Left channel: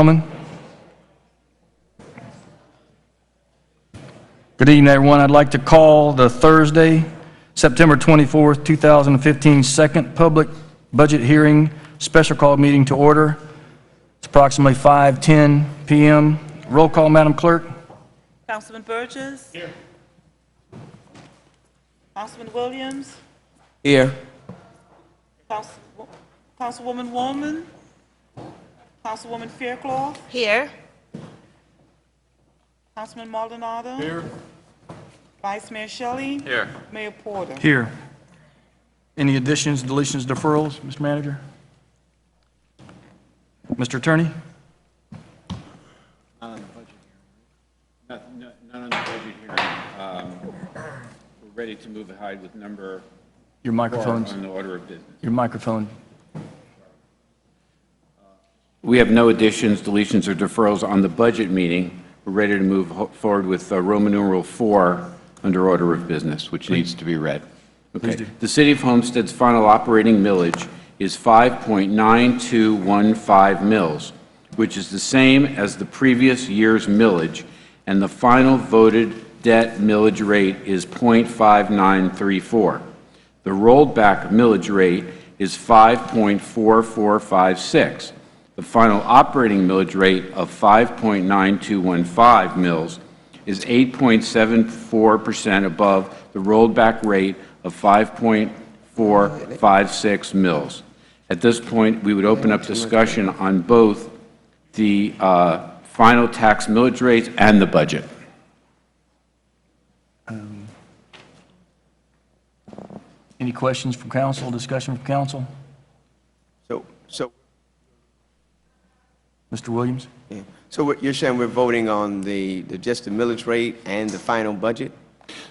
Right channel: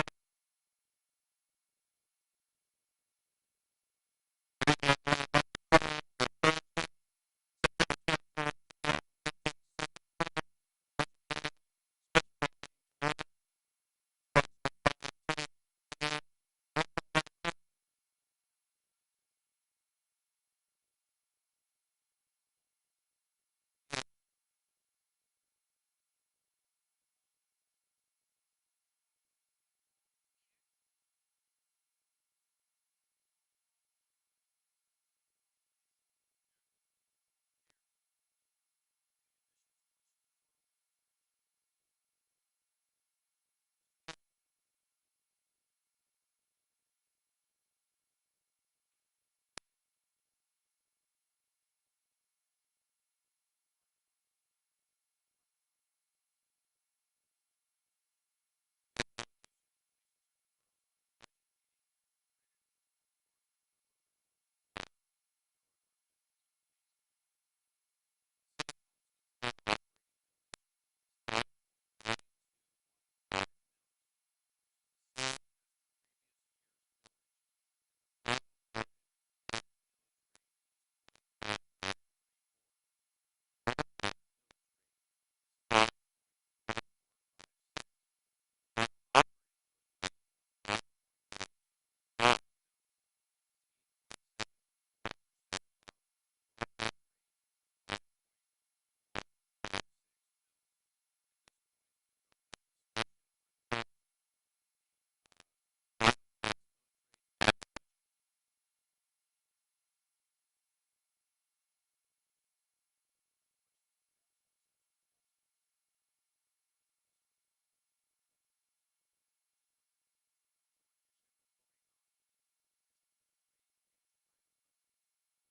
gentlemen. Good evening, everyone. I'd like to call the Thursday, September 24th, 2015 second public budget hearing special call meeting to order. It's approximately 5:10 p.m. Roll call, Madam Clerk. Councilman Burgess? Here. Councilman Williams? Here. Councilwoman Woolman? Councilwoman Fairclough? Here. Councilman Maldonado? Here. Vice Mayor Shelley? Here. Mayor Porter? Here. Any additions, deletions, deferrals, Mr. Manager? Mr. Attorney? Not on the budget hearing. Not on the budget hearing. We're ready to move ahead with number Your 4 microphone's, on the order of business. your microphone. We have no additions, deletions, or deferrals on the budget meeting. We're ready to move forward with Roman numeral 4 under order of business, which needs to be read. Okay. The City of Homestead's final operating millage is 5.9215 mils, which is the same as the previous year's millage, and the final voted debt millage rate is 0.5934. The rolled back millage rate is 5.4456. The final operating millage rate of 5.9215 mils is 8.74% above the rolled back rate of 5.456 mils. At this point, we would open up discussion on both the final tax millage rates and the budget. Any questions from council, discussion from council? So, Mr. Williams? yeah. So what you're saying, we're voting on just the millage rate and the final budget?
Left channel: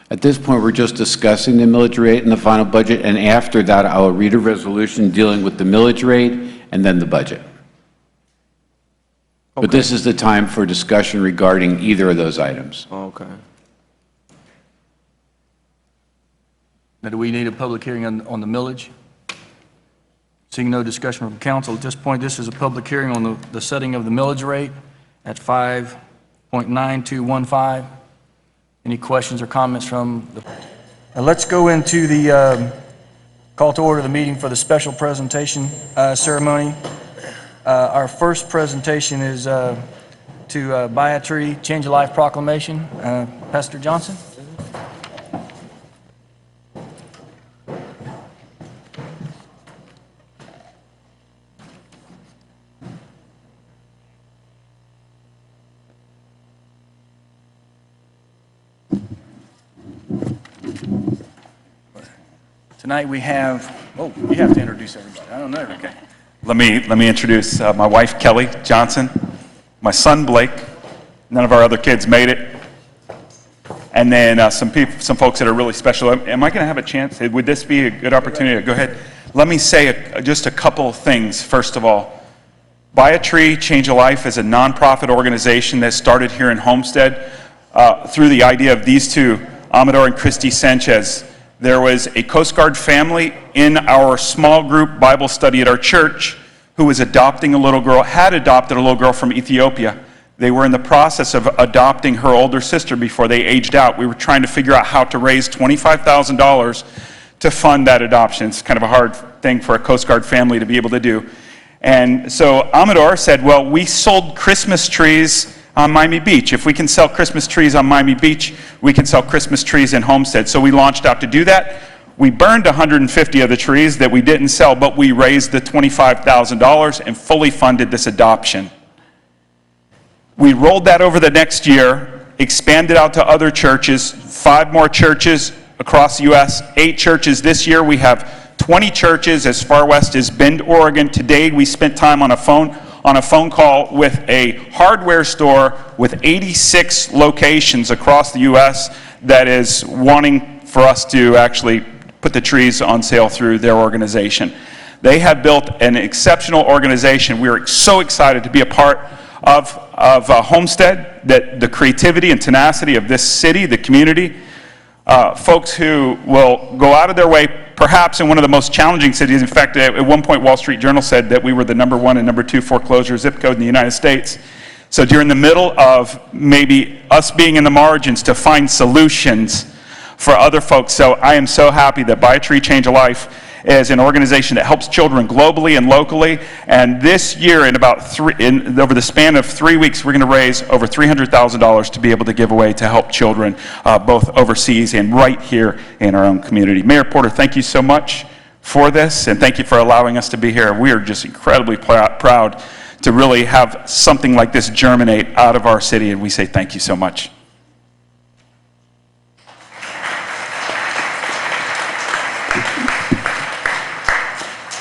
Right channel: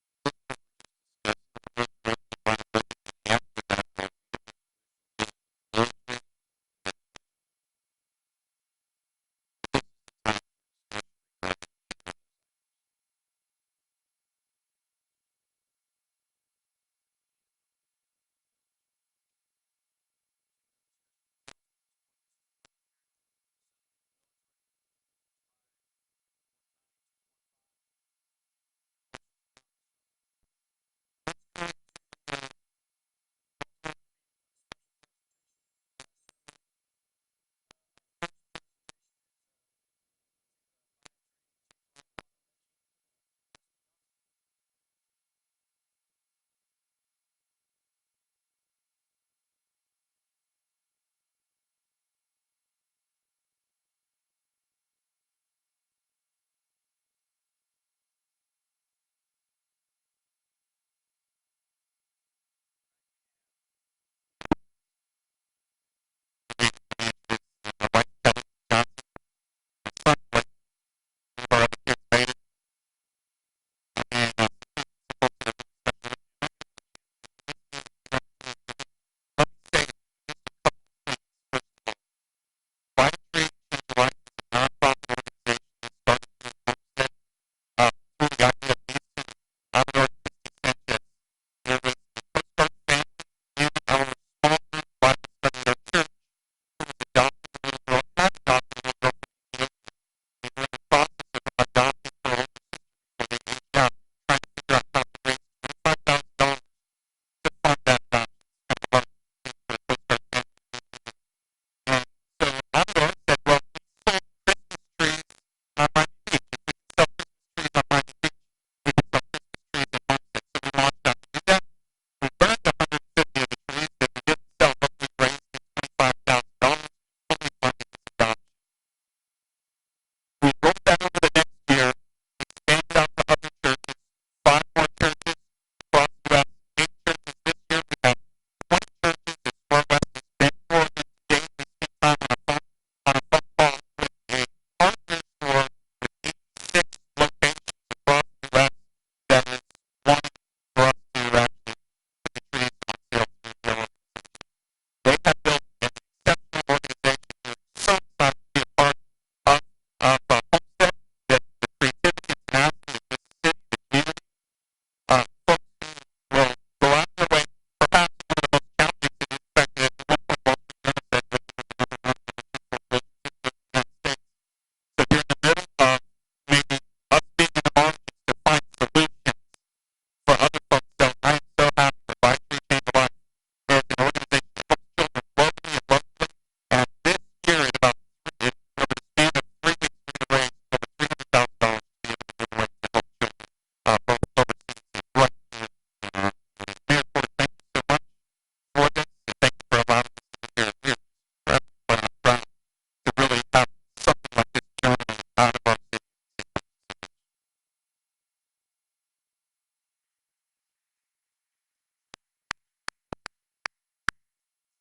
At this point, we're just discussing the millage rate and the final budget, and after that, I'll read a resolution dealing with the millage rate and then the budget. Okay. But this is the time for discussion regarding either of those items. Okay. Now, do we need a public hearing on the millage? Seeing no discussion from council, at this point, this is a public hearing on the setting of the millage rate at 5.9215. Any questions or comments from the... Now let's go into the call to order the meeting for the special presentation ceremony. Our first presentation is to buy a tree, change a life proclamation. Pastor Johnson? Tonight we have, oh, you have to introduce everybody. I don't know. Okay. Let me introduce my wife, Kelly Johnson, my son, Blake. None of our other kids made it. And then some folks that are really special. Am I going to have a chance? Would this be a good opportunity to go ahead? Let me say just a couple of things, first of all. Buy a Tree, Change a Life is a nonprofit organization that started here in Homestead through the idea of these two, Amador and Christy Sanchez. There was a Coast Guard family in our small group Bible study at our church who was adopting a little girl, had adopted a little girl from Ethiopia. They were in the process of adopting her older sister before they aged out. We were trying to figure out how to raise $25,000 to fund that adoption. It's kind of a hard thing for a Coast Guard family to be able to do. And so Amador said, well, we sold Christmas trees on Miami Beach. If we can sell Christmas trees on Miami Beach, we can sell Christmas trees in Homestead. So we launched out to do that. We burned 150 of the trees that we didn't sell, but we raised the $25,000 and fully funded this adoption. We rolled that over the next year, expanded out to other churches, 5 more churches across the U.S., 8 churches this year. We have 20 churches as far west as Bend, Oregon. Today we spent time on a phone call with a hardware store with 86 locations across the U.S. that is wanting for us to actually put the trees on sale through their organization. They have built an exceptional organization. We are so excited to be a part of Homestead, that the creativity and tenacity of this city, the community, folks who will go out of their way, perhaps in one of the most challenging cities. In fact, at one point, Wall Street Journal said that we were the #1 and #2 foreclosure zip code in the United States. So during the middle of maybe us being in the margins to find solutions for other folks. So I am so happy that Buy a Tree, Change a Life is an organization that helps children globally and locally. And this year, over the span of 3 weeks, we're going to raise over $300,000 to be able to give away to help children both overseas and right here in our own community. Mayor Porter, thank you so much for this, and thank you for allowing us to be here. We are just incredibly proud to really have something like this germinate out of our city, and we say thank you so much.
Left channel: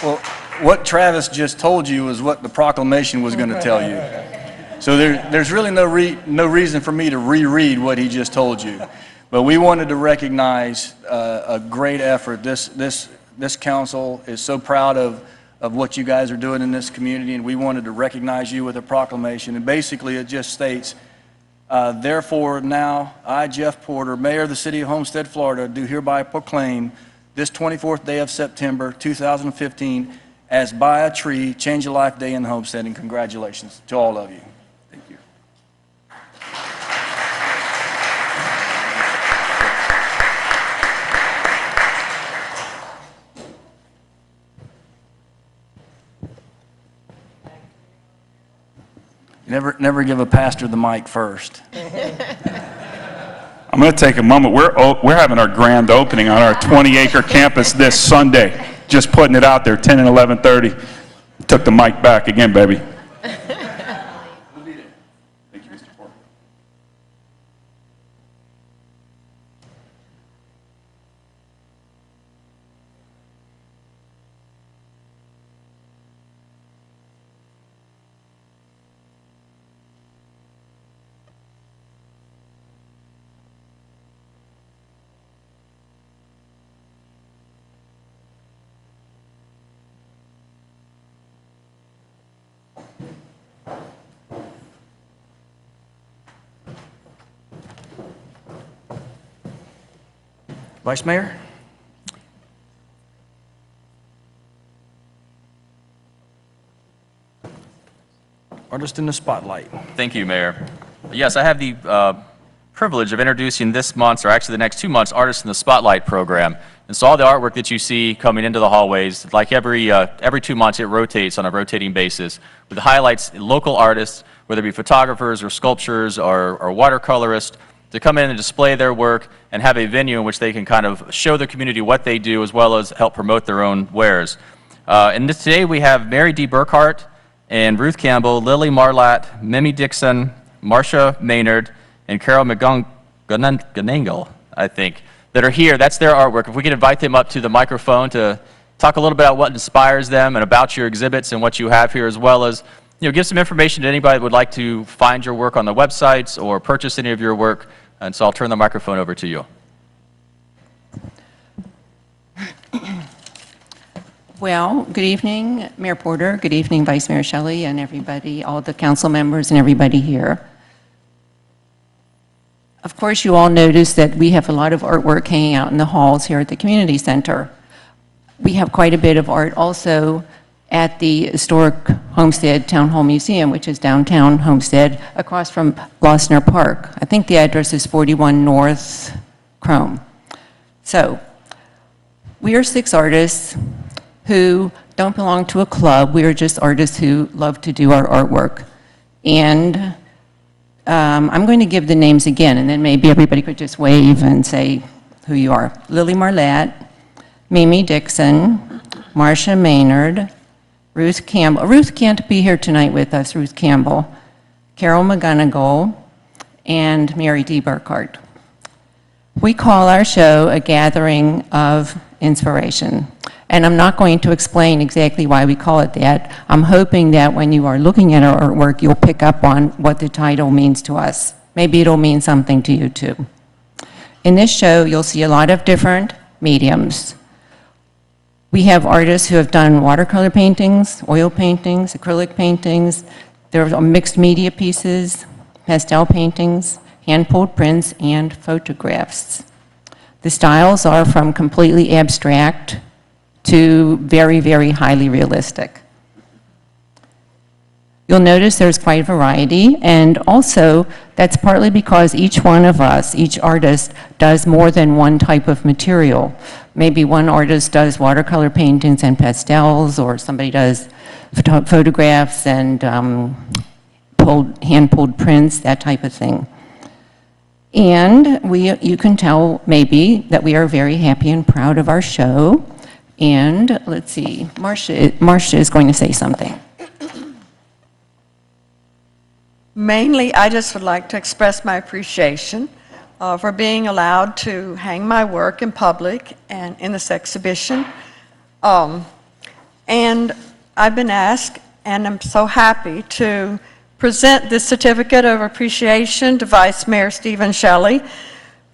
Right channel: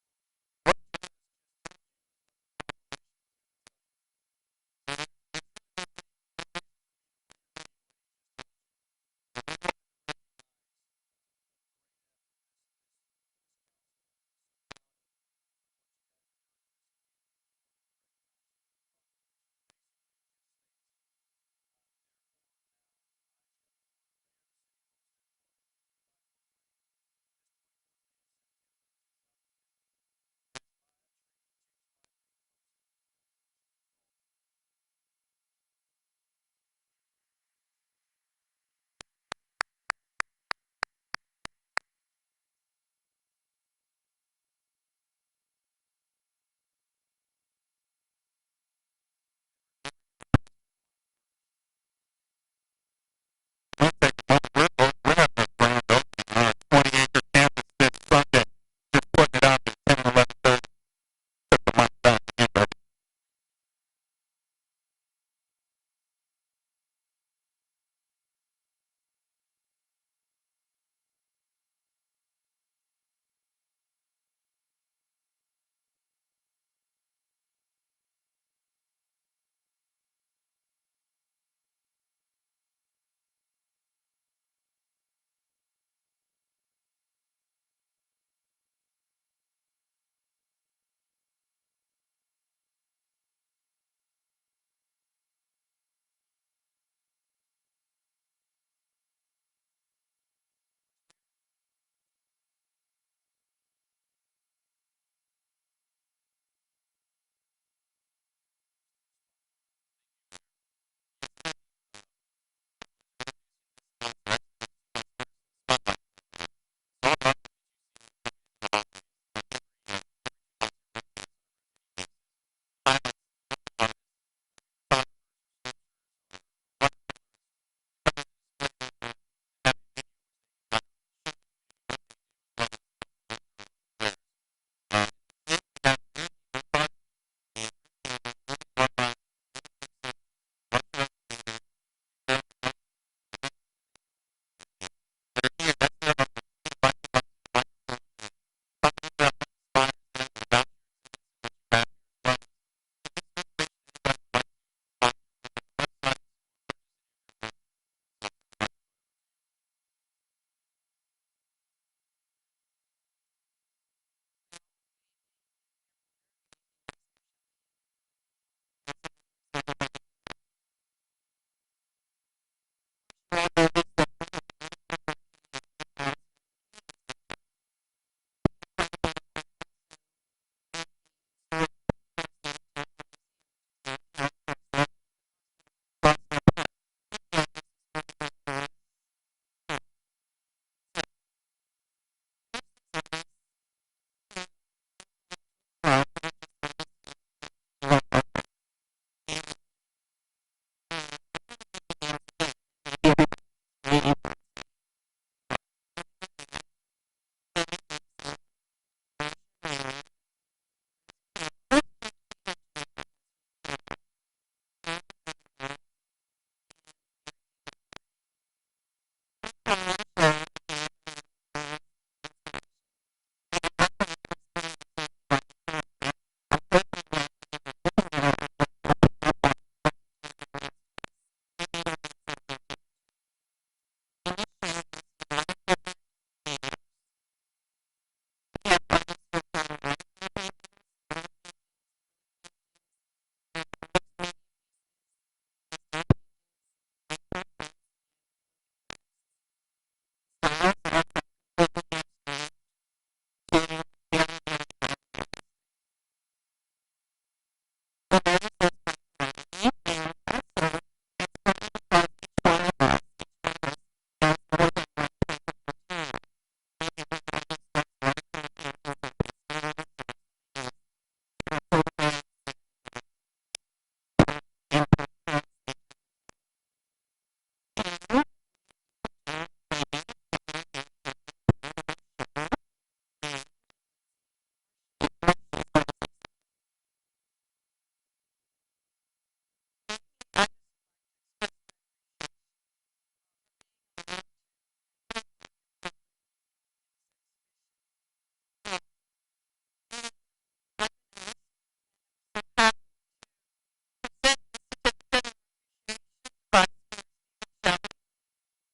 Well, what Travis just told you is what the proclamation was going to tell you. So there's really no reason for me to reread what he just told you. But we wanted to recognize a great effort. This council is so proud of what you guys are doing in this community, and we wanted to recognize you with a proclamation. And basically, it just states, therefore now, I, Jeff Porter, Mayor of the City of Homestead, Florida, do hereby proclaim this 24th day of September 2015 as Buy a Tree, Change a Life Day in Homestead, and congratulations to all of you. Thank you. Never give a pastor the mic first. I'm going to take a moment. We're having our grand opening on our 20-acre campus this Sunday. Just putting it out there, 10 and 11:30. Took the mic back again, baby. Thank you, Mr. Porter. Vice Mayor? Artist in the spotlight. Thank you, Mayor. Yes, I have the privilege of introducing this month's, or actually the next 2 months, Artists in the Spotlight program. And so all the artwork that you see coming into the hallways, like every 2 months, it rotates on a rotating basis with highlights local artists, whether it be photographers or sculptors or watercolorists, to come in and display their work and have a venue in which they can kind of show the community what they do as well as help promote their own wares. Today we have Mary D. Burkhart and Ruth Campbell, Lily Marlatt, Mimi Dixon, Marcia Maynard, and Carol McGonagall, I think, that are here. That's their artwork. If we could invite them up to the microphone to talk a little bit about what inspires them and about your exhibits and what you have here, as well as give some information to anybody that would like to find your work on the websites or purchase any of your work. And so I'll turn the microphone over to you. Well, good evening, Mayor Porter. Good evening, Vice Mayor Shelley, and everybody, all the council members and everybody here. Of course, you all notice that we have a lot of artwork hanging out in the halls here at the community center. We have quite a bit of art also at the historic Homestead Town Hall Museum, which is downtown Homestead, across from Glossner Park. I think the address is 41 North Chrome. So, we are 6 artists who don't belong to a club. We are just artists who love to do our artwork. And I'm going to give the names again, and then maybe everybody could just wave and say who you are. Lily Marlatt, Mimi Dixon, Marcia Maynard, Ruth Campbell. Ruth can't be here tonight with us, Ruth Campbell. Carol McGonagall, and Mary D. Burkhart. We call our show a gathering of inspiration. And I'm not going to explain exactly why we call it that. I'm hoping that when you are looking at our artwork, you'll pick up on what the title means to us. Maybe it'll mean something to you too. In this show, you'll see a lot of different mediums. We have artists who have done watercolor paintings, oil paintings, acrylic paintings. There are mixed media pieces, pastel paintings, hand-pulled prints, and photographs. The styles are from completely abstract to very, very highly realistic. You'll notice there's quite a variety, and also that's partly because each one of us, each artist, does more than one type of material. Maybe one artist does watercolor paintings and pastels, or somebody does photographs and hand-pulled prints, that type of thing. And you can tell maybe that we are very happy and proud of our show. And let's see, Marcia is going to say something. Mainly, I just would like to express my appreciation for being allowed to hang my work in public and in this exhibition. And I've been asked, and I'm so happy to present this certificate of appreciation to Vice Mayor Stephen Shelley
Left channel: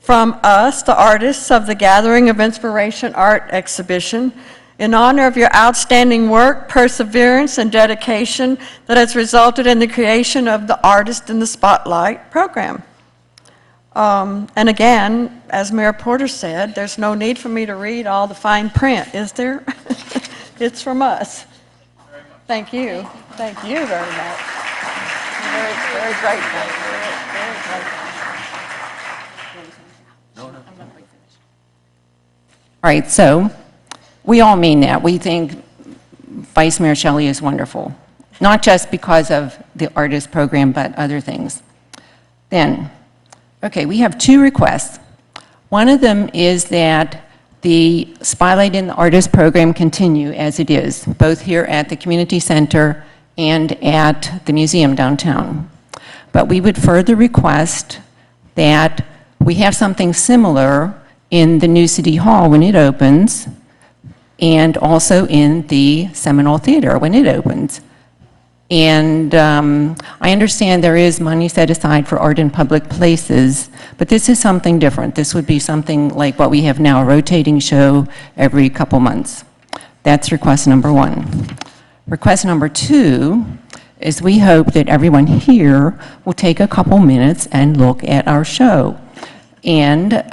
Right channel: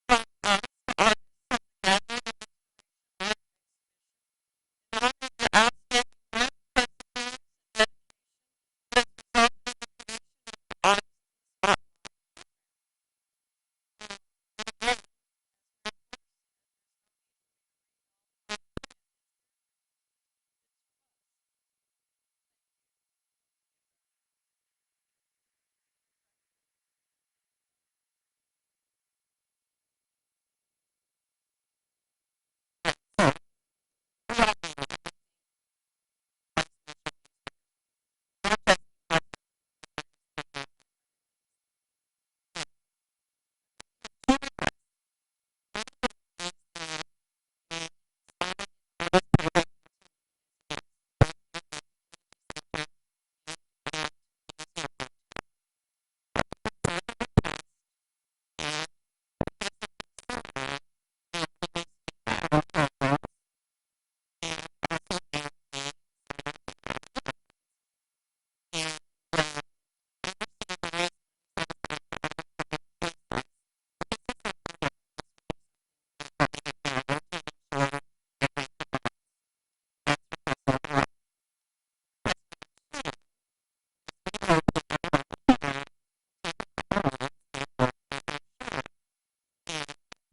from us, the artists of the Gathering of Inspiration Art Exhibition, in honor of your outstanding work, perseverance, and dedication that has resulted in the creation of the Artist in the Spotlight program. And again, as Mayor Porter said, there's no need for me to read all the fine print, is there? It's from us. Thank you. Thank you very much. I'm very, very grateful. Very grateful. All right, so we all mean that. We think Vice Mayor Shelley is wonderful, not just because of the artist program, but other things. Then, okay, we have two requests. One of them is that the Spotlight in the Artist program continue as it is, both here at the community center and at the museum downtown. But we would further request that we have something similar in the new City Hall when it opens, and also in the Seminole Theater when it opens. And I understand there is money set aside for art in public places, but this is something different. This would be something like what we have now, a rotating show every couple months. That's request number one. Request number two is we hope that everyone here will take a couple minutes and look at our show. And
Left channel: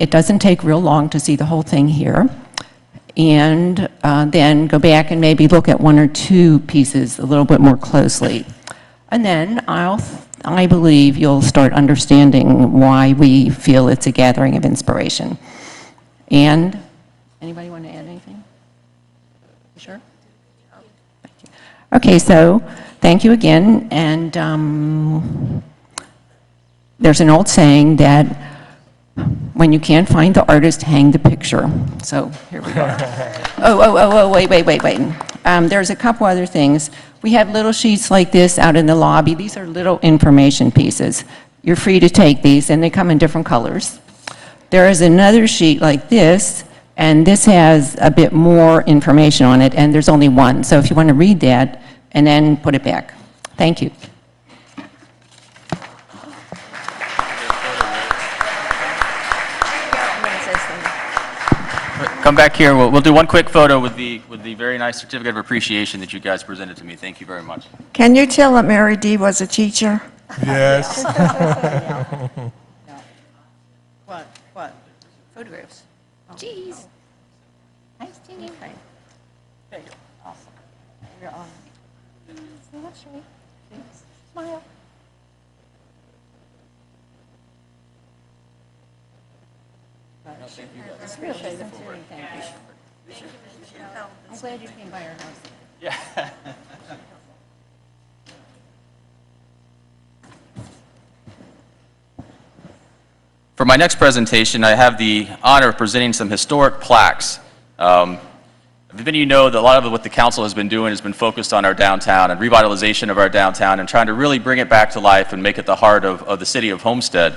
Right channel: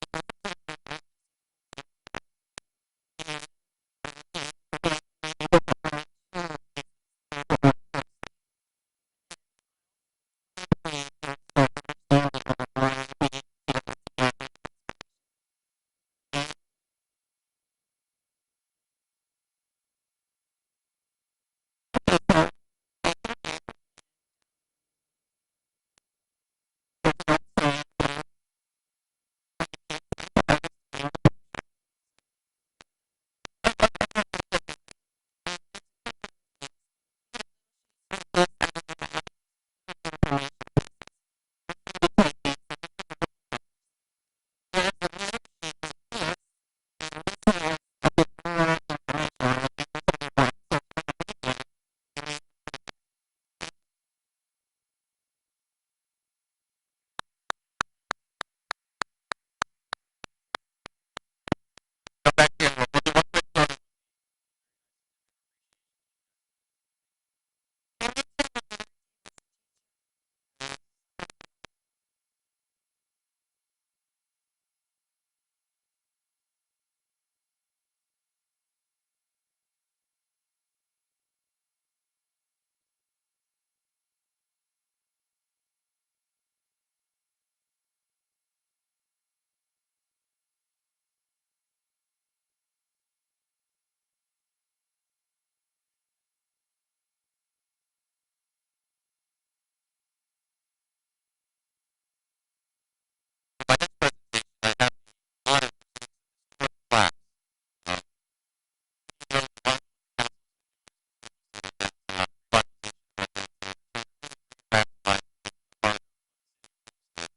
it doesn't take real long to see the whole thing here. And then go back and maybe look at one or two pieces a little bit more closely. And then I believe you'll start understanding why we feel it's a gathering of inspiration. And anybody want to add anything? You sure? Okay, so thank you again. And there's an old saying that when you can't find the artist, hang the picture. So here we go. Wait. There's a couple other things. We have little sheets like this out in the lobby. These are little information pieces. You're free to take these, and they come in different colors. There is another sheet like this, and this has a bit more information on it, and there's only one. So if you want to read that, and then put it back. Thank you. Come back here. We'll do one quick photo with the very nice certificate of appreciation that you guys presented to me. Thank you very much. Can you tell that Mary D. was a teacher? Yes. What? Photographs. Jeez. Nice to meet you. There you go. Awesome. You're on. That's right. Smile. It's really sincerely, thank you. I'm glad you came by our house. Yeah. For my next presentation, I have the honor of presenting some historic plaques. Many of you know that a lot of what the council has been doing has been focused on our downtown and revitalization of our downtown and trying to really bring it back to life and make it the heart of the city of Homestead.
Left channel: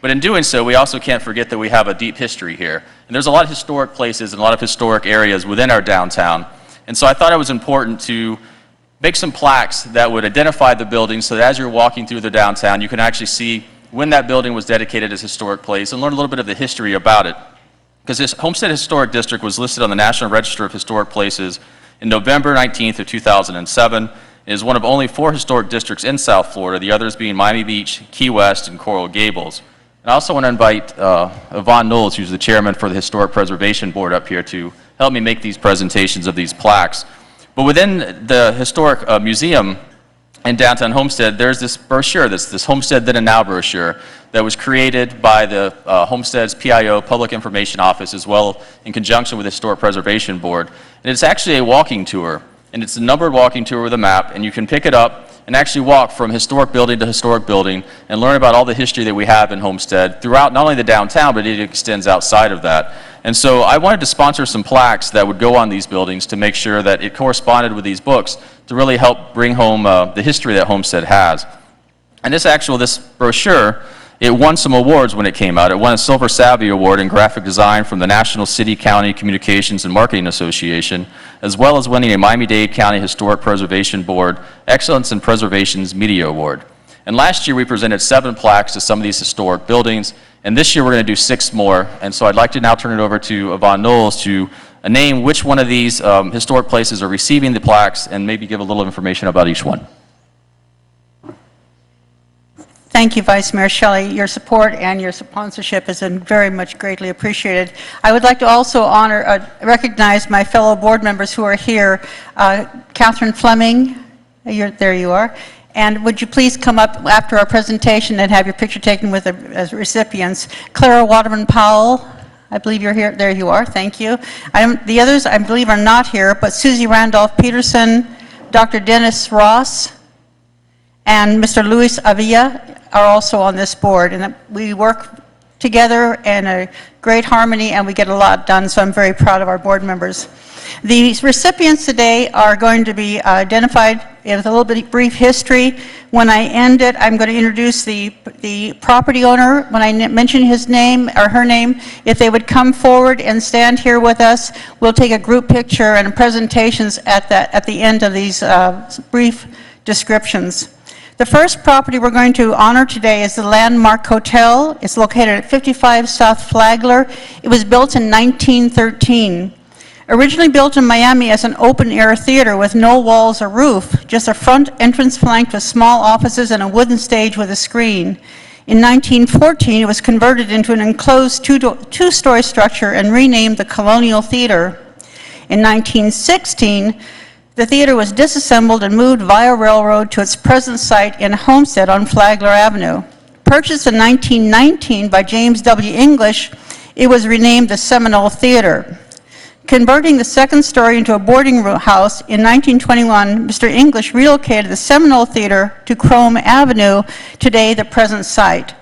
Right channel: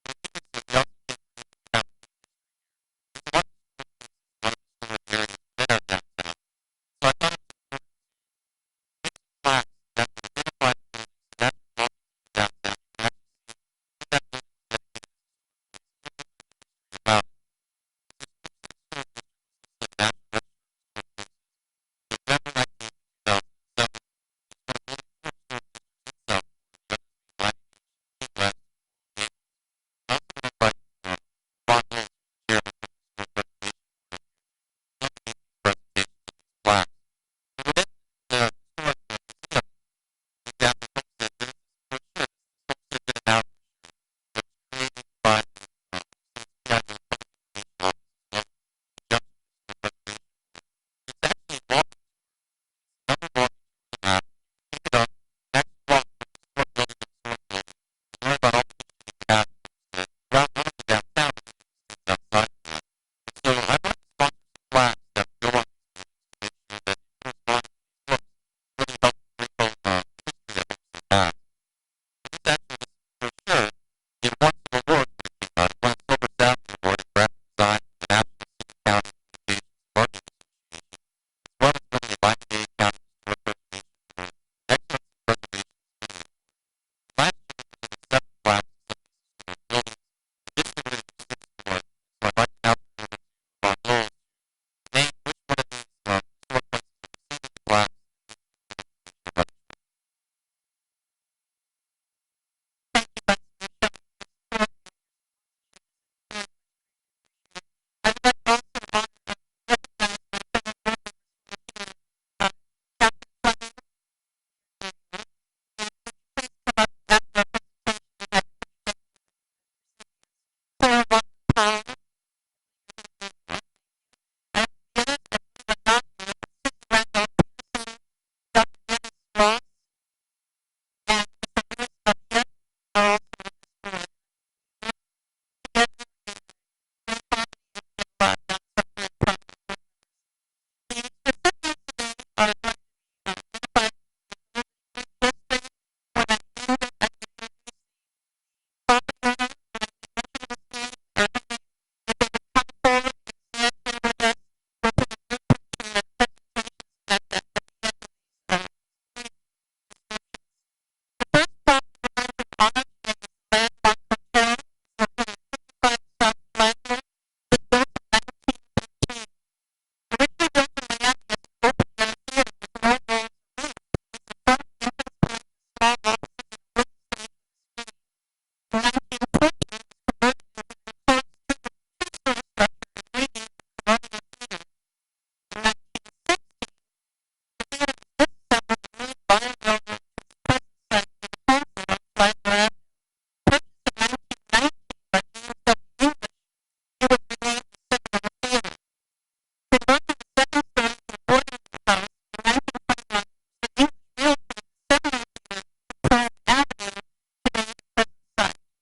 But in doing so, we also can't forget that we have a deep history here. And there's a lot of historic places and a lot of historic areas within our downtown. And so I thought it was important to make some plaques that would identify the buildings so that as you're walking through the downtown, you can actually see when that building was dedicated as a historic place and learn a little bit of the history about it. Because this Homestead Historic District was listed on the National Register of Historic Places in November 19th of 2007. It is one of only 4 historic districts in South Florida, the others being Miami Beach, Key West, and Coral Gables. And I also want to invite Yvonne Knowles, who's the chairman for the Historic Preservation Board, up here to helped me make these presentations of these plaques. But within the historic museum in downtown Homestead, there's this brochure, this Homestead Then and Now brochure that was created by the Homestead's PIO, Public Information Office, as well in conjunction with the Historic Preservation Board. And it's actually a walking tour, and it's a numbered walking tour with a map, and you can pick it up and actually walk from historic building to historic building and learn about all the history that we have in Homestead throughout not only the downtown, but it extends outside of that. And so I wanted to sponsor some plaques that would go on these buildings to make sure that it corresponded with these books to really help bring home the history that Homestead has. And this brochure, it won some awards when it came out. It won a Silver Savvy Award in graphic design from the National City, County Communications and Marketing Association, as well as winning a Miami-Dade County Historic Preservation Board Excellence in Preservation's Media Award. And last year we presented 7 plaques to some of these historic buildings, and this year we're going to do 6 more. And so I'd like to now turn it over to Yvonne Knowles to name which one of these historic places are receiving the plaques and maybe give a little information about each one. Thank you, Vice Mayor Shelley. Your support and your sponsorship has been very much greatly appreciated. I would like to also recognize my fellow board members who are here. Catherine Fleming, there you are. And would you please come up after our presentation and have your picture taken with the recipients. Clara Waterman Powell, I believe you're here. There you are. Thank you. The others, I believe, are not here, but Susie Randolph Peterson, Dr. Dennis Ross, and Mr. Luis Avilla are also on this board, and we work together in a great harmony, and we get a lot done, so I'm very proud of our board members. The recipients today are going to be identified with a little bit brief history. When I end it, I'm going to introduce the property owner. When I mention his name or her name, if they would come forward and stand here with us, we'll take a group picture and presentations at the end of these brief descriptions. The first property we're going to honor today is the Landmark Hotel. It's located at 55 South Flagler. It was built in 1913. Originally built in Miami as an open-air theater with no walls or roof, just a front entrance flanked with small offices and a wooden stage with a screen. In 1914, it was converted into an enclosed two-story structure and renamed the Colonial Theater. In 1916, the theater was disassembled and moved via railroad to its present site in Homestead on Flagler Avenue. Purchased in 1919 by James W. English, it was renamed the Seminole Theater. Converting the second story into a boarding house in 1921, Mr. English relocated the Seminole Theater to Crome Avenue, today the present site.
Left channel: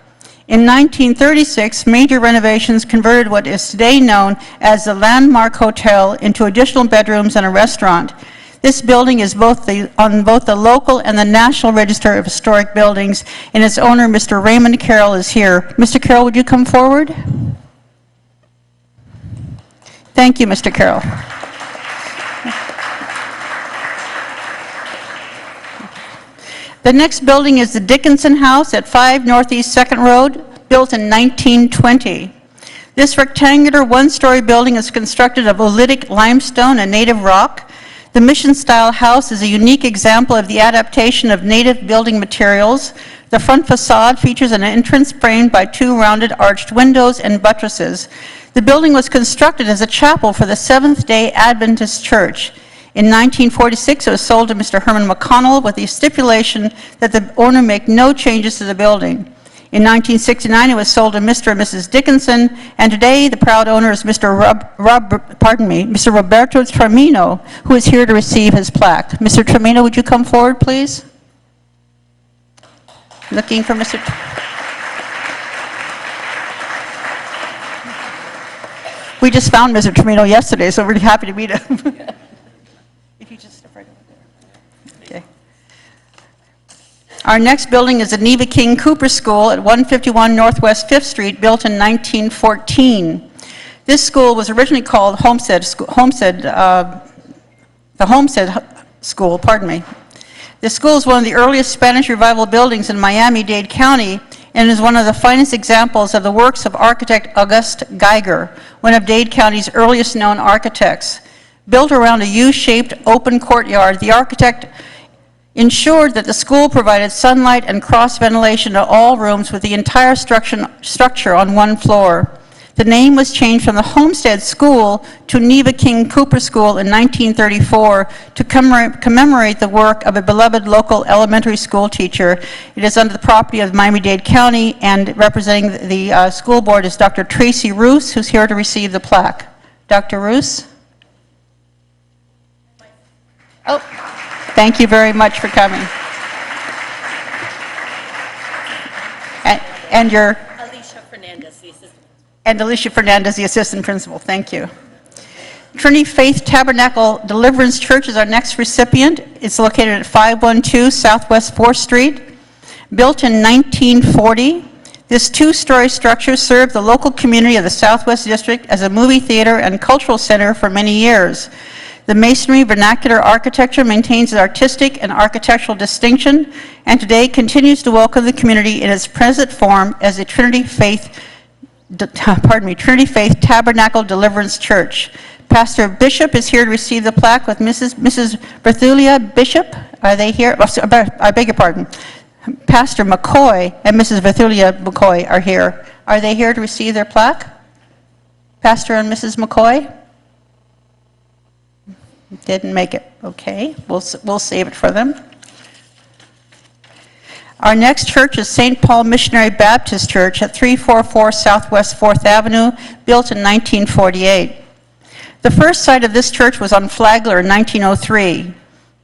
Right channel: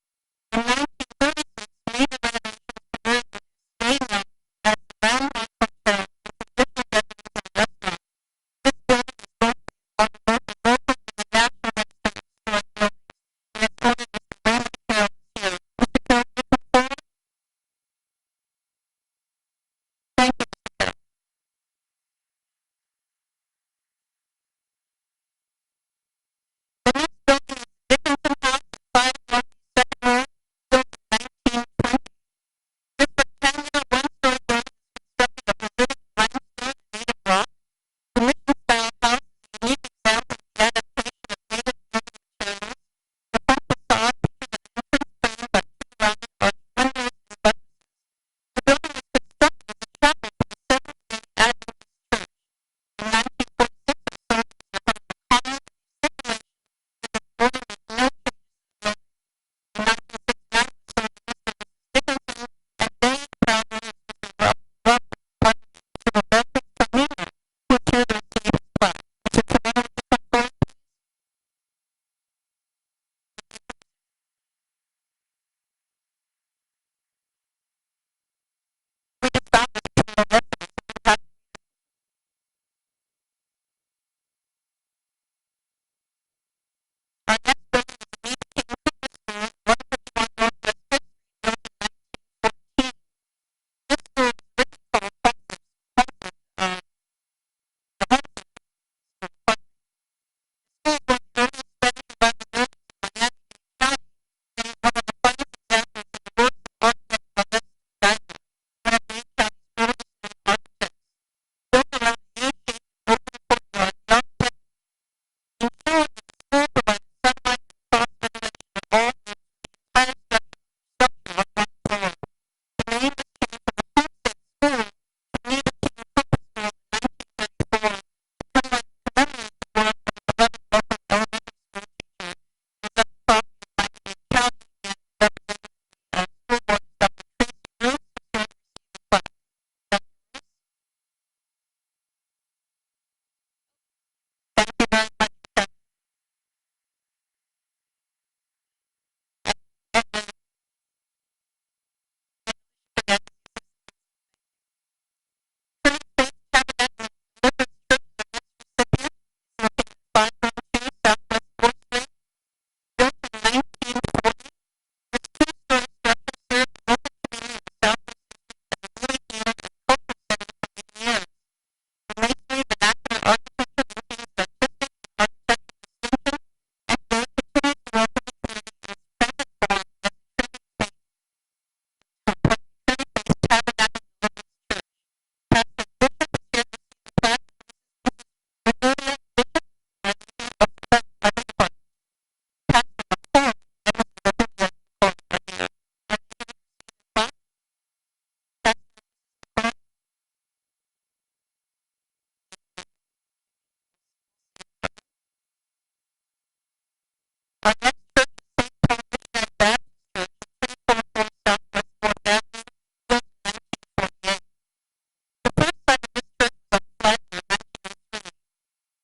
In 1936, major renovations converted what is today known as the Landmark Hotel into additional bedrooms and a restaurant. This building is on both the local and the National Register of Historic Buildings, and its owner, Mr. Raymond Carroll, is here. Mr. Carroll, would you come forward? Thank you, Mr. Carroll. The next building is the Dickinson House at 5 Northeast 2nd Road, built in 1920. This rectangular one-story building is constructed of oolitic limestone and native rock. The mission-style house is a unique example of the adaptation of native building materials. The front facade features an entrance framed by 2 rounded arched windows and buttresses. The building was constructed as a chapel for the Seventh-day Adventist Church. In 1946, it was sold to Mr. Herman McConnell with the stipulation that the owner make no changes to the building. In 1969, it was sold to Mr. and Mrs. Dickinson, and today the proud owner is Mr. Mr. Roberto Tremino, who is here to receive his plaque. Mr. Tremino, would you come forward, please? Looking for Mr. We just found Mr. Tremino yesterday, so we're really happy to meet him. If you just step right over there. Okay. Our next building is the Neva King Cooper School at 151 Northwest 5th Street, built in 1914. This school was originally called the Homestead School, pardon me. This school is one of the earliest Spanish Revival buildings in Miami-Dade County and is one of the finest examples of the works of architect August Geiger, one of Dade County's earliest known architects. Built around a U-shaped open courtyard, the architect ensured that the school provided sunlight and cross ventilation to all rooms with the entire structure on one floor. The name was changed from the Homestead School to Neva King Cooper School in 1934 to commemorate the work of a beloved local elementary school teacher. It is under the property of Miami-Dade County, and representing the school board is Dr. Tracy Roos, who's here to receive the plaque. Dr. Roos? Oh, thank you very much for coming. And your... And Alicia Fernandez, the assistant principal. Thank you. Trinity Faith Tabernacle Deliverance Church is our next recipient. It's located at 512 Southwest 4th Street. Built in 1940, this two-story structure served the local community of the Southwest District as a movie theater and cultural center for many years. The masonry vernacular architecture maintains its artistic and architectural distinction, and today continues to welcome the community in its present form as a Trinity Faith Tabernacle Deliverance Church. Pastor Bishop is here to receive the plaque with Mrs. Berthulia Bishop. Are they here? I beg your pardon. Pastor McCoy and Mrs. Berthulia McCoy are here. Are they here to receive their plaque? Pastor and Mrs. McCoy? Didn't make it. Okay, we'll save it for them. Our next church is St. Paul Missionary Baptist Church at 344 Southwest 4th Avenue, built in 1948. The first site of this church was on Flagler in 1903.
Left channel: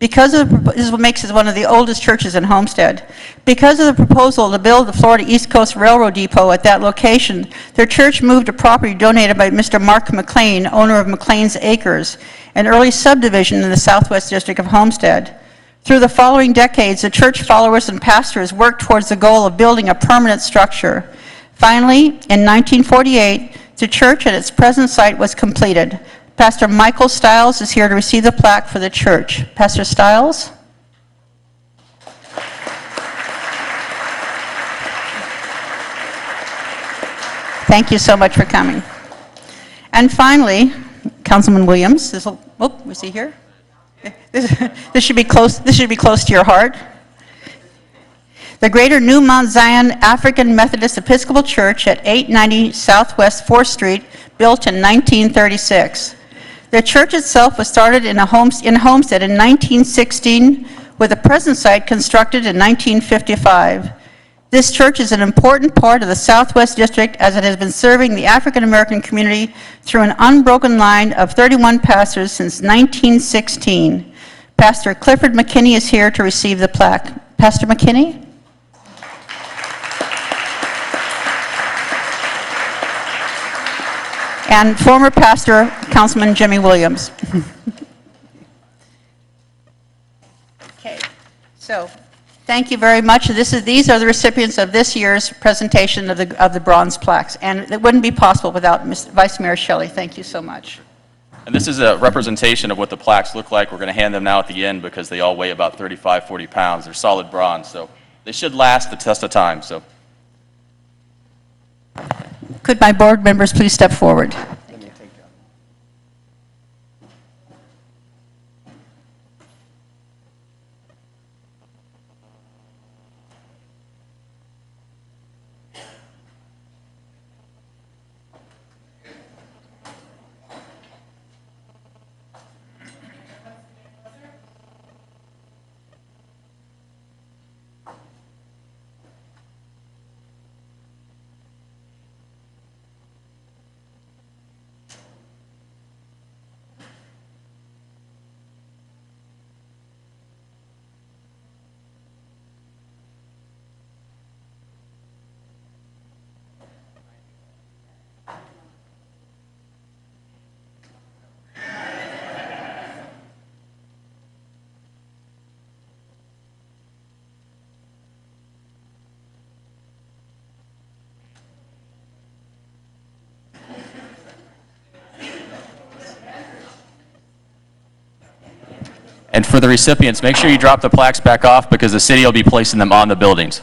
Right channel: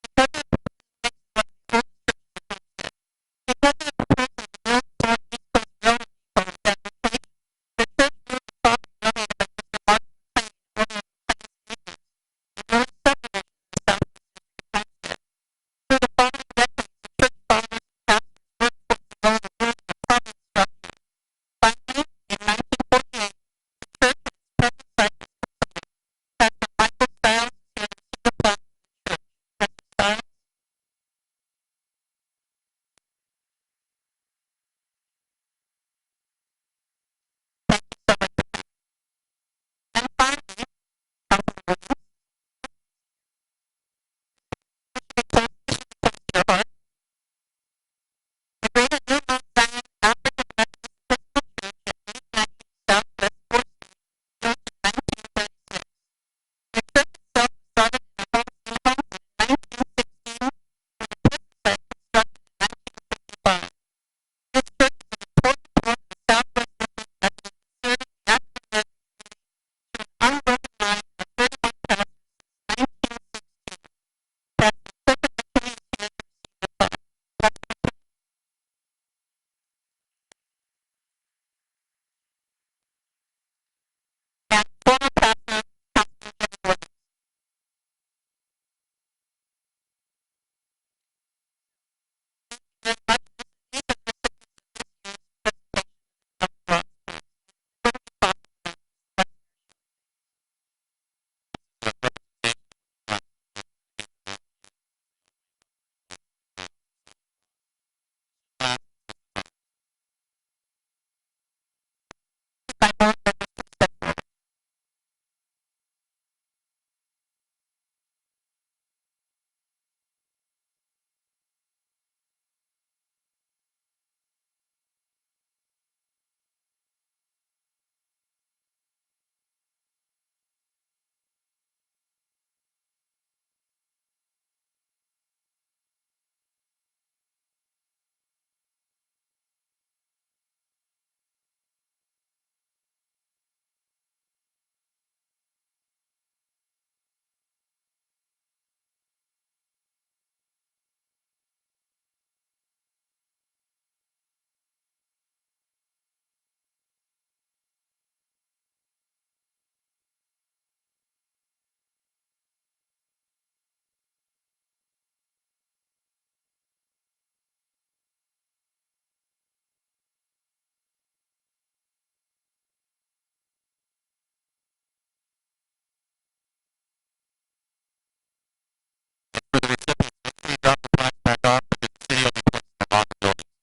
This is what makes it one of the oldest churches in Homestead. Because of the proposal to build the Florida East Coast Railroad Depot at that location, their church moved to property donated by Mr. Mark McLean, owner of McLean's Acres, an early subdivision in the Southwest District of Homestead. Through the following decades, the church followers and pastors worked towards the goal of building a permanent structure. Finally, in 1948, the church at its present site was completed. Pastor Michael Stiles is here to receive the plaque for the church. Pastor Stiles? Thank you so much for coming. And finally, Councilman Williams. Was he here? This should be close to your heart. The Greater New Mount Zion African Methodist Episcopal Church at 890 Southwest 4th Street, built in 1936. The church itself was started in Homestead in 1916, with the present site constructed in 1955. This church is an important part of the Southwest District, as it has been serving the African American community through an unbroken line of 31 pastors since 1916. Pastor Clifford McKinney is here to receive the plaque. Pastor McKinney? And former pastor, Councilman Jimmy Williams. Okay, so thank you very much. These are the recipients of this year's presentation of the bronze plaques, and it wouldn't be possible without Vice Mayor Shelley. Thank you so much. And this is a representation of what the plaques look like. We're going to hand them now at the end because they all weigh about 35, 40 pounds. They're solid bronze, so they should last the test of time. So, could my board members please step forward? and for the recipients, make sure you drop the plaques back off because the city will be placing them on the buildings.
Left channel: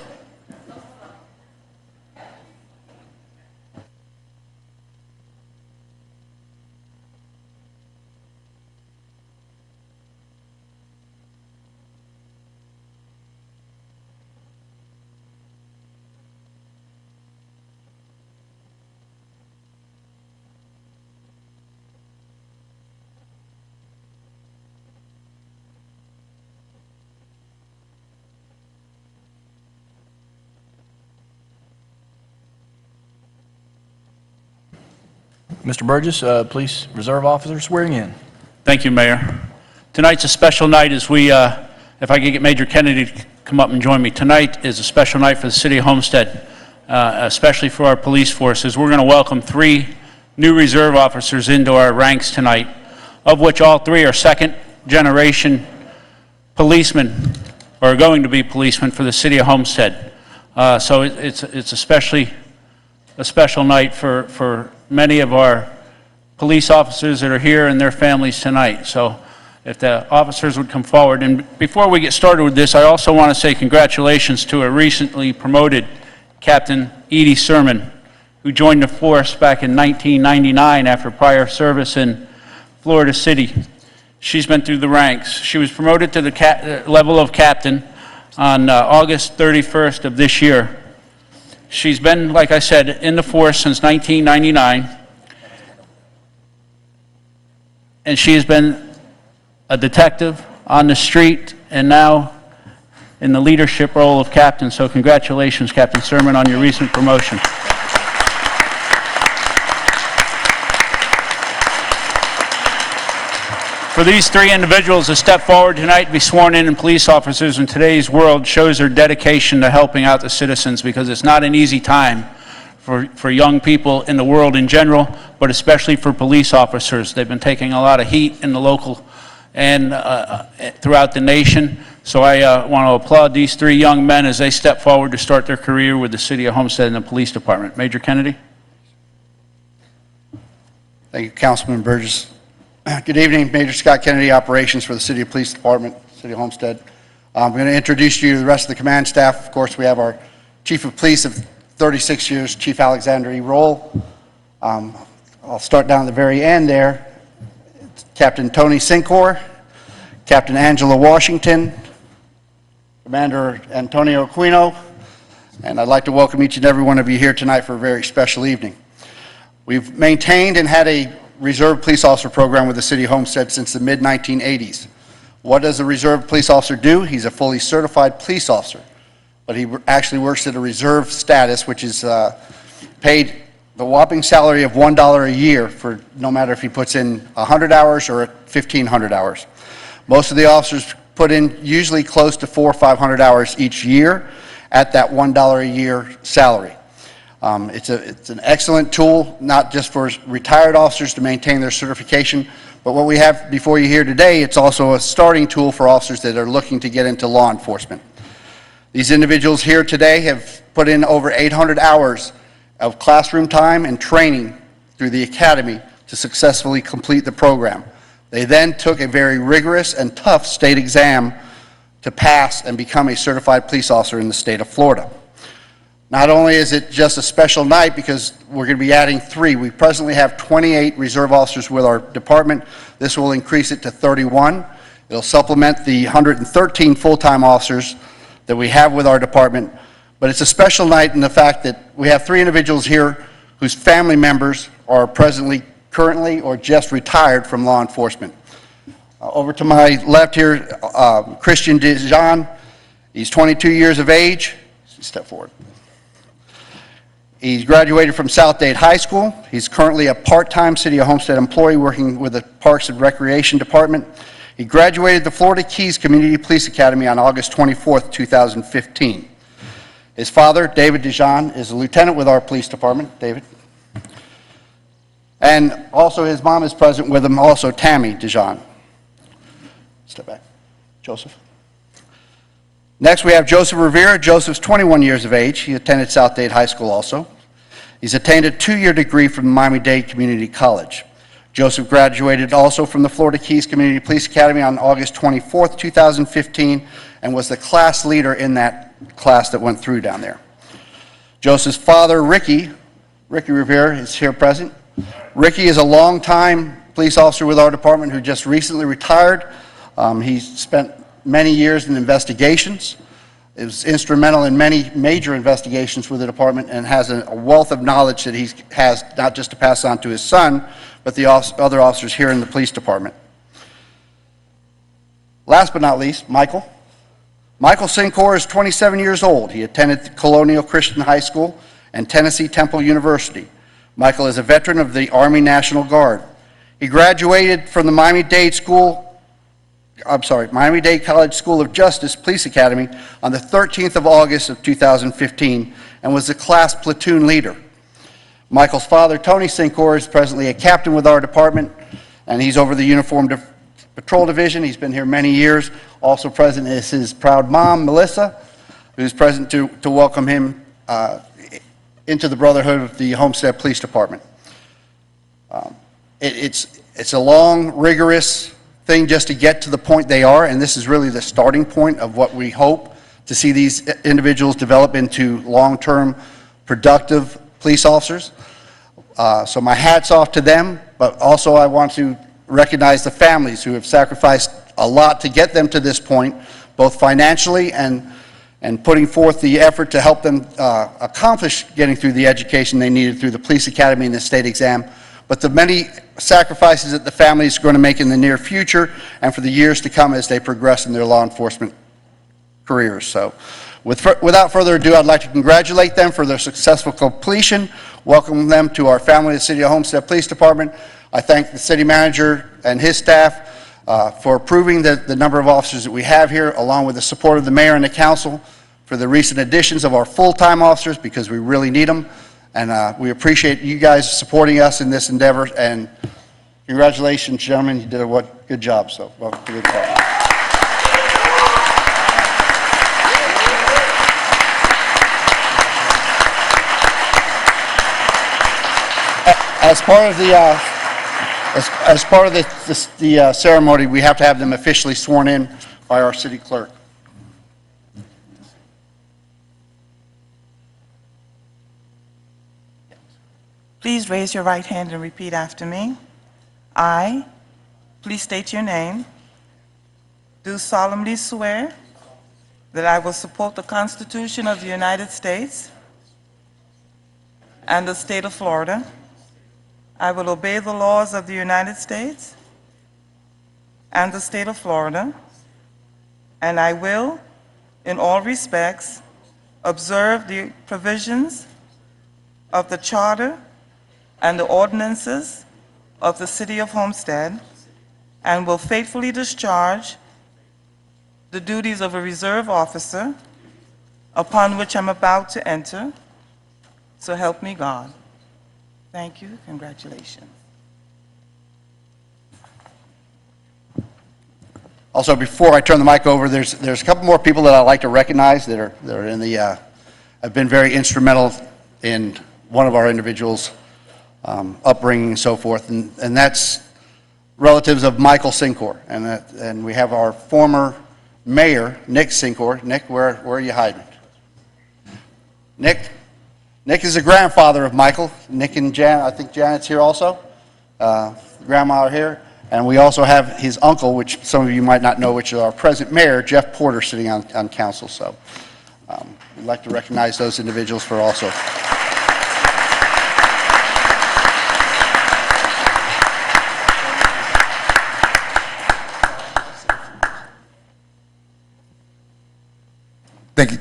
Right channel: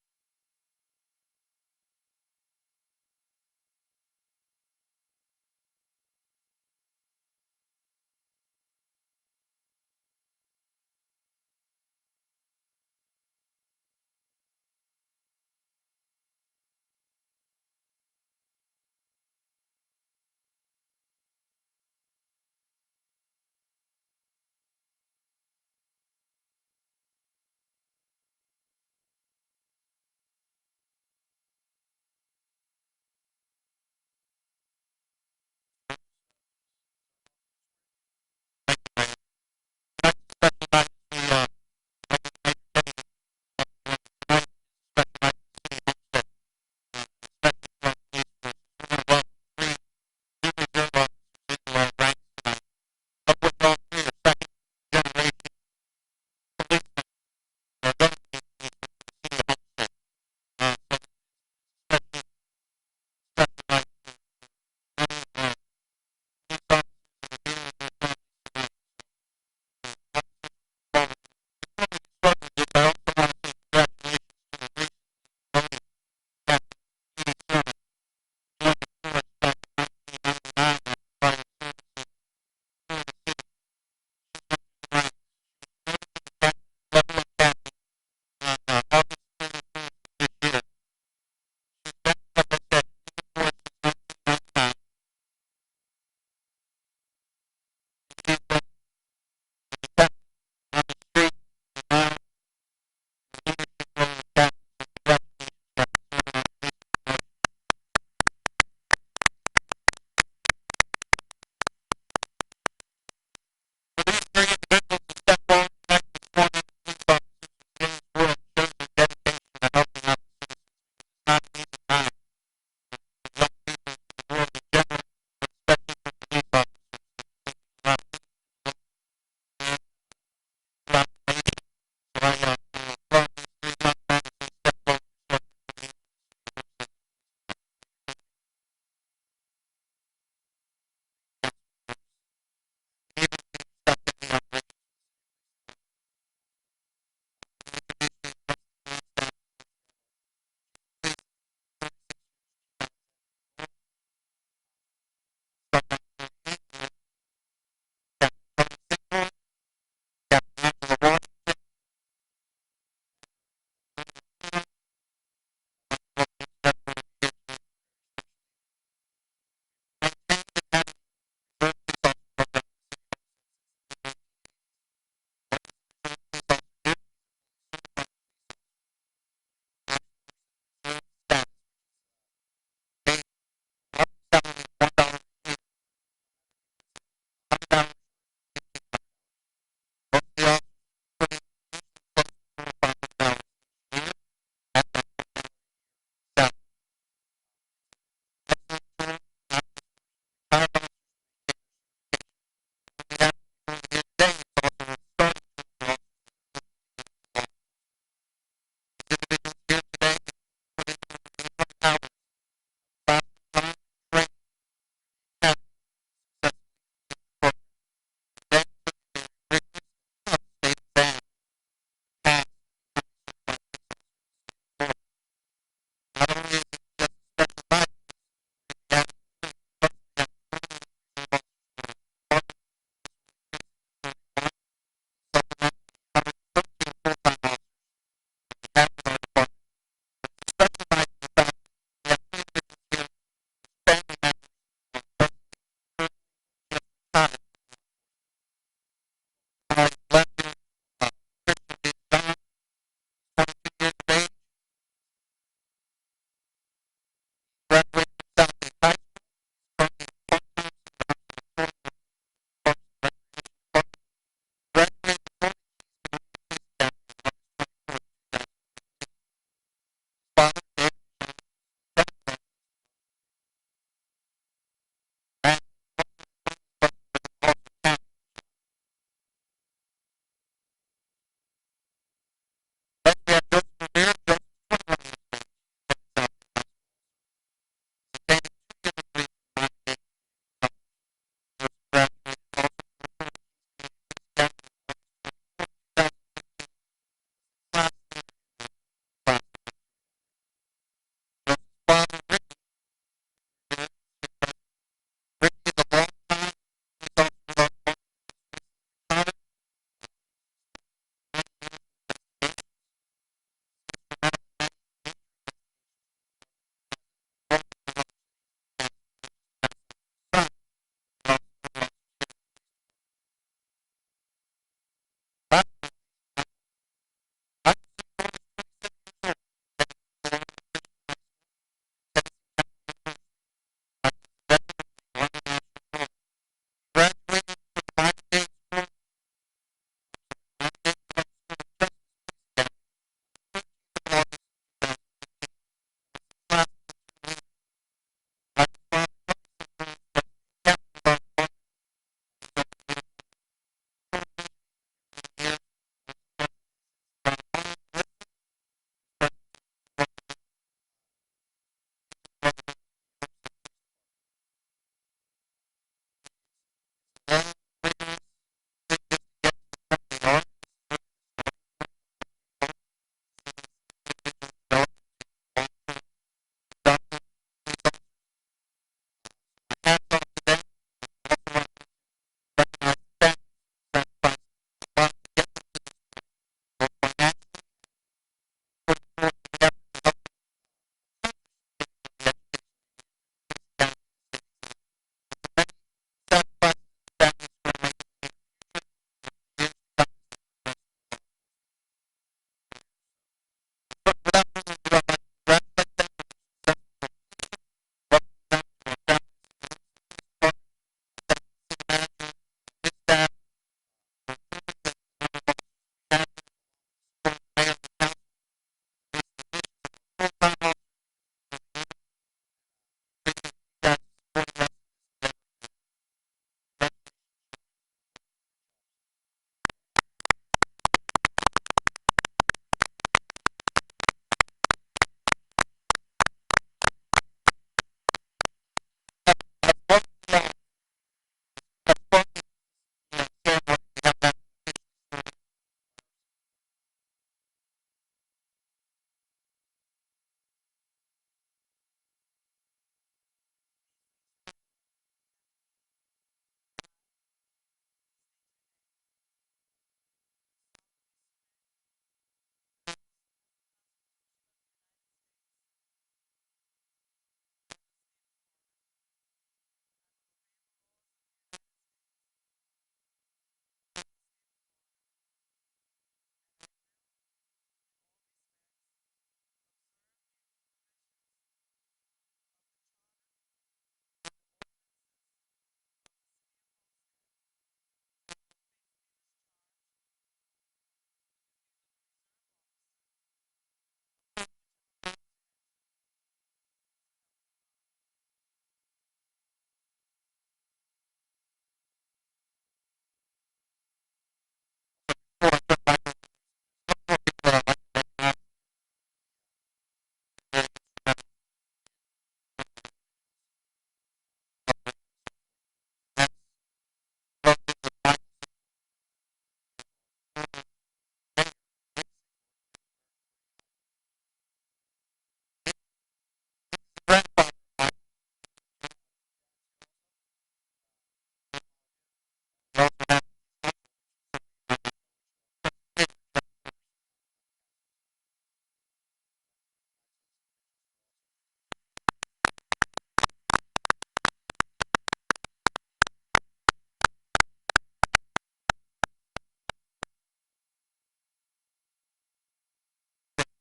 Mr. Burgess, Police Reserve Officer swearing in. Thank you, Mayor. Tonight's a special night as we, if I could get Major Kennedy to come up and join me. Tonight is a special night for the city of Homestead, especially for our police forces. We're going to welcome 3 new reserve officers into our ranks tonight, of which all 3 are second-generation policemen, or are going to be policemen for the city of Homestead. So it's especially a special night for many of our police officers that are here and their families tonight. So if the officers would come forward. And before we get started with this, I also want to say congratulations to a recently promoted Captain Edie Sermon, who joined the force back in 1999 after prior service in Florida City. She's been through the ranks. She was promoted to the level of captain on August 31st of this year. She's been, like I said, in the force since 1999, and she has been a detective on the street and now in the leadership role of captain. So congratulations, Captain Sermon, on your recent promotion. For these 3 individuals to step forward tonight to be sworn in police officers in today's world shows their dedication to helping out the citizens, because it's not an easy time for young people in the world in general, but especially for police officers. They've been taking a lot of heat in the local and throughout the nation. So I want to applaud these 3 young men as they step forward to start their career with the City of Homestead and the Police Department. Major Kennedy. Thank you, Councilman Burgess. Good evening, Major Scott Kennedy, Operations for the City of Police Department, City of Homestead. I'm going to introduce you to the rest of the command staff. Of course, we have our Chief of Police of 36 years, Chief Alexander E. Roll. I'll start down at the very end there. Captain Tony Sincor, Captain Angela Washington, Commander Antonio Aquino, and I'd like to welcome each and every one of you here tonight for a very special evening. We've maintained and had a Reserve Police Officer program with the City of Homestead since the mid-1980s. What does a Reserve Police Officer do? He's a fully certified police officer, but he actually works at a reserve status, which is paid the whopping salary of $1 a year for no matter if he puts in 100 hours or 1,500 hours. Most of the officers put in usually close to 400 or 500 hours each year at that $1 a year salary. It's an excellent tool, not just for retired officers to maintain their certification, but what we have before you here today, it's also a starting tool for officers that are looking to get into law enforcement. These individuals here today have put in over 800 hours of classroom time and training through the academy to successfully complete the program. They then took a very rigorous and tough state exam to pass and become a certified police officer in the state of Florida. Not only is it just a special night because we're going to be adding 3, we presently have 28 reserve officers with our department. This will increase it to 31. It'll supplement the 113 full-time officers that we have with our department. But it's a special night in the fact that we have 3 individuals here whose family members are currently, or just retired from law enforcement. Over to my left here, Christian Dijon. He's 22 years of age. Step forward. He's graduated from South Dade High School. He's currently a part-time City of Homestead employee working with the Parks and Recreation Department. He graduated the Florida Keys Community Police Academy on August 24th, 2015. His father, David Dijon, is a lieutenant with our police department. David. And also his mom is present with him, also Tammy Dijon. Step back. Joseph. Next, we have Joseph Rivera. Joseph's 21 years of age. He attended South Dade High School also. He's attained a 2-year degree from Miami-Dade Community College. Joseph graduated also from the Florida Keys Community Police Academy on August 24th, 2015, and was the class leader in that class that went through down there. Joseph's father, Ricky Rivera, is here present. Ricky is a longtime police officer with our department who just recently retired. He spent many years in investigations. It was instrumental in many major investigations with the department and has a wealth of knowledge that he has not just to pass on to his son, but the other officers here in the police department. Last but not least, Michael. Michael Sincor is 27 years old. He attended Colonial Christian High School and Tennessee Temple University. Michael is a veteran of the Army National Guard. He graduated from the Miami-Dade College School of Justice Police Academy on the 13th of August of 2015 and was the class platoon leader. Michael's father, Tony Sincor, is presently a captain with our department, and he's over the Uniform Patrol Division. He's been here many years. Also present is his proud mom, Melissa, who's present to welcome him into the brotherhood of the Homestead Police Department. It's a long, rigorous thing just to get to the point they are, and this is really the starting point of what we hope to see these individuals develop into long-term, productive police officers. So my hat's off to them, but also I want to recognize the families who have sacrificed a lot to get them to this point, both financially and putting forth the effort to help them accomplish getting through the education they needed through the police academy and the state exam, but the many sacrifices that the families are going to make in the near future and for the years to come as they progress in their law enforcement careers. So without further ado, I'd like to congratulate them for their successful completion, welcome them to our family, the City of Homestead Police Department. I thank the city manager and his staff for approving the number of officers that we have here, along with the support of the mayor and the council for the recent additions of our full-time officers, because we really need them. And we appreciate you guys supporting us in this endeavor. And congratulations, gentlemen. You did a good job. So welcome to the department. As part of the ceremony, we have to have them officially sworn in by our city clerk. Please raise your right hand and repeat after me. I, please state your name, do solemnly swear that I will support the Constitution of the United States and the state of Florida. I will obey the laws of the United States and the state of Florida, and I will, in all respects, observe the provisions of the Charter and the ordinances of the City of Homestead, and will faithfully discharge the duties of a reserve officer upon which I'm about to enter. So help me God. Thank you. Congratulations. Also, before I turn the mic over, there's a couple more people that I'd like to recognize that are in the have been very instrumental in one of our individuals' upbringing and so forth, and that's relatives of Michael Sincor, and we have our former mayor, Nick Sincor. Nick, where are you hiding? Nick is the grandfather of Michael. Nick and Jan, I think Janet's here also. Grandma are here. And we also have his uncle, which some of you might not know, which is our present mayor, Jeff Porter, sitting on council. So we'd like to recognize those individuals for also.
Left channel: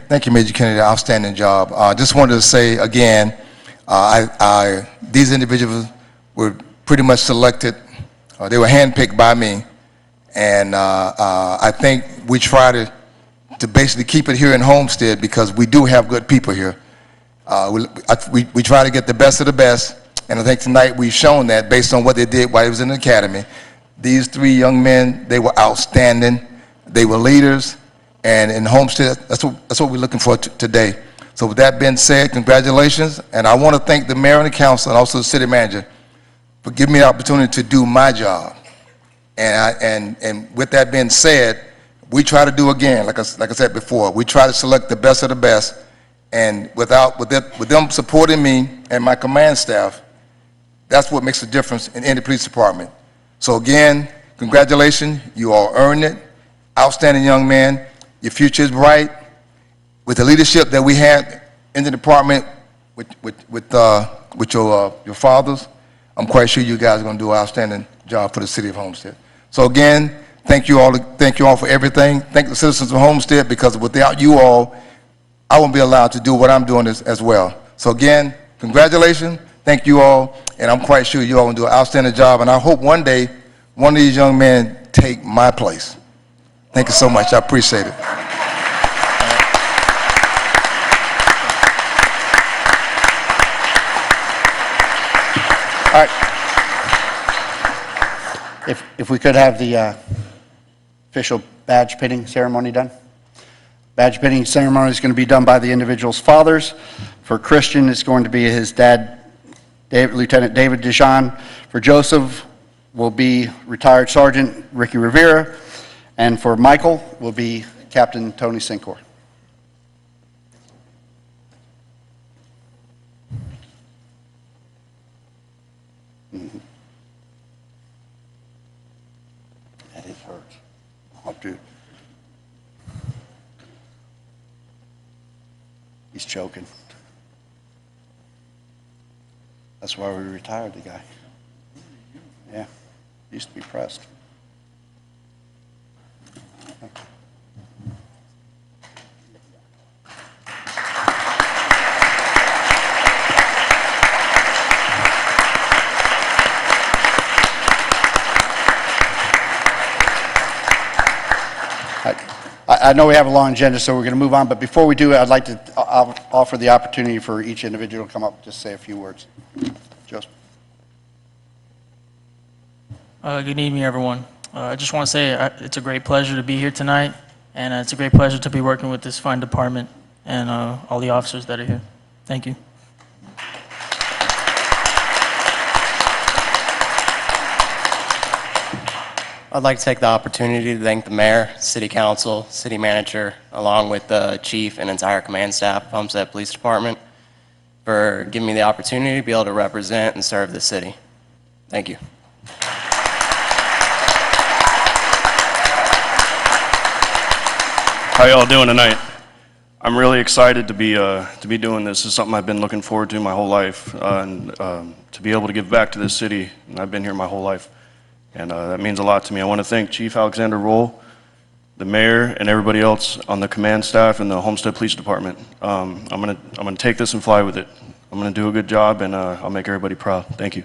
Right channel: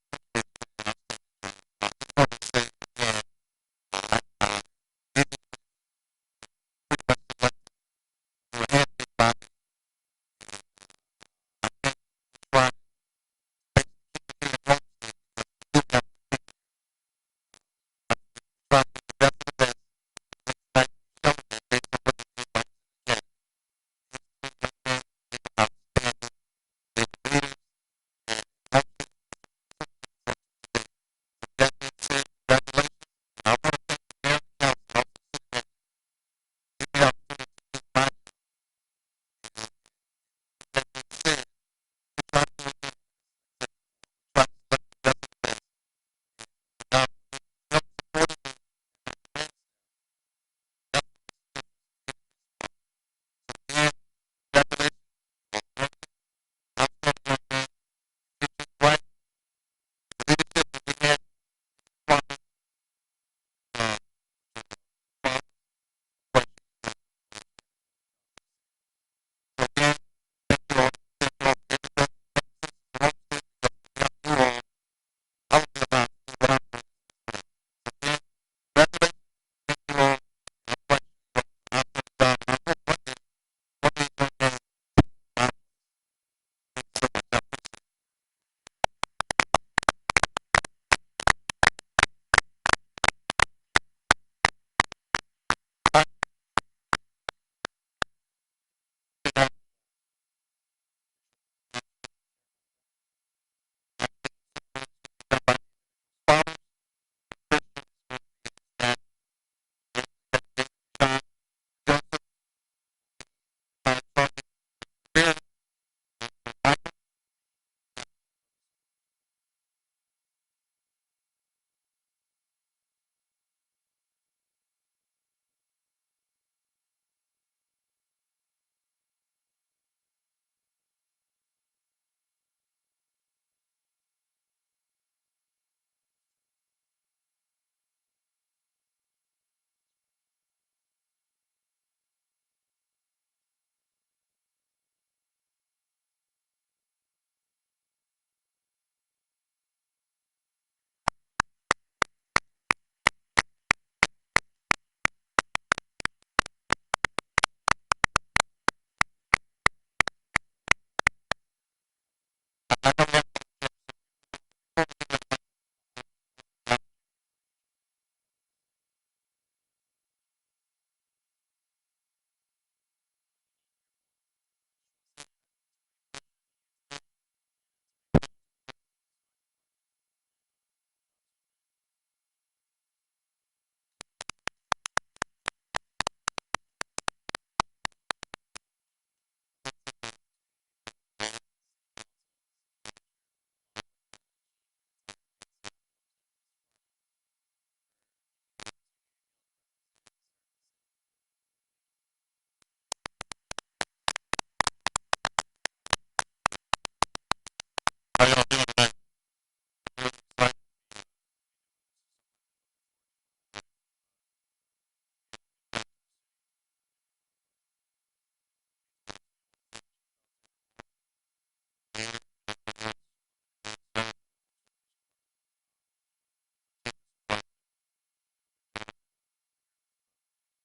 Thank you, Major Kennedy. Outstanding job. Just wanted to say again, these individuals were pretty much selected. They were handpicked by me, and I think we try to basically keep it here in Homestead because we do have good people here. We try to get the best of the best, and I think tonight we've shown that based on what they did while he was in the academy. These three young men, they were outstanding. They were leaders. And in Homestead, that's what we're looking for today. So with that being said, congratulations. And I want to thank the mayor and the council and also the city manager for giving me the opportunity to do my job. And with that being said, we try to do again, like I said before, we try to select the best of the best. And with them supporting me and my command staff, that's what makes a difference in any police department. So again, congratulations. You all earned it. Outstanding young man. Your future is bright. With the leadership that we had in the department with your fathers, I'm quite sure you guys are going to do an outstanding job for the city of Homestead. So again, thank you all for everything. Thank the citizens of Homestead, because without you all, I won't be allowed to do what I'm doing as well. So again, congratulations. Thank you all, and I'm quite sure you all will do an outstanding job, and I hope one day one of these young men take my place. Thank you so much. I appreciate it. All right. If we could have the official badge pinning ceremony done. Badge pinning ceremony is going to be done by the individual's fathers. For Christian, it's going to be his dad, Lieutenant David Dijon. For Joseph, will be retired Sergeant Ricky Rivera. And for Michael, will be Captain Tony Sincor. That is hurts. I'll do. He's choking. That's why we retired the guy. Yeah, used to be pressed. I know we have a long agenda, so we're going to move on, but before we do, I'd like to offer the opportunity for each individual to come up and just say a few words. Joseph. Good evening, everyone. I just want to say it's a great pleasure to be here tonight, and it's a great pleasure to be working with this fine department and all the officers that are here. Thank you. I'd like to take the opportunity to thank the mayor, city council, city manager, along with the chief and entire command staff of Homestead Police Department for giving me the opportunity to be able to represent and serve the city. Thank you. How y'all doing tonight? I'm really excited to be doing this. This is something I've been looking forward to my whole life, and to be able to give back to this city. And I've been here my whole life, and that means a lot to me. I want to thank Chief Alexander Roll, the mayor, and everybody else on the command staff and the Homestead Police Department. I'm gonna take this and fly with it. I'm gonna do a good job, and I'll make everybody proud. Thank you.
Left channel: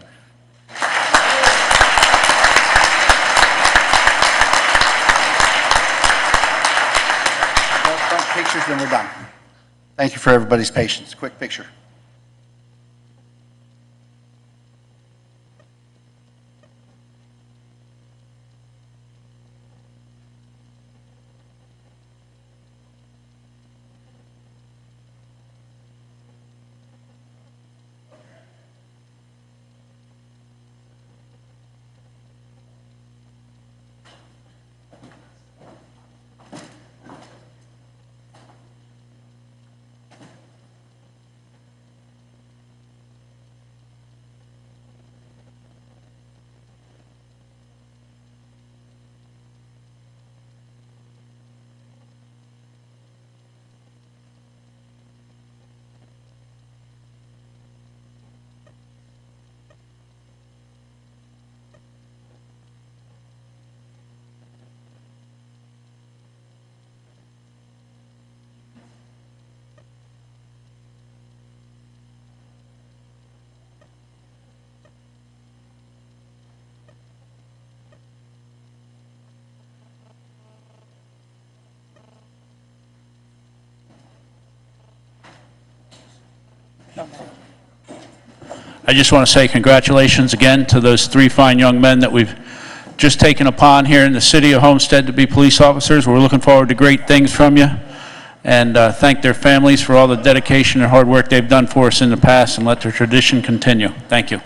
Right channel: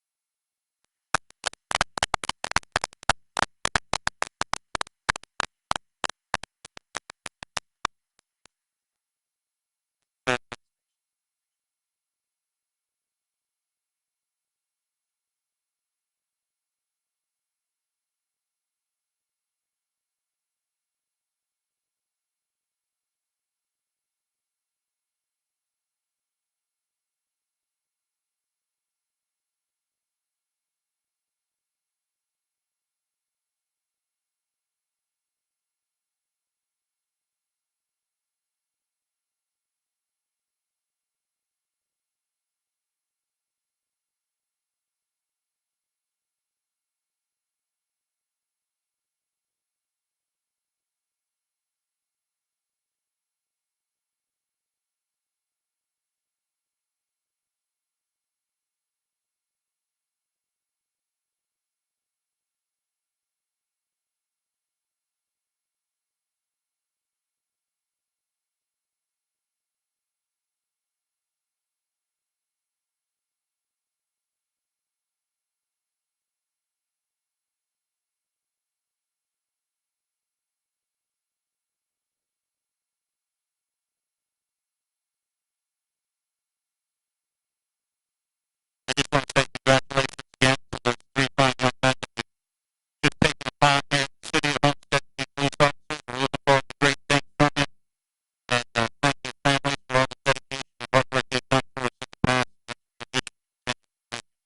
Pictures, then we're done. Thank you for everybody's patience. Quick picture. I just want to say congratulations again to those three fine young men that we've just taken upon here in the city of Homestead to be police officers. We're looking forward to great things from you, and thank their families for all the dedication and hard work they've done for us in the past, and let their tradition continue. Thank you.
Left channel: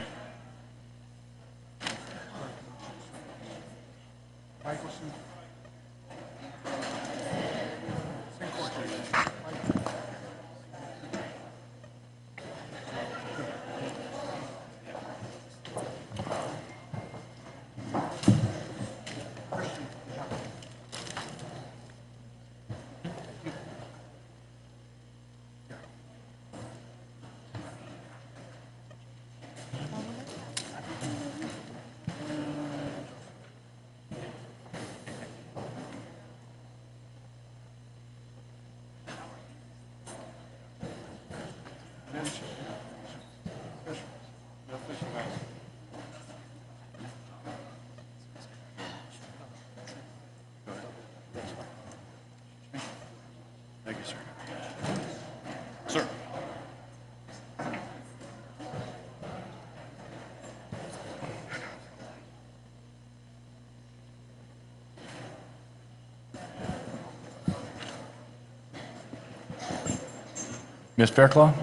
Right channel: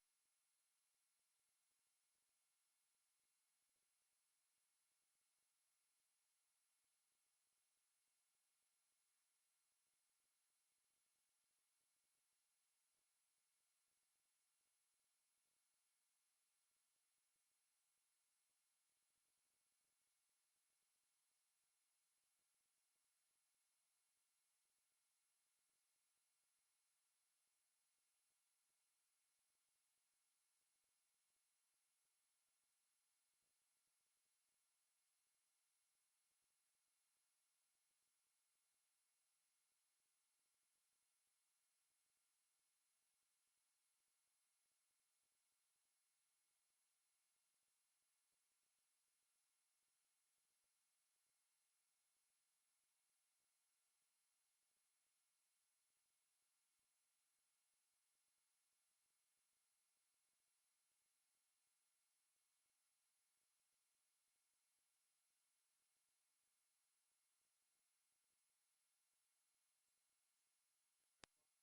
Ms. Fairclough?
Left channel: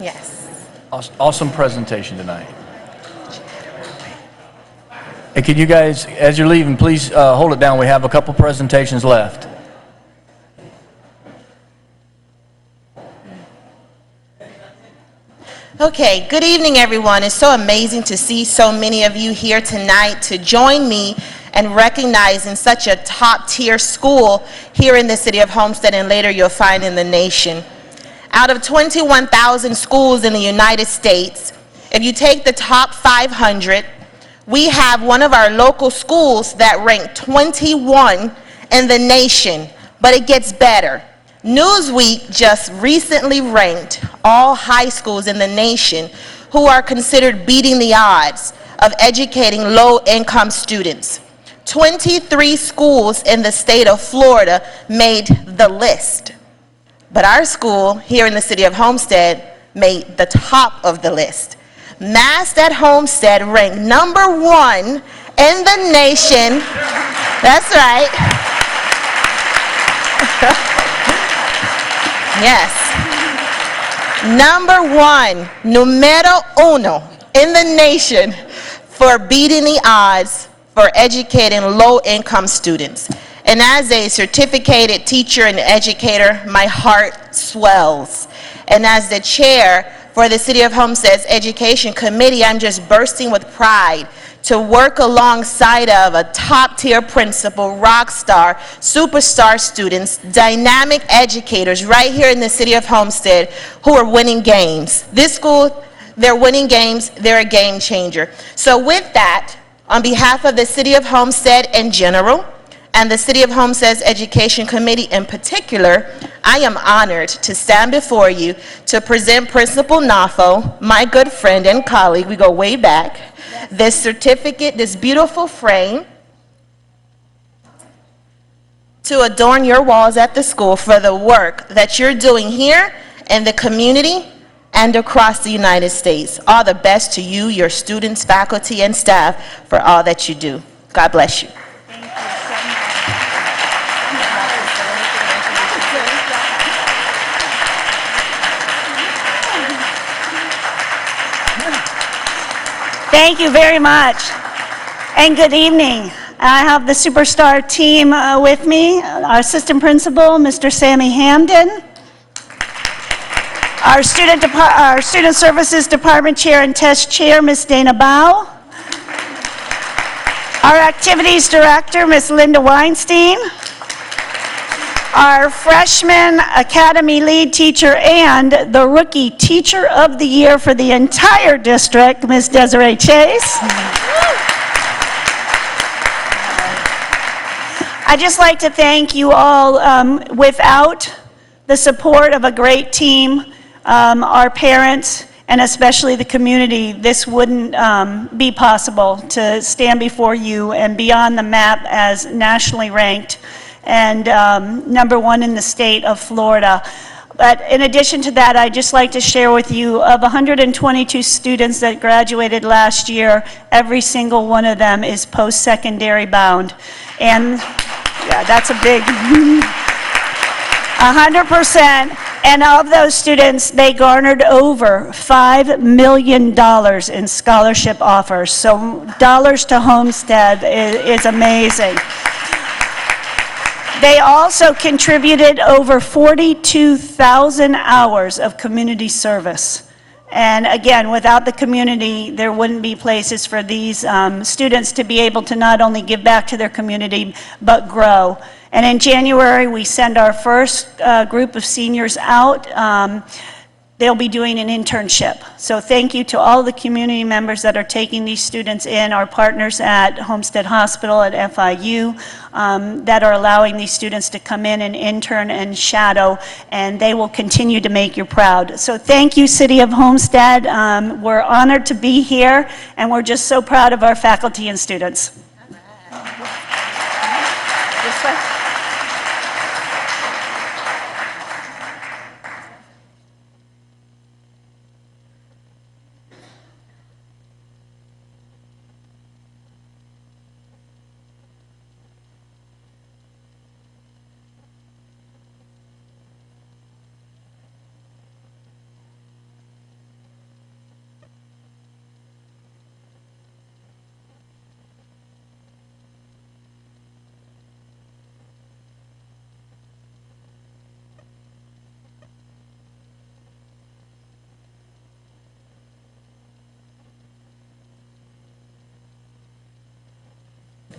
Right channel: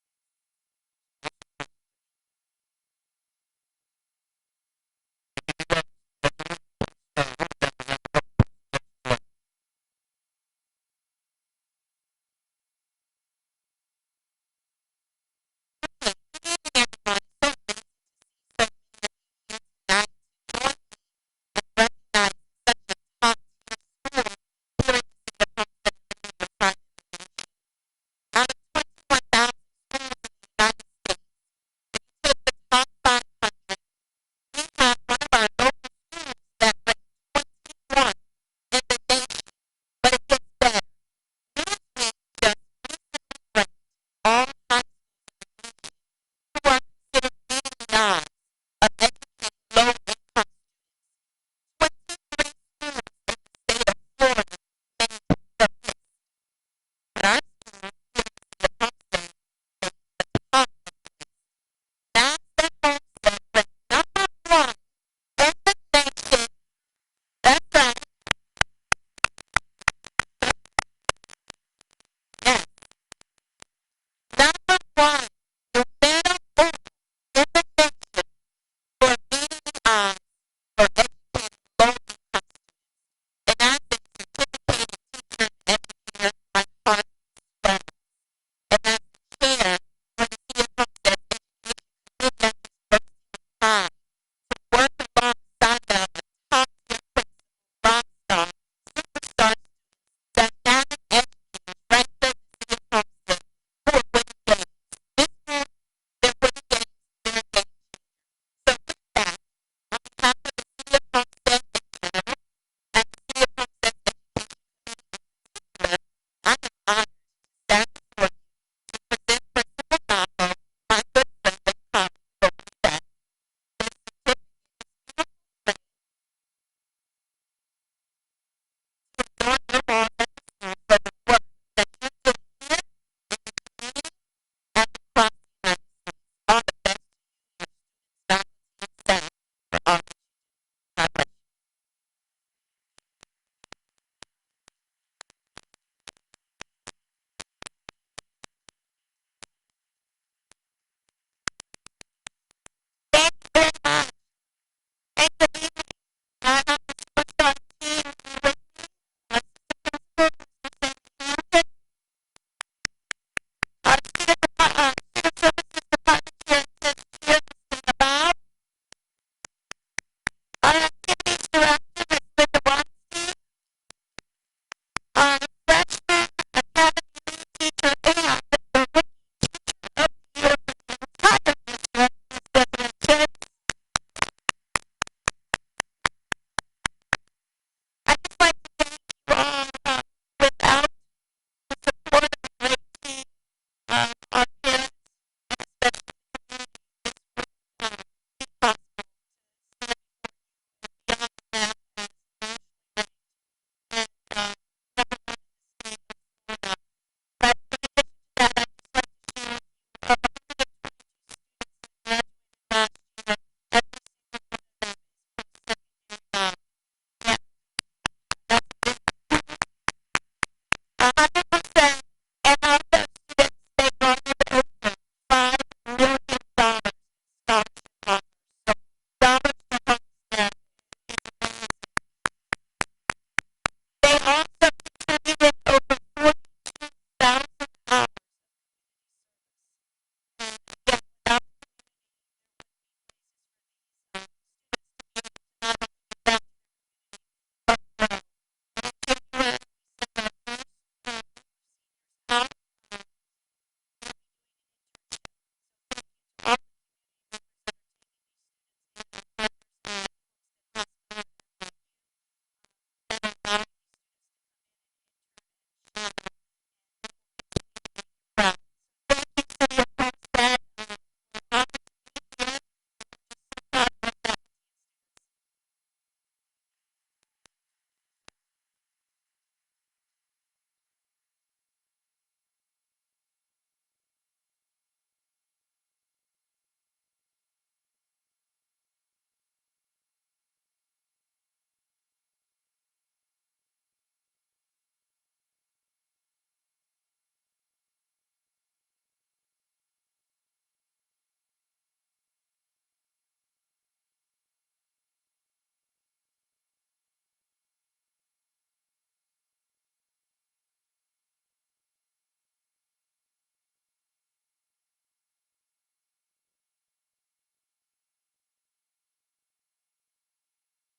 Yes. Awesome presentation tonight. Hey, can you guys, as you're leaving, please hold it down. We have a couple presentations left. Okay, good evening, everyone. It's so amazing to see so many of you here tonight to join me and recognizing such a top-tier school here in the city of Homestead, and later you'll find in the nation. Out of 21,000 schools in the United States, if you take the top 500, we have one of our local schools that ranked 21 in the nation, but it gets better. Newsweek just recently ranked all high schools in the nation who are considered beating the odds of educating low-income students. 23 schools in the state of Florida made the list, but our school here in the city of Homestead made the top of the list. Mass at Homestead ranked #1 in the nation. That's right. Yes. #1, numero uno in the nation for beating the odds for educating low-income students. And as a certificated teacher and educator, my heart swells. And as the chair for the City of Homestead's Education Committee, I'm just bursting with pride to work alongside of a top-tier principal, rock star, superstar students, dynamic educators right here in the City of Homestead who are winning games. This school, they're winning games, they're a game changer. So with that, on behalf of the City of Homestead in general, and the City of Homestead's Education Committee in particular, I am honored to stand before you to present Principal Nafo, my good friend and colleague, we go way back, this certificate, this beautiful frame, to adorn your walls at the school for the work that you're doing here in the community and across the United States. All the best to you, your students, faculty, and staff for all that you do. God bless you. Thank you very much, and good evening. I have the superstar team with me, our assistant principal, Mr. Sammy Hamden, our student services department chair and test chair, Ms. Dana Bow, our activities director, Ms. Linda Weinstein, our freshman academy lead teacher and the rookie teacher of the year for the entire district, Ms. Desiree Chase. I'd just like to thank you all. Without the support of a great team, our parents, and especially the community, this wouldn't be possible to stand before you and be on the map as nationally ranked and #1 in the state of Florida. But in addition to that, I'd just like to share with you, of 122 students that graduated last year, every single one of them is post-secondary bound. And yeah, that's a big 100%. And of those students, they garnered over $5 million in scholarship offers. So dollars to Homestead is amazing. They also contributed over 42,000 hours of community service. And again, without the community, there wouldn't be places for these students to be able to not only give back to their community, but grow. And in January, we send our first group of seniors out. They'll be doing an internship. So thank you to all the community members that are taking these students in, our partners at Homestead Hospital, at FIU, that are allowing these students to come in and intern and shadow, and they will continue to make you proud. So thank you, City of Homestead. We're honored to be here, and we're just so proud of our faculty and students. This way.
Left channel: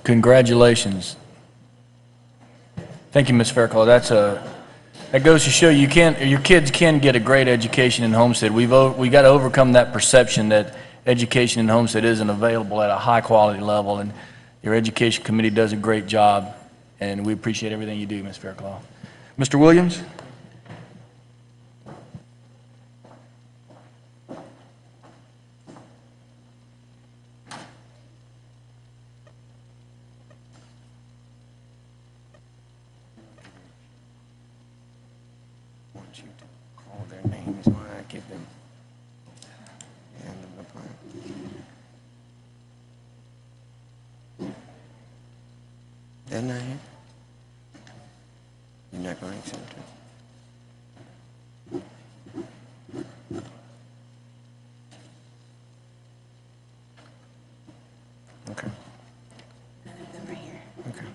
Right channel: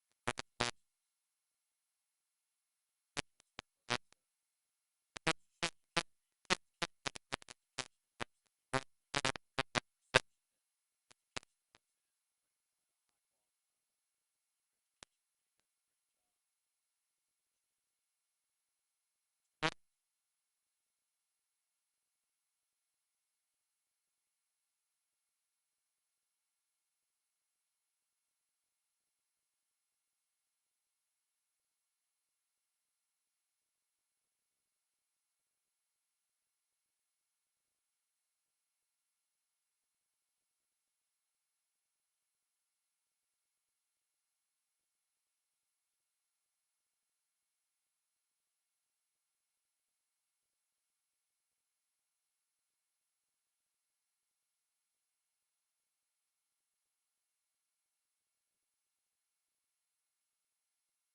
Congratulations. Thank you, Ms. Fairclough. That goes to show your kids can get a great education in Homestead. We got to overcome that perception that education in Homestead isn't available at a high quality level, and your education committee does a great job, and we appreciate everything you do, Ms. Fairclough. Mr. Williams? They're not here? You're not going to accept it? Okay. Okay.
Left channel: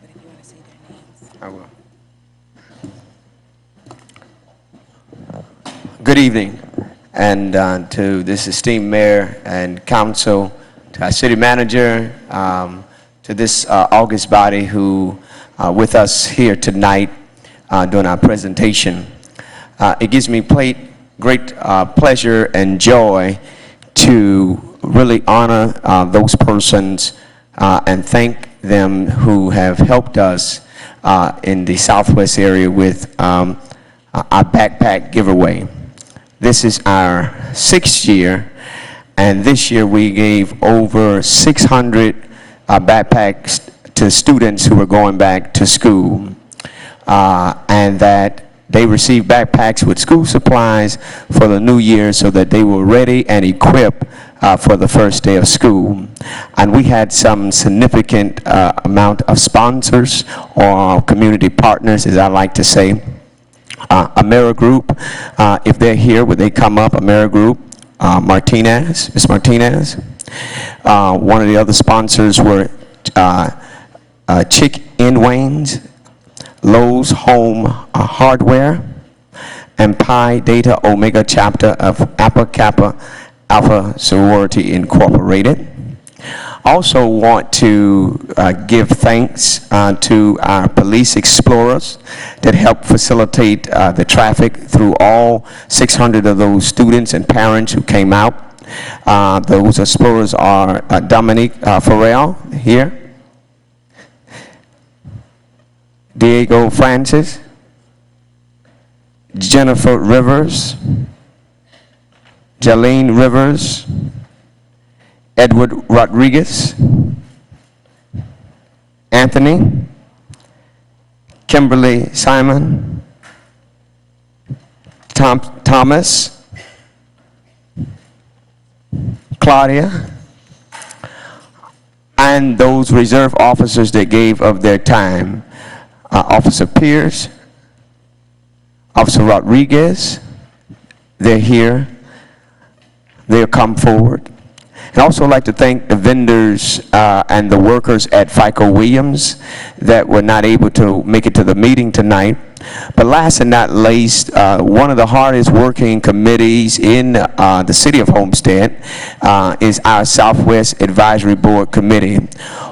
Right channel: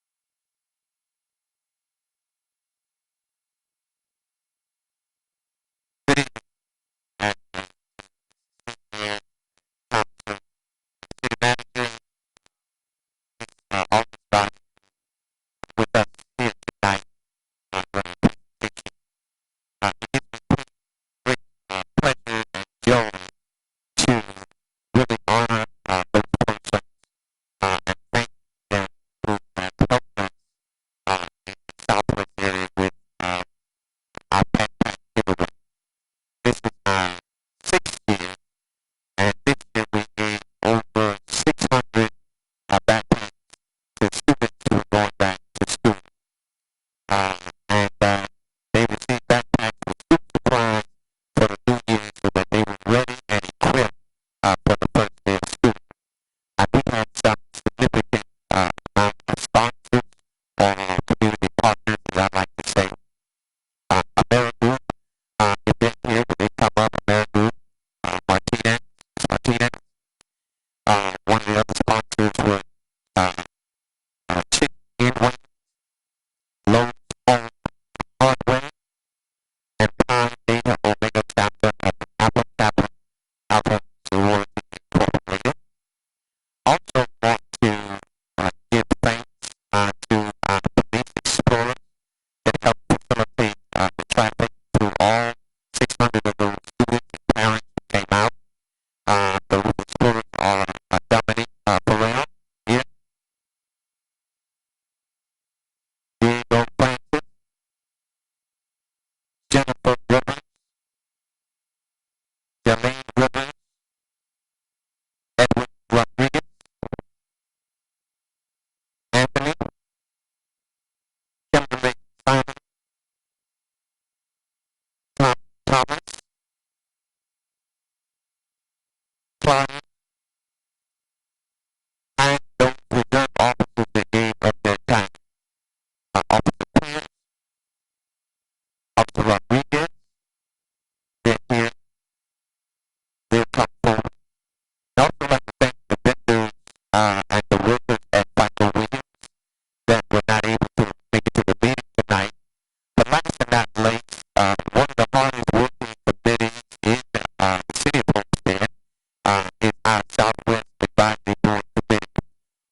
I will. Good evening, and to this esteemed mayor and council, to our city manager, to this august body who with us here tonight during our presentation. It gives me great pleasure and joy to really honor those persons and thank them who have helped us in the Southwest area with our backpack giveaway. This is our 6th year, and this year we gave over 600 backpacks to students who were going back to school, and that they received backpacks with school supplies for the new year so that they were ready and equipped for the first day of school. And we had some significant amount of sponsors or community partners, as I like to say. AmeriGroup, if they're here, would they come up? AmeriGroup, Martinez, Ms. Martinez. One of the other sponsors were Chick N. Wayne's, Lowe's Home Hardware, and Pi Data Omega chapter of Alpha Kappa Alpha Sorority Incorporated. Also want to give thanks to our police explorers that helped facilitate the traffic through all 600 of those students and parents who came out. Those explorers are Dominique Farrell here, Diego Francis, Jennifer Rivers, Jalene Rivers, Edward Rodriguez, Anthony, Kimberly Simon, Thomas, Claudia, and those reserve officers that gave of their time. Officer Pierce, Officer Rodriguez, they're here. They'll come forward. I'd also like to thank the vendors and the workers at FICO Williams that were not able to make it to the meeting tonight. But last and not least, one of the hardest working committees in the city of Homestead is our Southwest Advisory Board Committee,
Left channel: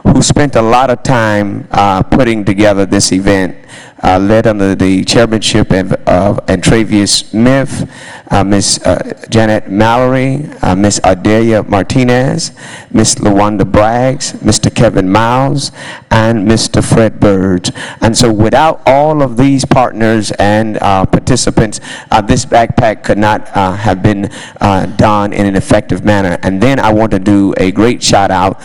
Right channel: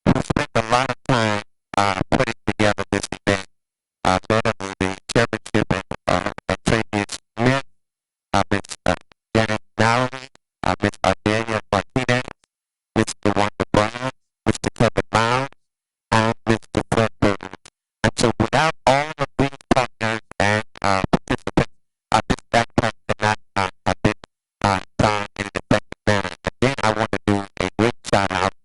who spent a lot of time putting together this event, led under the chairmanship of Travius Smith, Ms. Janet Mallory, Ms. Adelia Martinez, Ms. LaWanda Braggs, Mr. Kevin Miles, and Mr. Fred Birds. And so without all of these partners and participants, this backpack could not have been done in an effective manner. And then I want to do a great shout out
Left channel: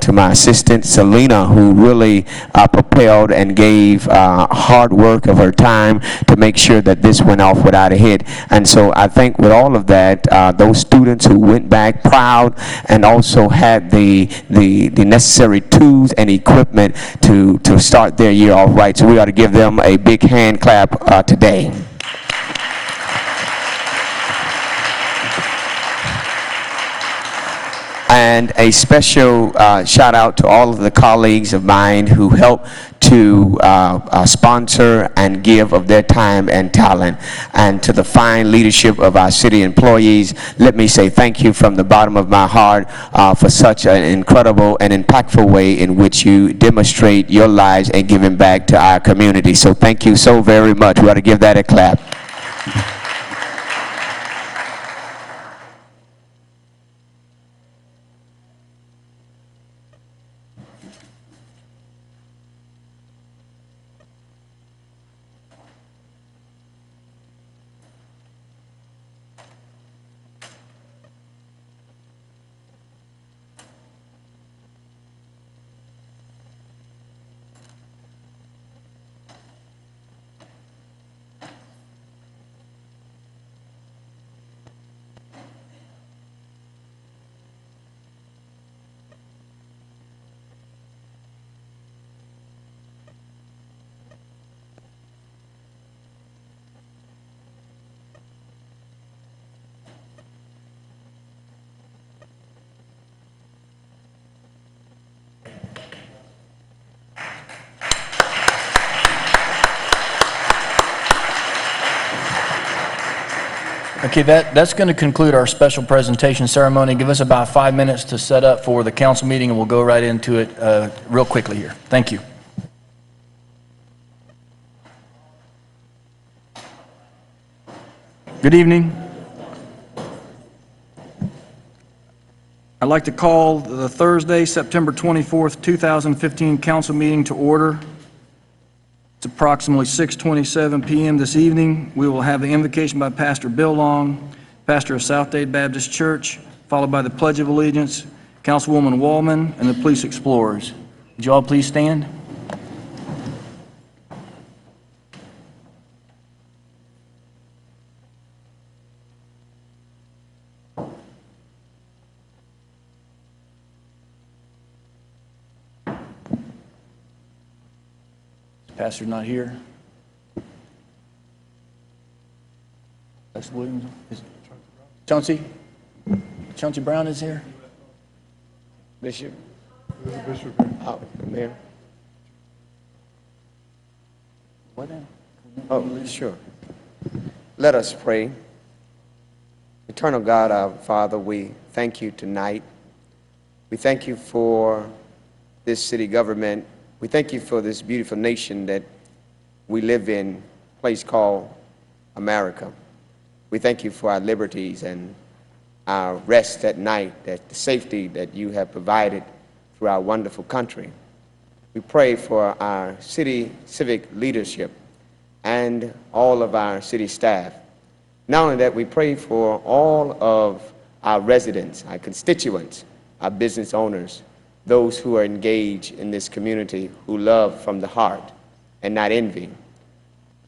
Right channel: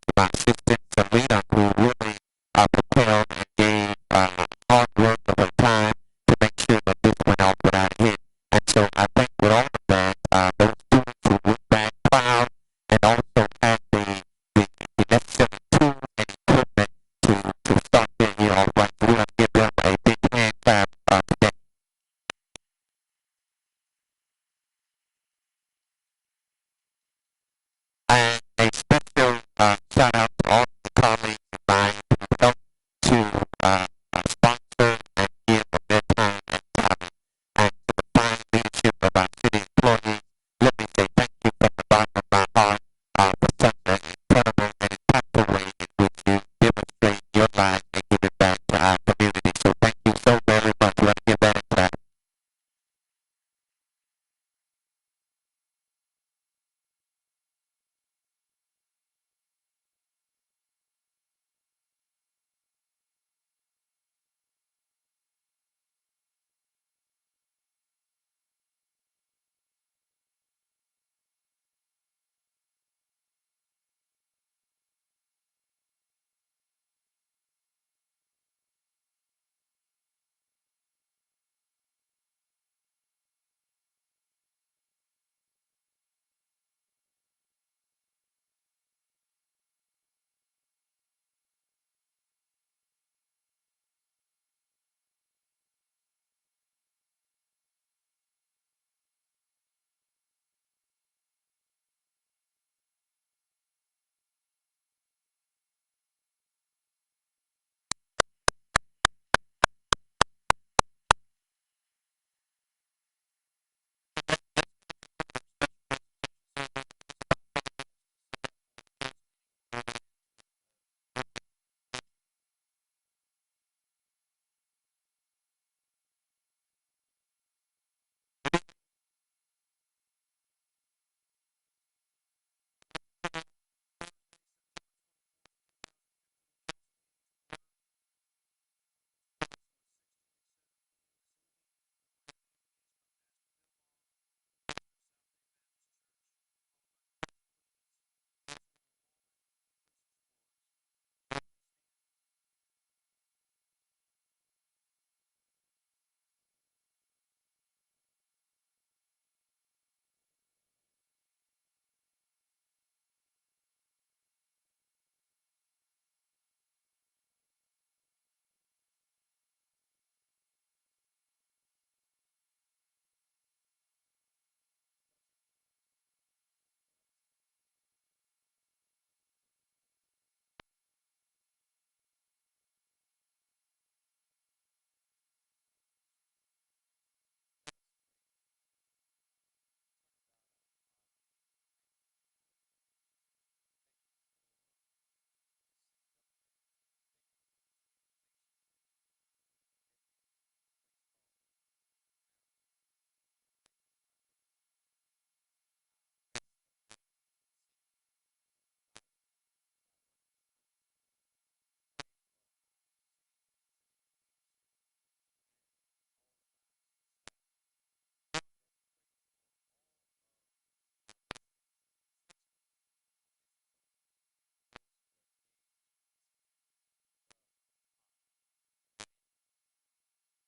to my assistant, Selena, who really propelled and gave hard work of her time to make sure that this went off without a hit. And so I think with all of that, those students who went back proud and also had the necessary tools and equipment to start their year off right. So we ought to give them a big hand clap today. And a special shout out to all of the colleagues of mine who helped to sponsor and give of their time and talent. And to the fine leadership of our city employees, let me say thank you from the bottom of my heart for such an incredible and impactful way in which you demonstrate your lives and giving back to our community. So thank you so very much. We ought to give that a clap. Okay, that's going to conclude our special presentation ceremony. Give us about 5 minutes to set up for the council meeting, and we'll go right into it real quickly here. Thank you. Good evening. I'd like to call the Thursday, September 24th, 2015 council meeting to order. It's approximately 6:27 p.m. this evening. We will have the invocation by Pastor Bill Long, pastor of South Dade Baptist Church, followed by the Pledge of Allegiance, Councilwoman Wallman, and the Police Explorers. Would you all please stand? Pastor not here. Pastor Williams? Chauncey? Chauncey Brown is here? Bishop? Oh, Mayor? What then? Oh, sure. Let us pray. Eternal God, our Father, we thank you tonight. We thank you for this city government. We thank you for this beautiful nation that we live in, a place called America. We thank you for our liberties and our rest at night, that the safety that you have provided through our wonderful country. We pray for our city civic leadership and all of our city staff. Not only that, we pray for all of our residents, our constituents, our business owners, those who are engaged in this community who love from the heart and not envy.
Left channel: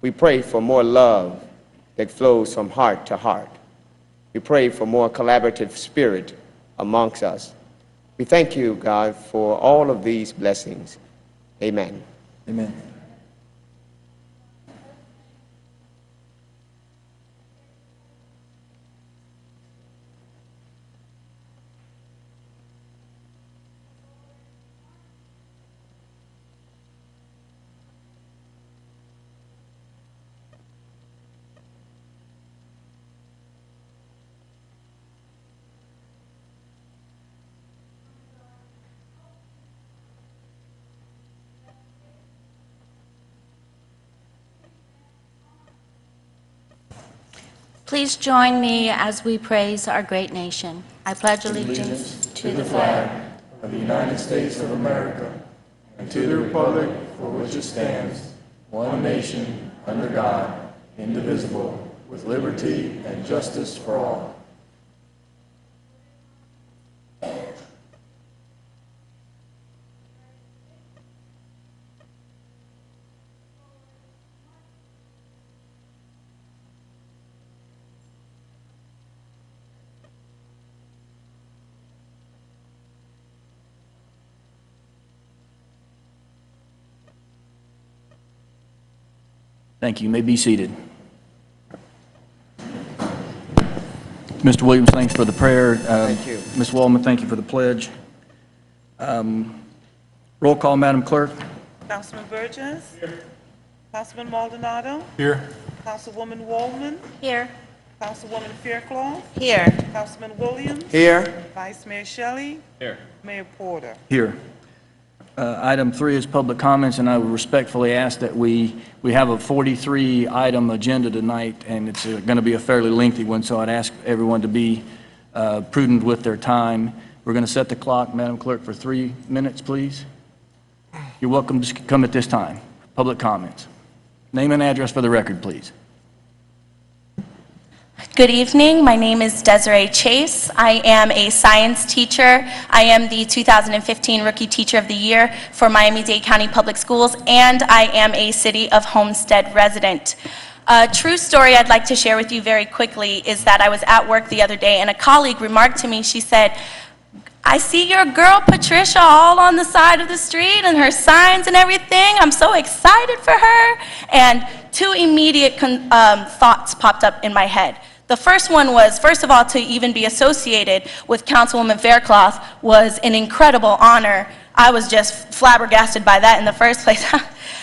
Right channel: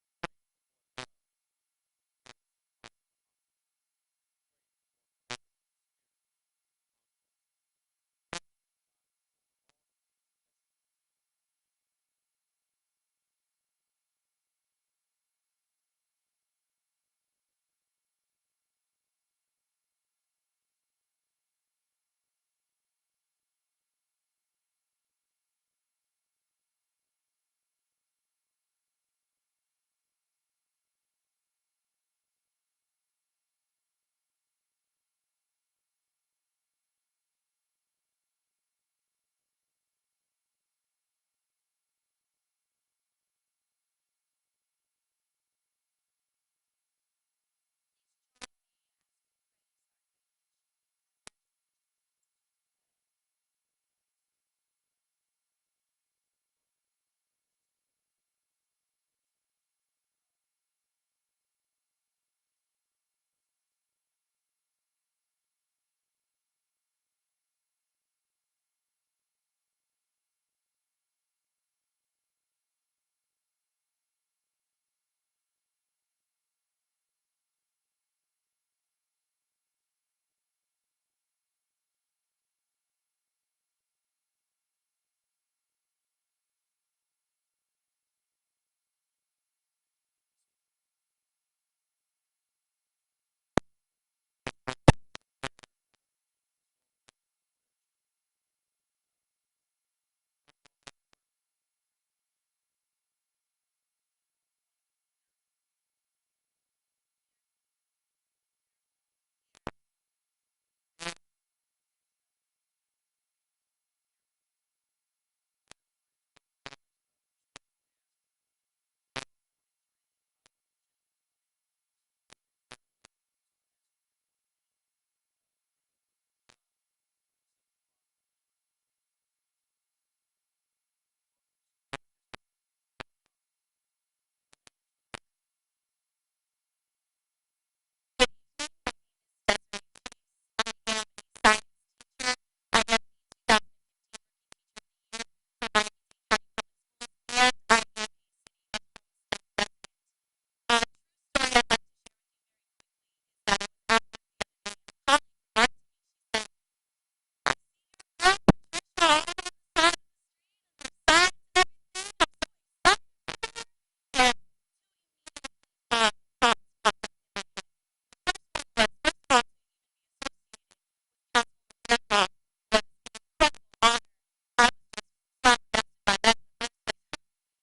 We pray for more love that flows from heart to heart. We pray for more collaborative spirit amongst us. We thank you, God, for all of these blessings. Amen. Amen. Please join me as we praise our great nation. I pledge allegiance to the flag of the United States of America and to the republic for which it stands, one nation, under God, indivisible, with liberty and justice for all. Thank you. You may be seated. Mr. Williams, thanks for the prayer. Thank you. Ms. Wallman, thank you for the pledge. Roll call, Madam Clerk. Councilman Burgess. Councilman Maldonado. Here. Councilwoman Wallman. Here. Councilwoman Fairclough. Here. Councilman Williams. Here. Vice Mayor Shelley. Here. Mayor Porter. Here. Item 3 is public comments, and I would respectfully ask that we have a 43-item agenda tonight, and it's going to be a fairly lengthy one, so I'd ask everyone to be prudent with their time. We're going to set the clock, Madam Clerk, for 3 minutes, please. You're welcome to come at this time. Public comments. Name and address for the record, please. Good evening. My name is Desiree Chase. I am a science teacher. I am the 2015 Rookie Teacher of the Year for Miami-Dade County Public Schools, and I am a City of Homestead resident. A true story I'd like to share with you very quickly is that I was at work the other day, and a colleague remarked to me, she said, "I see your girl Patricia all on the side of the street and her signs and everything. I'm so excited for her." And 2 immediate thoughts popped up in my head. The first one was, first of all, to even be associated with Councilwoman Fairclough was an incredible honor. I was just flabbergasted by that in the first place.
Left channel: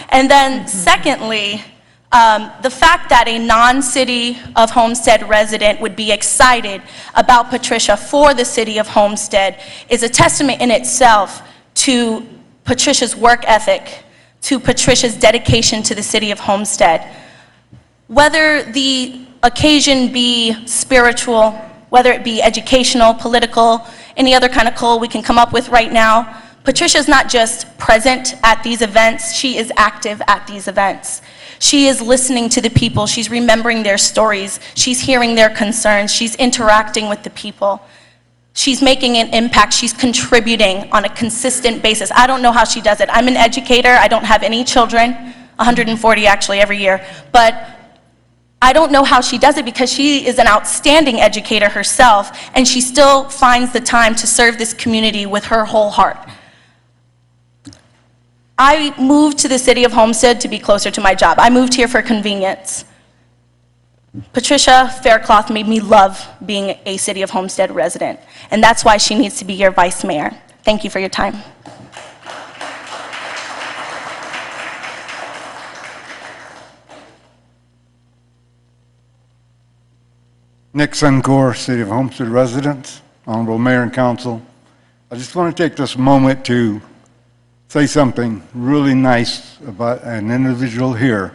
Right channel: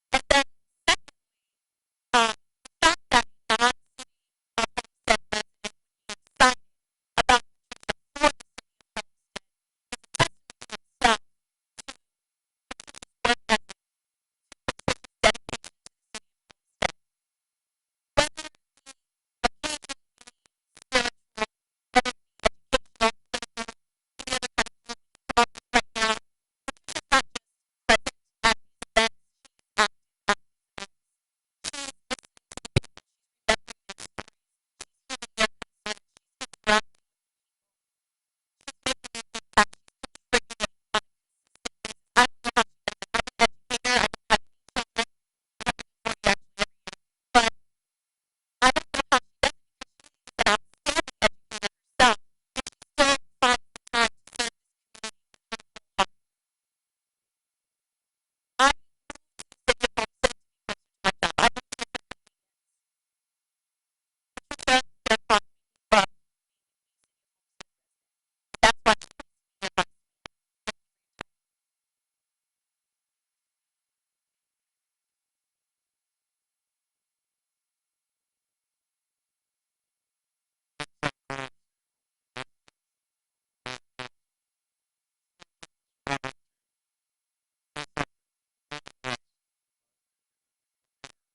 And then secondly, the fact that a non-City of Homestead resident would be excited about Patricia for the City of Homestead is a testament in itself to Patricia's work ethic, to Patricia's dedication to the City of Homestead. Whether the occasion be spiritual, whether it be educational, political, any other kind of goal we can come up with right now, Patricia's not just present at these events, she is active at these events. She is listening to the people, she's remembering their stories, she's hearing their concerns, she's interacting with the people. She's making an impact, she's contributing on a consistent basis. I don't know how she does it. I'm an educator, I don't have any children, 140 actually every year, but I don't know how she does it because she is an outstanding educator herself, and she still finds the time to serve this community with her whole heart. I moved to the City of Homestead to be closer to my job. I moved here for convenience. Patricia Fairclough made me love being a City of Homestead resident, and that's why she needs to be your vice mayor. Thank you for your time. Nick Suncor, City of Homestead residents, Honorable Mayor and Council. I just want to take this moment to say something really nice about an individual here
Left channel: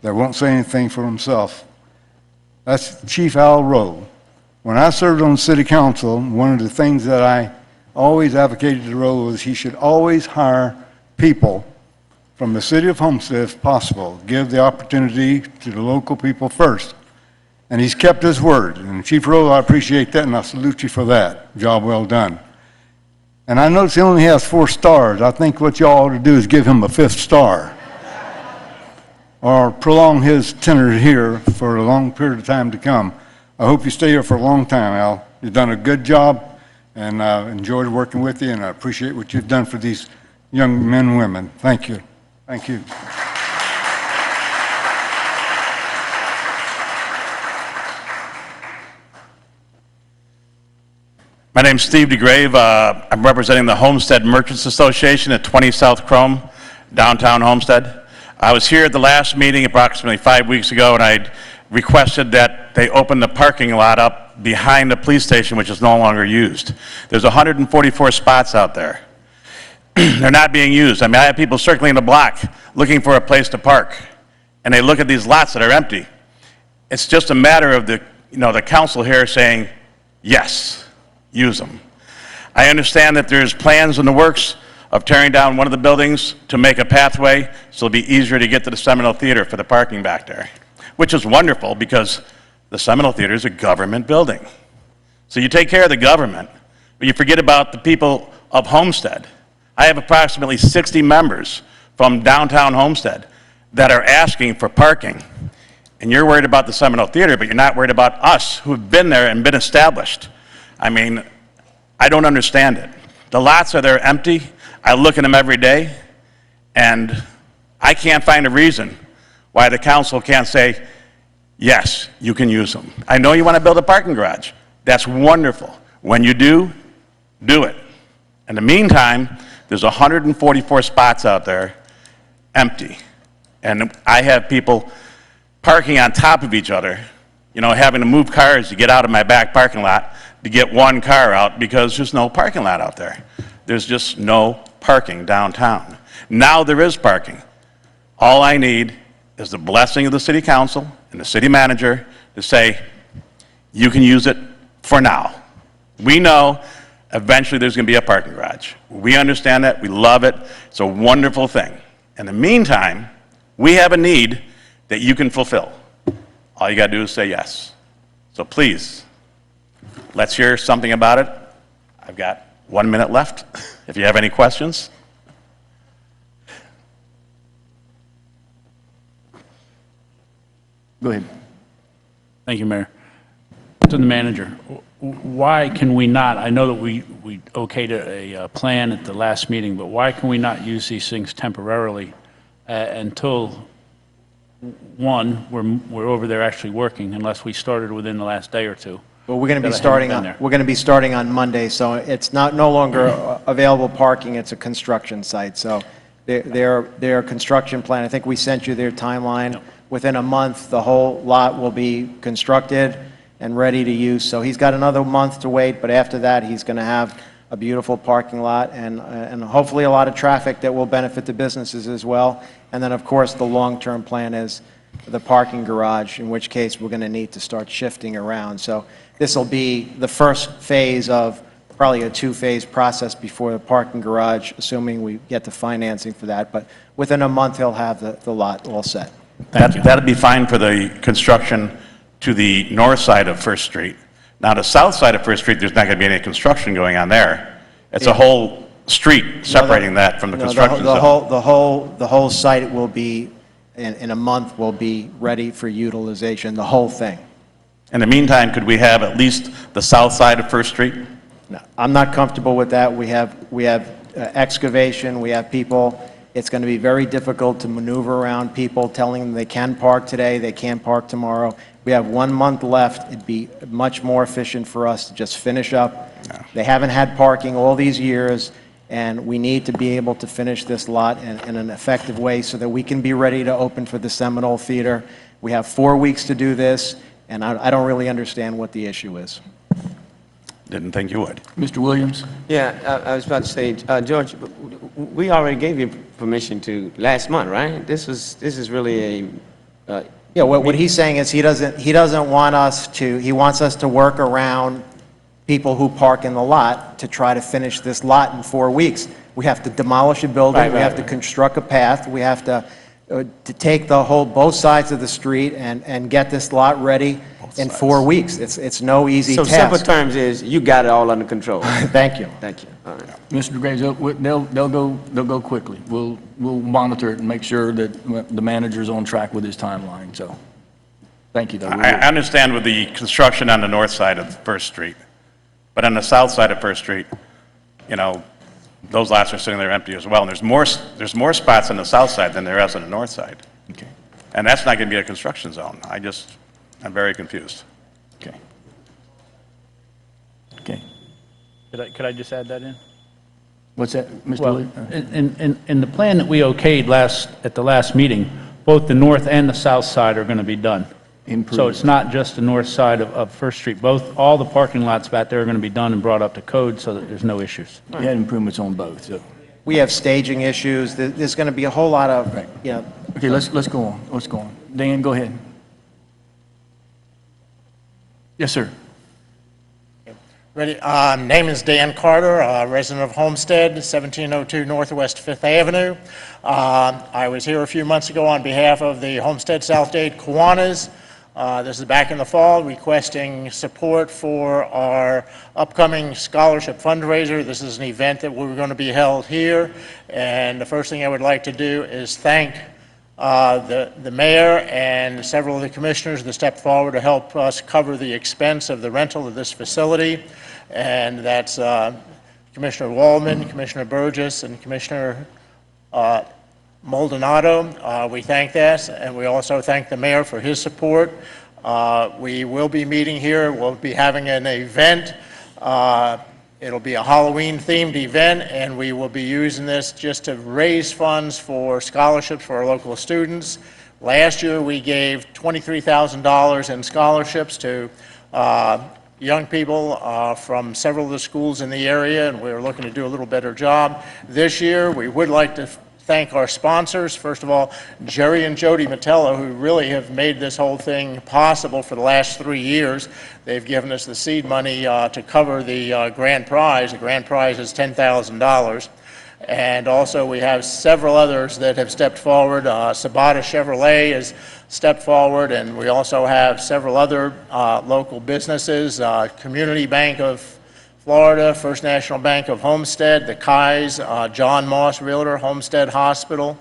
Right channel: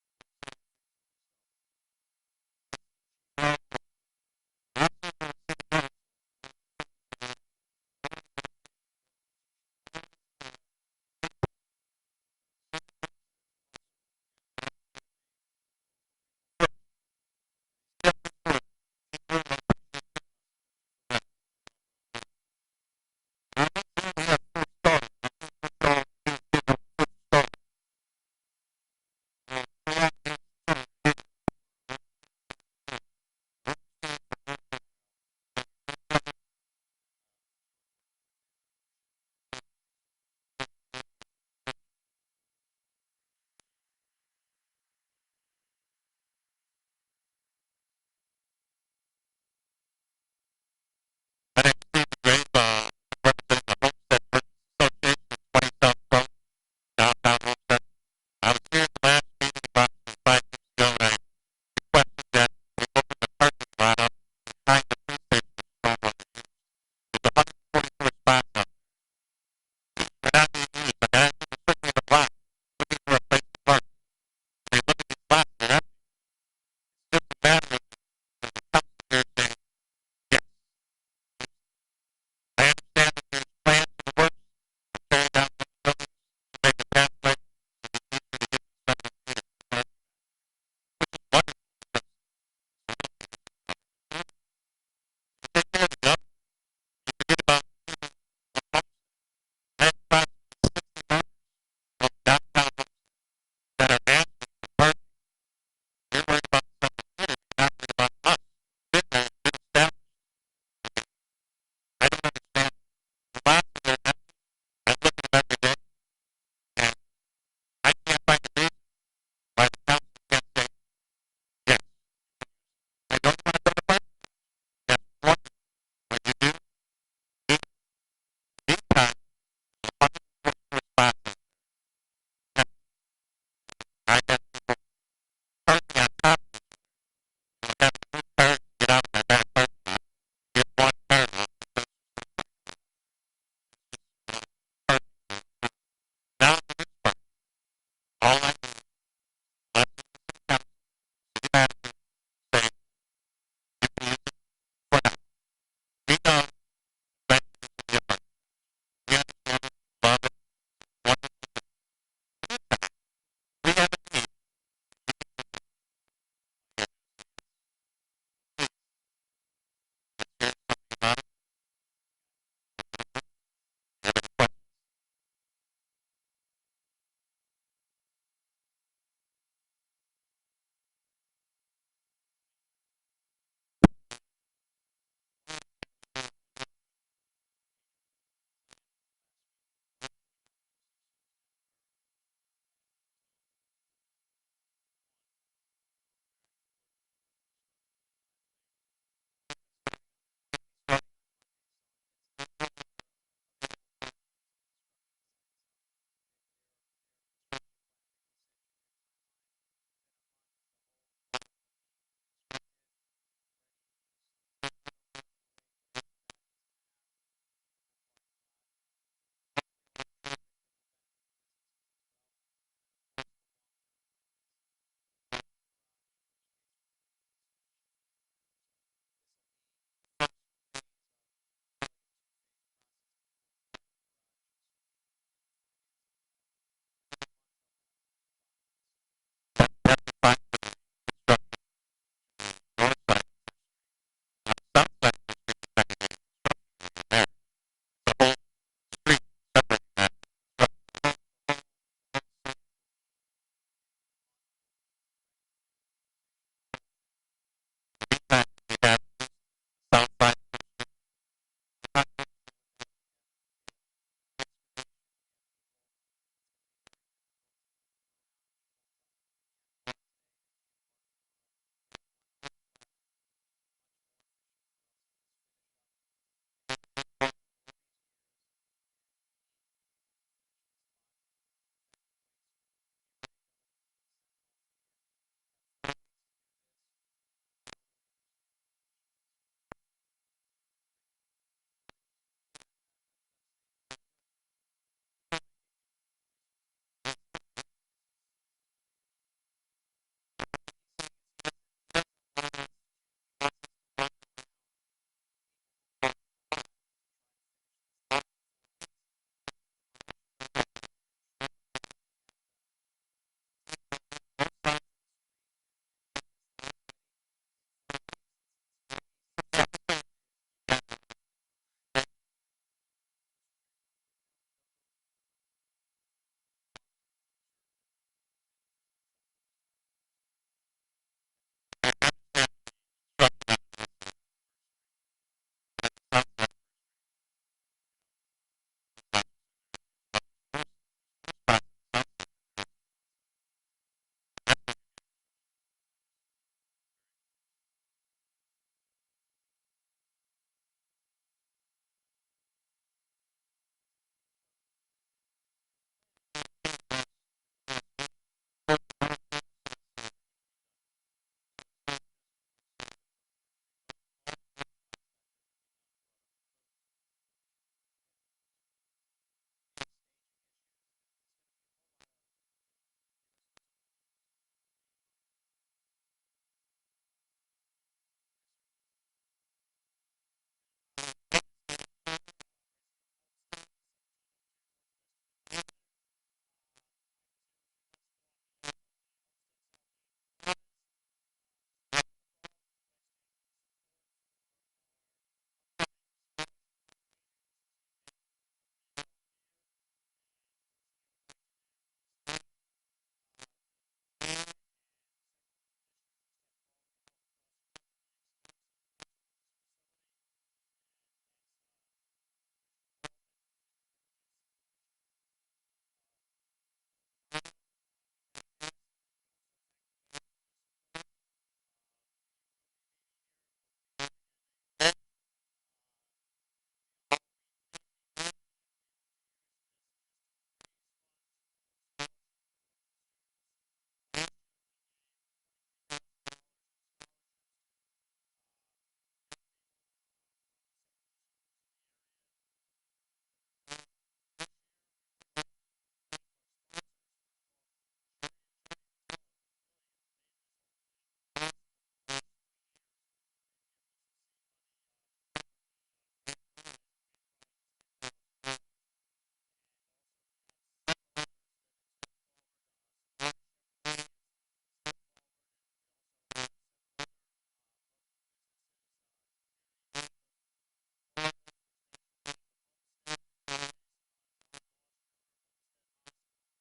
that won't say anything for himself. That's Chief Al Rowe. When I served on City Council, one of the things that I always advocated to Rowe was he should always hire people from the City of Homestead if possible, give the opportunity to the local people first. And he's kept his word. And Chief Rowe, I appreciate that, and I salute you for that. Job well done. And I notice he only has 4 stars. I think what y'all ought to do is give him a 5th star. Or prolong his tenure here for a long period of time to come. I hope you stay here for a long time, Al. You've done a good job, and I enjoyed working with you, and I appreciate what you've done for these young men and women. Thank you. Thank you. My name's Steve DeGrave. I'm representing the Homestead Merchants Association at 20 South Chrome, downtown Homestead. I was here at the last meeting approximately 5 weeks ago, and I requested that they open the parking lot up behind the police station, which is no longer used. There's 144 spots out there. They're not being used. I mean, I have people circling the block looking for a place to park, and they look at these lots that are empty. It's just a matter of the council here saying, yes, use them. I understand that there's plans in the works of tearing down one of the buildings to make a pathway so it'll be easier to get to the Seminole Theater for the parking back there, which is wonderful because the Seminole Theater is a government building. So you take care of the government, but you forget about the people of Homestead. I have approximately 60 members from downtown Homestead that are asking for parking. And you're worried about the Seminole Theater, but you're not worried about us who have been there and been established. I mean, I don't understand it. The lots are there empty. I look at them every day, and I can't find a reason why the council can't say, yes, you can use them. I know you want to build a parking garage. That's wonderful. When you do, do it. In the meantime, there's 144 spots out there empty. And I have people parking on top of each other, you know, having to move cars to get out of my back parking lot to get one car out because there's no parking lot out there. There's just no parking downtown. Now there is parking. All I need is the blessing of the city council and the city manager to say, you can use it for now. We know eventually there's going to be a parking garage. We understand that. We love it. It's a wonderful thing. In the meantime, we have a need that you can fulfill. All you got to do is say yes. So please, let's hear something about it. I've got 1 minute left. If you have any questions. Go ahead. Thank you, Mayor. To the manager, why can we not, I know that we okayed a plan at the last meeting, but why can we not use these things temporarily until, one, we're over there actually working, unless we started within the last day or two? Well, we're going to be that I haven't starting been on, there. we're going to be starting on Monday, so it's no longer available parking, it's a construction site. So their construction plan, I think we sent you their timeline. Within a month, the whole lot will be constructed and ready to use. So he's got another month to wait, but after that, he's going to have a beautiful parking lot and hopefully a lot of traffic that will benefit the businesses as well. And then, of course, the long-term plan is the parking garage, in which case we're going to need to start shifting around. So this will be the first phase of probably a two-phase process before the parking garage, assuming we get the financing for that. But within a month, he'll have the lot all set. That'd be fine for the construction to the north side of First Street. Now, the south side of First Street, there's not going to be any construction going on there. It's a whole street separating that from the construction zone. The whole site will be, in a month, will be ready for utilization, the whole thing. In the meantime, could we have at least the south side of First Street? No, I'm not comfortable with that. We have excavation, we have people. It's going to be very difficult to maneuver around people, telling them they can park today, they can't park tomorrow. We have 1 month left. It'd be much more efficient for us to just finish up. They haven't had parking all these years, and we need to be able to finish this lot in an effective way so that we can be ready to open for the Seminole Theater. We have 4 weeks to do this, and I don't really understand what the issue is. Didn't think you would. Mr. Williams? Yeah, I was about to say, George, we already gave you permission to last month, right? This is really a yeah. What he's saying is he doesn't want us to. He wants us to work around people who park in the lot to try to finish this lot in 4 weeks. We have to demolish a building. We have to construct a path. We have to take both sides of the street and get this lot ready in 4 weeks. It's no easy task. So simple terms is you got it all under control. Thank you. Thank you. All right. Mr. Graves, they'll go quickly. We'll monitor it and make sure that the manager's on track with his timeline, so, thank you, though. I understand with the construction on the north side of First Street, but on the south side of First Street, you know, those lots are sitting there empty as well, and there's more spots on the south side than there is on the north side. Okay. And that's not going to be a construction zone. I'm very confused. Okay. Okay. Could I just add that in? What's that, Mr. Well, Williams? in the plan that we okayed at the last meeting, both the north and the south side are going to be done. So it's not just the north side of First Street. All the parking lots back there are going to be done and brought up to code so that there's no issues. We had improvements on both, so. We have staging issues. There's going to be a whole lot of, you know. Okay, let's go on. Let's go on. Dan, go ahead. Yes, sir. Ready? Name is Dan Carter, resident of Homestead, 1702 Northwest 5th Avenue. I was here a few months ago on behalf of the Homestead Southdade Kiwanis. This is back in the fall, requesting support for our upcoming scholarship fundraiser. This is an event that we're going to be held here, and the first thing I would like to do is thank the mayor and several of the commissioners that stepped forward to help us cover the expense of the rental of this facility, and that's Commissioner Waldman, Commissioner Burgess, and Commissioner Maldonado. We thank that, and we also thank the mayor for his support. We will be meeting here. We'll be having an event. It'll be a Halloween-themed event, and we will be using this just to raise funds for scholarships for our local students. Last year, we gave $23,000 in scholarships to young people from several of the schools in the area, and we're looking to do a little better job. This year, we would like to thank our sponsors. First of all, Jerry and Jody Metella, who really have made this whole thing possible for the last 3 years. They've given us the seed money to cover the grand prize. The grand prize is $10,000. And also we have several others that have stepped forward. Sabata Chevrolet has stepped forward, and we also have several other local businesses, Community Bank of Florida, First National Bank of Homestead, the Kai's, John Moss Realtor, Homestead Hospital,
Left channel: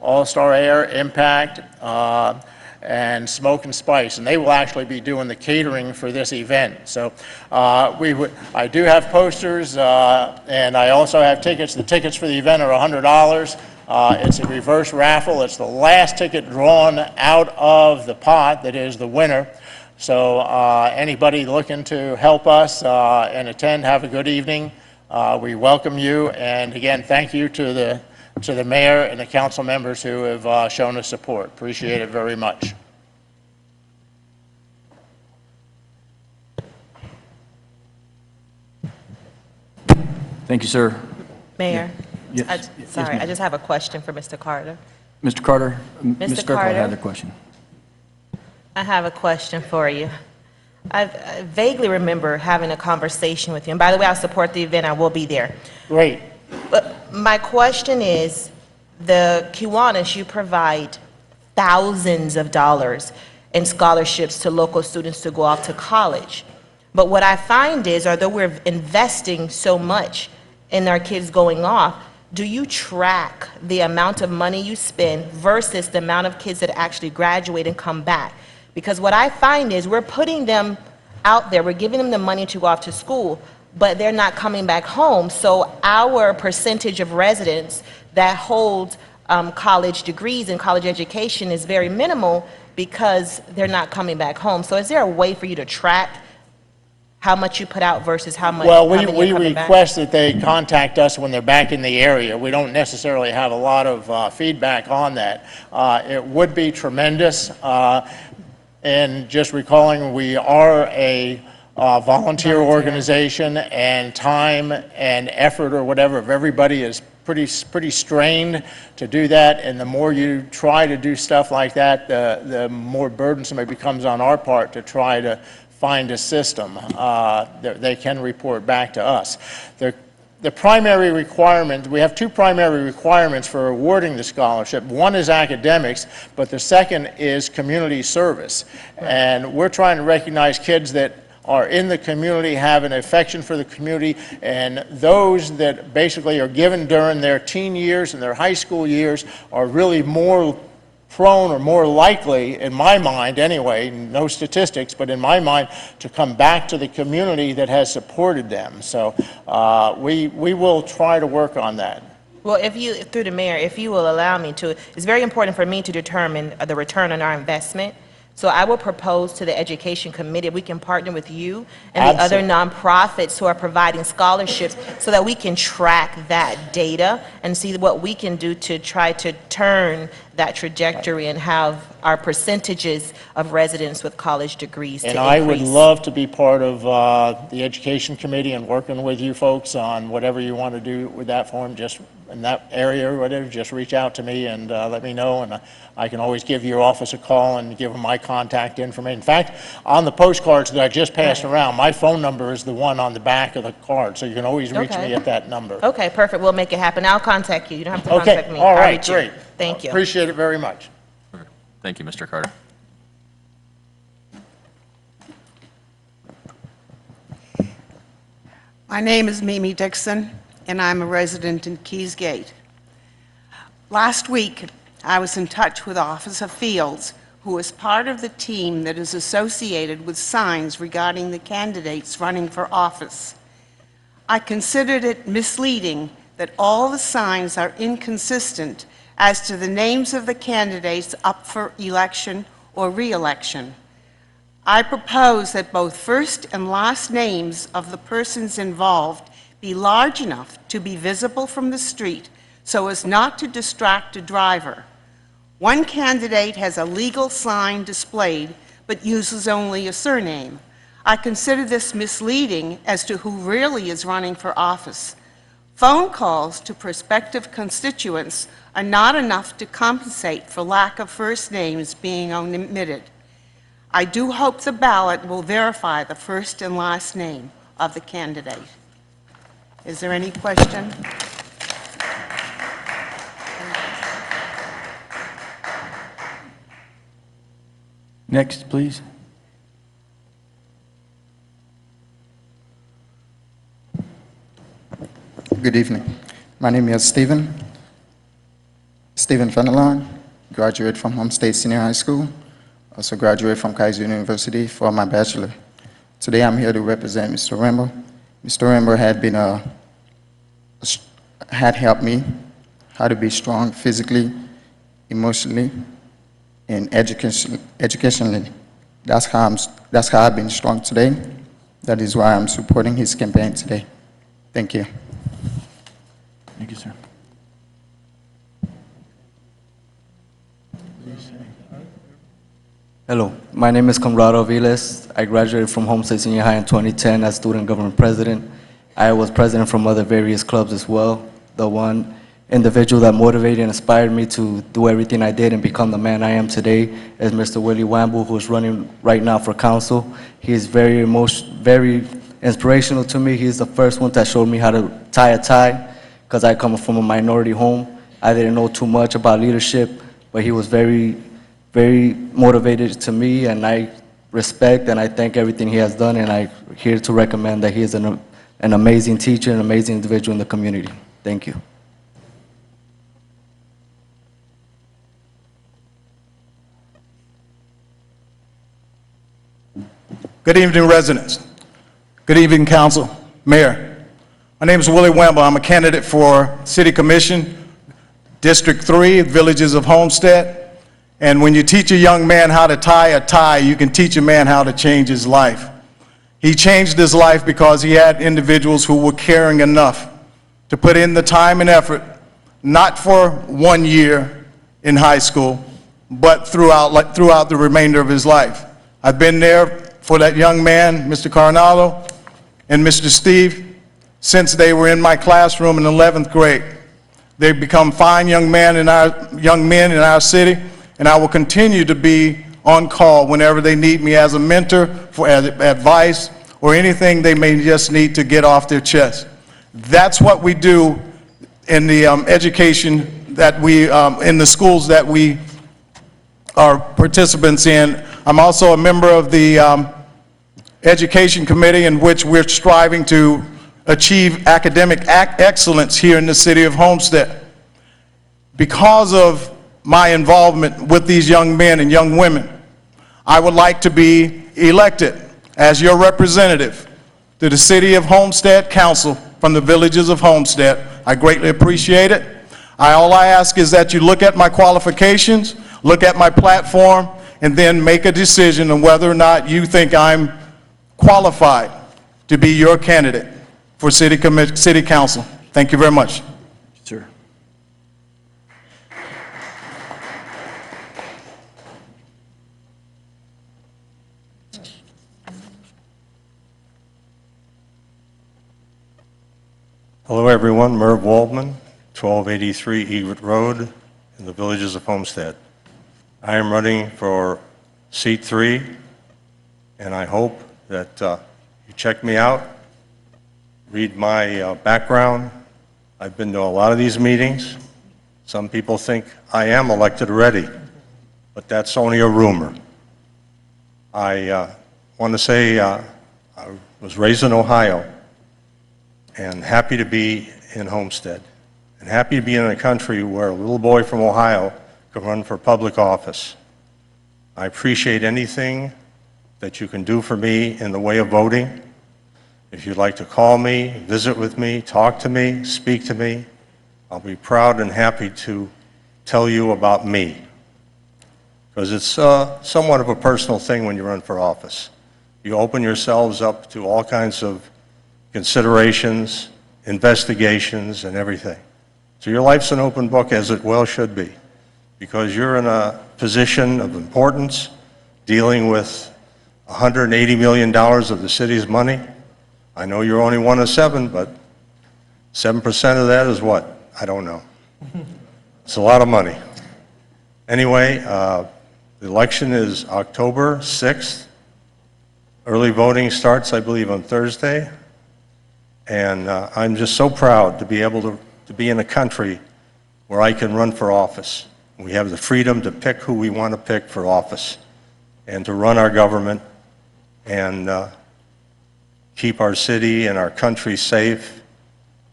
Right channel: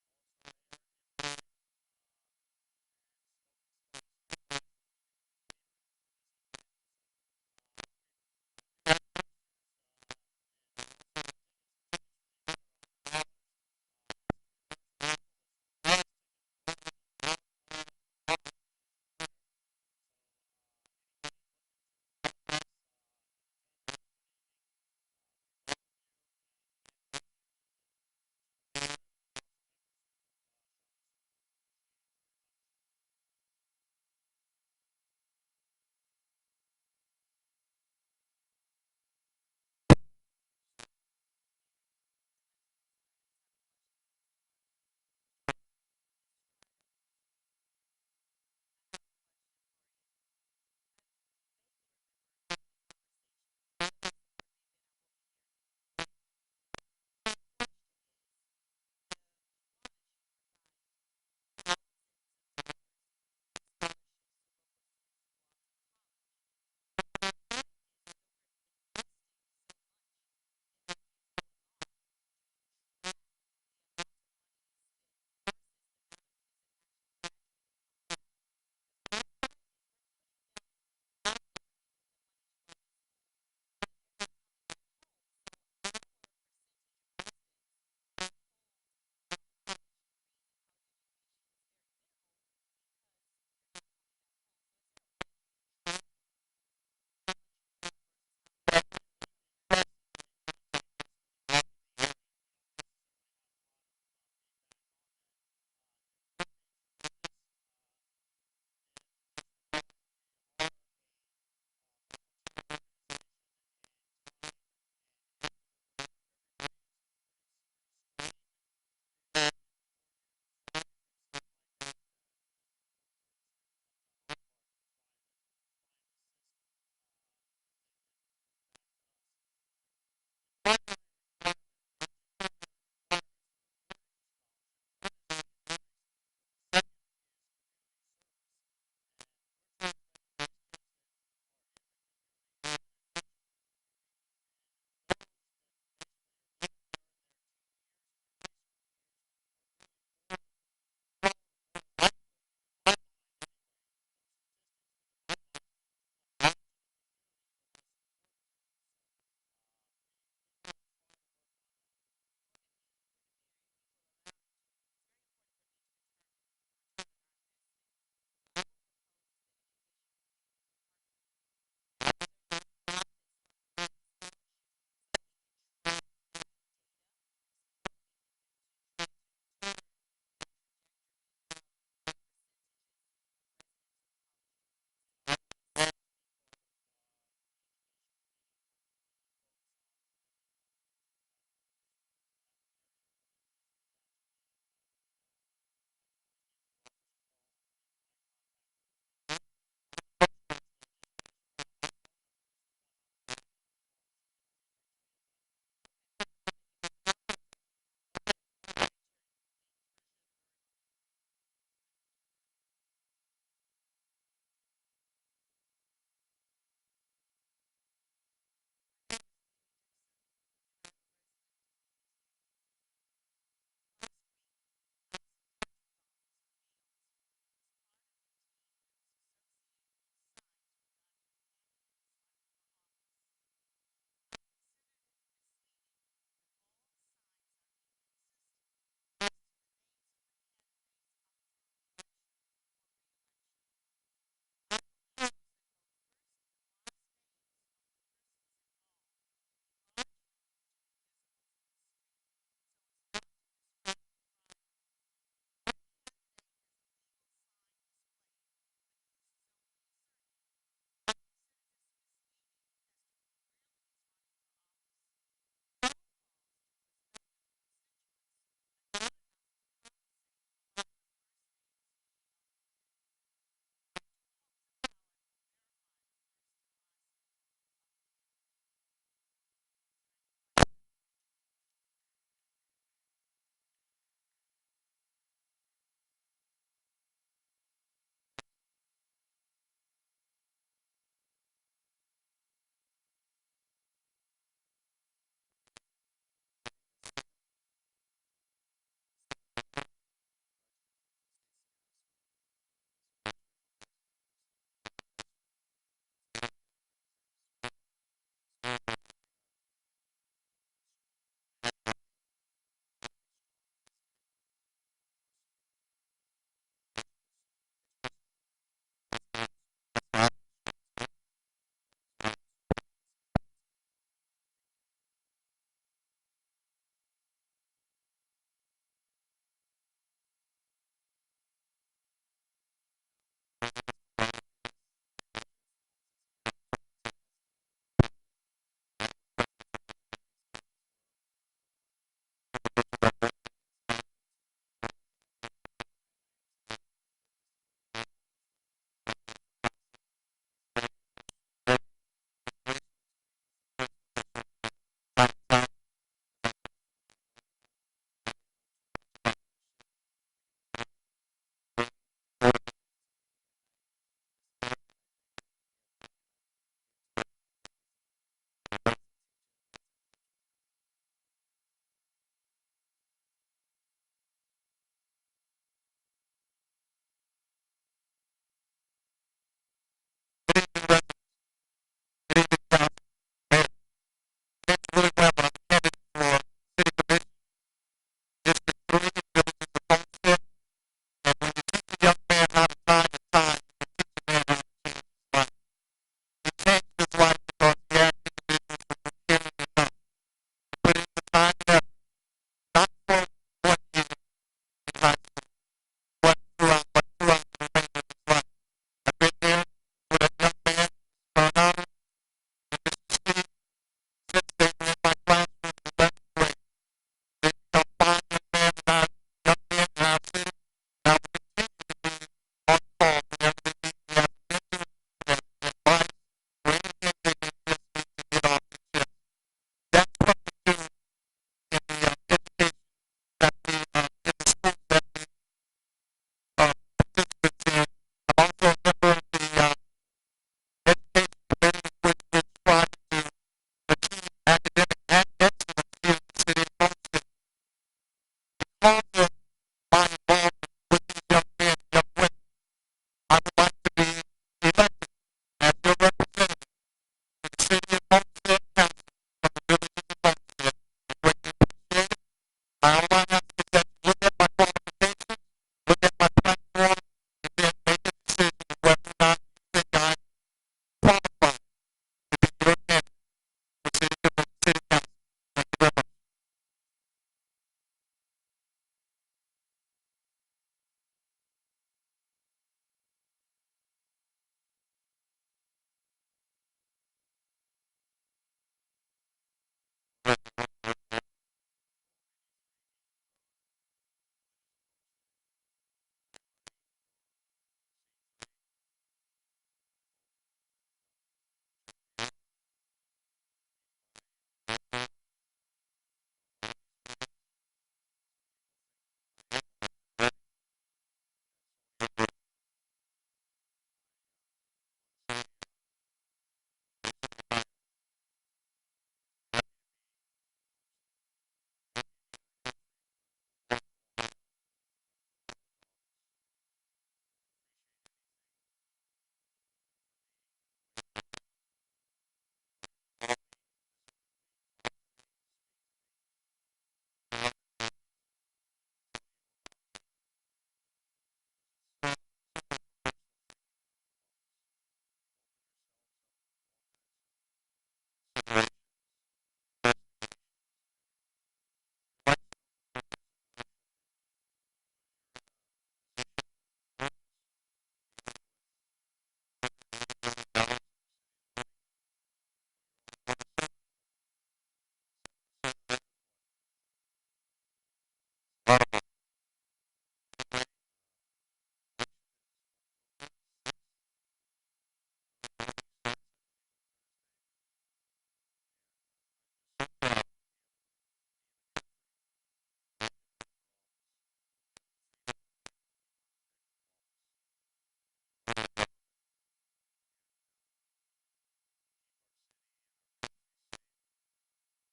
All Star Air, Impact, and Smoke and Spice, and they will actually be doing the catering for this event. So I do have posters, and I also have tickets. The tickets for the event are $100. It's a reverse raffle. It's the last ticket drawn out of the pot that is the winner. So anybody looking to help us and attend, have a good evening. We welcome you, and again, thank you to the mayor and the council members who have shown us support. Appreciate it very much. Thank you, sir. Mayor, Yes. sorry, I just have a question for Mr. Carter. Mr. Carter, Ms. Mr. Kirkland Carter? had a question. I have a question for you. I vaguely remember having a conversation with you, and by the way, I'll support the event. I will be there. Great. But my question is, the Kiwanis, you provide thousands of dollars in scholarships to local students to go off to college. But what I find is, although we're investing so much in our kids going off, do you track the amount of money you spend versus the amount of kids that actually graduate and come back? Because what I find is we're putting them out there, we're giving them the money to go off to school, but they're not coming back home. So our percentage of residents that hold college degrees and college education is very minimal because they're not coming back home. So is there a way for you to track how much you put out versus how much? Well, how many we are coming back? request that they contact us when they're back in the area. We don't necessarily have a lot of feedback on that. It would be tremendous. And just recalling, we are a volunteer organization, and time and effort or whatever of everybody is pretty strained to do that. And the more you try to do stuff like that, the more burdensome it becomes on our part to try to find a system that they can report back to us. The primary requirement, we have two primary requirements for awarding the scholarship. One is academics, but the second is community service. And we're trying to recognize kids that are in the community, have an affection for the community, and those that basically are given during their teen years and their high school years are really more prone or more likely, in my mind anyway, no statistics, but in my mind, to come back to the community that has supported them. So we will try to work on that. Well, if you, through the mayor, if you will allow me to, it's very important for me to determine the return on our investment. So I will propose to the Education Committee, we can partner with you and the other nonprofits who are providing scholarships so that we can track that data and see what we can do to try to turn that trajectory and have our percentages of residents with college degrees to And increase. I would love to be part of the Education Committee and working with you folks on whatever you want to do with that form, just in that area or whatever, just reach out to me and let me know, and I can always give your office a call and give them my contact information. In fact, on the postcards that I just passed around, my phone number is the one on the back of the card, so you can always reach me at that number. Okay, perfect. We'll make it happen. I'll contact you. You don't have to Okay, contact me. all I'll right, reach you. great. Thank you. Appreciate it very much. Thank you, Mr. Carter. My name is Mimi Dixon, and I'm a resident in Keys Gate. Last week, I was in touch with Officer Fields, who is part of the team that is associated with signs regarding the candidates running for office. I considered it misleading that all the signs are inconsistent as to the names of the candidates up for election or re-election. I propose that both first and last names of the persons involved be large enough to be visible from the street so as not to distract a driver. One candidate has a legal sign displayed but uses only a surname. I consider this misleading as to who really is running for office. Phone calls to prospective constituents are not enough to compensate for lack of first names being omitted. I do hope the ballot will verify the first and last name of the candidate. Is there any question? Next, please. Good evening. My name is Stephen Fenelon, graduate from Homestead Senior High School, also graduate from Kaiser University for my bachelor. Today I'm here to represent Mr. Rambo. Mr. Rambo had helped me how to be strong physically, emotionally, and educationally. That's how I've been strong today. That is why I'm supporting his campaign today. Thank you. Thank you, sir. Hello, my name is Conrado Viles. I graduated from Homestead Senior High in 2010 as student government president. I was president from other various clubs as well. The one individual that motivated and inspired me to do everything I did and become the man I am today is Mr. Willie Wamble, who is running right now for council. He is very inspirational to me. He's the first one that showed me how to tie a tie, because I come from a minority home. I didn't know too much about leadership, but he was very motivated to me, and I respect and I thank everything he has done, and I'm here to recommend that he is an amazing teacher, an amazing individual in the community. Thank you. Good evening, residents. Good evening, council, mayor. My name is Willie Wamble. I'm a candidate for City Commission, District 3, Villages of Homestead. And when you teach a young man how to tie a tie, you can teach a man how to change his life. He changed his life because he had individuals who were caring enough to put in the time and effort, not for 1 year in high school, but throughout the remainder of his life. I've been there for that young man, Mr. Coronado and Mr. Steve, since they were in my classroom in 11th grade. They've become fine young men in our city, and I will continue to be on call whenever they need me as a mentor, for advice, or anything they may just need to get off their chest. That's what we do in the education that in the schools that we are participants in. I'm also a member of the Education Committee, in which we're striving to achieve academic excellence here in the city of Homestead. Because of my involvement with these young men and young women, I would like to be elected as your representative to the City of Homestead Council from the Villages of Homestead. I greatly appreciate it. All I ask is that you look at my qualifications, look at my platform, and then make a decision on whether or not you think I'm qualified to be your candidate for City Council. Thank you very much. Sir. Hello, everyone. Merv Waldman, 1283 Egret Road in the Villages of Homestead. I am running for seat 3, and I hope that you check me out, read my background. I've been to a lot of these meetings. Some people think I am elected already, but that's only a rumor. I want to say I was raised in Ohio, and happy to be in Homestead, and happy to be in a country where a little boy from Ohio can run for public office. I appreciate anything that you can do for me in the way of voting. If you'd like to call me, visit with me, talk to me, speak to me, I'll be proud and happy to tell you about me. because it's somewhat of a personal thing when you run for office. You open yourselves up to all kinds of considerations, investigations, and everything. So your life's an open book, as it well should be, because you're in a position of importance, dealing with $180 million of the city's money. I know you're only one of 7, but 7% of that is what? I don't know. It's a lot of money. Anyway, the election is October 6th. Early voting starts, I believe, on Thursday. And I'm just so proud to be able to be in a country where I can run for office. We have the freedom to pick who we want to pick for office and to run our government and keep our city and our country safe,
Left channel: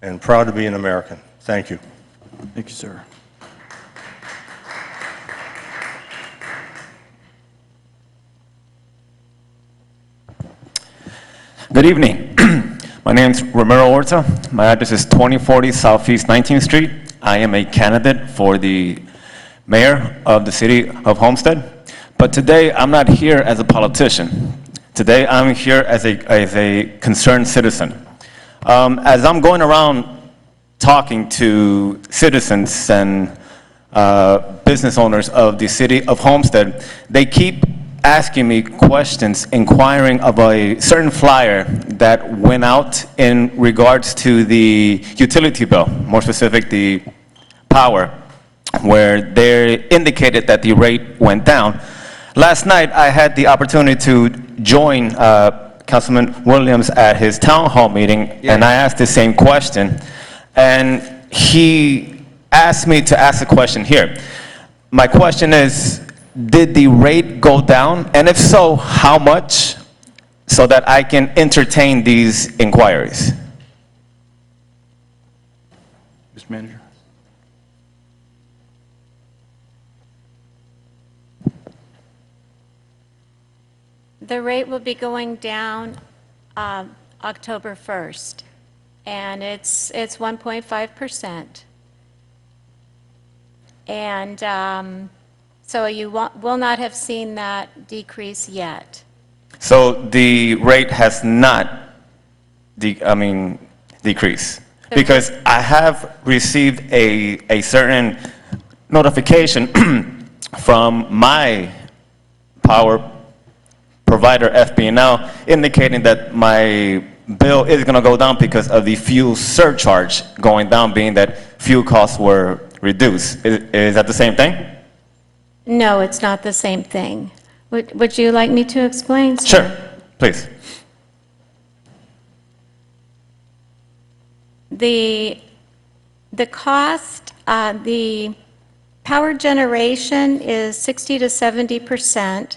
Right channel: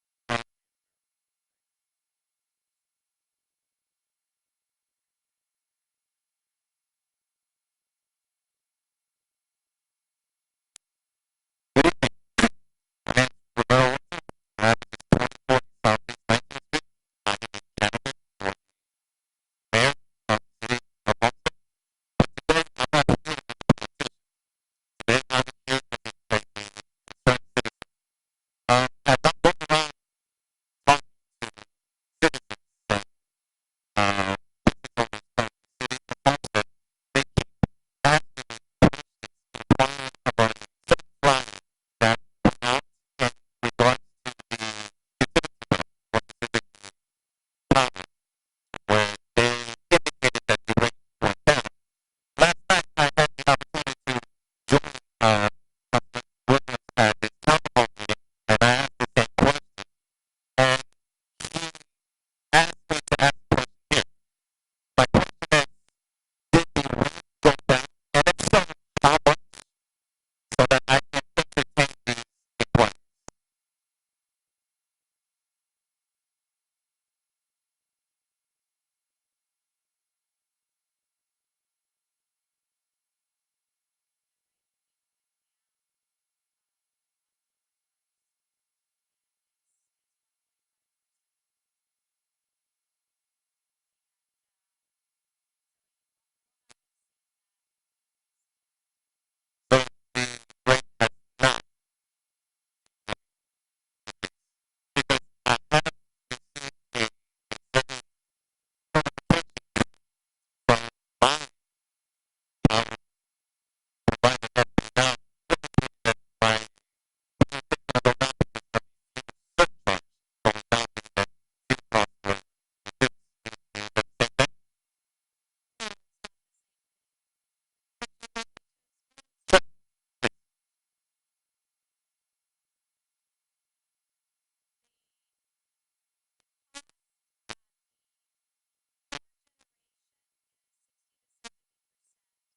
and proud to be an American. Thank you. Thank you, sir. Good evening. My name is Romero Orta. My address is 2040 Southeast 19th Street. I am a candidate for the mayor of the city of Homestead. But today, I'm not here as a politician. Today, I'm here as a concerned citizen. As I'm going around talking to citizens and business owners of the city of Homestead, they keep asking me questions, inquiring of a certain flyer that went out in regards to the utility bill, more specific, the power, where they indicated that the rate went down. Last night, I had the opportunity to join Councilman Williams at his town hall meeting, and I asked the same question, and he asked me to ask a question here. My question is, did the rate go down? And if so, how much? So that I can entertain these inquiries. Mr. Manager. The rate will be going down October 1st, and it's 1.5%. And so you will not have seen that decrease yet. So the rate has not decreased? Because I have received a certain notification from my power provider, FP&L, indicating that my bill is going to go down because of the fuel surcharge going down, being that fuel costs were reduced. Is that the same thing? No, it's not the same thing. Would you like me to explain, sir? Sure, please. The cost, the power generation is 60 to 70%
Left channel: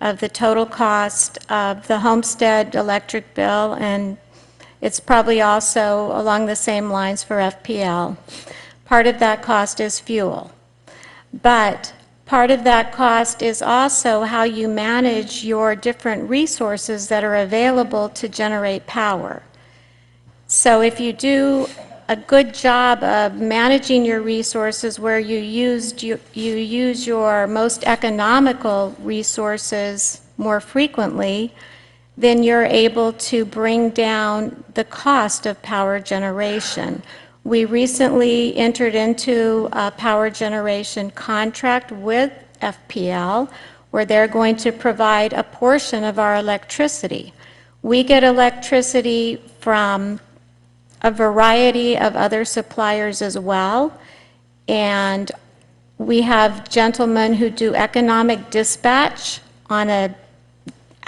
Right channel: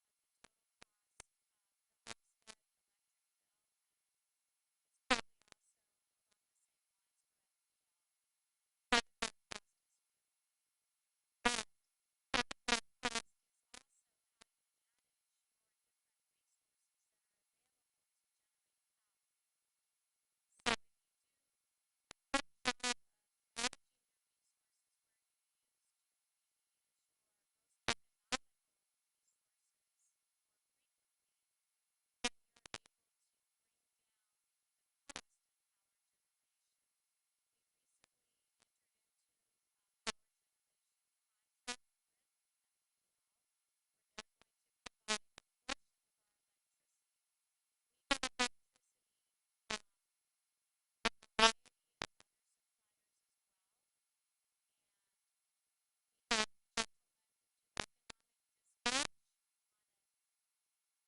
of the total cost of the Homestead electric bill, and it's probably also along the same lines for FPL. Part of that cost is fuel. But part of that cost is also how you manage your different resources that are available to generate power. So if you do a good job of managing your resources where you use your most economical resources more frequently, then you're able to bring down the cost of power generation. We recently entered into a power generation contract with FPL where they're going to provide a portion of our electricity. We get electricity from a variety of other suppliers as well, and we have gentlemen who do economic dispatch on an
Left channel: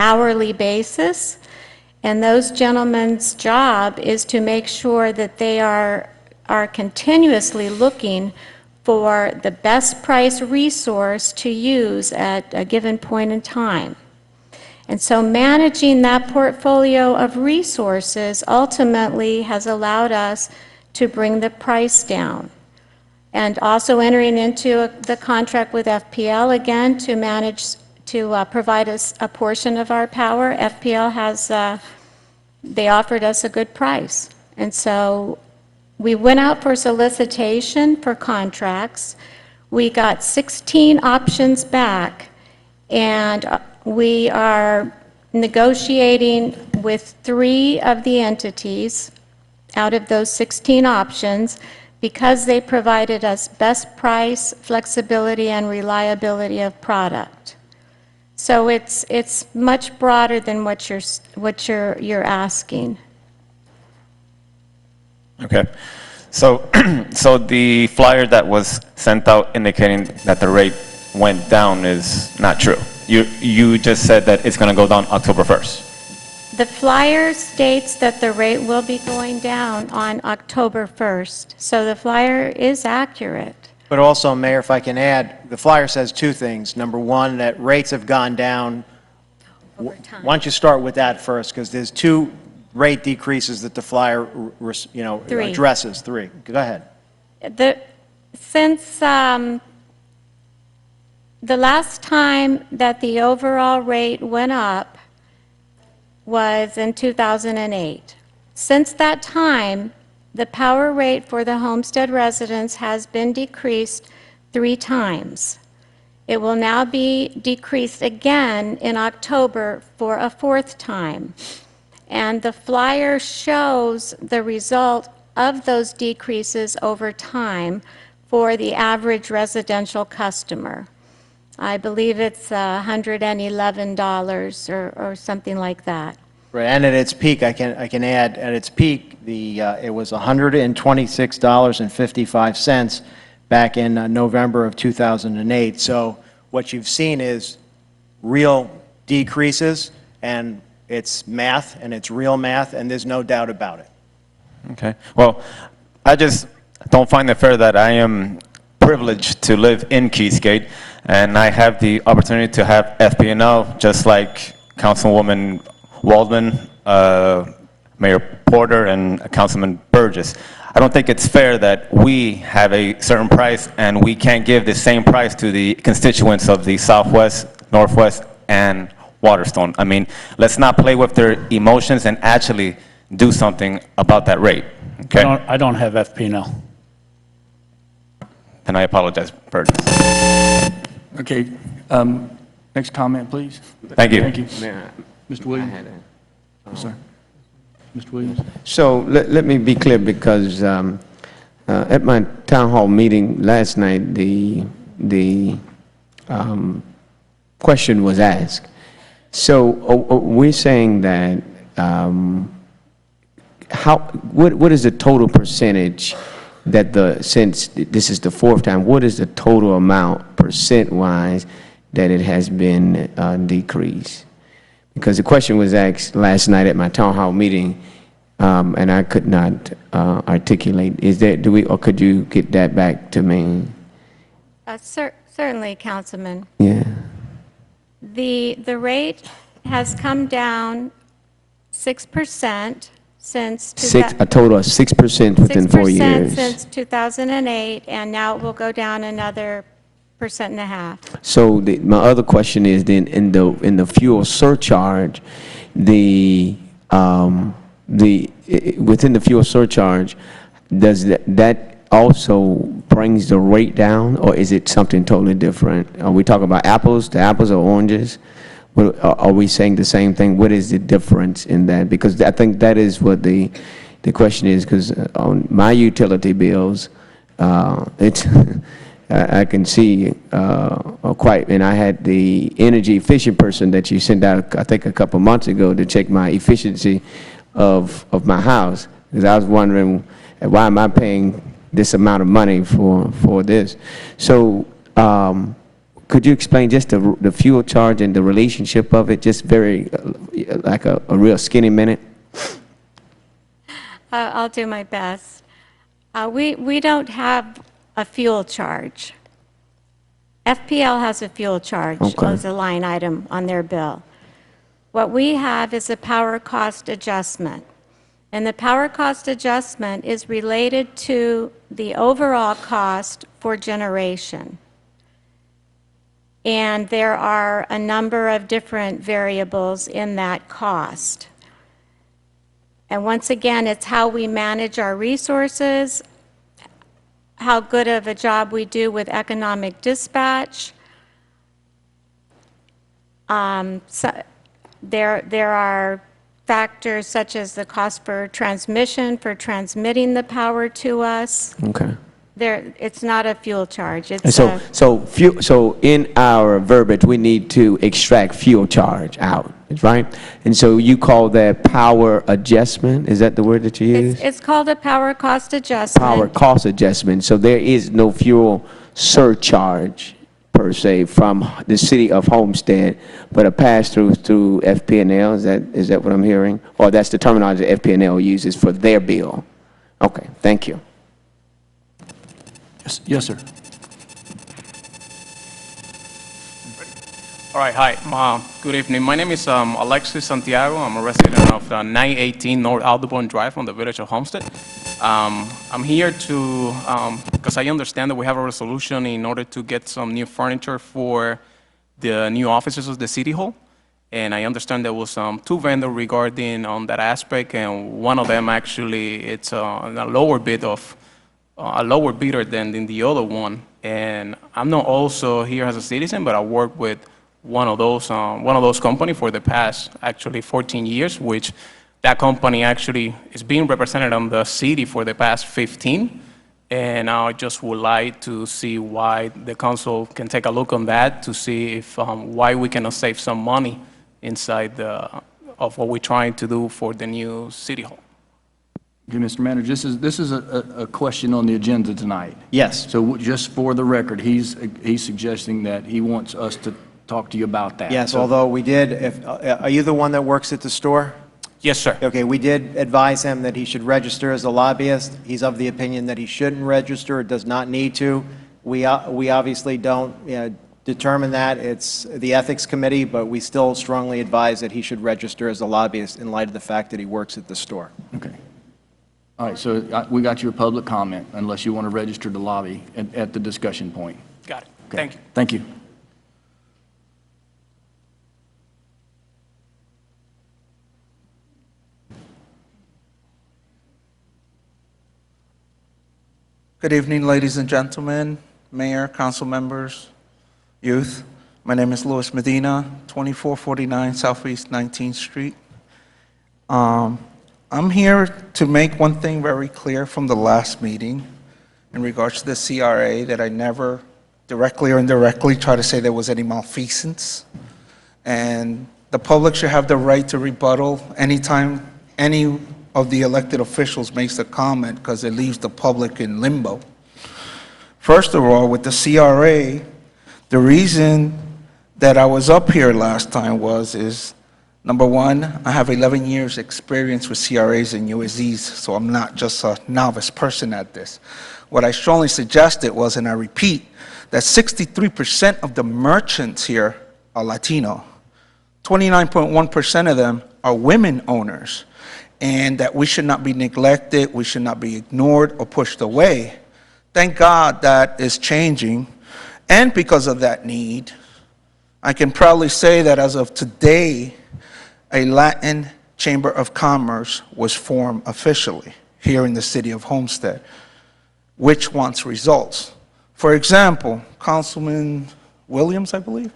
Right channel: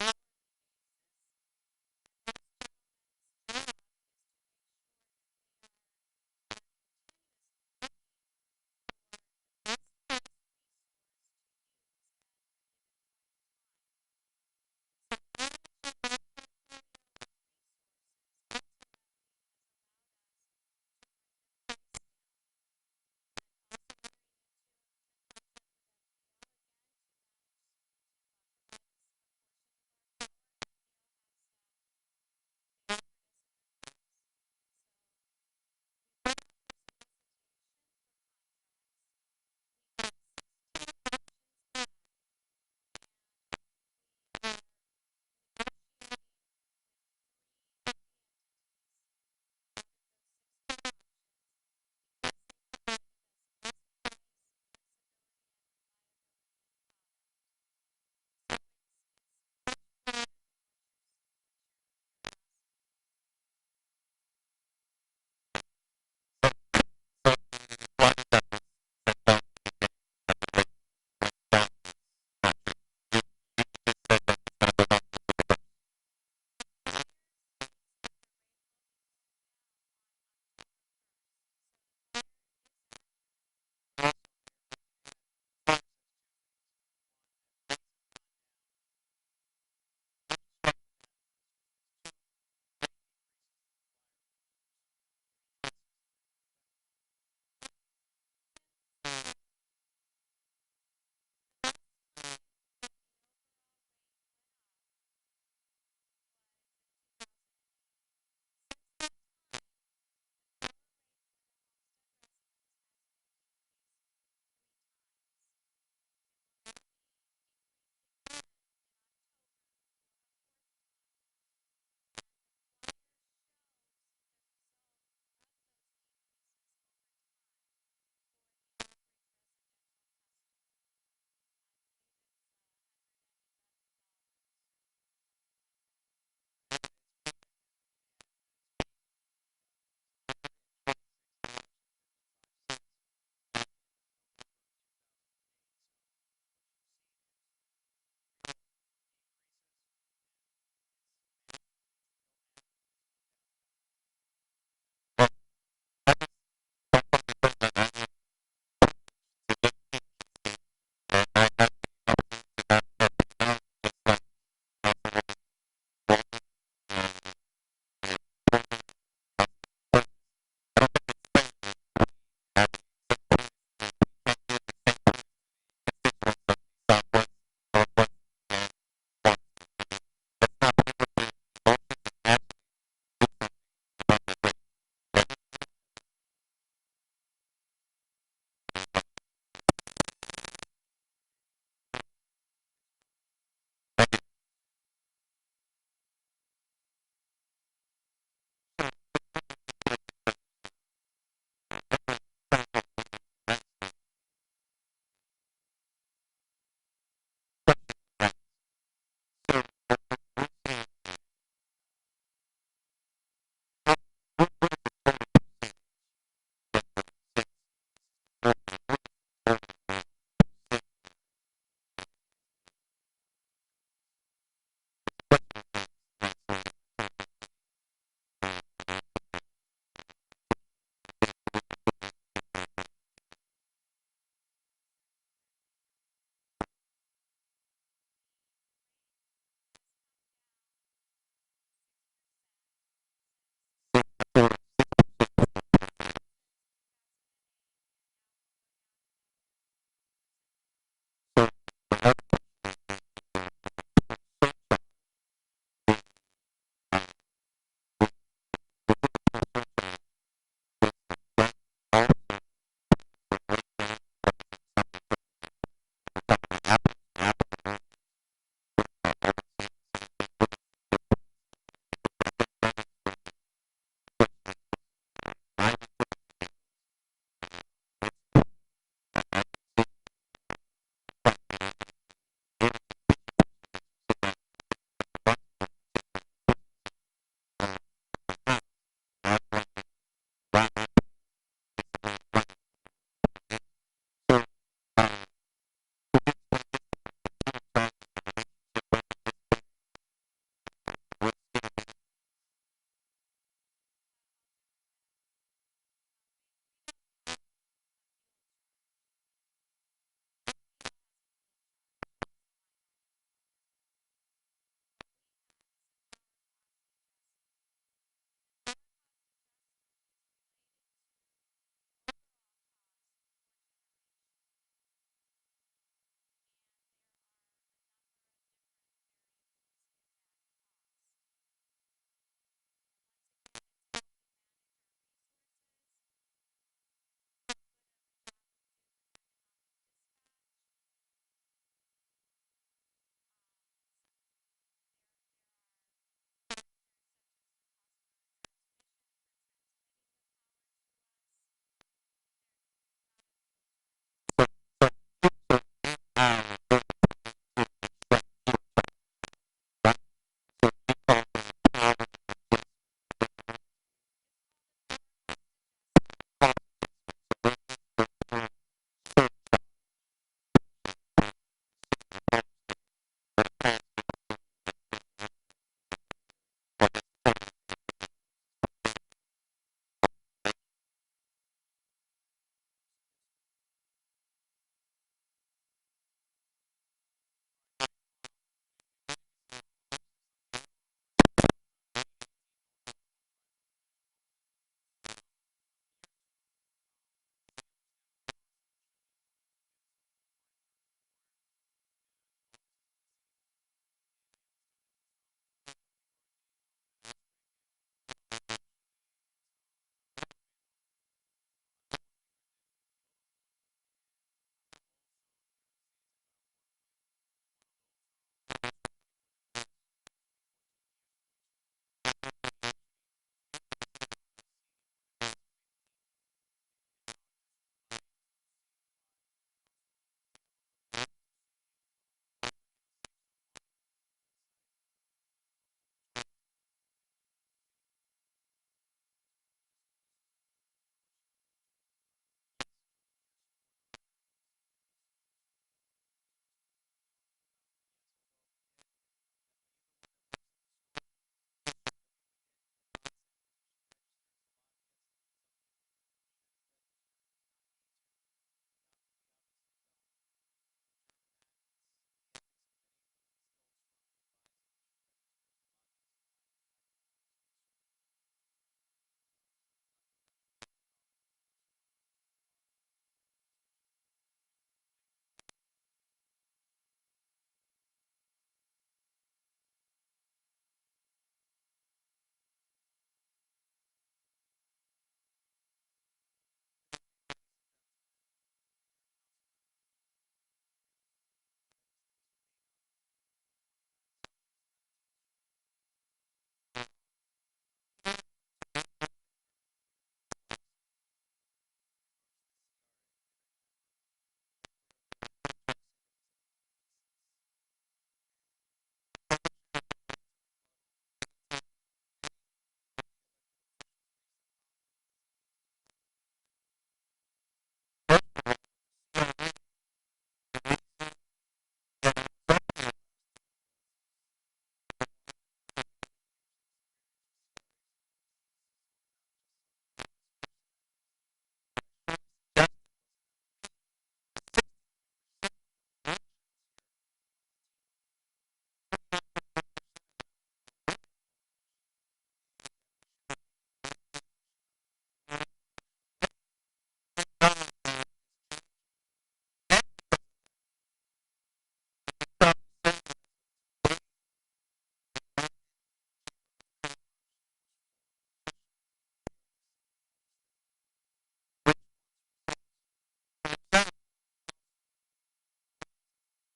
hourly basis, and those gentlemen's job is to make sure that they are continuously looking for the best price resource to use at a given point in time. And so managing that portfolio of resources ultimately has allowed us to bring the price down. And also entering into the contract with FPL, again, to manage, to provide us a portion of our power. FPL has, they offered us a good price. And so we went out for solicitation for contracts. We got 16 options back, and we are negotiating with 3 of the entities out of those 16 options because they provided us best price, flexibility, and reliability of product. So it's much broader than what you're asking. Okay. So, so the flyer that was sent out indicating that the rate went down is not true. You just said that it's going to go down October 1st. The flyer states that the rate will be going down on October 1st, so the flyer is accurate. But also, Mayor, if I can add, the flyer says 2 things. Number one, that rates have gone down. Over time. Why don't you start with that first, because there's 2 rate decreases that the flyer, 3. addresses. 3. Go ahead. Since the last time that the overall rate went up was in 2008. Since that time, the power rate for the Homestead residents has been decreased 3 times. It will now be decreased again in October for a 4th time. And the flyer shows the result of those decreases over time for the average residential customer. I believe it's $111 or something like that. Right, and at its peak, I can add, at its peak, it was $126.55 back in November of 2008. So what you've seen is real decreases, and it's math, and it's real math, and there's no doubt about it. Okay. Well, I just don't find it fair that I am privileged to live in Keysgate, and I have the opportunity to have FP&L just like Councilwoman Waldman, Mayor Porter, and Councilman Burgess. I don't think it's fair that we have a certain price and we can't give the same price to the constituents of the Southwest, Northwest, and Waterstone. I mean, let's not play with their emotions and actually do something about that rate. Okay? I don't have FP&L. And I apologize, Burgess. Okay, next comment, please. Thank you. Thank you. Mayor, Mr. Williams? I had a- Yes, sir. Mr. Williams? So let me be clear, because at my town hall meeting last night, the question was asked. So we're saying that what is the total percentage that since this is the 4th time, what is the total amount percent-wise that it has been decreased? Because the question was asked last night at my town hall meeting, and I could not articulate. Or could you get that back to me? Certainly, Councilman. Yeah. The rate has come down 6% since... A total of 6% within 4 years. 6% since 2008, and now it will go down another 1.5%. So my other question is then in the fuel surcharge, within the fuel surcharge, does that also brings the rate down, or is it something totally different? Are we talking about apples to apples or oranges? Are we saying the same thing? What is the difference in that? Because I think that is what the question is, because on my utility bills, it's I can see quite, and I had the energy efficient person that you sent out, I think a couple months ago, to check my efficiency of my house, because I was wondering, why am I paying this amount of money for this? So could you explain just the fuel charge and the relationship of it, just very, like a real skinny minute? I'll do my best. We don't have a fuel charge. FPL has a fuel charge as a line item on their bill. What we have is a power cost adjustment. And the power cost adjustment is related to the overall cost for generation. And there are a number of different variables in that cost. And once again, it's how we manage our resources, how good of a job we do with economic dispatch. So there are factors such as the cost per transmission for transmitting the power to us. Okay. It's not a fuel charge. And It's so in our verbiage, we need to extract fuel charge out, right? And so you call that power adjustment? Is that the word that you use? it's called a power cost adjustment. Power cost adjustment. So there is no fuel surcharge per se from the city of Homestead, but a pass-through through FP&L. Is that what I'm hearing? Or that's the terminology FP&L uses for their bill? Okay, thank you. Yes, sir. All right, hi. Good evening. My name is Alexis Santiago. I'm a resident of 918 North Audubon Drive from the village of Homestead. I'm here to, because I understand that we have a resolution in order to get some new furniture for the new offices of the City Hall. And I understand there was two vendors regarding on that aspect, and one of them actually, it's a lower bid of, a lower bidder than the other one. And I'm not also here as a citizen, but I work with one of those companies for the past actually 14 years, which that company actually is being represented on the city for the past 15. And I just would like to see why the council can take a look on that to see if why we cannot save some money inside of what we're trying to do for the new city hall. Okay, Mr. Manager, this is a question on the agenda tonight. Yes. So just for the record, he's suggesting that he wants us to talk to you about that. Yes, So- although we did, are you the one that works at the store? Yes, sir. Okay, we did advise him that he should register as a lobbyist. He's of the opinion that he shouldn't register, does not need to. We obviously don't determine that. It's the Ethics Committee, but we still strongly advise that he should register as a lobbyist in light of the fact that he works at the store. Okay. All right, so we got your public comment, unless you want to register to lobby at the discussion point. Got it. Okay. Thank you. Thank you. Good evening, ladies and gentlemen, Mayor, council members, youth. My name is Luis Medina, 2449 Southeast 19th Street. I'm here to make one thing very clear from the last meeting in regards to the CRA, that I never directly or indirectly try to say there was any malfeasance. And the public should have the right to rebuttal anytime any of the elected officials makes a comment, because it leaves the public in limbo. First of all, with the CRA, the reason that I was up here last time is, number one, I have 11 years experience with CRAs and USEs, so I'm not just a novice person at this. What I strongly suggested was, and I repeat, that 63% of the merchants here are Latino. 29.1% of them are women owners, and that we should not be neglected, we should not be ignored or pushed away. Thank God that is changing, and because of that need, I can proudly say that as of today, a Latin Chamber of Commerce was formed officially here in the city of Homestead, which wants results. For example, Councilman Williams, I believe,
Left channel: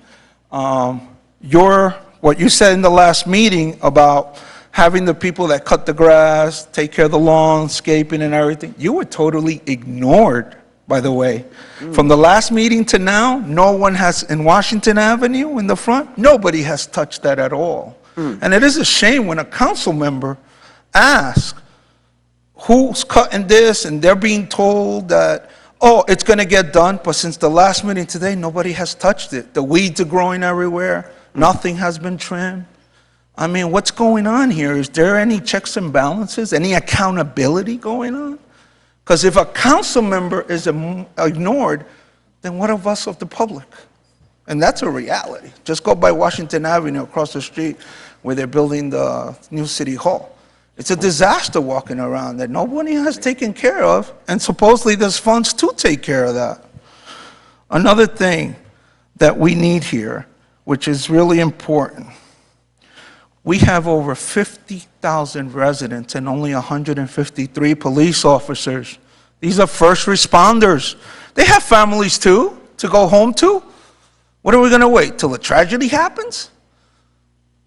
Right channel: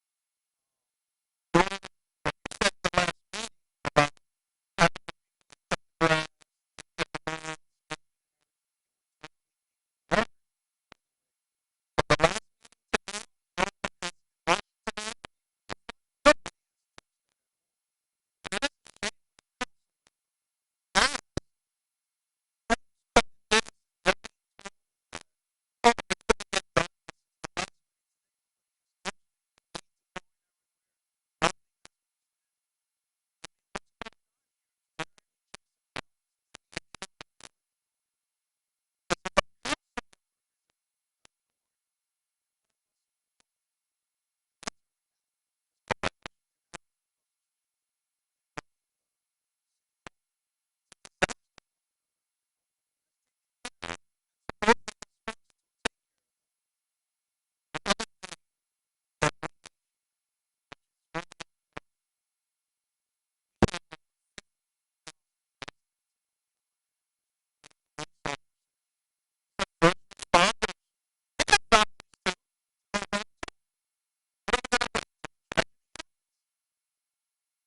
what you said in the last meeting about having the people that cut the grass, take care of the landscaping and everything, you were totally ignored, by the way. From the last meeting to now, no one has, in Washington Avenue in the front, nobody has touched that at all. And it is a shame when a council member asks, who's cutting this, and they're being told that, oh, it's going to get done, but since the last meeting today, nobody has touched it. The weeds are growing everywhere. Nothing has been trimmed. I mean, what's going on here? Is there any checks and balances, any accountability going on? Because if a council member is ignored, then what of us of the public? And that's a reality. Just go by Washington Avenue across the street where they're building the new city hall. It's a disaster walking around that nobody has taken care of, and supposedly there's funds to take care of that. Another thing that we need here, which is really important, we have over 50,000 residents and only 153 police officers These are first responders. They have families too, to go home to. What are we going to wait till a tragedy happens?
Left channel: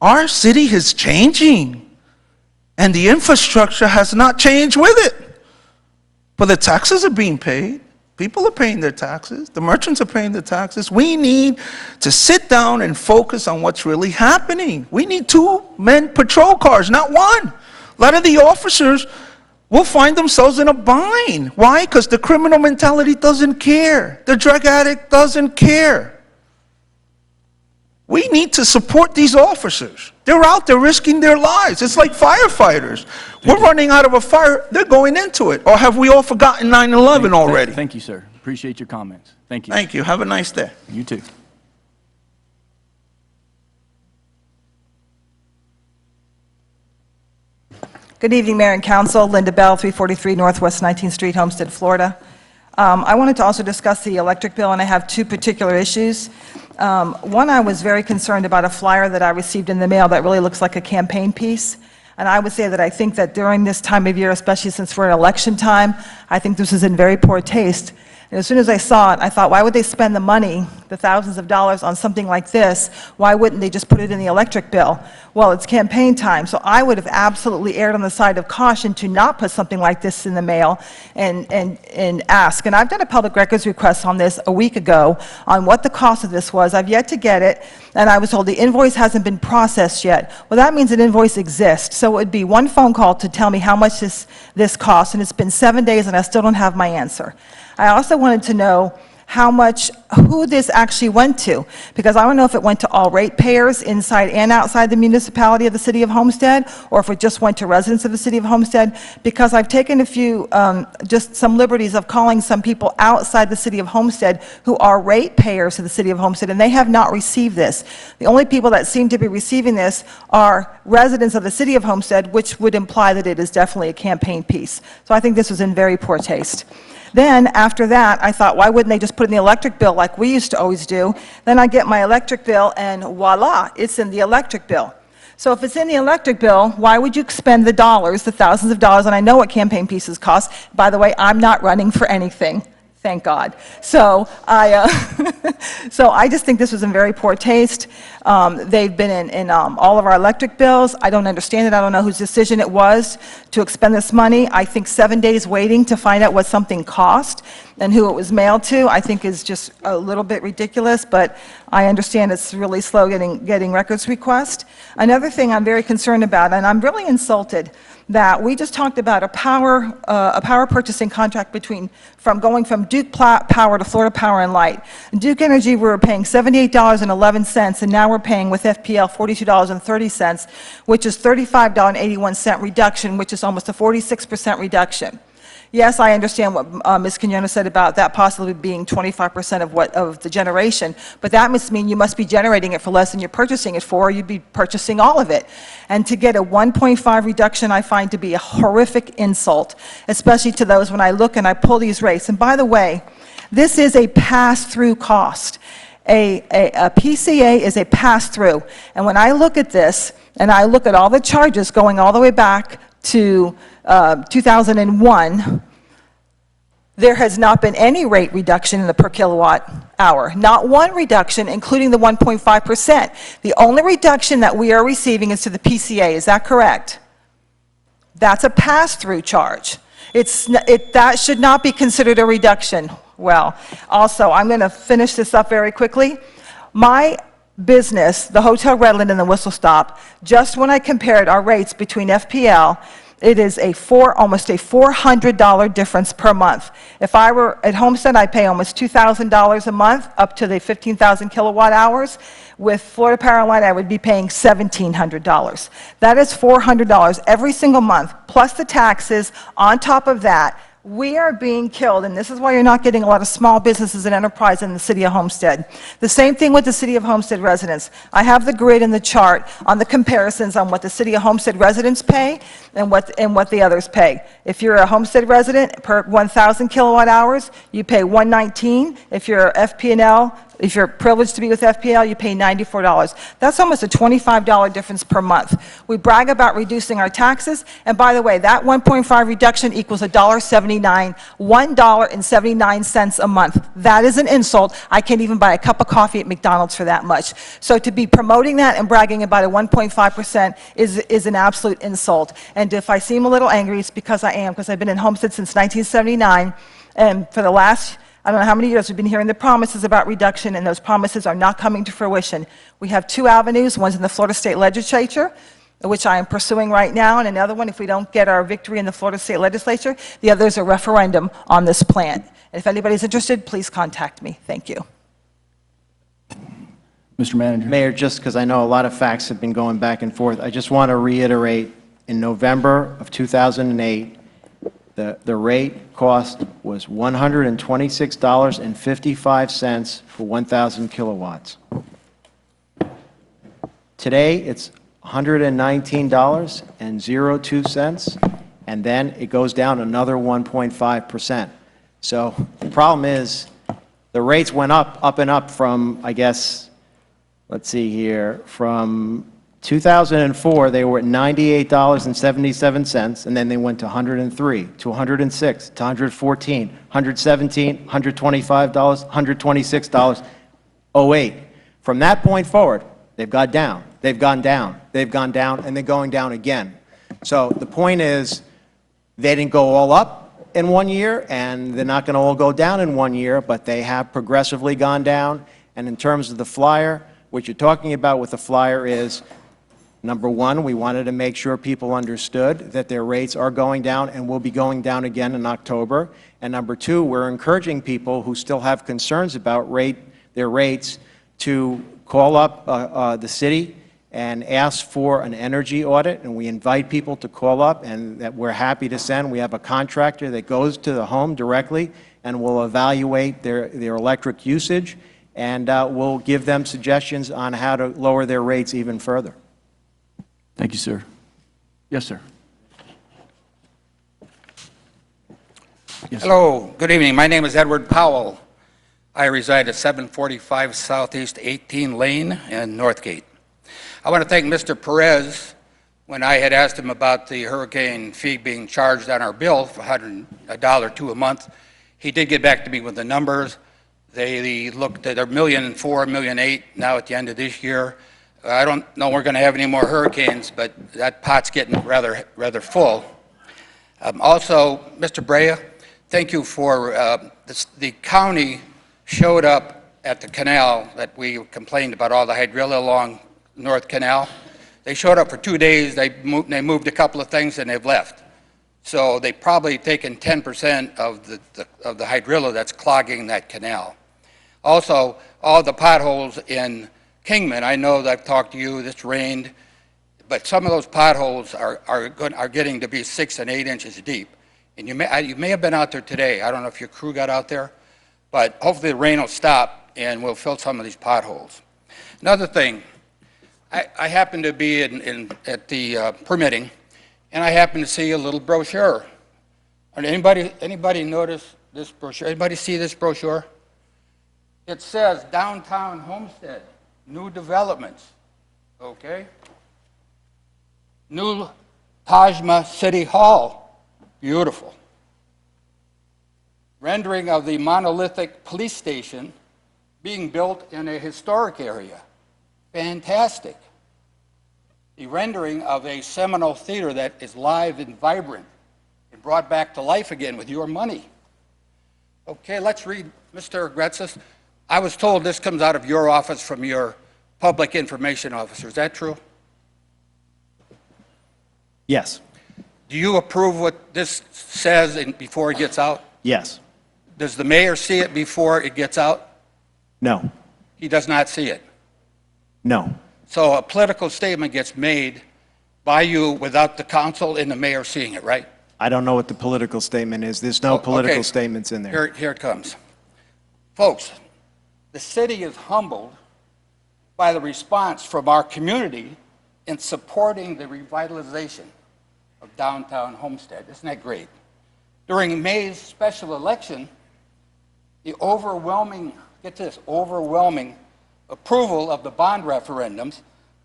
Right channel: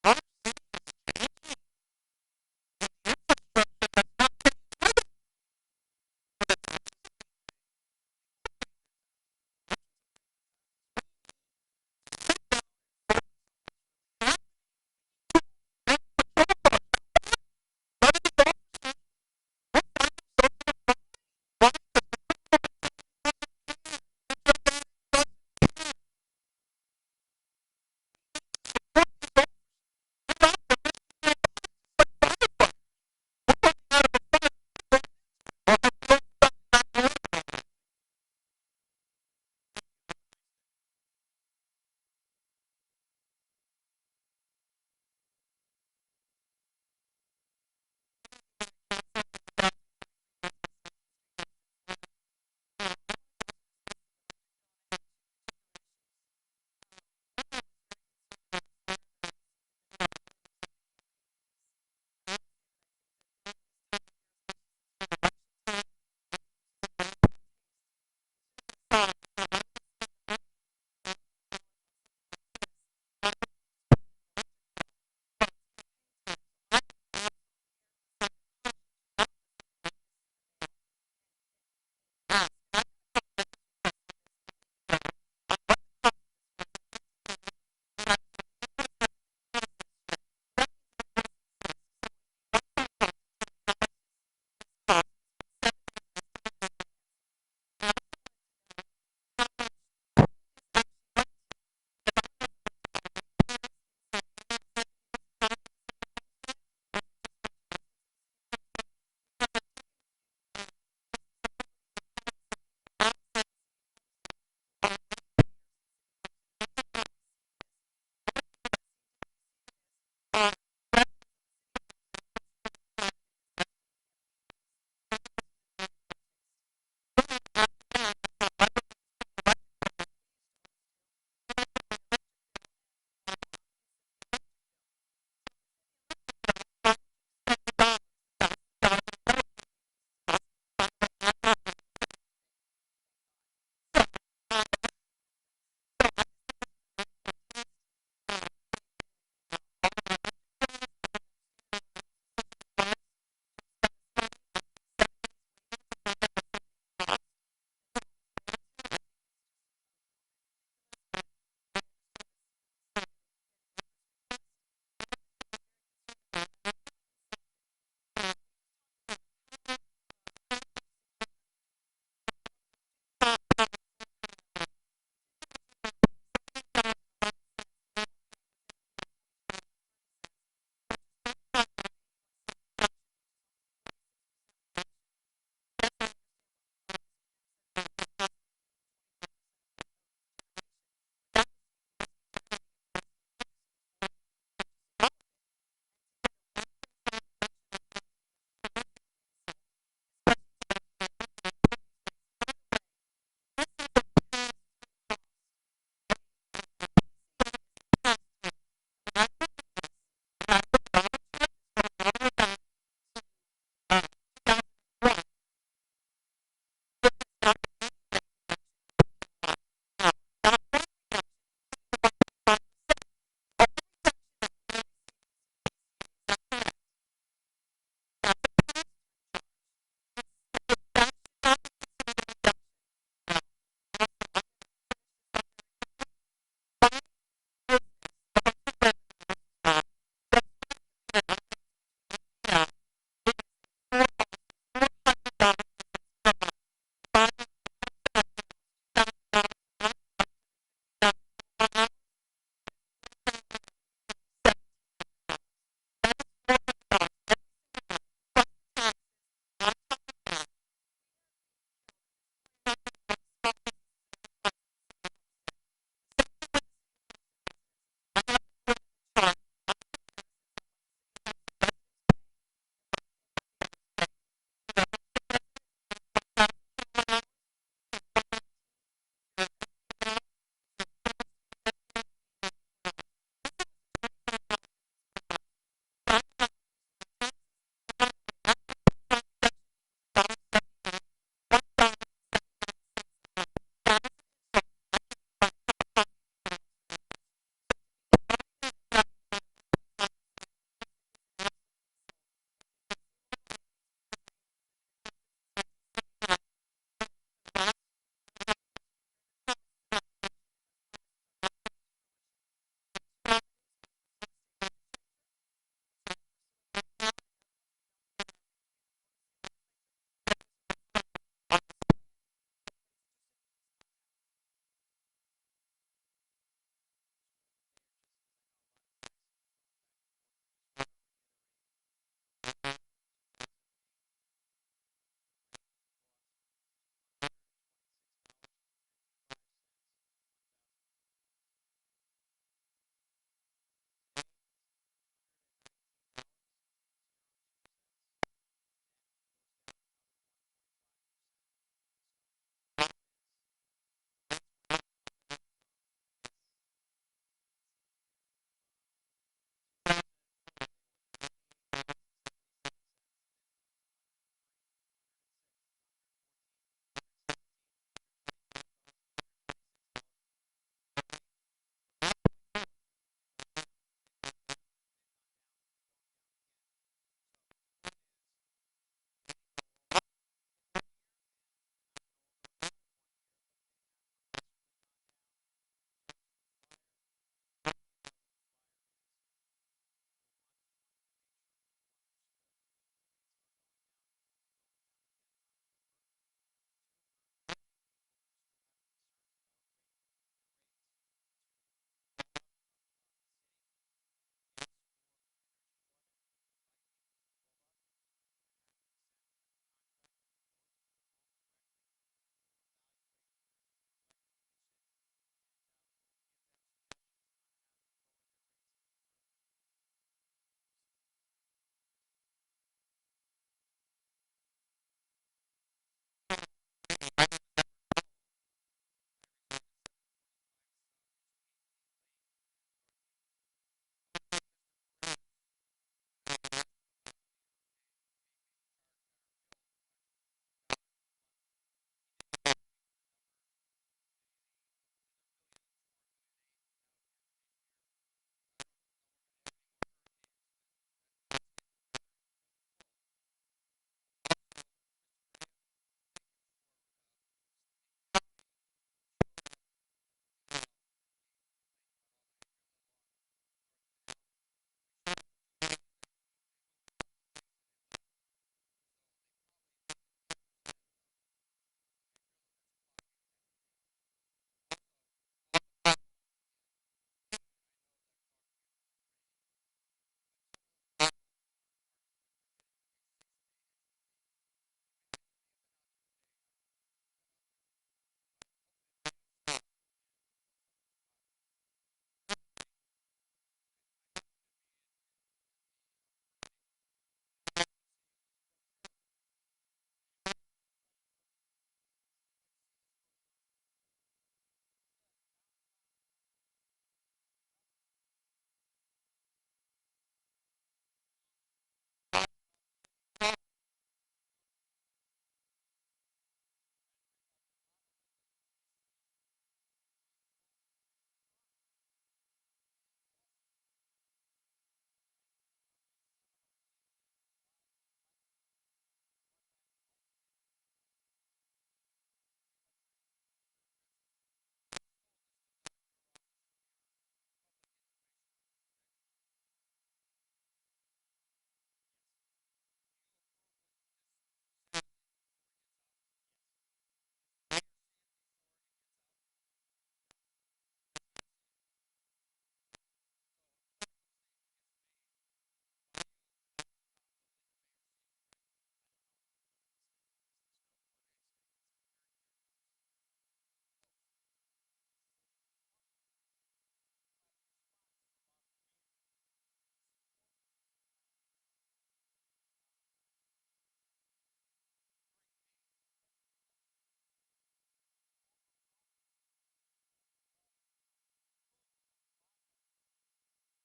Our city is changing, and the infrastructure has not changed with it. But the taxes are being paid. People are paying their taxes. The merchants are paying their taxes. We need to sit down and focus on what's really happening. We need 2 men patrol cars, not 1. A lot of the officers will find themselves in a bind. Why? Because the criminal mentality doesn't care. The drug addict doesn't care. We need to support these officers. They're out there risking their lives. It's like firefighters. We're running out of a fire, they're going into it. Or have we all forgotten 9/11 already? Thank you, sir. Appreciate your comments. Thank you. Thank you. Have a nice day. You too. Good evening, Mayor and Council. Linda Bell, 343 Northwest 19th Street, Homestead, Florida. I wanted to also discuss the electric bill, and I have 2 particular issues. One, I was very concerned about a flyer that I received in the mail that really looks like a campaign piece. And I would say that I think that during this time of year, especially since we're in election time, I think this is in very poor taste. And as soon as I saw it, I thought, why would they spend the money, the thousands of dollars, on something like this? Why wouldn't they just put it in the electric bill? Well, it's campaign time, so I would have absolutely erred on the side of caution to not put something like this in the mail and ask. And I've done a public records request on this a week ago on what the cost of this was. I've yet to get it, and I was told the invoice hasn't been processed yet. Well, that means an invoice exists, so it would be 1 phone call to tell me how much this costs, and it's been 7 days, and I still don't have my answer. I also wanted to know who this actually went to, because I don't know if it went to all ratepayers inside and outside the municipality of the City of Homestead, or if it just went to residents of the City of Homestead, because I've taken a few, just some liberties of calling some people outside the City of Homestead who are ratepayers of the City of Homestead, and they have not received this. The only people that seem to be receiving this are residents of the City of Homestead, which would imply that it is definitely a campaign piece. So I think this was in very poor taste. Then, after that, I thought, why wouldn't they just put it in the electric bill like we used to always do? Then I get my electric bill, and voila, it's in the electric bill. So if it's in the electric bill, why would you spend the dollars, the thousands of dollars, and I know what campaign pieces cost. By the way, I'm not running for anything. Thank God. So I just think this was in very poor taste. They've been in all of our electric bills. I don't understand it. I don't know whose decision it was to expend this money. I think 7 days waiting to find out what something cost and who it was mailed to, I think is just a little bit ridiculous, but I understand it's really slow getting records requests. Another thing I'm very concerned about, and I'm really insulted, that we just talked about a power purchasing contract from going from Duke Power to Florida Power and Light. Duke Energy, we were paying $78.11, and now we're paying with FPL $42.30, which is $35.81 reduction, which is almost a 46% reduction. Yes, I understand what Ms. Quinones said about that possibly being 25% of the generation, but that must mean you must be generating it for less than you're purchasing it for, or you'd be purchasing all of it. And to get a 1.5 reduction, I find to be a horrific insult, especially to those when I look and I pull these rates. And by the way, this is a pass-through cost. A PCA is a pass-through. And when I look at this, and I look at all the charges going all the way back to 2001, there has not been any rate reduction in the per kilowatt hour. Not one reduction, including the 1.5%. The only reduction that we are receiving is to the PCA. Is that correct? That's a pass-through charge. That should not be considered a reduction. Well, also, I'm going to finish this up very quickly. My business, the Hotel Redland and the Whistle Stop, just when I compared our rates between FPL, it is almost a $400 difference per month. If I were at Homestead, I'd pay almost $2,000 a month, up to the 15,000 kilowatt hours. With Florida Power and Light, I would be paying $1,700. That is $400 every single month, plus the taxes on top of that. We are being killed, and this is why you're not getting a lot of small businesses and enterprise in the City of Homestead. The same thing with the City of Homestead residents. I have the grid and the chart on the comparisons on what the City of Homestead residents pay and what the others pay. If you're a Homestead resident, per 1,000 kilowatt hours, you pay $119. If you're FP&L, If you're privileged to be with FPL, you pay $94. That's almost a $25 difference per month. We brag about reducing our taxes, and by the way, that 1.5 reduction equals $1.79, $1.79 a month. That is an insult. I can't even buy a cup of coffee at McDonald's for that much. So to be promoting that and bragging about a 1.5% is an absolute insult. And if I seem a little angry, it's because I am, because I've been in Homestead since 1979, and for the last, I don't know how many years, we've been hearing the promises about reduction, and those promises are not coming to fruition. We have two avenues. One's in the Florida State Legislature, which I am pursuing right now, and another one, if we don't get our victory in the Florida State Legislature, the other is a referendum on this plan. And if anybody's interested, please contact me. Thank you. Mr. Manager. Mayor, just because I know a lot of facts have been going back and forth, I just want to reiterate, in November of 2008, the rate cost was $126.55 for 1,000 kilowatts. Today, it's $119.02, and then it goes down another 1.5%. So the problem is, the rates went up and up from, I guess, let's see here, from 2004, they were at $98.77, and then they went to $103, to $106, to $114, $117, $125, $126, '08. From that point forward, they've gone down, they've gone down, they've gone down, and they're going down again. So the point is, they didn't go all up in 1 year, and they're not going to all go down in 1 year, but they have progressively gone down. And in terms of the flyer, what you're talking about with the flyer is, number one, we wanted to make sure people understood that their rates are going down and will be going down again in October. And number two, we're encouraging people who still have concerns about their rates to call up the city and ask for an energy audit. And we invite people to call up, and that we're happy to send. We have a contractor that goes to the home directly and will evaluate their electric usage, and we'll give them suggestions on how to lower their rates even further. Thank you, sir. Yes, sir. Yes, Hello, good evening. My name is Edward Powell. I reside at 745 Southeast 18 Lane in Northgate. I want to thank Mr. Perez. When I had asked him about the hurricane fee being charged on our bill for $102 a month, he did get back to me with the numbers. They looked at $1.4 million, $1.8 million now at the end of this year. I don't know we're going to have any more hurricanes, but that pot's getting rather full. Also, Mr. Brea, thank you for the county showed up at the canal that we complained about, all the hydrilla along North Canal. They showed up for 2 days. They moved a couple of things and they've left. So they've probably taken 10% of the hydrilla that's clogging that canal. Also, all the potholes in Kingman, I know that I've talked to you, this rained, but some of those potholes are getting to be 6 and 8 inches deep. And you may have been out there today. I don't know if your crew got out there, but hopefully the rain will stop and we'll fill some of these potholes. Another thing, I happened to be at the permitting, and I happened to see a little brochure. Anybody notice this brochure? Anybody see this brochure? It says Downtown Homestead, new developments, okay? New Tajma City Hall, beautiful. Rendering of the monolithic police station being built in a historic area, fantastic. The rendering of a Seminole theater that is live and vibrant and brought back to life again with your money. Okay, let's read, Mr. Gretzis. I was told this comes out of your office from your public information officer. Is that true? Yes. Do you approve what this says before it gets out? Yes. Does the mayor see it before it gets out? No. He does not see it. No. So a political statement gets made by you without the council and the mayor seeing it, right? I don't know what the political statement is. There's no political statements in there. Here it comes. Folks, the city is humbled by the response from our community in supporting the revitalization of downtown Homestead. Isn't that great? During May's special election, the overwhelming get this, overwhelming approval of the bond referendums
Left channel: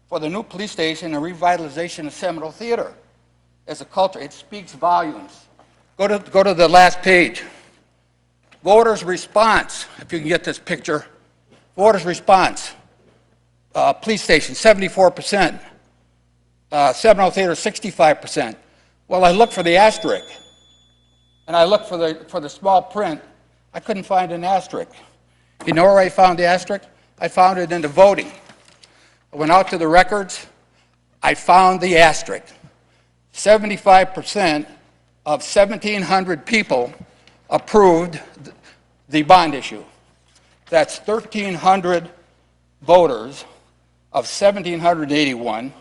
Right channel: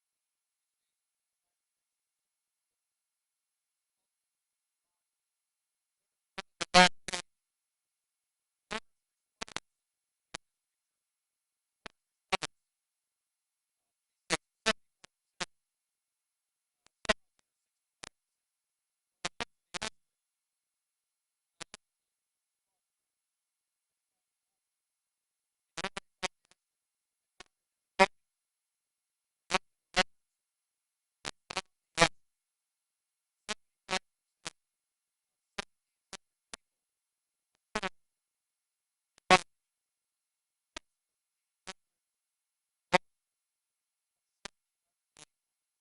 for the new police station and revitalization of Seminole Theater as a culture. It speaks volumes. Go to the last page. Voters' response, if you can get this picture. Voters' response. Police station, 74%. Seminole Theater, 65%. Well, I looked for the asterisk, and I looked for the small print. I couldn't find an asterisk. You know where I found the asterisk? I found it in the voting. I went out to the records. I found the asterisk. 75% of 1,700 people approved the bond issue. That's 1,300 voters of 1,781.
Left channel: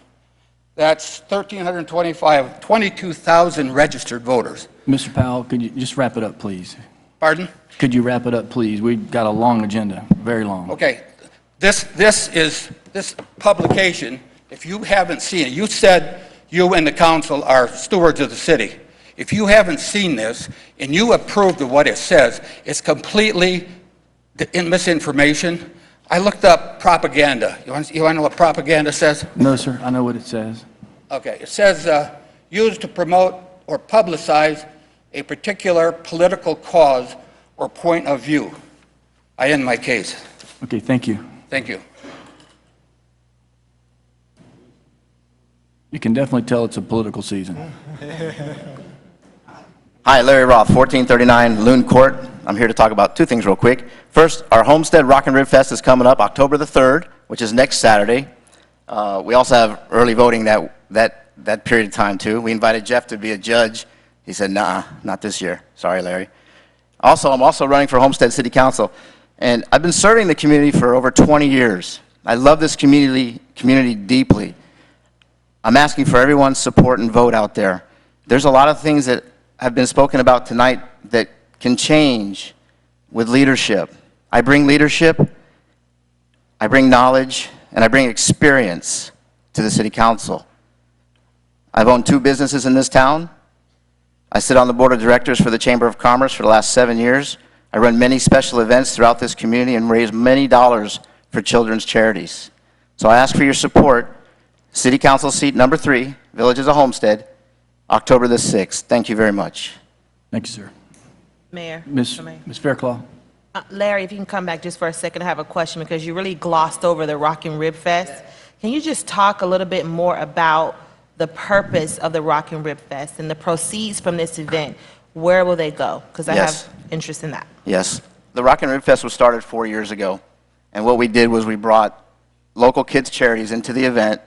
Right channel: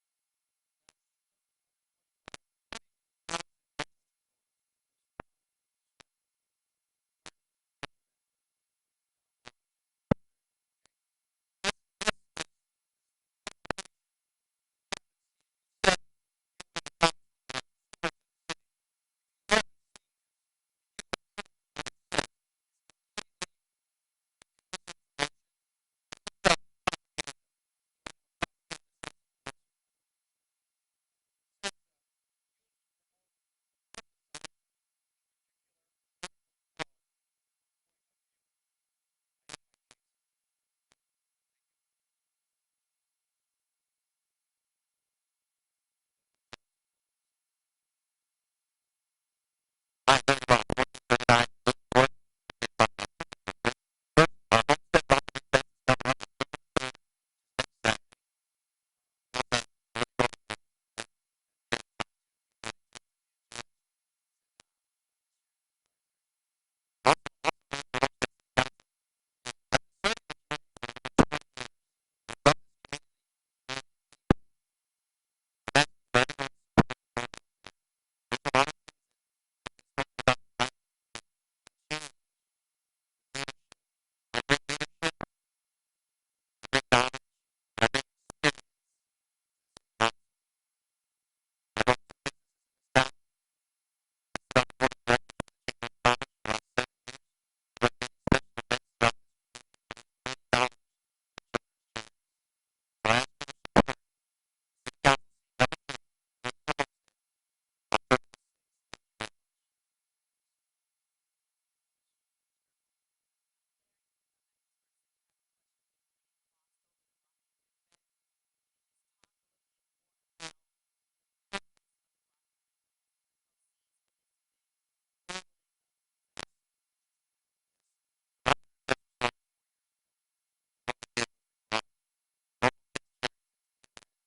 That's 1,325, 22,000 registered voters. Mr. Powell, could you just wrap it up, please? Pardon? Could you wrap it up, please? We've got a long agenda, very long. Okay. This publication, if you haven't seen it, you said you and the council are stewards of the city. If you haven't seen this and you approved of what it says, it's completely misinformation. I looked up propaganda. You want to know what propaganda says? No, sir, I know what it says. Okay, it says used to promote or publicize a particular political cause or point of view. I end my case. Okay, thank you. Thank you. You can definitely tell it's a political season. Hi, Larry Roth, 1439 Loon Court. I'm here to talk about two things real quick. First, our Homestead Rock and Rib Fest is coming up October the 3rd, which is next Saturday. We also have early voting that period of time, too. We invited Jeff to be a judge. He said, nah, not this year. Sorry, Larry. Also, I'm also running for Homestead City Council, and I've been serving the community for over 20 years. I love this community deeply. I'm asking for everyone's support and vote out there. There's a lot of things that have been spoken about tonight that can change with leadership. I bring leadership, I bring knowledge, and I bring experience to the City Council. I've owned 2 businesses in this town. I sit on the board of directors for the Chamber of Commerce for the last 7 years. I run many special events throughout this community and raise many dollars for children's charities. So I ask for your support. City Council seat number 3, Villages of Homestead, October the 6th. Thank you very much. Thank you, sir. Mayor. Ms. Fairclough? Larry, if you can come back just for a second, I have a question because you really glossed over the Rock and Rib Fest. Can you just talk a little bit more about the purpose of the Rock and Rib Fest and the proceeds from this event? Where will they go? Because I have interest in that. Yes. The Rock and Rib Fest was started 4 years ago. And what we did was we brought local kids' charities into the event,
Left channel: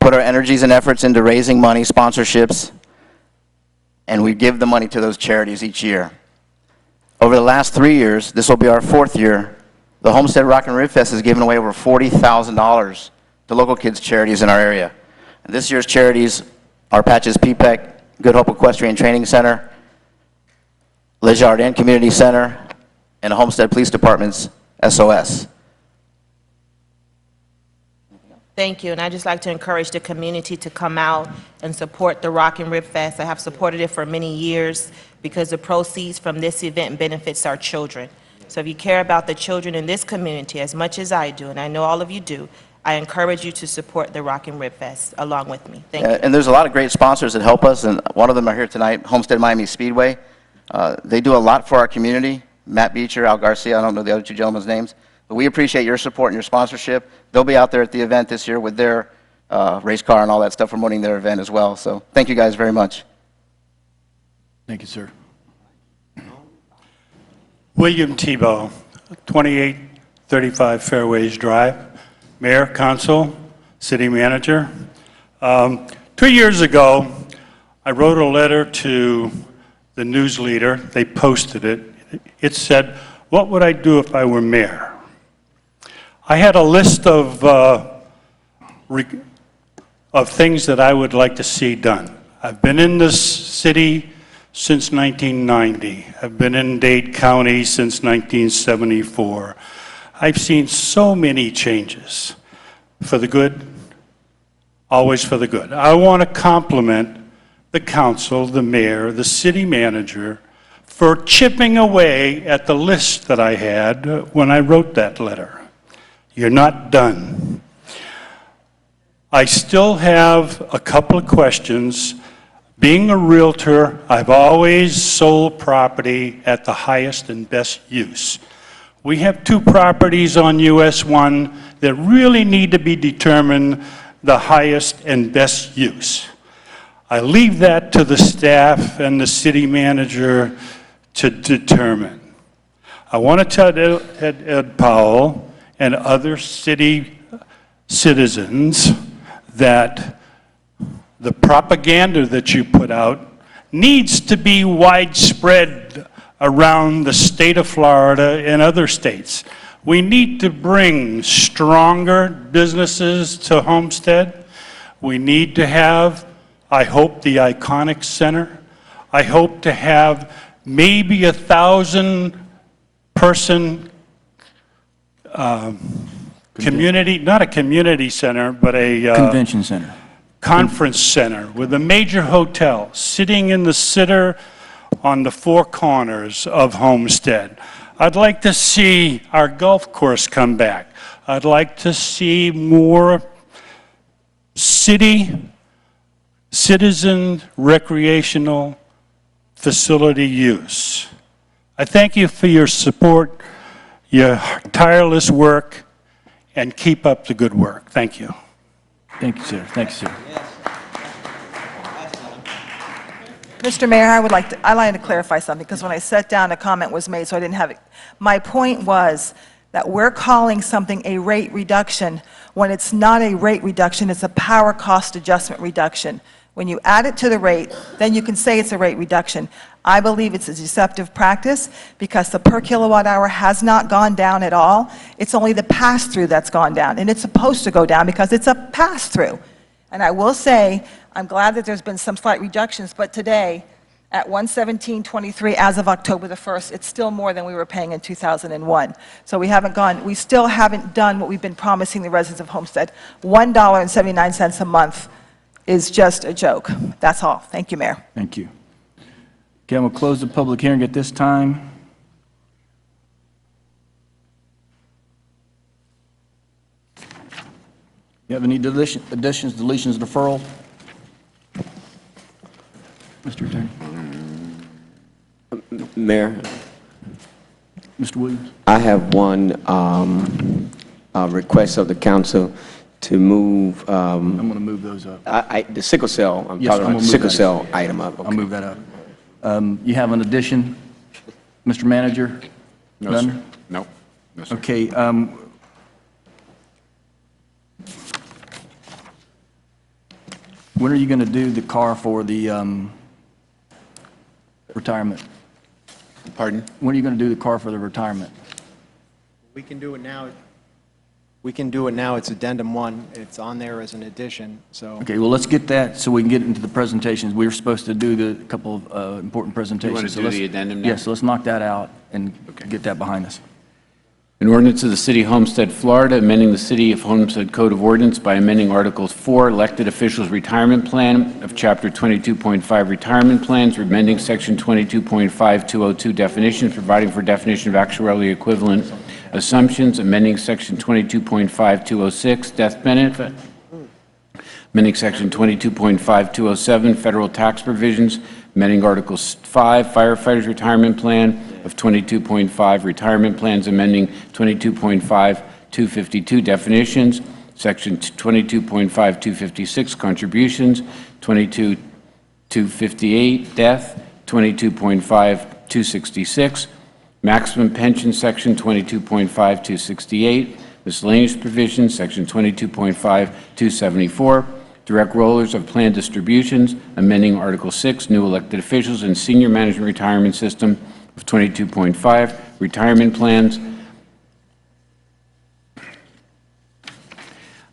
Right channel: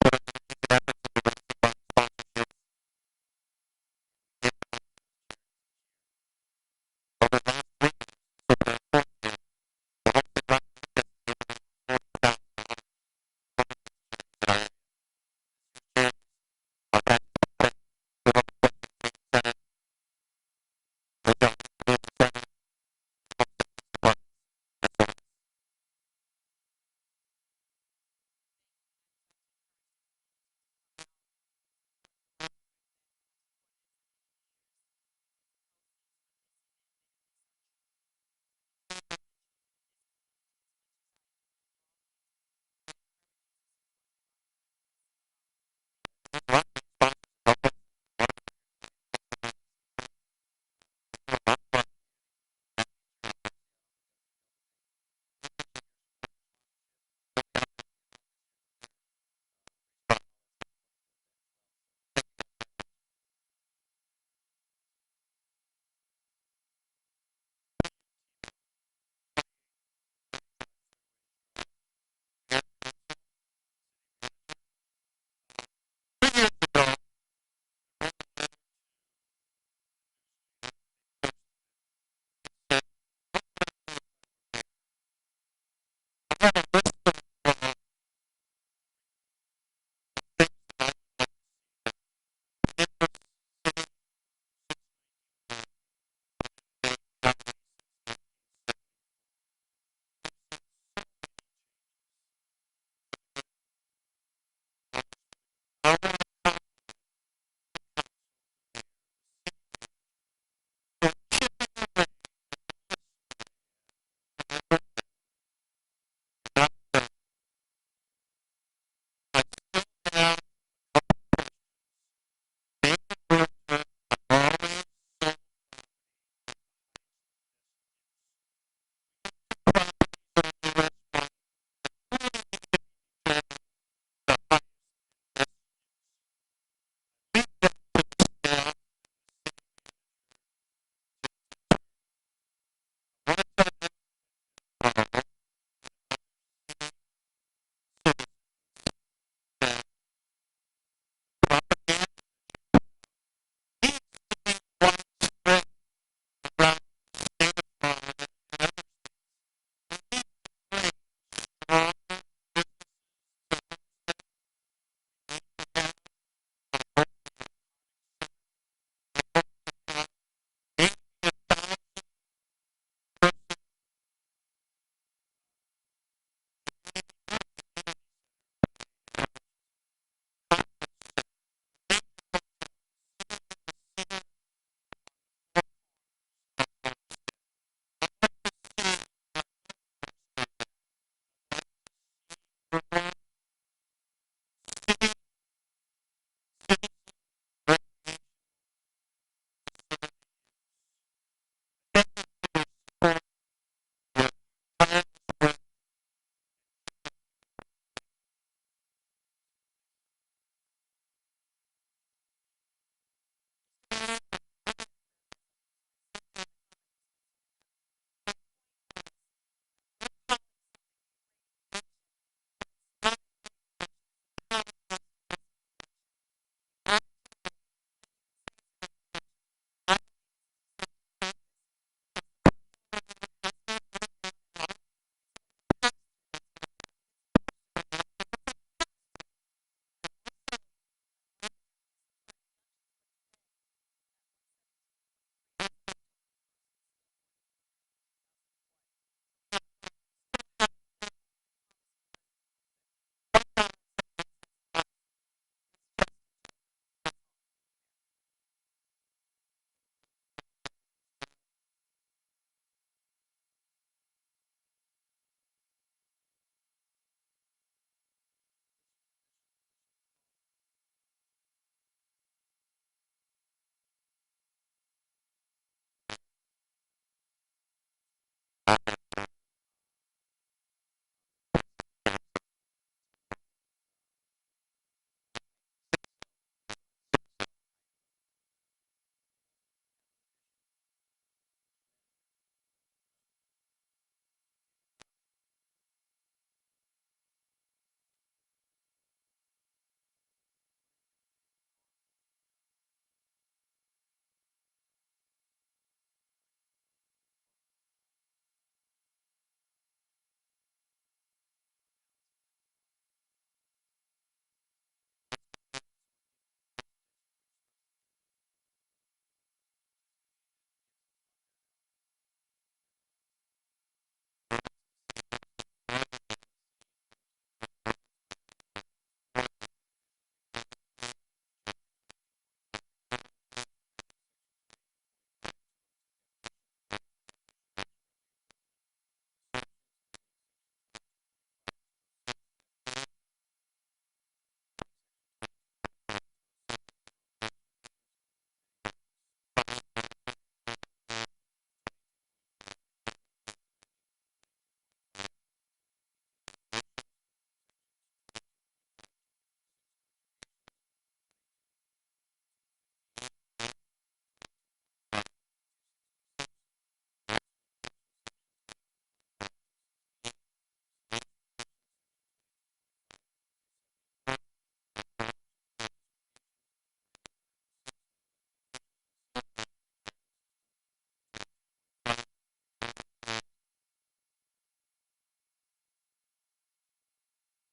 put our energies and efforts into raising money, sponsorships, and we give the money to those charities each year. Over the last 3 years, this will be our 4th year, the Homestead Rock and Rib Fest has given away over $40,000 to local kids' charities in our area. And this year's charities are Patches PPEC, Good Hope Equestrian Training Center, Le Jardin Community Center, and Homestead Police Department's SOS. Thank you, and I'd just like to encourage the community to come out and support the Rock and Rib Fest. I have supported it for many years because the proceeds from this event benefits our children. So if you care about the children in this community as much as I do, and I know all of you do, I encourage you to support the Rock and Rib Fest along with me. Thank you. And there's a lot of great sponsors that help us, and one of them are here tonight, Homestead Miami Speedway. They do a lot for our community. Matt Beecher, Al Garcia, I don't know the other 2 gentlemen's names, but we appreciate your support and your sponsorship. They'll be out there at the event this year with their race car and all that stuff, promoting their event as well. So thank you guys very much. Thank you, sir. William Tebow, 2835 Fairways Drive, Mayor, Council, City Manager. 2 years ago, I wrote a letter to the news leader. They posted it. It said, "What would I do if I were mayor?" I had a list of things that I would like to see done. I've been in this city since 1990. I've been in Dade County since 1974. I've seen so many changes for the good, always for the good. I want to compliment the council, the mayor, the city manager for chipping away at the list that I had when I wrote that letter. You're not done. I still have a couple of questions. Being a realtor, I've always sold property at the highest and best use. We have 2 properties on US 1 that really need to be determined the highest and best use. I leave that to the staff and the city manager to determine. I want to tell Ed Powell and other city citizens that the propaganda that you put out needs to be widespread around the state of Florida and other states. We need to bring stronger businesses to Homestead. We need to have, I hope, the Iconic Center. I hope to have maybe 1,000-person community, not a community center, but a Convention center. Conference center with a major hotel sitting in the center on the 4 corners of Homestead. I'd like to see our golf course come back. I'd like to see more citizen recreational facility use. I thank you for your support, your tireless work, and keep up the good work. Thank you. Thank you, sir. Thank you, sir. Mr. Mayor, I'd like to clarify something, because when I sat down, a comment was made, so I didn't have it. My point was that we're calling something a rate reduction when it's not a rate reduction, it's a power cost adjustment reduction. When you add it to the rate, then you can say it's a rate reduction. I believe it's a deceptive practice because the per kilowatt hour has not gone down at all. It's only the pass-through that's gone down, and it's supposed to go down because it's a pass-through. And I will say, I'm glad that there's been some slight reductions, but today, at 117.23 as of October the 1st, it's still more than we were paying in 2001. So we still haven't done what we've been promising the residents of Homestead. $1.79 a month is just a joke. That's all. Thank you, Mayor. Thank you. Okay, we'll close the public hearing at this time. You have any additions, deletions, deferral? Mr. Attorney. Mayor, Mr. Williams. I have one request of the council to move. I'm going to move those up. The sickle cell, I'm Yes, talking I'm about gonna the move sickle that. cell item up. I'll move that up. You have an addition, Mr. Manager? No, None? sir. No. No, sir. Okay. When are you going to do the car for the retirement? Pardon? When are you going to do the car for the retirement? We can do it now. We can do it now. It's addendum 1. It's on there as an addition, so. Okay, well, let's get that so we can get into the presentations. We were supposed to do the couple of important presentations. to So do let's- the addendum now? Yes, so let's knock that out and get that behind us. An ordinance of the City of Homestead, Florida, amending the City of Homestead Code of Ordinance by amending Articles 4, Elected Officials Retirement Plan of Chapter 22.5 Retirement Plans, amending Section 22.5202 definitions, providing for definition of actuarially equivalent assumptions, amending Section 22.5206 death benefit, amending Section 22.5207 federal tax provisions, amending Articles 5 Firefighters Retirement Plan of 22.5 Retirement Plans, amending 22.5252 definitions, Section 22.5256 contributions, 22.258 death, 22.5266 maximum pension, Section 22.5268 miscellaneous provisions, Section 22.5274 direct rollers of plan distributions, amending Article 6 new elected officials and senior management retirement system of 22.5 retirement plans,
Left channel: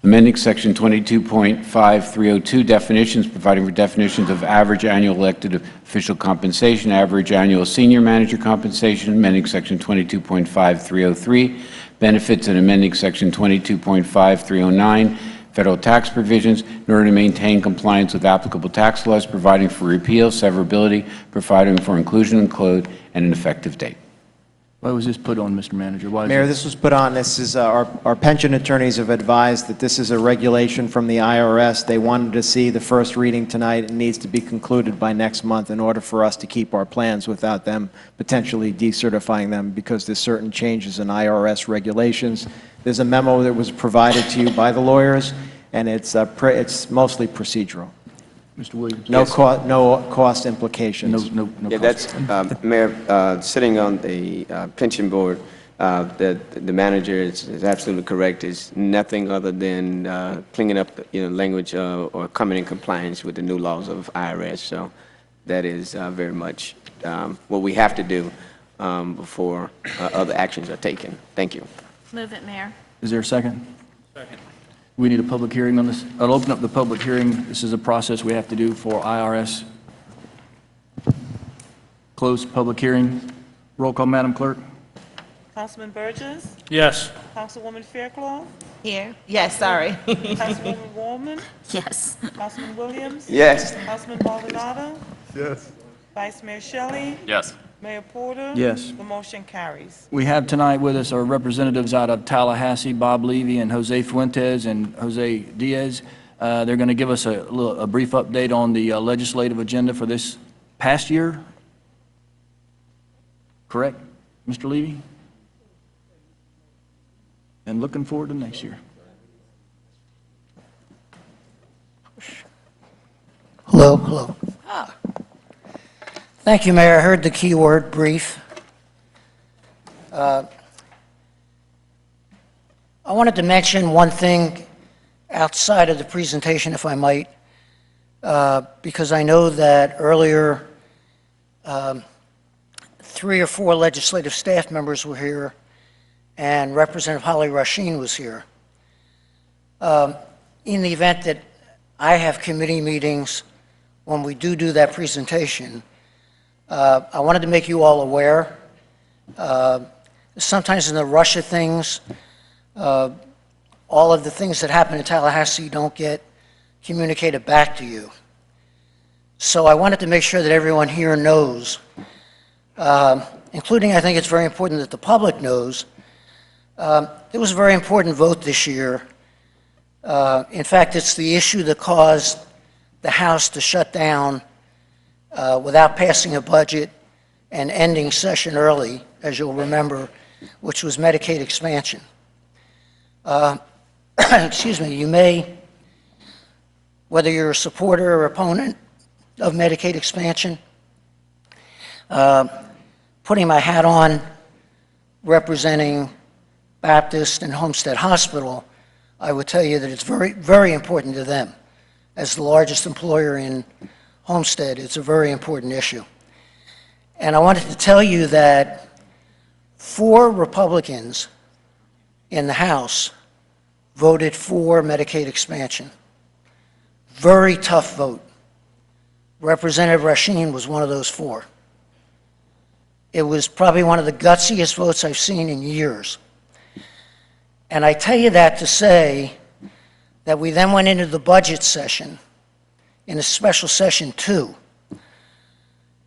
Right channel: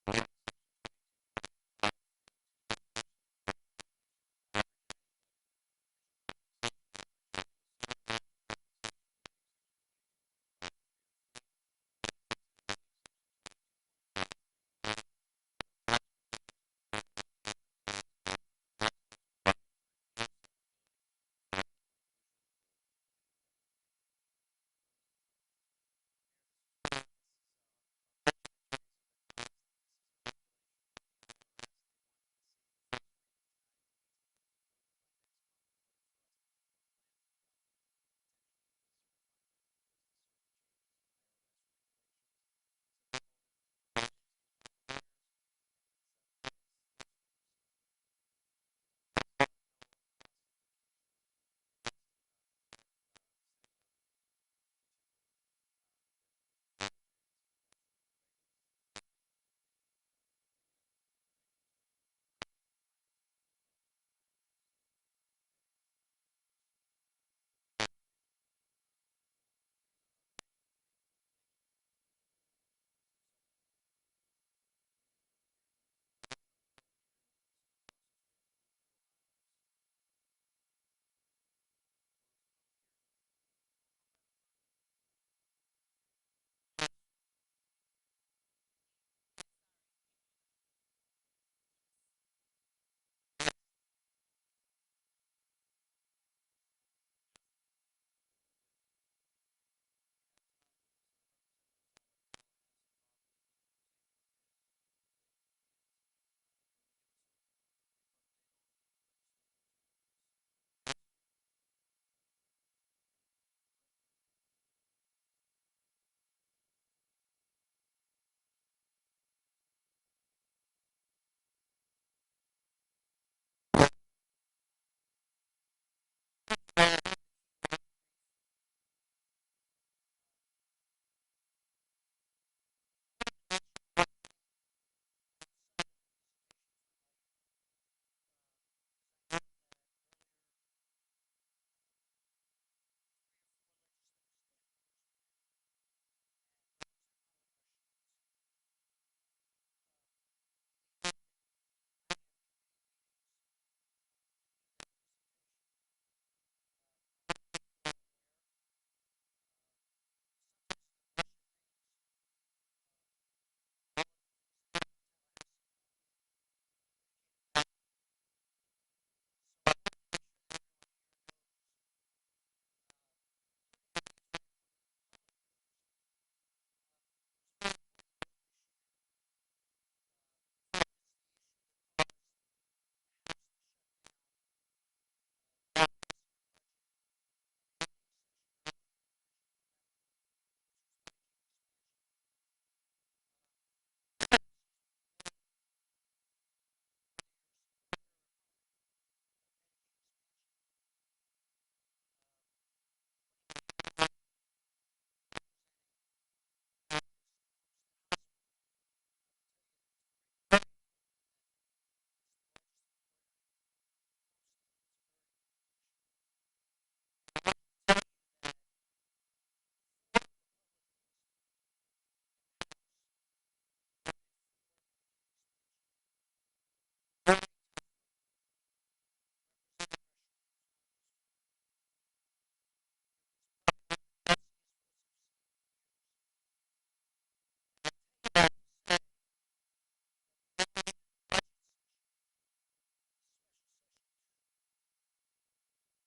amending Section 22.5302 definitions, providing for definitions of average annual elected official compensation, average annual senior manager compensation, amending Section 22.5303 benefits, and amending Section 22.5309 federal tax provisions in order to maintain compliance with applicable tax laws, providing for repeal, severability, providing for inclusion in code, and an effective date. Why was this put on, Mr. Manager? Why is Mayor, it- this was put on, this is, our pension attorneys have advised that this is a regulation from the IRS. They wanted to see the first reading tonight. It needs to be concluded by next month in order for us to keep our plans without them potentially decertifying them, because there's certain changes in IRS regulations. There's a memo that was provided to you by the lawyers, and it's mostly procedural. Mr. Williams? No cost implications. No Yeah, cost. that's, Mayor, sitting on the pension board, the manager is absolutely correct. It's nothing other than cleaning up, language or coming in compliance with the new laws of IRS. So that is very much what we have to do before other actions are taken. Thank you. Move it, Mayor. Is there a second? Second. We need a public hearing on this. I'll open up the public hearing. This is a process we have to do for IRS. Close public hearing. Roll call, Madam Clerk. Councilman Burgess? Yes. Councilwoman Fairclough? Here? Yes, sorry. Councilwoman Wallman? Yes. Councilman Williams? Yes. Councilman Maldonado? Yes. Vice Mayor Shelley? Yes. Mayor Porter? Yes. The motion carries. We have tonight with us our representatives out of Tallahassee, Bob Levy and Jose Fuentes and Jose Diaz. They're going to give us a brief update on the legislative agenda for this past year. Correct, Mr. Levy? And looking forward to next year. Hello, hello. Thank you, Mayor. I heard the key word, brief. I wanted to mention one thing outside of the presentation, if I might, because I know that earlier 3 or 4 legislative staff members were here, and Representative Holly Rasheen was here. In the event that I have committee meetings, when we do that presentation, I wanted to make you all aware. Sometimes in the rush of things, all of the things that happen in Tallahassee don't get communicated back to you. So I wanted to make sure that everyone here knows, including I think it's very important that the public knows, it was a very important vote this year. In fact, it's the issue that caused the House to shut down without passing a budget and ending session early, as you'll remember, which was Medicaid expansion. Excuse me, you may, whether you're a supporter or opponent of Medicaid expansion, putting my hat on representing Baptist and Homestead Hospital, I would tell you that it's very, very important to them. As the largest employer in Homestead, it's a very important issue. And I wanted to tell you that 4 Republicans in the House voted for Medicaid expansion. Very tough vote. Representative Rasheen was one of those 4. It was probably one of the gutsiest votes I've seen in years. And I tell you that to say that we then went into the budget session, in a special session 2.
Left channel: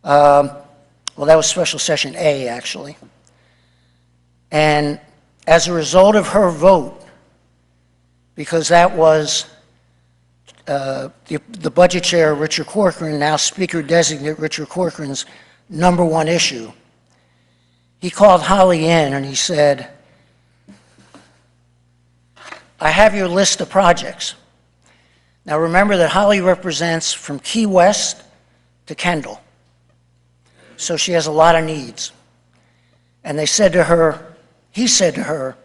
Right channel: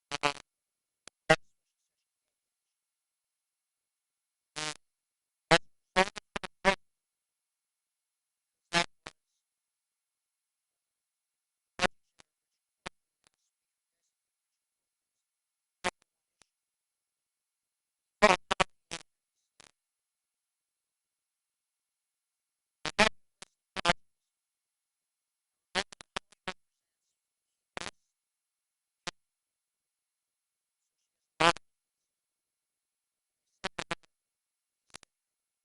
Well, that was special session A, actually. And as a result of her vote, because that was the budget chair, Richard Corcoran, now Speaker-designate Richard Corcoran's #1 issue, he called Holly in and he said, I have your list of projects. Now remember that Holly represents from Key West to Kendall. So she has a lot of needs. And they said to her, he said to her,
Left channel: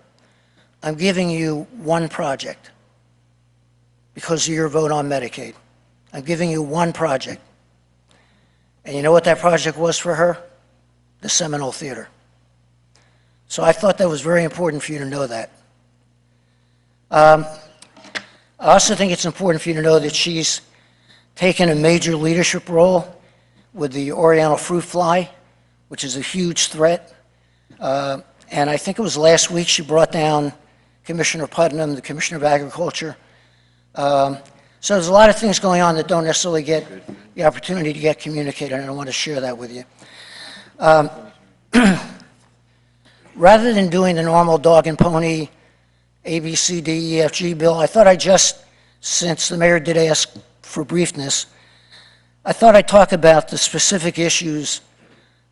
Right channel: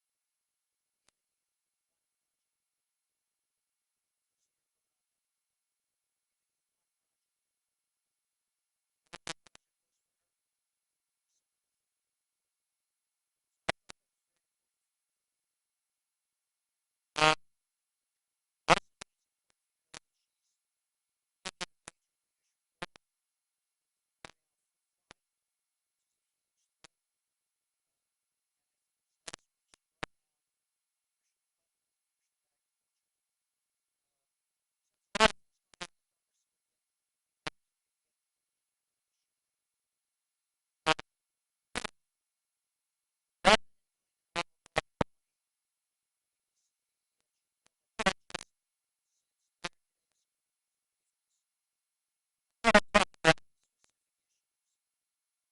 I'm giving you 1 project because of your vote on Medicaid. I'm giving you 1 project. And you know what that project was for her? The Seminole Theater. So I thought that was very important for you to know that. I also think it's important for you to know that she's taken a major leadership role with the Oriental fruit fly, which is a huge threat. And I think it was last week she brought down Commissioner Putnam, the Commissioner of Agriculture, So there's a lot of things going on that don't necessarily get the opportunity to get communicated, and I want to share that with you. Rather than doing the normal dog and pony A, B, C, D, E, F, G bill, I thought since the mayor did ask for briefness, I thought I'd talk about the specific issues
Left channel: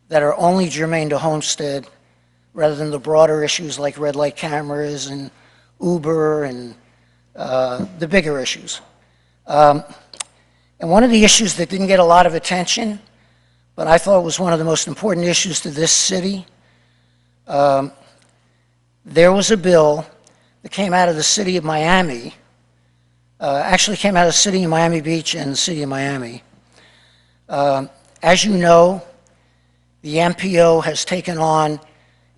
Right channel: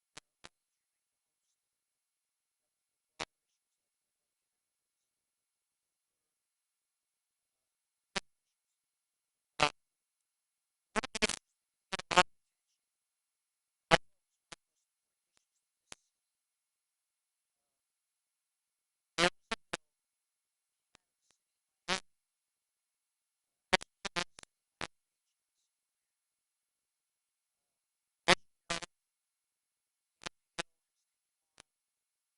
that are only germane to Homestead rather than the broader issues like red light cameras and Uber and the bigger issues. And one of the issues that didn't get a lot of attention, but I thought was one of the most important issues to this city, there was a bill that came out of the city of Miami, actually came out of the city of Miami Beach and the city of Miami. As you know, the MPO has taken on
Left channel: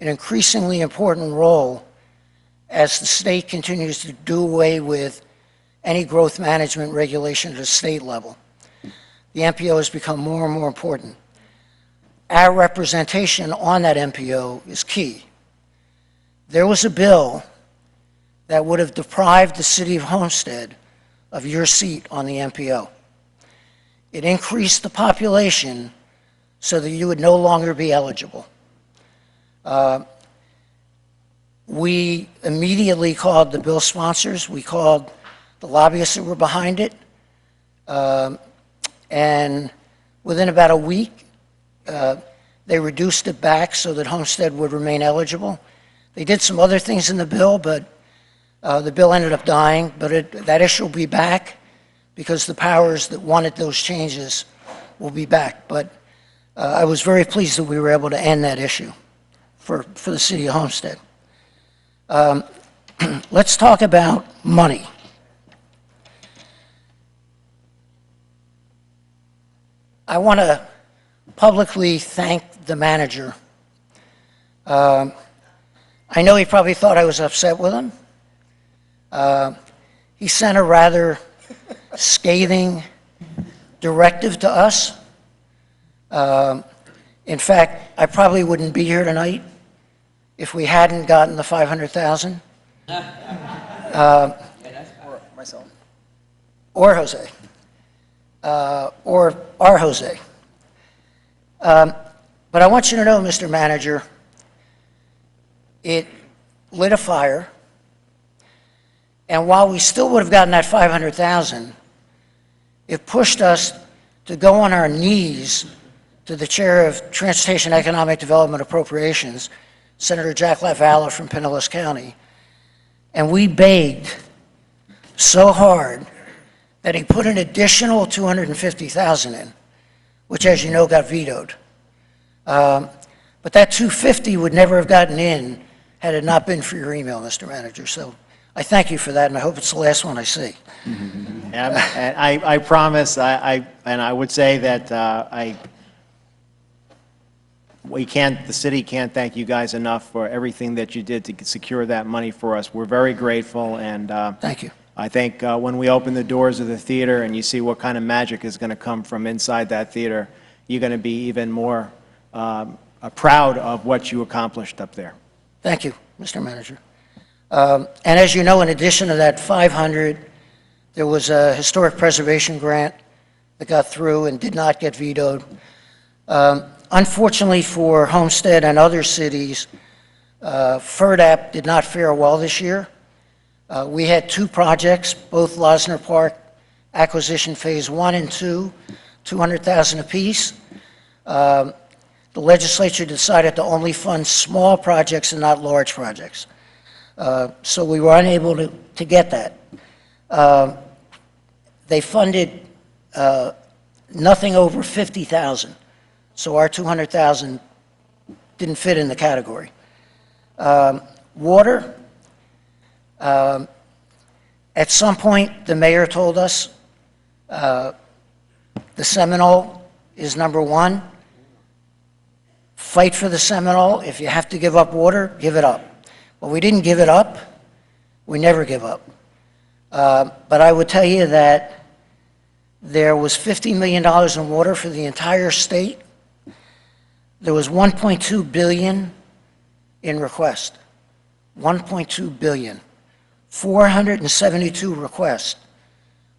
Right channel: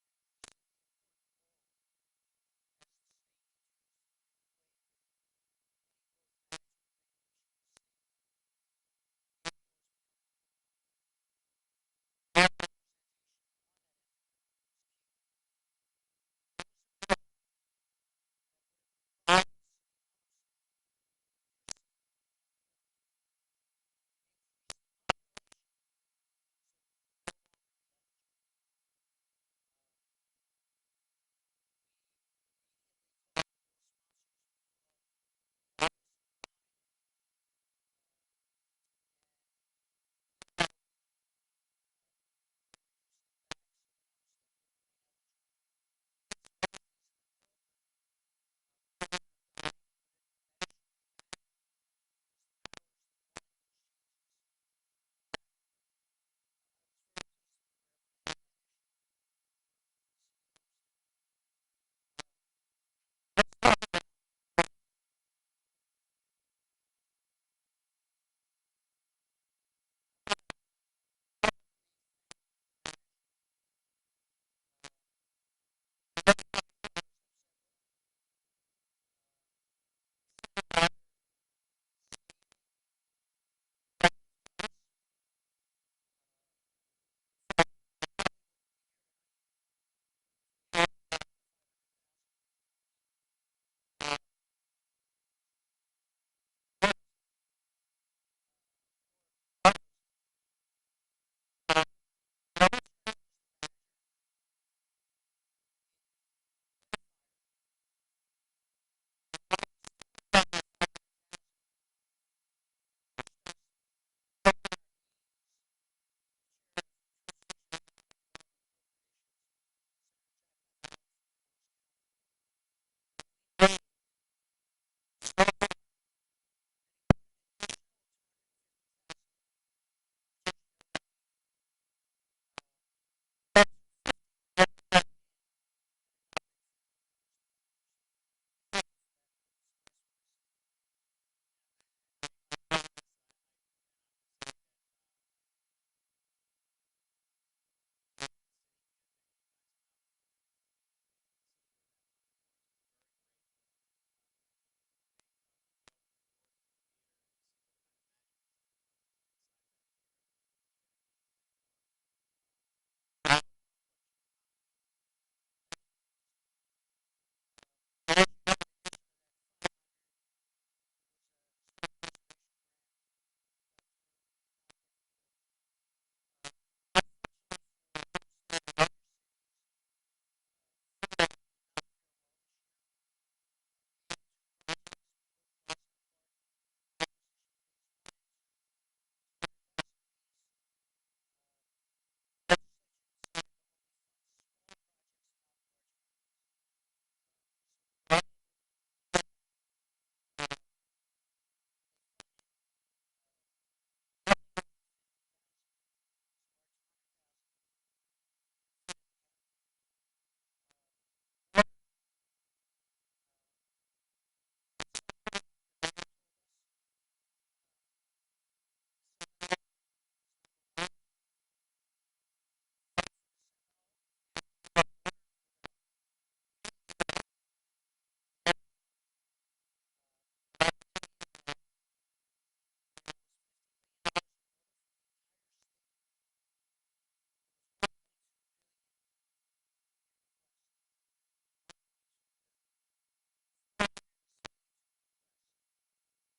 an increasingly important role as the state continues to do away with any growth management regulation at a state level. The MPO has become more and more important. Our representation on that MPO is key. There was a bill that would have deprived the city of Homestead of your seat on the MPO. It increased the population so that you would no longer be eligible. We immediately called the bill sponsors. We called the lobbyists that were behind it. And within about a week, they reduced it back so that Homestead would remain eligible. They did some other things in the bill, but the bill ended up dying. But that issue will be back because the powers that wanted those changes will be back. But I was very pleased that we were able to end that issue for the city of Homestead. Let's talk about money. I want to publicly thank the manager. I know he probably thought I was upset with him. He sent a rather scathing directive to us. In fact, I probably wouldn't be here tonight if we hadn't gotten the $500,000. Or Jose. Or our Jose. But I want you to know, Mr. Manager, it lit a fire, and while we still would have gotten that $500,000, it pushed us to go on our knees to the chair of Transportation Economic Development Appropriations, Senator Jack LaValla from Pinellas County, and we begged so hard that he put an additional $250,000 in, which, as you know, got vetoed. But that $250,000 would never have gotten in had it not been for your email, Mr. Manager. So I thank you for that, and I hope it's the last one I see. And I promise, and I would say that the city can't thank you guys enough for everything that you did to secure that money for us. We're very grateful, and thank you. I think when we open the doors of the theater and you see what kind of magic is going to come from inside that theater, you're going to be even more proud of what you accomplished up there. Thank you, Mr. Manager. And as you know, in addition to that $500,000, there was a historic preservation grant that got through and did not get vetoed. Unfortunately for Homestead and other cities, FERDAP did not fare well this year. We had two projects, both Losner Park Acquisition Phase 1 and 2, $200,000 apiece. The legislature decided to only fund small projects and not large projects. So we were unable to get that. They funded nothing over $50,000, so our $200,000 didn't fit in the category. Water, at some point, the mayor told us the Seminole is #1. Fight for the Seminole. If you have to give up water, give it up. Well, we didn't give it up. We never give up. But I would tell you that there was $50 million in water for the entire state. There was $1.2 billion in request. $1.2 billion. 472 requests.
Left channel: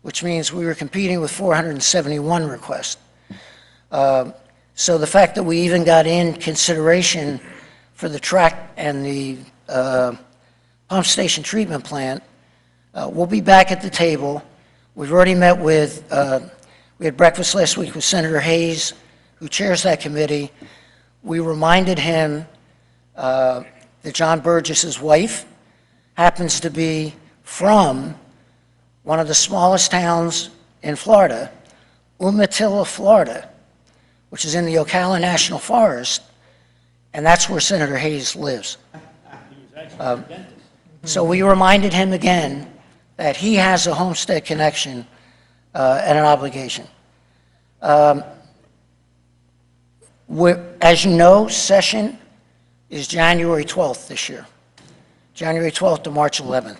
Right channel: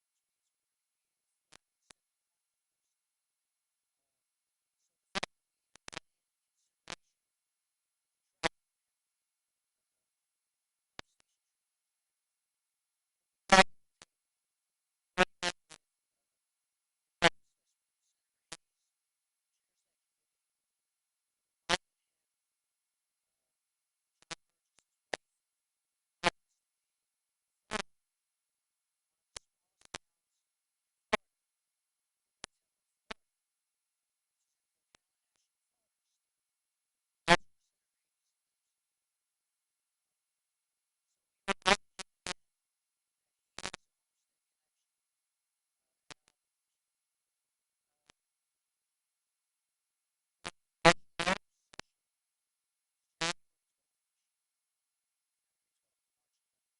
which means we were competing with 471 requests. So the fact that we even got in consideration for the track and the pump station treatment plant, we'll be back at the table. We've already met with, we had breakfast last week with Senator Hayes, who chairs that committee. We reminded him that John Burgess's wife happens to be from one of the smallest towns in Florida, Umatilla, Florida, which is in the Ocala National Forest, and that's where Senator Hayes lives. So we reminded him again that he has a Homestead connection and an obligation. As you know, session is January 12th this year, January 12th to March 11th.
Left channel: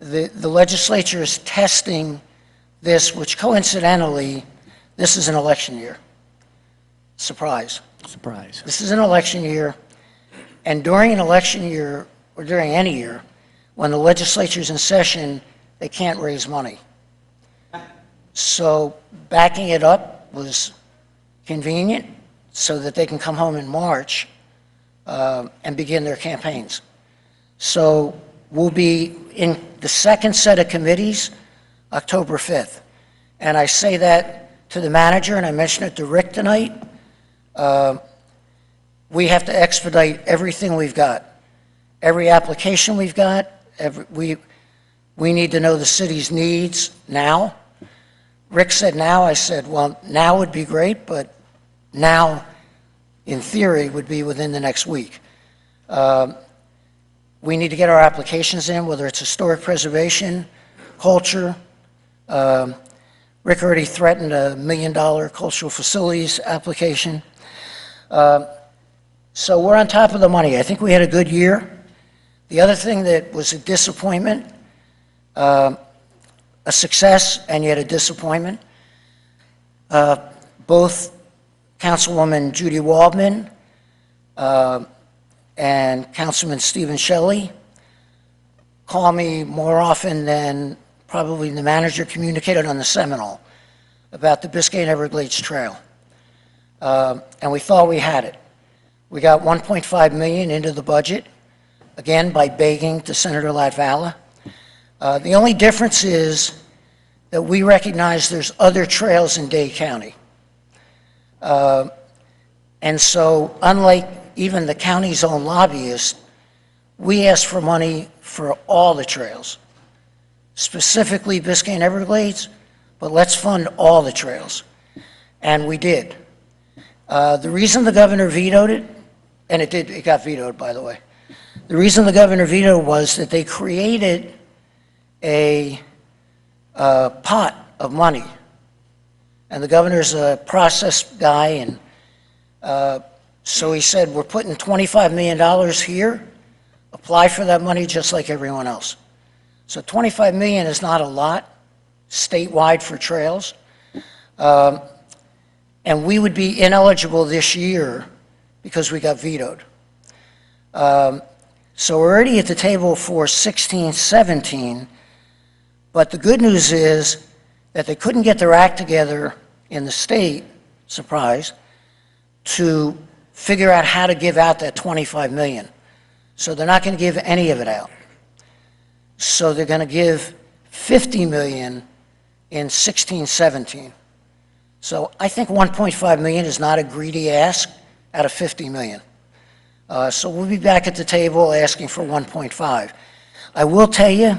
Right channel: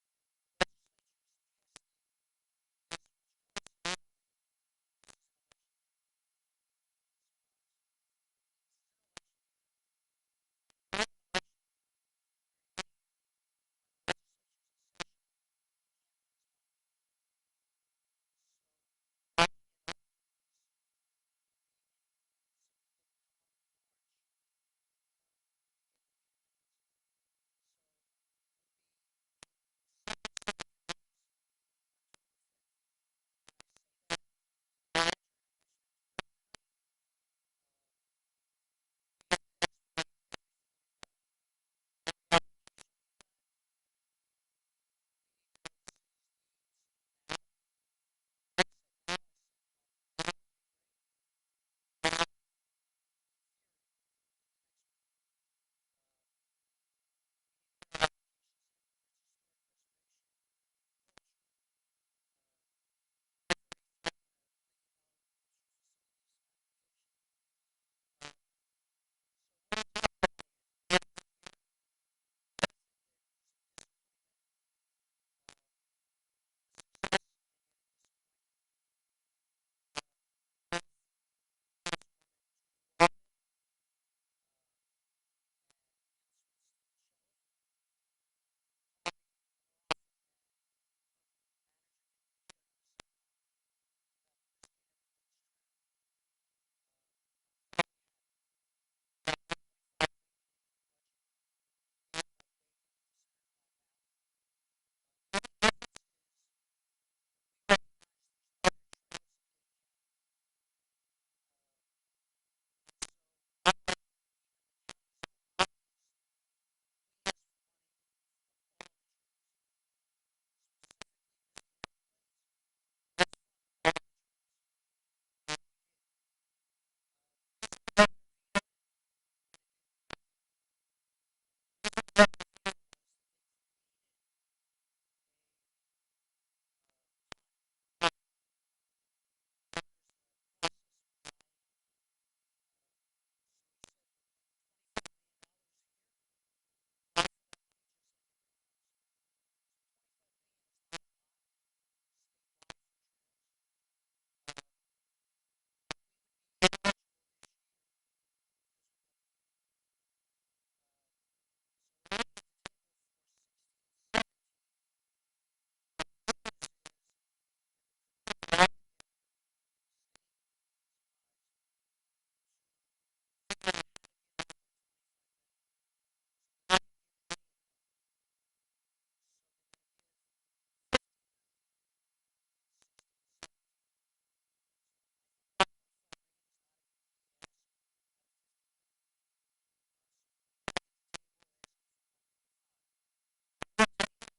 The legislature is testing this, which coincidentally, this is an election year. Surprise. Surprise. This is an election year, and during an election year, or during any year, when the legislature's in session, they can't raise money. So backing it up was convenient so that they can come home in March and begin their campaigns. So we'll be in the second set of committees October 5th. And I say that to the manager, and I mentioned it to Rick tonight. We have to expedite everything we've got. Every application we've got, we need to know the city's needs now. Rick said now, I said, well, now would be great, but now, in theory, would be within the next week. We need to get our applications in, whether it's historic preservation, culture. Rick already threatened a $1 million cultural facilities application. So we're on top of the money. I think we had a good year. The other thing that was a disappointment, a success and yet a disappointment, both Councilwoman Judy Waldman and Councilman Stephen Shelley call me more often than probably the manager communicated on the Seminole about the Biscayne Everglades Trail. And we thought we had it. We got $1.5 million into the budget, again, by begging to Senator Latvala. The only difference is that we recognize there's other trails in Dade County. And so, unlike even the county's own lobbyists, we asked for money for all the trails, specifically Biscayne Everglades, but let's fund all the trails. And we did. The reason the governor vetoed it, and it got vetoed, by the way. The reason the governor vetoed was that they created a pot of money. And the governor's a process guy, and so he said, we're putting $25 million here, apply for that money just like everyone else. So $25 million is not a lot statewide for trails. And we would be ineligible this year because we got vetoed. So we're already at the table for 16, 17, but the good news is that they couldn't get their act together in the state, surprise, to figure out how to give out that $25 million. So they're not going to give any of it out. So they're going to give $50 million in 16, 17. So I think $1.5 million is not a greedy ask out of $50 million. So we'll be back at the table asking for 1.5. I will tell you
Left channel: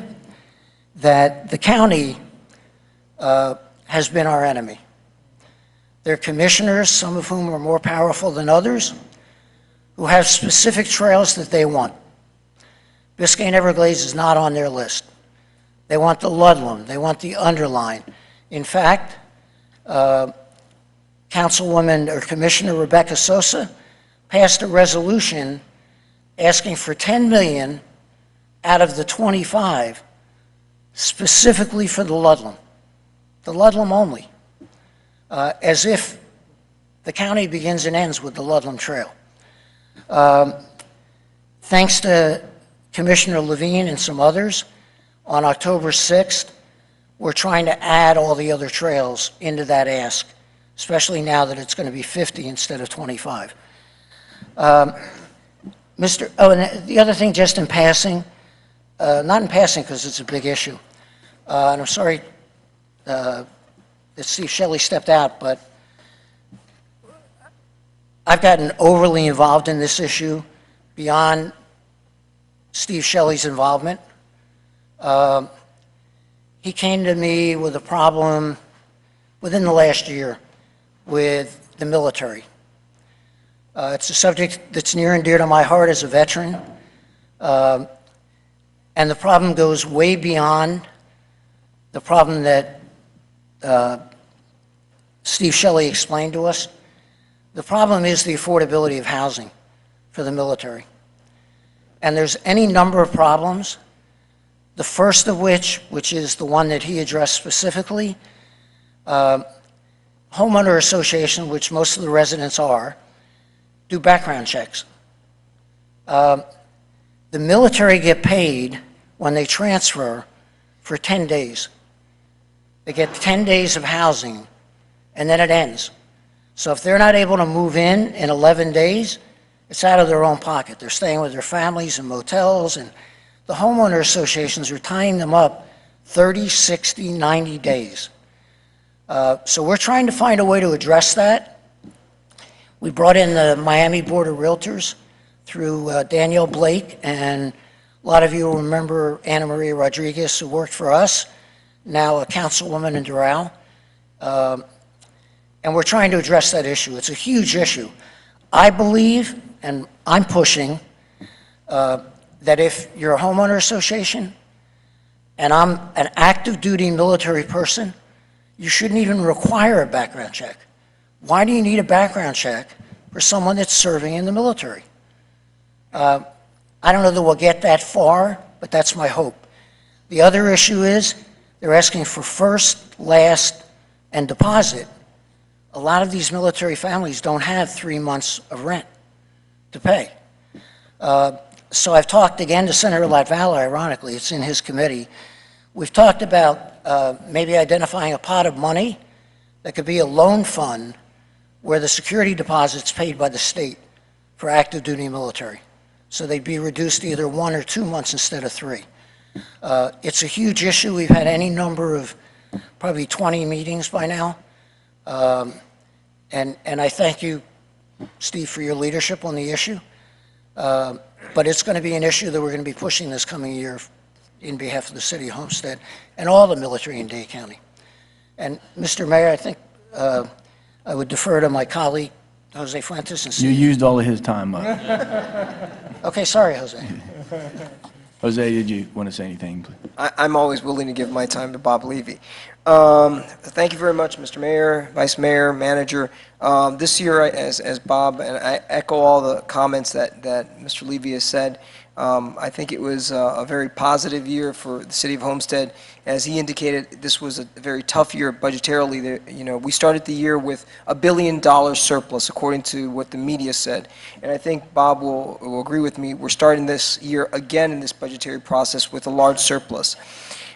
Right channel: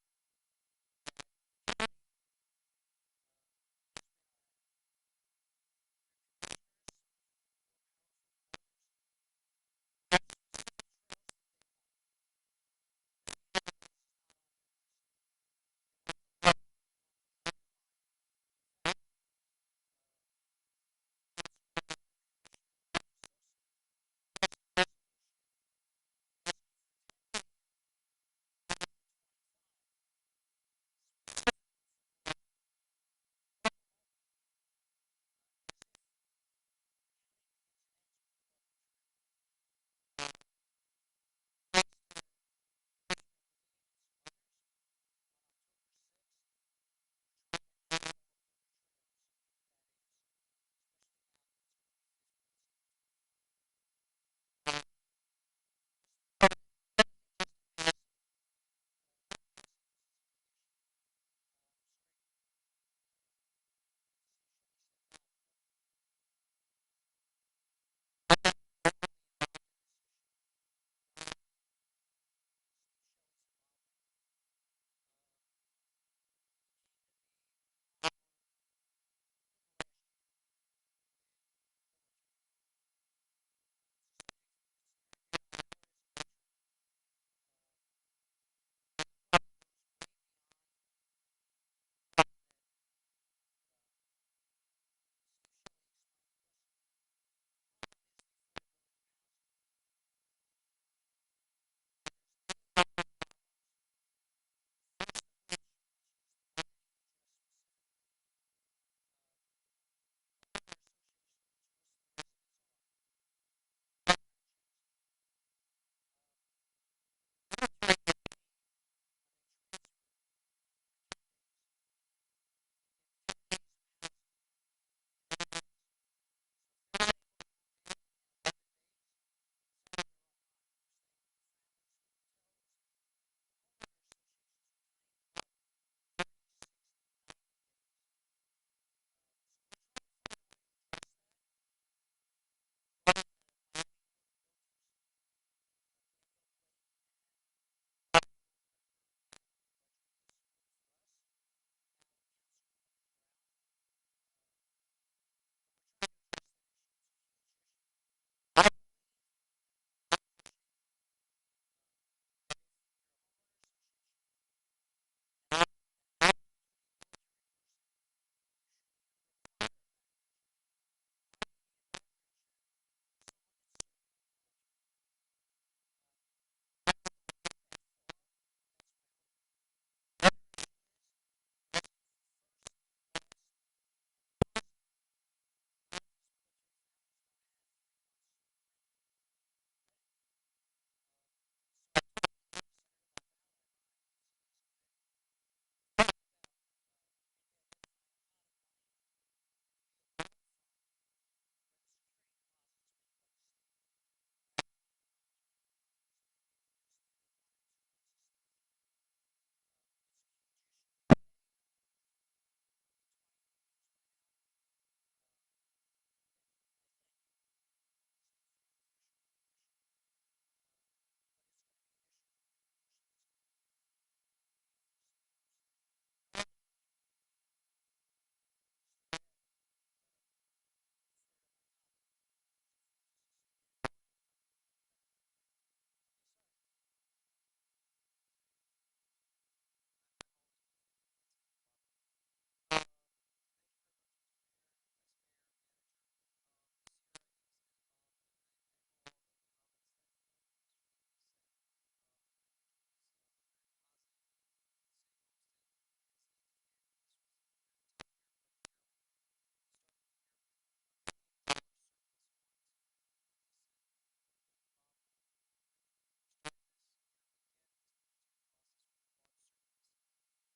that the county has been our enemy. Their commissioners, some of whom are more powerful than others, who have specific trails that they want. Biscayne Everglades is not on their list. They want the Ludlam, they want the Underline. In fact, Councilwoman or Commissioner Rebecca Sosa passed a resolution asking for $10 million out of the 25 specifically for the Ludlam only, as if the county begins and ends with the Ludlam Trail. Thanks to Commissioner Levine and some others, On October 6th, we're trying to add all the other trails into that ask, especially now that it's going to be 50 instead of 25. And the other thing, just in passing, not in passing because it's a big issue, and I'm sorry that Steve Shelley stepped out, but I've gotten overly involved in this issue beyond Steve Shelley's involvement. He came to me with a problem within the last year with the military. It's a subject that's near and dear to my heart as a veteran. And the problem goes way beyond the problem that Steve Shelley explained to us. The problem is the affordability of housing for the military. And there's any number of problems, the first of which is the one that he addressed specifically, homeowner association, which most of the residents are, do background checks. The military get paid when they transfer for 10 days. They get 10 days of housing, and then it ends. So if they're not able to move in 11 days, it's out of their own pocket. They're staying with their families in motels, and the homeowner associations are tying them up 30, 60, 90 days. So we're trying to find a way to address that. We brought in the Miami Board of Realtors through Danielle Blake, and a lot of you will remember Anna Maria Rodriguez, who worked for us, now a councilwoman in Doral. And we're trying to address that issue. It's a huge issue. I believe, and I'm pushing, that if you're a homeowner association and I'm an active duty military person, you shouldn't even require a background check. Why do you need a background check for someone that's serving in the military? I don't know that we'll get that far, but that's my hope. The other issue is they're asking for first, last, and deposit. A lot of these military families don't have 3 months of rent to pay. So I've talked again to Senator Latvala, ironically, it's in his committee. We've talked about maybe identifying a pot of money that could be a loan fund where the security deposit's paid by the state for active duty military. So they'd be reduced to either 1 or 2 months instead of 3. It's a huge issue. We've had any number of probably 20 meetings by now. And I thank you, Steve, for your leadership on the issue. But it's going to be an issue that we're going to be pushing this coming year in behalf of the city of Homestead and all the military in Dade County. And Mr. Mayor, I think I would defer to my colleague, Jose Fuentes. And You used all of his time up. Okay, sorry, Jose. Jose, did you want to say anything? I'm always willing to give my time to Bob Levy. Thank you very much, Mr. Mayor, Vice Mayor, Manager. This year, as Bob, and I echo all the comments that Mr. Levy has said, I think it was a very positive year for the city of Homestead. As he indicated, this was a very tough year budgetarily. We started the year with $1 billion surplus, according to what the media said. And I think Bob will agree with me. We're starting this year again in this budgetary process with a large surplus.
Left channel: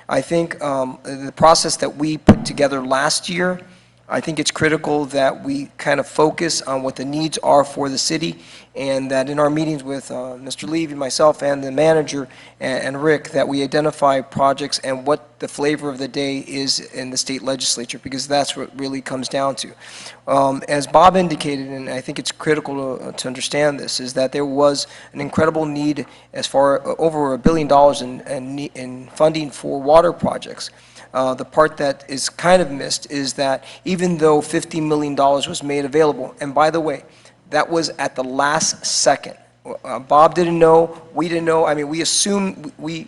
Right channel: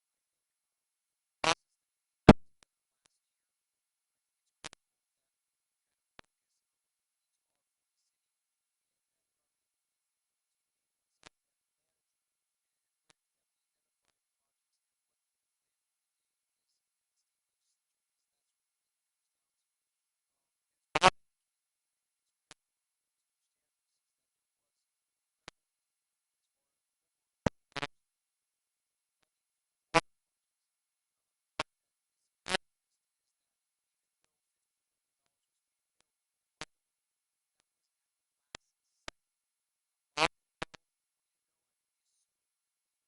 I think the process that we put together last year, I think it's critical that we kind of focus on what the needs are for the city, and that in our meetings with Mr. Levy, myself, and the manager, and Rick, that we identify projects and what the flavor of the day is in the state legislature, because that's what it really comes down to. As Bob indicated, and I think it's critical to understand this, is that there was an incredible need as far over $1 billion in funding for water projects. The part that is kind of missed is that even though $50 million was made available, and by the way, that was at the last second. Bob didn't know, we didn't know. I mean, we assume we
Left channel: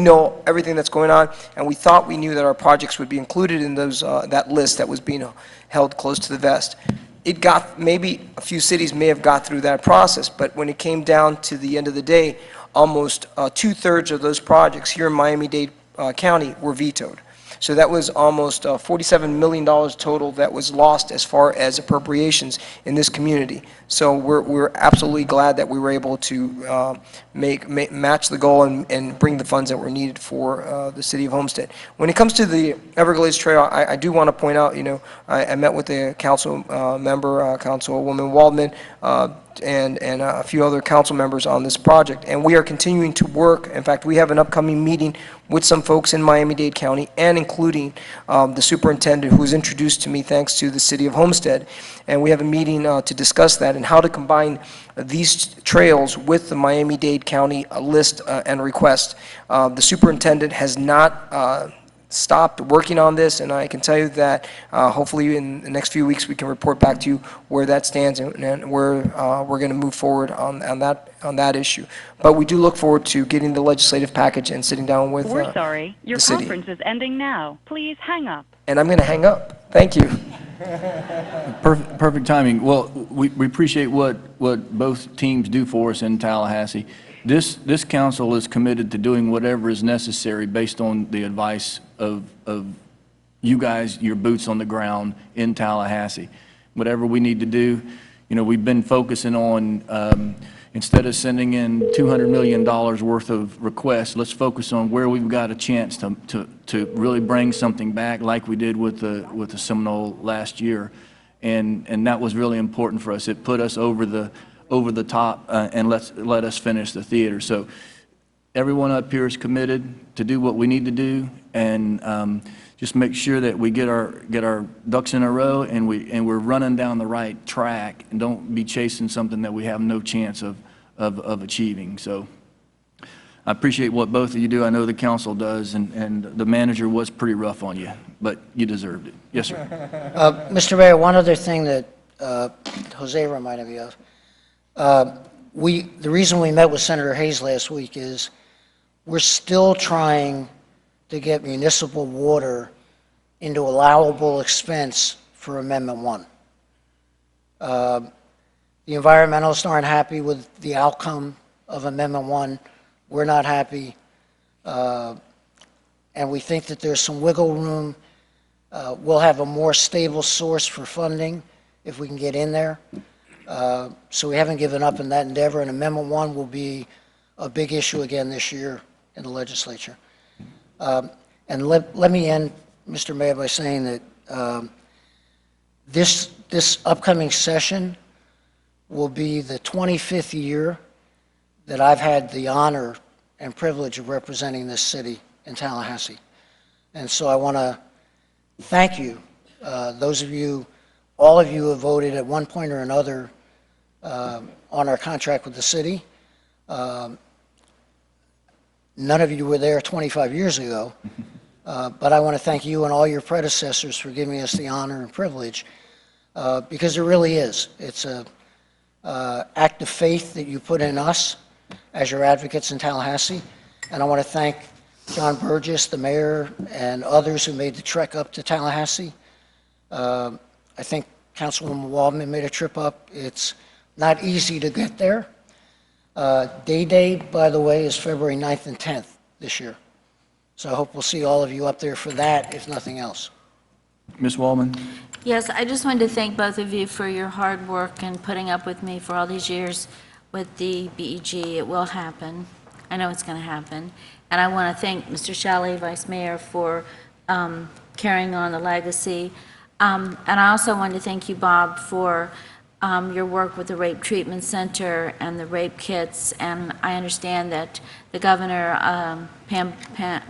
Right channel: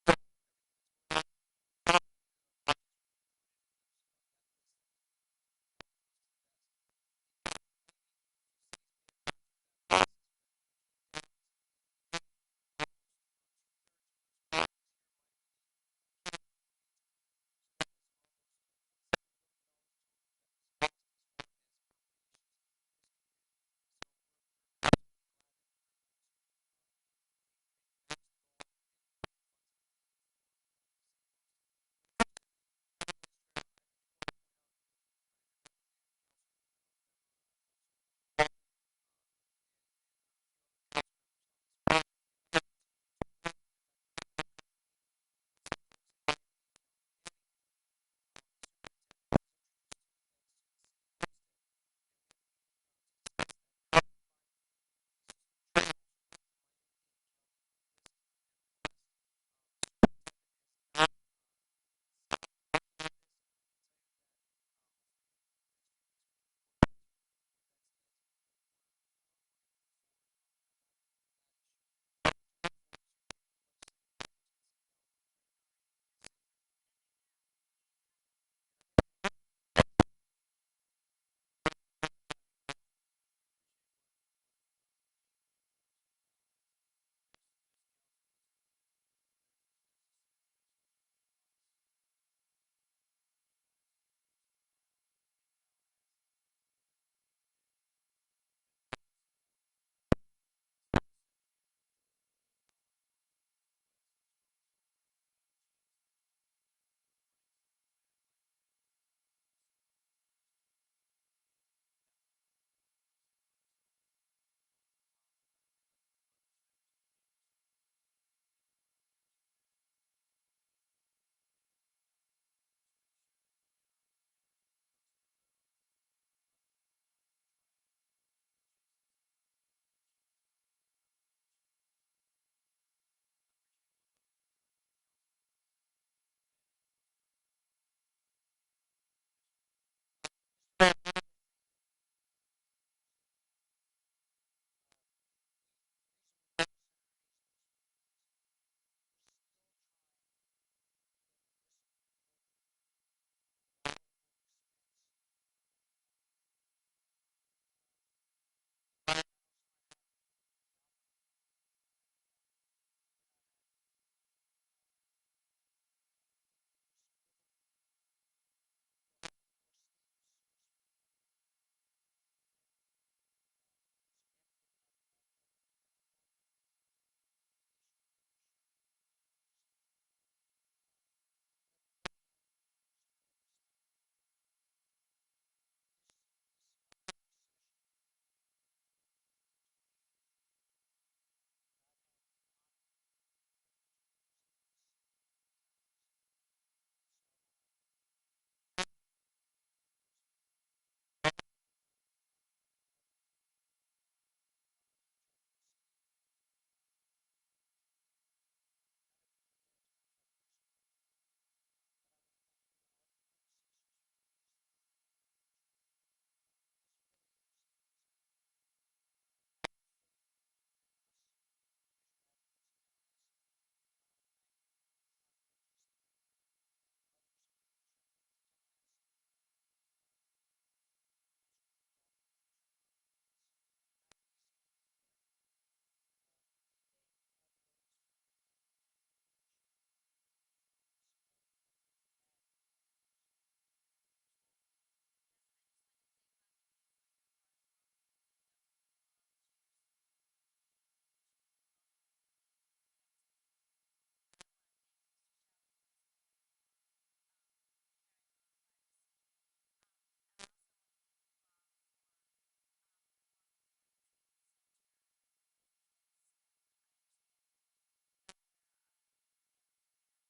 know everything that's going on, and we thought we knew that our projects would be included in those that list that was being held close to the vest. It got, maybe a few cities may have got through that process, but when it came down to the end of the day, almost 2/3 of those projects here in Miami-Dade County were vetoed. So that was almost $47 million total that was lost as far as appropriations in this community. So we're absolutely glad that we were able to match the goal and bring the funds that were needed for the city of Homestead. When it comes to the Everglades Trail, I do want to point out, I met with the council member, Councilwoman Waldman, and a few other council members on this project, and we are continuing to work. In fact, we have an upcoming meeting with some folks in Miami-Dade County, and including the superintendent, who was introduced to me thanks to the city of Homestead, and we have a meeting to discuss that and how to combine these trails with the Miami-Dade County list and request. The superintendent has not stopped working on this, and I can tell you that hopefully in the next few weeks we can report back to you where that stands and where we're going to move forward on that issue. But we do look forward to getting the legislative package and sitting down with We're sorry. Your the city. conference is ending now. Please hang up. And I'm going to hang up. Thank you. Perfect timing. Well, we appreciate what both teams do for us in Tallahassee. This council is committed to doing whatever is necessary based on the advice of you guys, your boots on the ground in Tallahassee. Whatever we need to do, we've been focusing on, instead of sending in $200 million worth of requests, let's focus on where we've got a chance to really bring something back like we did with the Seminole last year. And that was really important for us. It put us over the top and let us finish the theater. So everyone up here is committed to do what we need to do, and just make sure that we get our ducks in a row and we're running down the right track, and don't be chasing something that we have no chance of achieving. So I appreciate what both of you do. I know the council does, and the manager was pretty rough on you, but you deserved it. Yes, sir. Mr. Mayor, one other thing that Jose reminded me of. The reason we met with Senator Hayes last week is we're still trying to get municipal water into allowable expense for Amendment 1. The environmentalists aren't happy with the outcome of Amendment 1. We're not happy. And we think that there's some wiggle room. We'll have a more stable source for funding if we can get in there. So we haven't given up in that endeavor, and Amendment 1 will be a big issue again this year in the legislature. And let me end, Mr. Mayor, by saying that this upcoming session will be the 25th year that I've had the honor and privilege of representing this city in Tallahassee. And so I want to thank you, those of you, all of you who have voted at one point or another on our contract with the city. None of you were there 25 years ago, but I want to thank you and all your predecessors for giving us the honor and privilege, because it really is. It's an act of faith that you put in us as your advocates in Tallahassee, and I want to thank John Burgess, the mayor, and others who made the trek up to Tallahassee. I think Councilwoman Waldman made a trip up. It's not easy to get there. Day, by the way, is February 9th and 10th this year. So I hope we'll see all of you up there for that, if nothing else. Ms. Waldman? Yes, I just wanted to thank both of you for your hard work and putting up with me for all these years with the BEG. It will happen. I know it's going to happen. And I want to thank Mr. Shelley, Vice Mayor, for carrying on the legacy. And I also want to thank you, Bob, for your work with the Rape Treatment Center and the rape kits. And I understand that the governor, Pam, her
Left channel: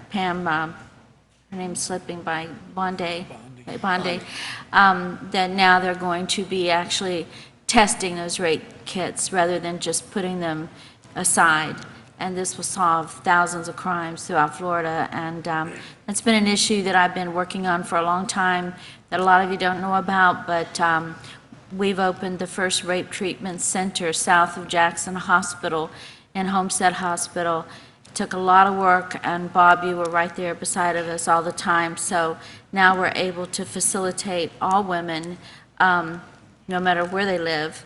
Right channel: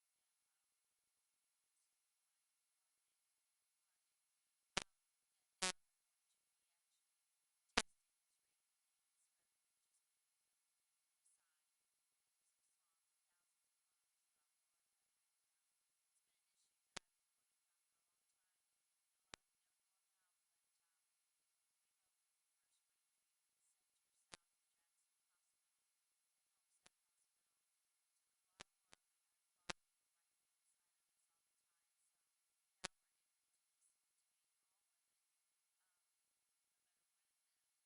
name's slipping by Bondi, that now they're going to be actually testing those rape kits rather than just putting them aside. And this will solve thousands of crimes throughout Florida. And it's been an issue that I've been working on for a long time that a lot of you don't know about, but we've opened the first rape treatment center south of Jackson Hospital in Homestead Hospital. It took a lot of work, and Bob, you were right there beside of us all the time. So now we're able to facilitate all women, no matter where they live,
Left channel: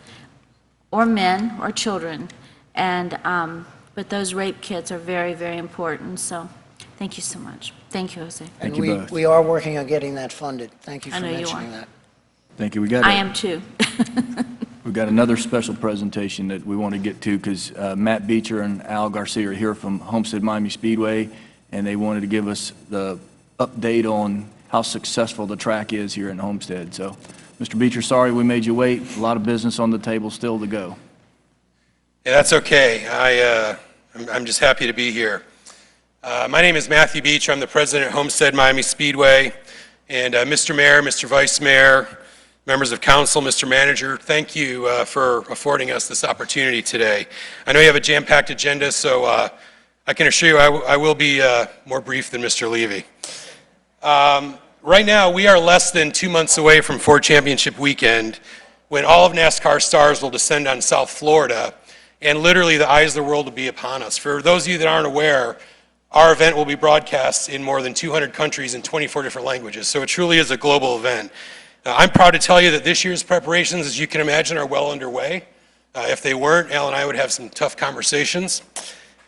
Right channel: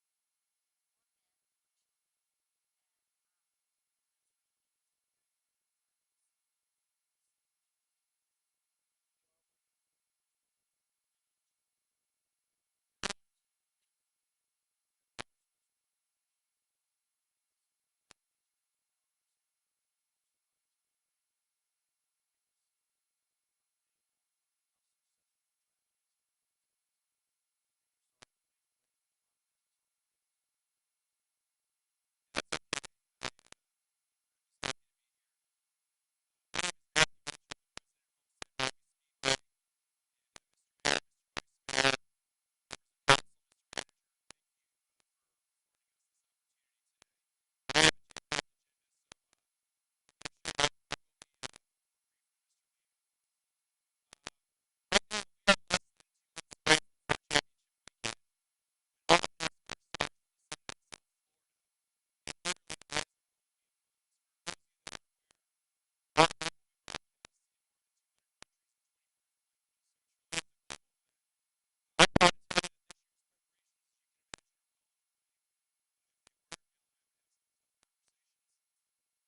or men or children. And but those rape kits are very, very important. So Thank you so much. Thank you, Jose. And you we, both. we are working on getting that funded. Thank you I for know you mentioning are. that. Thank you. We got I am too. we've got another special presentation that we want to get to because Matt Beecher and Al Garcia are here from Homestead Miami Speedway, and they wanted to give us the update on how successful the track is here in Homestead. So, Mr. Beecher, sorry we made you wait. A lot of business on the table still to go. Yeah, that's okay. I'm just happy to be here. My name is Matthew Beecher. I'm the president of Homestead Miami Speedway. And Mr. Mayor, Mr. Vice Mayor, members of council, Mr. Manager, thank you for affording us this opportunity today. I know you have a jam-packed agenda, so I can assure you I will be more brief than Mr. Levy. Right now, we are less than 2 months away from Ford Championship Weekend, when all of NASCAR stars will descend on South Florida, and literally the eyes of the world will be upon us. For those of you that aren't aware, our event will be broadcast in more than 200 countries in 24 different languages, so it truly is a global event. I'm proud to tell you that this year's preparations, as you can imagine, are well underway. If they weren't, Al and I would have some tough conversations.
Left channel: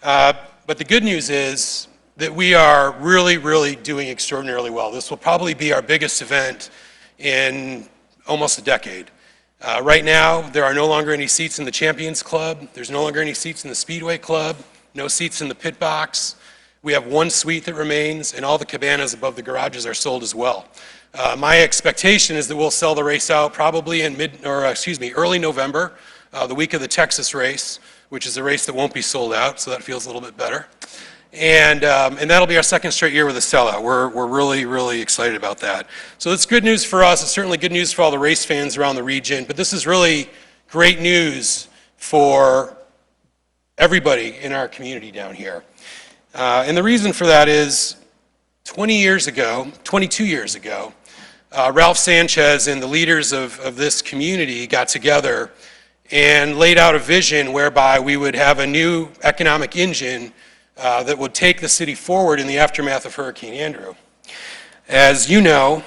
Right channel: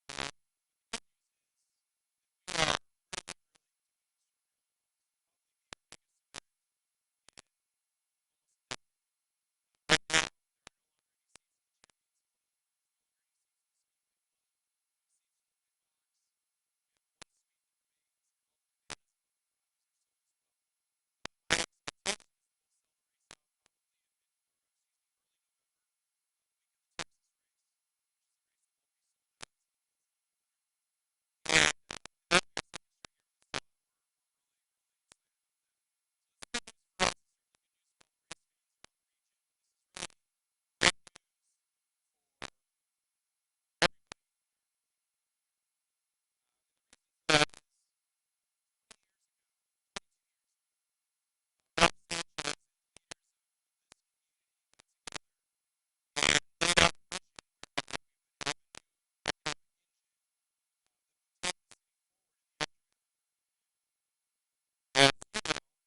But the good news is that we are really, really doing extraordinarily well. This will probably be our biggest event in almost a decade. Right now, there are no longer any seats in the Champions Club. There's no longer any seats in the Speedway Club, no seats in the pit box. We have one suite that remains, and all the cabanas above the garages are sold as well. My expectation is that we'll sell the race out probably in early November, the week of the Texas race, which is a race that won't be sold out, so that feels a little bit better. And that'll be our second straight year with a sellout. We're really, really excited about that. So it's good news for us. It's certainly good news for all the race fans around the region, but this is really great news for everybody in our community down here. And the reason for that is 22 years ago, Ralph Sanchez and the leaders of this community got together and laid out a vision whereby we would have a new economic engine that would take the city forward in the aftermath of Hurricane Andrew. As you know,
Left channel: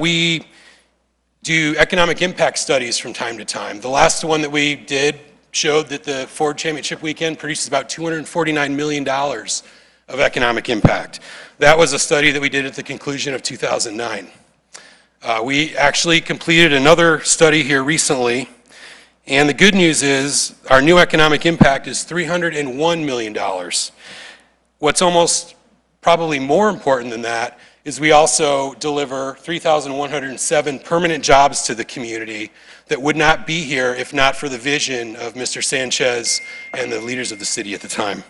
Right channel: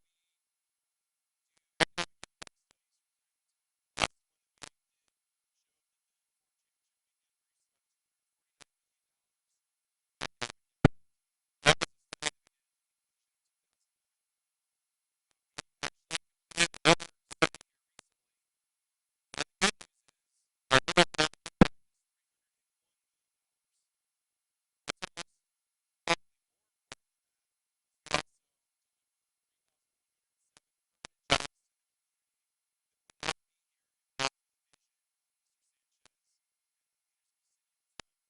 we do economic impact studies from time to time. The last one that we did showed that the Ford Championship Weekend produces about $249 million of economic impact. That was a study that we did at the conclusion of 2009. We actually completed another study here recently, and the good news is our new economic impact is $301 million. What's almost probably more important than that is we also deliver 3,107 permanent jobs to the community that would not be here if not for the vision of Mr. Sanchez and the leaders of the city at the time.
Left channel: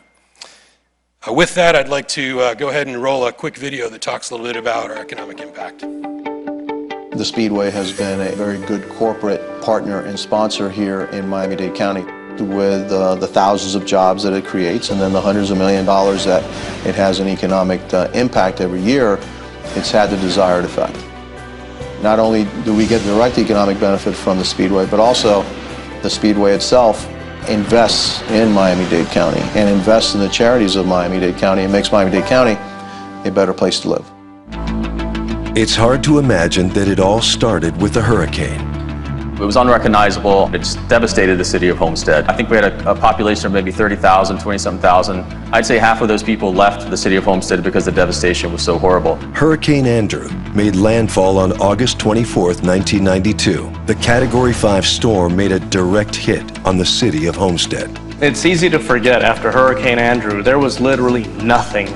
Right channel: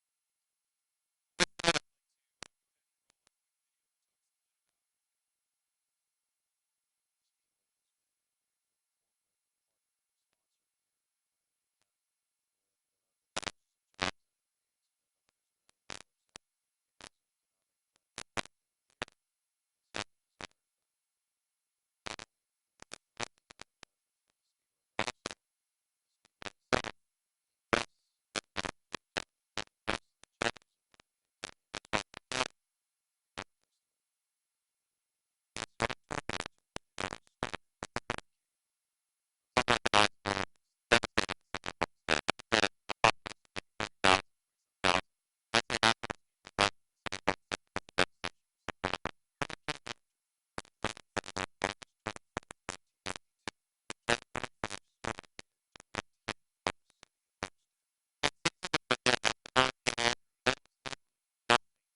With that, I'd like to go ahead and roll a quick video that talks a little bit about our economic impact. The Speedway has been a very good corporate partner and sponsor here in Miami-Dade County with the thousands of jobs that it creates and then the hundreds of $millions that it has an economic impact every year. It's had the desired effect. Not only do we get direct economic benefit from the Speedway, but also the Speedway itself invests in Miami-Dade County and invests in the charities of Miami-Dade County and makes Miami-Dade County a better place to live. It's hard to imagine that it all started with a hurricane. It was unrecognizable. It's devastated the city of Homestead. I think we had a population of maybe 30,000, 20-something thousand. I'd say half of those people left the city of Homestead because the devastation was so horrible. Hurricane Andrew made landfall on August 24, 1992. The Category 5 storm made a direct hit on the city of Homestead. It's easy to forget after Hurricane Andrew, there was literally nothing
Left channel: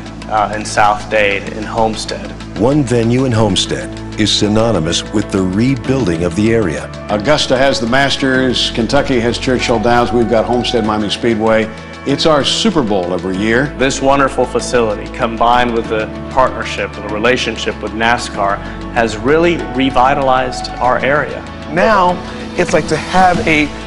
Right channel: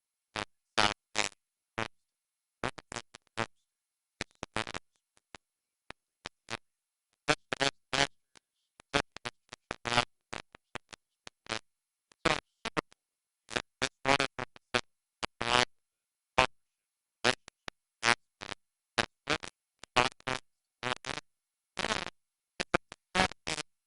in South Dade, in Homestead. One venue in Homestead is synonymous with the rebuilding of the area. Augusta has the Masters, Kentucky has Churchill Downs, we've got Homestead Miami Speedway. It's our Super Bowl every year. This wonderful facility, combined with the partnership and the relationship with NASCAR, has really revitalized our area. Now, it's like to have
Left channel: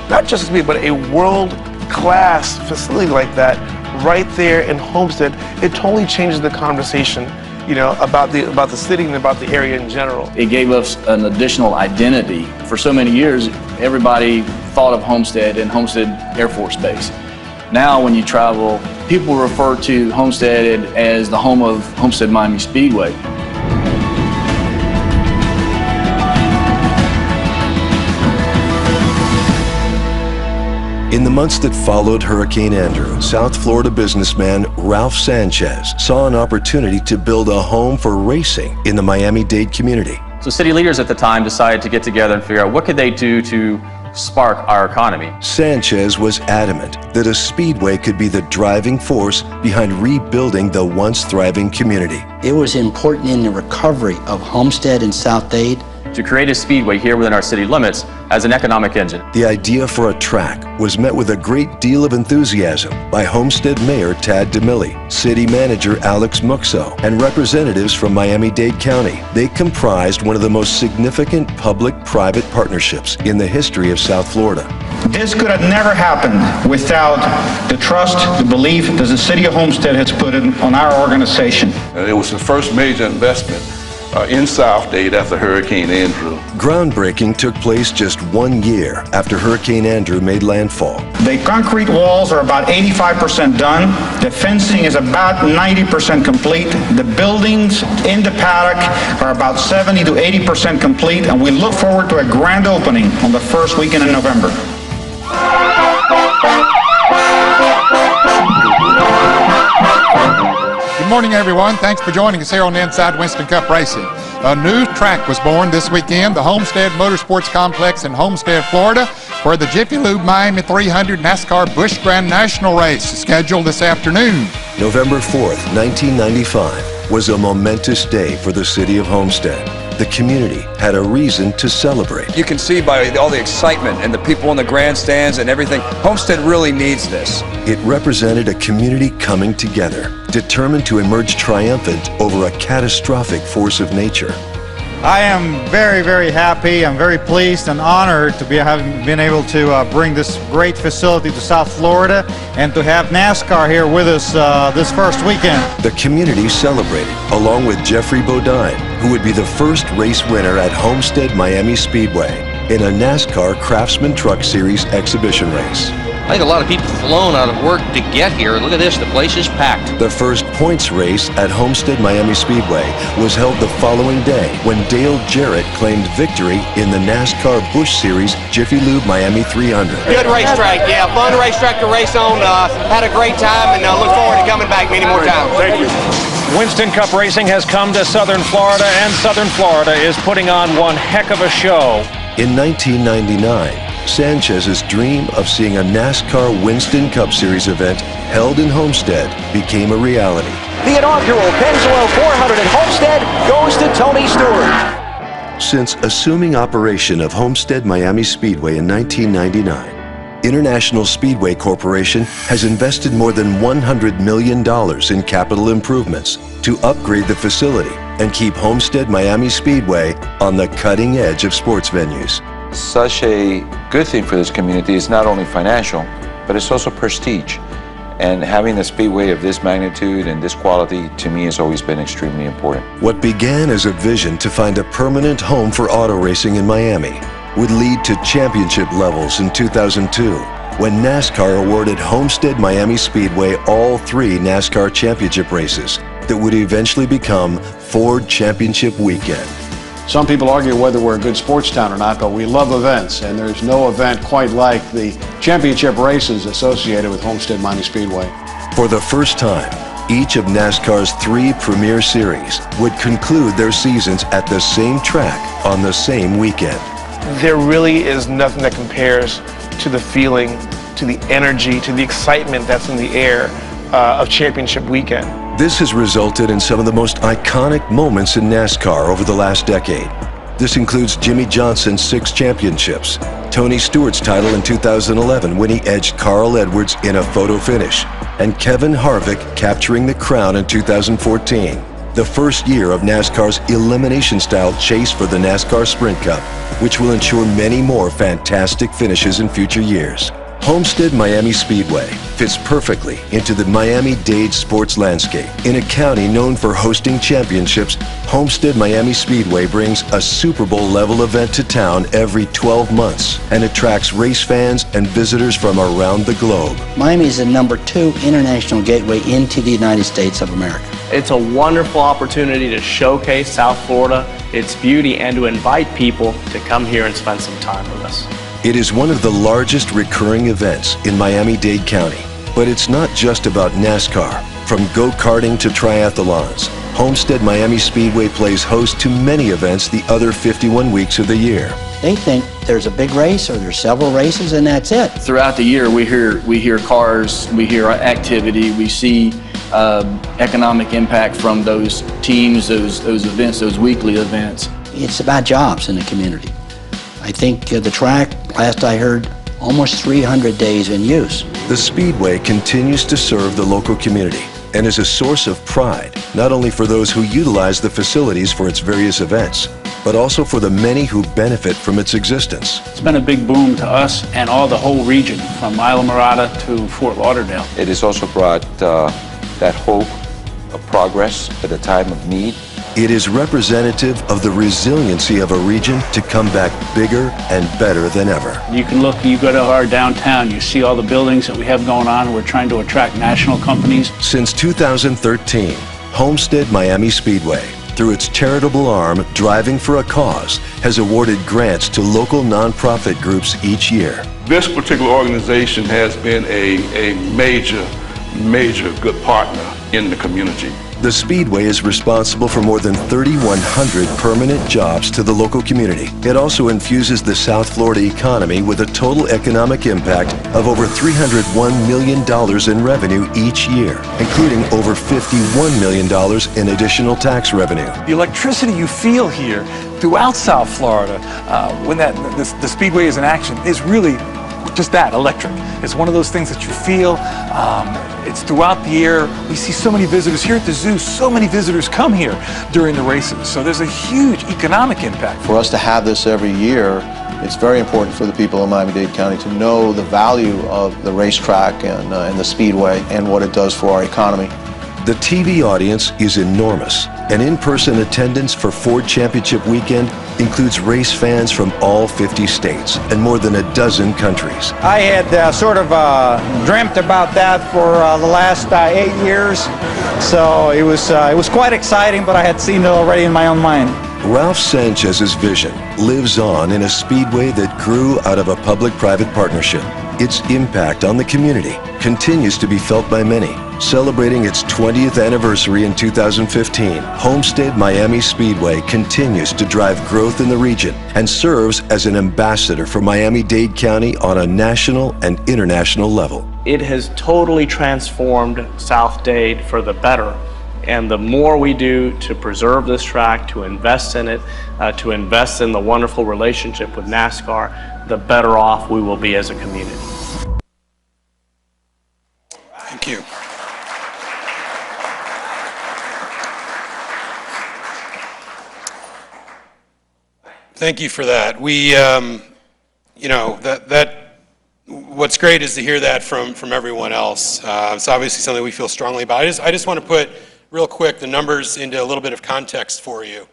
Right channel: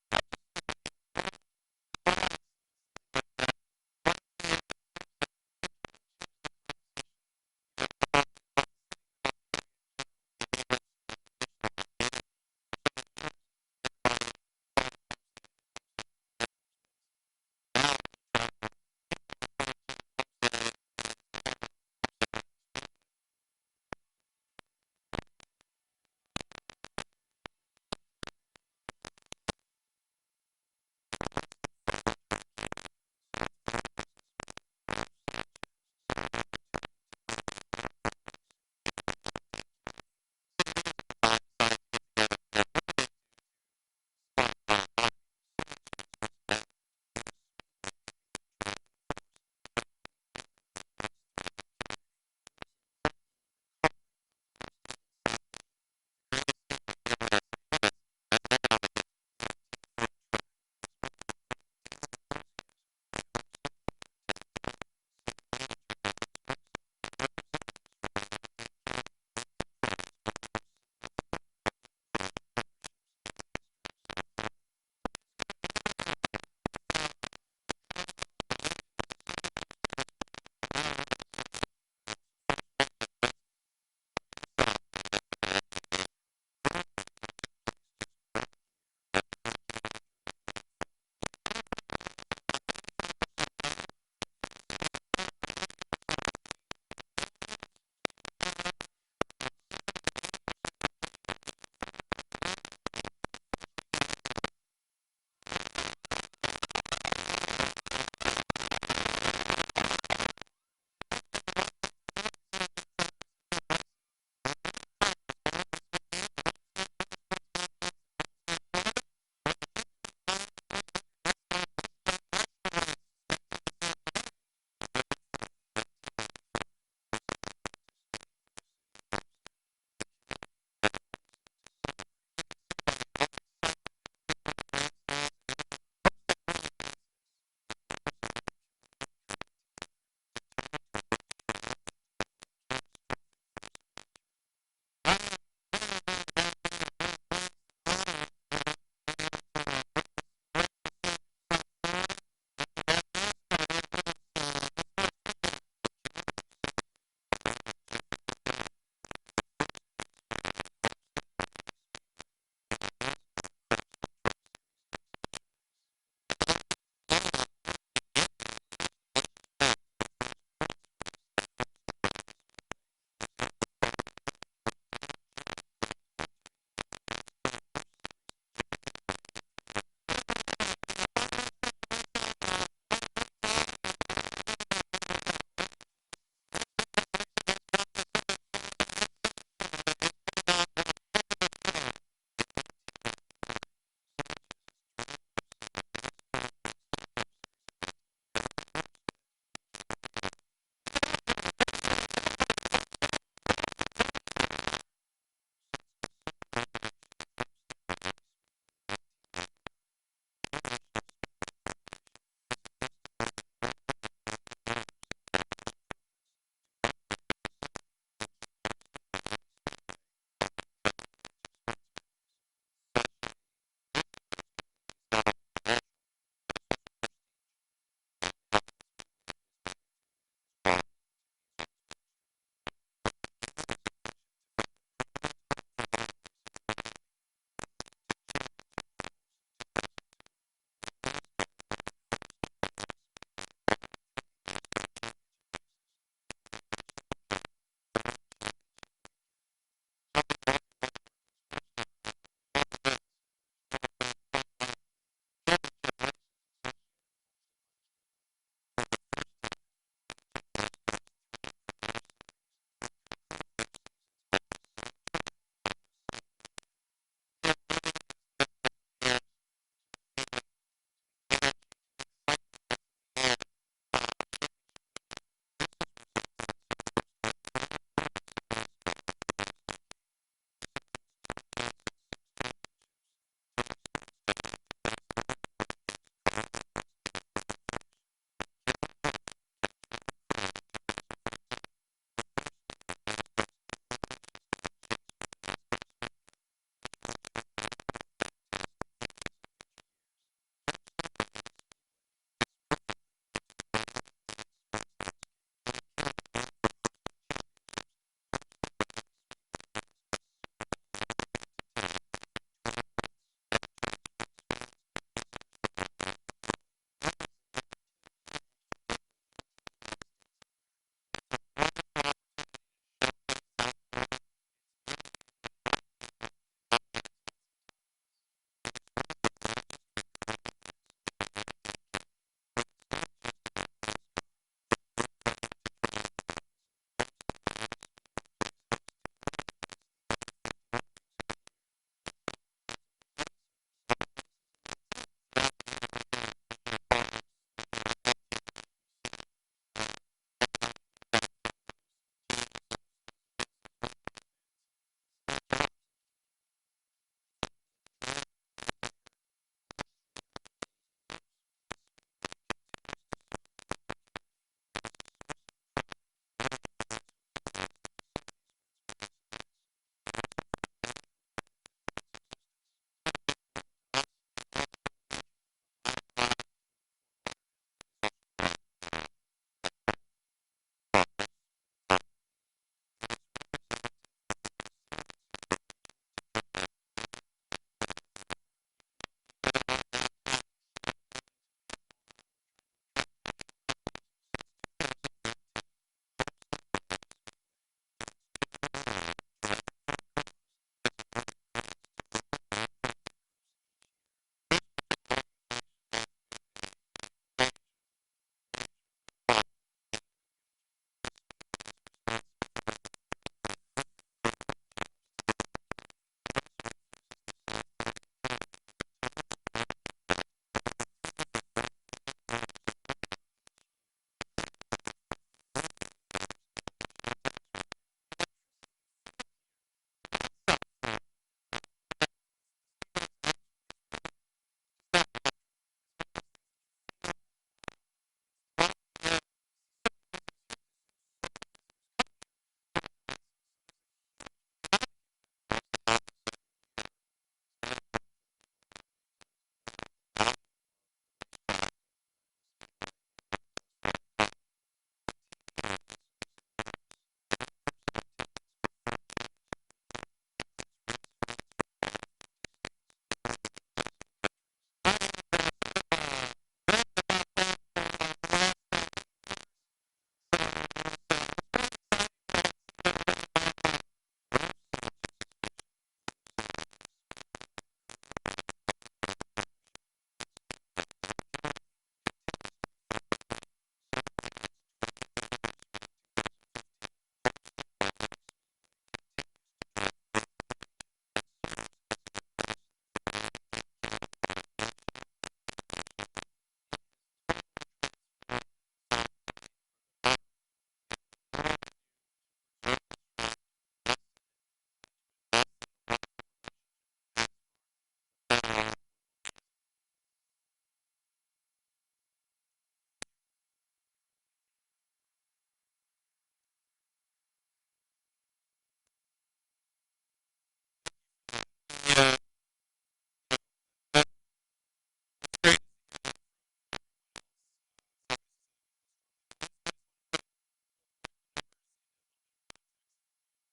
not just a speed, but a world-class facility like that right there in Homestead. It totally changes the conversation, about the city and about the area in general. It gave us an additional identity. For so many years, everybody thought of Homestead and Homestead Air Force Base. Now, when you travel, people refer to Homestead as the home of Homestead Miami Speedway. In the months that followed Hurricane Andrew, South Florida businessman Ralph Sanchez saw an opportunity to build a home for racing in the Miami-Dade community. So city leaders at the time decided to get together and figure out what could they do to spark our economy. Sanchez was adamant that a speedway could be the driving force behind rebuilding the once thriving community. It was important in the recovery of Homestead and South Dade to create a speedway here within our city limits as an economic engine. The idea for a track was met with a great deal of enthusiasm by Homestead Mayor Tad DeMilli, City Manager Alex Muxo, and representatives from Miami-Dade County. They comprised one of the most significant public-private partnerships in the history of South Florida. This could have never happened without the trust, the belief that the City of Homestead has put on our organization. It was the first major investment in South Dade after Hurricane Andrew. Groundbreaking took place just 1 year after Hurricane Andrew made landfall. The concrete walls are about 85% done. The fencing is about 90% complete. The buildings in the paddock are about 70 to 80% complete, and we look forward to a grand opening on the first weekend in November. Good morning, everyone. Thanks for joining us here on the Inside Winston Cup Racing. A new track was born this weekend, the Homestead Motorsports Complex in Homestead, Florida, for the Jiffy Lube Miami 300 NASCAR Busch Grand National Race, scheduled this afternoon. November 4th, 1995, was a momentous day for the city of Homestead. The community had a reason to celebrate. You can see by all the excitement and the people in the grandstands and everything, Homestead really needs this. It represented a community coming together, determined to emerge triumphant over a catastrophic force of nature. I am very, very happy. I'm very pleased and honored to having been able to bring this great facility to South Florida and to have NASCAR here with us this first weekend. The community celebrated, along with Jeffrey Bodine, who would be the first race winner at Homestead Miami Speedway in a NASCAR Craftsman Truck Series exhibition race. I think a lot of people flown out of work to get here. Look at this, the place is packed. The first points race at Homestead Miami Speedway was held the following day when Dale Jarrett claimed victory in the NASCAR Busch Series Jiffy Lube Miami 300. Good racetrack, yeah, fun racetrack to race on. Had a great time and look forward to coming back many more times. Thank you. Winston Cup Racing has come to Southern Florida, and Southern Florida is putting on one heck of a show. In 1999, Sanchez's dream of seeing a NASCAR Winston Cup Series event held in Homestead became a reality. The inaugural Pennzoil 400 at Homestead goes to Tony Stewart. Since assuming operation of Homestead Miami Speedway in 1999, International Speedway Corporation has invested more than $100 million in capital improvements to upgrade the facility and keep Homestead Miami Speedway on the cutting edge of sports venues. Such a good thing for this community is not only financial, but it's also prestige. And having a speedway of this magnitude and this quality, to me, has always been extremely important. What began as a vision to find a permanent home for auto racing in Miami would lead to championship levels in 2002, when NASCAR awarded Homestead Miami Speedway all 3 NASCAR championship races that would eventually become Ford Championship Weekend. Some people argue whether we're a good sports town or not, but we love events, and there's no event quite like the championship races associated with Homestead Miami Speedway. For the first time, each of NASCAR's 3 premier series would conclude their seasons at the same track on the same weekend. There really is nothing that compares to the feeling, to the energy, to the excitement that's in the air of championship weekend. This has resulted in some of the most iconic moments in NASCAR over the last decade. This includes Jimmy Johnson's 6 championships, Tony Stewart's title in 2011 when he edged Carl Edwards in a photo finish, and Kevin Harvick capturing the crown in 2014, the first year of NASCAR's elimination-style chase for the NASCAR Sprint Cup, which will ensure many more fantastic finishes in future years. Homestead Miami Speedway fits perfectly into the Miami-Dade sports landscape. In a county known for hosting championships, Homestead Miami Speedway brings a Super Bowl-level event to town every 12 months and attracts race fans and visitors from around the globe. Miami is the #2 international gateway into the United States of America. It's a wonderful opportunity to showcase South Florida, its beauty, and to invite people to come here and spend some time with us. It is one of the largest recurring events in Miami-Dade County. But it's not just about NASCAR. From go-karting to triathlons, Homestead Miami Speedway plays host to many events the other 51 weeks of the year. They think there's a big race or there's several races and that's it. Throughout the year, we hear cars, we hear activity, we see economic impact from those teams, those events, those weekly events. It's about jobs in the community. I think the track, last I heard, almost 300 days in use. The Speedway continues to serve the local community and is a source of pride, not only for those who utilize the facilities for its various events, but also for the many who benefit from its existence. It's been a big boom to us and all the whole region, from Isla Mirada to Fort Lauderdale. It has also brought that hope of progress at a time of need. It is representative of the resiliency of a region to come back bigger and better than ever. You can look, you go to our downtown, you see all the buildings that we have going on. We're trying to attract national companies. Since 2013, Homestead Miami Speedway, through its charitable arm, Driving for a Cause, has awarded grants to local nonprofit groups each year. This particular organization has been a major good partner in the community. The Speedway is responsible for more than 3,100 permanent jobs to the local community. It also infuses the South Florida economy with a total economic impact of over $301 million in revenue each year, including over $51 million in additional tax revenue. The electricity you feel here throughout South Florida when the Speedway is in action is really just that, electric. It's one of those things that you feel. It's throughout the year. We see so many visitors here at the zoo. So many visitors come here during the races. So there's a huge economic impact. For us to have this every year, it's very important for the people of Miami-Dade County to know the value of the racetrack and the Speedway and what it does for our economy. The TV audience is enormous, and in-person attendance for Ford Championship Weekend includes race fans from all 50 states and more than a dozen countries. I had sort of dreamt about that for the last 8 years, so it was quite exciting, but I had seen it already in my own mind. Ralph Sanchez's vision lives on in a speedway that grew out of a public-private partnership. Its impact on the community continues to be felt by many. Celebrating its 20th anniversary in 2015, Homestead Miami Speedway continues to drive growth in the region and serves as an ambassador for Miami-Dade County on a national and international level. It has totally transformed South Dade for the better. And the more we do to preserve this track, to invest in it, to invest in the wonderful relationship with NASCAR, the better off we will be as a community. Thank you. Thank you for that. We, you know, what's great is to hear that from everyone else. It's obviously something we feel strongly about. I just want to put real quick the numbers into a little bit of context for you.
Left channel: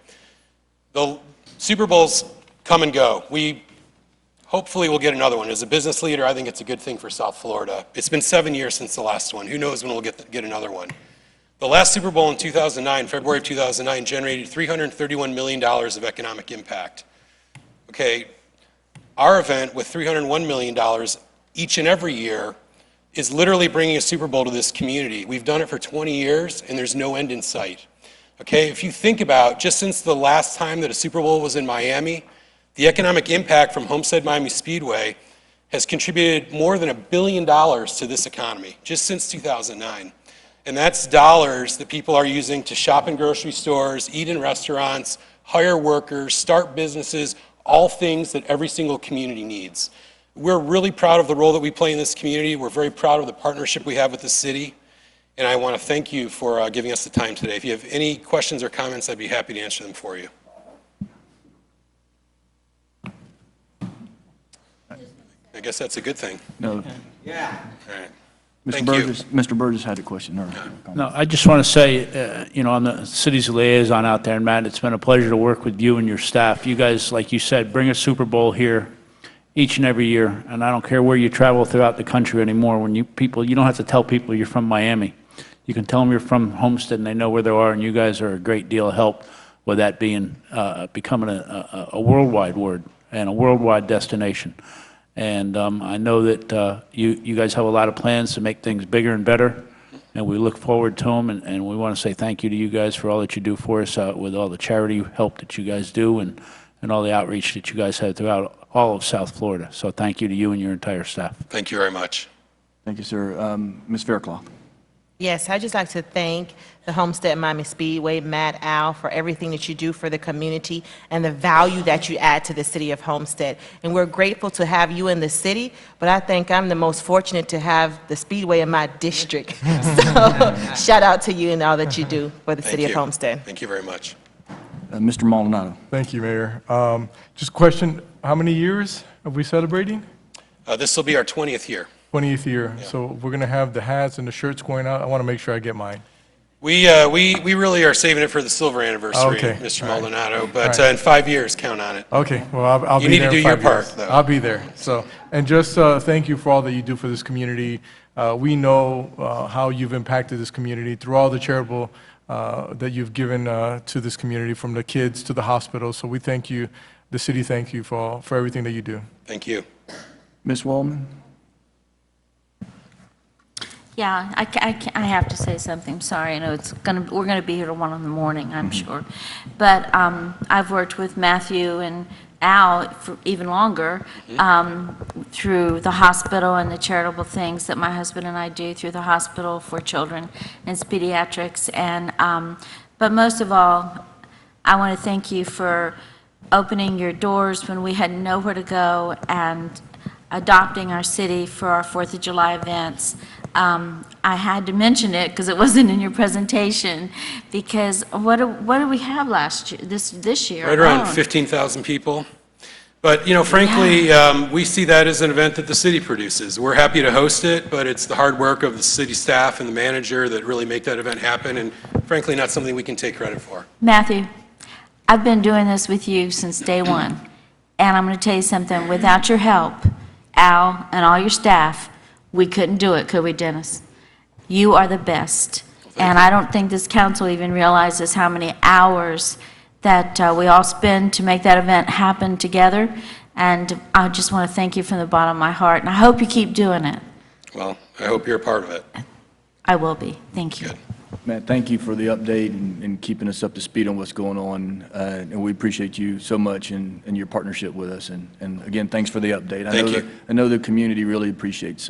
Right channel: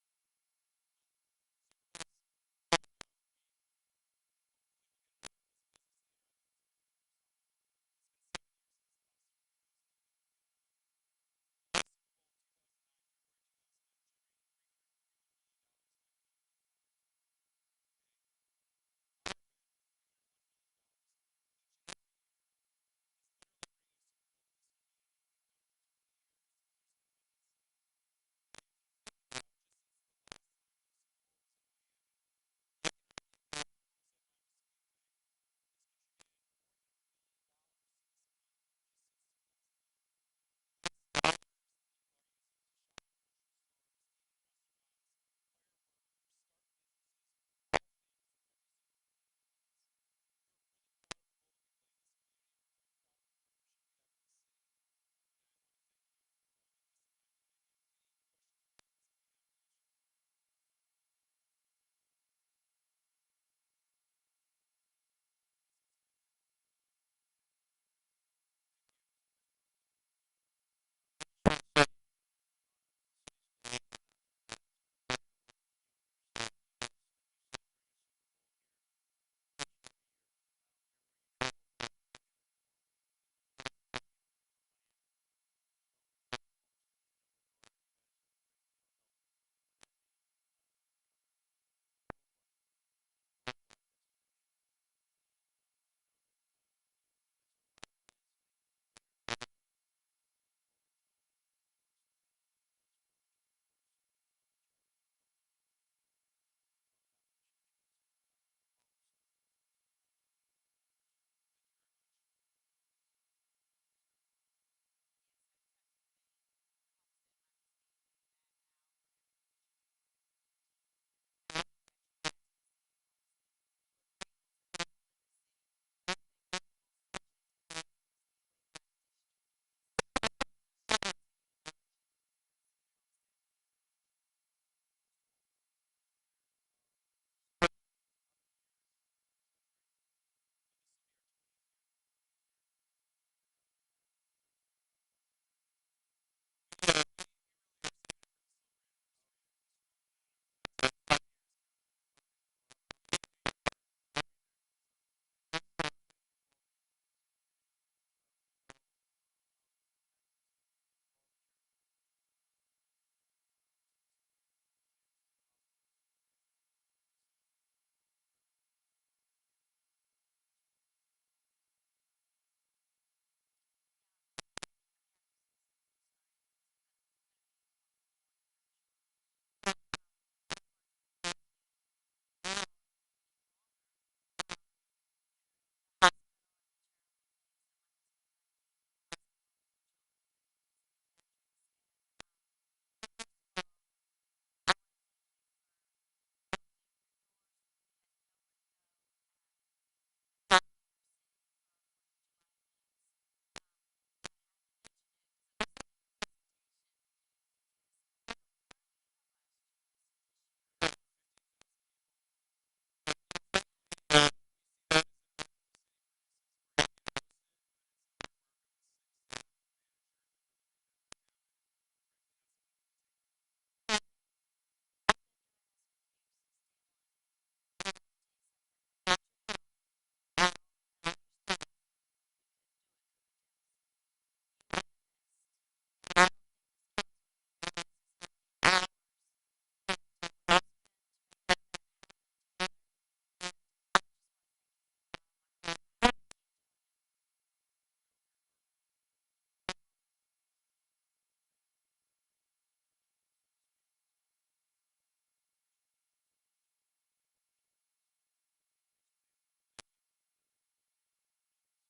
The Super Bowls come and go. We hopefully will get another one. As a business leader, I think it's a good thing for South Florida. It's been 7 years since the last one. Who knows when we'll get another one. The last Super Bowl in 2009, February of 2009, generated $331 million of economic impact. Okay, our event with $301 million each and every year is literally bringing a Super Bowl to this community. We've done it for 20 years, and there's no end in sight. Okay, if you think about just since the last time that a Super Bowl was in Miami, the economic impact from Homestead Miami Speedway has contributed more than $1 billion to this economy, just since 2009. And that's dollars that people are using to shop in grocery stores, eat in restaurants, hire workers, start businesses, all things that every single community needs. We're really proud of the role that we play in this community. We're very proud of the partnership we have with the city. And I want to thank you for giving us the time today. If you have any questions or comments, I'd be happy to answer them for you. I guess that's a good thing. No. Yeah. All right. Mr. Burgess had a question. No, I just want to say, you know, I'm the city's liaison out there, and Matt, it's been a pleasure to work with you and your staff. You guys, like you said, bring a Super Bowl here each and every year, and I don't care where you travel throughout the country anymore. When you don't have to tell people you're from Miami. You can tell them you're from Homestead, and they know where they are, and you guys are a great deal of help with that being becoming a worldwide word and a worldwide destination. And I know that you guys have a lot of plans to make things bigger and better, and we look forward to them. And we want to say thank you to you guys for all that you do for us with all the charity help that you guys do and all the outreach that you guys have throughout all of South Florida. So thank you to you and your entire staff. Thank you very much. Thank you, sir. Ms. Faircloth. Yes, I'd just like to thank the Homestead Miami Speedway, Matt, Al, for everything that you do for the community and the value that you add to the city of Homestead. And we're grateful to have you in the city, but I think I'm the most fortunate to have the Speedway in my district. So shout out to you and all that you do for the city of Homestead. Thank you very much. Mr. Maldonado. Thank you, Mayor. Just a question, how many years are we celebrating? This will be our 20th year. 20th year. Yeah. So we're going to have the hats and the shirts going out. I want to make sure I get mine. We really are saving it for the silver anniversary, okay. Mr. All Maldonado, right. but Right. In 5 years, count on it. Okay, well, I'll you be need there to do in your 5 part, years. though. I'll be there. So, and just thank you for all that you do for this community. We know how you've impacted this community through all the charitable that you've given to this community, from the kids to the hospital. So we thank you, the city thank you for everything that you do. Thank you. Ms. Waldman? Yeah, I have to say something. Sorry, I know we're gonna be here till 1 in the morning, I'm sure. But I've worked with Matthew and Al for even longer through the hospital and the charitable things that my husband and I do through the hospital for children and pediatrics. And but most of all, I want to thank you for opening your doors when we had nowhere to go and adopting our city for our 4th of July events. I had to mention it because it wasn't in your presentation, because what did we have last year, this year? Right around alone? 15,000 people. But, frankly, we see that as an event that the city produces. We're happy to host it, but it's the hard work of the city staff and the manager that really make that event happen, and frankly, not something we can take credit for. Matthew, I've been doing this with you since day one, and I'm going to tell you something. Without your help, Al, and all your staff, we couldn't do it, could we, Dennis? You are the best. And I don't think this council even realizes how many hours that we all spend to make that event happen together. And I just want to thank you from the bottom of my heart. And I hope you keep doing it. Well, I hope you're a part of it. I will be. Thank you. Good. Matt, thank you for the update and keeping us up to speed on what's going on. And we appreciate you so much and your partnership with us. And again, thanks for the update. I know the community really appreciates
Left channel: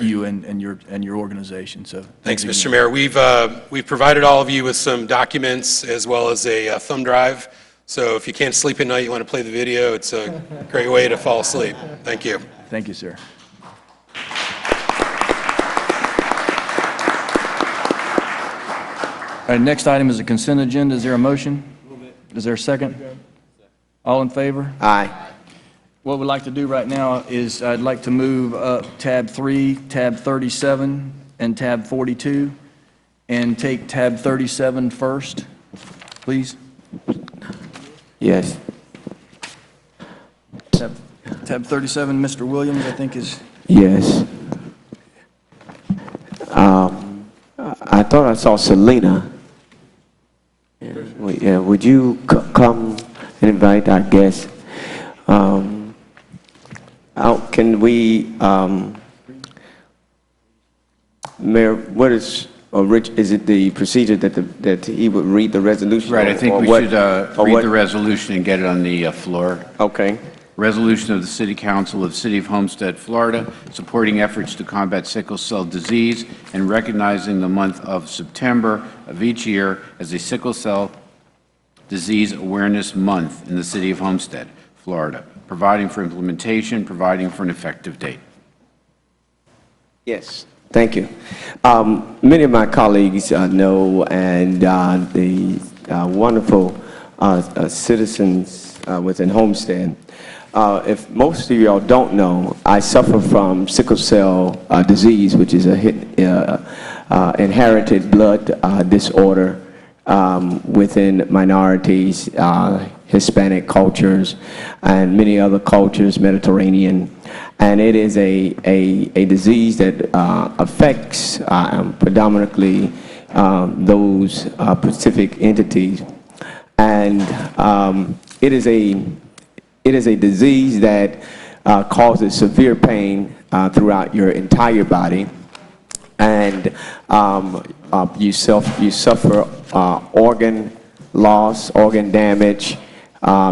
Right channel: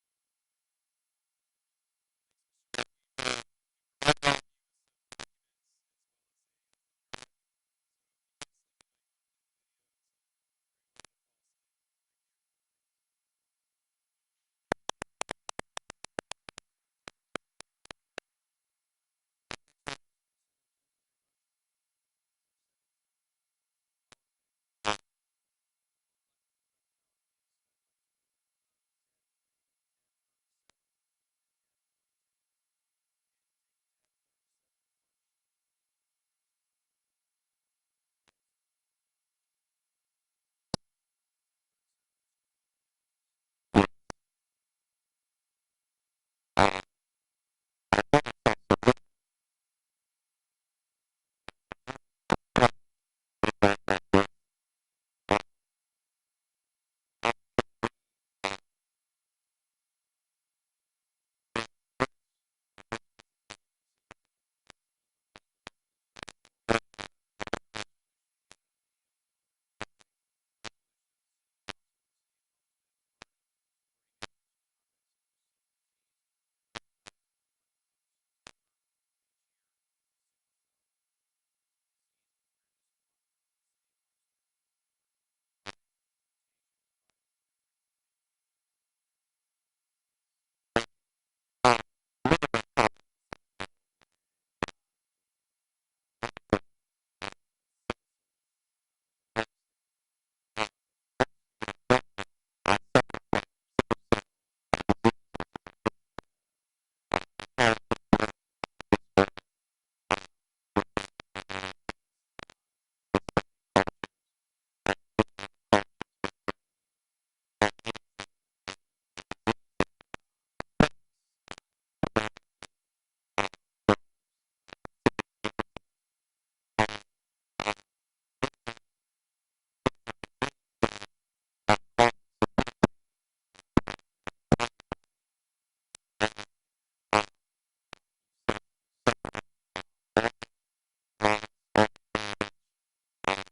you and your organization. So Thanks, you Mr. again. Mayor. We've provided all of you with some documents as well as a thumb drive. So if you can't sleep at night, you want to play the video, it's a great way to fall asleep. Thank you. Thank you, sir. All right, next item is a consent agenda. Is there a motion? Is there a second? All in favor? Aye. What we'd like to do right now is I'd like to move up tab 3, tab 37, and tab 42, and take tab 37 first, please. Yes. Tab 37, Mr. Williams, I think is... Yes. I thought I saw Selena. Yeah, would you come and invite our guests? Can we, Mayor, what is, or Rich, is it the procedure that he would read the resolution? Right, I think or we what- should or read what- the resolution and get it on the floor. Okay. Resolution of the City Council of the City of Homestead, Florida, supporting efforts to combat sickle cell disease and recognizing the month of September of each year as a Sickle Cell Disease Awareness Month in the City of Homestead, Florida, providing for implementation, providing for an effective date. Yes, thank you. Many of my colleagues know, and the wonderful citizens within Homestead. If most of y'all don't know, I suffer from sickle cell disease, which is a inherited blood disorder within minorities, Hispanic cultures, and many other cultures, Mediterranean. And it is a disease that affects predominantly those specific entities. And it is a disease that causes severe pain throughout your entire body, and you suffer organ loss, organ damage,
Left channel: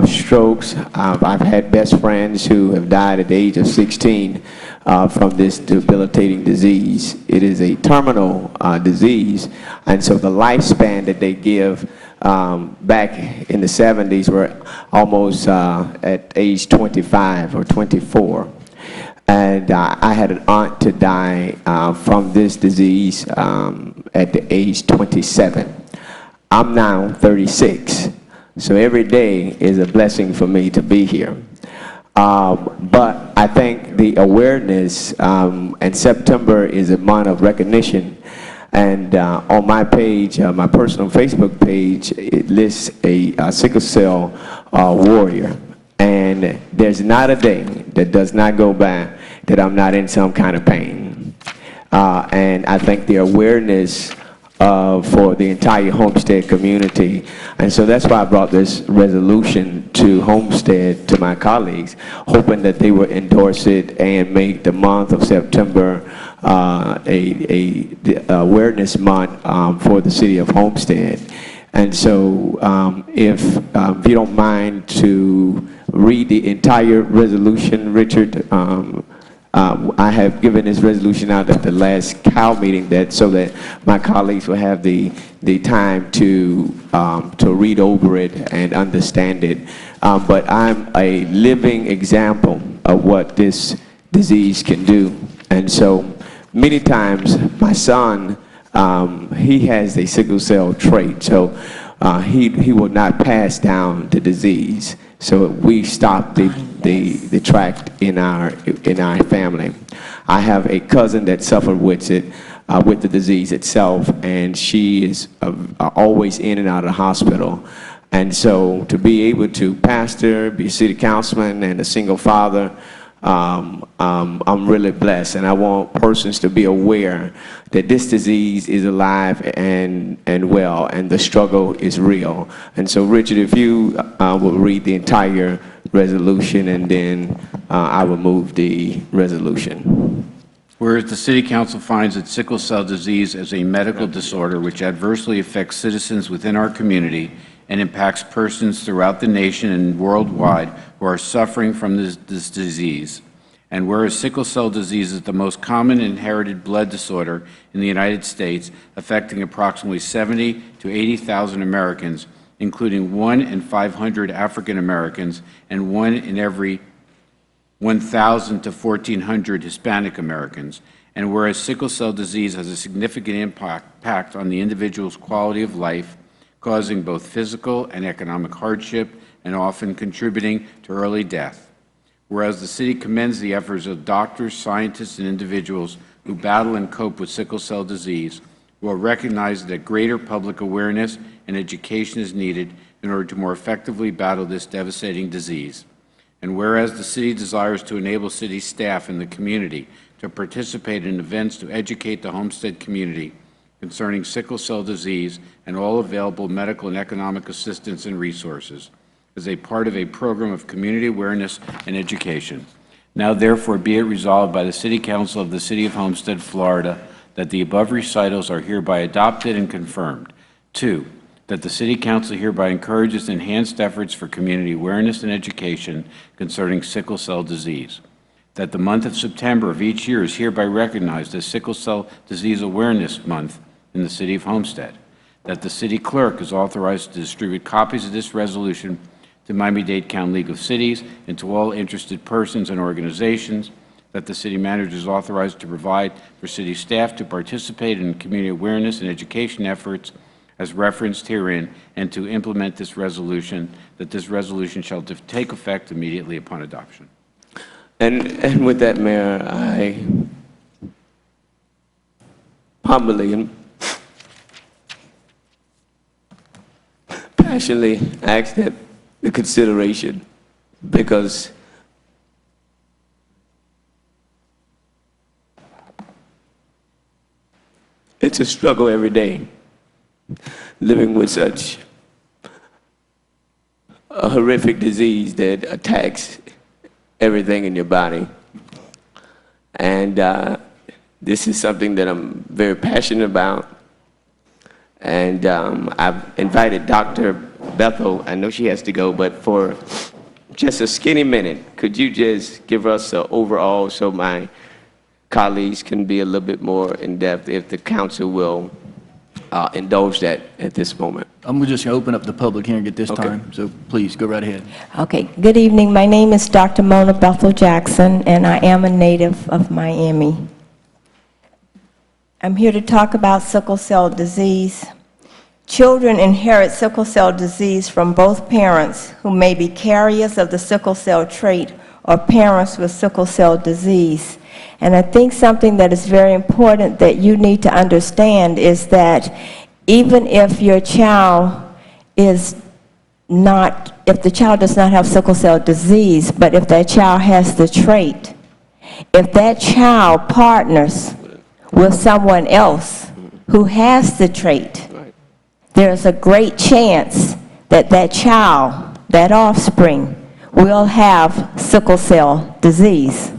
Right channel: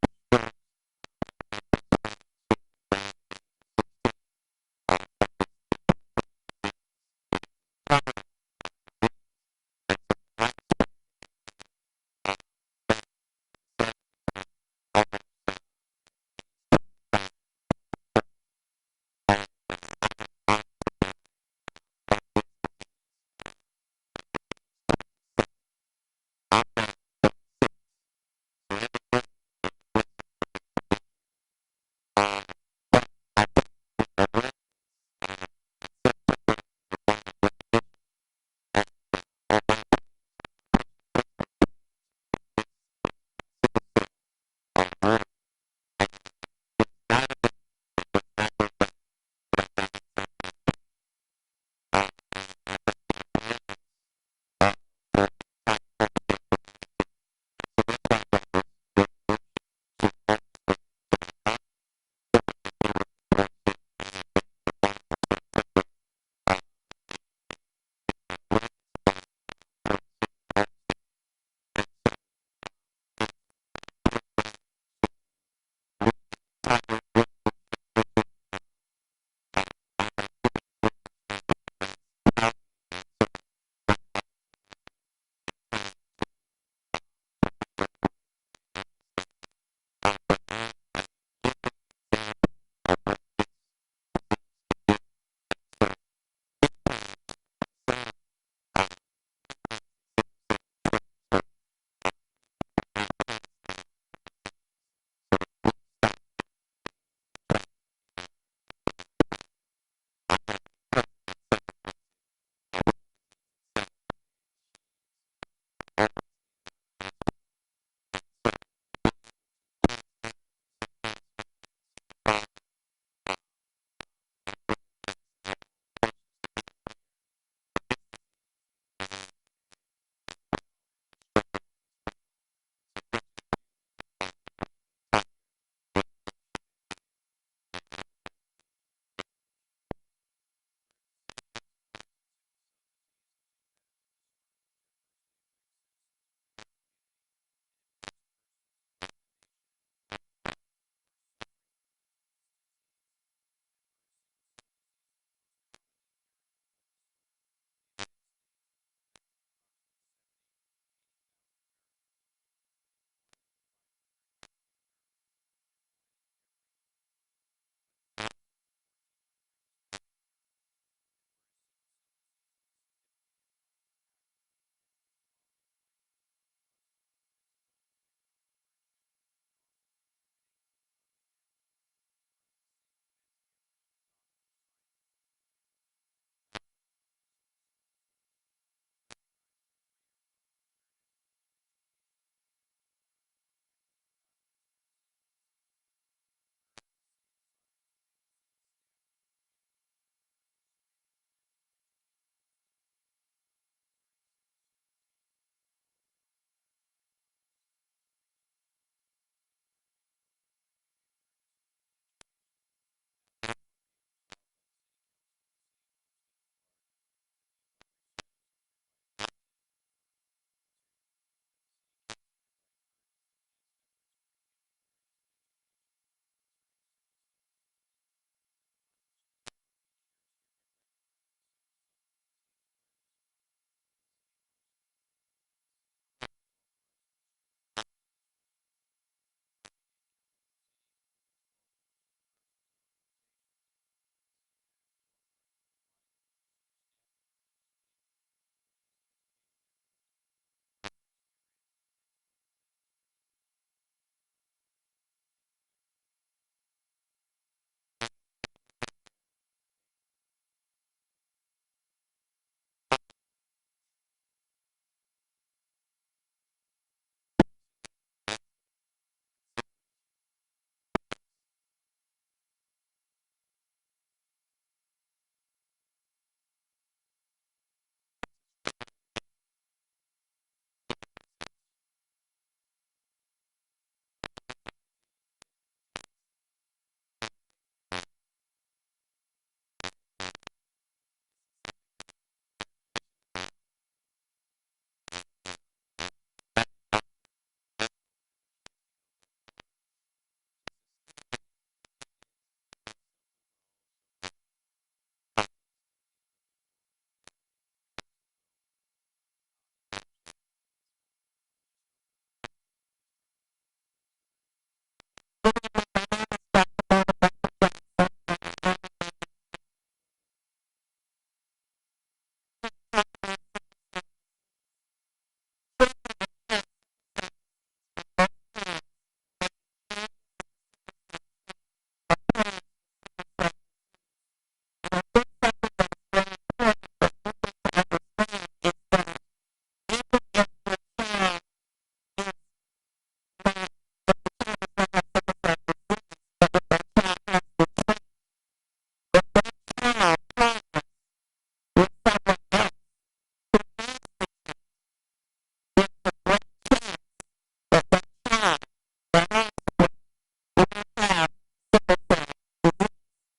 strokes. I've had best friends who have died at the age of 16 from this debilitating disease. It is a terminal disease, and so the lifespan that they give back in the 70s were almost at age 25 or 24. And I had an aunt to die from this disease at the age 27. I'm now 36, so every day is a blessing for me to be here. But I think the awareness, and September is a month of recognition, and on my page, my personal Facebook page, it lists a sickle cell warrior. And there's not a day that does not go by that I'm not in some kind of pain. And I think the awareness for the entire Homestead community, and so that's why I brought this resolution to Homestead, to my colleagues, hoping that they would endorse it and make the month of September the awareness month for the city of Homestead. And so if you don't mind to read the entire resolution, Richard. I have given this resolution out at the last COW meeting so that my colleagues will have the time to read over it and understand it. But I'm a living example of what this disease can do. And so many times my son, he has a sickle cell trait, so he will not pass down the disease. So we stopped the tract in our family. I have a cousin that suffered with it, with the disease itself, and she is always in and out of the hospital. And so to be able to pastor, be a city councilman, and a single father, I'm really blessed, and I want persons to be aware that this disease is alive and well, and the struggle is real. And so, Richard, if you will read the entire resolution, and then I will move the resolution. Whereas the City Council finds that sickle cell disease is a medical disorder which adversely affects citizens within our community and impacts persons throughout the nation and worldwide who are suffering from this disease. And whereas sickle cell disease is the most common inherited blood disorder in the United States, affecting approximately 70 to 80,000 Americans, including 1 in 500 African Americans and 1 in every 1,000 to 1,400 Hispanic Americans. And whereas sickle cell disease has a significant impact on the individual's quality of life, causing both physical and economic hardship and often contributing to early death. Whereas the city commends the efforts of doctors, scientists, and individuals who battle and cope with sickle cell disease, will recognize that greater public awareness and education is needed in order to more effectively battle this devastating disease. And whereas the city desires to enable city staff and the community to participate in events to educate the Homestead community concerning sickle cell disease and all available medical and economic assistance and resources as a part of a program of community awareness and education. Now therefore be it resolved by the City Council of the City of Homestead, Florida, that the above recitals are hereby adopted and confirmed. 2, that the City Council hereby encourages enhanced efforts for community awareness and education concerning sickle cell disease. That the month of September of each year is hereby recognized as Sickle Cell Disease Awareness Month in the City of Homestead. That the City Clerk is authorized to distribute copies of this resolution to Miami-Dade County League of Cities and to all interested persons and organizations. That the City Manager is authorized to provide for City staff to participate in community awareness and education efforts as referenced herein, and to implement this resolution, that this resolution shall take effect immediately upon adoption. And with that, Mayor, I humbly and passionately ask that the consideration, because it's a struggle every day living with such a horrific disease that attacks everything in your body. And this is something that I'm very passionate about. And I've invited Dr. Bethel, I know she has to go, but for just a skinny minute, could you just give us an overall so my colleagues can be a little bit more in-depth, if the council will indulge that at this moment? I'm just going to open up the public hearing at this time, so please go right ahead. Okay, good evening. My name is Dr. Mona Bethel Jackson, and I am a native of Miami. I'm here to talk about sickle cell disease. Children inherit sickle cell disease from both parents who may be carriers of the sickle cell trait or parents with sickle cell disease. And I think something that is very important that you need to understand is that even if your child is not, if the child does not have sickle cell disease, but if that child has the trait, if that child partners with someone else who has the trait, there's a great chance that that child, that offspring, will have sickle cell disease.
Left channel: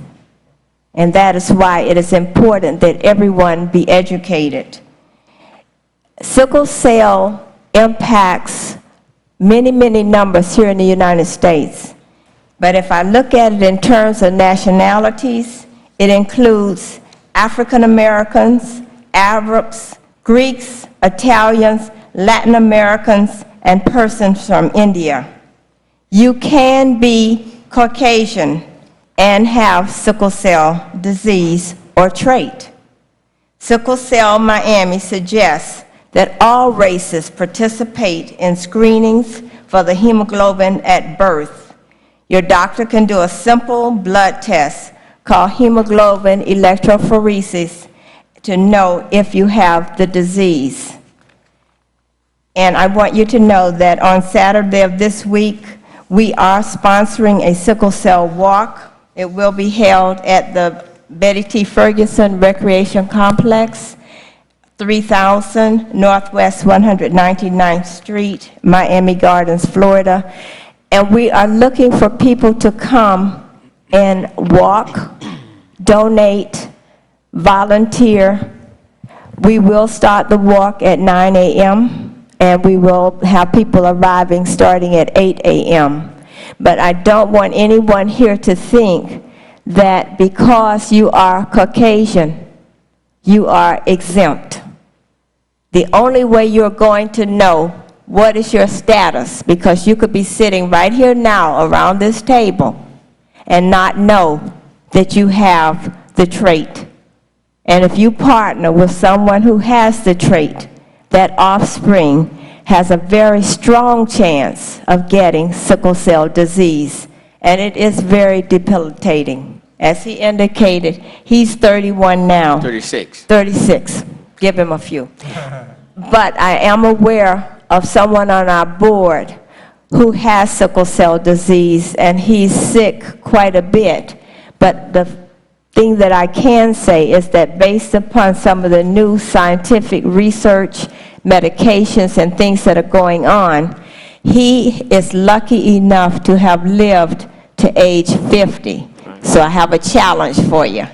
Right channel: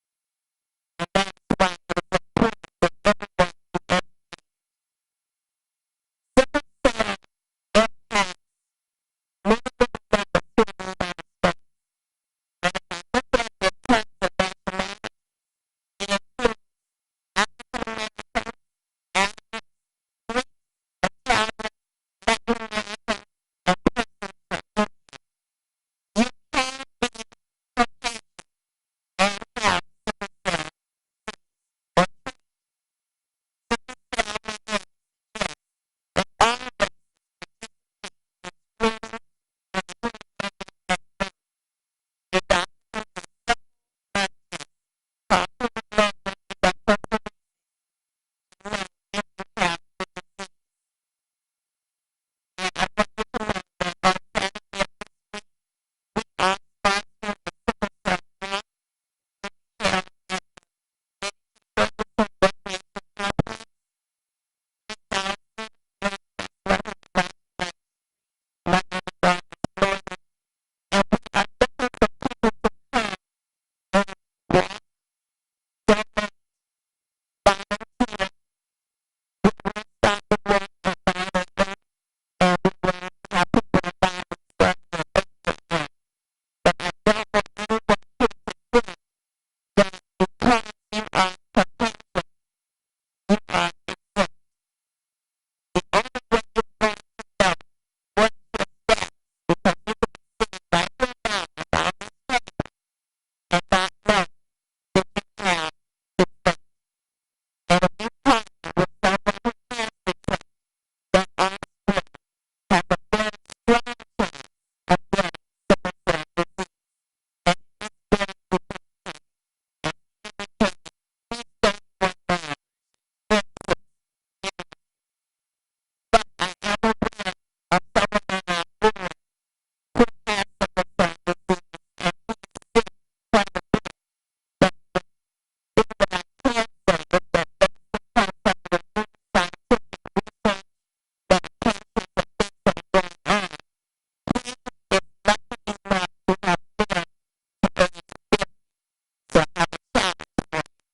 And that is why it is important that everyone be educated. Sickle cell impacts many, many numbers here in the United States. But if I look at it in terms of nationalities, it includes African Americans, Arabs, Greeks, Italians, Latin Americans, and persons from India. You can be Caucasian and have sickle cell disease or trait. Sickle Cell Miami suggests that all races participate in screenings for the hemoglobin at birth. Your doctor can do a simple blood test called hemoglobin electrophoresis to know if you have the disease. And I want you to know that on Saturday of this week, we are sponsoring a sickle cell walk. It will be held at the Betty T. Ferguson Recreation Complex, 3000 Northwest 199th Street, Miami Gardens, Florida. And we are looking for people to come and walk, donate, volunteer. We will start the walk at 9 a.m. and we will have people arriving starting at 8 a.m. But I don't want anyone here to think that because you are Caucasian, you are exempt. The only way you're going to know what is your status, because you could be sitting right here now around this table and not know that you have the trait. And if you partner with someone who has the trait, that offspring has a very strong chance of getting sickle cell disease. And it is very debilitating. As he indicated, he's 31 now. 36. 36. Give him a few. But I am aware of someone on our board who has sickle cell disease, and he's sick quite a bit. But the thing that I can say is that based upon some of the new scientific research, medications, and things that are going on, he is lucky enough to have lived to age 50. So I have a challenge for you.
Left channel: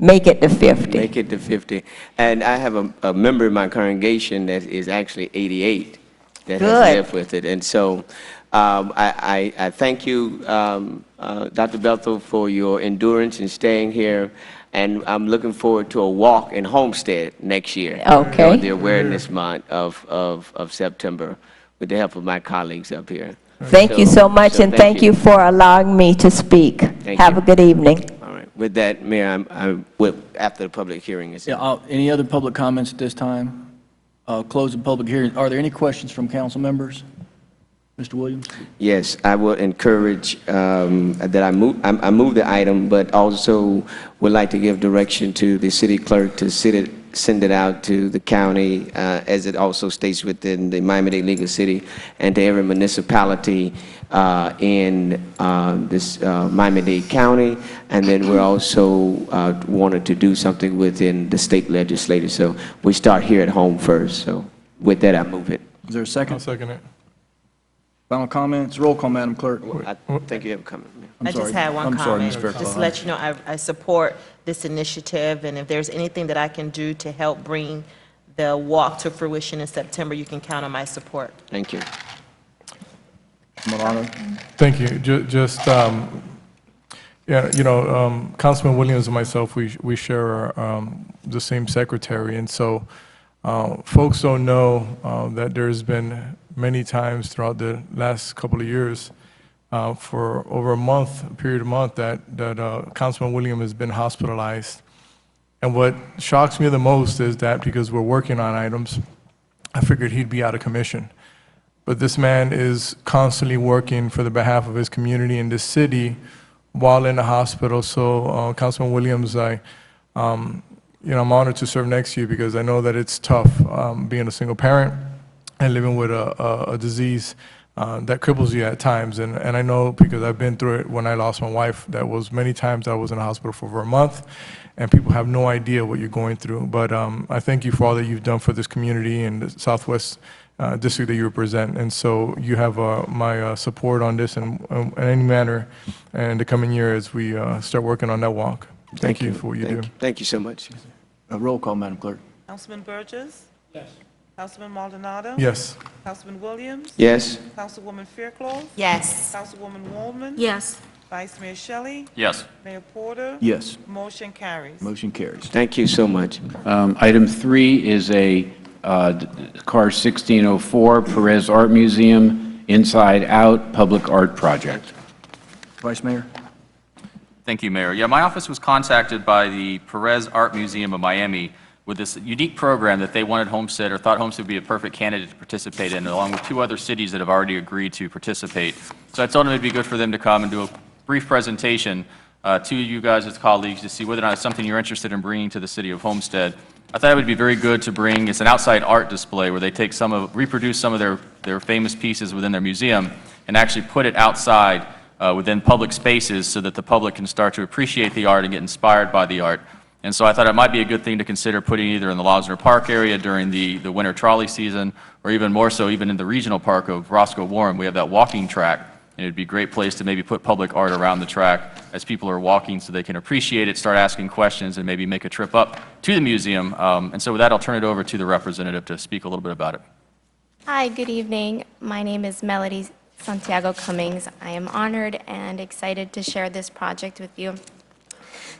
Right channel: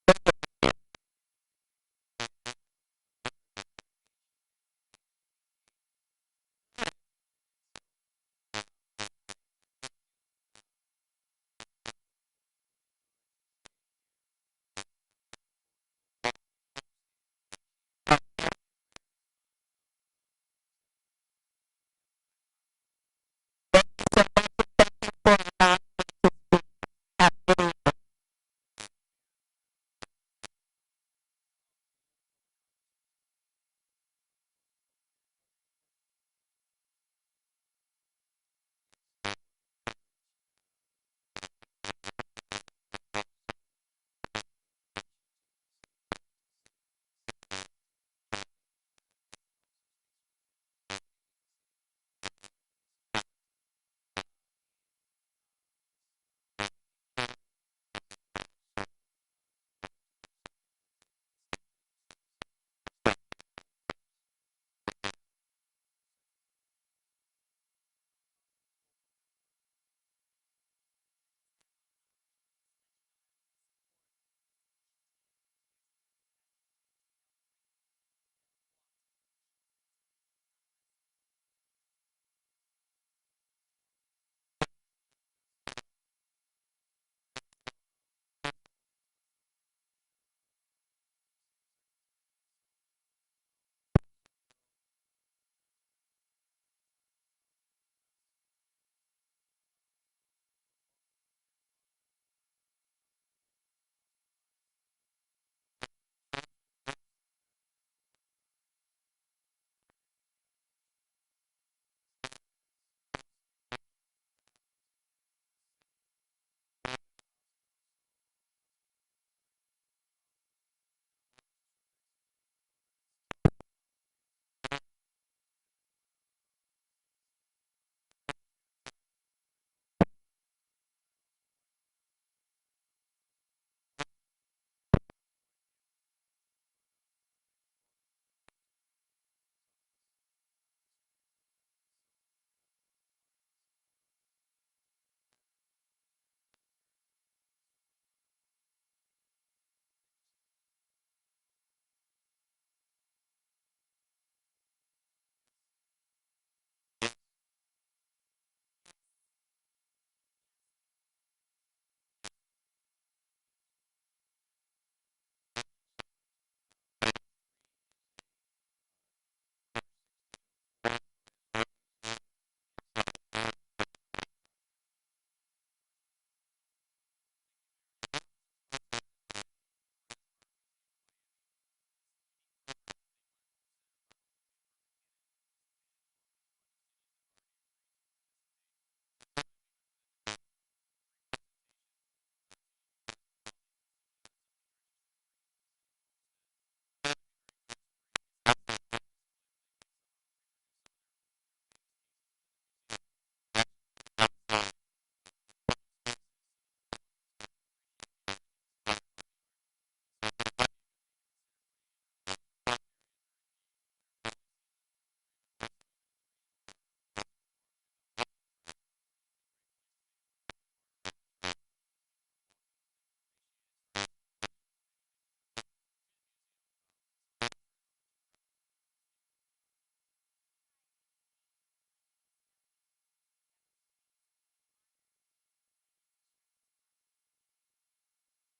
Make it to 50. Make it to 50. And I have a member in my congregation that is actually 88 that Good. has lived with it. And so I thank you, Dr. Bethel, for your endurance in staying here. And I'm looking forward to a walk in Homestead next year. Okay. On the awareness month of September with the help of my colleagues up here. Thank you so much, and thank you for allowing me to speak. Have a good evening. All right. With that, Mayor, after the public hearing is Any other public comments at this time? Close the public hearing. Are there any questions from council members? Mr. Williams? Yes, I will encourage that I move the item, but also would like to give direction to the city clerk to send it out to the county, as it also states within the Miami-Dade Legal City, and to every municipality in this Miami-Dade County. And then we're also wanted to do something within the state legislature. So we start here at home first. So with that, I move it. Is there a second? I'll second it. Final comments? Roll call, Madam Clerk. I think you have a comment, Mayor. I just had one comment. Just to let you know, I support this initiative, and if there's anything that I can do to help bring the walk to fruition in September, you can count on my support. Thank you. Milano? Thank you. Yeah, Councilman Williams and myself, we share the same secretary, and so folks don't know that there's been many times throughout the last couple of years, for over a period of month, that Councilman Williams has been hospitalized. And what shocks me the most is that because we're working on items, I figured he'd be out of commission. But this man is constantly working for the behalf of his community in this city while in the hospital. So, Councilman Williams, I'm honored to serve next to you because I know that it's tough being a single parent and living with a disease that cripples you at times. And I know because I've been through it when I lost my wife. That was many times I was in the hospital for over a month, and people have no idea what you're going through. But I thank you for all that you've done for this community and the Southwest district that you represent. And so you have my support on this in any manner in the coming year as we start working on that walk. Thank you for what you do. Thank you so much. A roll call, Madam Clerk. Councilman Burgess? Yes. Councilman Maldonado? Yes. Councilman Williams? Yes. Councilwoman Fairclough? Yes. Councilwoman Waldman? Yes. Vice Mayor Shelley? Yes. Mayor Porter? Yes. Motion carries. Motion carries. Thank you so much. Item 3 is a car 1604 Perez Art Museum Inside Out Public Art Project. Vice Mayor? Thank you, Mayor. Yeah, my office was contacted by the Perez Art Museum of Miami with this unique program that they wanted Homestead, or thought Homestead would be a perfect candidate to participate in, along with 2 other cities that have already agreed to participate. So I told them it would be good for them to come and do a brief presentation to you guys as colleagues to see whether or not it's something you're interested in bringing to the city of Homestead. I thought it would be very good to bring, it's an outside art display where they take reproduce some of their famous pieces within their museum and actually put it outside within public spaces so that the public can start to appreciate the art and get inspired by the art. And so I thought it might be a good thing to consider putting either in the Losner Park area during the winter trolley season, or even more so even in the regional park of Roscoe Warren. We have that walking track, and it would be a great place to maybe put public art around the track as people are walking so they can appreciate it, start asking questions, and maybe make a trip up to the museum. And so with that, I'll turn it over to the representative to speak a little bit about it. Hi, good evening. My name is Melody Santiago Cummings. I am honored and excited to share this project with you.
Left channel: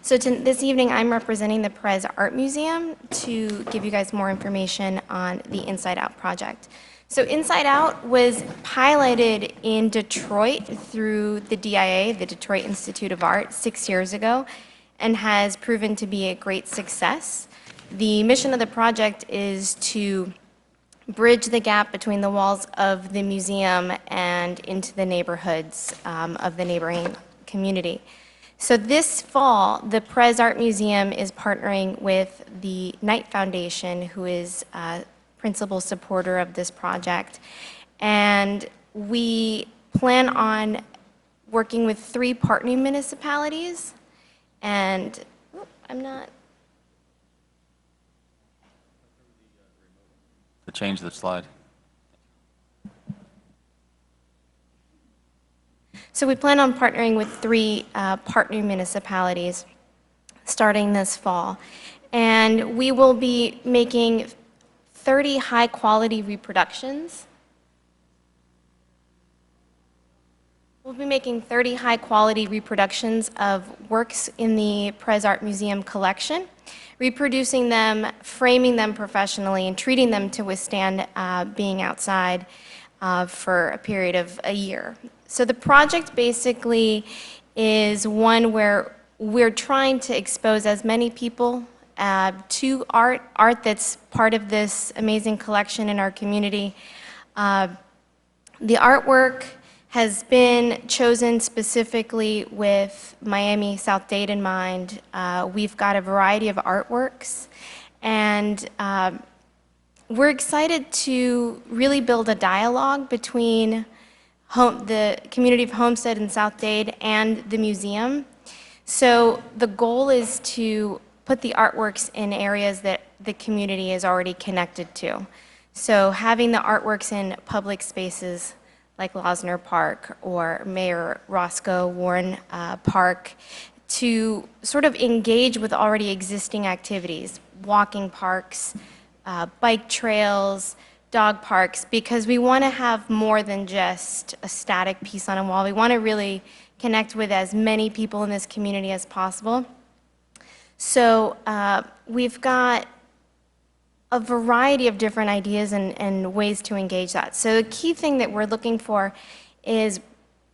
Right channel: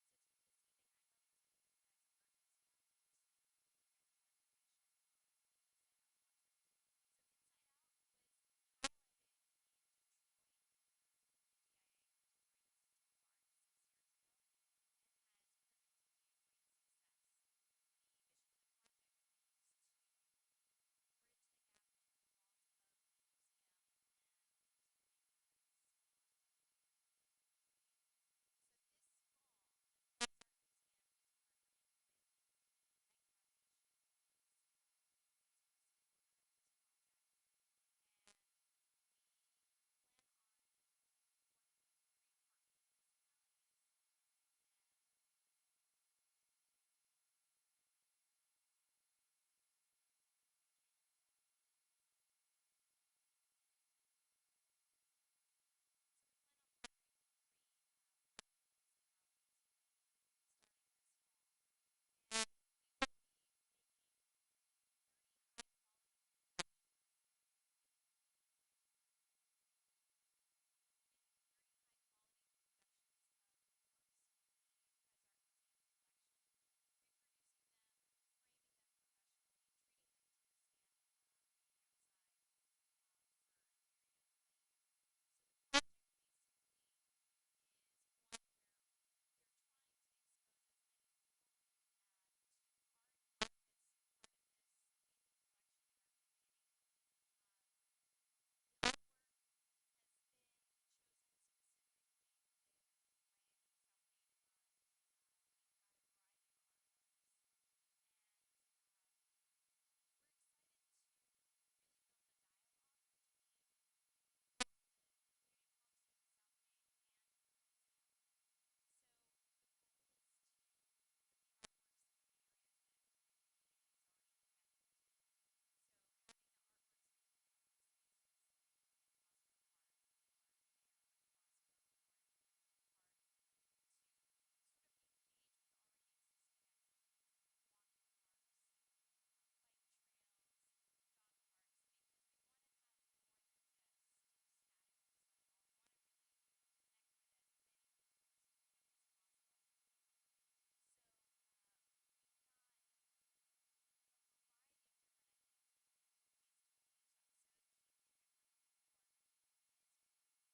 So this evening, I'm representing the Perez Art Museum to give you guys more information on the Inside Out project. So Inside Out was piloted in Detroit through the DIA, the Detroit Institute of Art, 6 years ago, and has proven to be a great success. The mission of the project is to bridge the gap between the walls of the museum and into the neighborhoods of the neighboring community. So this fall, the Perez Art Museum is partnering with the Knight Foundation, who is a principal supporter of this project. And we plan on working with 3 partnering municipalities. And To change the slide. So we plan on partnering with 3 partner municipalities starting this fall. And we will be making 30 high-quality reproductions. We'll be making 30 high-quality reproductions of works in the Perez Art Museum collection, reproducing them, framing them professionally, and treating them to withstand being outside for a period of a year. So the project basically is one where we're trying to expose as many people to art that's part of this amazing collection in our community. The artwork has been chosen specifically with Miami South-Dade in mind. We've got a variety of artworks, and we're excited to really build a dialogue between the community of Homestead and South-Dade and the museum. So the goal is to put the artworks in areas that the community is already connected to. So having the artworks in public spaces like Losner Park or Mayor Roscoe Warren Park, to sort of engage with already existing activities, walking parks, bike trails, dog parks, because we want to have more than just a static piece on a wall. We want to really connect with as many people in this community as possible. So we've got a variety of different ideas and ways to engage that. So the key thing that we're looking for is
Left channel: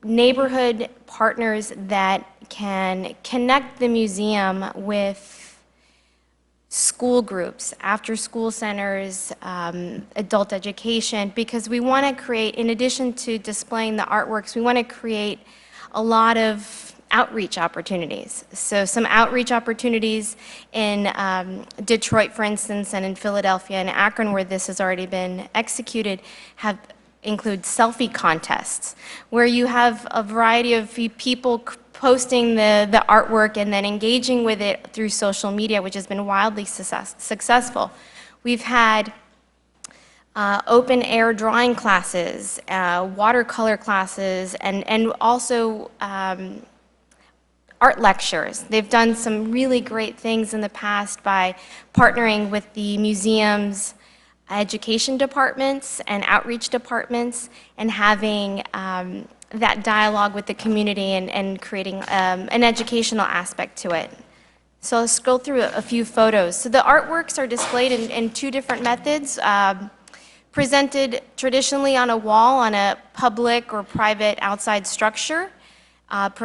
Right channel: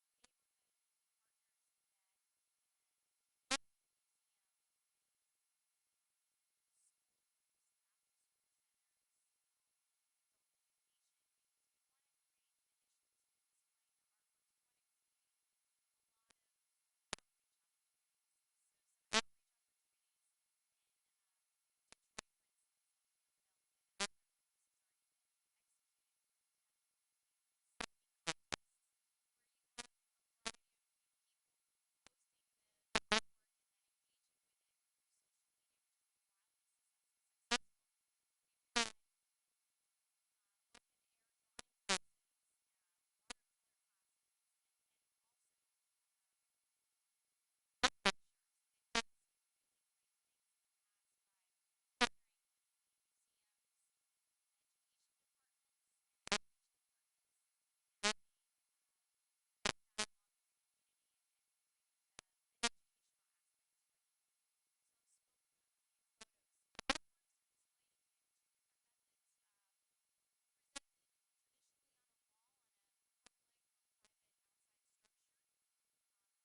neighborhood partners that can connect the museum with school groups, after-school centers, adult education, because we want to create, in addition to displaying the artworks, we want to create a lot of outreach opportunities. So some outreach opportunities in Detroit, for instance, and in Philadelphia and Akron, where this has already been executed, include selfie contests, where you have a variety of people posting the artwork and then engaging with it through social media, which has been wildly successful. We've had open air drawing classes, watercolor classes, and also art lectures. They've done some really great things in the past by partnering with the museum's education departments and outreach departments and having that dialogue with the community and creating an educational aspect to it. So let's scroll through a few photos. So the artworks are displayed in two different methods. Presented traditionally on a wall on a public or private outside structure,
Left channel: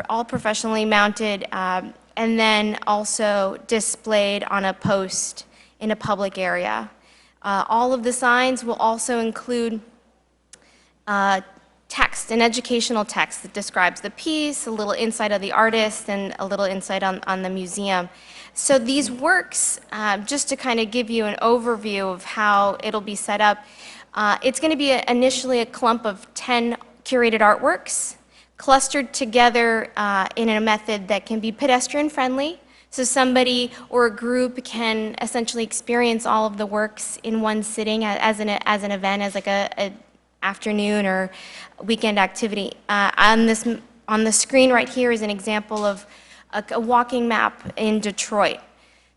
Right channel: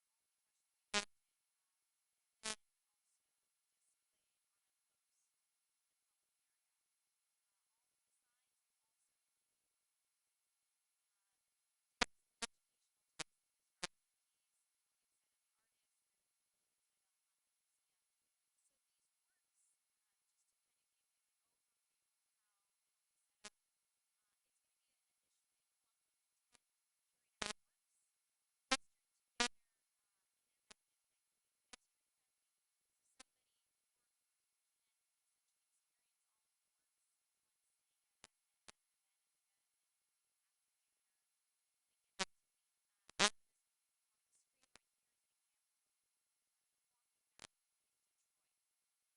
all professionally mounted, and then also displayed on a post in a public area. All of the signs will also include text, an educational text that describes the piece, a little insight of the artist, and a little insight on the museum. So these works, just to kind of give you an overview of how it'll be set up, it's going to be initially a clump of 10 curated artworks clustered together in a method that can be pedestrian friendly. So somebody or a group can essentially experience all of the works in one sitting as an event, as like a afternoon or weekend activity. On the screen right here is an example of a walking map in Detroit.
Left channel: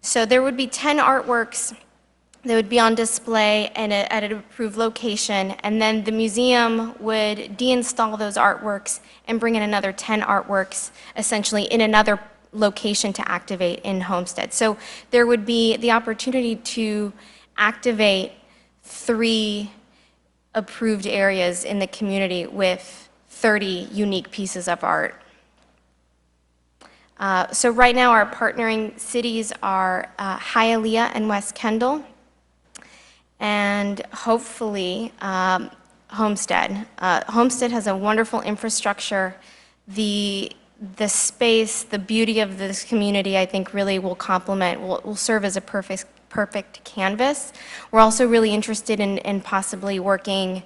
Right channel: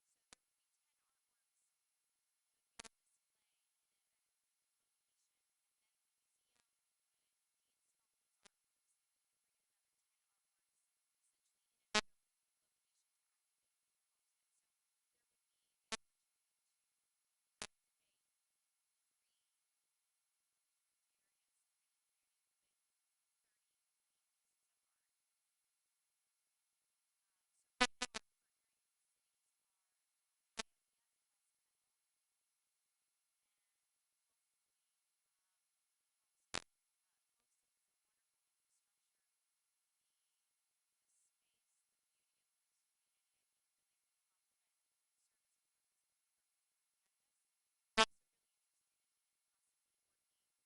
So there would be 10 artworks that would be on display at an approved location, and then the museum would deinstall those artworks and bring in another 10 artworks, essentially in another location to activate in Homestead. So there would be the opportunity to activate 3 approved areas in the community with 30 unique pieces of art. So right now our partnering cities are Hialeah and West Kendall, and hopefully Homestead. Homestead has a wonderful infrastructure. The space, the beauty of this community, I think really will will serve as a perfect canvas. We're also really interested in possibly working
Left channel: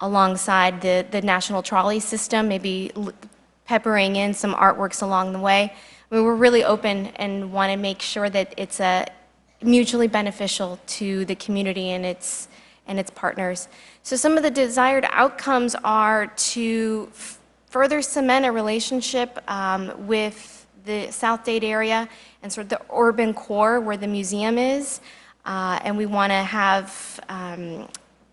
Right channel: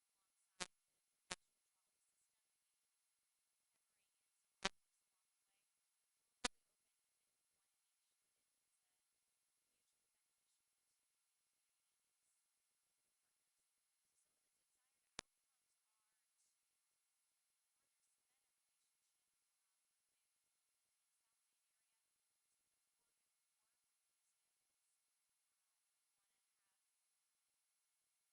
alongside the National Trolley System, maybe peppering in some artworks along the way. I mean, we're really open and want to make sure that it's mutually beneficial to the community and its partners. So some of the desired outcomes are to further cement a relationship with the South Dade area and sort of the urban core where the museum is. And we want to have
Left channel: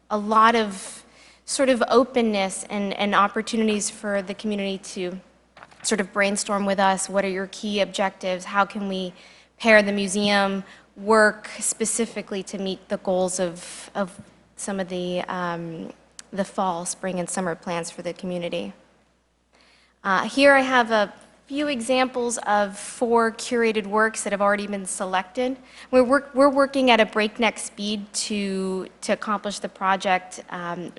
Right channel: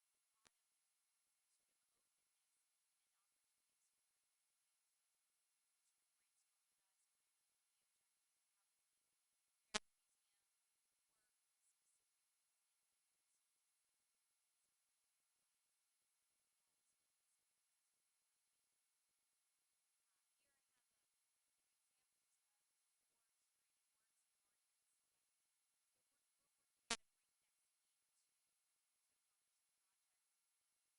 a lot of sort of openness and opportunities for the community to sort of brainstorm with us. What are your key objectives? How can we pair the museum work specifically to meet the goals of some of the fall, spring, and summer plans for the community? Here I have a few examples of 4 curated works that have already been selected. We're working at a breakneck speed to accomplish the project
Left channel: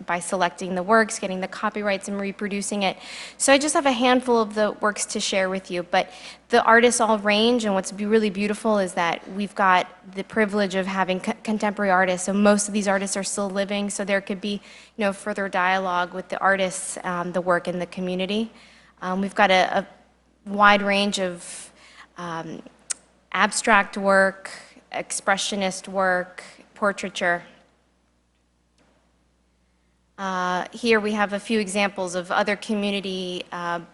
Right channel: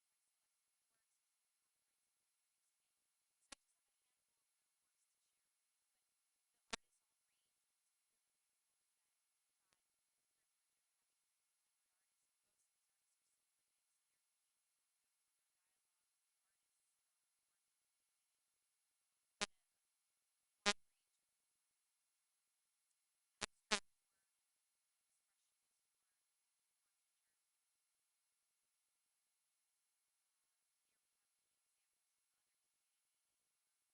by selecting the works, getting the copyrights, and reproducing it. So I just have a handful of the works to share with you, but the artists all range, and what's really beautiful is that we've got the privilege of having contemporary artists, so most of these artists are still living, so there could be further dialogue with the artists, the work, and the community. We've got a wide range of abstract work, expressionist work, portraiture. Here we have a few examples of other community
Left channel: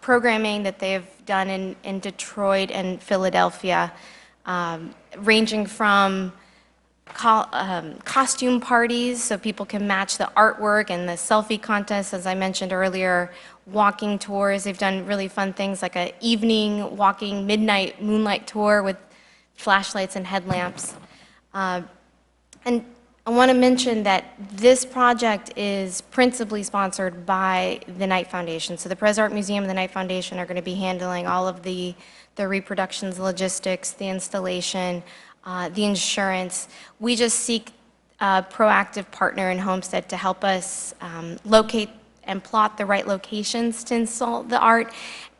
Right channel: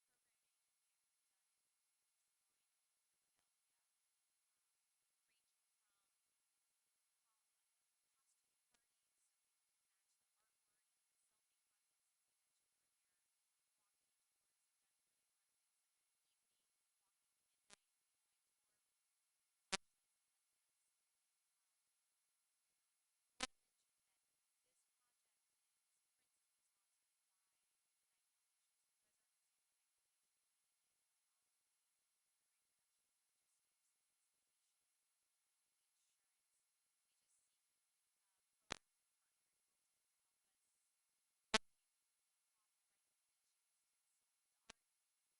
programming that they've done in Detroit and Philadelphia, ranging from costume parties so people can match the artwork and the selfie contest, as I mentioned earlier, walking tours. They've done really fun things like an evening walking midnight moonlight tour with flashlights and headlamps. And I want to mention that this project is principally sponsored by the Knight Foundation. So the Perez Art Museum and the Knight Foundation are going to be handling all of the reproductions, logistics, the installation, the insurance. We just seek a proactive partner in Homestead to help us locate and plot the right locations to install the art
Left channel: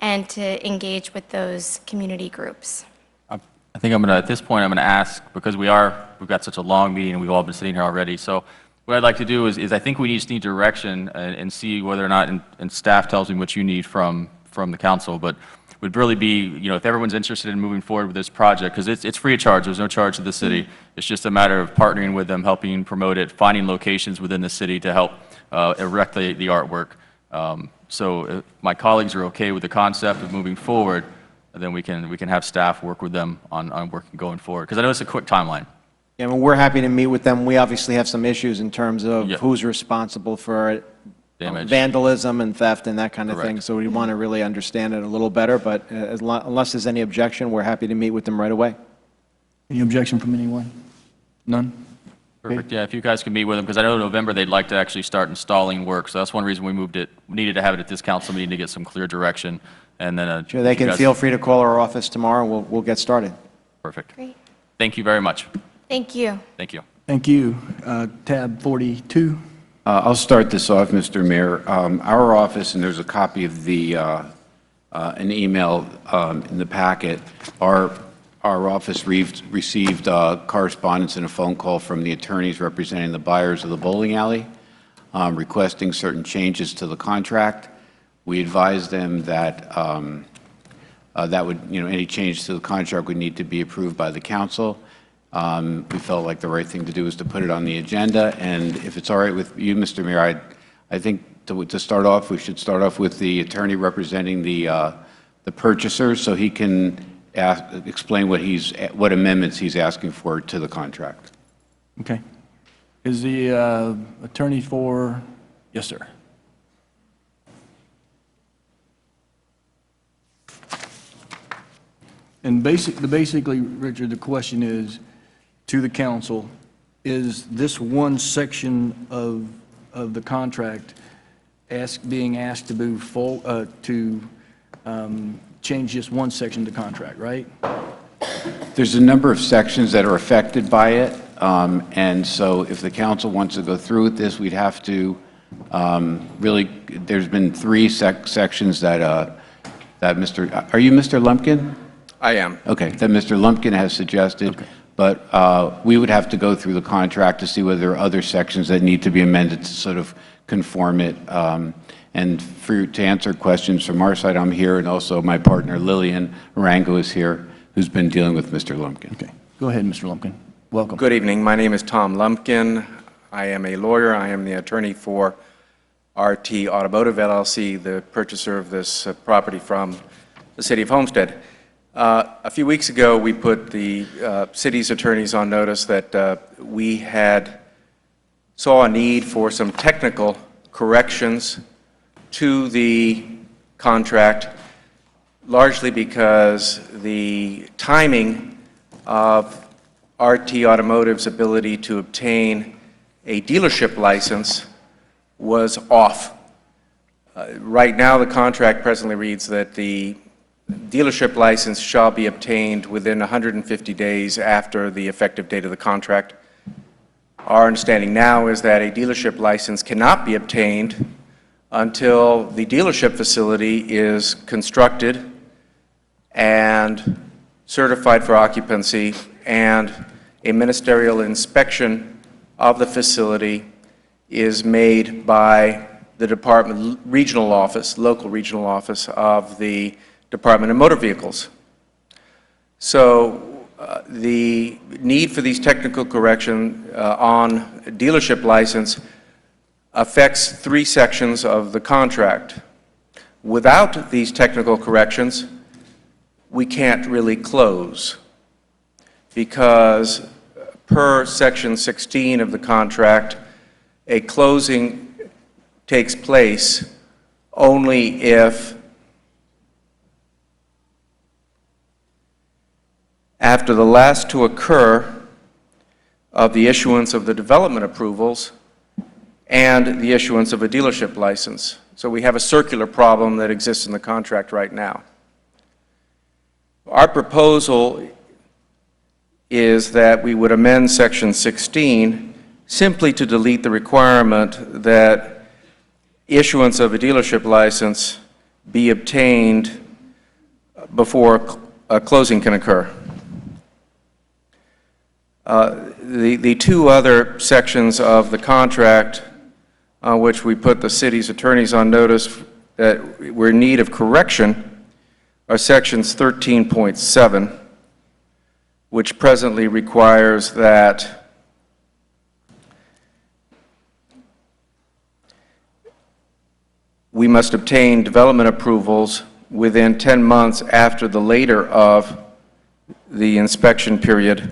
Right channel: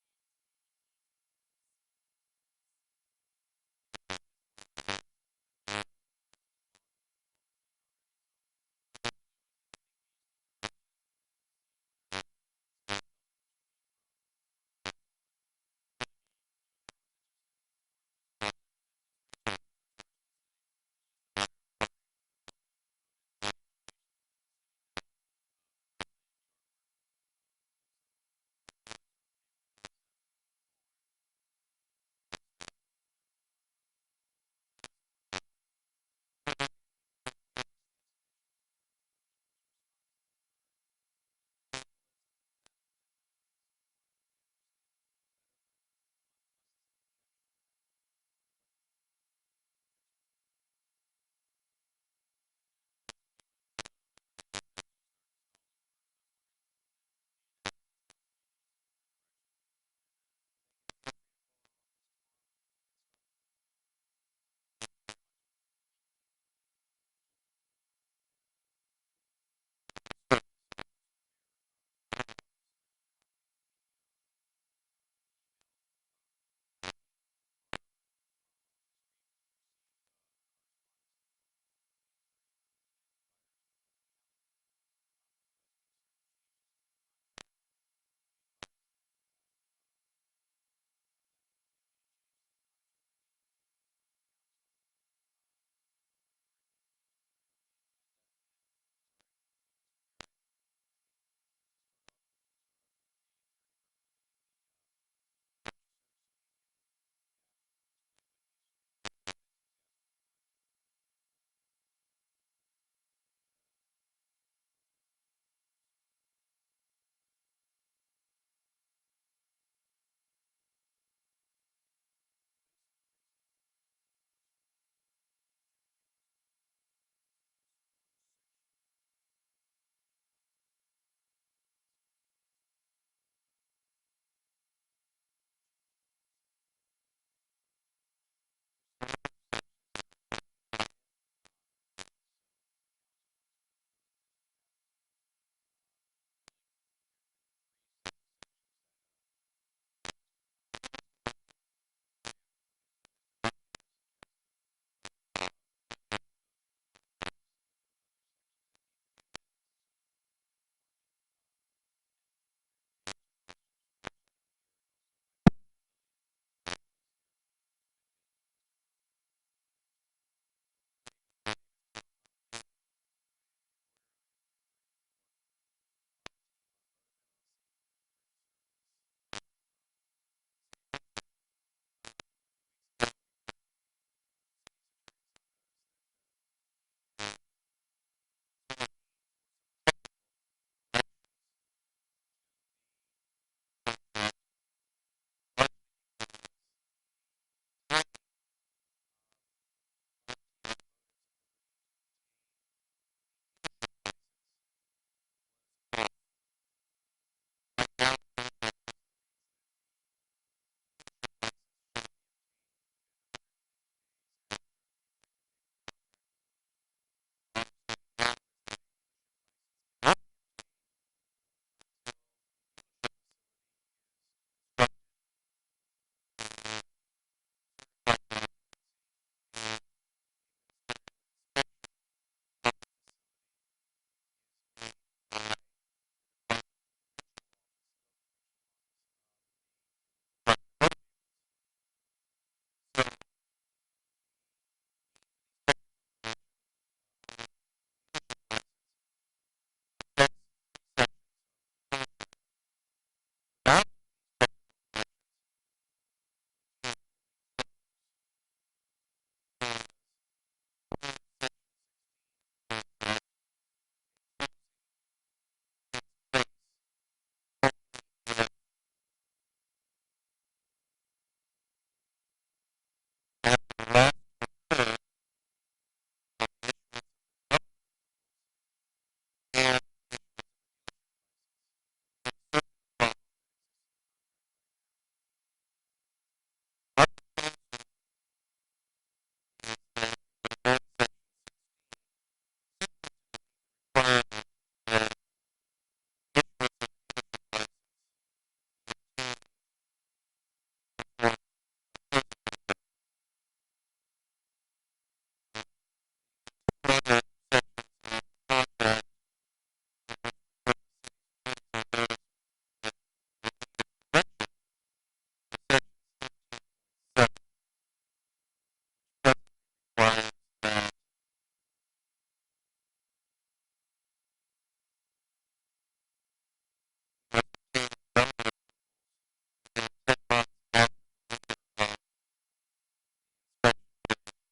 and to engage with those community groups. I think at this point, I'm going to ask, because we've got such a long meeting and we've all been sitting here already. So what I'd like to do is I think we just need direction and see whether or not, and staff tells me what you need from the council, but would really be, if everyone's interested in moving forward with this project, because it's free of charge, there's no charge to the city. It's just a matter of partnering with them, helping promote it, finding locations within the city to help erect the artwork. So if my colleagues are okay with the concept of moving forward, then we can have staff work with them on working going forward, because I know it's a quick timeline. Yeah, well, we're happy to meet with them. We obviously have some issues in terms of who's responsible for Damage. vandalism and theft and that kind of Correct. thing. So we want to really understand it a little better, but unless there's any objection, we're happy to meet with them right away. Any objection from anyone? None? Perfect, yeah, if you guys can meet with them, because I know in November they'd like to actually start installing work, so that's one reason we needed to have it at this council meeting to get some clear direction, and then... Sure, they can feel free to call our office tomorrow, and we'll get started. Perfect. Great. Thank you very much. Thank you. Thank you. Thank you. Tab 42. I'll start this off, Mr. Mayor. Our office, and there's a copy of an email in the packet, our office received correspondence and a phone call from the attorneys representing the buyers of the bowling alley, requesting certain changes to the contract. We advised them that any change to the contract would need to be approved by the council. We felt like the right thing to do was to put it on the agenda, and if it's all right with you, Mr. Mayor, I think to start off, we should start off with the attorney representing the purchaser, so he can explain what amendments he's asking for to the contract. Okay. Is the attorney for... Yes, sir. And basically, Richard, the question is, to the council, is this one section of the contract being asked to move forward, to change just one section of the contract, right? There's a number of sections that are affected by it, and so if the council wants to go through with this, we'd have to really, there's been three sections that are you Mr. Lumpkin? I am. Okay, that Mr. Lumpkin has suggested, but we would have to go through the contract to see whether there are other sections that need to be amended to sort of conform it. And to answer questions from our side, I'm here, and also my partner Lillian Rango is here, who's been dealing with Mr. Lumpkin. Okay, go ahead, Mr. Lumpkin. Welcome. Good evening. My name is Tom Lumpkin. I am a lawyer. I am the attorney for RT Automotive LLC, the purchaser of this property from the City of Homestead. A few weeks ago, we put the city's attorneys on notice that we saw a need for some technical corrections to the contract, largely because the timing of RT Automotive's ability to obtain a dealership license was off. Right now, the contract presently reads that the dealership license shall be obtained within 150 days after the effective date of the contract. Our understanding now is that a dealership license cannot be obtained until the dealership facility is constructed and certified for occupancy, and a ministerial inspection of the facility is made by the department regional office, local regional office of the Department of Motor Vehicles. So the need for these technical corrections on dealership license affects 3 sections of the contract. Without these technical corrections, we can't really close, because per Section 16 of the contract, a closing takes place only if after the last to occur of the issuance of the development approvals and the issuance of a dealership license. So we have a circular problem that exists in the contract right now. Our proposal is that we would amend Section 16 simply to delete the requirement that issuance of a dealership license be obtained before a closing can occur. The 2 other sections of the contract on which we put the city's attorneys on notice that we're in need of correction are Sections 13.7, which presently requires that we must obtain development approvals within 10 months after the later of the inspection period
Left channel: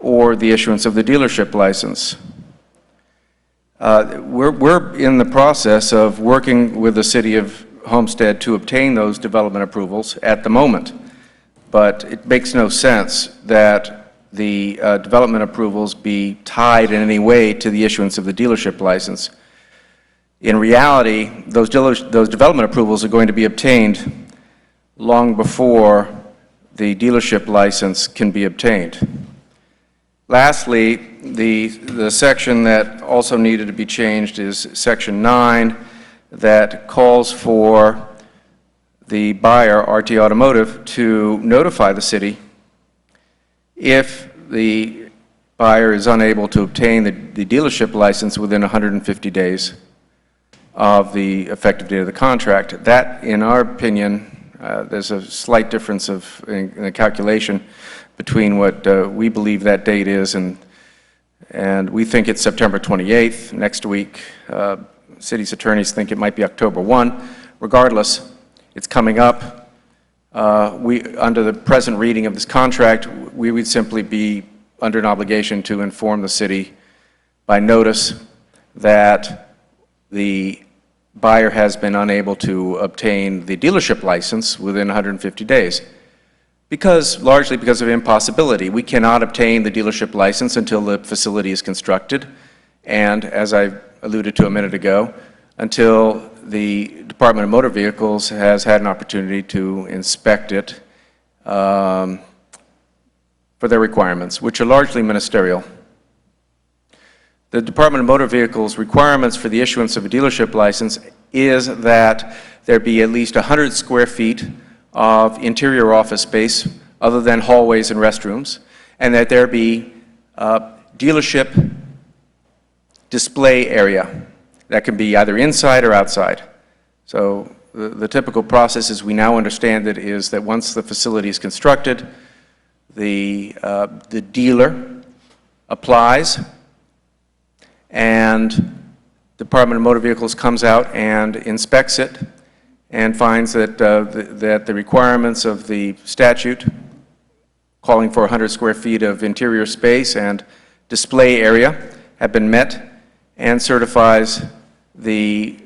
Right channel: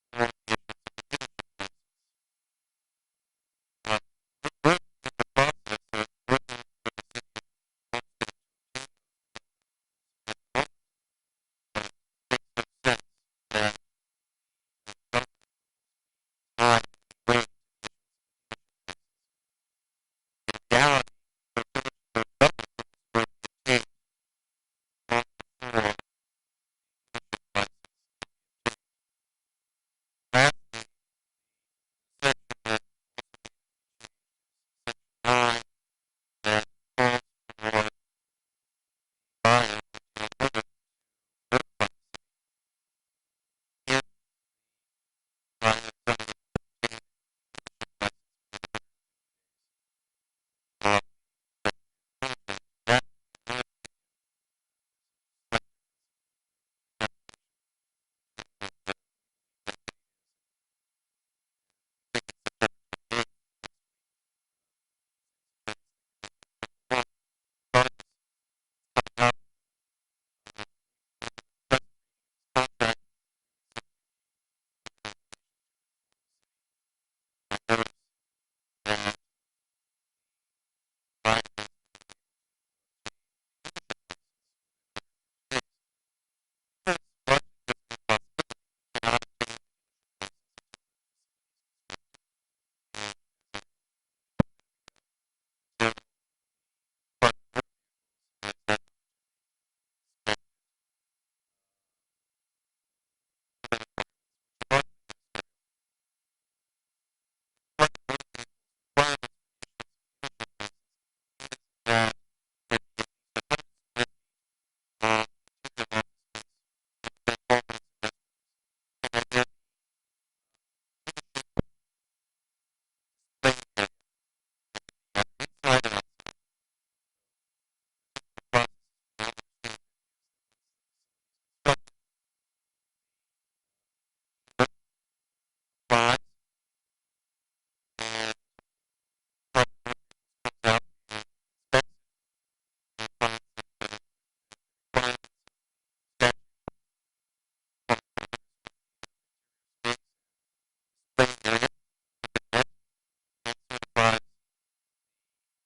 or the issuance of the dealership license. We're in the process of working with the City of Homestead to obtain those development approvals at the moment, but it makes no sense that the development approvals be tied in any way to the issuance of the dealership license. In reality, those development approvals are going to be obtained long before the dealership license can be obtained. Lastly, the section that also needed to be changed is Section 9, that calls for the buyer, RT Automotive, to notify the city if the buyer is unable to obtain the dealership license within 150 days of the effective date of the contract. That, in our opinion, there's a slight difference in the calculation between what we believe that date is, and we think it's September 28th, next week. City's attorneys think it might be October 1. Regardless, it's coming up. Under the present reading of this contract, we would simply be under an obligation to inform the city by notice that the buyer has been unable to obtain the dealership license within 150 days. Largely because of impossibility. We cannot obtain the dealership license until the facility is constructed, and as I alluded to a minute ago, until the Department of Motor Vehicles has had an opportunity to inspect it for their requirements, which are largely ministerial. The Department of Motor Vehicles' requirements for the issuance of a dealership license is that there be at least 100 square feet of interior office space other than hallways and restrooms, and that there be dealership display area that can be either inside or outside. So the typical process, as we now understand it, is that once the facility is constructed, the dealer applies, and Department of Motor Vehicles comes out and inspects it and finds that the requirements of the statute calling for 100 square feet of interior space and display area have been met, and certifies the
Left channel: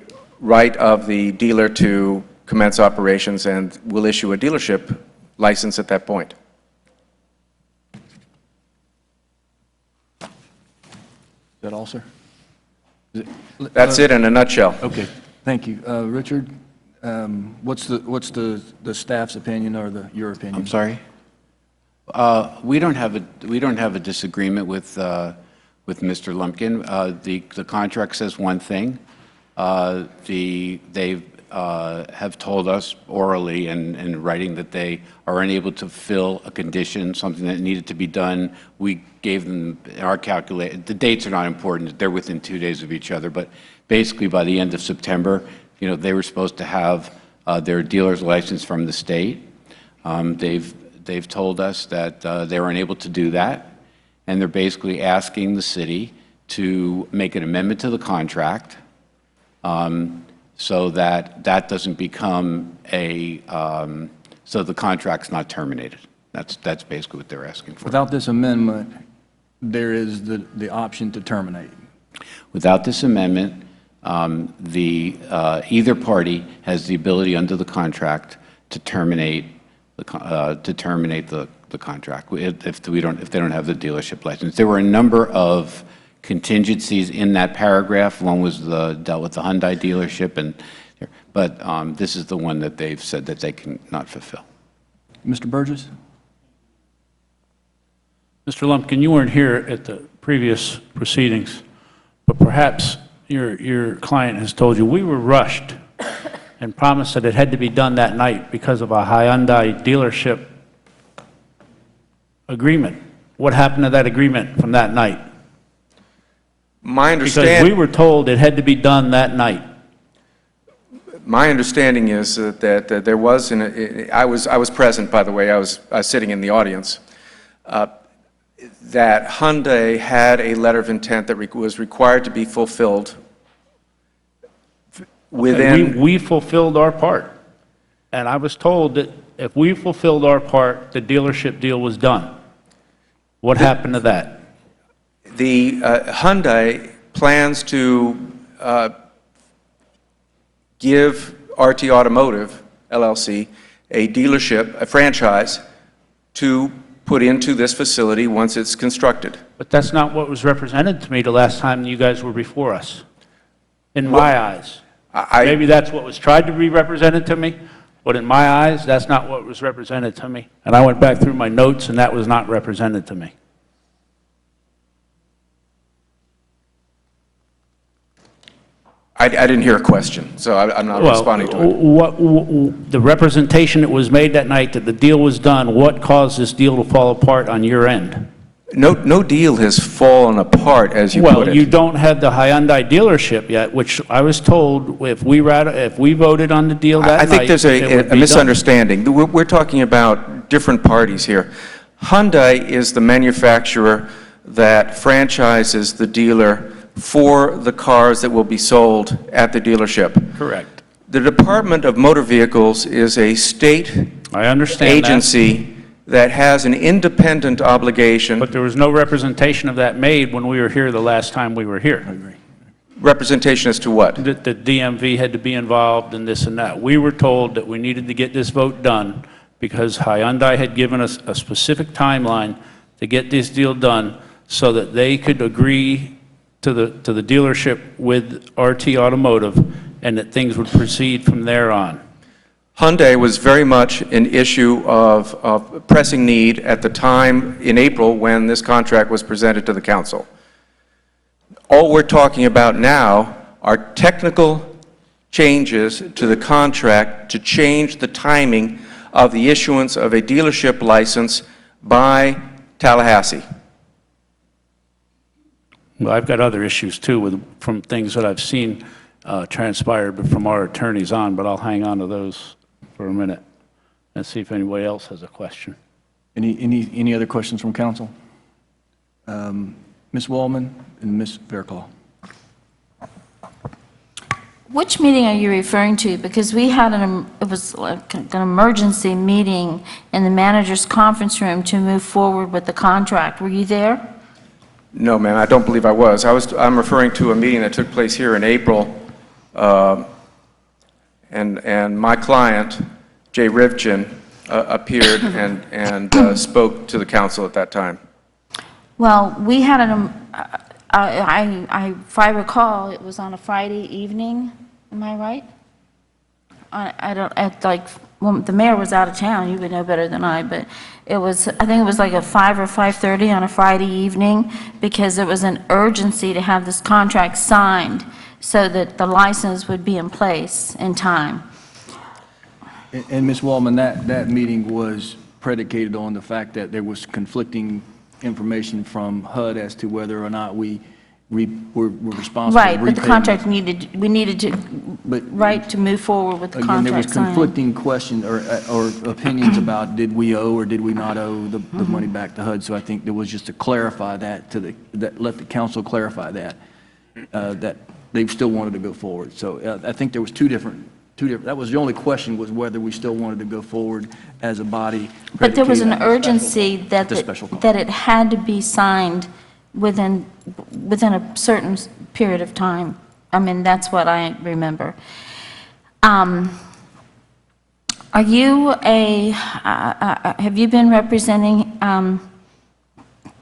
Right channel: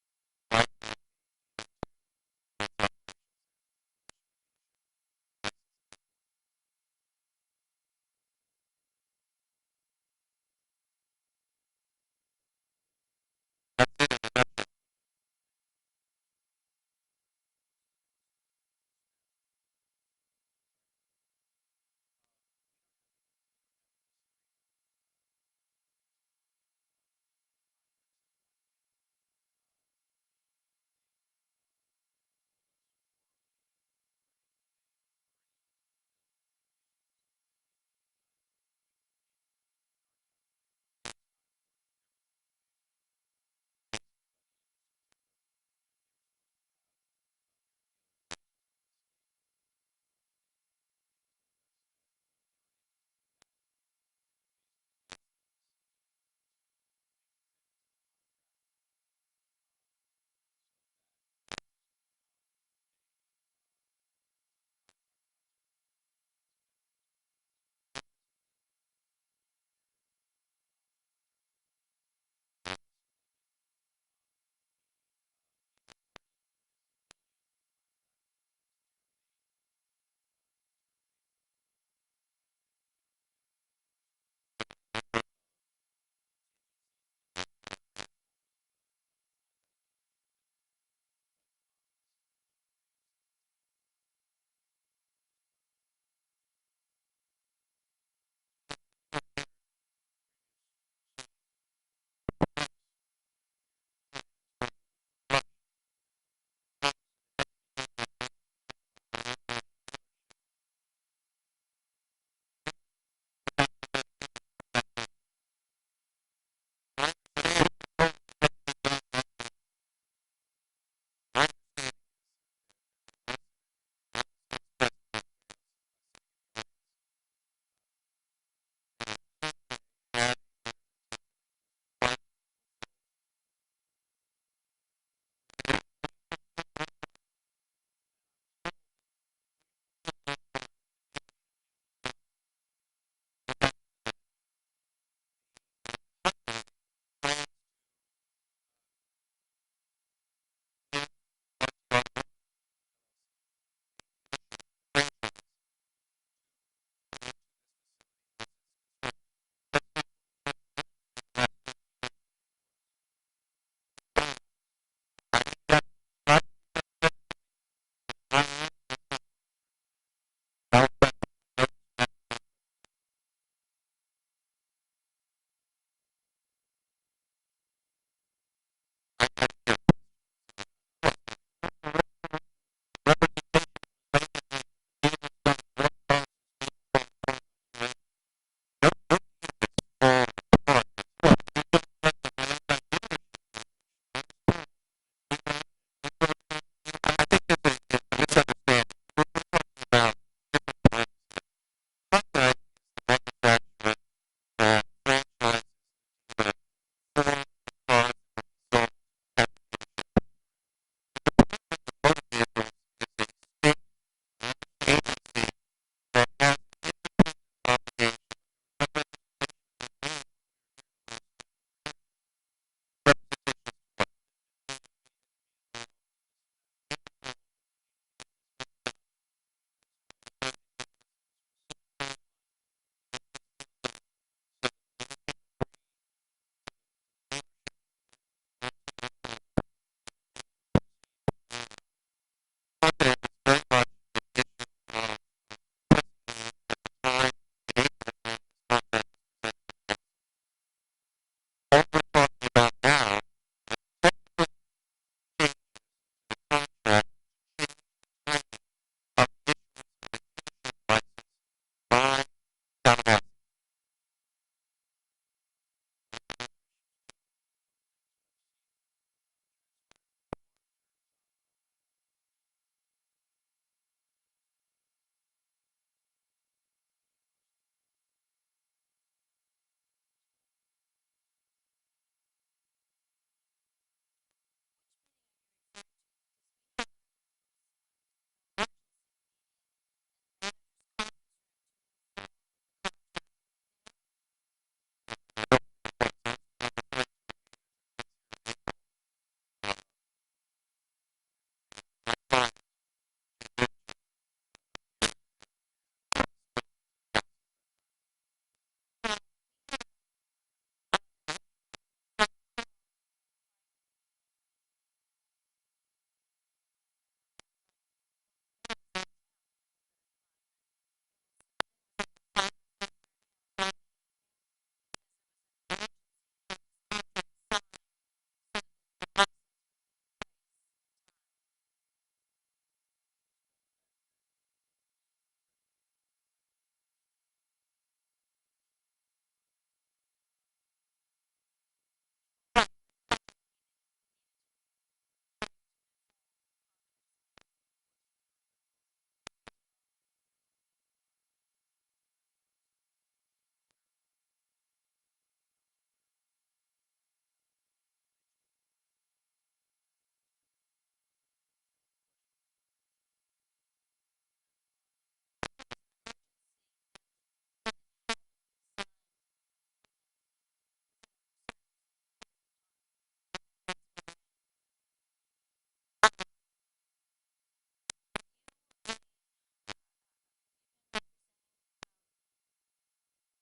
right of the dealer to commence operations and will issue a dealership license at that point. Is that all, sir? That's it in a nutshell. Okay, thank you. Richard, what's the staff's opinion or your opinion? I'm sorry? We don't have a disagreement with Mr. Lumpkin. The contract says one thing. They have told us orally and in writing that they are unable to fill a condition, something that needed to be done. We gave them our the dates are not important. They're within 2 days of each other, but basically by the end of September, they were supposed to have their dealer's license from the state. They've told us that they were unable to do that, and they're basically asking the city to make an amendment to the contract so that that doesn't become a, so the contract's not terminated. That's basically what they're asking for. Without this amendment, there is the option to terminate. Without this amendment, either party has the ability under the contract to terminate the contract if they don't have the dealership license. There were a number of contingencies in that paragraph. One was dealt with the Hyundai dealership, but this is the one that they've said that they cannot fulfill. Mr. Burgess? Mr. Lumpkin, you weren't here at the previous proceedings, but perhaps your client has told you we were rushed and promised that it had to be done that night because of a Hyundai dealership agreement. What happened to that agreement from that night? My Because understanding. we were told it had to be done that night. My understanding is that there was, I was present, by the way, I was sitting in the audience, that Hyundai had a letter of intent that was required to be fulfilled within. We fulfilled our part. And I was told that if we fulfilled our part, the dealership deal was done. What happened to that? The Hyundai plans to give RT Automotive, LLC, a dealership, a franchise, to put into this facility once it's constructed. But that's not what was represented to me the last time you guys were before us, in my eyes. Maybe that's what was tried to be represented to me, but in my eyes, that's not what was represented to me. And I went back through my notes, and that was not represented to me. I didn't hear a question, so I'm not responding to it. The representation that was made that night that the deal was done, what caused this deal to fall apart on your end? No deal has fallen apart, as you put it. Well, you don't have the Hyundai dealership yet, which I was told if we voted on the deal that night, I think there's it would a be misunderstanding. We're talking about different parties here. Hyundai is the manufacturer that franchises the dealer for the cars that will be sold at the dealership. Correct. The Department of Motor Vehicles is a state agency that has an independent obligation. But there was no representation of that made when we were here the last time we were here. Representation as to what? That the DMV had to be involved in this and that. We were told that we needed to get this vote done because Hyundai had given us a specific timeline to get this deal done so that they could agree to the dealership with RT Automotive and that things would proceed from there on. Hyundai was very much an issue of pressing need at the time in April when this contract was presented to the council. All we're talking about now are technical changes to the contract to change the timing of the issuance of a dealership license by Tallahassee. Well, I've got other issues too from things that I've seen transpire from our attorneys on, but I'll hang on to those for a minute and see if anybody else has a question. Any other questions from council? Ms. Wallman and Ms. Fairclough. Which meeting are you referring to? Because we had it was like an emergency meeting in the manager's conference room to move forward with the contract. Were you there? No, ma'am, I don't believe I was. I'm referring to a meeting that took place here in April, and my client, Jay Rivchin, appeared and spoke to the council at that time. Well, we had if I recall, it was on a Friday evening. Am I right? Well, the mayor was out of town. You would know better than I, but I think it was like at 5 or 5:30 on a Friday evening because it was an urgency to have this contract signed so that the license would be in place in time. And Ms. Wallman, that meeting was predicated on the fact that there was conflicting information from HUD as to whether or not we were responsible. Right, but the contract we needed to move forward with the contract. Again, there was signing. conflicting questions or opinions about did we owe or did we not owe the money back to HUD. So I think there was just to clarify that let the council clarify that they still wanted to go forward. So I think there was two different, that was the only question, was whether we still wanted to go forward as a body. But there was an predicated on the urgency that, the special call. that it had to be signed within a certain period of time. I mean, that's what I remember. Are you have you been representing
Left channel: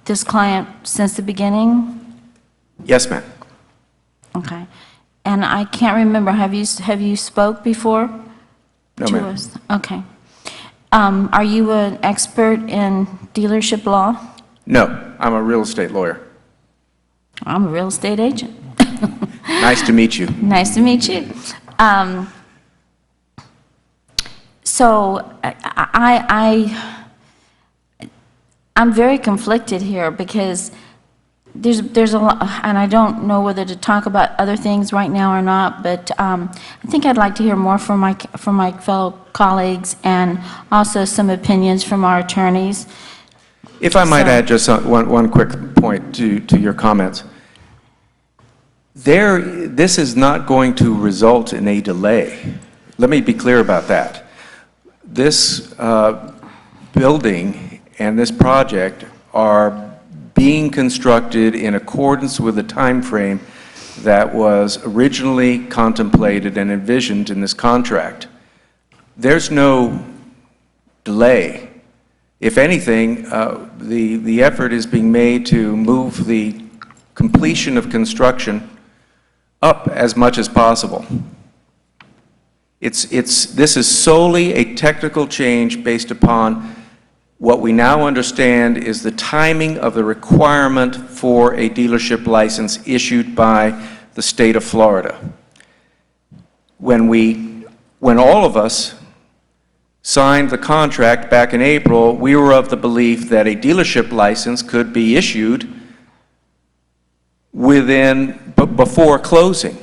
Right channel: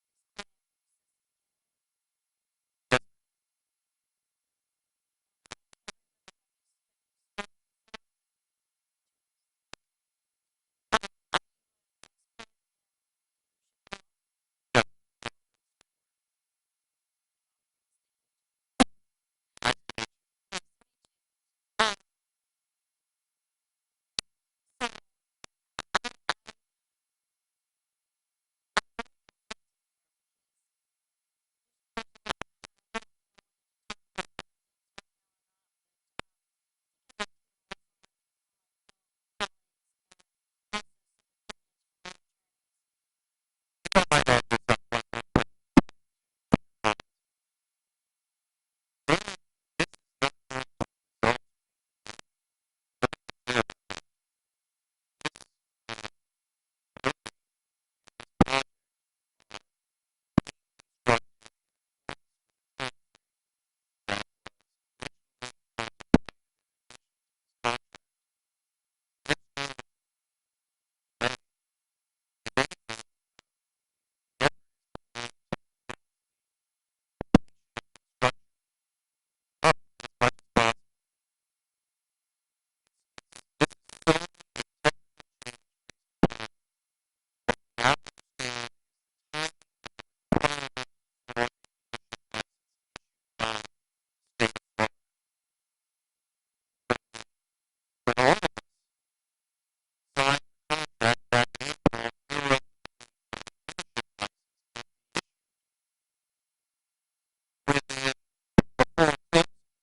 this client since the beginning? Yes, ma'am. Okay. And I can't remember, have you spoke before? No, to ma'am. us? Okay. Are you an expert in dealership law? No, I'm a real estate lawyer. I'm a real estate agent. Nice to meet you. Nice to meet you. So I'm very conflicted here because there's a lot, and I don't know whether to talk about other things right now or not, but I think I'd like to hear more from my fellow colleagues and also some opinions from our attorneys. If I might add just one quick point to your comments. This is not going to result in a delay. Let me be clear about that. This building and this project are being constructed in accordance with the time frame that was originally contemplated and envisioned in this contract. There's no delay. If anything, the effort is being made to move the completion of construction up as much as possible. This is solely a technical change based upon what we now understand is the timing of the requirement for a dealership license issued by the state of Florida. When all of us signed the contract back in April, we were of the belief that a dealership license could be issued before closing.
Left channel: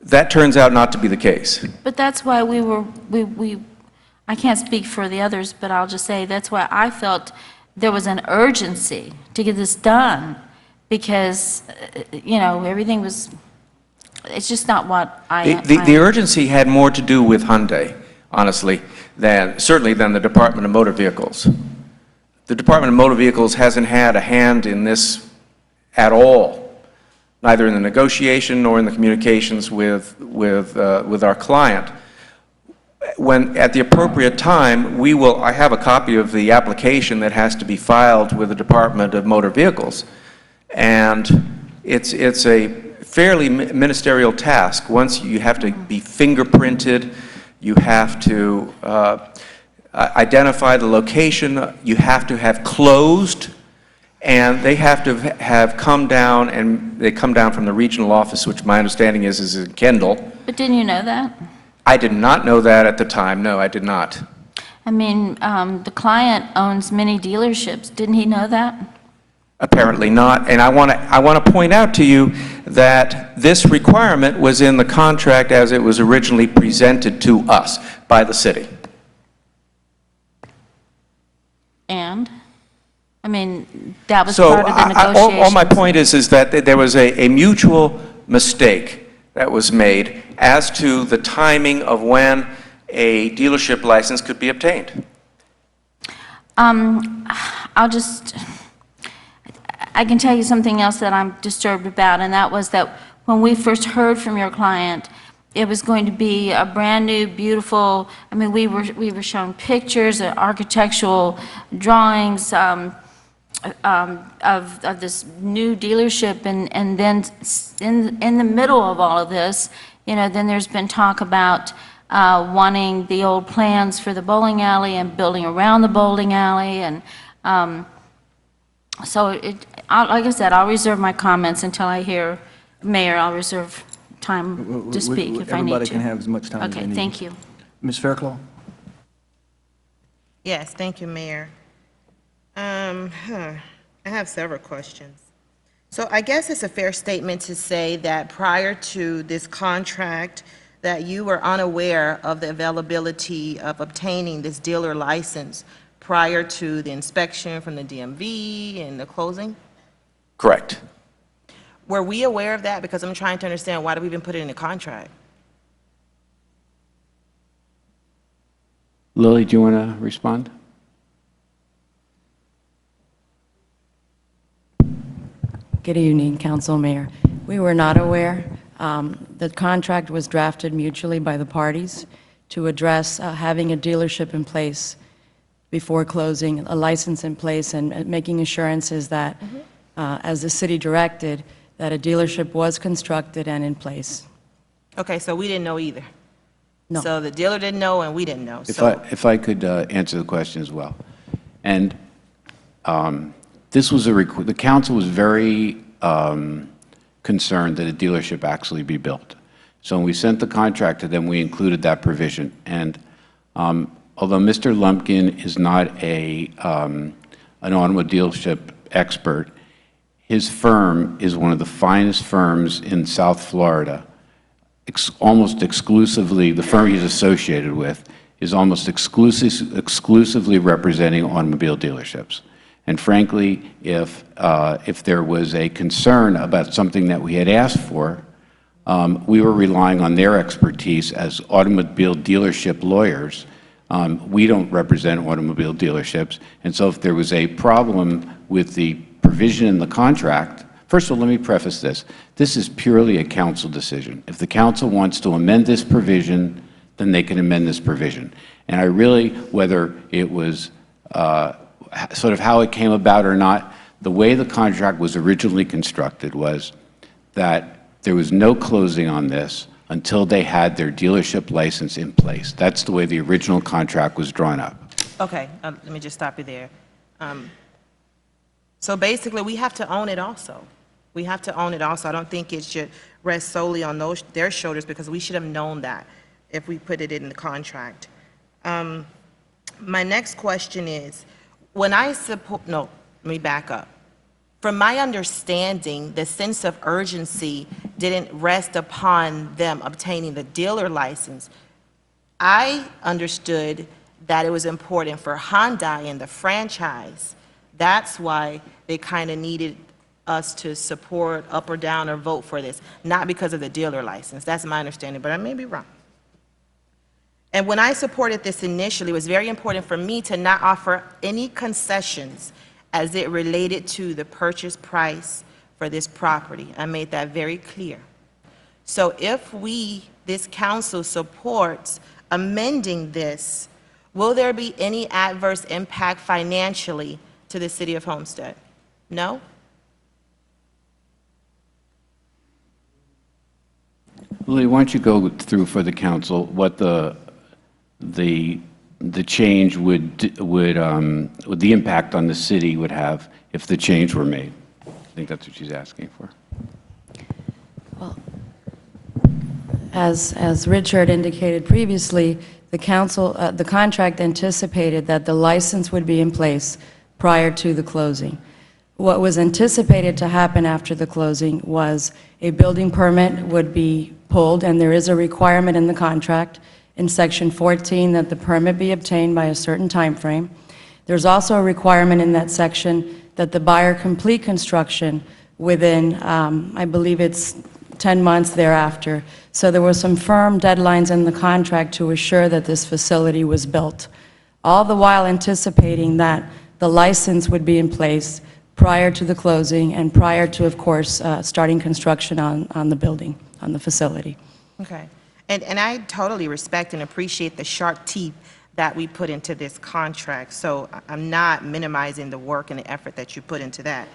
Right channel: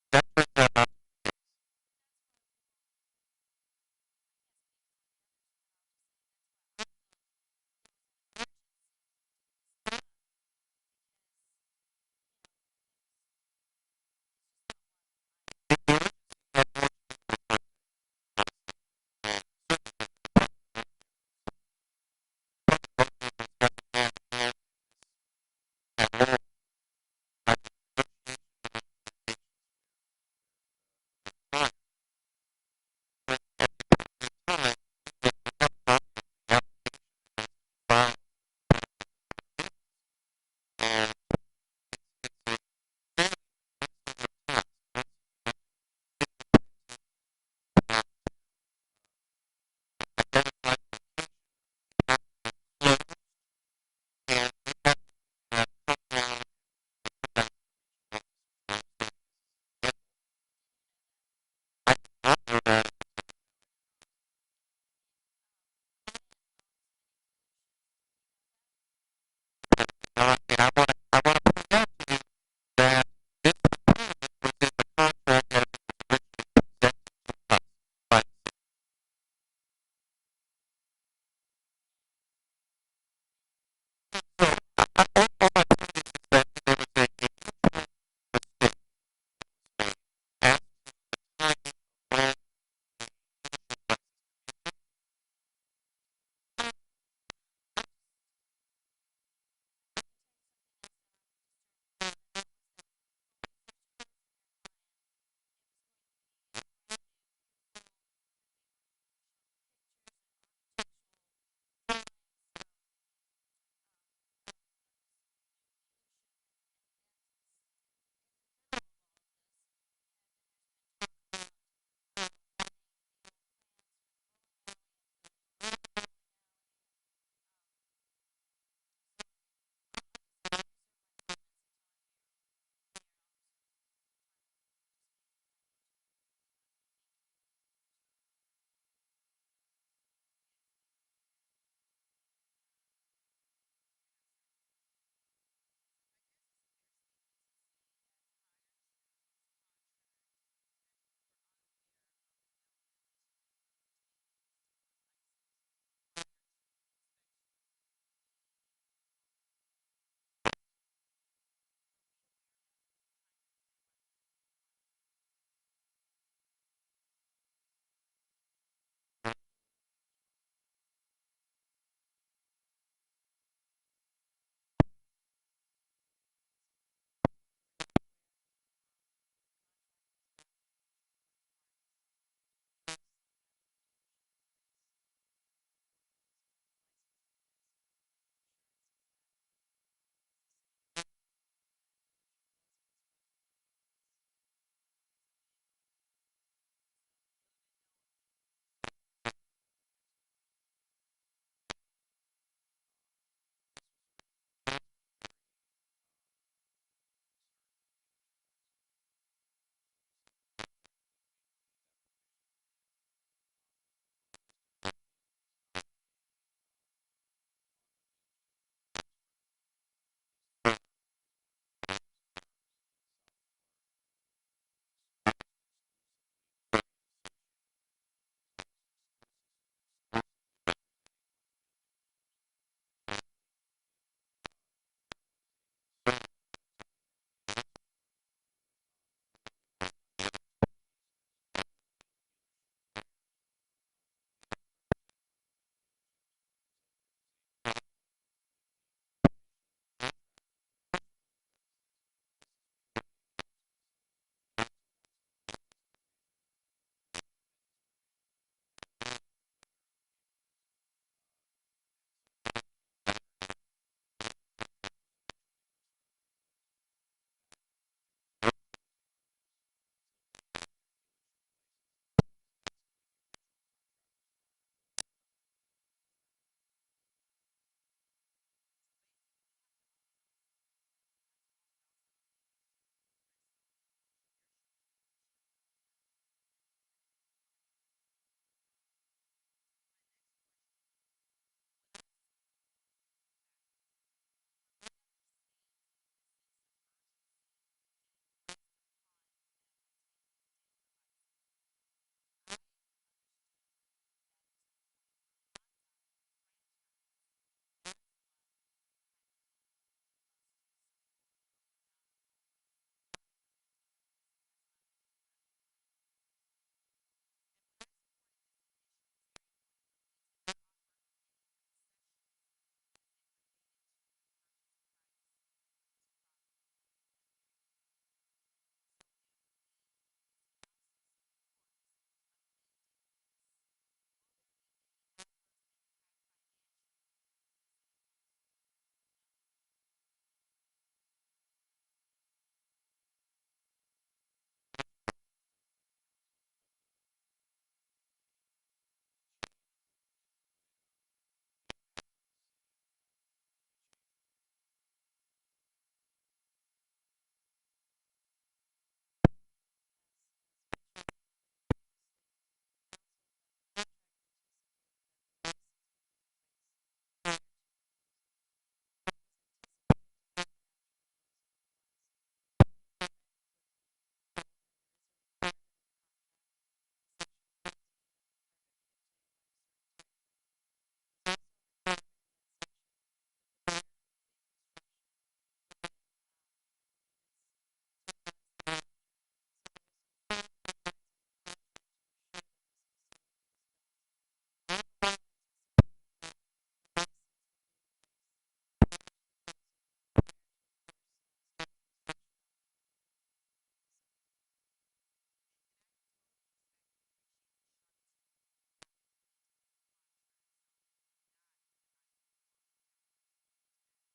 That turns out not to be the case. But that's why I can't speak for the others, but I'll just say that's why I felt there was an urgency to get this done because, everything was, it's just not what The urgency had more to do with Hyundai, honestly, certainly than the Department of Motor Vehicles. The Department of Motor Vehicles hasn't had a hand in this at all, neither in the negotiation nor in the communications with our client. When, at the appropriate time, I have a copy of the application that has to be filed with the Department of Motor Vehicles. And it's a fairly ministerial task. Once you have to be fingerprinted, you have to identify the location, you have to have closed, and they have to have come down, and they come down from the regional office, which my understanding is in Kendall. But didn't you know that? I did not know that at the time. No, I did not. I mean, the client owns many dealerships. Didn't he know that? Apparently not. And I want to point out to you that this requirement was in the contract as it was originally presented to us by the city. And? I mean, that was So part of the negotiations. all my point is that there was a mutual mistake that was made as to the timing of when a dealership license could be obtained. I can tell you something else that I'm disturbed about, and that was that when we first heard from your client, it was going to be a brand-new, beautiful, I mean, we were shown pictures, architectural drawings of this new dealership, and then in the middle of all of this, then there's been talk about wanting the old plans for the bowling alley and building around the bowling alley, and so like I said, I'll reserve my comments until I hear Mayor. I'll reserve time to speak if I need to. Everybody can have as much time as they need. Okay, thank you. Ms. Fairclough? Yes, thank you, Mayor. I have several questions. So I guess it's a fair statement to say that prior to this contract, that you were unaware of the availability of obtaining this dealer license prior to the inspection from the DMV and the closing? Correct. Were we aware of that? Because I'm trying to understand, why do we even put it in the contract? Lily, do you want to respond? Good evening, Council Mayor. We were not aware. The contract was drafted mutually by the parties to address having a dealership in place before closing, a license in place, and making assurances that, as the city directed, that a dealership was constructed and in place. Okay, so we didn't know either. No. So the dealer didn't know and we didn't know. If I could answer the question as well. And this was the council was very concerned that a dealership actually be built. So when we sent the contract to them, we included that provision. And although Mr. Lumpkin is not an automobile dealership expert, his firm is one of the finest firms in South Florida. Almost exclusively, the firm he's associated with is almost exclusively representing automobile dealerships. And frankly, if there was a concern about something that we had asked for, we were relying on their expertise as automobile dealership lawyers. We don't represent automobile dealerships, and so if there was a problem with the provision in the contract, first of all, let me preface this. This is purely a council decision. If the council wants to amend this provision, then they can amend this provision. And I really, whether it was sort of how it came about or not, the way the contract was originally constructed was that there was no closing on this until they had their dealership license in place. That's the way the original contract was drawn up. Okay, let me just stop you there. So basically, we have to own it also. We have to own it also. I don't think it should rest solely on their shoulders, because we should have known that if we put it in the contract. My next question is, when I support, no, let me back up. From my understanding, the sense of urgency didn't rest upon them obtaining the dealer license. I understood that it was important for Hyundai and the franchise. That's why they kind of needed us to support up or down or vote for this, not because of the dealer license. That's my understanding, but I may be wrong. And when I supported this initially, it was very important for me to not offer any concessions as it related to the purchase price for this property. I made that very clear. So if this council supports amending this, will there be any adverse impact financially to the city of Homestead? No? Lily, why don't you go through for the council what the change the impact on the city would have if the change were made? I think that's what she's asking for. Well, as Richard indicated previously, the contract anticipated that the license would be in place prior to the closing. What was anticipated to happen after the closing was a building permit would be pulled, and there is a requirement in the contract in Section 14 that the permit be obtained by a certain time frame. There's also a requirement in that section that the buyer complete construction within, I believe it's 10 months thereafter. So there were some firm deadlines in the contract to assure that this facility was built, all the while anticipating that the license would be in place prior to the closing and prior to, of course, starting construction on the building, on the facility. Okay. And I totally respect and appreciate the sharp teeth that we put into this contract. So I'm not minimizing the work and the effort that you put into that.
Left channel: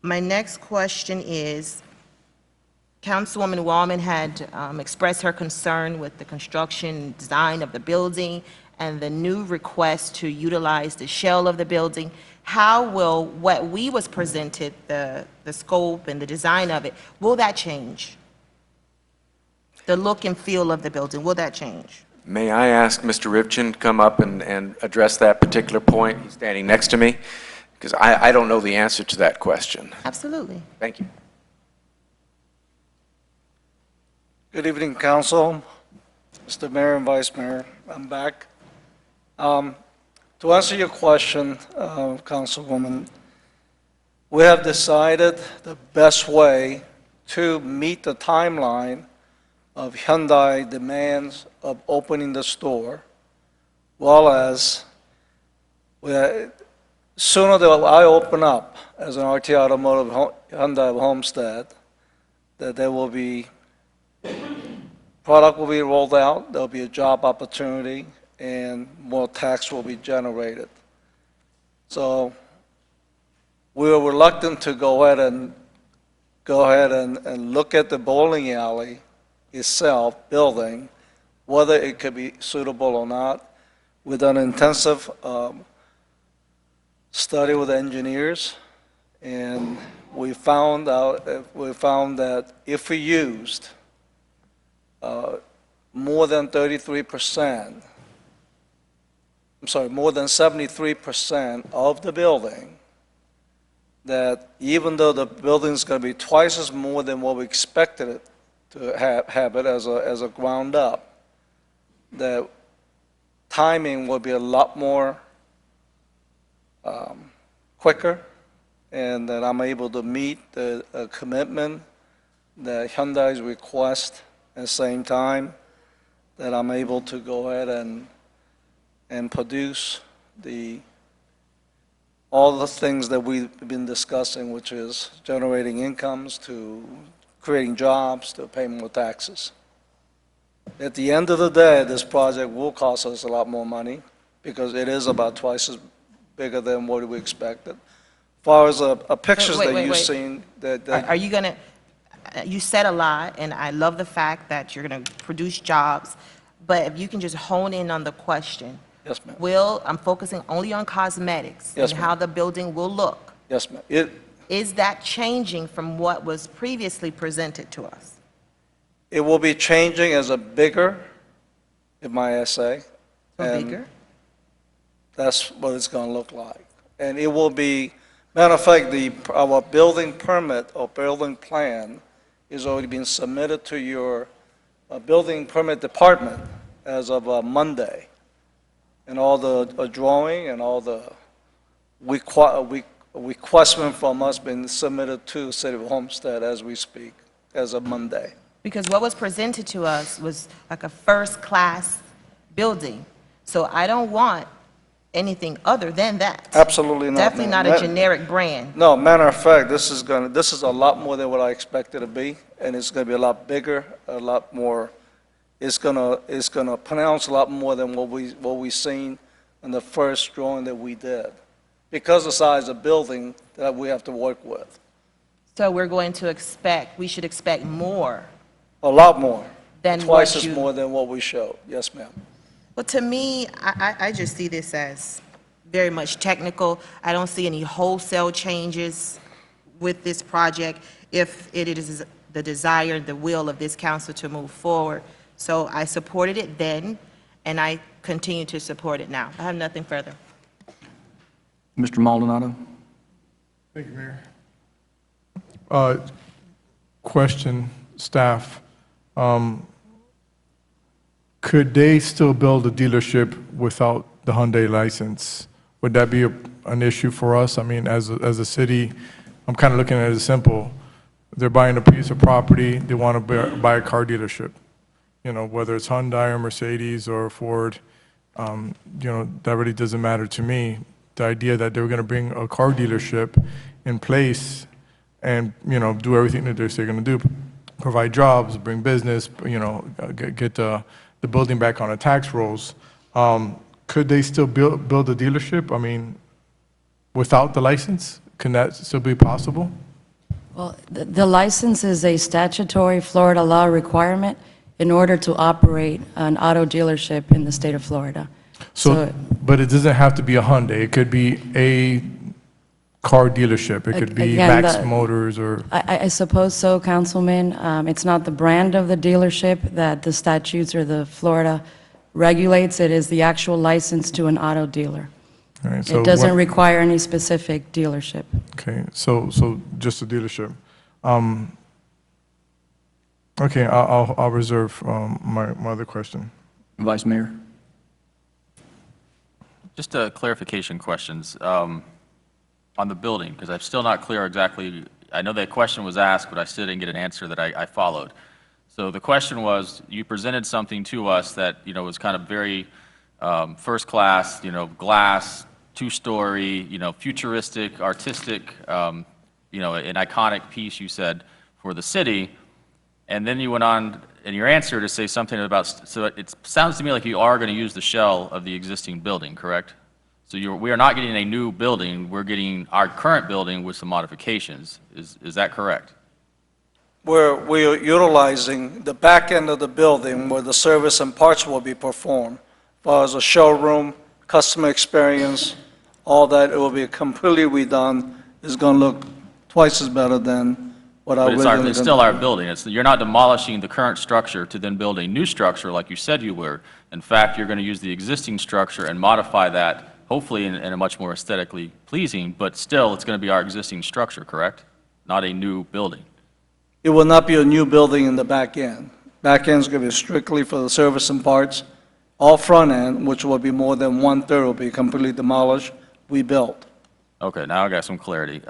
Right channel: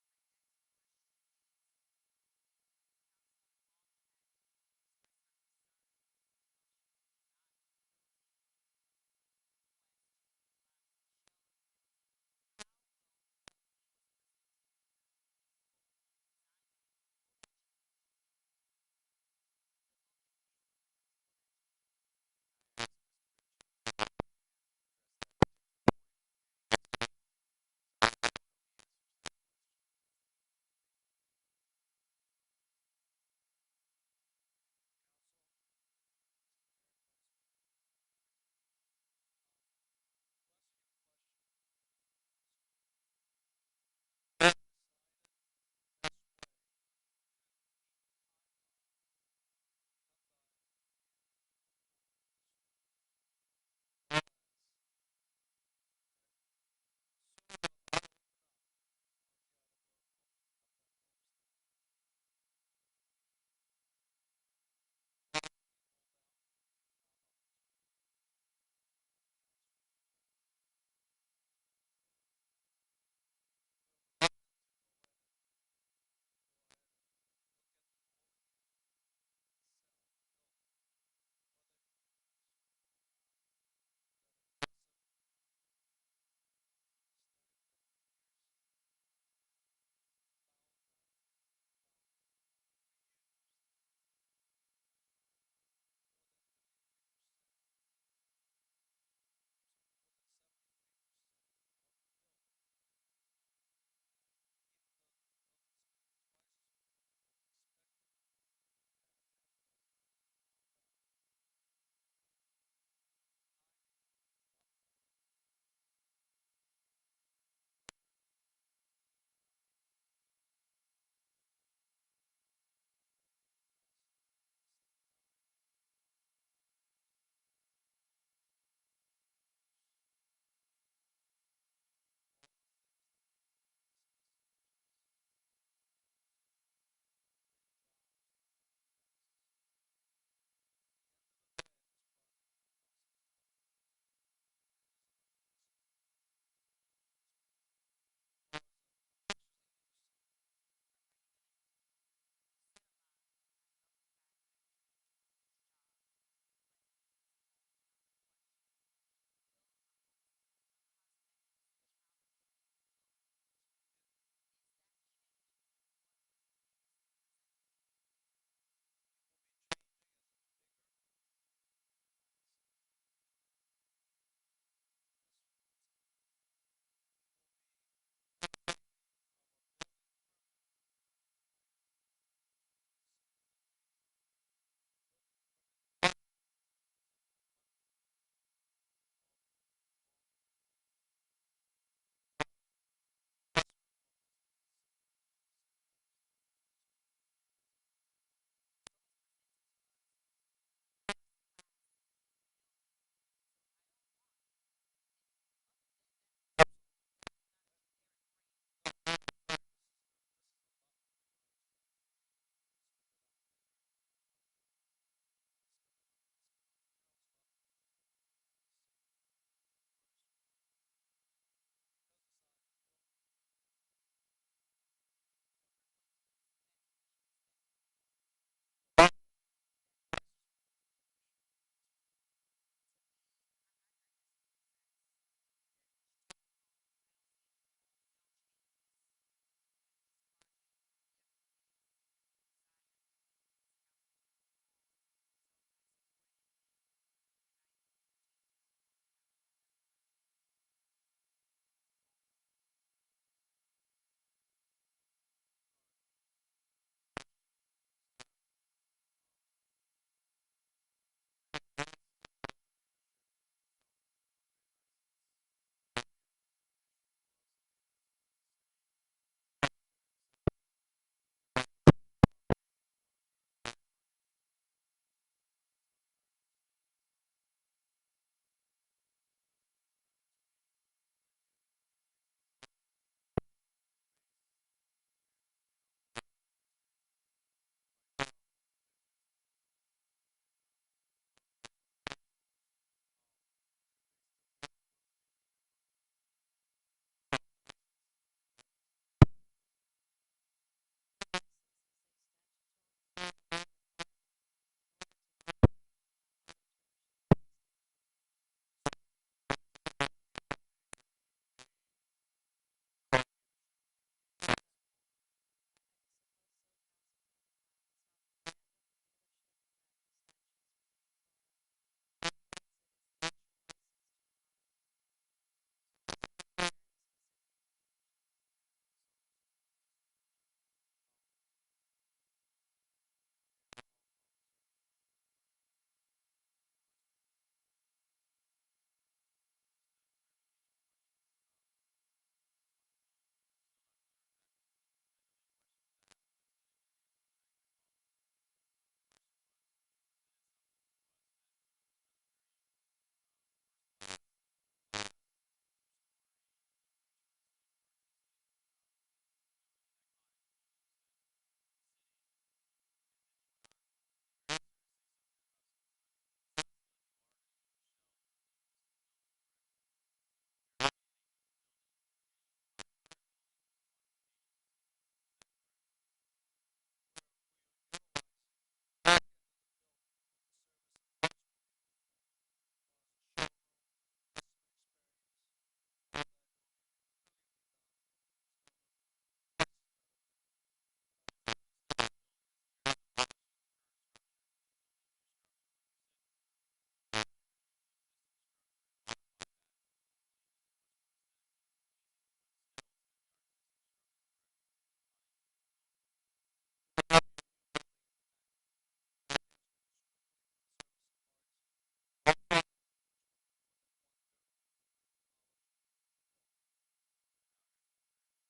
My next question is, Councilwoman Wallman had expressed her concern with the construction design of the building and the new request to utilize the shell of the building. How will what we was presented, the scope and the design of it, will that change? The look and feel of the building, will that change? May I ask Mr. Rivchin to come up and address that particular point? He's standing next to me, because I don't know the answer to that question. Absolutely. Thank you. Good evening, Council, Mr. Mayor and Vice Mayor. I'm back. To answer your question, Councilwoman, we have decided the best way to meet the timeline of Hyundai demands of opening the store, well as sooner that I open up as an RT Automotive Hyundai of Homestead, that there will be, product will be rolled out, there'll be a job opportunity, and more tax will be generated. So we were reluctant to go ahead and look at the bowling alley itself, building, whether it could be suitable or not. We've done an intensive study with engineers, and we found that if we used more than 33%, I'm sorry, more than 73% of the building, that even though the building's going to be twice as more than what we expected it to have it as a ground up, that timing will be a lot more quicker, and that I'm able to meet the commitment that Hyundai's request at the same time, that I'm able to go ahead and produce all the things that we've been discussing, which is generating incomes, to creating jobs, to pay more taxes. At the end of the day, this project will cost us a lot more money because it is about twice as bigger than what we expected. As far as pictures that you've seen, Are you going to, you said a lot, and I love the fact that you're going to produce jobs, but if you can just hone in on the question. Yes, ma'am. I'm focusing only on cosmetics Yes, and how the building will look. Yes, ma'am. Is that changing from what was previously presented to us? It will be changing as a bigger, if I say. Bigger? That's what it's going to look like. And it will be, matter of fact, our building permit or building plan is already been submitted to your building permit department as of Monday. And all the drawing and all the requestment from us been submitted to City of Homestead as we speak, as of Monday. Because what was presented to us was like a first-class building. So I don't want anything other than that. Absolutely not. Definitely not a generic brand. No, matter of fact, this is a lot more than what I expected it to be, and it's going to be a lot bigger, a lot more. It's gonna pronounce a lot more than what we seen in the first drawing that we did, because of the size of building that we have to work with. So we should expect more. A lot more. Than twice as more than what we showed. Yes, ma'am. Well, to me, I just see this as very much technical. I don't see any wholesale changes with this project if it is the desire, the will of this council to move forward. So I supported it then, and I continue to support it now. I have nothing further. Mr. Maldonado? Thank you, Mayor. Question, staff. Could they still build a dealership without the Hyundai license? Would that be an issue for us? I mean, as a city, I'm kind of looking at it as simple. They're buying a piece of property, they want to buy a car dealership. You know, whether it's Hyundai or Mercedes or Ford, you know, that really doesn't matter to me. The idea that they were going to bring a car dealership in place and, you know, do everything that they're going to do, provide jobs, bring business, you know, get the building back on the tax rolls. Could they still build a dealership? I mean, without the license, can that still be possible? Well, the license is a statutory Florida law requirement in order to operate an auto dealership in the state of Florida. So, but it doesn't have to be a Hyundai. It could be a car dealership. It could be Again, Max Motors or... I suppose so, Councilman. It's not the brand of the dealership that the statutes or the Florida regulates. It is the actual license to an auto dealer. All right, so It doesn't require any specific dealership. Okay, so just a dealership. Okay, I'll reserve my other question. Vice Mayor? Just clarification questions. on the building, because I'm still not clear exactly, I know that question was asked, but I still didn't get an answer that I followed. So the question was, you presented something to us that, was kind of very first class, glass, two-story, futuristic, artistic, an iconic piece, you said, for the city. And then you went on in your answer to say something about, so it sounds to me like you are going to use the shell of the existing building, correct? So we are not getting a new building, we're getting our current building with some modifications. Is that correct? We're utilizing the back end of the building where the service and parts will be performed. As far as a showroom, customer experience, all that, it will be completely redone. It's going to look twice as better than what I But originally. it's still our building. You're not demolishing the current structure to then build a new structure like you said you were. In fact, you're going to use the existing structure and modify that, hopefully in a much more aesthetically pleasing, but still, it's going to be our existing structure, correct? Not a new building. It will not be a new building in the back end. Back end is going to be strictly for the service and parts. All front end, which will be more than 1/3, will be completely demolished, rebuilt. Okay, now I got some clarity.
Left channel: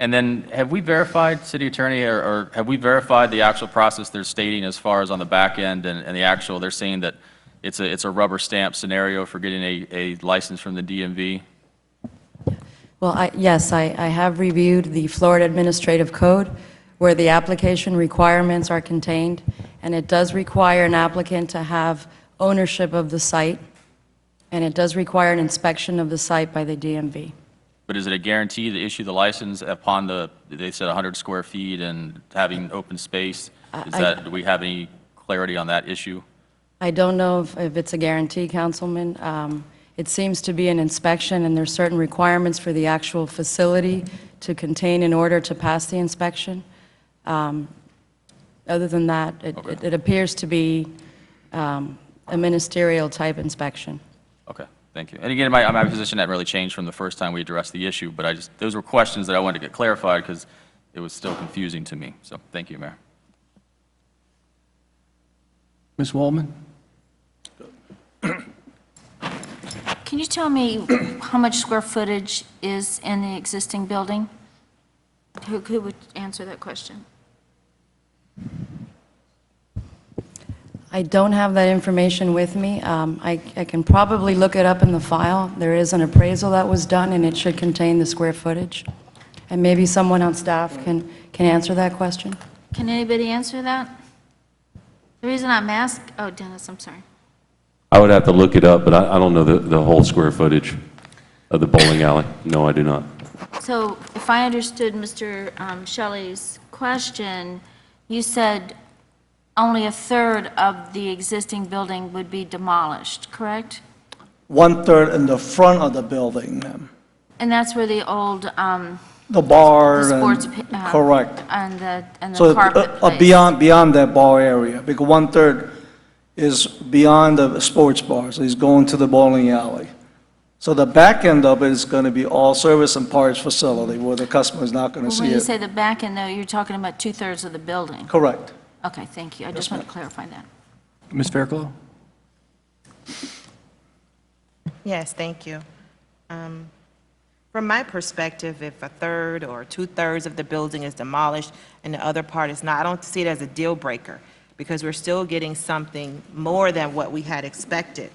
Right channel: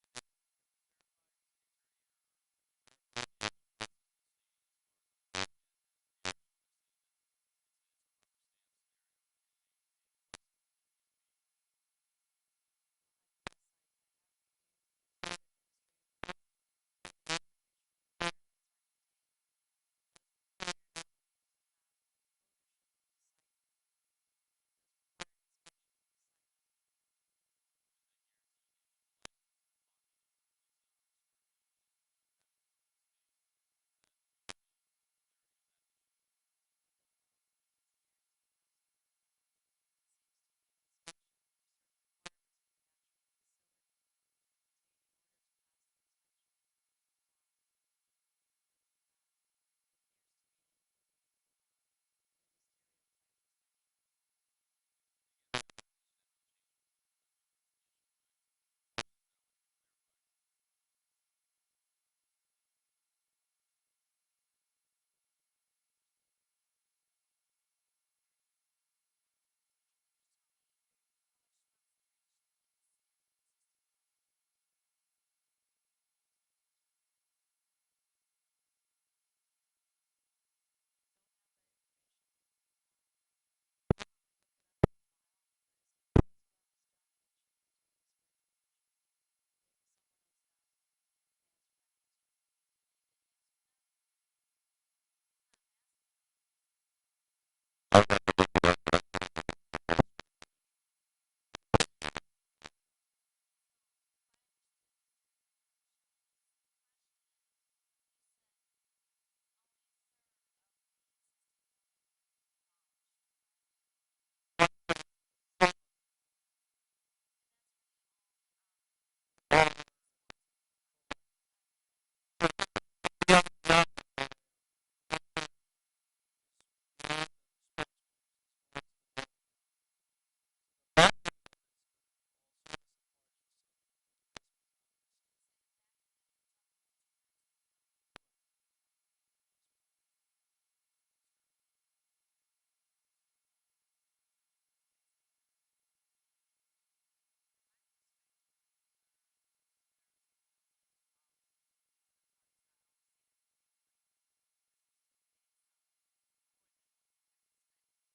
And then, have we verified, City Attorney, or have we verified the actual process they're stating as far as on the back end and the actual, they're saying that it's a rubber stamp scenario for getting a license from the DMV? Well, yes, I have reviewed the Florida Administrative Code where the application requirements are contained, and it does require an applicant to have ownership of the site, and it does require an inspection of the site by the DMV. But is it a guarantee to issue the license upon they said 100 square feet and having open space? Do we have any clarity on that issue? I don't know if it's a guarantee, Councilman. It seems to be an inspection, and there's certain requirements for the actual facility to contain in order to pass the inspection. Other than that, it appears to be a ministerial type inspection. Okay, thank you. And again, my position hadn't really changed from the first time we addressed the issue, but those were questions that I wanted to get clarified because it was still confusing to me. So thank you, Mayor. Ms. Waldman? Can you tell me how much square footage is in the existing building? Who would answer that question? I don't have that information with me. I can probably look it up in the file. There is an appraisal that was done, and it should contain the square footage. And maybe someone on staff can answer that question. Can anybody answer that? The reason I'm asking, oh, Dennis, I'm sorry. I would have to look it up, but I don't know the whole square footage of the bowling alley. No, I do not. So if I understood Mr. Shelley's question, you said only 1/3 of the existing building would be demolished, correct? 1/3 in the front of the building, ma'am. And that's where the old, The bar the sports, and, correct. and the So carpet place. beyond that bar area, because 1/3 is beyond the sports bar, so he's going to the bowling alley. So the back end of it is going to be all service and parts facility where the customer is not going to Well, see when you it. say the back end, though, you're talking about 2/3 of the building. Correct. Okay, thank you. I just want to clarify that. Ms. Fairclough? Yes, thank you. From my perspective, if 1/3 or 2/3 of the building is demolished and the other part is not, I don't see it as a deal breaker because we're still getting something more than what we had expected.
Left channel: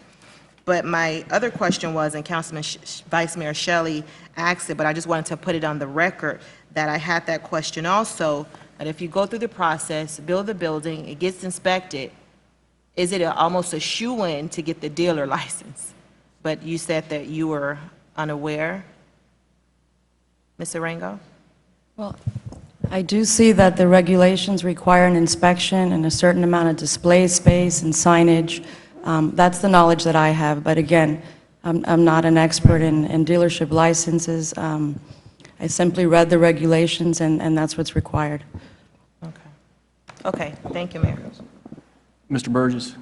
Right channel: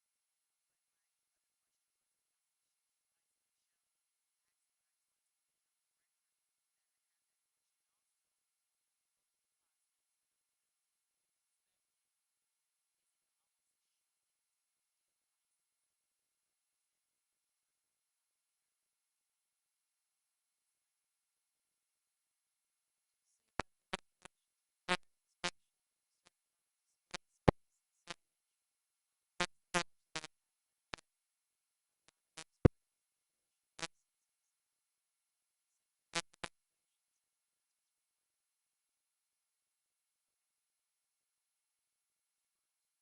But my other question was, and Councilman Vice Mayor Shelley asked it, but I just wanted to put it on the record that I had that question also, that if you go through the process, build the building, it gets inspected, is it almost a shoo-in to get the dealer license? But you said that you were unaware, Ms. Arango? Well, I do see that the regulations require an inspection and a certain amount of display space and signage. That's the knowledge that I have, but again, I'm not an expert in dealership licenses. I simply read the regulations, and that's what's required. Okay, thank you, Mayor. Mr. Burgess?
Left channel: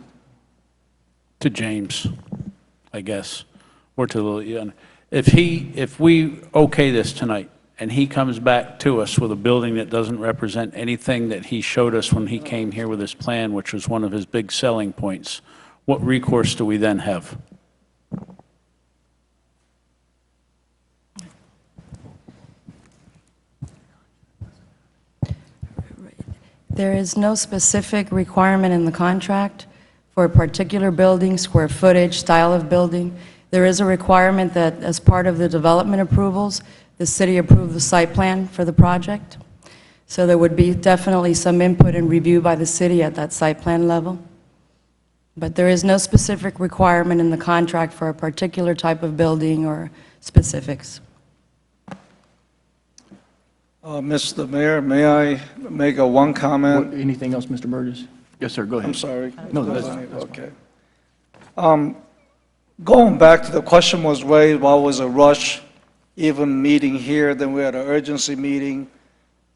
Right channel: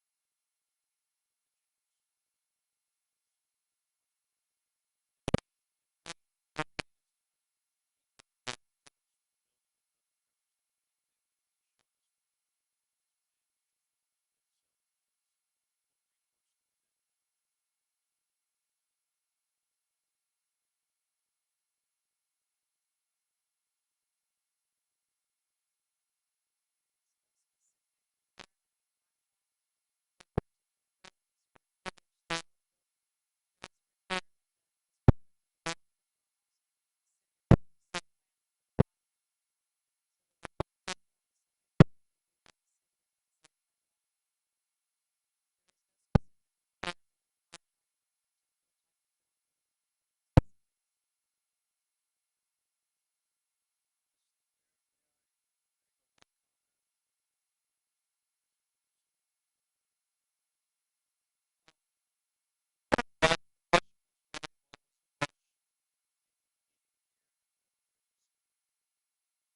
To James, I guess, or to Lillian. If we okay this tonight, and he comes back to us with a building that doesn't represent anything that he showed us when he came here with his plan, which was one of his big selling points, what recourse do we then have? There is no specific requirement in the contract for a particular building, square footage, style of building. There is a requirement that as part of the development approvals, the city approve the site plan for the project. So there would be definitely some input and review by the city at that site plan level. But there is no specific requirement in the contract for a particular type of building or specifics. Mr. Mayor, may I make one comment? Anything else, Mr. Burgess? Yes, sir, go ahead. I'm sorry. No, that's Okay. Going back to the question was raised, why was a rush even meeting here? Then we had an urgency meeting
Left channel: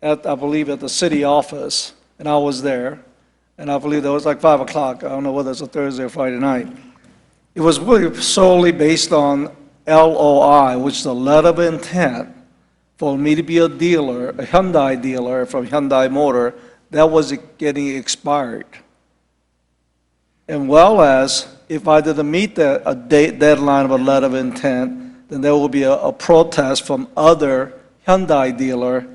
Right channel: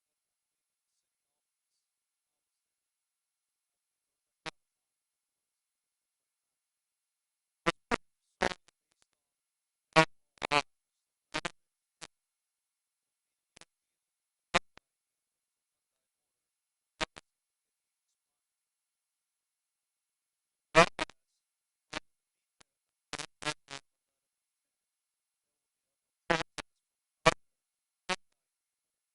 at, I believe, at the city office, and I was there. And I believe that was like 5 o'clock. I don't know whether it's a Thursday or Friday night. It was really solely based on LOI, which is a letter of intent for me to be a dealer, a Hyundai dealer from Hyundai Motor, that was getting expired. And well as, if I didn't meet a deadline of a letter of intent, then there will be a protest from other Hyundai dealer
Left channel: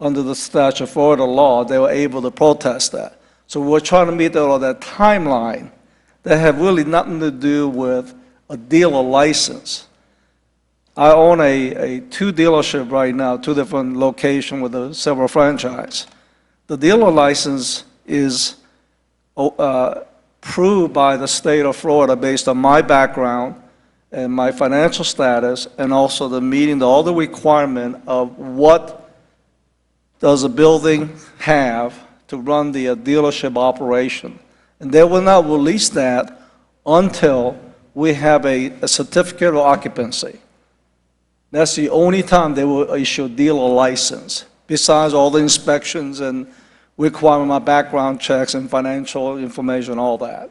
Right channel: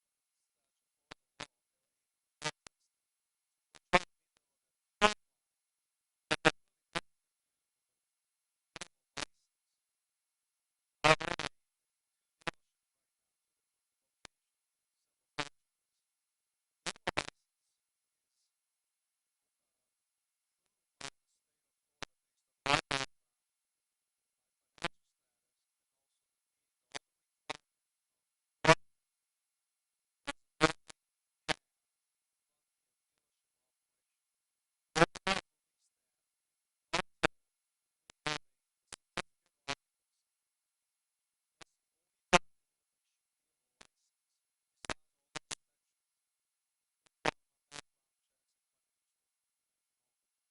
under the statute of Florida law. They were able to protest that. So we're trying to meet that timeline that have really nothing to do with a dealer license. I own a two dealership right now, two different locations with several franchise. The dealer license is approved by the state of Florida based on my background and my financial status, and also the meeting all the requirement of what does a building have to run the dealership operation. And they will not release that until we have a certificate of occupancy. That's the only time they will issue a dealer license, besides all the inspections and requirement my background checks and financial information, all that.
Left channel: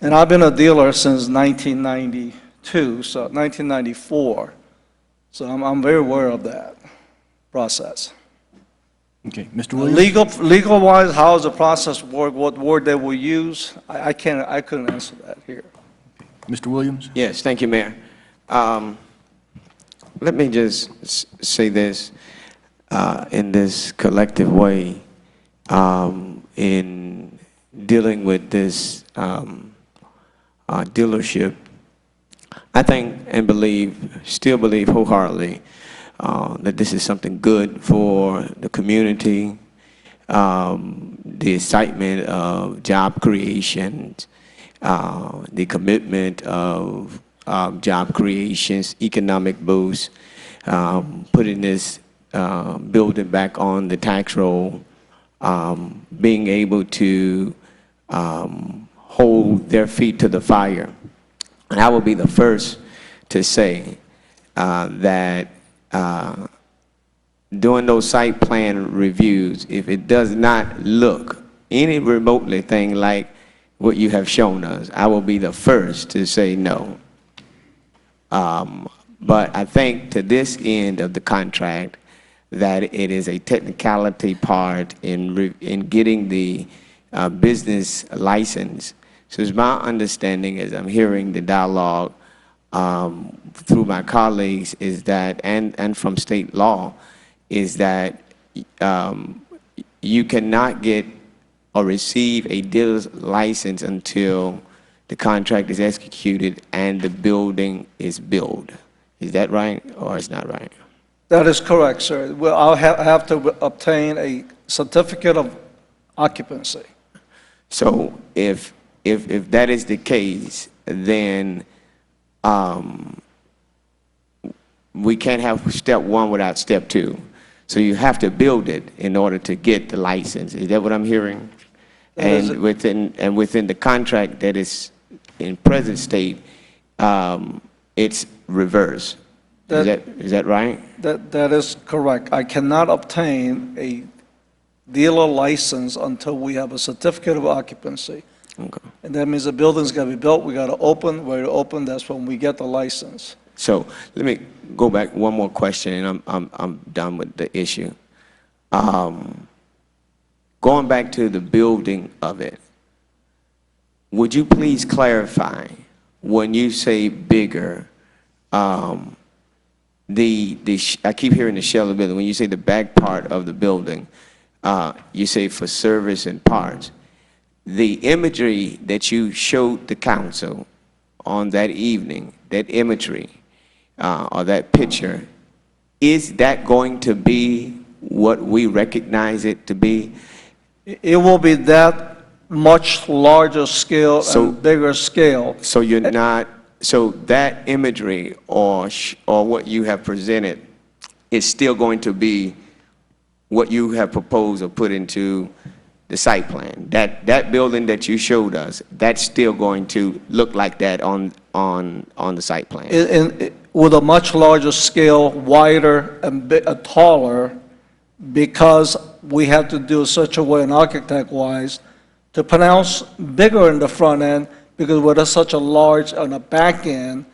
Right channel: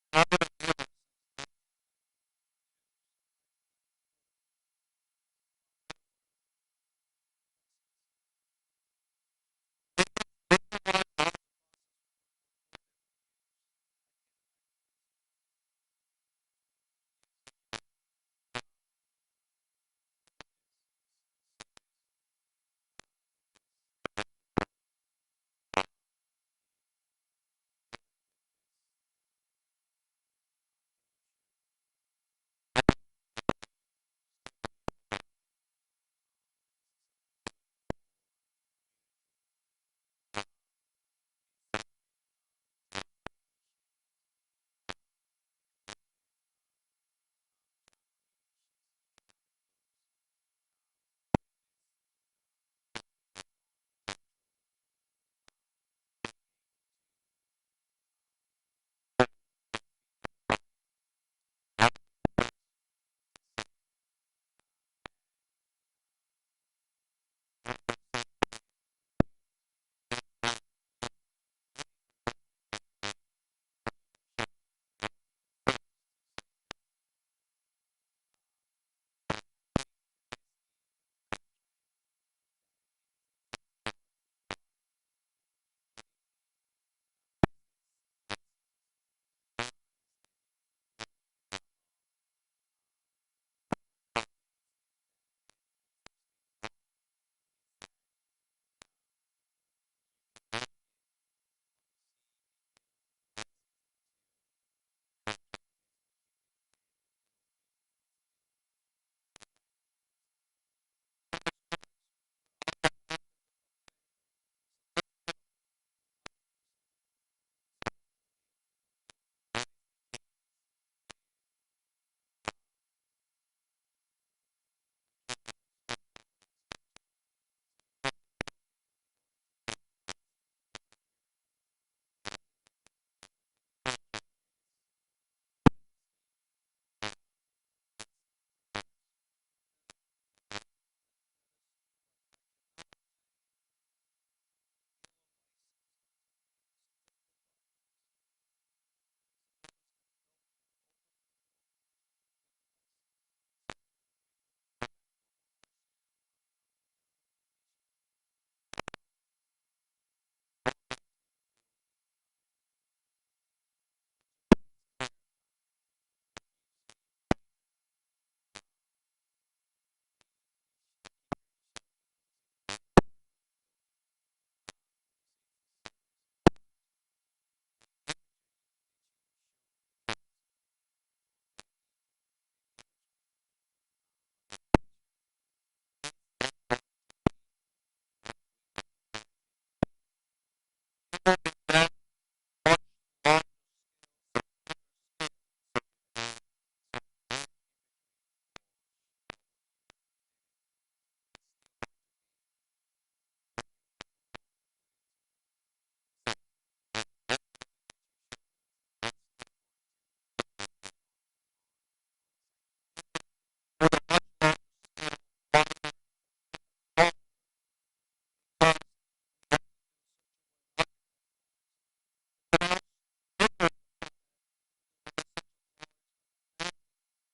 And I've been a dealer since 1992, so 1994. So I'm very aware of that process. Okay, Mr. Williams? Legal-wise, how does the process work, what word they will use? I couldn't answer that here. Mr. Williams? Yes, thank you, Mayor. Let me just say this in this collective way in dealing with this dealership. I think and still believe wholeheartedly that this is something good for the community, the excitement of job creation, the commitment of job creations, economic boost, putting this building back on the tax roll, being able to hold their feet to the fire. And I will be the first to say that doing those site plan reviews, if it does not look any remotely thing like what you have shown us, I will be the first to say no. But I think to this end of the contract, that it is a technicality part in getting the business license. So it's my understanding, as I'm hearing the dialogue through my colleagues, is that, and from state law, is that you cannot get or receive a dealer's license until the contract is executed and the building is built. Is that right, or it's not right? That is correct, sir. Well, I'll have to obtain a certificate of occupancy. So if that is the case, then we can't have step one without step two. So you have to build it in order to get the license. Is that what I'm hearing? And within the contract that is in present state, it's reverse. Is that right? That is correct. I cannot obtain a dealer license until we have a certificate of occupancy. Okay. And that means the building's got to be built, we got to open, we're to open, that's when we get the license. So let me go back one more question, and I'm done with the issue. Going back to the building of it, would you please clarify when you say bigger? I keep hearing the shell of the building. When you say the back part of the building, you say for service and parts. The imagery that you showed the council on that evening, that imagery or that picture, is that going to be what we recognize it to be? It will be that much larger scale and bigger scale. So you're not, so that imagery or what you have presented is still going to be what you have proposed or put into the site plan? That building that you showed us, that's still going to look like that on the site plan? With a much larger scale, wider and taller, because we have to do such a way, and architect-wise, to pronounce bigger in the front end, because with such a large, on the back end,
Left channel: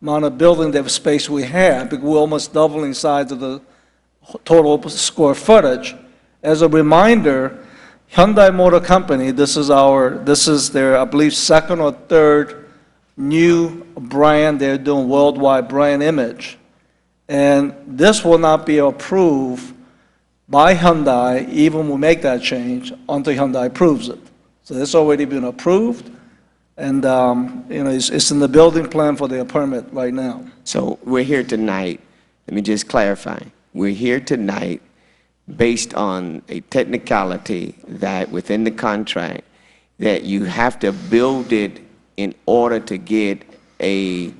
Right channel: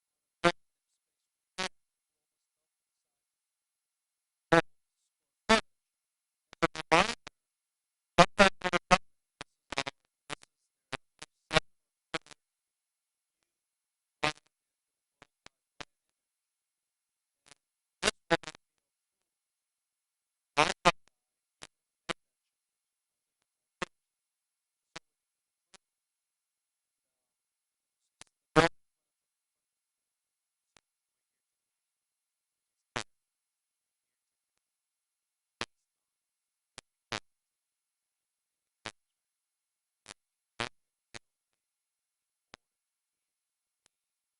amount of building space we have, because we're almost doubling size of the total square footage. As a reminder, Hyundai Motor Company, this is their, I believe, second or third new brand they're doing, worldwide brand image. And this will not be approved by Hyundai, even when we make that change, until Hyundai approves it. So it's already been approved, and it's in the building plan for their permit right now. So we're here tonight, let me just clarify. We're here tonight based on a technicality that within the contract, that you have to build it in order to get a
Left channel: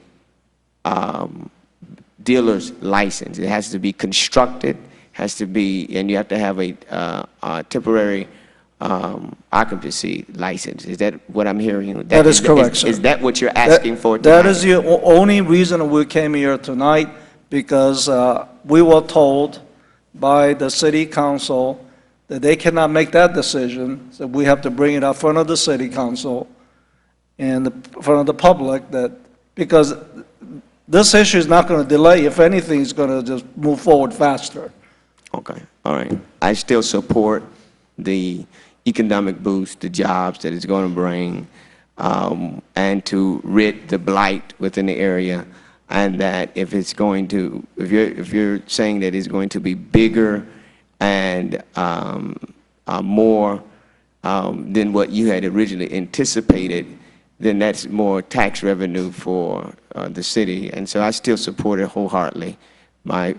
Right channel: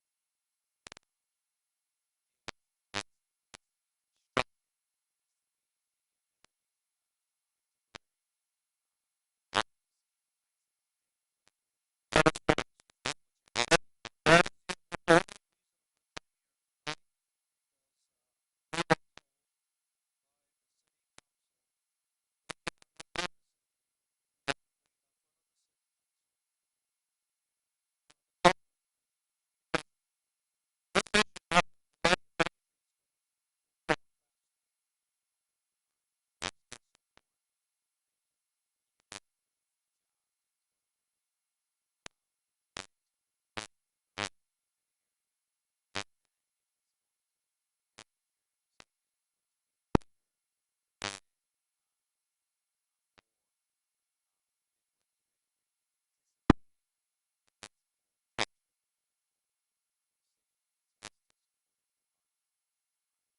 dealer's license. It has to be constructed, has to be, and you have to have a temporary occupancy license. Is that what I'm hearing? That is correct, sir. Is that what you're asking for tonight? That is the only reason we came here tonight, because we were told by the city council that they cannot make that decision, so we have to bring it up in front of the city council and in front of the public, that because this issue is not going to delay. If anything, it's going to just move forward faster. Okay, all right. I still support the economic boost, the jobs that it's going to bring, and to rid the blight within the area. And that if it's going to, if you're saying that it's going to be bigger and more than what you had originally anticipated, then that's more tax revenue for the city. And so I still support it wholeheartedly. My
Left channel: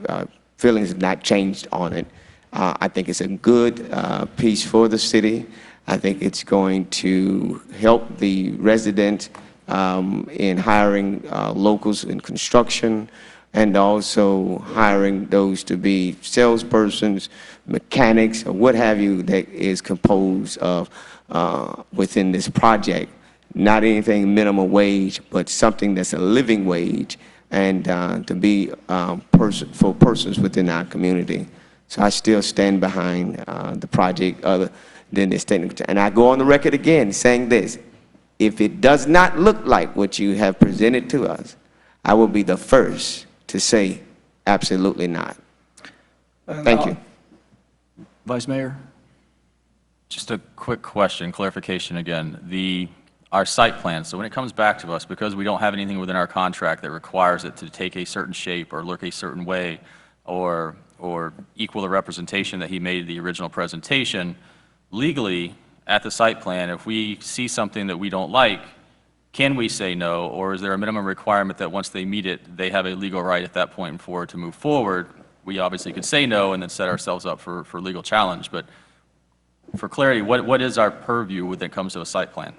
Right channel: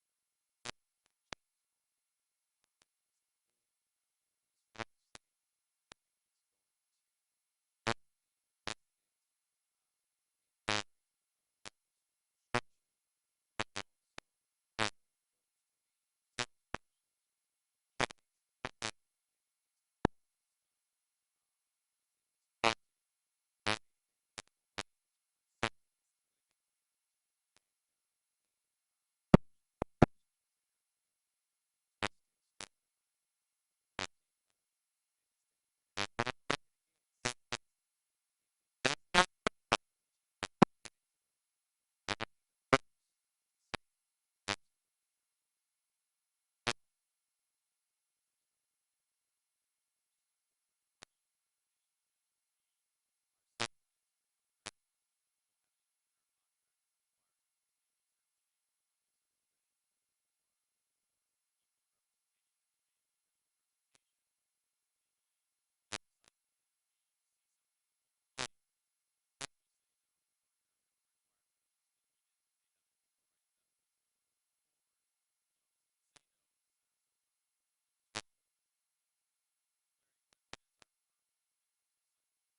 feelings have not changed on it. I think it's a good piece for the city. I think it's going to help the residents in hiring locals in construction, and also hiring those to be salespersons, mechanics, or what have you, that is composed of within this project. Not anything minimum wage, but something that's a living wage, and to be for persons within our community. So I still stand behind the project other than this technical. And I go on the record again saying this: if it does not look like what you have presented to us, I will be the first to say absolutely not. Thank you. Vice Mayor? Just a quick question, clarification again. Our site plan, so when it comes back to us, because we don't have anything within our contract that requires it to take a certain shape or look a certain way or equal the representation that he made in the original presentation, legally, at the site plan, if we see something that we don't like, can we say no, or is there a minimum requirement that once they meet it, they have a legal right at that point forward to move forward? We obviously could say no and then set ourselves up for legal challenge, but for clarity, what is our purview when it comes to a site plan?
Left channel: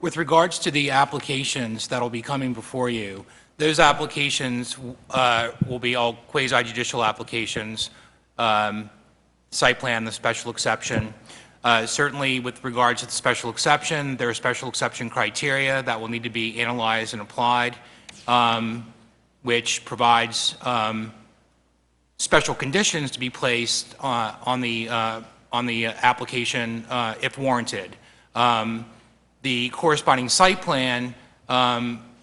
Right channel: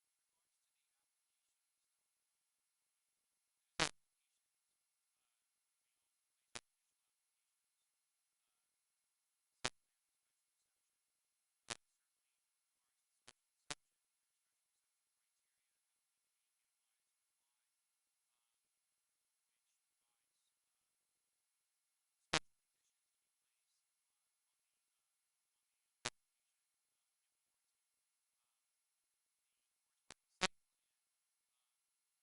With regards to the applications that will be coming before you, those applications will be all quasi-judicial applications, site plan, the special exception. Certainly with regards to the special exception, there are special exception criteria that will need to be analyzed and applied, which provides special conditions to be placed on the application if warranted. The corresponding site plan,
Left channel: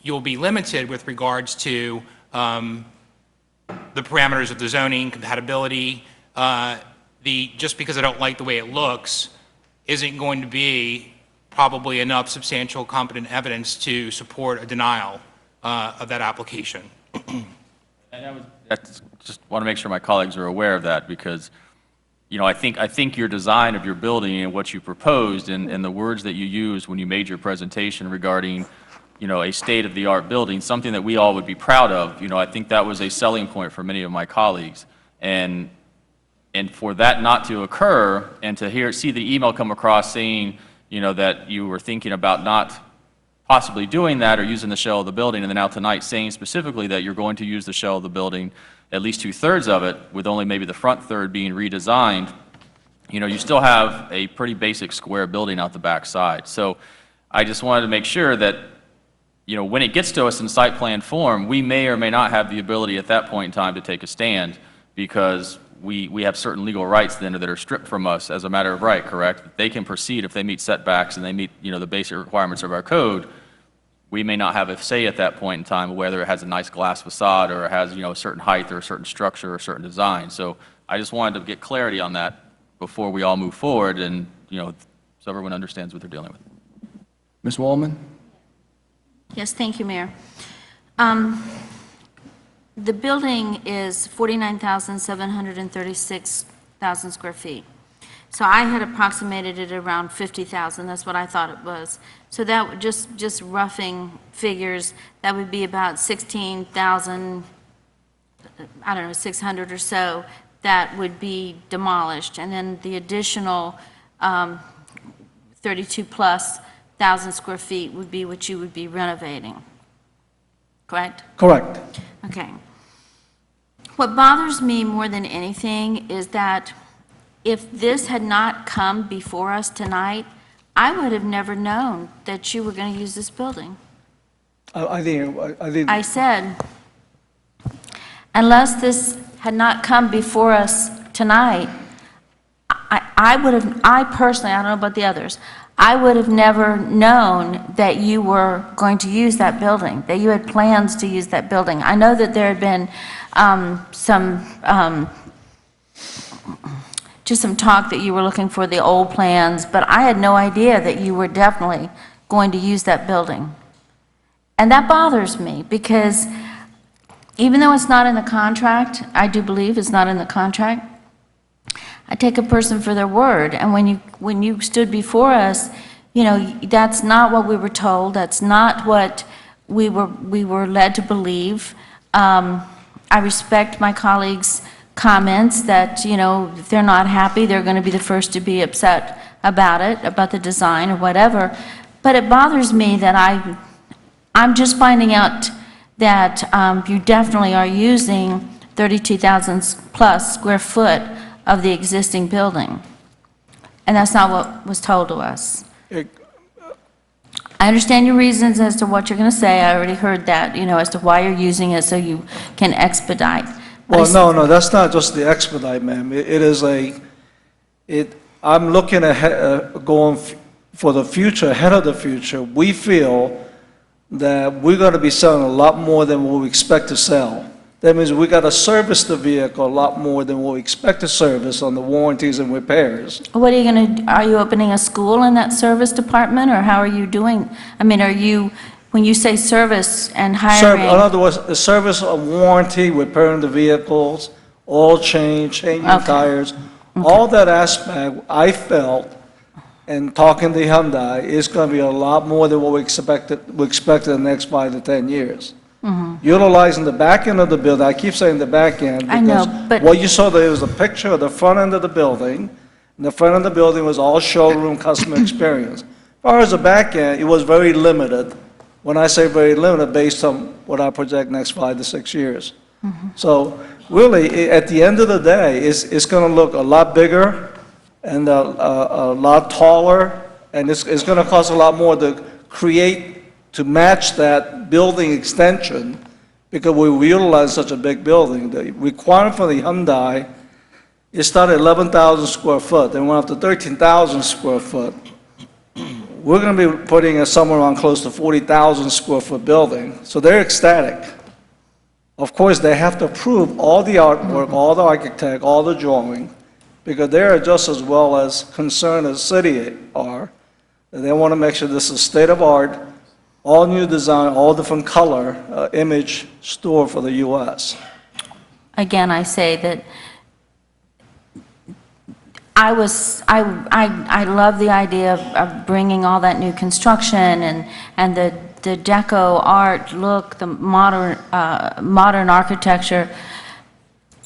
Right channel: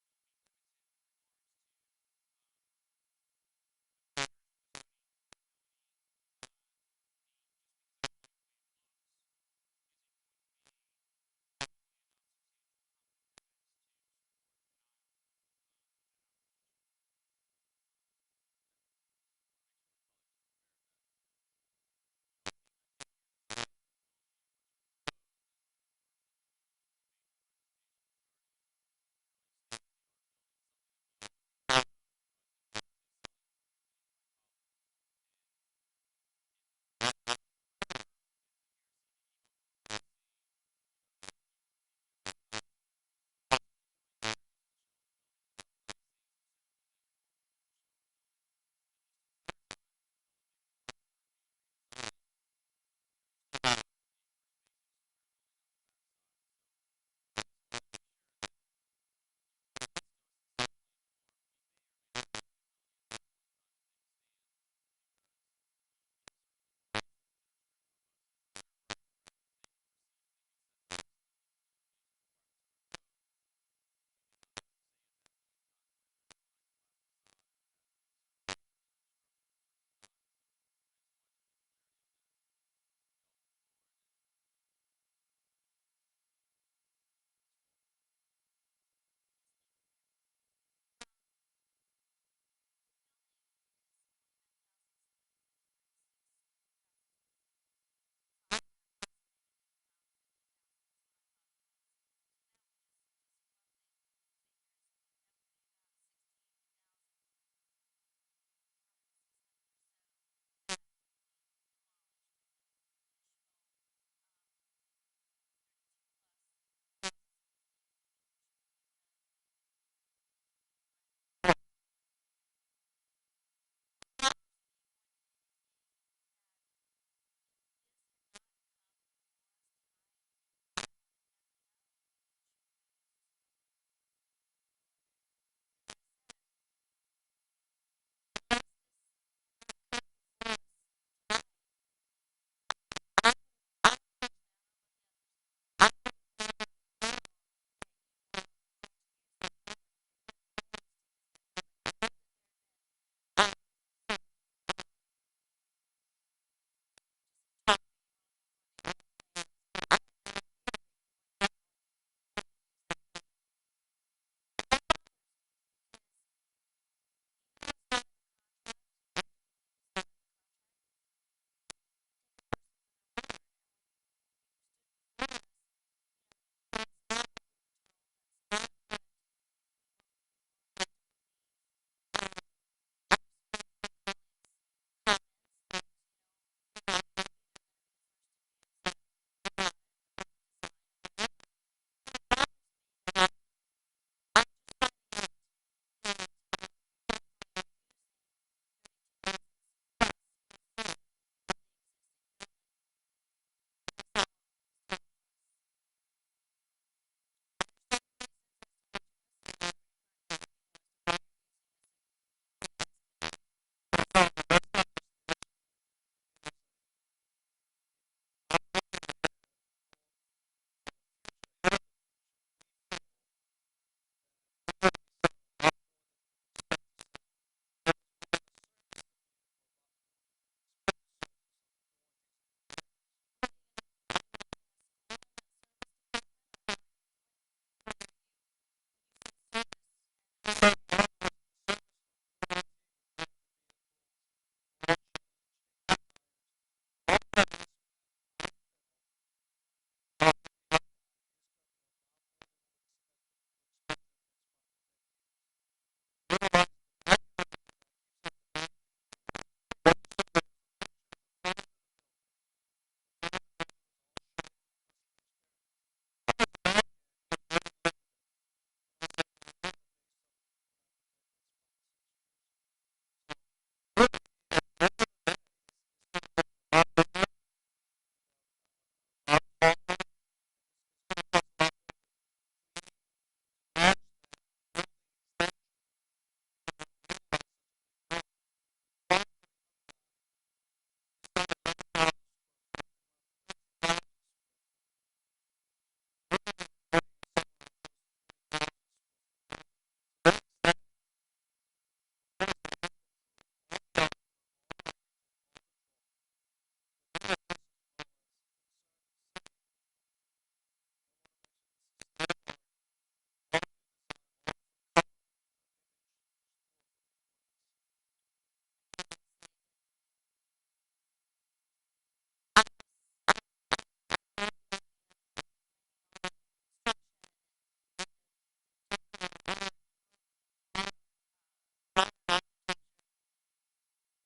you'll be limited with regards to the parameters of the zoning, compatibility. Just because I don't like the way it looks isn't going to be probably enough substantial competent evidence to support a denial. of that application. That's, just want to make sure my colleagues are aware of that, because, I think your design of your building and what you proposed and the words that you used when you made your presentation regarding, a state-of-the-art building, something that we all would be proud of, I think that was a selling point for many of my colleagues. And for that not to occur, and to see the email come across saying, that you were thinking about not possibly doing that or using the shell of the building, and then now tonight saying specifically that you're going to use the shell of the building, at least 2/3 of it, with only maybe the front third being redesigned, you still have a pretty basic square building out the back side. So I just wanted to make sure that, when it gets to us in site plan form, we may or may not have the ability at that point in time to take a stand, because we have certain legal rights then that are stripped from us as a matter of right, correct? They can proceed if they meet setbacks and they meet, the basic requirements of our code. We may not have a say at that point in time whether it has a nice glass facade or it has, a certain height or a certain structure or a certain design. So I just wanted to get clarity on that before we all move forward, and, so everyone understands what they're dealing with. Ms. Wallman? Yes, thank you, Mayor. The building is 49,736,000 square feet. So I had approximated it around 50,000. That's what I thought it was. So that would just roughing figures, that would be about 16,000, I don't know, 600 or so that would be demolished. And then the additional 32+ thousand square feet would be what you would be renovating. Correct? Correct. Okay. What bothers me more than anything is that if this had not come before us tonight, I would have never known that you were going to use this building. I think. I said, unless this had not come before us tonight, I personally, I don't know about the others, I would have never known that you were going to use that building, that you had plans to use that building. I know that there had been just some talk that you were looking for the old plans, but I had no idea that you were definitely going to use that building. And that bothers me, because even though it's not in the contract, I do believe it's not in the contract, I take a person for their word. And when you stood before us, that's not what we were told. That's not what we were led to believe. I respect my colleagues' comments that, if they're not happy, they're going to be the first to be upset about it, about the design or whatever. But it bothers me that I'm just finding out that you definitely are using 32,000 plus square foot of the existing building. And that's not what was told to us. I understand your reasons as to what you're going to say. I already heard that, as to why you're using it so you can expedite. Well, no, that's not just the expedite, ma'am. I'm looking ahead, going for the future, ahead of the future. We feel that we're going to be selling a lot more than what we expect to sell. That means we got to service the vehicle a lot more than what we expect to service on the warranties and repairs. What are you going to, are you opening a school in that service department, or how are you doing? I mean, when you say service and hiring? In other words, the service of warranty, repairing the vehicles, oil change, changing tires, all that aspect, I felt, and talking to Hyundai, is going to be a lot more than what we expected in the next 5 to 10 years. Utilizing the back end of the building, I keep saying the back end, I know, because but what you saw there was a picture of the front end of the building, and the front end of the building was all showroom customer experience. As far as the back end, it was very limited. When I say very limited, based on what I project next 5 to 6 years. So really, at the end of the day, it's going to look a lot bigger and a lot taller, and it's going to cost a lot more to create, to match that building extension, because we utilize such a big building. The requirement for the Hyundai, it started at 11,000 square foot, then went up to 13,000 square foot. We're going to be putting somewhere around close to 40,000 square foot building, so they're ecstatic. Of course, they have to approve all the artwork, all the architect, all the drawing, because they're just as well as concerned as city are. They want to make sure this is state of art, all new design, all different color, image store for the US. Again, I say that I love the idea of bringing all that new construction and the deco art look, the modern architecture.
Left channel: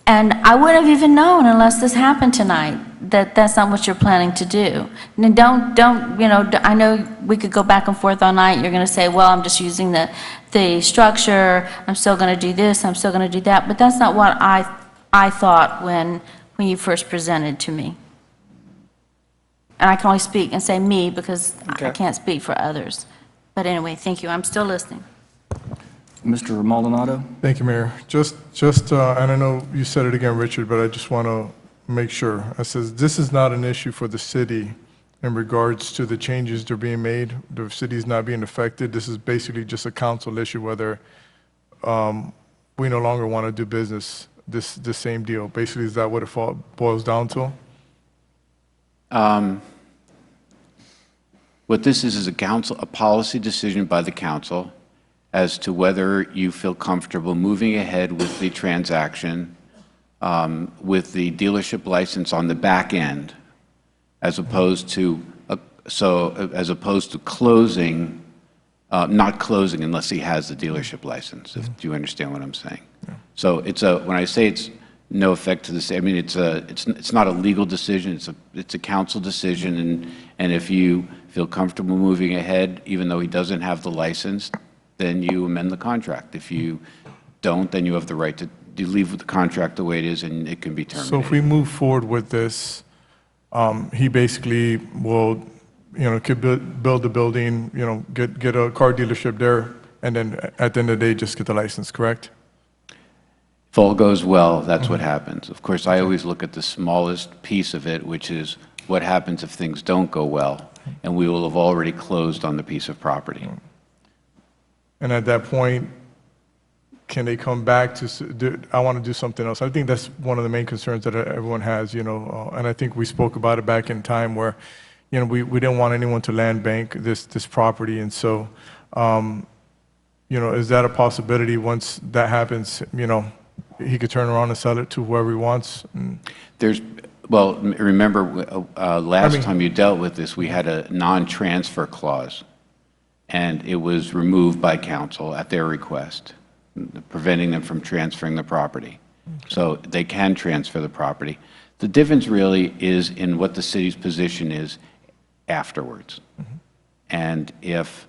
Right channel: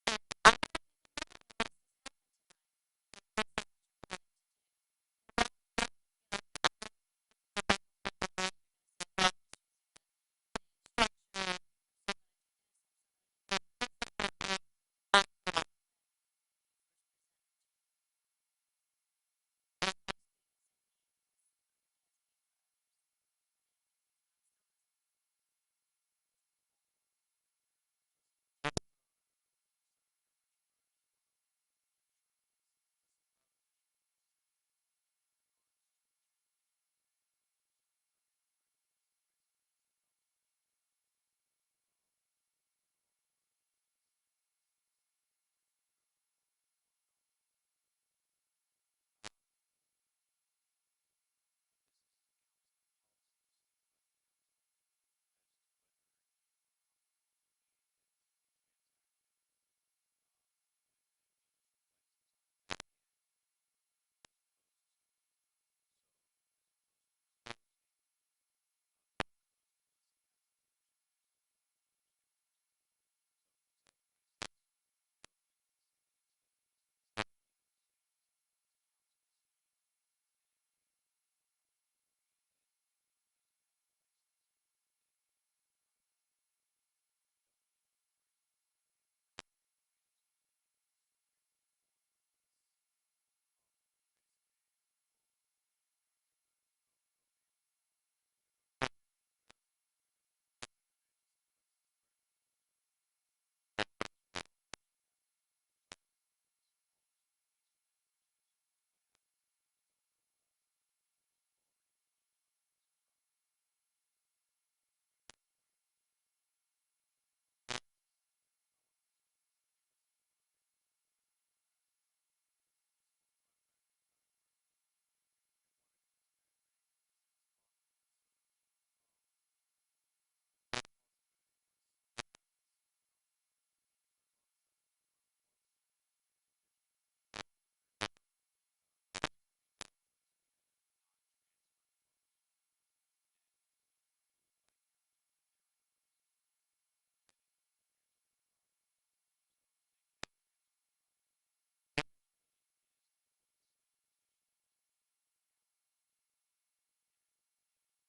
And I wouldn't have even known unless this happened tonight that that's not what you're planning to do. And I know we could go back and forth all night. You're going to say, well, I'm just using the structure. I'm still going to do this. I'm still going to do that. But that's not what I thought when you first presented to me. And I can only speak and say me because I can't speak for others. But anyway, thank you. I'm still listening. Mr. Maldonado? Thank you, Mayor. Just, and I know you said it again, Richard, but I just want to make sure. I says, this is not an issue for the city in regards to the changes that are being made. The city is not being affected. This is basically just a council issue, whether we no longer want to do business, this same deal. Basically, is that what it boils down to? What this is a policy decision by the council as to whether you feel comfortable moving ahead with the transaction with the dealership license on the back end, as opposed to closing, not closing unless he has the dealership license. Do you understand what I'm saying? Yeah. So when I say it's no effect to the city, I mean it's not a legal decision. It's a council decision, and if you feel comfortable moving ahead, even though he doesn't have the license, then you amend the contract. If you don't, then you have the right to leave the contract the way it is, and it can be terminated. So if we move forward with this, he basically will, could build the building, get a car dealership there, and then at the end of the day, just get the license, correct? If all goes well, that's what happens. Of course, I always look at the smallest piece of it, which is what happens if things don't go well, and we will have already closed on the piece of property. And at that point, can they come back to, I want to do something else? I think that's one of the main concerns that everyone has, and I think we spoke about it back in time where, we didn't want anyone to land bank this property. And so, is that a possibility once that happens, he could turn around and sell it to whoever he wants? Well, remember, last time you dealt with this, we had a non-transfer clause, and it was removed by council at their request, preventing them from transferring the property. So they can transfer the property. The difference really is in what the city's position is afterwards. And if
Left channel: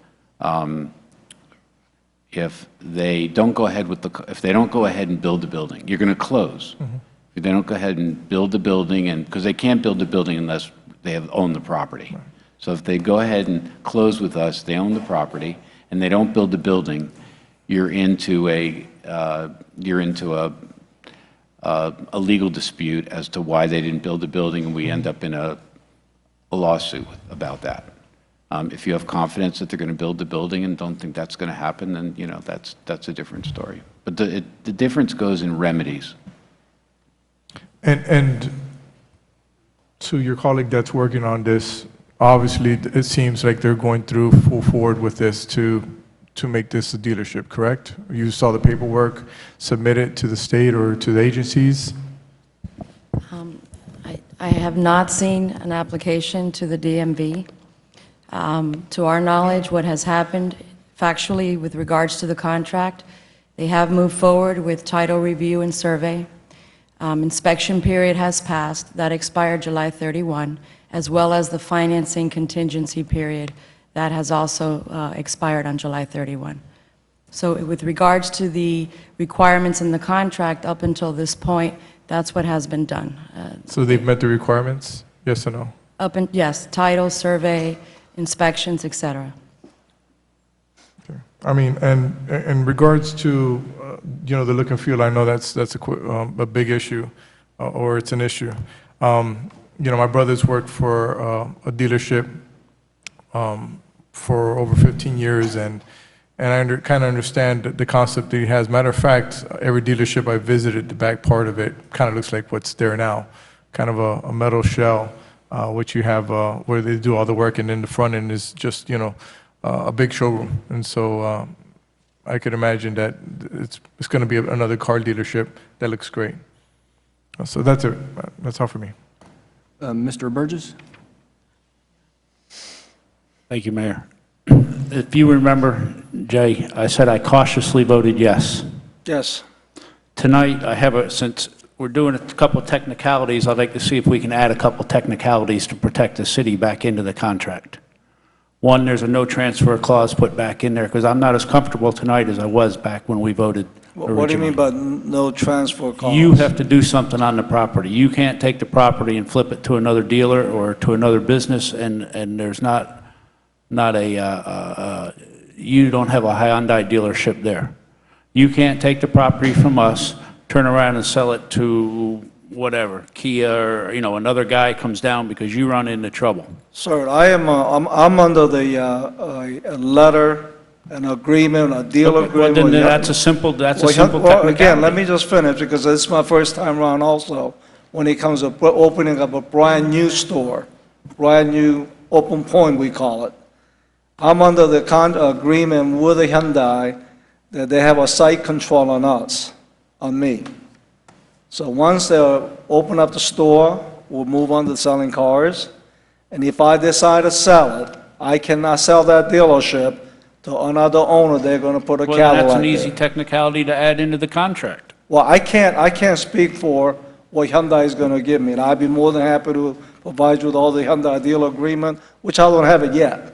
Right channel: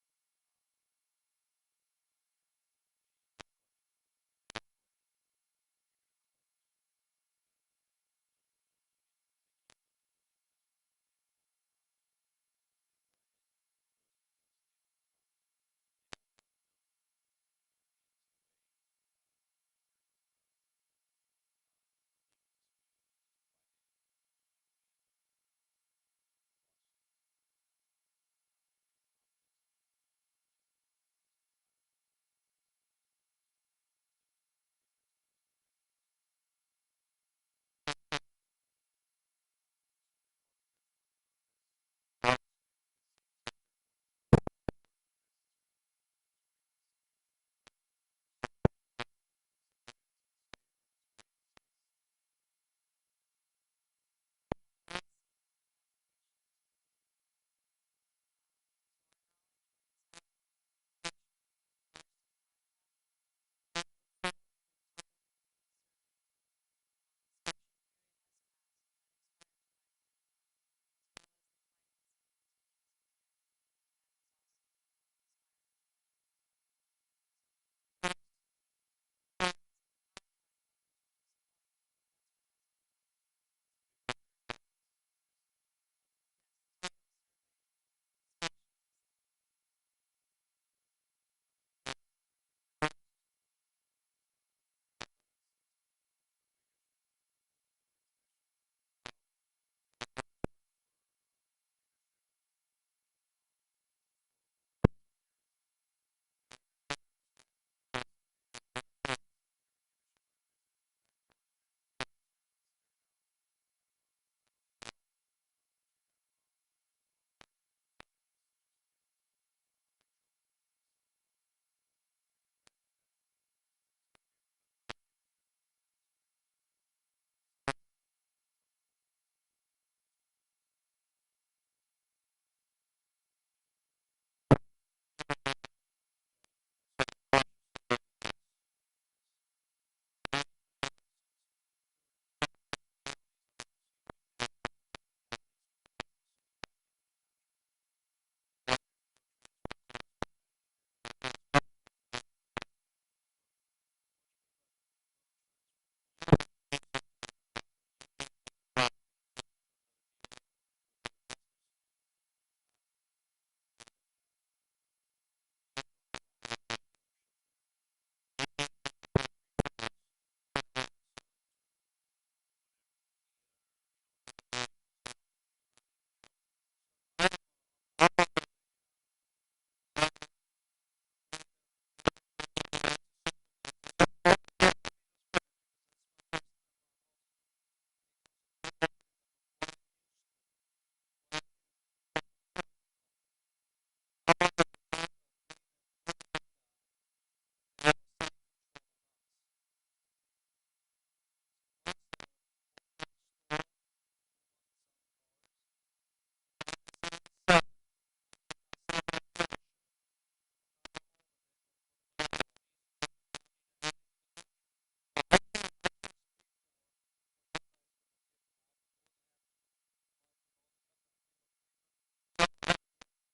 they don't go ahead if they don't go ahead and build the building, you're going to close. If they don't go ahead and build the building, and because they can't build the building unless they own the property. Right. So if they go ahead and close with us, they own the property, and they don't build the building, you're into a legal dispute as to why they didn't build the building, and we end up in a lawsuit about that. If you have confidence that they're going to build the building and don't think that's going to happen, then that's a different story. But the difference goes in remedies. And to your colleague that's working on this, obviously it seems like they're going through full forward with this to make this a dealership, correct? You saw the paperwork submitted to the state or to the agencies? I have not seen an application to the DMV. To our knowledge, what has happened factually with regards to the contract, they have moved forward with title review and survey. Inspection period has passed. That expired July 31, as well as the financing contingency period. That has also expired on July 31. So with regards to the requirements in the contract up until this point, that's what has been done. So they've met the requirements, yes or no? Yes, title, survey, inspections, et cetera. Okay. I mean, and in regards to, the look and feel, I know that's a big issue, or it's an issue. My brother's worked for a dealership for over 15 years, and I kind of understand the concept that he has. Matter of fact, every dealership I visited, the back part of it kind of looks like what's there now, kind of a metal shell, which you have where they do all the work, and then the front end is just a big showroom. And so I could imagine that it's going to be another car dealership that looks great. So that's it. That's all for me. Mr. Burgess? Thank you, Mayor. If you remember, Jay, I said I cautiously voted yes. Yes. Tonight, since we're doing a couple of technicalities, I'd like to see if we can add a couple technicalities to protect the city back into the contract. One, there's a no transfer clause put back in there, because I'm not as comfortable tonight as I was back when we voted originally. What do you mean by no transfer cost? You have to do something on the property. You can't take the property and flip it to another dealer or to another business, and there's not a, you don't have a Hyundai dealership there. You can't take the property from us, turn around and sell it to whatever, Kia, or, another guy comes down because you run into trouble. Sir, I'm under the a letter, an agreement, a deal Well, agreement. then with- that's a simple Well, technicality. again, let me just finish, because this is my first time around also, when it comes to opening up a brand-new store, brand-new open point, we call it. I'm under the agreement with the Hyundai that they have a site control on us, on me. So once they open up the store, we'll move on to selling cars. And if I decide to sell it, I cannot sell that dealership to another owner. They're going to put a Well, Cadillac that's an there. easy technicality to add into the contract. Well, I can't speak for what Hyundai is going to give me, and I'd be more than happy to provide you with all the Hyundai deal agreement, which I don't have it yet.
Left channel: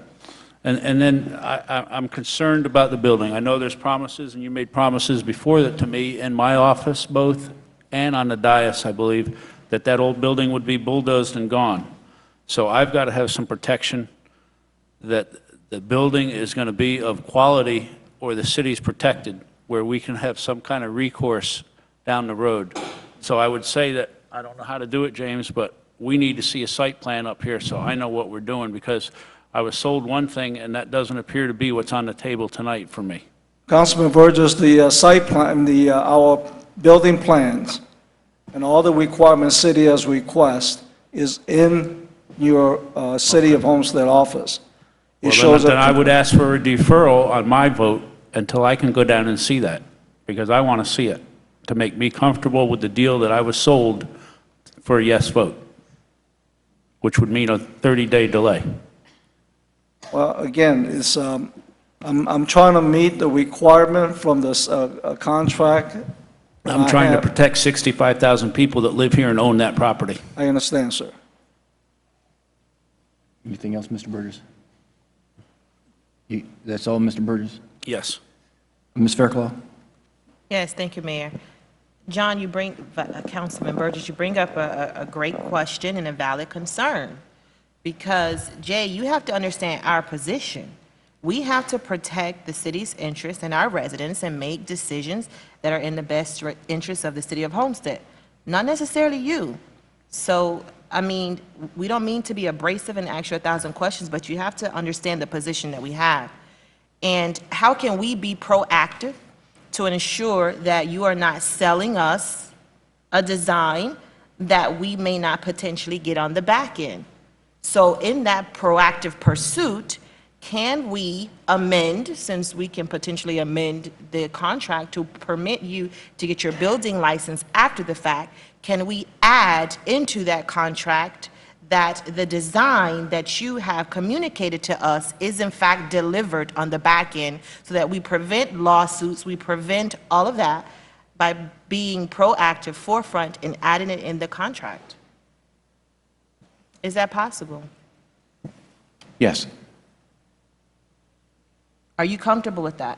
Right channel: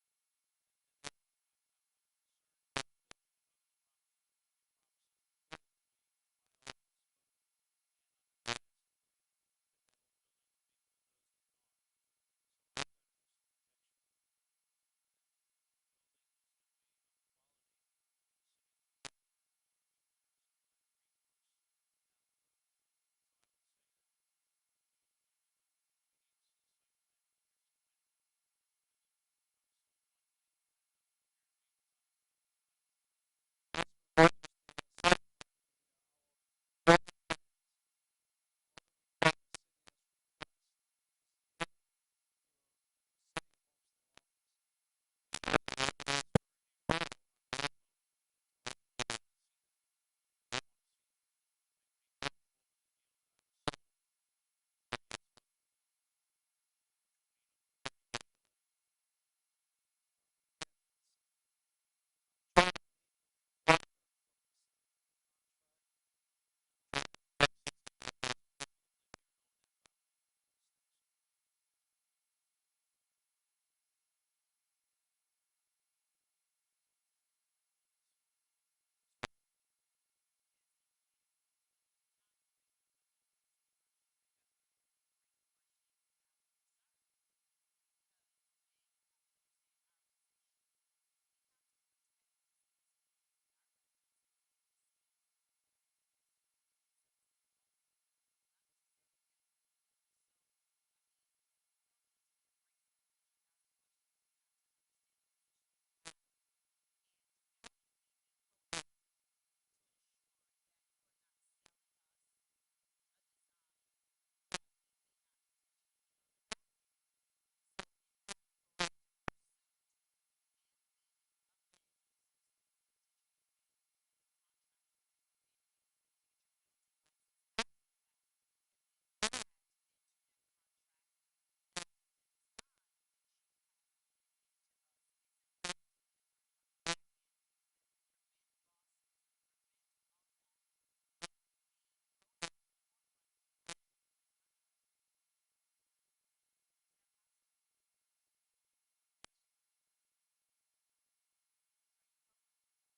And then I'm concerned about the building. I know there's promises, and you made promises before that to me in my office, both, and on the dais, I believe, that old building would be bulldozed and gone. So I've got to have some protection that the building is going to be of quality, or the city's protected, where we can have some kind of recourse down the road. So I would say that, I don't know how to do it, James, but we need to see a site plan up here so I know what we're doing, because I was sold one thing, and that doesn't appear to be what's on the table tonight for me. Councilman Burgess, the site plan, our building plans, and all the requirements city has request is in your City of Homestead office. It Well, shows then I up. would ask for a deferral on my vote until I can go down and see that, because I want to see it, to make me comfortable with the deal that I was sold for a yes vote, which would mean a 30-day delay. Well, again, I'm trying to meet the requirement from this contract. that I'm I trying to have. protect 65,000 people that live here and own that property. I understand, sir. Anything else, Mr. Burgess? That's all, Mr. Burgess? Yes. Ms. Fairclough? Yes, thank you, Mayor. John, Councilman Burgess, you bring up a great question and a valid concern. Because, Jay, you have to understand our position. We have to protect the city's interests and our residents and make decisions that are in the best interest of the city of Homestead, not necessarily you. So, I mean, we don't mean to be abrasive and ask you 1,000 questions, but you have to understand the position that we have. And how can we be proactive to ensure that you are not selling us a design that we may not potentially get on the back end? So in that proactive pursuit, can we amend, since we can potentially amend the contract to permit you to get your building license after the fact, can we add into that contract that the design that you have communicated to us is in fact delivered on the back end, so that we prevent lawsuits, we prevent all of that by being proactive, forefront, and adding it in the contract? Is that possible? Yes. Are you comfortable with that?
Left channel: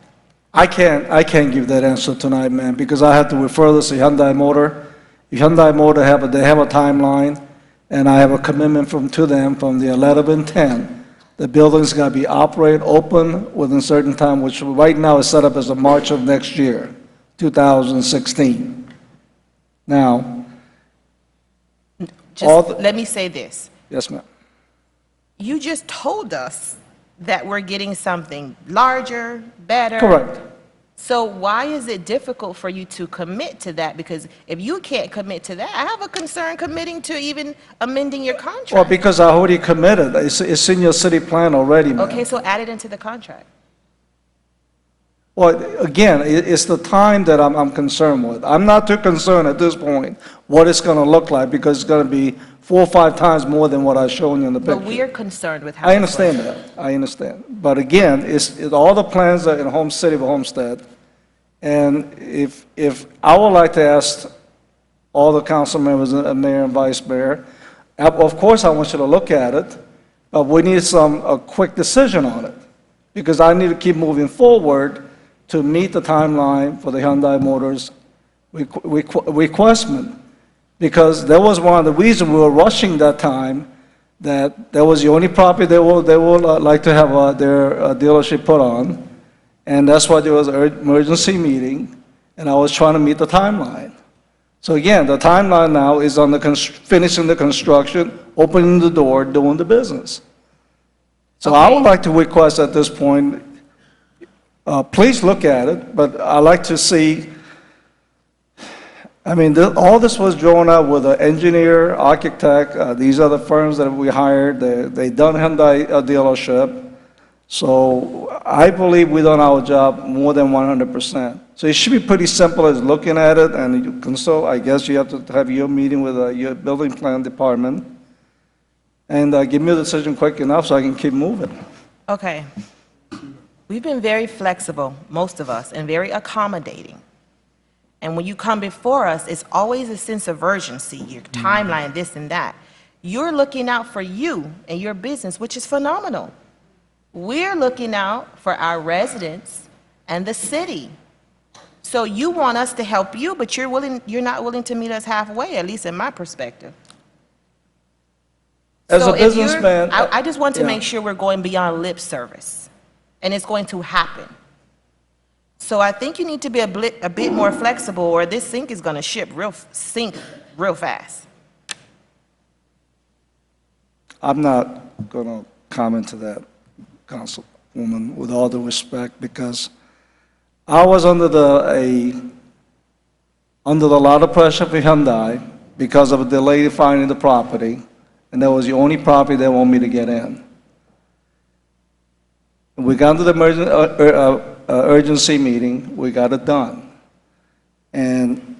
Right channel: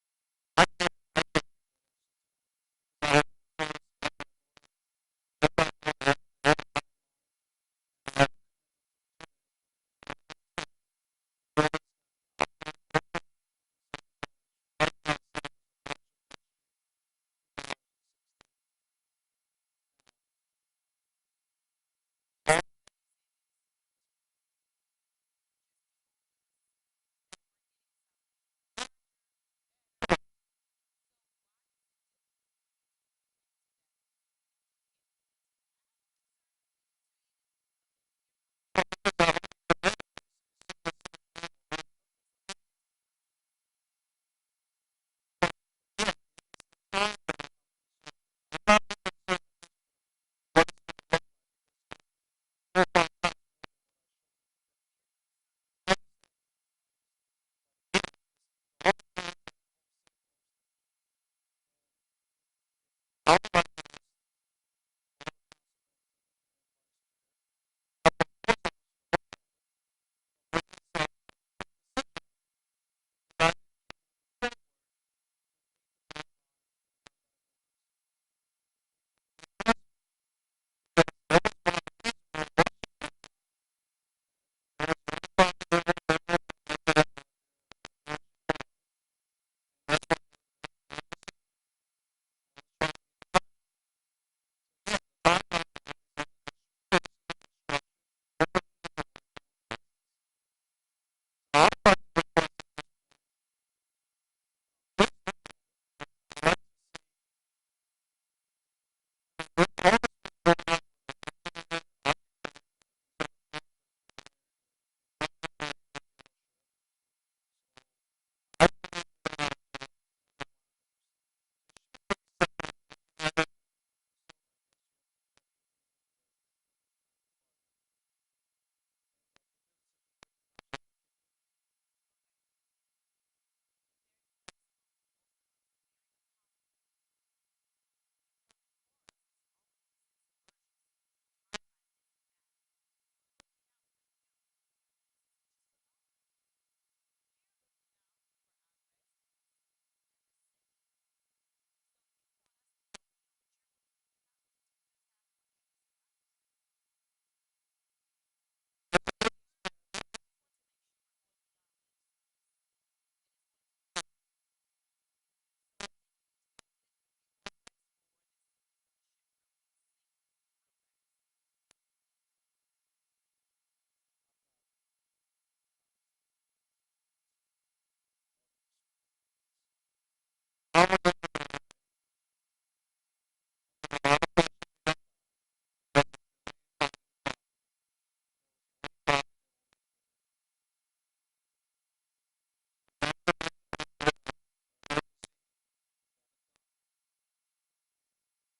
I can't give that answer tonight, man, because I have to refer this to Hyundai Motor. Hyundai Motor they have a timeline, and I have a commitment to them from the 11/10. The building's got to be open within a certain time, which right now is set up as the March of next year, 2016. Now, Let me say this. yes, ma'am. You just told us that we're getting something larger, better. Correct. So why is it difficult for you to commit to that? Because if you can't commit to that, I have a concern committing to even amending your contract. Well, because I already committed. It's in your city plan already, ma'am. Okay, so add it into the contract. Well, again, it's the time that I'm concerned with. I'm not too concerned at this point what it's going to look like, because it's going to be 4 or 5 times more than what I've shown you in the picture. But we're concerned with how I it's understand going. that. I understand. But again, all the plans are in City of Homestead. And if I would like to ask all the council members, mayor and vice mayor, of course I want you to look at it, but we need a quick decision on it, because I need to keep moving forward to meet the timeline for the Hyundai Motors requestment. Because that was one of the reasons we were rushing that time, that that was the only property they would like to have their dealership put on. And that's why there was an emergency meeting, and I was trying to meet the timeline. So again, the timeline now is on finishing the construction, opening the door, doing the business. So I would like to request at this point, please look at it, but I'd like to see, I mean, all this was drawn up with an engineer, architect, these are the firms that we hired, they done Hyundai dealership. So I believe we've done our job more than 100%. So it should be pretty simple as looking at it, and you can still, I guess you have to have your meeting with your building plan department, and give me a decision quick enough so I can keep moving. Okay. We've been very flexible, most of us, and very accommodating. And when you come before us, it's always a sense of urgency, your timeline, this and that. You're looking out for you and your business, which is phenomenal. We're looking out for our residents and the city. So you want us to help you, but you're not willing to meet us halfway, at least in my perspective. As So a if you're- businessman, I just want to yeah. make sure we're going beyond lip service, and it's going to happen. So I think you need to be a bit more flexible, or this sink is going to sink real fast. I'm not going to comment to that, Councilwoman, with all due respect, because I was under a lot of pressure for Hyundai because of a delay finding the property, and that was the only property they want me to get in. We got to the urgency meeting, we got it done. And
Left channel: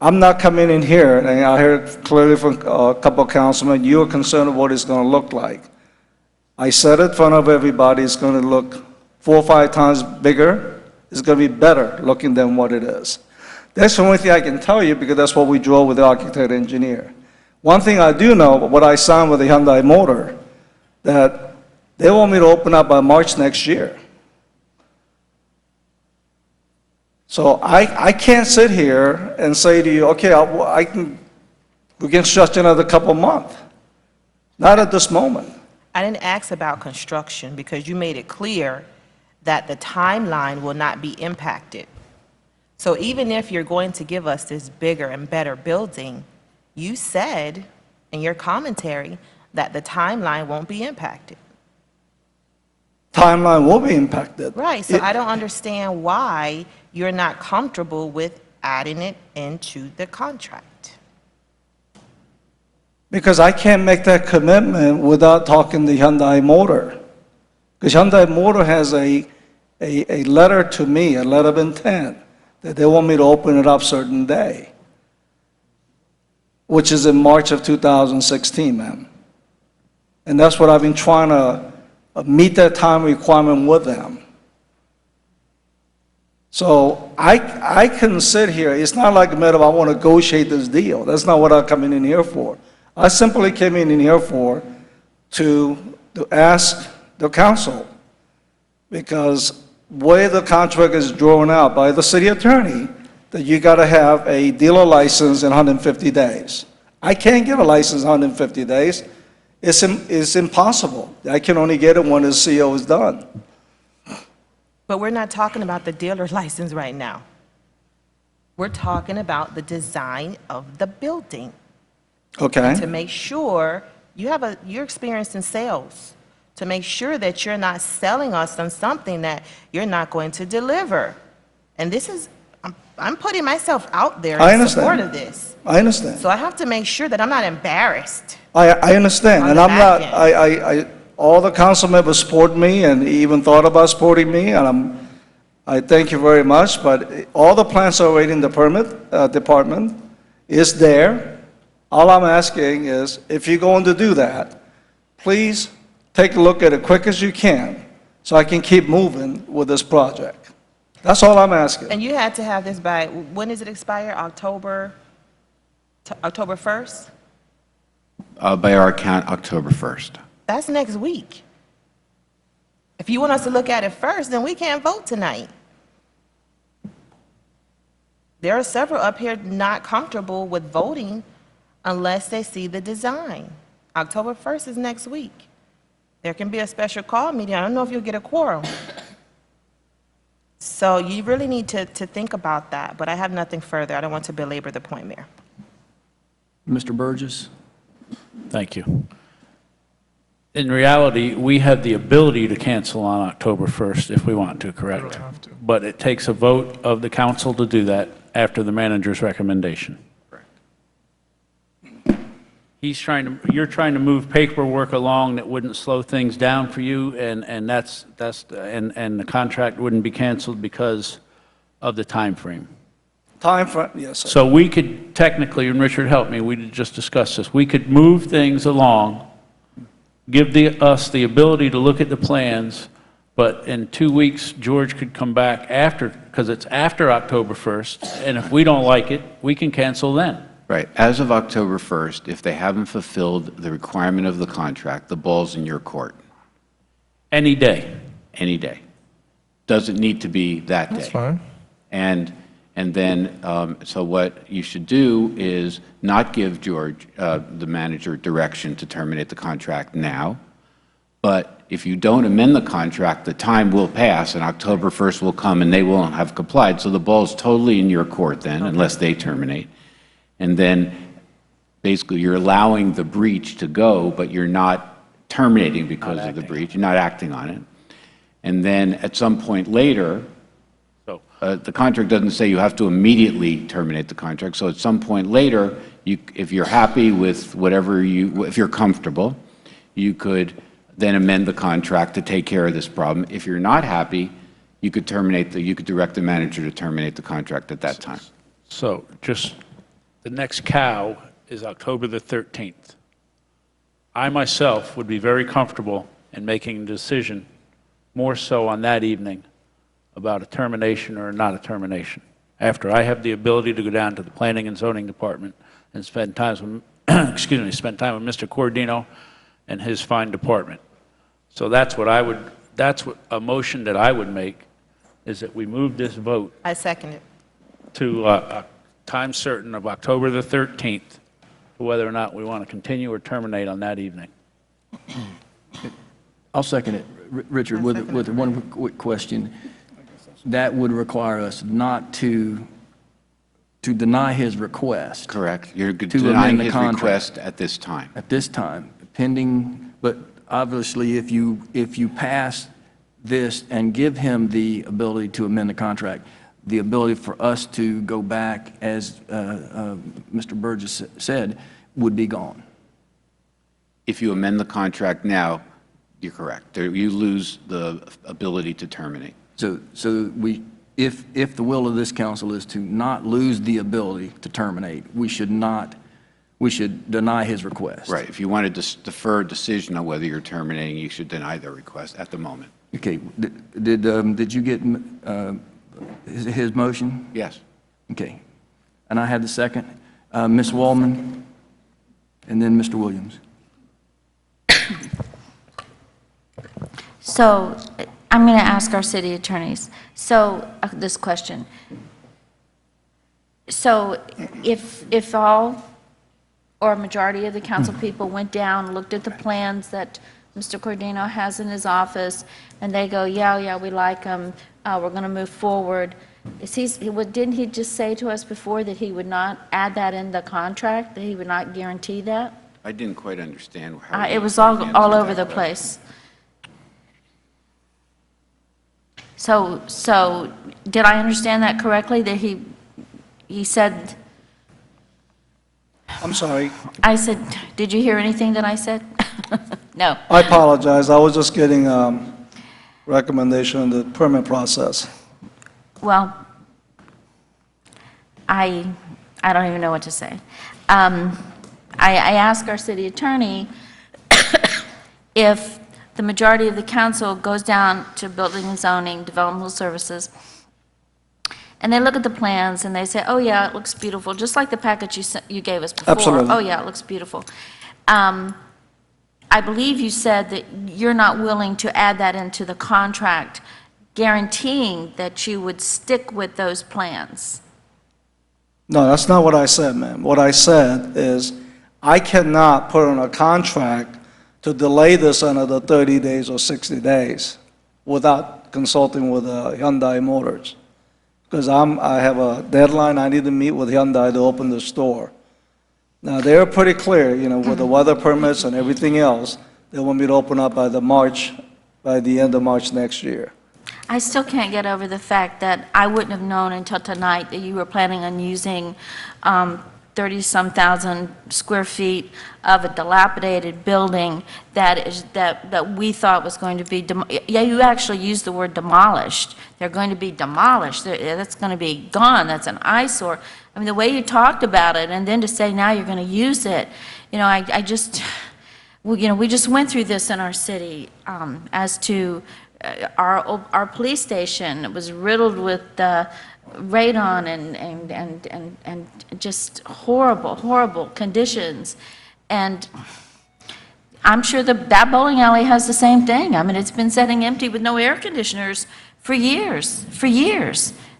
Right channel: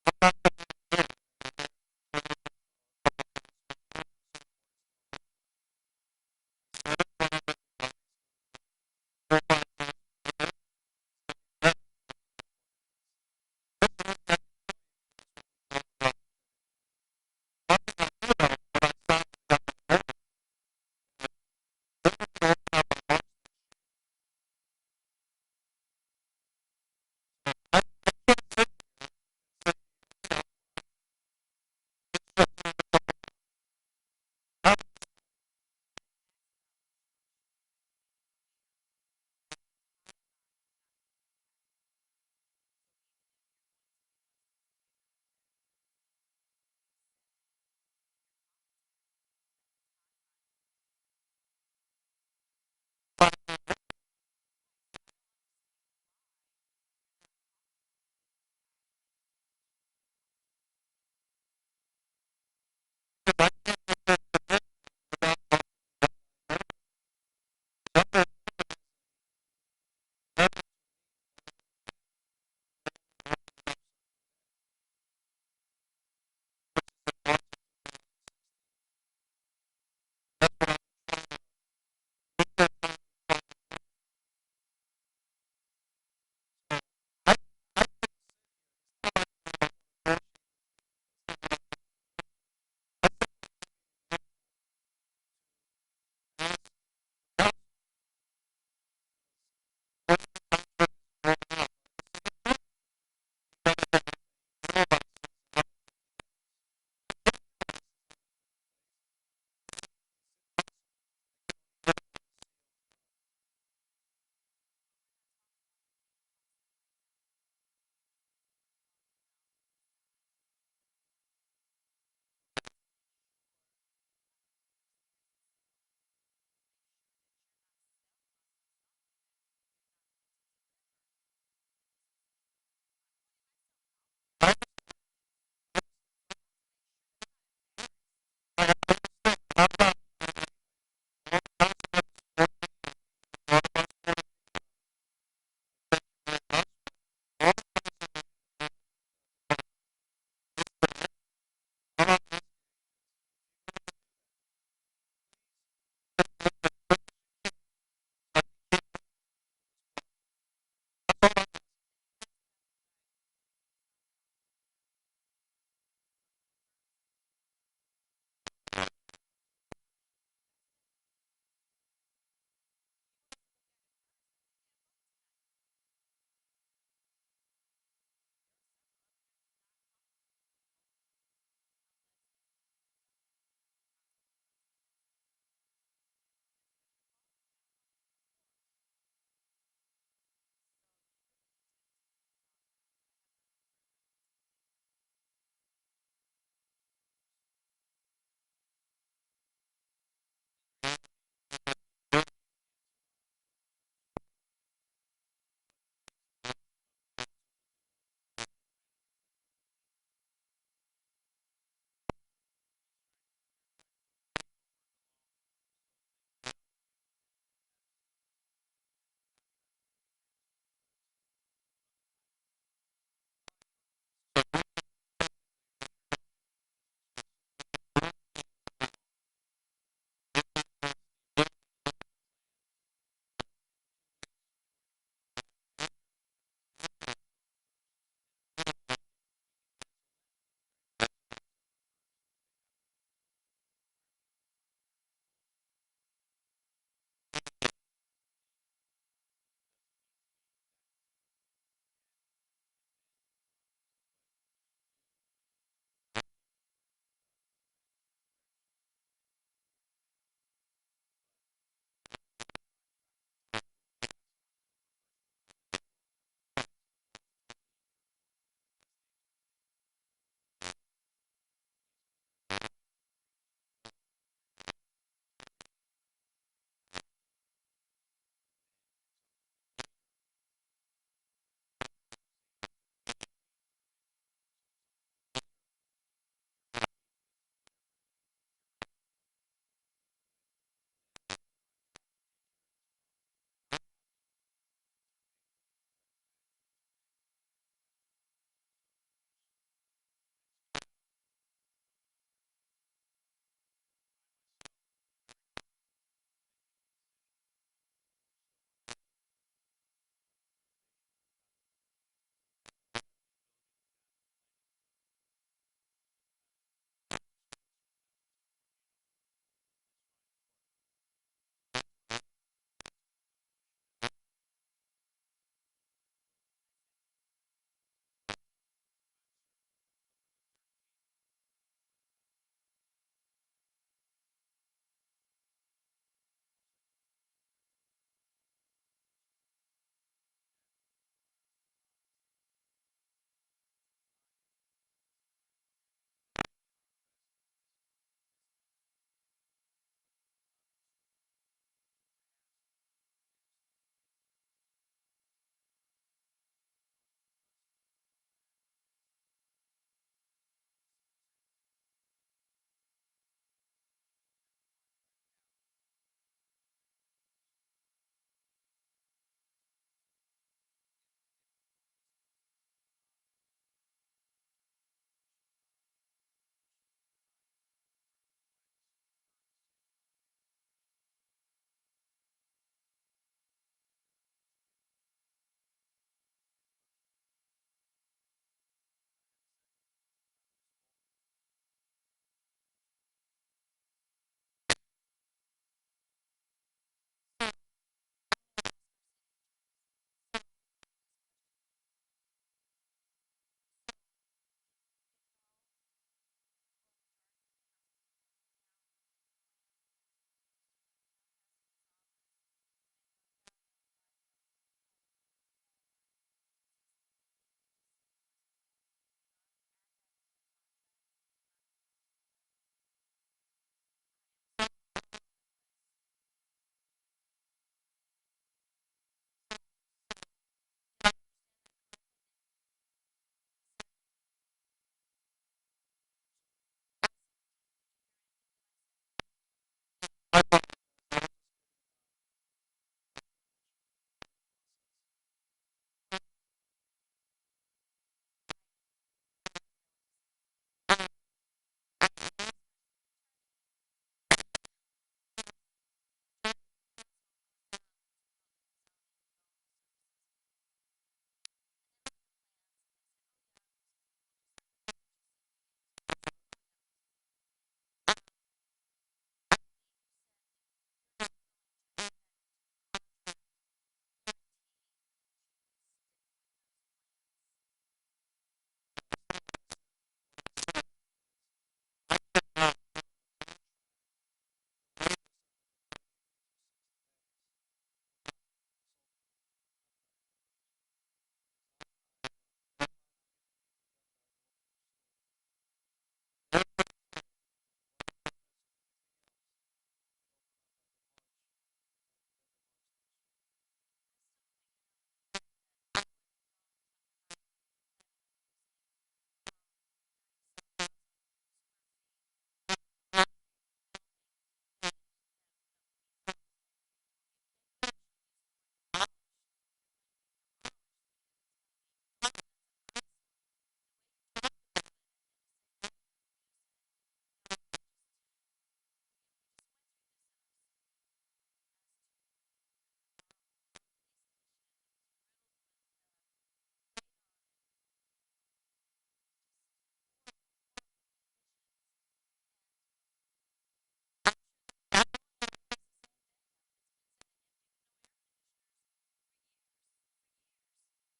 I'm not coming in here, and I heard clearly from a couple of councilmen, you're concerned with what it's going to look like. I said it in front of everybody, it's going to look 4 or 5 times bigger. It's going to be better looking than what it is. That's the only thing I can tell you, because that's what we draw with the architect engineer. One thing I do know, what I signed with the Hyundai Motor, that they want me to open up by March next year. So I can't sit here and say to you, okay, we can stretch another couple months. Not at this moment. I didn't ask about construction because you made it clear that the timeline will not be impacted. So even if you're going to give us this bigger and better building, you said in your commentary that the timeline won't be impacted. Timeline will be impacted. Right, so I don't understand why you're not comfortable with adding it into the contract. Because I can't make that commitment without talking to Hyundai Motor. Because Hyundai Motor has a letter to me, a letter of intent, that they want me to open it up certain day, which is in March of 2016, ma'am. And that's what I've been trying to meet that time requirement with them. So I can sit here. It's not like a matter of I want to negotiate this deal. That's not what I'm coming in here for. I simply came in here to ask the council, because way the contract is drawn out by the city attorney, that you got to have a dealer license in 150 days. I can't get a license in 150 days. It's impossible. I can only get it when the CO is done. But we're not talking about the dealer license right now. We're talking about the design of the building. Okay. And to make sure you're experienced in sales, to make sure that you're not selling us on something that you're not going to deliver. And this is, I'm putting myself out there I in understand. support of this. I understand. So I have to make sure that I'm not embarrassed. I understand, On and the I'm not, back end. all the council members support me and even thought about supporting me, and I thank you very much, but all the plans are already in the permit department, is there. All I'm asking is, if you're going to do that, please take a look at it quick as you can, so I can keep moving with this project. That's all I'm asking. And you had to have this by, when does it expire? October 1st? By our count, October 1st. That's next week. If you want us to look at it first, then we can't vote tonight. There are several up here not comfortable with voting unless they see the design. October 1st is next week. There can be a special call meeting. I don't know if you'll get a quorum. So you really need to think about that, but I have nothing further. I don't want to belabor the point, Mayor. Mr. Burgess? Thank you. In reality, we have the ability to cancel on October 1st if we want to, correct? But it takes a vote of the council to do that after the manager's recommendation. You're trying to move paperwork along that wouldn't slow things down for you, and the contract wouldn't be canceled because of the time frame. Time frame, yes, sir. So we could technically, and Richard helped me, we just discussed this, we could move things along, give us the ability to look at the plans, but in 2 weeks, George could come back after, because it's after October 1st, and if we don't like it, we can cancel then. Right. As of October 1st, if they haven't fulfilled the requirement of the contract, the ball's in your court. Any day. Any day. Doesn't need to be that day. That's fine. And then, so what you should do is not give George, the manager, direction to terminate the contract now. But if you don't amend the contract, the time will pass and October 1st will come and they won't have complied. So the ball's totally in your court then, unless they terminate. And then basically you're allowing the breach to go, but you're not terminating because of the breach. You're not acting on it. And then at some point later, the contract doesn't say you have to immediately terminate the contract. So at some point later, if you're happy with whatever if you're comfortable, you could then amend the contract to take care of this problem. If you're not happy, you could you could direct the manager to terminate the contract at that time. So just, the next cow is October the 13th. I myself would be very comfortable in making a decision more so on that evening about a termination or not a termination, after I have the ability to go down to the Planning and Zoning Department and spend time with, spend time with Mr. Cordino and his fine department. So that's what a motion that I would make, is that we move this vote I second it. to a time certain of October the 13th, whether or not we want to continue or terminate on that evening. I'll second it. Richard, with one quick question. That would require us not to deny his request. Correct. You're to denying amend the his contract. request at this time. At this time, pending, but obviously if you pass this and give him the ability to amend the contract, the ability for us to go back, as Mr. Burgess said, would be gone. If you amend the contract now, you're correct. You lose the ability to terminate. So if the will of this council is to not lose the ability to terminate, we should deny his request. Right. If you wanted to defer a decision on whether you're terminating, you should deny their request at the moment. Okay. Did you get his motion? Yes. Okay. And I had the second. Ms. Wallman, and then Mr. Williams. So I'm going to ask our city attorneys, this question. So if all or a majority of the council people went down, looked at the plans that Mr. Cordino has in his office, and they go, yeah, we like them, we're going to move forward, didn't he just say to us before that he would not add that in the contract, that he would not guarantee that? I didn't quite understand how. It was all over the place. So did I understand that correctly, that he said, I'm sorry. I said, did you hear anything that I said? No. I apologize. I was just getting recommendation on the permit process. Well, I don't even know what to say. I asked our city attorney if the majority of the council goes down to building and zoning, developmental services, and they look at the plans and they say, oh yeah, it looks beautiful, just like the package you gave us before. Absolutely. Oh yeah, it looks beautiful. I believe you said that you're not willing to add that into the contract, guaranteeing that you would stick with those plans. No, that's not what I said, ma'am. What I said is I cannot put on a contract to delay this another 30 days or 60 days without consulting with Hyundai Motors. Because I have a deadline, I need to meet with Hyundai to open the store. Now, they're pretty clear, with the weather permits and everything else, they want me to open up by the end of March next year. I still can't get over the fact that I wouldn't have known until tonight that you were planning on using 30-some thousand square feet of a dilapidated building that we thought was going to be, yeah, you actually used the word demolished. They're going to be demolished. That's going to be gone. That's an eyesore. I mean, the way you talked about it, and then to say now you're going to use it, I just, we just went through this in our city as to our police station. It was riddled with radon and just horrible conditions. And I'm sure that bowling alley has the same thing. I mean, it's been sitting empty with no air conditioners for years.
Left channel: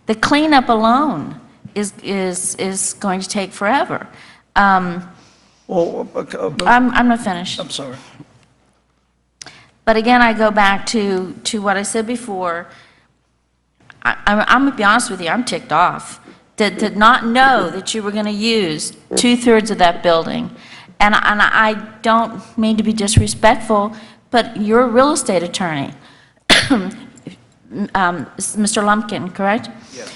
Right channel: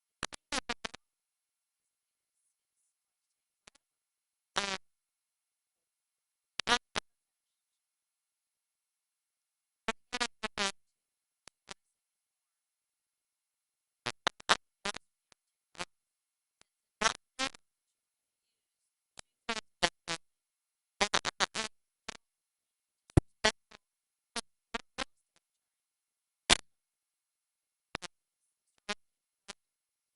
The cleanup alone is going to take forever. I'm not finished. I'm sorry. But again, I go back to what I said before. I'm going to be honest with you, I'm ticked off. Did not know that you were going to use 2/3 of that building. And I don't mean to be disrespectful, but you're a real estate attorney. Mr. Lumpkin, correct? Yes.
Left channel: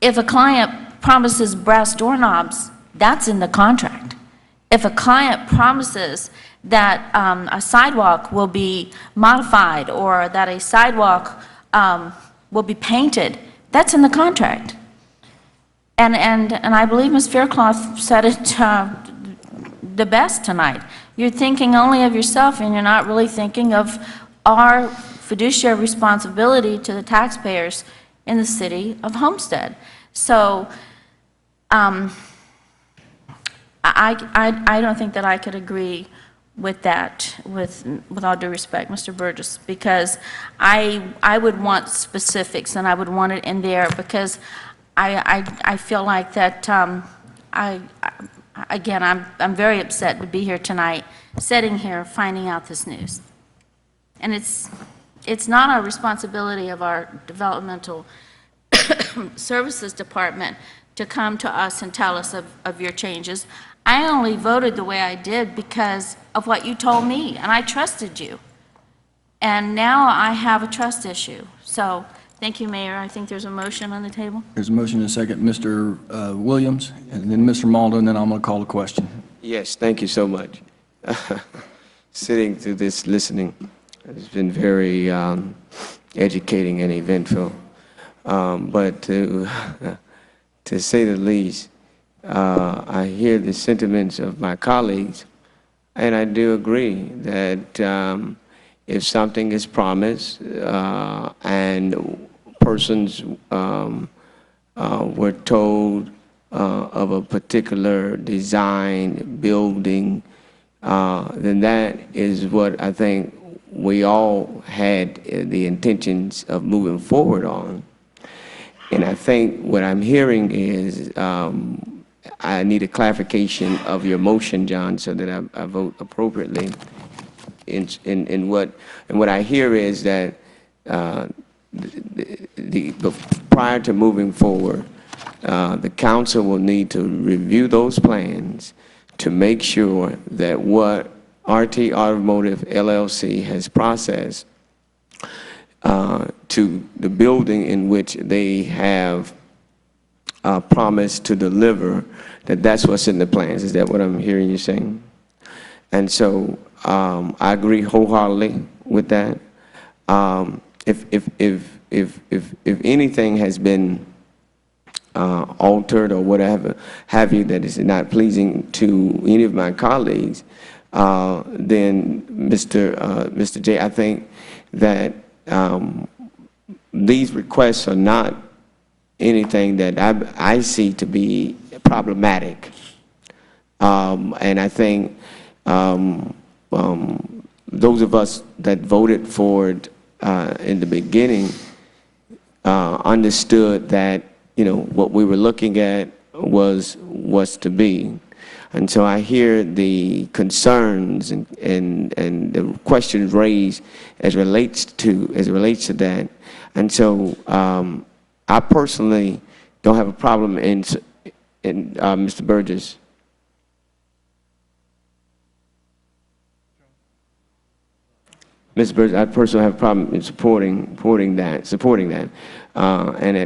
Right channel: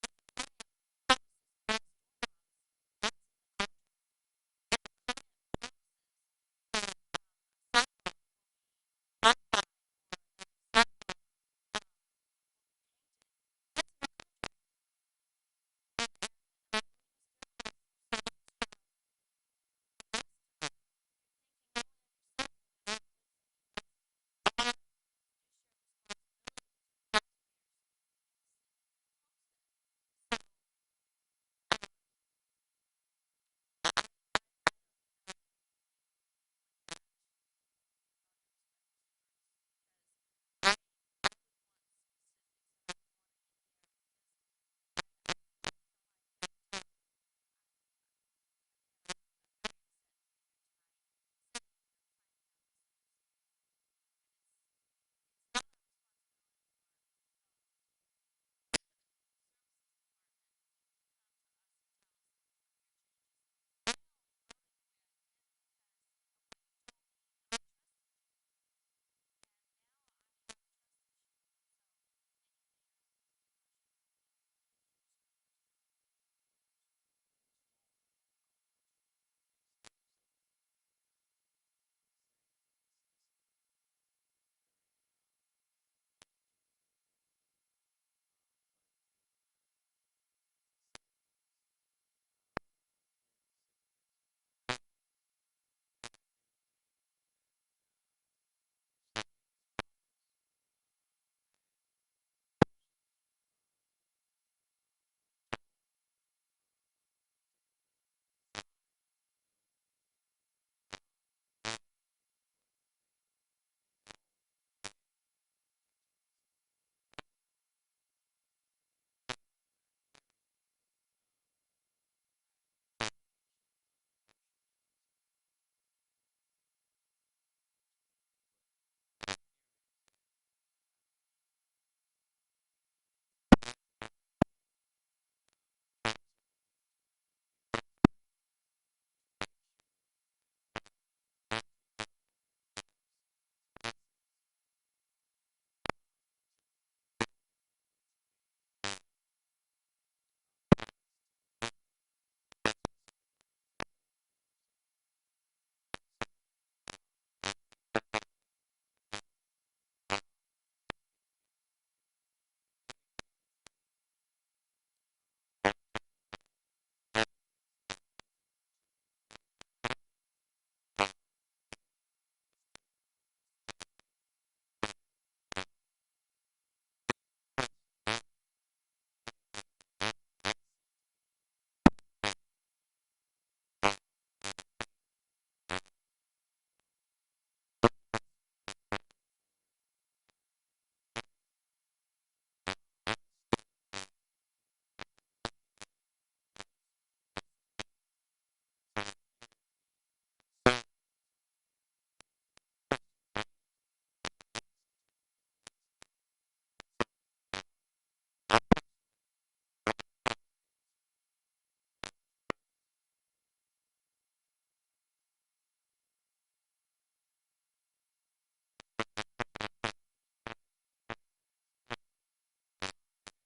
If a client promises brass doorknobs, that's in the contract. If a client promises that a sidewalk will be modified or that a sidewalk will be painted, that's in the contract. And I believe Ms. Faircloth said it the best tonight. You're thinking only of yourself and you're not really thinking of our fiduciary responsibility to the taxpayers in the city of Homestead. So I don't think that I could agree with that, with all due respect, Mr. Burgess, because I would want specifics and I would want it in there because I feel like that, again, I'm very upset to be here tonight, sitting here, finding out this news. And it's not our responsibility of our developmental services department to come to us and tell us of your changes. I only voted the way I did because of what you told me, and I trusted you. And now I have a trust issue. So, thank you, Mayor. I think there's a motion on the table. There's a motion and a second. Mr. Williams, and then Mr. Maldo, and then I'm going to call the question. Yes, thank you so much. Sitting through this, listening, it's been very educating and eventful. But to say the least, I hear the sentiments of my colleagues, and I do agree that if something is promised and persons were told of a particular design, building, then that is what I think we all had the intentions of moving forward on. And I think what I'm hearing is I need a clarification of your motion, John, so that I vote appropriately. In what I hear is that prior to moving forward, the council will need to review those plans to make sure that what RT Automotive LLC has processed to the building in which they have promised to deliver, that's what's in the plans. Is that what I'm hearing you saying? And so I agree wholeheartedly with that. If anything has been altered or whatever have you that is not pleasing to any of my colleagues, then Mr. J, I think that these requests are not anything that I see to be problematic. And I think those of us that voted for it in the beginning understood that, what we were looking at was to be. And so I hear the concerns and the questions raised as relates to that. And so I personally don't have a problem in Mr. Burgess. Mr. Burgess, I personally have a problem in supporting that. And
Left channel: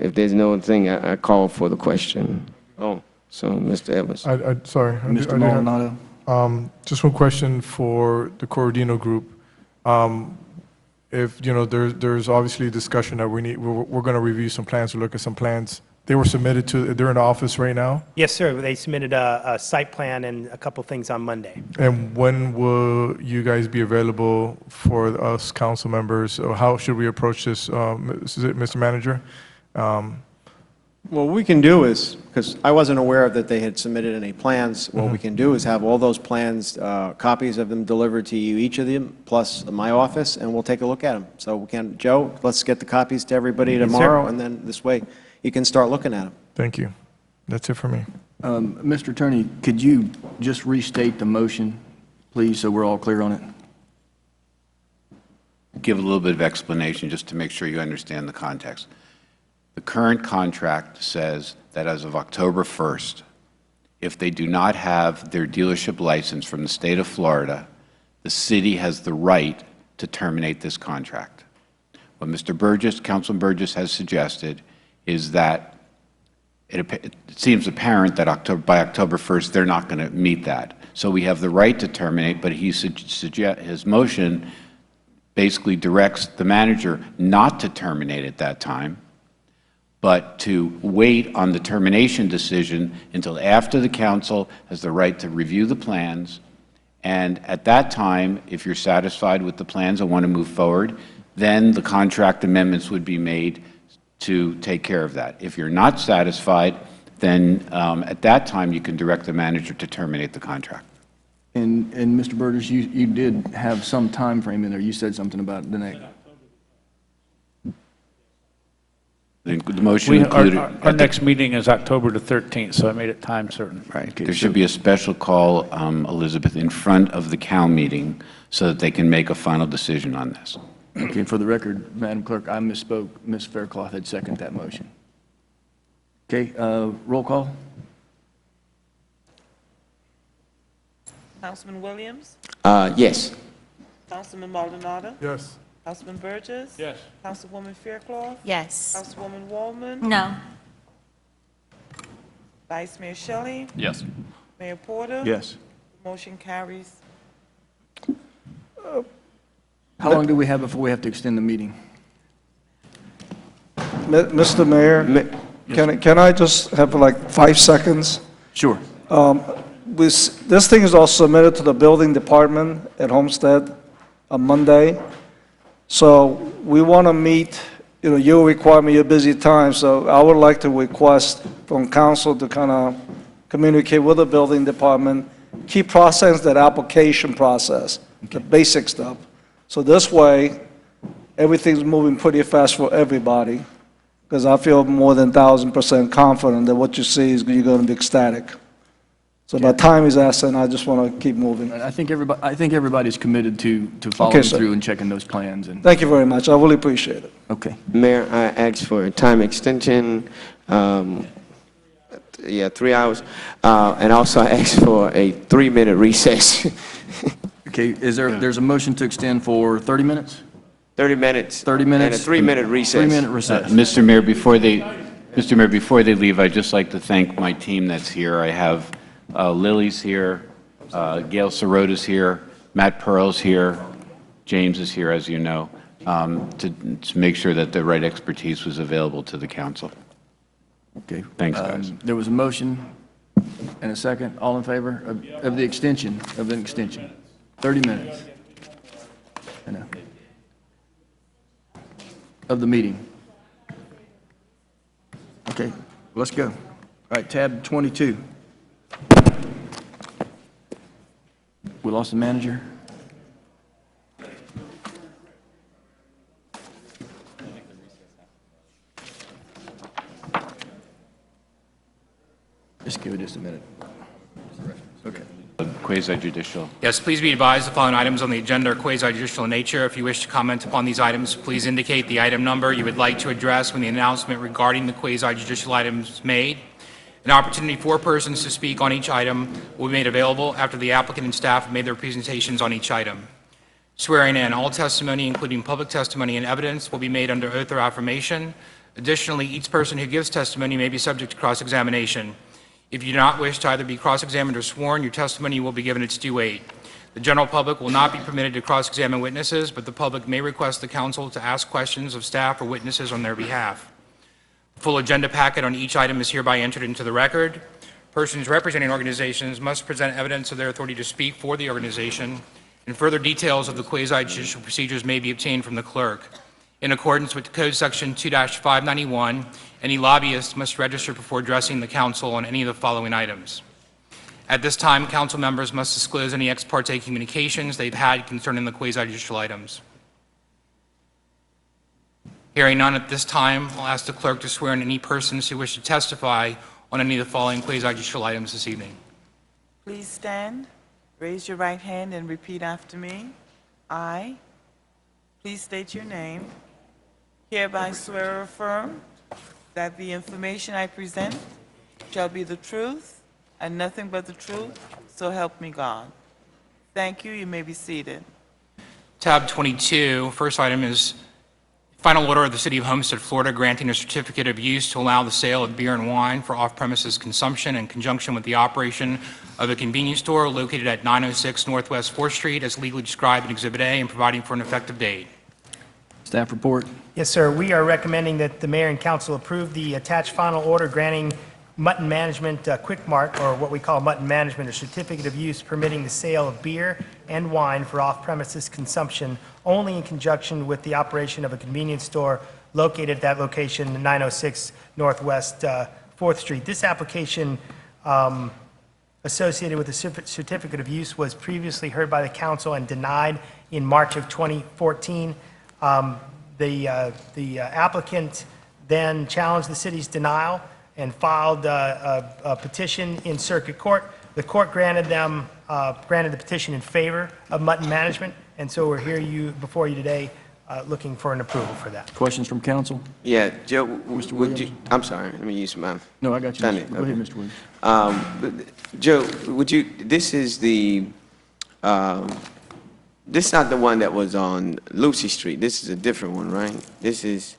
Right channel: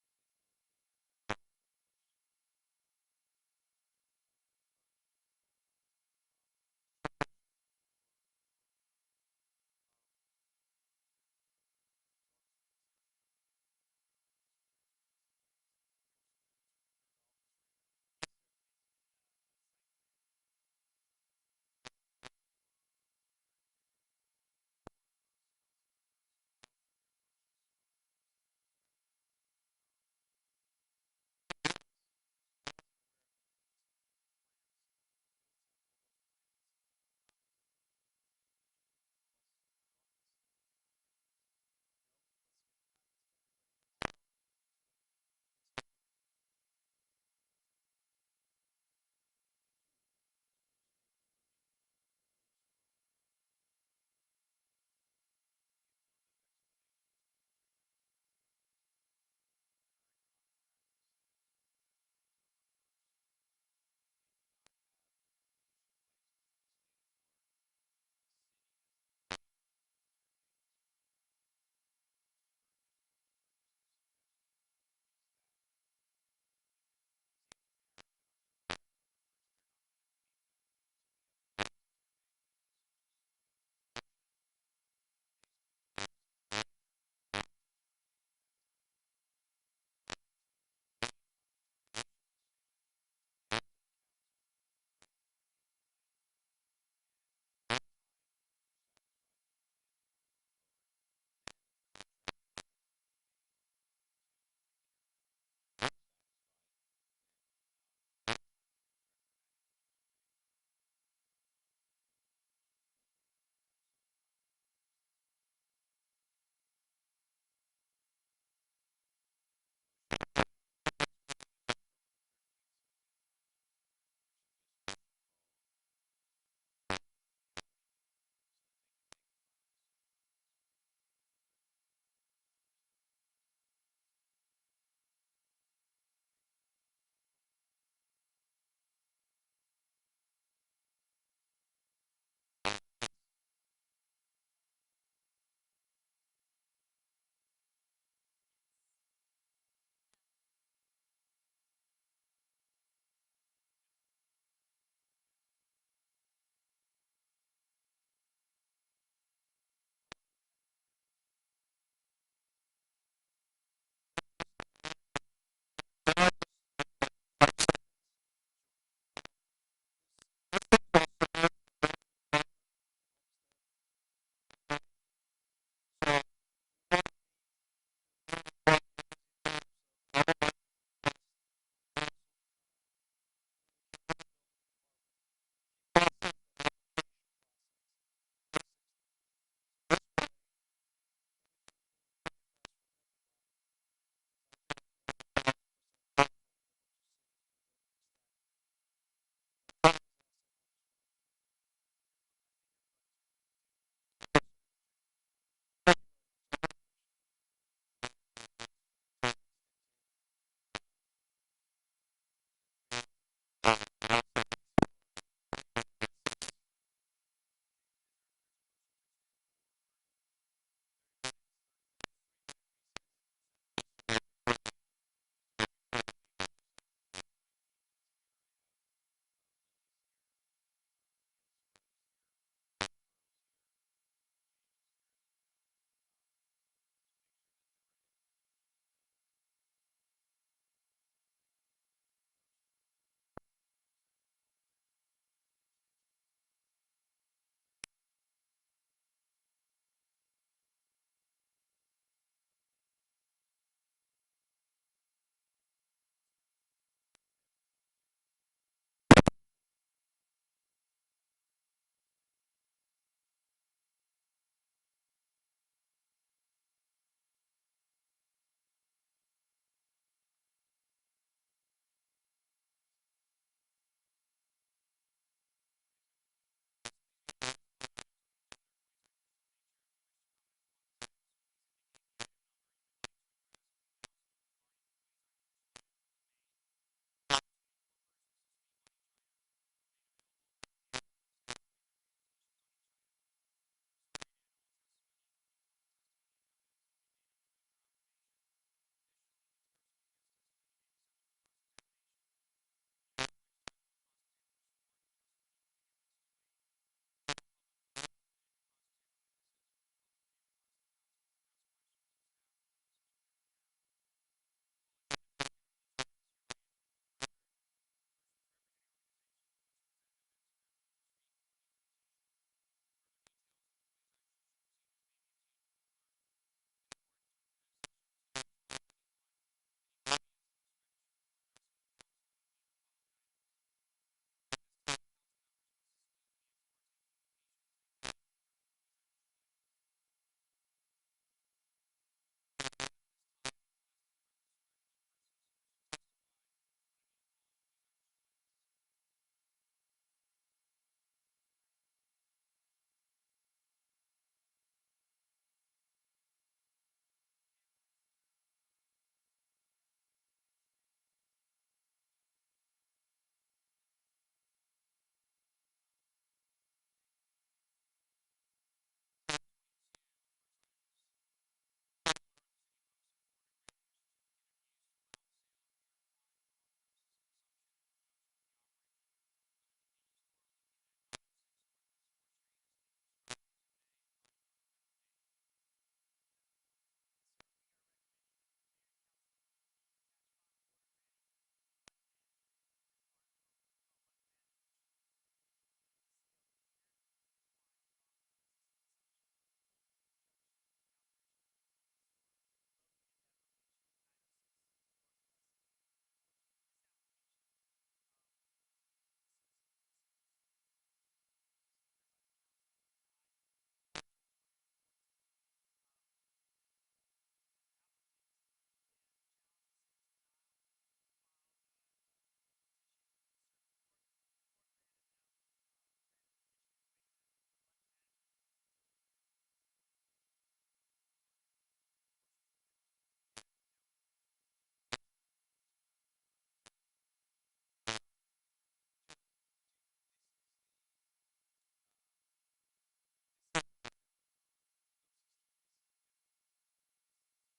if there's no other thing, I call for the question. Oh, so Mr. Evans. Sorry. Mr. Maldonado. Just one question for the Corradino group. If, there's obviously discussion that we're going to review some plans or look at some plans. They were submitted they're in the office right now? Yes, sir. They submitted a site plan and a couple things on Monday. And when will you guys be available for us council members? Or how should we approach this, Mr. Manager? What we can do is, because I wasn't aware that they had submitted any plans, what we can do is have all those plans, copies of them delivered to you, each of them, plus my office, and we'll take a look at them. So we can, Joe, let's get the copies to everybody Yes, sir. tomorrow, and then this way you can start looking at them. Thank you. That's it for me. Mr. Attorney, could you just restate the motion, please, so we're all clear on it? Give a little bit of explanation just to make sure you understand the context. The current contract says that as of October 1st, if they do not have their dealership license from the state of Florida, the city has the right to terminate this contract. What Mr. Burgess, Councilman Burgess has suggested is that it seems apparent that by October 1st, they're not going to meet that. So we have the right to terminate, but his motion basically directs the manager not to terminate at that time, but to wait on the termination decision until after the council has the right to review the plans. And at that time, if you're satisfied with the plans and want to move forward, then the contract amendments would be made to take care of that. If you're not satisfied, then at that time you can direct the manager to terminate the contract. And Mr. Burgess, you did have some time frame in there. You said something about the next. The motion included. Our next meeting is October the 13th, so I made it time certain. Right. There should be a special call, Elizabeth, in front of the CAL meeting so that they can make a final decision on this. Okay, for the record, Madam Clerk, I misspoke. Ms. Faircloth had seconded that motion. Okay, roll call. Councilman Williams? Yes. Councilman Maldonado? Yes. Councilman Burgess? Yes. Councilwoman Faircloth? Yes. Councilwoman Wallman? No. Vice Mayor Shelley? Yes. Mayor Porter? Yes. Motion carries. How long do we have before we have to extend the meeting? Mr. Mayor, can I just have like 5 seconds? Sure. This thing is all submitted to the building department at Homestead on Monday. So we want to meet, your requirement, your busy time. So I would like to request from council to kind of communicate with the building department, keep processing that application process, the basic stuff. So this way, everything's moving pretty fast for everybody, because I feel more than 1,000% confident that what you see is you're going to be ecstatic. So my time is essence, I just want to keep moving. I think everybody's committed to following Okay, sir. through and checking those plans. And Thank you very much. I really appreciate it. okay. Mayor, I asked for a time extension, 3 hours, and also I asked for a 3-minute recess. Okay, there's a motion to extend for 30 minutes? 30 minutes. 30 minutes. And a 3-minute recess. 3-minute recess. Mr. Mayor, before they leave, I'd just like to thank my team that's here. I have Lily's here, Gail Sorota's here, Matt Pearl's here, James is here, as you know, to make sure that the right expertise was available to the council. Okay. Thanks, guys. There was a motion and a second. All in favor of the extension, 30 minutes. I know. Of the meeting. Okay, let's go. All right, tab 22. We lost the manager. Just give it just a minute. Okay. Quasi-judicial. Yes, please be advised the following items on the agenda are quasi-judicial in nature. If you wish to comment upon these items, please indicate the item number you would like to address when the announcement regarding the quasi-judicial items is made. An opportunity for persons to speak on each item will be made available after the applicant and staff have made their presentations on each item. Swearing in, all testimony, including public testimony and evidence, will be made under oath or affirmation. Additionally, each person who gives testimony may be subject to cross-examination. If you do not wish to either be cross-examined or sworn, your testimony will be given its due weight. The general public will not be permitted to cross-examine witnesses, but the public may request the council to ask questions of staff or witnesses on their behalf. The full agenda packet on each item is hereby entered into the record. Persons representing organizations must present evidence of their authority to speak for the organization, and further details of the quasi-judicial procedures may be obtained from the clerk. In accordance with Code Section 2-591, any lobbyist must register before addressing the council on any of the following items. At this time, council members must disclose any ex parte communications they've had concerning the quasi-judicial items. Hearing none at this time, I'll ask the clerk to swear in any persons who wish to testify on any of the following quasi-judicial items this evening. Please stand, raise your right hand, and repeat after me. I, please state your name, hereby swear or affirm that the information I present shall be the truth and nothing but the truth, so help me God. Thank you. You may be seated. Tab 22, first item is final order of the City of Homestead, Florida, granting a certificate of use to allow the sale of beer and wine for off-premises consumption in conjunction with the operation of a convenience store located at 906 Northwest 4th Street as legally described in Exhibit A and providing for an effective date. Staff report. Yes, sir. We are recommending that the mayor and council approve the attached final order granting Mutton Management Quick Mart, or what we call Mutton Management, a certificate of use permitting the sale of beer and wine for off-premises consumption only in conjunction with the operation of a convenience store located at that location, 906 Northwest 4th Street. This application associated with the certificate of use was previously heard by the council and denied in March of 2014. The applicant then challenged the city's denial and filed a petition in circuit court. The court granted the petition in favor of Mutton Management, and so we're here before you today looking for an approval for that. Questions from council? Yeah, Joe, Mr. would Williams? you, I'm sorry, let me use my. No, I got you. Done it, Go ahead, okay. Mr. Williams. But, Joe, would you, this is the, this is not the one that was on Lucy Street. This is a different one, right? This is,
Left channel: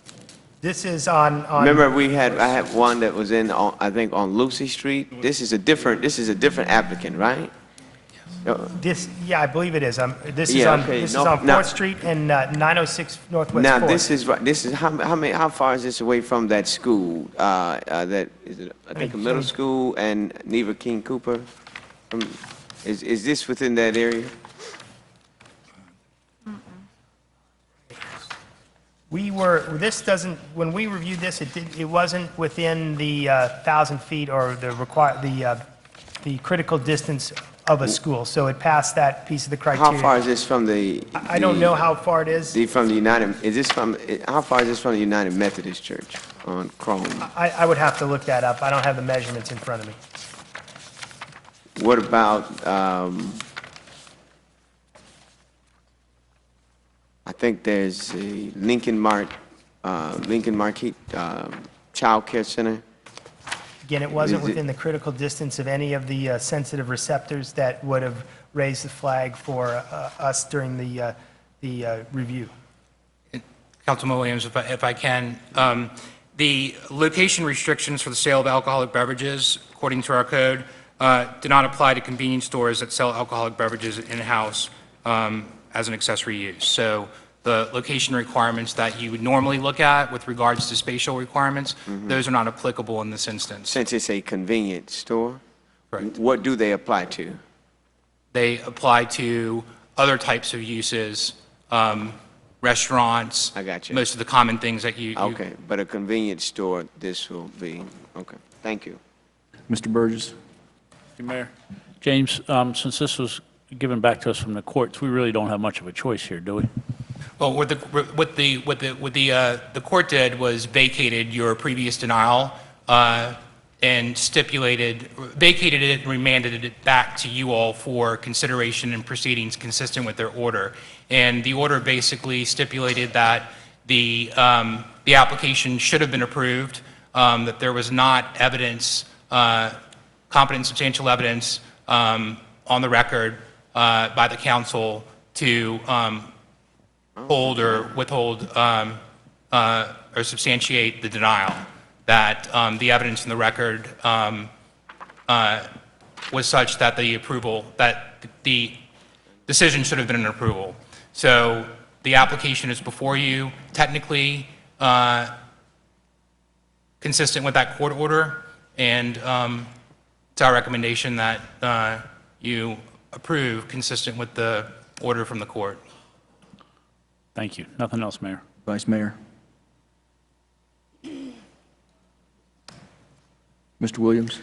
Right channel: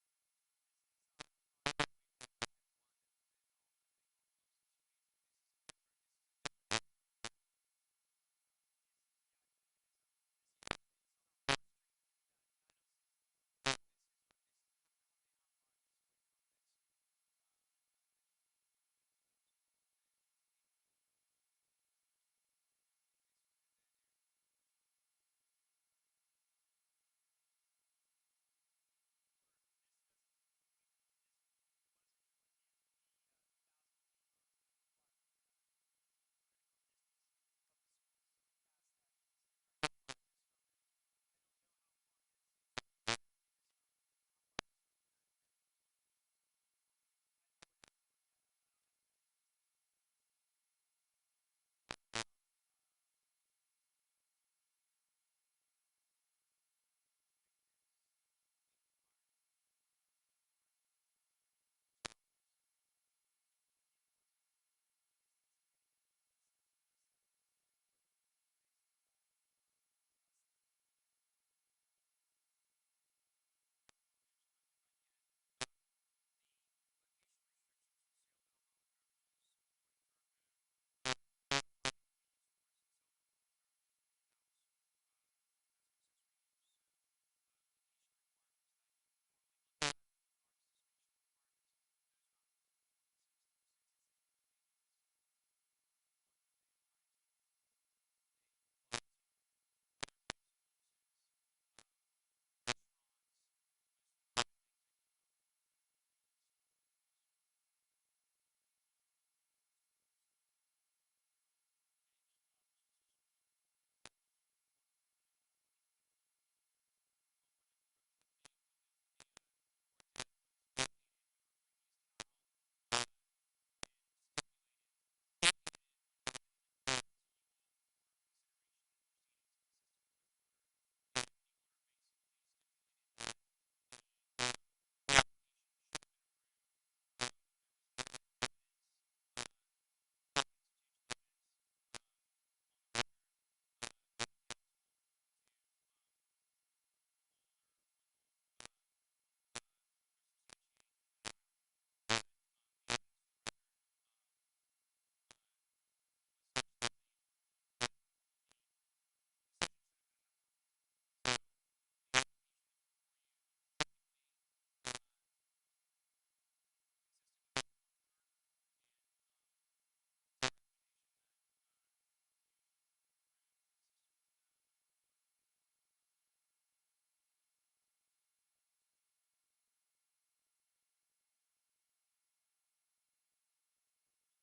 on. remember I had one that was I think on Lucy Street? This is a different applicant, right? Yeah, I believe it is. This is Yeah, on okay. 4th Street and 906 Northwest 4th. Now, this is, how far is this away from that school? That, is it, I think, a middle school and Neva King Cooper? Is this within that area? When we reviewed this, it wasn't within the 1,000 feet or the critical distance of a school, so it passed that piece of the criteria. How far is this from the? I don't know how far it is. From the United, how far is this from the United Methodist Church on Chrome? I would have to look that up. I don't have the measurements in front of me. What about, I think there's a Lincoln Marquette Child Care Center. Again, it wasn't within the critical distance of any of the sensitive receptors that would have raised the flag for us during the review. Councilman Williams, if I can. The location restrictions for the sale of alcoholic beverages, according to our code, do not apply to convenience stores that sell alcoholic beverages in-house as an accessory use. So the location requirements that you would normally look at with regards to spatial requirements, those are not applicable in this instance. Since it's a convenience store, Correct. what do they apply to? They apply to other types of uses, restaurants. I got you. Most of the common things that you. Okay, but a convenience store, this will be, okay, thank you. Mr. Burgess? Mr. Mayor. James, since this was given back to us from the courts, we really don't have much of a choice here, do we? Well, what the court did was vacated your previous denial and vacated it and remanded it back to you all for consideration and proceedings consistent with their order. And the order basically stipulated that the application should have been approved, that there was not evidence, competent substantial evidence on the record by the council to hold or withhold or substantiate the denial, that the evidence in the record was such that the approval, that the decision should have been an approval. So the application is before you, technically consistent with that court order, and it's our recommendation that you approve consistent with the order from the court. Thank you. Nothing else, Mayor. Vice Mayor? Mr. Williams?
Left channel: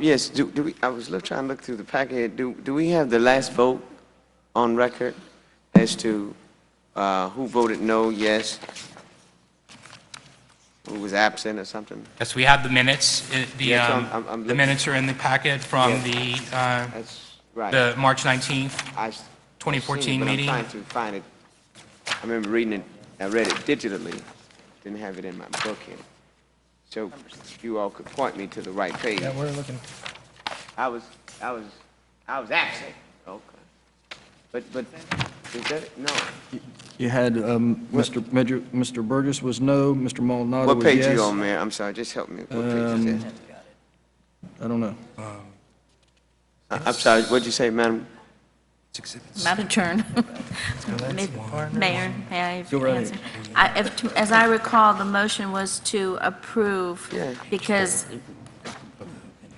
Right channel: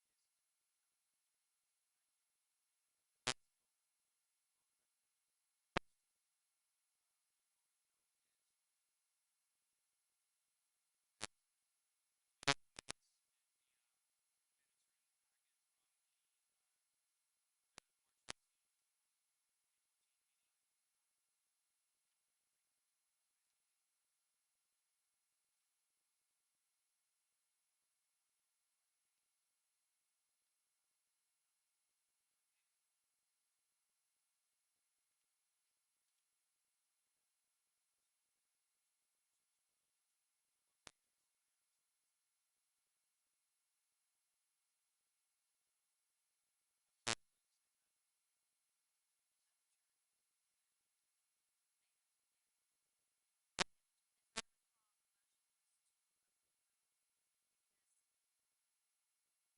Yes, do we, I was trying to look through the packet. Do we have the last vote on record as to who voted no, yes? Who was absent or something? Yes, we have the minutes. Yes, I'm The looking. minutes are in the packet from That's right. the March 19th, I 2014 but meeting. I'm trying to find it. I remember reading it, I read it digitally, didn't have it in my book here. So if you all could point me to the right page. Yeah, we're looking. I was absent. Okay. But is that, no. You had Mr. Burgess was no, Mr. Maldonado What was page yes. you on, Mayor? I'm sorry, just help me. What page is it? I don't know. I'm sorry, what'd you say, madam? I'm out of turn. Mayor, may I Go right answer? As I recall, the motion was to approve because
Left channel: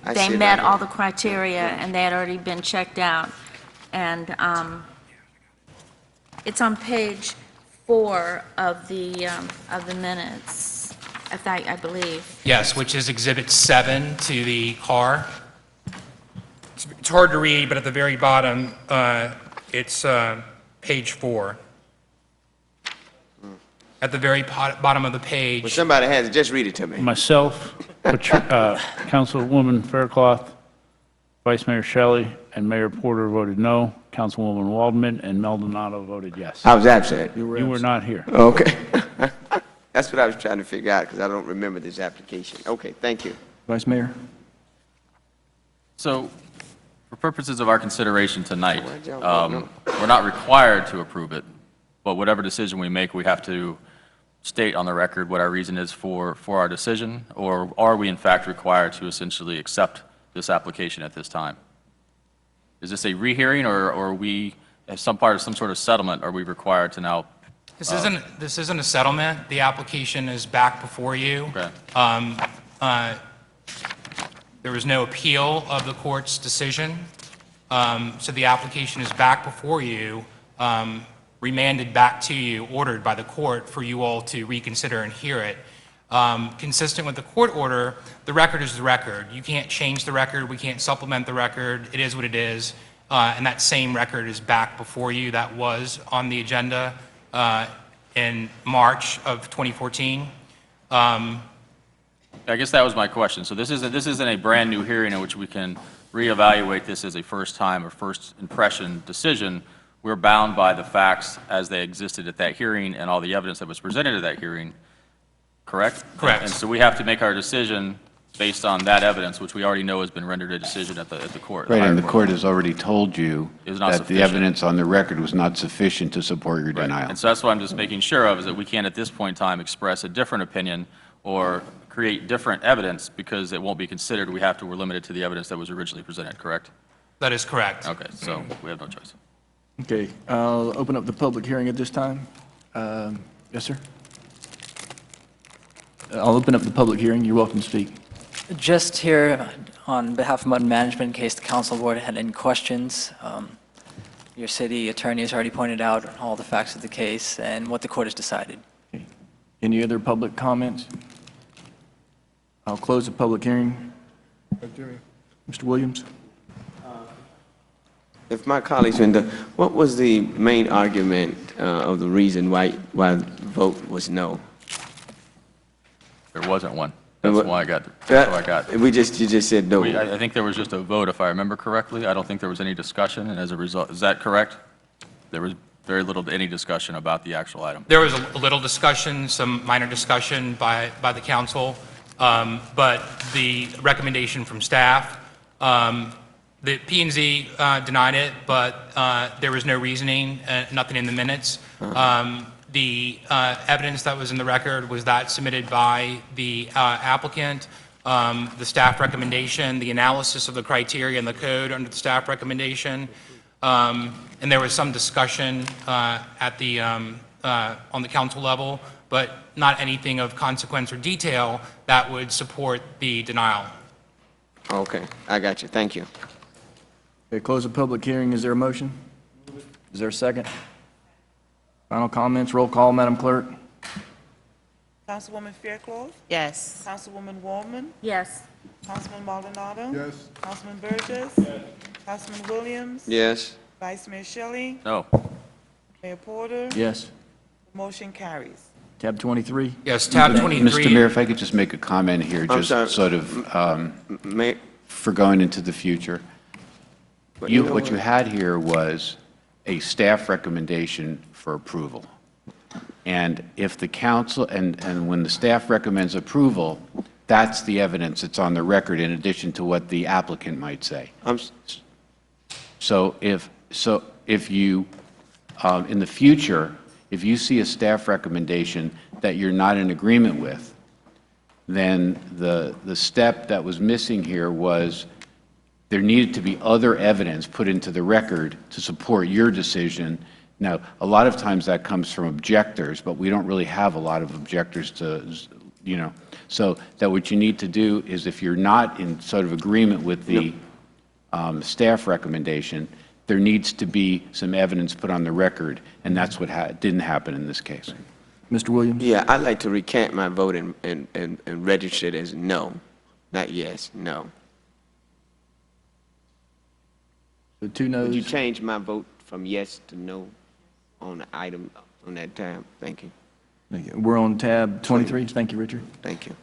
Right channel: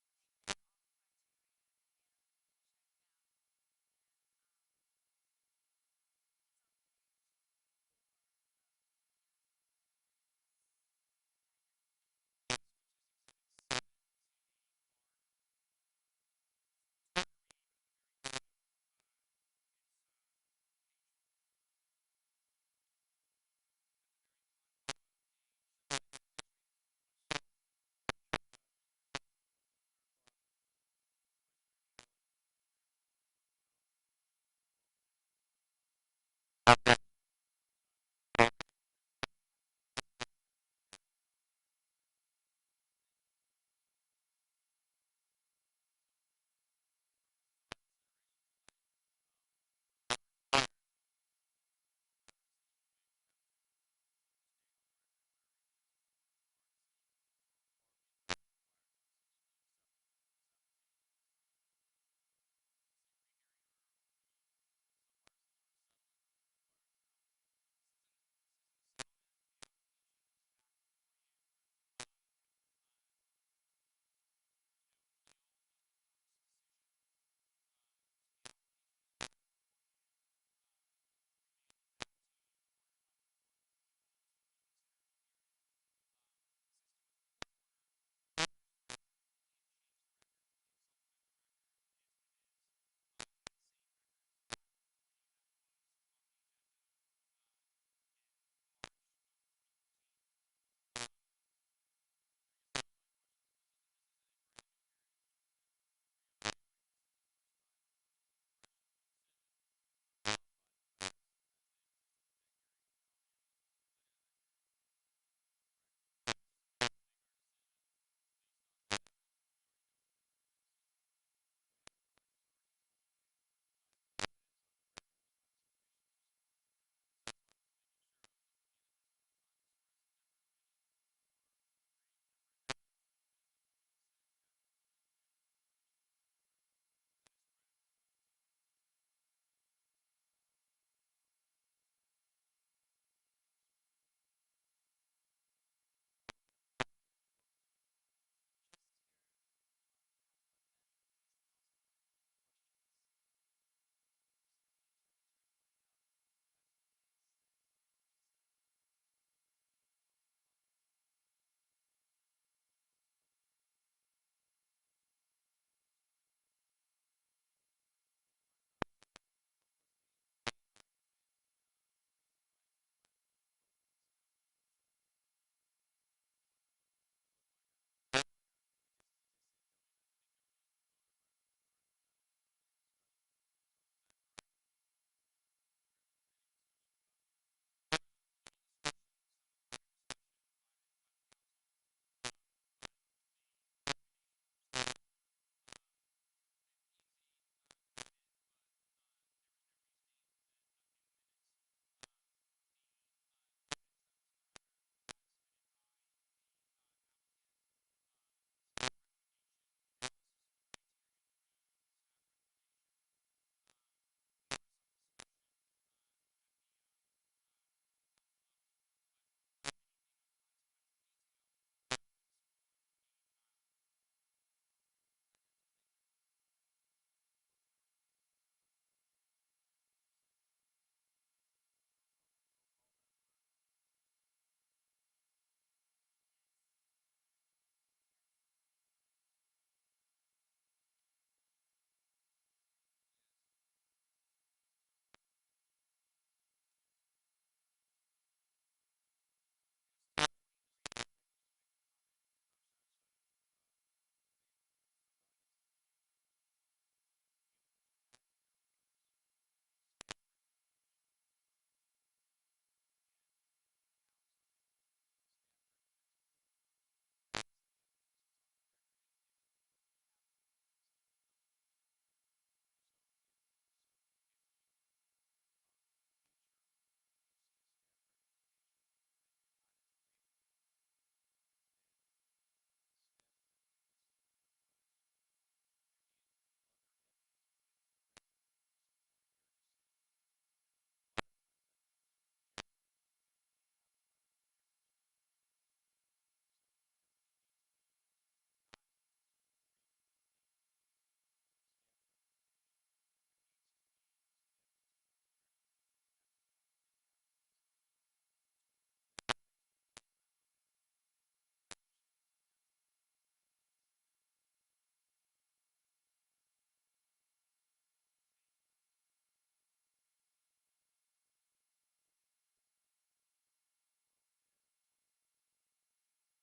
I they see it met right all here. the criteria and they had already been checked out. And it's on page 4 of the minutes, I believe. Yes, which is Exhibit 7 to the car. It's hard to read, but at the very bottom, it's page 4. At the very bottom of the Well, page, somebody has it, just read it to me. Myself, Councilwoman Faircloth, Vice Mayor Shelley, and Mayor Porter voted no. Councilwoman Waldman and Maldonado voted yes. I was absent. You were not here. Okay. That's what I was trying to figure out, because I don't remember this application. Okay, thank you. Vice Mayor? So, for purposes of our consideration tonight, Why'd y'all vote we're not required to approve it, but whatever decision we make, we have to state on the record what our reason is for our decision, or are we in fact required to essentially accept this application at this time? Is this a rehearing, or are we, as some part of some sort of settlement, are we required to now? this isn't a settlement. The application is back before you. Okay. There was no appeal of the court's decision, so the application is back before you, remanded back to you, ordered by the court for you all to reconsider and hear it. Consistent with the court order, the record is the record. You can't change the record. We can't supplement the record. It is what it is. And that same record is back before you. That was on the agenda in March of 2014. I guess that was my question. So this isn't a brand-new hearing in which we can reevaluate this as a first-time or first impression decision. We're bound by the facts as they existed at that hearing and all the evidence that was presented at that hearing, correct? Correct. And so we have to make our decision based on that evidence, which we already know has been rendered a decision at the court. Right, higher and the court has already told you Is not that the sufficient. evidence on the record was not sufficient to support your denial. And so that's what I'm just making sure of, is that we can't at this point in time express a different opinion or create different evidence because it won't be considered. We're limited to the evidence that was originally presented, correct? That is correct. Okay, so we have no choice. Okay, I'll open up the public hearing at this time. Yes, sir? I'll open up the public hearing. You're welcome to speak. Just here on behalf of Mutton Management, in case the council board had any questions. Your city attorney has already pointed out all the facts of the case and what the court has decided. Any other public comments? I'll close the public hearing. Mr. Williams? If my colleagues, what was the main argument of the reason why the vote was no? There wasn't one. That's why I got. You just said no. I think there was just a vote, if I remember correctly. I don't think there was any discussion, and as a result, is that correct? There was very little to any discussion about the actual item. There was a little discussion, some minor discussion by the council, but the recommendation from staff, the P&Z denied it, but there was no reasoning, nothing in the minutes. The evidence that was in the record was that submitted by the applicant, the staff recommendation, the analysis of the criteria and the code under the staff recommendation, and there was some discussion at the on the council level, but not anything of consequence or detail that would support the denial. Okay, I got you. Thank you. Okay, close the public hearing. Is there a motion? Is there a second? Final comments, roll call, Madam Clerk. Councilwoman Fairclough? Yes. Councilwoman Wallman? Yes. Councilman Maldonado? Yes. Councilman Burgess? Yes. Councilman Williams? Yes. Vice Mayor Shelley? No. Mayor Porter? Yes. Motion carries. Tab 23. Yes, tab 23. Mr. Mayor, if I could just make a comment here, I'm just sorry. sort of for going into the future. What you had here was a staff recommendation for approval. And if the council, and when the staff recommends approval, that's the evidence that's on the record in addition to what the applicant might say. So if you, in the future, if you see a staff recommendation that you're not in agreement with, then the step that was missing here was there needed to be other evidence put into the record to support your decision. Now, a lot of times that comes from objectors, but we don't really have a lot of objectors to, so that what you need to do is if you're not in sort of agreement with the staff recommendation, there needs to be some evidence put on the record, and that's what didn't happen in this case. Mr. Williams? Yeah, I'd like to recant my vote and register it as no, not yes, no. The two noes. Would you change my vote from yes to no on the item, on that tab? Thank you. Thank you. We're on tab 23. Thank you, Richard. Thank you.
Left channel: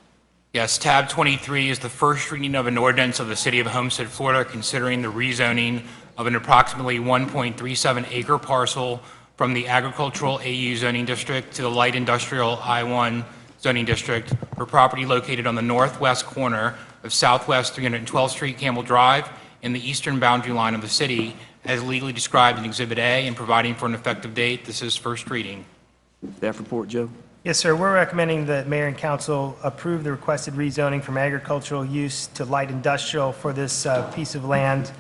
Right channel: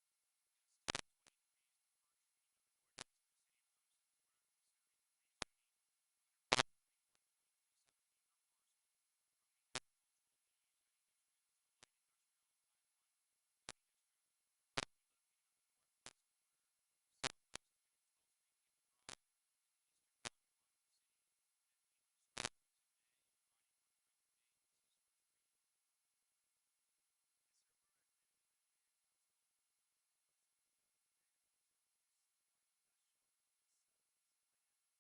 Yes, tab 23 is the first reading of an ordinance of the City of Homestead, Florida, considering the rezoning of an approximately 1.37 acre parcel from the agricultural AU zoning district to the light industrial I1 zoning district for property located on the northwest corner of Southwest 312th Street, Campbell Drive, in the eastern boundary line of the city, as legally described in Exhibit A, and providing for an effective date. This is first reading. Staff report, Joe. Yes, sir. We're recommending that mayor and council approve the requested rezoning from agricultural use to light industrial for this piece of land.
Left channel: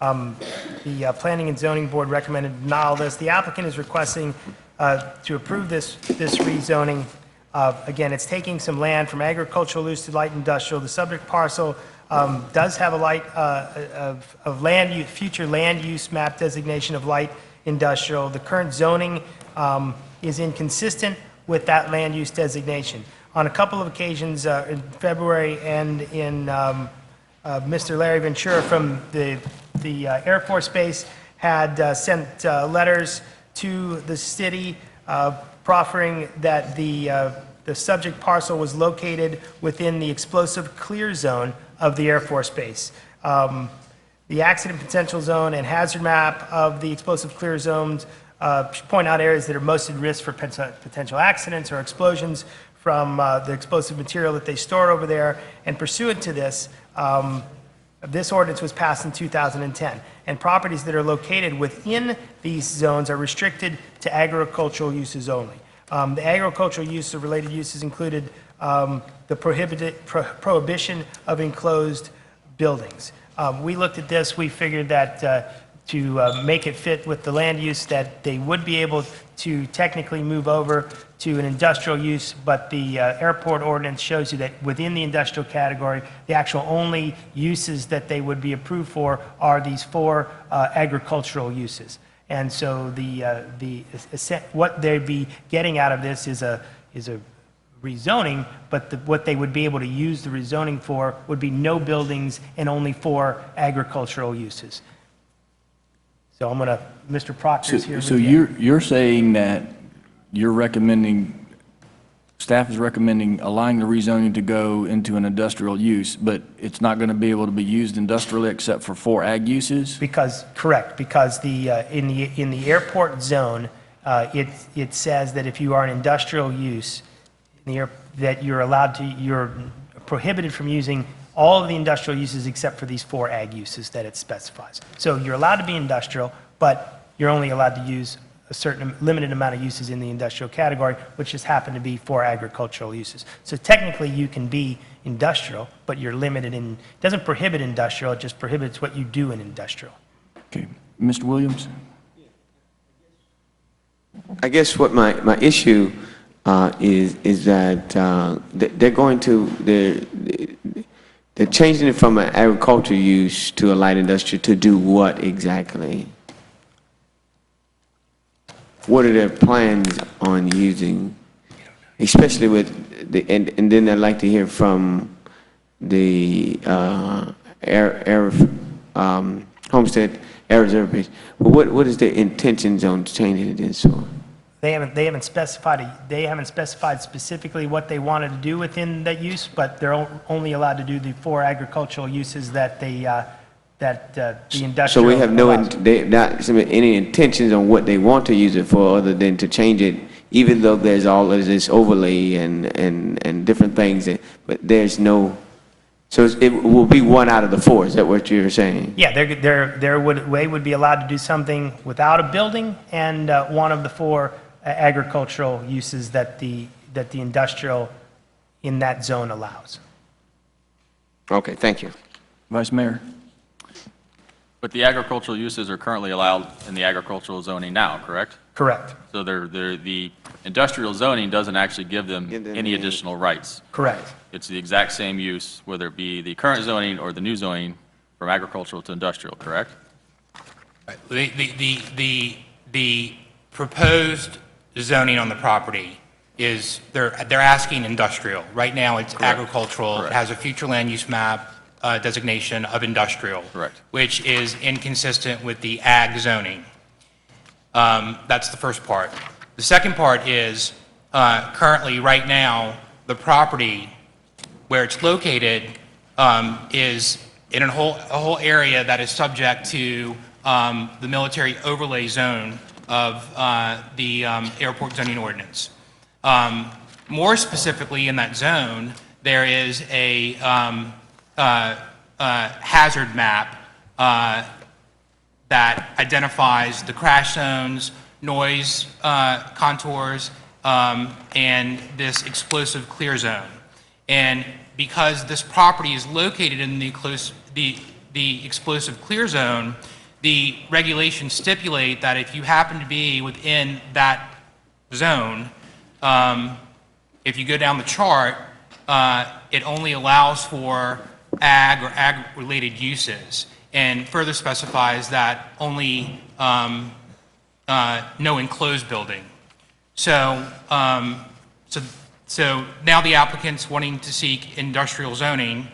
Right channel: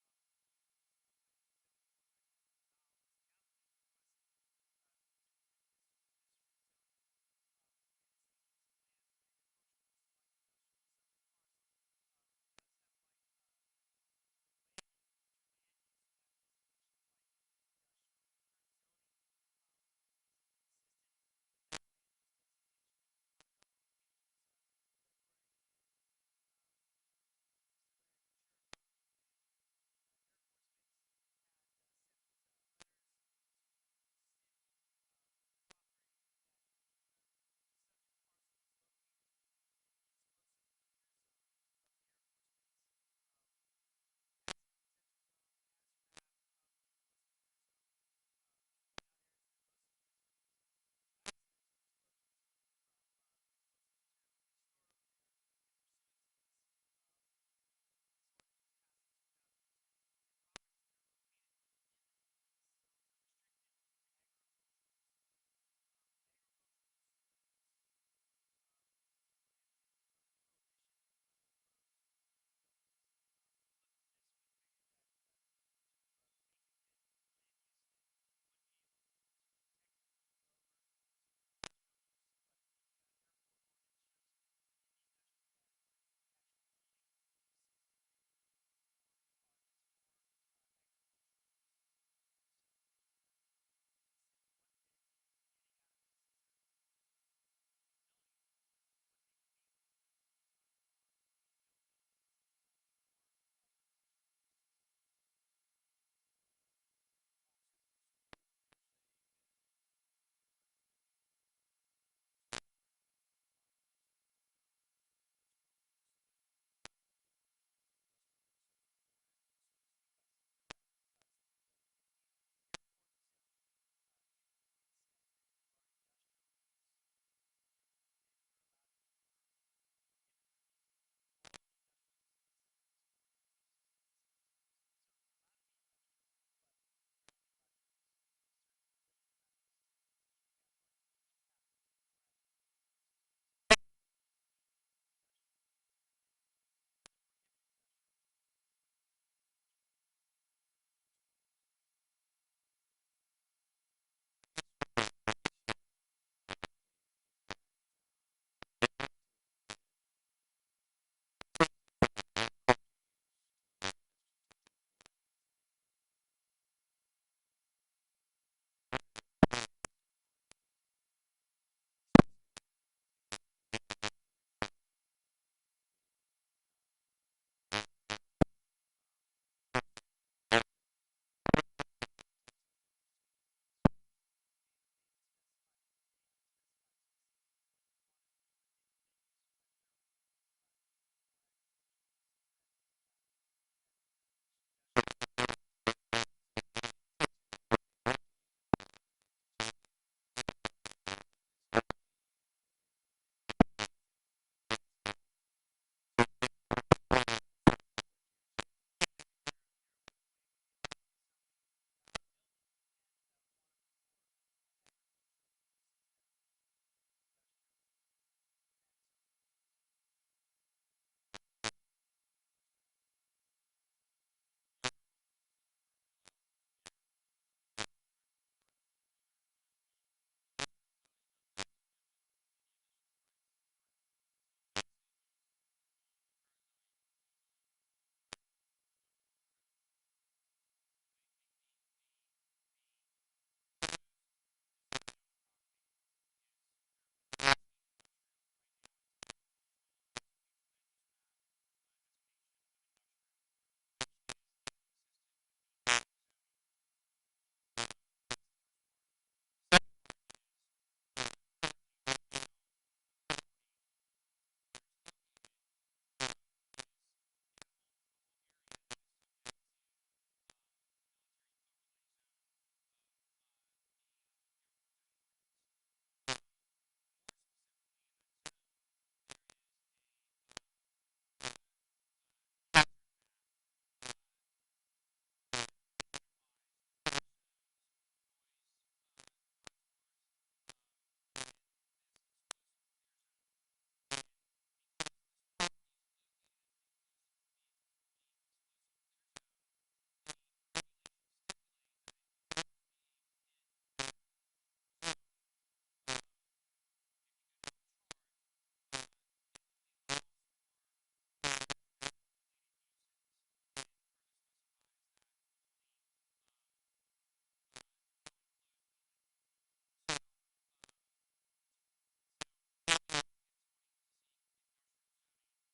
The Planning and Zoning Board recommended denial of this. The applicant is requesting to approve this rezoning. Again, it's taking some land from agricultural use to light industrial. The subject parcel does have a light of land use, future land use map designation of light industrial. The current zoning is inconsistent with that land use designation. On a couple of occasions in February and in Mr. Larry Ventura from the Air Force Base had sent letters to the city proffering that the subject parcel was located within the explosive clear zone of the Air Force Base. The accident potential zone and hazard map of the explosive clear zones point out areas that are most at risk for potential accidents or explosions the explosive material that they stored over there, and pursuant to this, this ordinance was passed in 2010, and properties that are located within these zones are restricted to agricultural uses only. The agricultural use of related uses included the prohibition of enclosed buildings. We looked at this, we figured that to make it fit with the land use, that they would be able to technically move over to an industrial use, but the airport ordinance shows you that within the industrial category, the actual only uses that they would be approved for are these 4 agricultural uses. And so what they'd be getting out of this is a rezoning, but what they would be able to use the rezoning for would be no buildings and only 4 agricultural uses. So I'm gonna, Mr. Proctor's here. So you're saying that you're recommending, staff is recommending allowing the rezoning to go into an industrial use, but it's not going to be able to be used industrially except for 4 ag uses? Correct, because in the airport zone, it says that if you are an industrial use, that you're prohibited from using all of the industrial uses except for these 4 ag uses that it specifies. So you're allowed to be industrial, but you're only allowed to use a certain limited amount of uses in the industrial category, which just happen to be 4 agricultural uses. So technically you can be industrial, but you're limited in, it doesn't prohibit industrial, it just prohibits what you do in industrial. Okay. Mr. Williams? I guess what my issue is that they're going to, they're changing it from an agricultural use to a light industry to do what exactly? What are their plans on using, especially with the, and then I'd like to hear from the Homestead Air Reserve Base. What is their intentions on changing it in so? They haven't specified specifically what they wanted to do within that use, but they're only allowed to do the 4 agricultural uses that the industrial. So we have allows. not any intentions on what they want to use it for, other than to change it, even though there's all of this overlay and different things, but there's no. So it will be 1 out of the 4. Is that what you're saying? Yeah, they would be allowed to do something without a building, and 1 of the 4 agricultural uses that the industrial in that zone allows. Okay, thank you. Vice Mayor? But the agricultural uses are currently allowed in the agricultural zoning now, correct? Correct. So the industrial zoning doesn't actually give them any additional rights. Correct. It's the exact same use, whether it be the current zoning or the new zoning, from agricultural to industrial, correct? The proposed zoning on the property is, they're asking industrial. Right now, it's agricultural. It has a future land use map designation of industrial. Correct. Which is inconsistent with the ag zoning. That's the first part. The second part is, currently, right now, the property where it's located is in a whole area that is subject to the military overlay zone of the airport zoning ordinance. More specifically, in that zone, there is a hazard map that identifies the crash zones, noise contours, and this explosive clear zone. And because this property is located in the explosive clear zone, the regulations stipulate that if you happen to be within that zone, if you go down the chart, it only allows for ag or ag-related uses, and further specifies that only no enclosed building. So now the applicant's wanting to seek industrial zoning.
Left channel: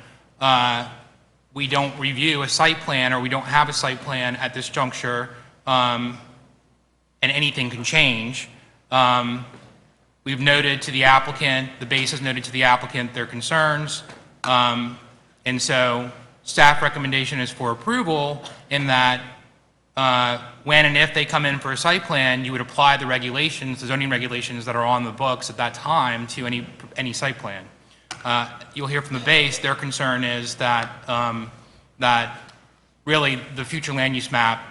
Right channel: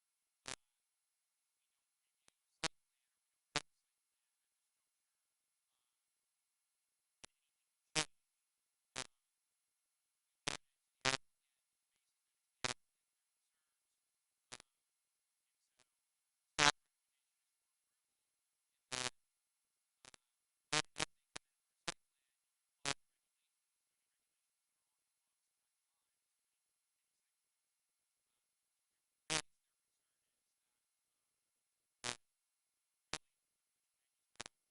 We don't review a site plan, or we don't have a site plan at this juncture, and anything can change. We've noted to the applicant, the base has noted to the applicant their concerns, and so staff recommendation is for approval in that when and if they come in for a site plan, you would apply the regulations, the zoning regulations that are on the books at that time to any site plan. You'll hear from the base, their concern is that, that really the future land use map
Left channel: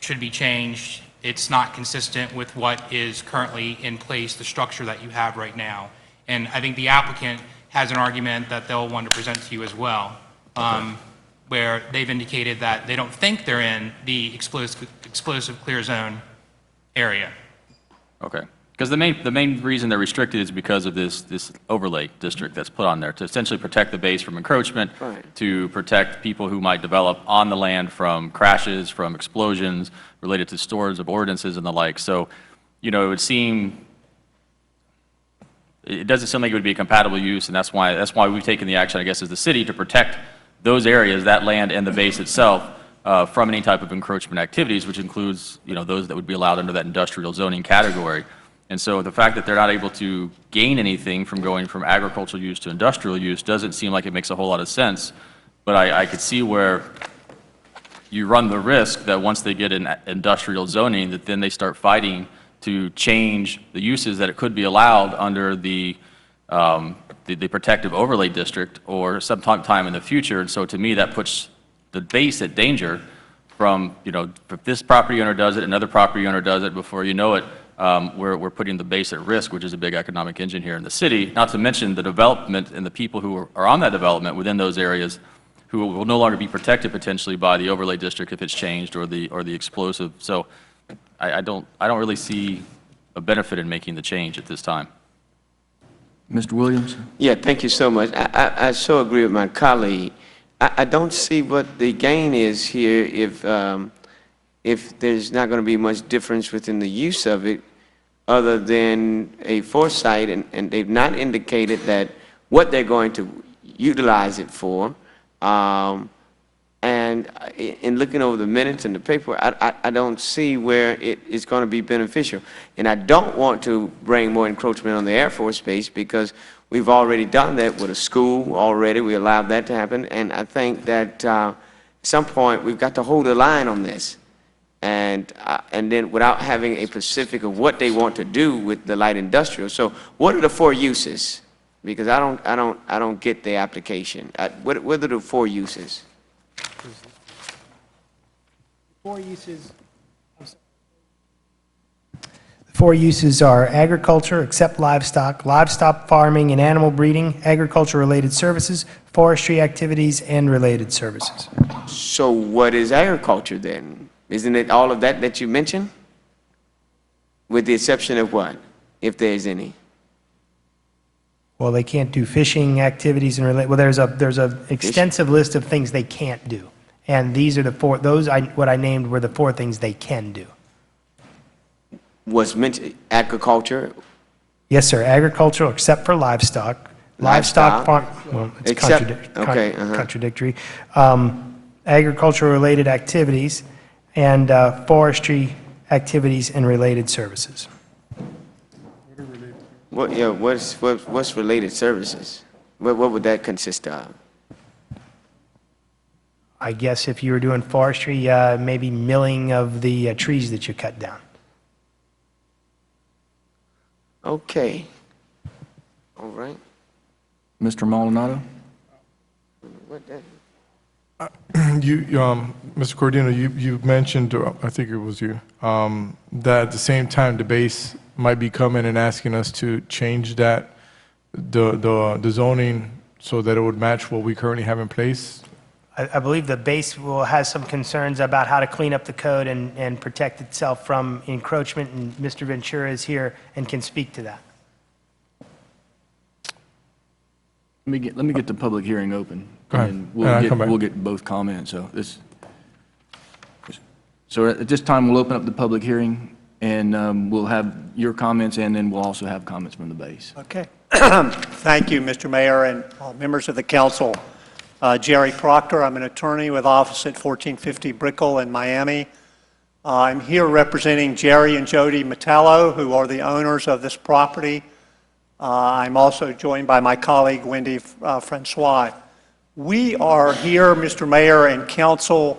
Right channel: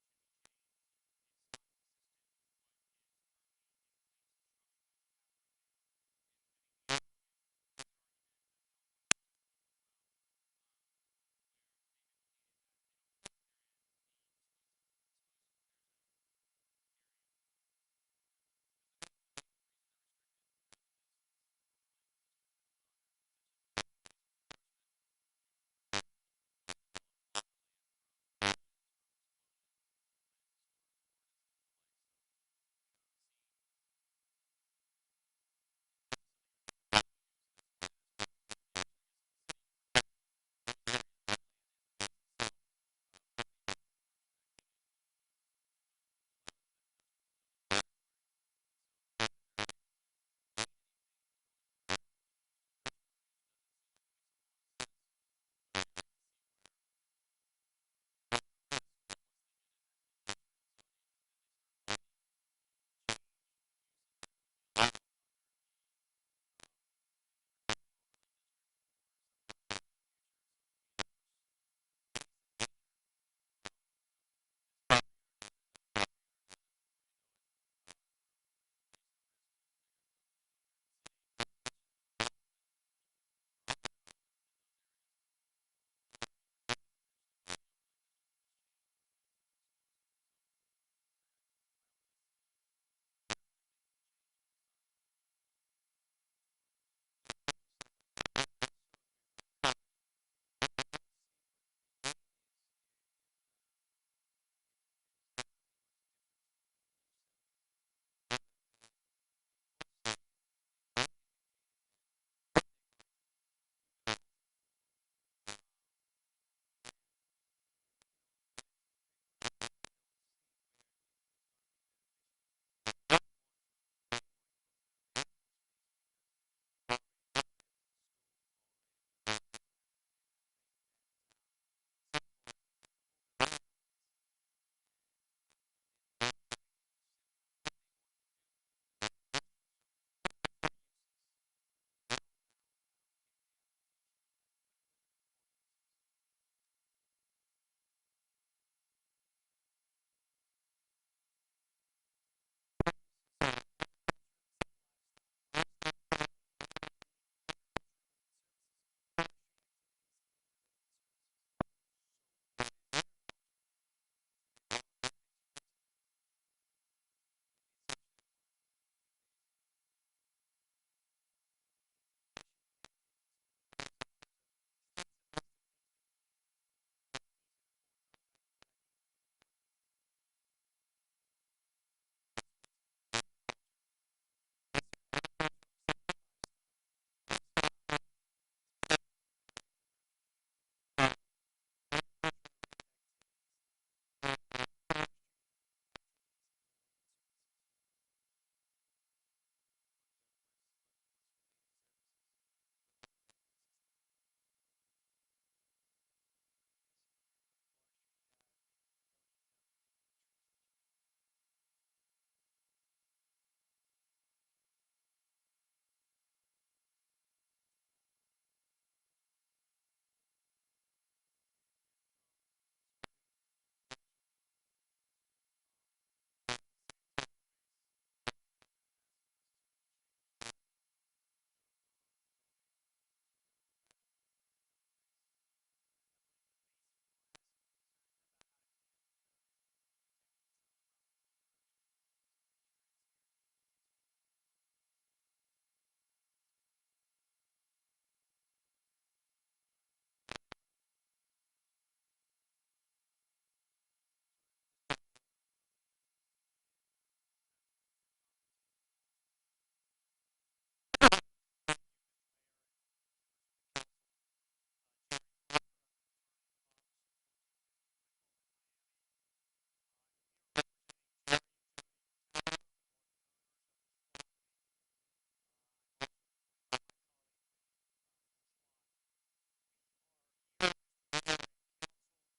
should be changed. It's not consistent with what is currently in place, the structure that you have right now. And I think the applicant has an argument that they'll want to present to you as well, where they've indicated that they don't think they're in the explosive clear zone area. Okay. Because the main reason they're restricted is because of this overlay district that's put on there to essentially protect the base from encroachment, to protect people who might develop on the land from crashes, from explosions related to storage of ordinances and the like. So, you know, it would seem, it doesn't seem like it would be a compatible use, and that's why we've taken the action, I guess, as the city to protect those areas, that land and the base itself, from any type of encroachment activities, which includes, you know, those that would be allowed under that industrial zoning category. And so the fact that they're not able to gain anything from going from agricultural use to industrial use doesn't seem like it makes a whole lot of sense. But I could see where you run the risk that once they get an industrial zoning, that then they start fighting to change the uses that it could be allowed under the protective overlay district or sometime in the future. And so to me, that puts the base at danger from, you know, if this property owner does it, another property owner does it, before you know it, we're putting the base at risk, which is a big economic engine here in the city, not to mention the development and the people who are on that development within those areas who will no longer be protected potentially by the overlay district if it's changed, or the explosive. So I don't really see a benefit in making the change at this time. Mr. Williams? Yeah, thank you so much. I so agree with my colleague. I don't see what the gain is here if there's not going to be much difference within the use of it other than a foresight, and they've not indicated that what they're going to utilize it for. And in looking over the minutes and the paper, I don't see where it is going to be beneficial. And I don't want to bring more encroachment on the Air Force Base, because we've already done that with a school already. We allowed that to happen. And I think that at some point we've got to hold the line on this. And then without having a specific of what they want to do with the light industrial. So what are the four uses? Because I don't get the application. What are the four uses? Four uses are agriculture, except livestock, livestock farming and animal breeding, agriculture-related services, forestry activities, and related services. So what is agriculture then? Isn't it all of that you mentioned? With the exception of what, if there's any? Well, they can't do fishing activities and well, there's a extensive list of things they can't do. And these are the four, what I named were the four things they can do. Was mentioned agriculture? Yes, sir, agricultural except for livestock. Livestock farm, well, it's contradictory. Agriculture-related activities and forestry activities and related services. What's related services? What would that consist of? I guess if you were doing forestry, maybe milling of the trees that you cut down. Okay. All right. Mr. Maldonado? Mr. Cordino, you mentioned, I think it was you, that at the same time the base might be coming and asking us to change that, the zoning so that it would match what we currently have in place. I believe the base has some concerns about how to clean up the code and protect itself from encroachment, and Mr. Ventura is here and can speak to that. Let me get the public hearing open. Go ahead. And We'll get both comments. So at this time, we'll open up the public hearing, and we'll have your comments, and then we'll also have comments from the base. Okay. Thank you, Mr. Mayor and members of the council. Jerry Proctor, I'm an attorney with office at 1450 Brickell in Miami. I'm here representing Jerry and Jody Metallo, who are the owners of this property. I'm also joined by my colleague, Wendy Francois. We are here, Mr. Mayor and council,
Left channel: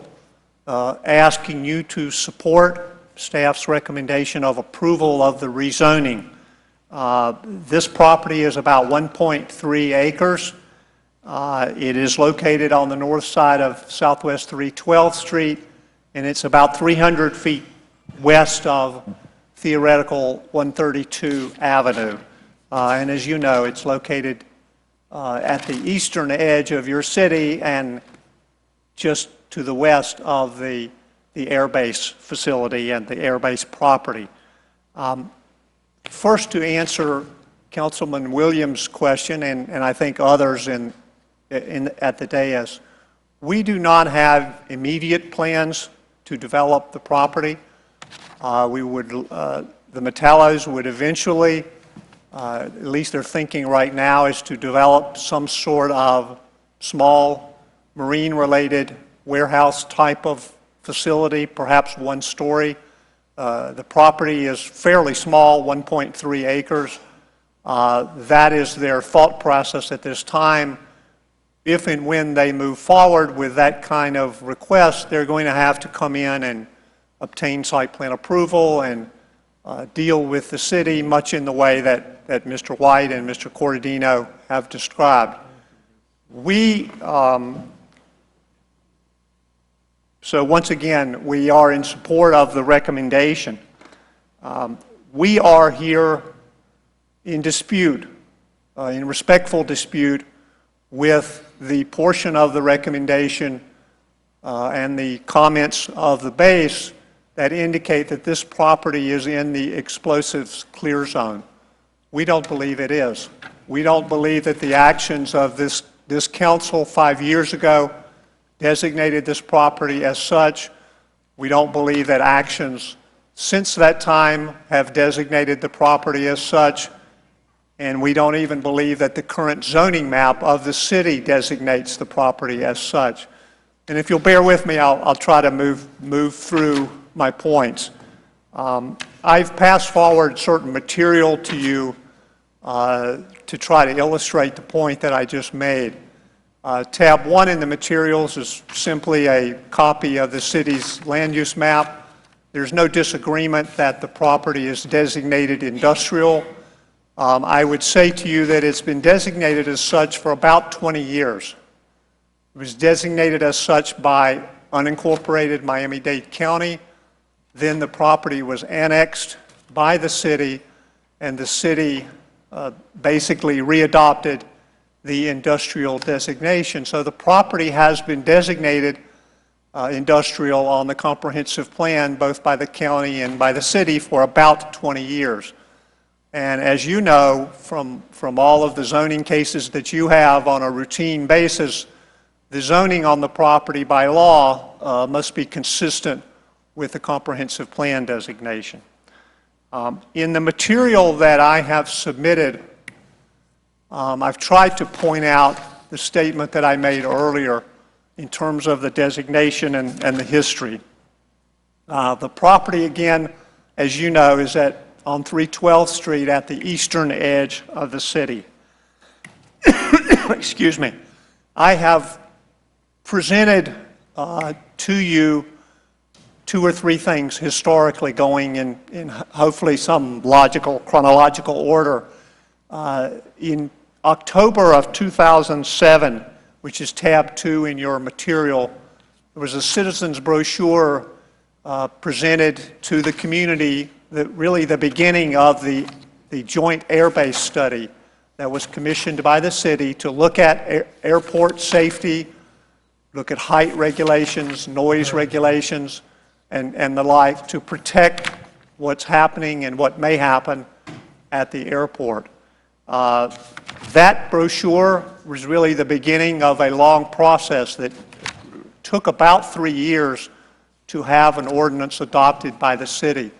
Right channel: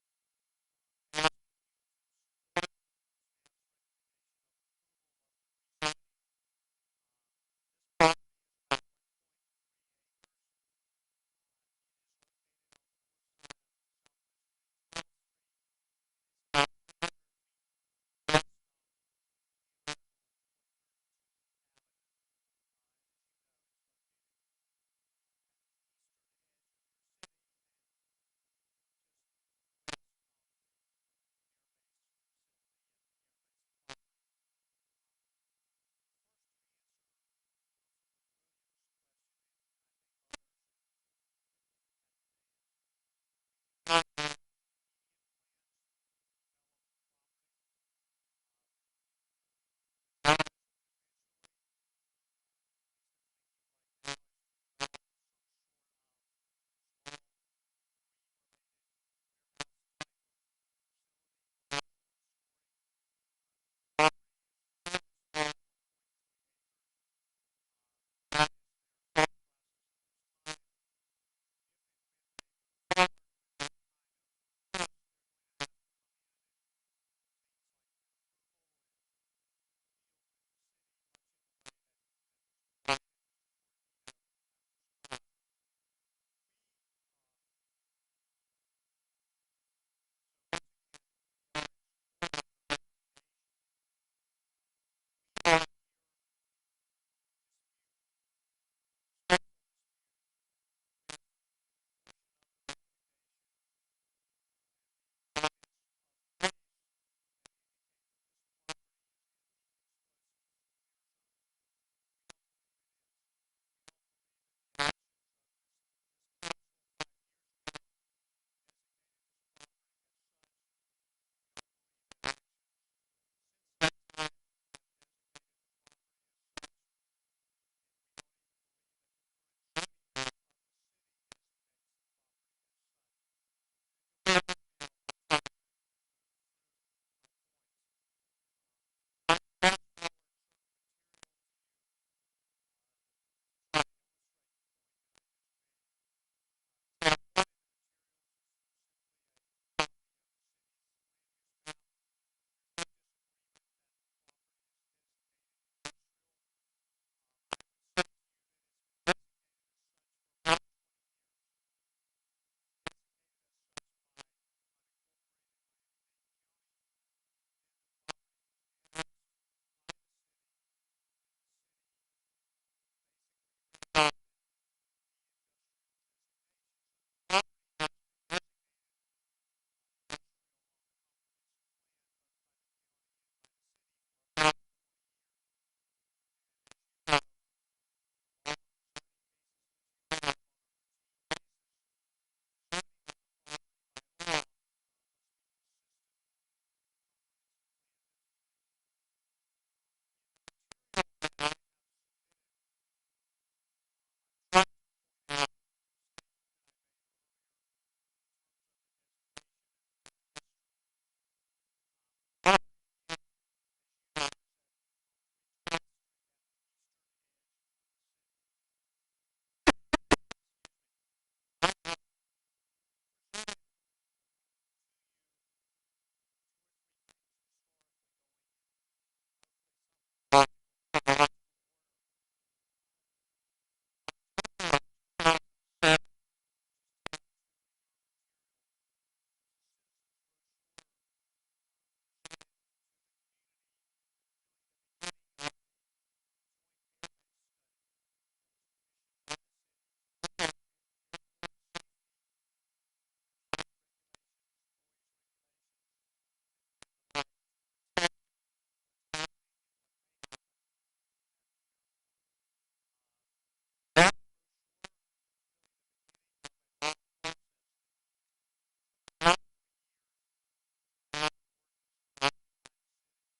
asking you to support staff's recommendation of approval of the rezoning. This property is about 1.3 acres. It is located on the north side of Southwest 312th Street, and it's about 300 feet west of theoretical 132 Avenue. And as you know, it's located at the eastern edge of your city and just to the west of the Air Base facility and the Air Base property. First, to answer Councilman Williams' question, and I think others at the dais, we do not have immediate plans to develop the property. The Metallos would eventually, at least they're thinking right now, is to develop some sort of small marine-related warehouse type of facility, perhaps one story. The property is fairly small, 1.3 acres. That is their thought process at this time. If and when they move forward with that kind of request, they're going to have to come in and obtain site plan approval and deal with the city much in the way that Mr. White and Mr. Corradino have described. So once again, we are in support of the recommendation. We are here in dispute, in respectful dispute with the portion of the recommendation and the comments of the base that indicate that this property is in the explosives clear zone. We don't believe it is. We don't believe that the actions of this council 5 years ago designated this property as such. We don't believe that actions since that time have designated the property as such. And we don't even believe that the current zoning map of the city designates the property as such. And if you'll bear with me, I'll try to move through my points. I've passed forward certain material to you to try to illustrate the point that I just made. Tab 1 in the materials is simply a copy of the city's land use map. There's no disagreement that the property is designated industrial. I would say to you that it's been designated as such for about 20 years. It was designated as such by unincorporated Miami-Dade County. Then the property was annexed by the city, and the city basically readopted the industrial designation. So the property has been designated industrial on the comprehensive plan, both by the county and by the city, for about 20 years. And as you know, from all of the zoning cases that you have on a routine basis, the zoning on the property by law must be consistent with the comprehensive plan designation. In the material that I have submitted, I've tried to point out the statement that I made earlier in terms of the designation and the history. The property, again, as you know, is on 312th Street at the eastern edge of the city. Excuse me. I have presented to you 2 or 3 things historically going in hopefully some logical, chronological order. In October of 2007, which is tab 2 in your material, there was a citizens brochure presented to the community, really the beginning of the joint air base study that was commissioned by the city to look at airport safety, look at height regulations, noise regulations, and the like, to protect what's happening and what may happen at the airport. That brochure was really the beginning of a long process that took about 3 years to have an ordinance adopted by the city.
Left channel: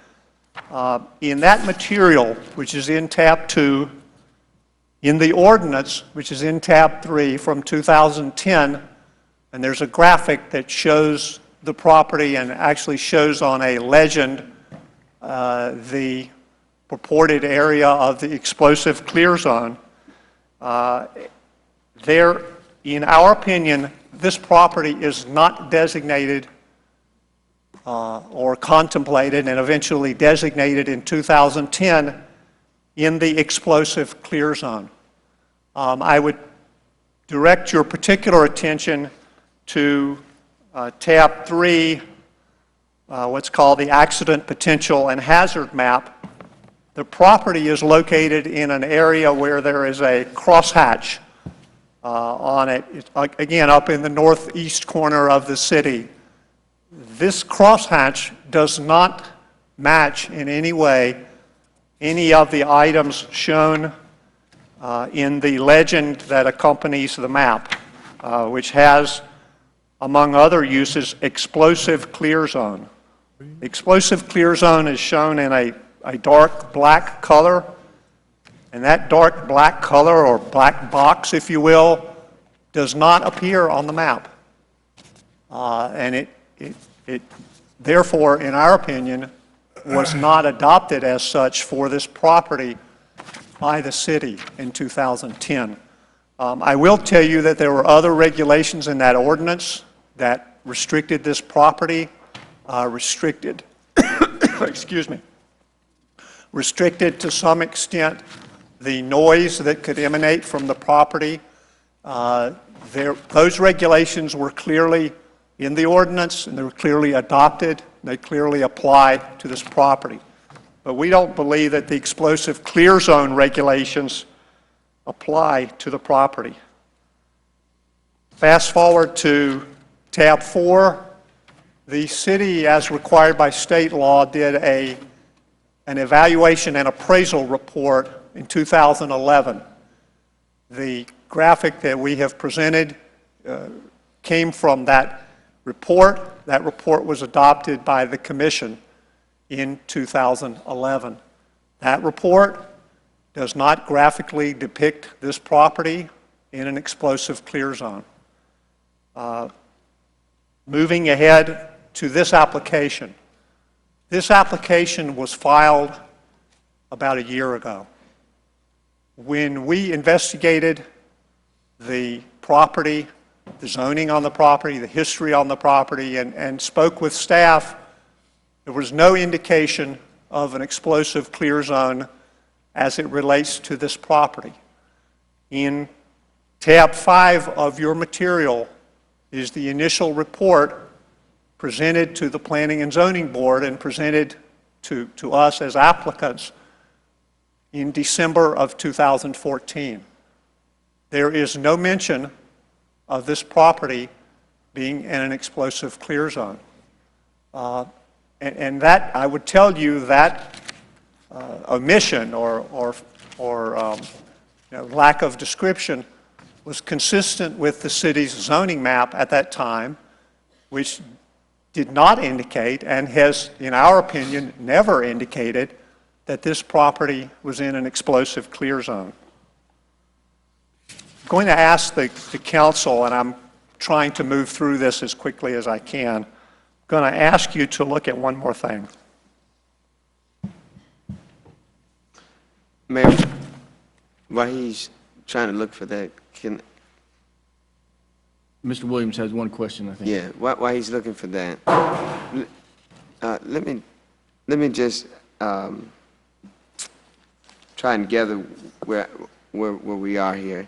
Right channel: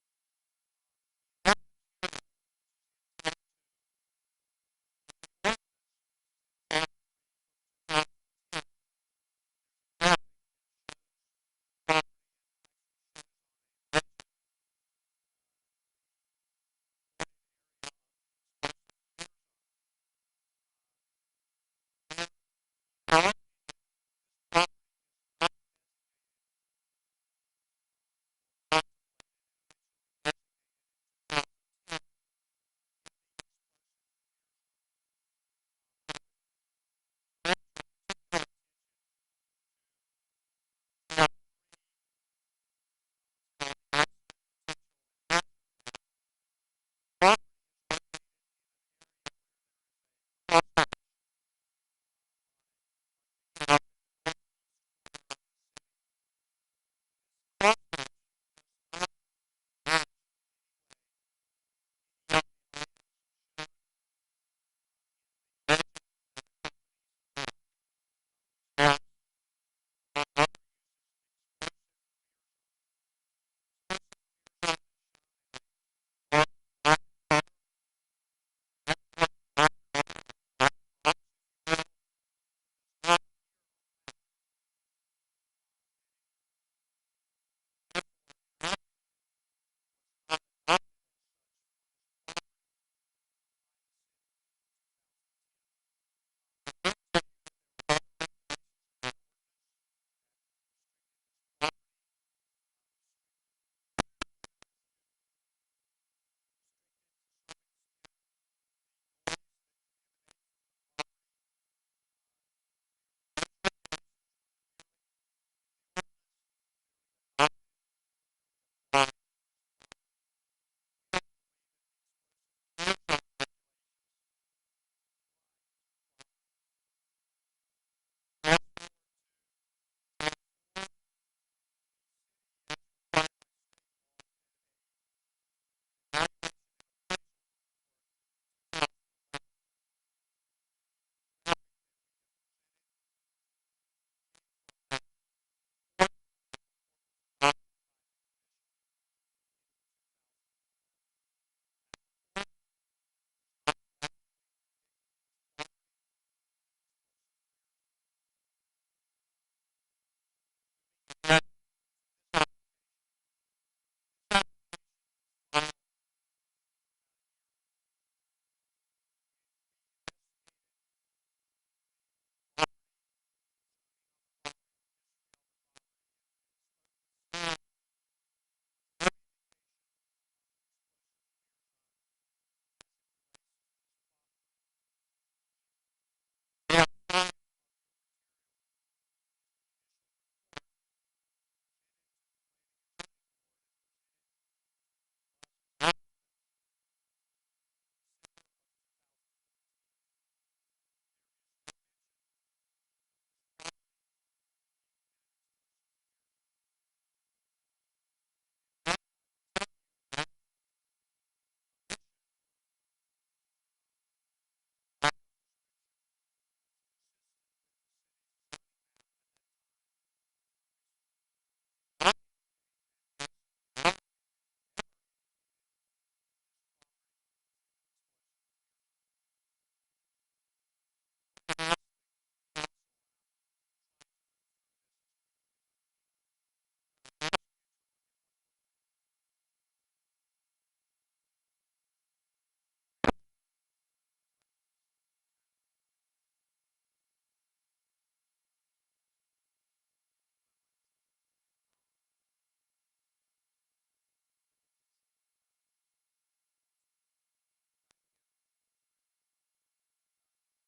In that material, which is in tab 2, in the ordinance, which is in tab 3 from 2010, and there's a graphic that shows the property and actually shows on a legend the purported area of the explosive clear zone. In our opinion, this property is not designated or contemplated and eventually designated in 2010 in the explosive clear zone. I would direct your particular attention to tab 3, what's called the accident potential and hazard map. The property is located in an area where there is a crosshatch on it. It's, again, up in the northeast corner of the city. This crosshatch does not match in any way any of the items shown in the legend that accompanies the map, which has, among other uses, explosive clear zone. Explosive clear zone is shown in a dark black color, and that dark black color, or black box, if you will, does not appear on the map. And it therefore, in our opinion, was not adopted as such for this property by the city in 2010. I will tell you that there were other regulations in that ordinance that restricted this property, excuse me, restricted to some extent the noise that could emanate from the property. Those regulations were clearly in the ordinance, and they were clearly adopted. They clearly apply to this property. But we don't believe that the explosive clear zone regulations apply to the property. Fast forward to tab 4. The city, as required by state law, did an evaluation and appraisal report in 2011. The graphic that we have presented came from that report. That report was adopted by the Commission in 2011. That report does not graphically depict this property in an explosive clear zone. Moving ahead to this application. This application was filed about a year ago. When we investigated the property, the zoning on the property, the history on the property, and spoke with staff, there was no indication of an explosive clear zone as it relates to this property. In tab 5 of your material is the initial report presented to the Planning and Zoning Board and presented to us as applicants in December of 2014. There is no mention of this property being in an explosive clear zone. And that, I would tell you, that omission or lack of description was consistent with the city's zoning map at that time, which did not indicate, and has, in our opinion, never indicated, that this property was in an explosive clear zone. I'm going to ask the council, and I'm trying to move through this as quickly as I can, I'm going to ask you to look at one more thing. Mayor, while he's trying to look for that, can... Mr. Williams has one question, I think. Yeah, while he's looking for that, let me just try and gather where we are here.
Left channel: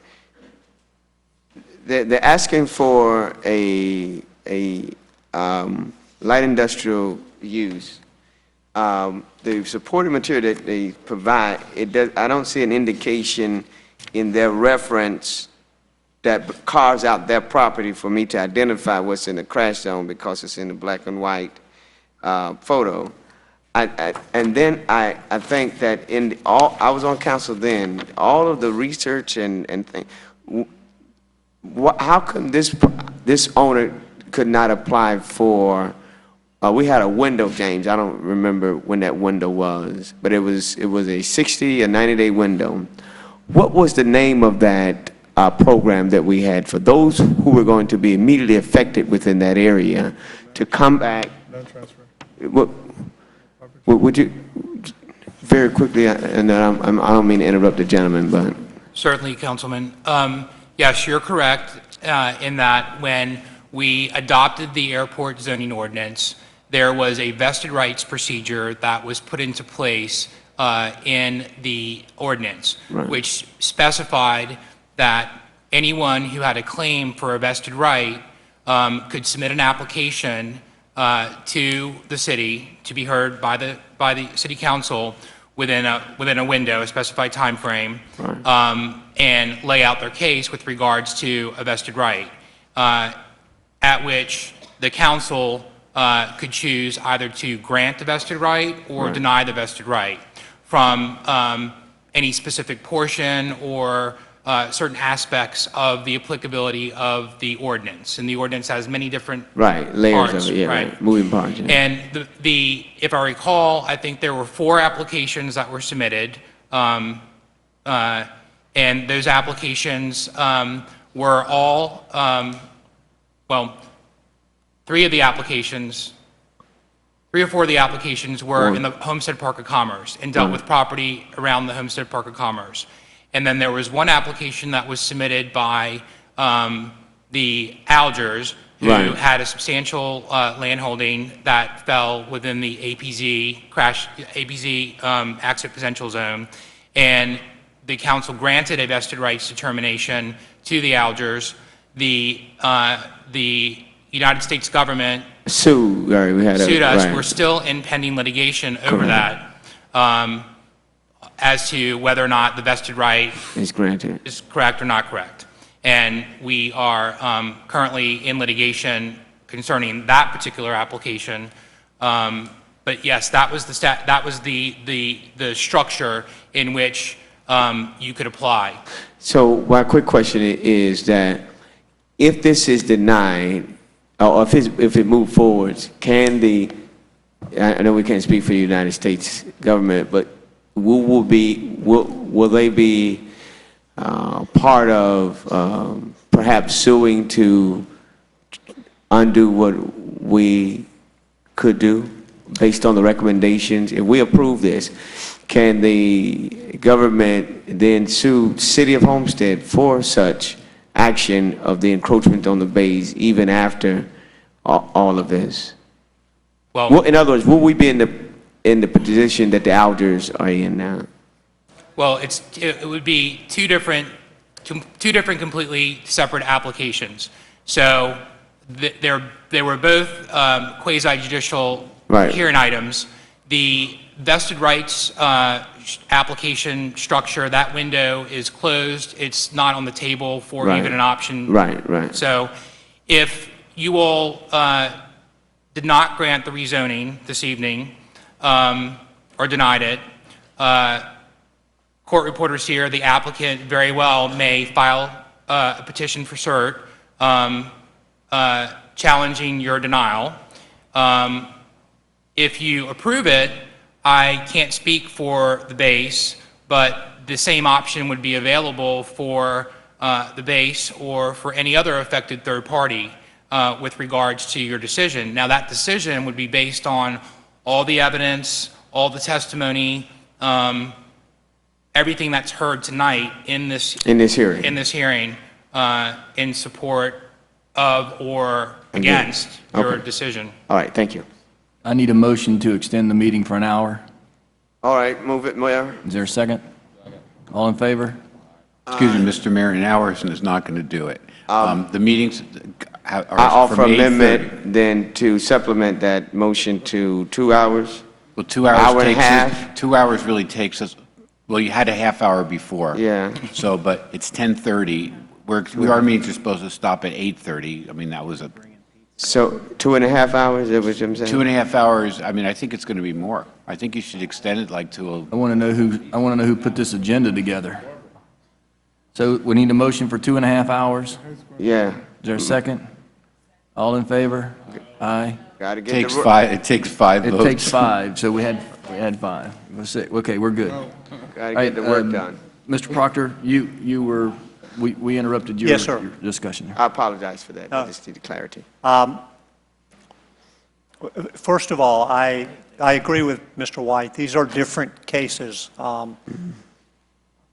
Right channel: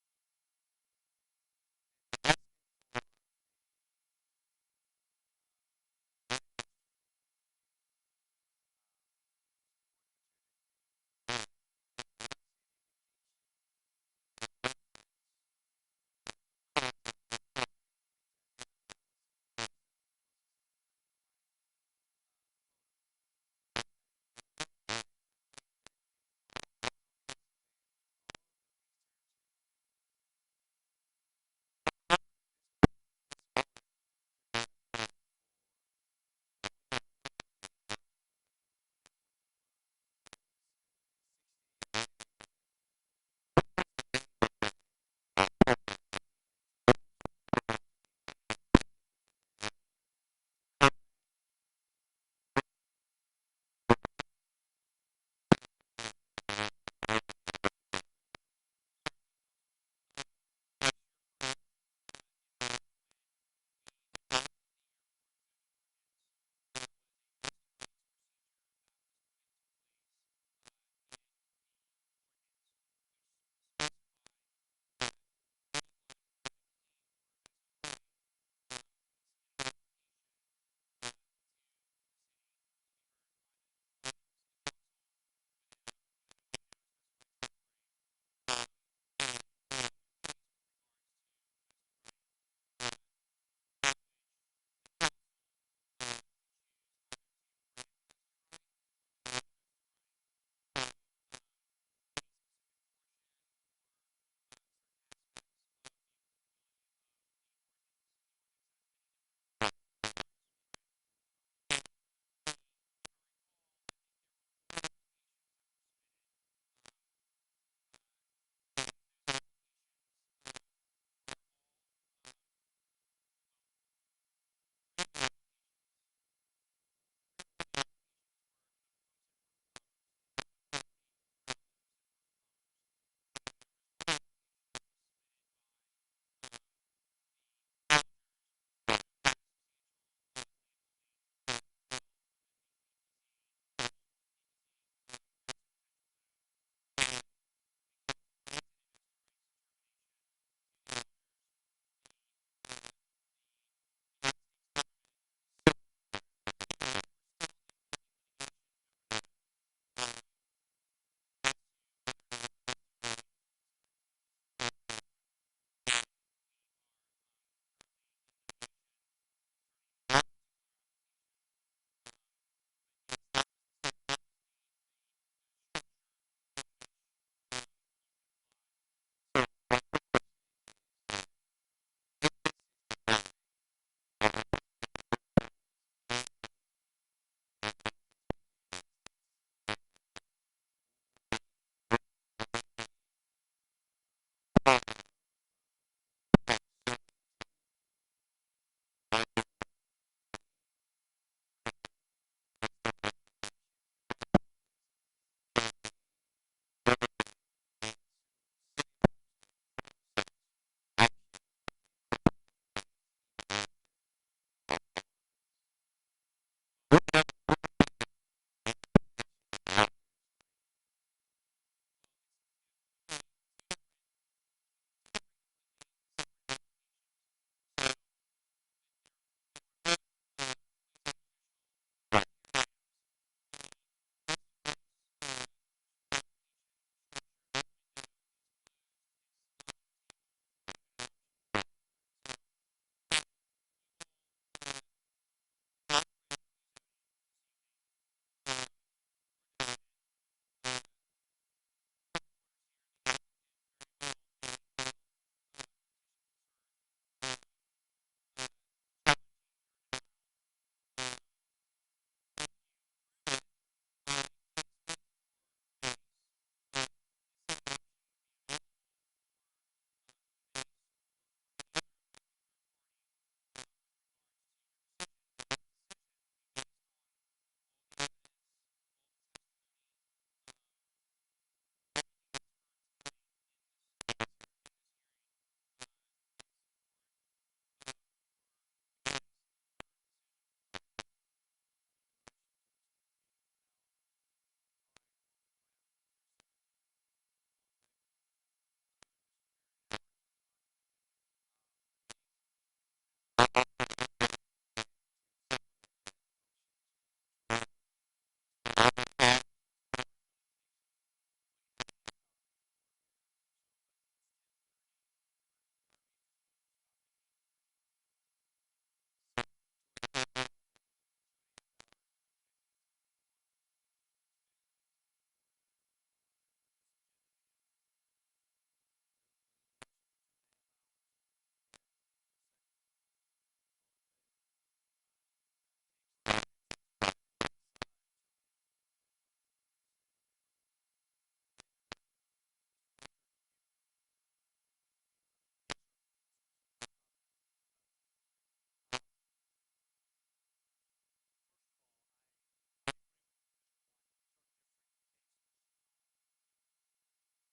They're asking for a light industrial use. The supporting material that they provide, I don't see an indication in their reference that carves out their property for me to identify what's in the crash zone because it's in the black and white photo. And then I think that I was on council then, all of the research and things, how come this owner could not apply for, we had a window, James, I don't remember when that window was, but it was a 60 or 90-day window. What was the name of that program that we had for those who were going to be immediately affected within that area to come back? Would you, very quickly, and I don't mean to interrupt the gentleman, but... Certainly, Councilman. Yes, you're correct in that when we adopted the airport zoning ordinance, there was a vested rights procedure that was put into place in the ordinance, which specified that anyone who had a claim for a vested right could submit an application to the city to be heard by the city council within a window, a specified time frame, and lay out their case with regards to a vested right, at which the council could choose either to grant the vested right or deny the vested right from any specific portion or certain aspects of the applicability of the ordinance. And the ordinance has many different layers parts, of it, moving parts. Yeah. And if I recall, I think there were 4 applications that were submitted, and those applications were all, well, 3 or 4 of the applications were in the Homestead Park of Commerce and dealt with property around the Homestead Park of Commerce. And then there was one application that was submitted by the Algers, who had a substantial landholding that fell within the APZ accident potential zone. And the council granted a vested rights determination to the Algers. The United States government sued us. We're still in pending litigation over that, as to whether or not the vested right is correct or not correct. And we are currently in litigation concerning that particular application. But yes, that was the structure in which you could apply. So my quick question is that if this is denied, or if it moved forward, can I know we can't speak for the United States government, but will they be part of perhaps suing to undo what we could do based on the recommendations? If we approve this, can the government then sue City of Homestead for such action of the encroachment on the bays even after all of this? Well, in other words, will we be in the position that the Algers are in now? Well, it would be two different completely separate applications. So they were both quasi-judicial hearing items. The vested rights application structure, that window is closed. It's not on the table for even an option. Right. So if you all did not grant the rezoning this evening or denied it, court reporters here, the applicant very well may file a petition for cert challenging your denial. If you approve it, I can't speak for the base, but the same option would be available for the base or for any other affected third party with regards to your decision. Now, that decision would be based on all the evidence, all the testimony, everything that's heard tonight in this hearing, in support of or against your decision. All right, thank you. I need a motion to extend the meeting for an hour. All right, move it, Mayor. Is there a second? All in favor? Excuse me, Mr. Mayor, an hour is not going to do it. The meetings are I offer from 8:30. amendment then to supplement that motion to 2 hours. Well, 2 hours Hour and a takes half. 2 hours really takes us, well, you had a half hour before. Yeah. So, but it's 10:30. Our meetings are supposed to stop at 8:30. I mean, that was a... So 2.5 hours, is that what I'm saying? 2.5 hours, I mean, I think it's going to be more. I think you should extend it like to a... I want to know who put this agenda together. So we need a motion for 2.5 hours? Yeah. Is there a second? All in favor? Aye. Gotta get Takes five. It takes 5 votes. It takes 5, so we had 5. Okay, we're good. Gotta get the work done. Mr. Proctor, you were, we interrupted your Yes, sir. your discussion. I apologize for that. I just need clarity. First of all, I agree with Mr. White. These are different cases.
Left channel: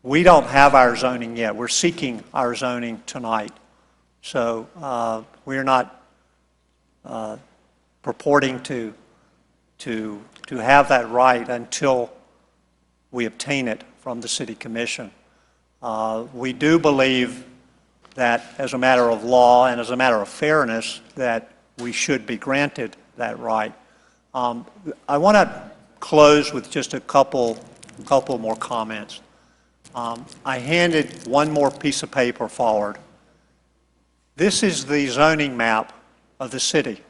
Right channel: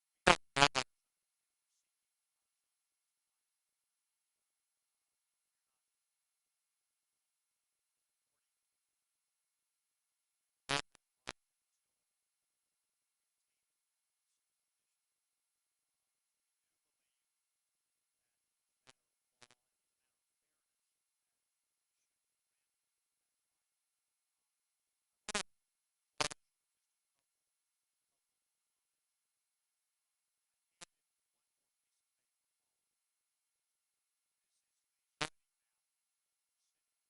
We don't have our zoning yet. We're seeking our zoning tonight. So we're not purporting to to have that right until we obtain it from the City Commission. We do believe that as a matter of law and as a matter of fairness, that we should be granted that right. I want to close with just a couple more comments. I handed one more piece of paper forward. This is the zoning map of the city.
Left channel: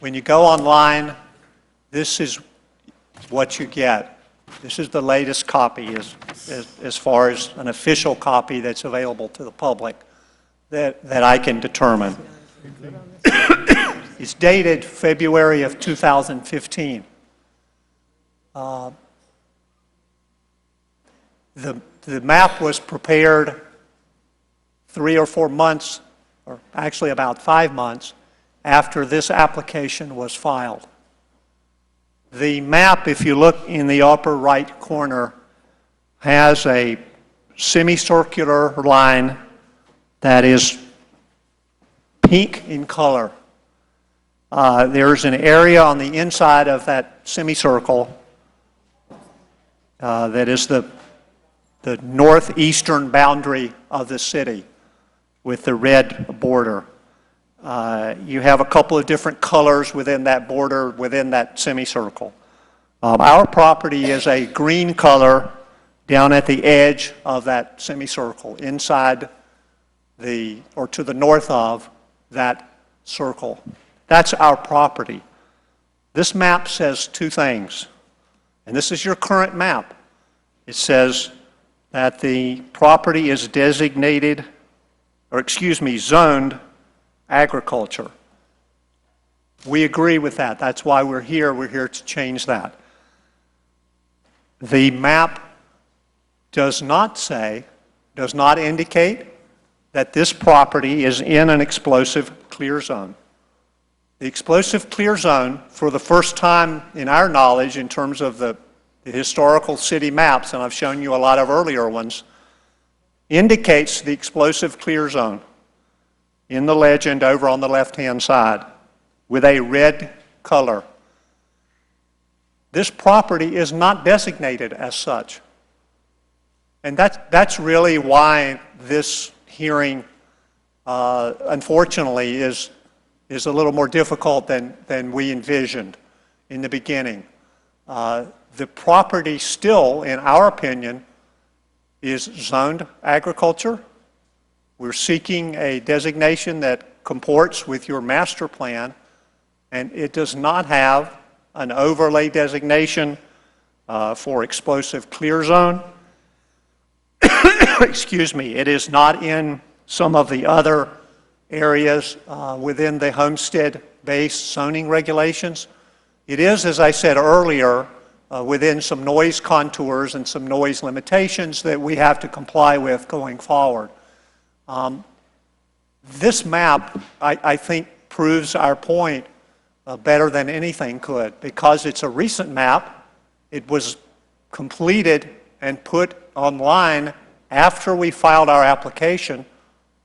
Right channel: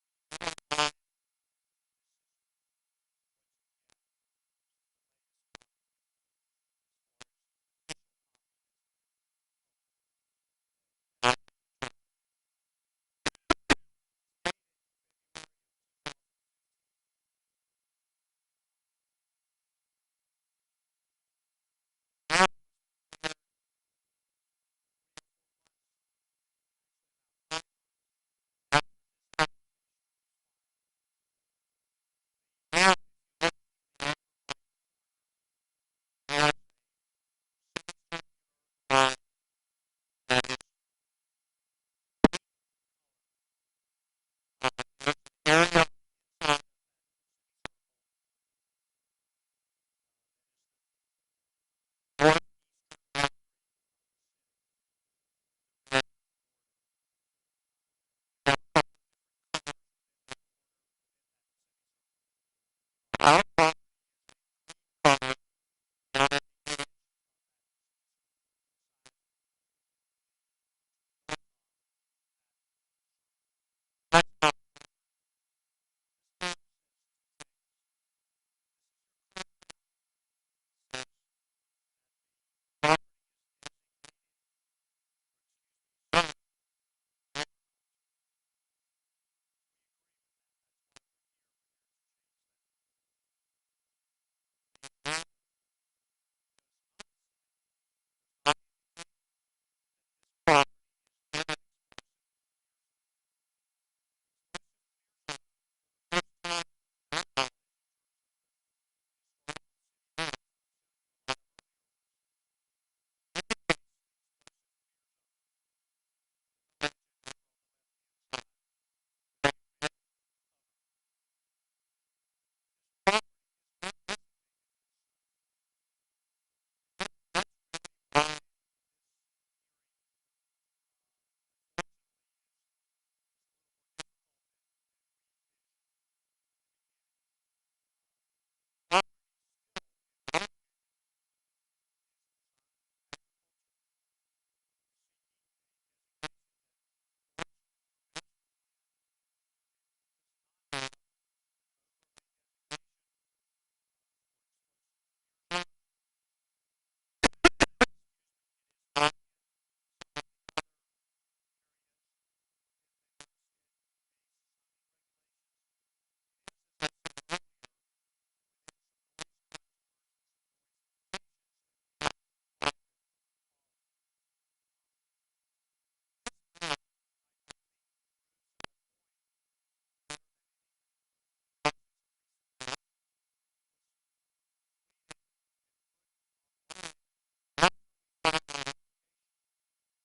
When you go online, this is what you get. This is the latest copy as far as an official copy that's available to the public that I can determine. It's dated February of 2015. The map was prepared 3 or 4 months, or actually about 5 months, after this application was filed. The map, if you look in the upper right corner, has a semicircular line that is pink in color. There's an area on the inside of that semicircle that is the northeastern boundary of the city with the red border. You have a couple of different colors within that border, within that semicircle. Our property is a green color down at the edge of that semicircle, inside or to the north of that circle. That's our property. This map says two things, and this is your current map. It says that the property is designated, or excuse me, zoned agriculture. We agree with that. That's why we're here. We're here to change that. The map does not indicate that this property is in an explosive clear zone. The explosive clear zone, for the first time in our knowledge in terms of the historical city maps, and I've shown you a lot of earlier ones, indicates the explosive clear zone in the legend over on the left-hand side with a red color. This property is not designated as such. And that's really why this hearing, unfortunately, is a little more difficult than we envisioned in the beginning. The property still, in our opinion, is zoned agriculture. We're seeking a designation that comports with your master plan, and it does not have an overlay designation for explosive clear zone. Excuse me, it is not in some of the other areas within the homestead-based zoning regulations. It is, as I said earlier, within some noise contours and some noise limitations that we have to comply with going forward. This map, I think, proves our point better than anything could, because it's a recent map. It was completed and put online after we filed our application,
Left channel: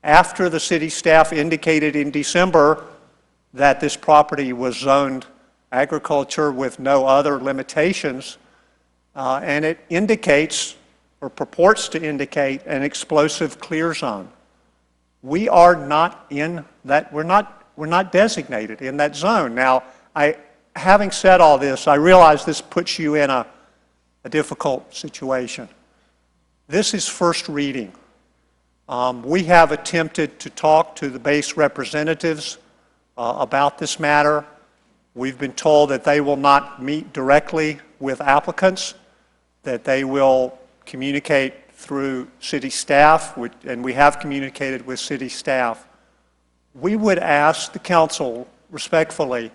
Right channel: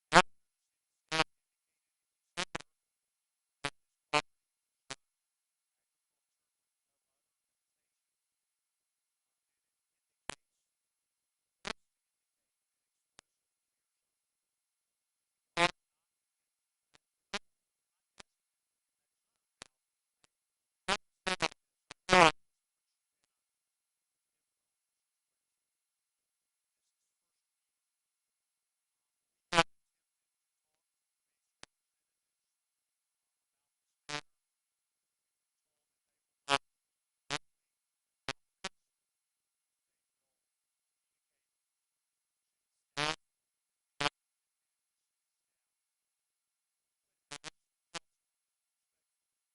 after the city staff indicated in December that this property was zoned agriculture with no other limitations, and it indicates or purports to indicate an explosive clear zone. We are not in that, we're not designated in that zone. Now, having said all this, I realize this puts you in a difficult situation. This is first reading. We have attempted to talk to the base representatives about this matter. We've been told that they will not meet directly with applicants, that they will communicate through city staff, and we have communicated with city staff. We would ask the council respectfully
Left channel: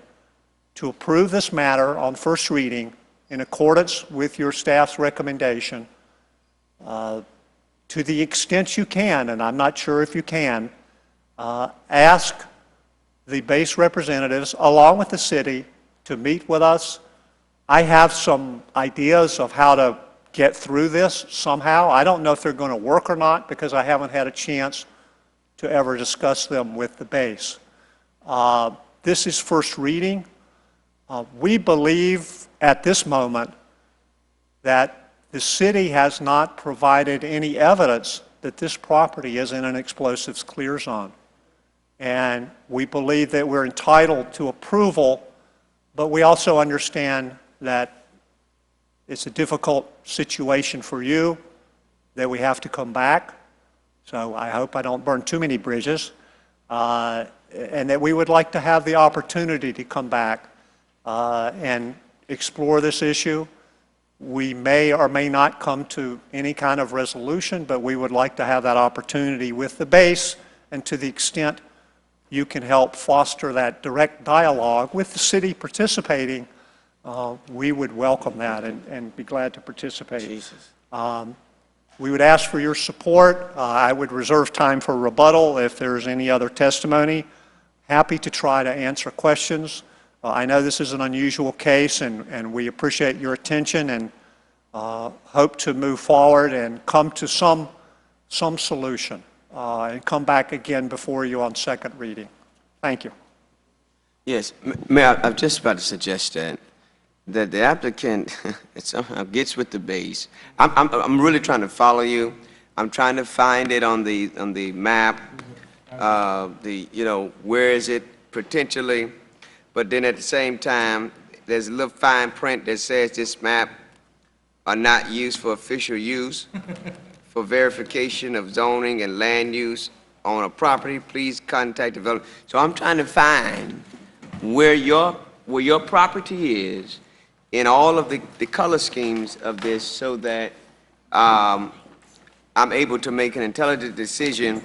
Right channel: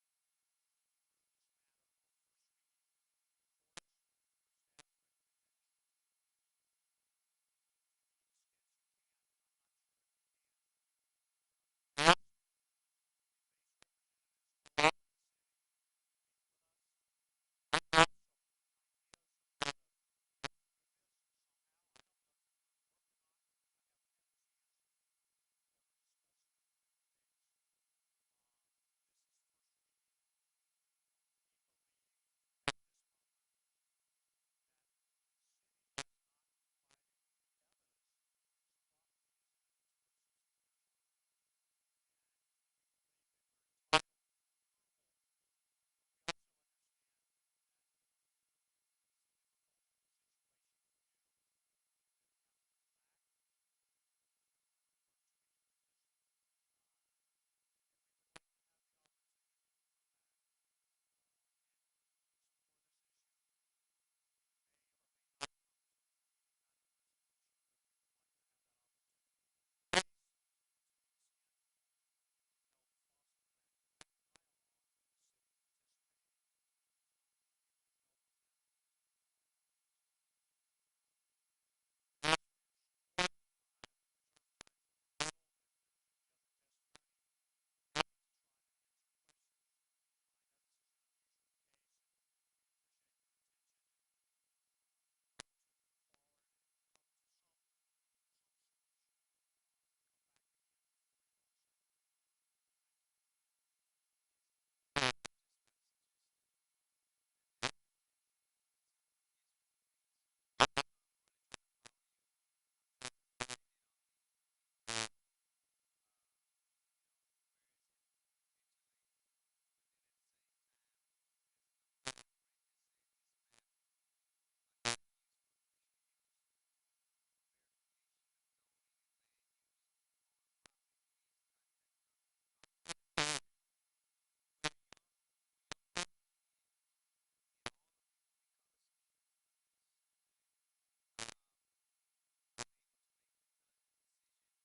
to approve this matter on first reading in accordance with your staff's recommendation. To the extent you can, and I'm not sure if you can, ask the base representatives along with the city to meet with us. I have some ideas of how to get through this somehow. I don't know if they're going to work or not because I haven't had a chance to ever discuss them with the base. This is first reading. We believe at this moment that the city has not provided any evidence that this property is in an explosives clear zone. And we believe that we're entitled to approval, but we also understand that it's a difficult situation for you, that we have to come back. So I hope I don't burn too many bridges, and that we would like to have the opportunity to come back and explore this issue. We may or may not come to any kind of resolution, but we would like to have that opportunity with the base, and to the extent you can help foster that direct dialogue with the city participating, we would welcome that and be glad to participate. We would ask for your support. I would reserve time for rebuttal if there's any other testimony. Happy to try to answer questions. I know this is an unusual case, and we appreciate your attention and hope to move forward and come to some solution and come back again before you on second reading. Thank you. Yes, Mayor, I'm just about to suggest that the applicant somehow gets with the base. I'm really trying to follow you. I'm trying to find it on the map, where is it potentially, but then at the same time, there's a little fine print that says this map are not used for official use. For verification of zoning and land use on a property, please contact developer. So I'm trying to find where your property is in all of the color schemes of this, so that I'm able to make an intelligent decision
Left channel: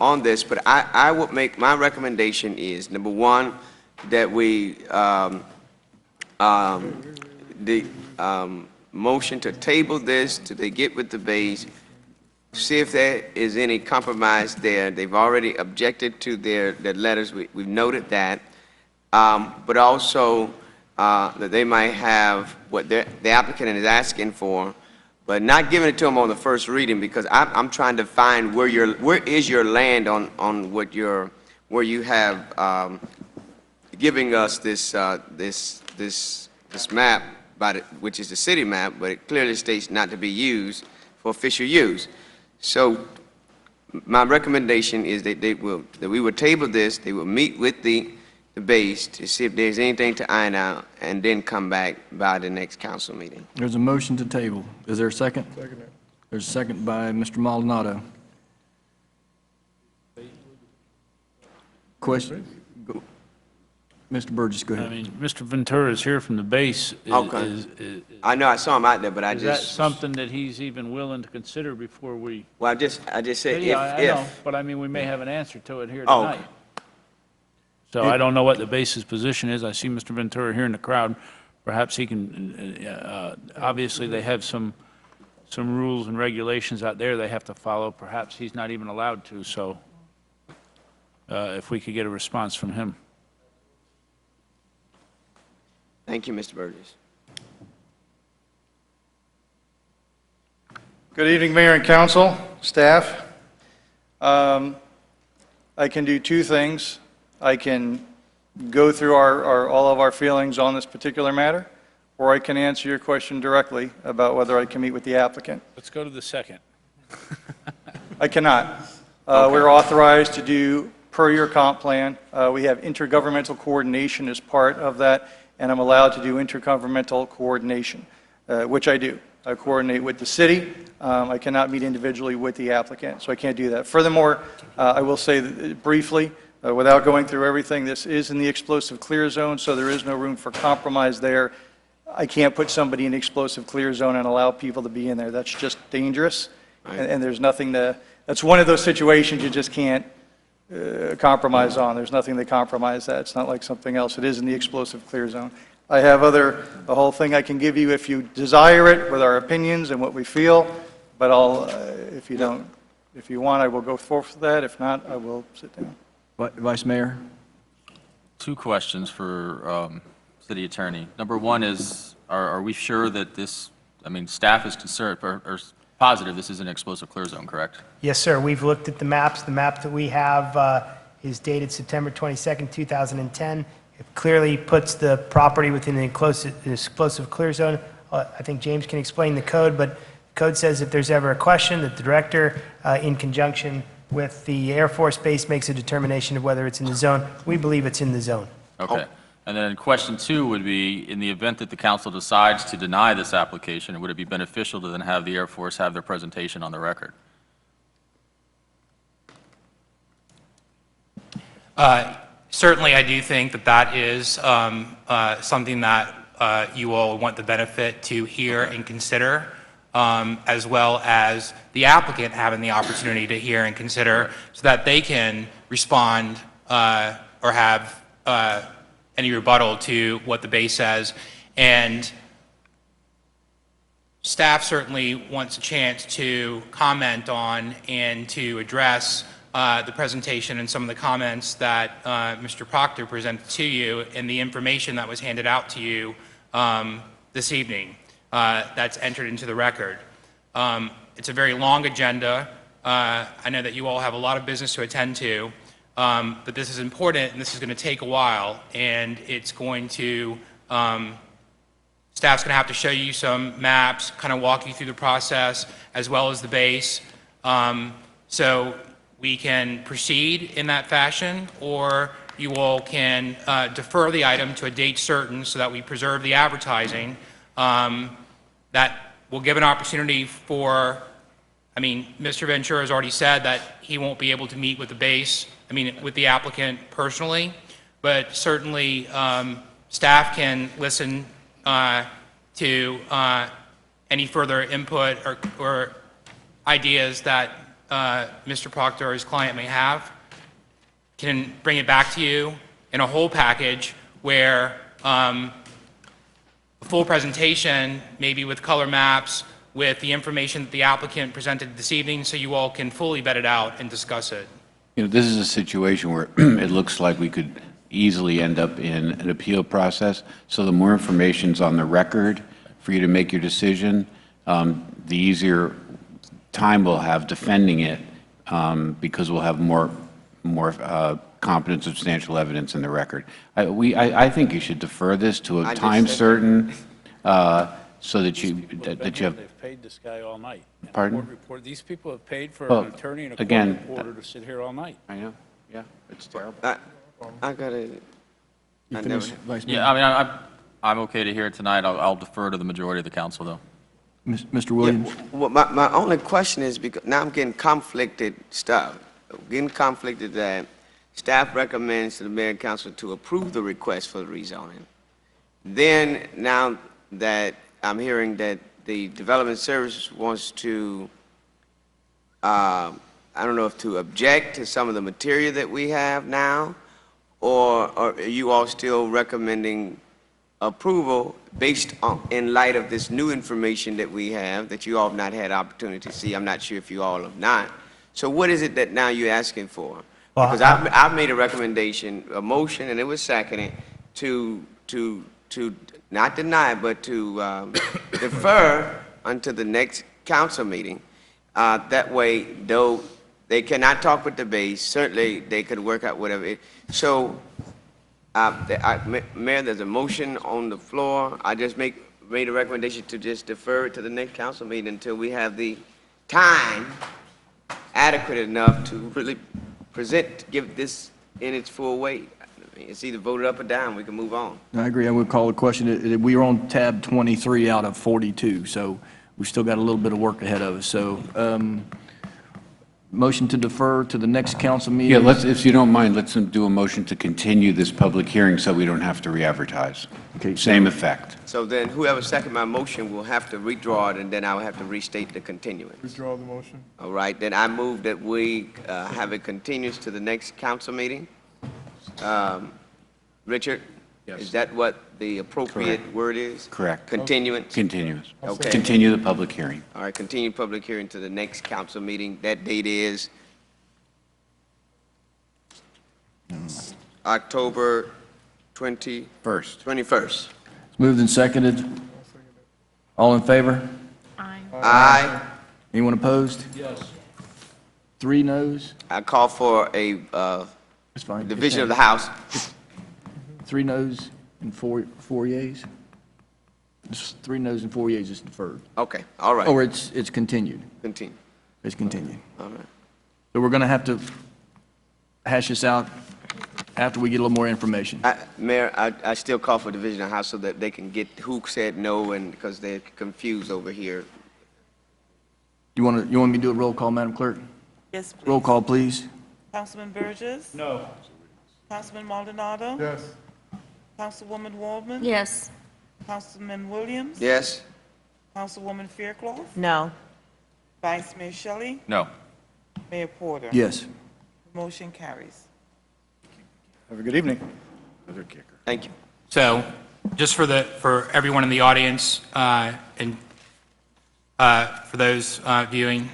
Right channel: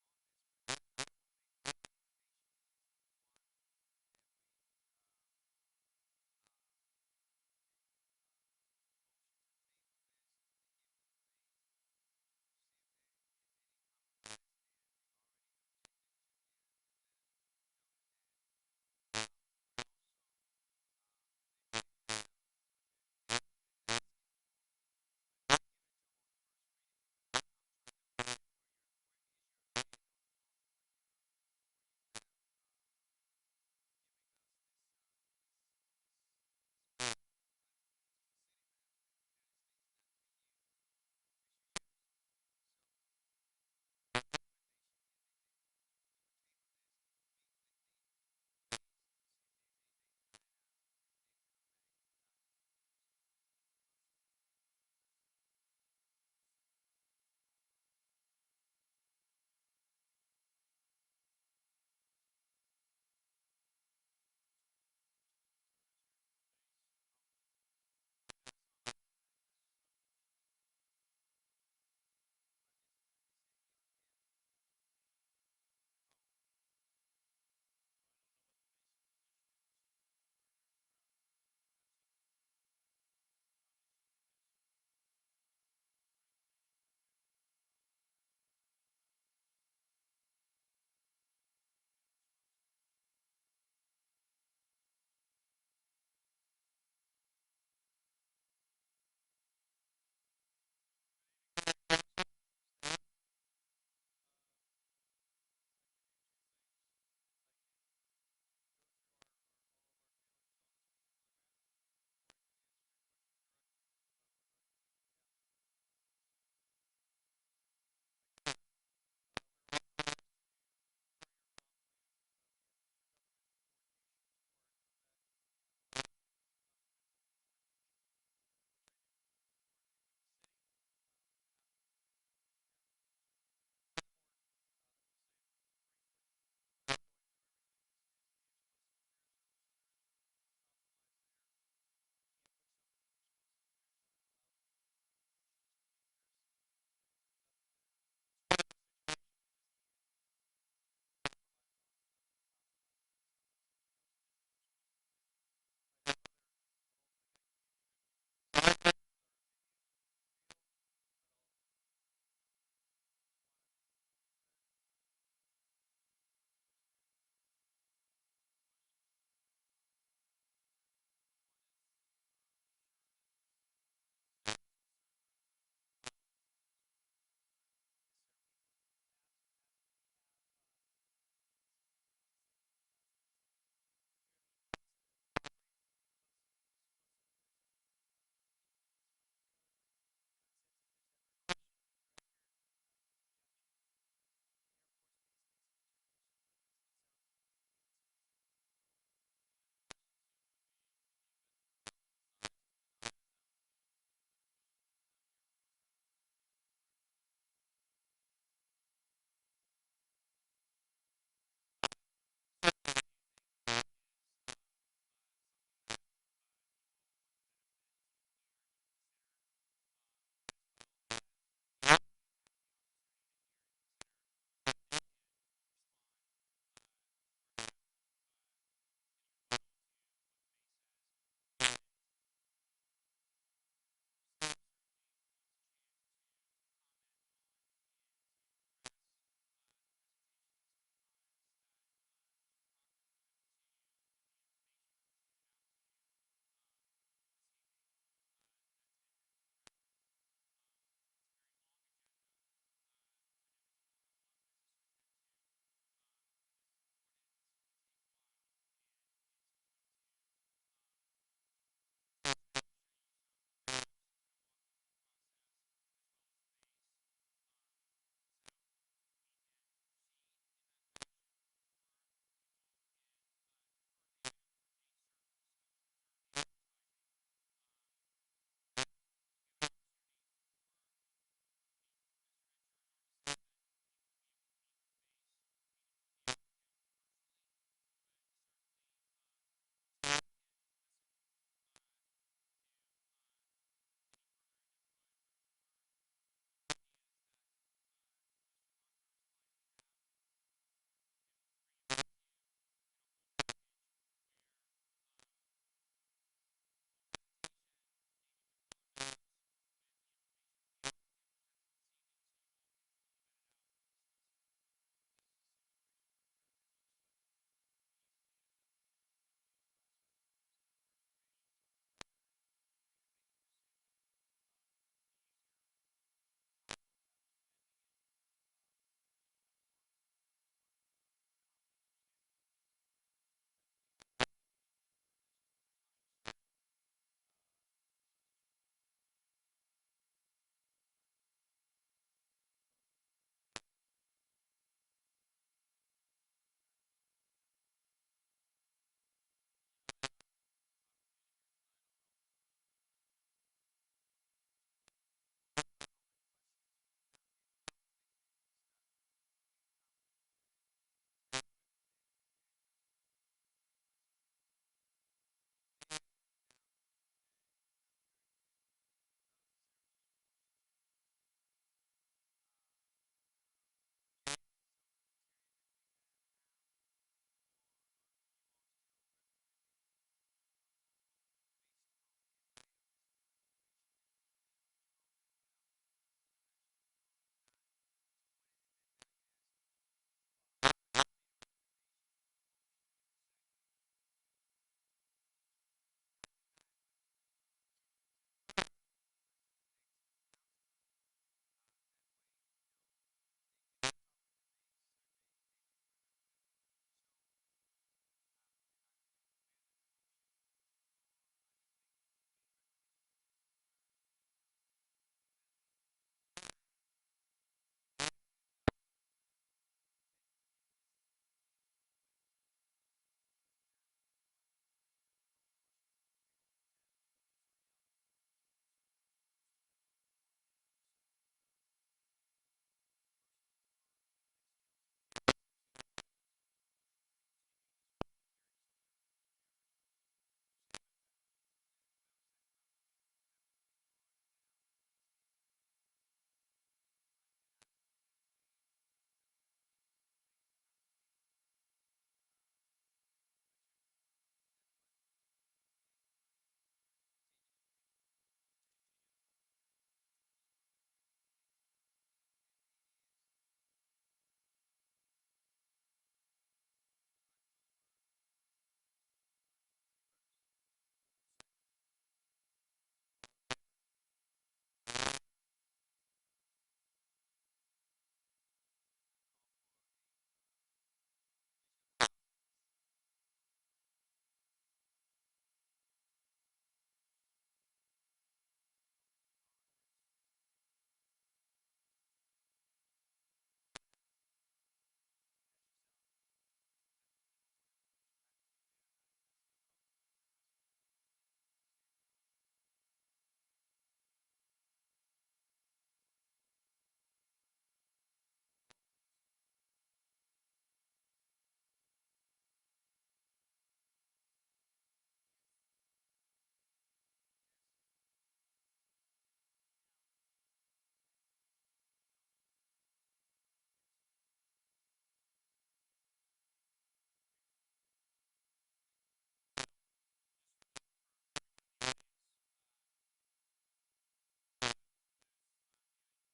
on this. But I would make, my recommendation is, number one, that we, motion to table this till they get with the base, see if there is any compromise there. They've already objected to their letters. We've noted that. But also that they might have what the applicant is asking for, but not giving it to them on the first reading, because I'm trying to find where is your land on what where you have giving us this map, which is the city map, but it clearly states not to be used for official use. So my recommendation is that we will table this. They will meet with the base to see if there's anything to iron out, and then come back by the next council meeting. There's a motion to table. Is there a second? Second. There's a second by Mr. Maldonado. Question? Go. Mr. Burgess, go ahead. I mean, Mr. Ventura is here from the base. Okay. I know I saw him out there, but Is that something that he's even willing to consider before we? Well, I just said Yeah, I know, if. but I mean, we may have an answer to it here Oh, tonight. So I don't know what the base's position is. I see Mr. Ventura here in the crowd. Perhaps he can, obviously, they have some rules and regulations out there they have to follow. Perhaps he's not even allowed to, so if we could get a response from him. Thank you, Mr. Burgess. Good evening, Mayor and Council, staff. I can do two things. I can go through all of our feelings on this particular matter, or I can answer your question directly about whether I can meet with the applicant. Let's go to the second. I cannot. We're authorized to do per your comp plan. We have intergovernmental coordination as part of that, and I'm allowed to do intergovernmental coordination, which I do. I coordinate with the city. I cannot meet individually with the applicant, so I can't do that. Furthermore, I will say briefly, without going through everything, this is in the explosive clear zone, so there is no room for compromise there. I can't put somebody in the explosive clear zone and allow people to be in there. That's just dangerous, and there's nothing that's one of those situations you just can't compromise on. There's nothing to compromise that. It's not like something else. It is in the explosive clear zone. I have a whole thing I can give you if you desire it, with our opinions and what we feel, but if you want, I will go forth with that. If not, I will sit down. Vice Mayor? Two questions for City Attorney. Number one is, are we sure that this, I mean, staff is concerned or positive this is an explosive clear zone, correct? Yes, sir. We've looked at the maps. The map that we have is dated September 22nd, 2010. It clearly puts the property within the explosive clear zone. I think James can explain the code, but code says if there's ever a question, that the director, in conjunction with the Air Force Base, makes a determination of whether it's in the zone. We believe it's in the zone. Okay. And then question 2 would be, in the event that the council decides to deny this application, would it be beneficial to then have the Air Force have their presentation on the record? Certainly, I do think that that is something that you all want the benefit to hear and consider, as well as the applicant having the opportunity to hear and consider so that they can respond or have any rebuttal to what the base says. And staff certainly wants a chance to comment on and to address the presentation and some of the comments that Mr. Proctor presented to you and the information that was handed out to you this evening that's entered into the record. It's a very long agenda. I know that you all have a lot of business to attend to, but this is important and this is going to take a while, and it's going to, staff's going to have to show you some maps, kind of walk you through the process as well as the base. So we can proceed in that fashion, or you all can defer the item to a date certain so that we preserve the advertising. That will give an opportunity for, I mean, Mr. Ventura has already said that he won't be able to meet with the base, I mean, with the applicant personally, but certainly staff can listen to any further input or ideas that Mr. Proctor or his client may have, can bring it back to you in a whole package where a full presentation, maybe with color maps, with the information that the applicant presented this evening, so you all can fully vet it out and discuss it. You know, this is a situation where it looks like we could easily end up in an appeal process. So the more information's on the record for you to make your decision, the easier time we'll have defending it, because we'll have more competent, substantial evidence in the record. I think you should defer this to a time certain, so that you have. They've paid this guy all night. Pardon? These people have paid for Well, an attorney and a court again, reporter to sit here all night. I know, yeah, it's terrible. I gotta, I never, Yeah, I mean, I'm okay to hear it tonight. I'll defer to the majority of the council, though. Mr. Williams? well, my only question is, because now I'm getting conflicted stuff. Getting conflicted that staff recommends to the mayor and council to approve the request for the rezoning. Then, now that I'm hearing that the Development Services wants to, I don't know if to object to some of the material that we have now, or are you all still recommending approval based on, in light of this new information that we have, that you all have not had opportunity to see? I'm not sure if you all have not. So what is it that now you're asking for? Because I've made a recommendation, a motion, and it was seconded, to not deny, but to defer until the next council meeting. That way, though they cannot talk with the base, certainly they could work out whatever. So, Mayor, there's a motion on the floor. I just made a recommendation to just defer it to the next council meeting until we have the time adequate enough to really give this in its full weight. I mean, it's either voted up or down. We can move on. I agree. I would call the question. We are on tab 23 out of 42, so we've still got a little bit of work ahead of us. So, motion to defer to the next council meeting? Yeah, if you don't mind, let's do a motion to continue this public hearing so we don't have to re-advertise. Okay. Same effect. So then whoever second my motion will have to withdraw it, and then I'll have to restate the continuance. Withdraw the motion. All right, then I move that we have it continuous to the next council meeting. Richard? Yes. Is that what the appropriate Correct. word is? Correct. Continuance? Continuous. Okay. Continue the public hearing. All right, continue public hearing to the next council meeting. That date is October 21st. It's moved and seconded. All in favor? Aye. Anyone opposed? Yes. 3 noes? I call for a That's fine. division of the House. 3 noes and 4 yeas? It's 3 noes and 4 yeas is deferred. Okay, all right. Or it's continued. Continue. It's continued. All right. So we're going to have to hash this out after we get a little more information. Mayor, I still call for division of House so that they can get who said no, and because they're confused over here. You want me to do a roll call, Madam Clerk? Yes, please. Roll call, please. Councilman Burgess? No. Councilman Maldonado? Yes. Councilwoman Waldman? Yes. Councilman Williams? Yes? Councilwoman Fairclough? No. Vice Mayor Shelley? No. Mayor Porter? Yes. Motion carries. Have a good evening. Thank you. So, just for everyone in the audience, and for those viewing,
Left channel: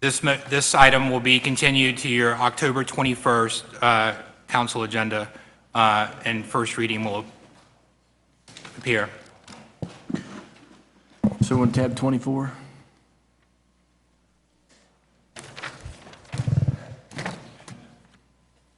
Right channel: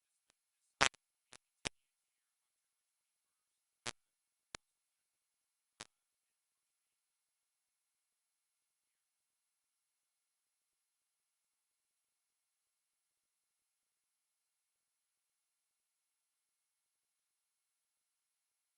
this item will be continued to your October 21st council agenda, and first reading will appear. So on tab 24?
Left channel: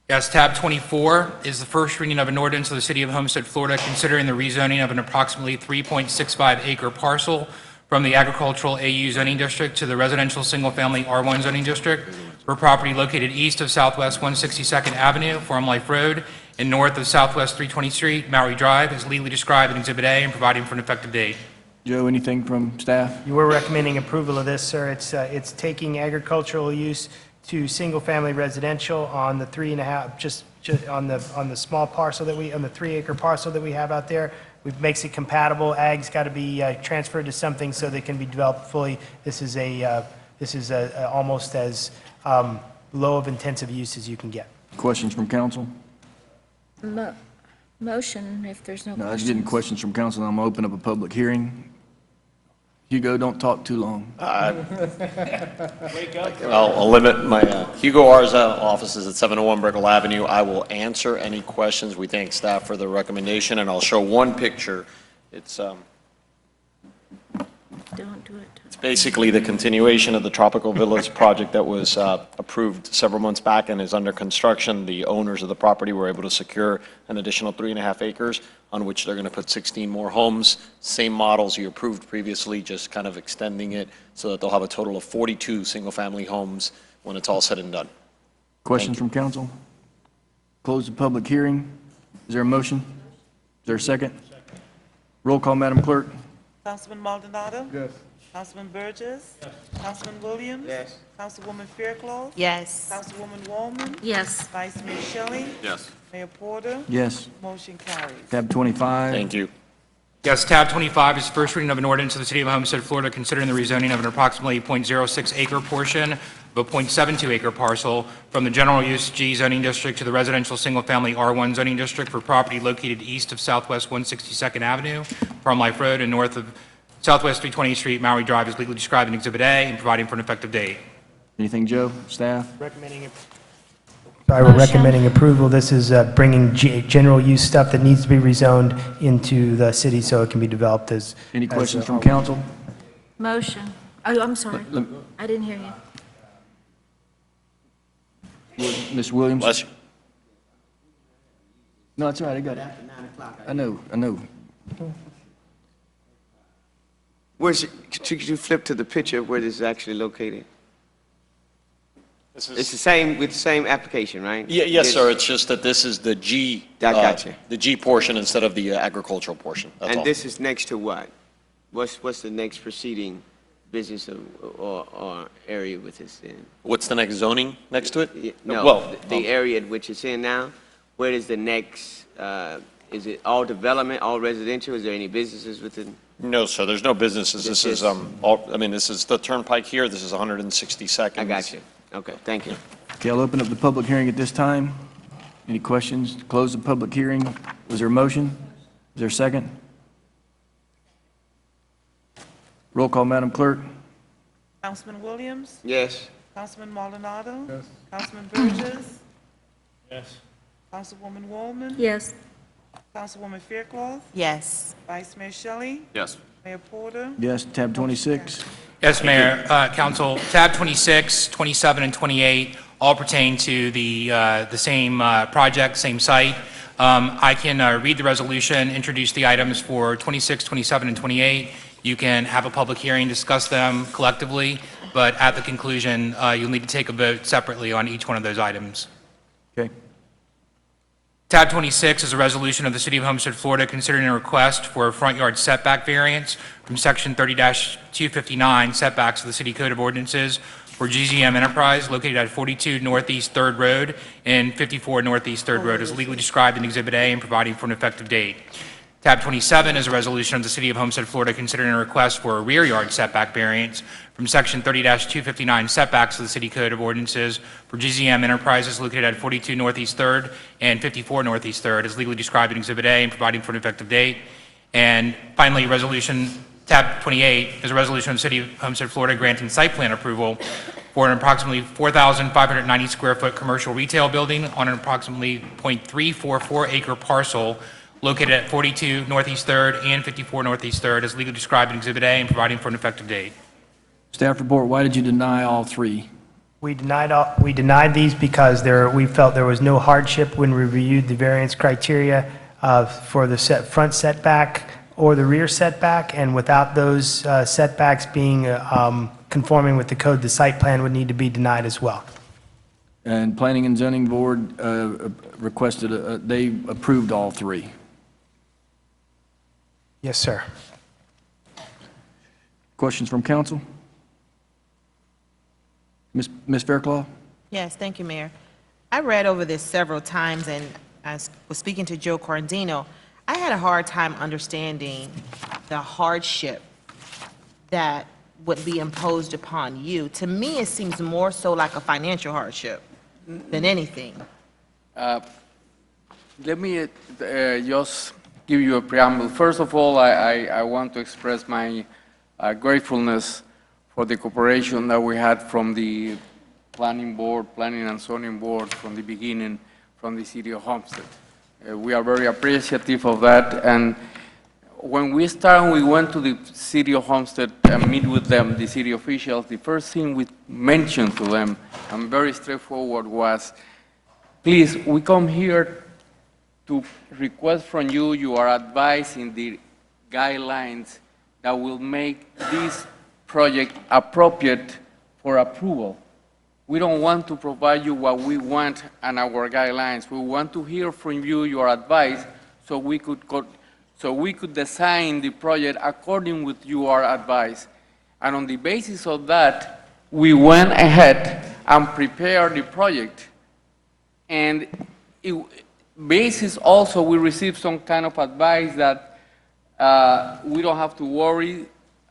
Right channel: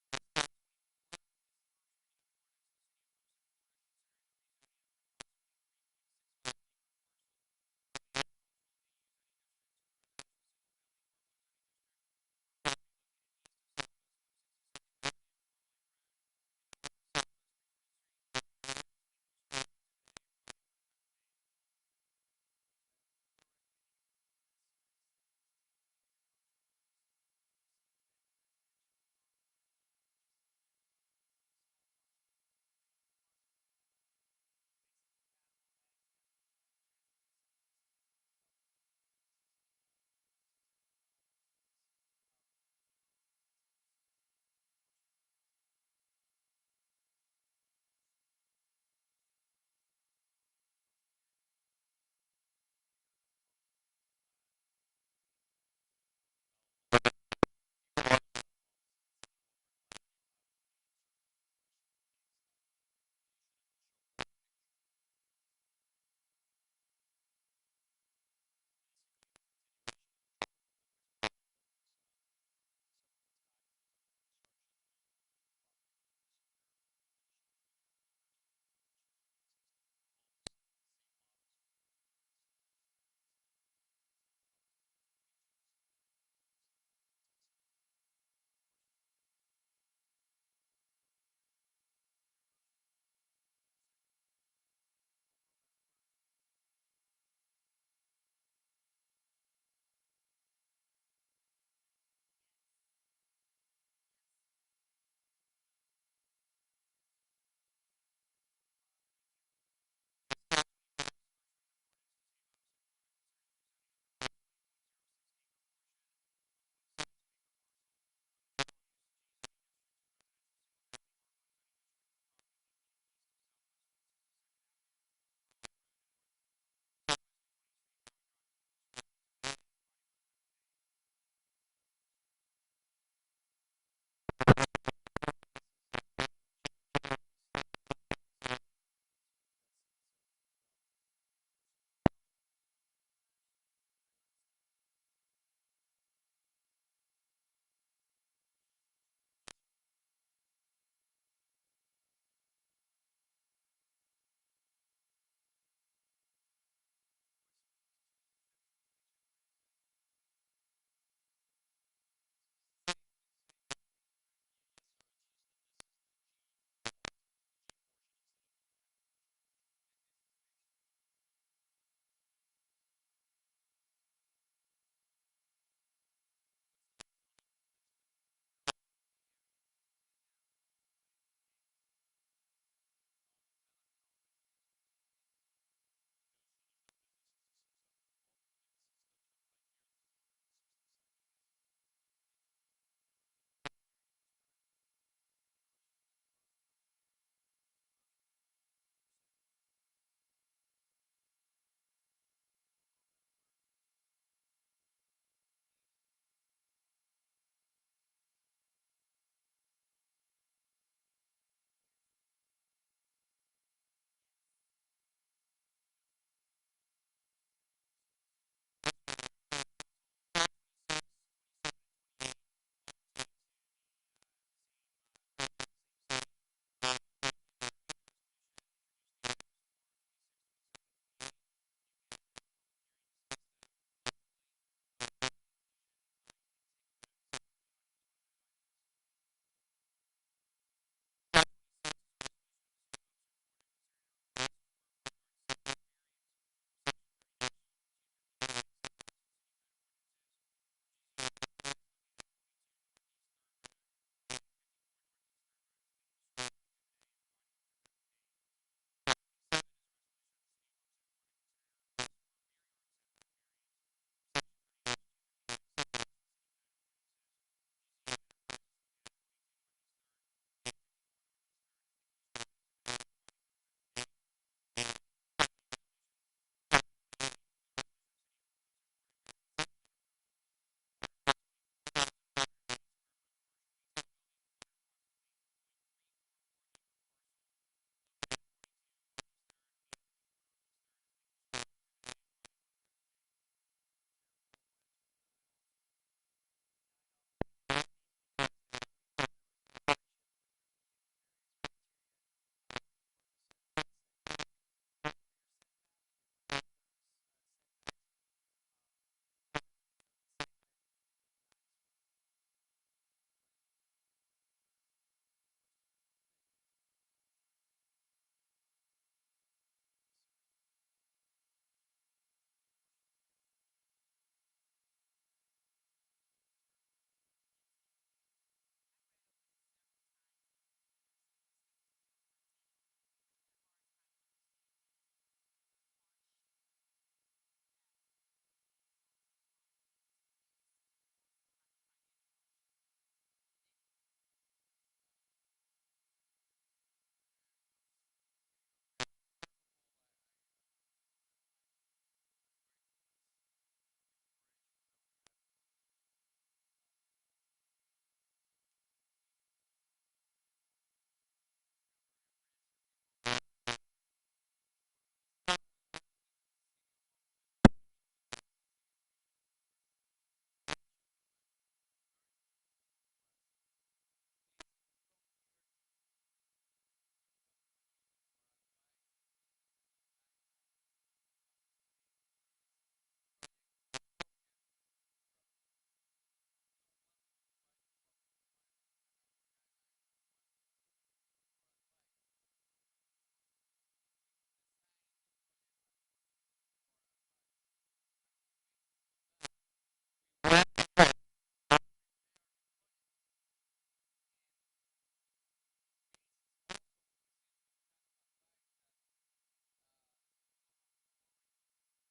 Yes, tab 24 is the first reading of an ordinance of the City of Homestead, Florida, considering the rezoning of an approximately 3.65 acre parcel from the agricultural AU zoning district to the residential single-family R1 zoning district for property located east of Southwest 162nd Avenue, Farm Life Road, and north of Southwest 320th Street, Maury Drive, as legally described in Exhibit A and providing for an effective date. Joe, anything from staff? You were recommending approval of this, sir. It's taking agricultural use to single-family residential on the 3.5, just on the small parcel that on the 3-acre parcel that we have out there. It makes it compatible. Ag's got to be transferred to something so they can be developed fully. This is almost as low of intensive use as you can get. Questions from council? Motion, if there's no No, I was questions. getting questions from council. I'm going to open up a public hearing. Hugo, don't talk too long. I'll limit my, Hugo Arza, office is at 701 Brickell Avenue. I will answer any questions. We thank staff for the recommendation, and I'll show one picture. It's Don't do it. it's basically the continuation of the Tropical Villas project that was approved several months back and is under construction. The owners of the property were able to secure an additional 3.5 acres on which they're going to put 16 more homes. Same models you approved previously, just kind of extending it so that they'll have a total of 42 single-family homes when it's all said and done. Questions from council? Close the public hearing. Is there a motion? Is there a second? Roll call, Madam Clerk. Councilman Maldonado? Yes. Councilman Burgess? Yes. Councilman Williams? Yes. Councilwoman Fairclough? Yes. Councilwoman Waldman? Yes. Vice Mayor Shelley? Yes. Mayor Porter? Yes. Motion carries. Tab 25. Thank you. Yes, tab 25 is the first reading of an ordinance of the City of Homestead, Florida, considering the rezoning of an approximately .06 acre portion of a .72 acre parcel from the general use G zoning district to the residential single-family R1 zoning district for property located east of Southwest 162nd Avenue, Farm Life Road, and north of Southwest 320th Street, Maury Drive, as legally described in Exhibit A and providing for an effective date. Anything, Joe? Staff? Sorry, we're recommending approval. This is bringing general use stuff that needs to be rezoned into the city so it can be developed as. Any questions from council? Motion. Oh, I'm sorry. Let- I didn't hear you. Ms. Williams? Bless you. No, that's all right. I got it. I know. Could you flip to the picture of where this is actually located? This It's the same, with the same application, right? Yes, sir. It's just that this is the G. I got you. The G portion instead of the agricultural portion. That's all. And this is next to what? What's the next preceding business or area with this in? What's the next zoning next to it? No, Well, the area in which it's in now, where is the next, is it all development, all residential? Is there any businesses within? No, sir. There's no businesses. This is, this is the Turnpike here. This is 162nd. I got you. Okay, thank you. Okay, I'll open up the public hearing at this time. Any questions? Close the public hearing. Was there a motion? Is there a second? Roll call, Madam Clerk. Councilman Williams? Yes. Councilman Maldonado? Yes. Councilman Burgess? Yes. Councilwoman Waldman? Yes. Councilwoman Fairclough? Yes. Vice Mayor Shelley? Yes. Mayor Porter? Yes, tab 26. Yes, Mayor, Council, tab 26, 27, and 28 all pertain to the same project, same site. I can read the resolution, introduce the items for 26, 27, and 28. You can have a public hearing, discuss them collectively, but at the conclusion, you'll need to take a vote separately on each one of those items. Okay. Tab 26 is a resolution of the City of Homestead, Florida, considering a request for a front yard setback variance from Section 30-259 setbacks of the City Code of Ordinances for GZM Enterprise located at 42 Northeast 3rd Road and 54 Northeast 3rd Road as legally described in Exhibit A and providing for an effective date. Tab 27 is a resolution of the City of Homestead, Florida, considering a request for a rear yard setback variance from Section 30-259 setbacks of the City Code of Ordinances for GZM Enterprises located at 42 Northeast 3rd and 54 Northeast 3rd as legally described in Exhibit A and providing for an effective date. And finally, Tab 28 is a resolution of the City of Homestead, Florida, granting site plan approval for an approximately 4,590 square foot commercial retail building on an approximately 0.344 acre parcel located at 42 Northeast 3rd and 54 Northeast 3rd as legally described in Exhibit A and providing for an effective date. Staff report, why did you deny all three? We denied these because we felt there was no hardship when we reviewed the variance criteria for the front setback or the rear setback, and without those setbacks being conforming with the code, the site plan would need to be denied as well. And Planning and Zoning Board requested, they approved all three. Yes, sir. Questions from council? Ms. Fairclough? Yes, thank you, Mayor. I read over this several times, and I was speaking to Joe Cordino. I had a hard time understanding the hardship that would be imposed upon you. To me, it seems more so like a financial hardship than anything. Let me just give you a preamble. First of all, I want to express my gratefulness for the cooperation that we had from the Planning and Zoning Board from the beginning, from the City of Homestead. We are very appreciative of that. And when we started, we went to the City of Homestead and meet with them, the city officials. The first thing we mentioned to them, and very straightforward, was, please, we come here to request from you your advice in the guidelines that will make this project appropriate for approval. We don't want to provide you what we want and our guidelines. We want to hear from you your advice so we could design the project according with your advice. And on the basis of that, we went ahead and prepared the project. And basis also, we received some kind of advice that we don't have to worry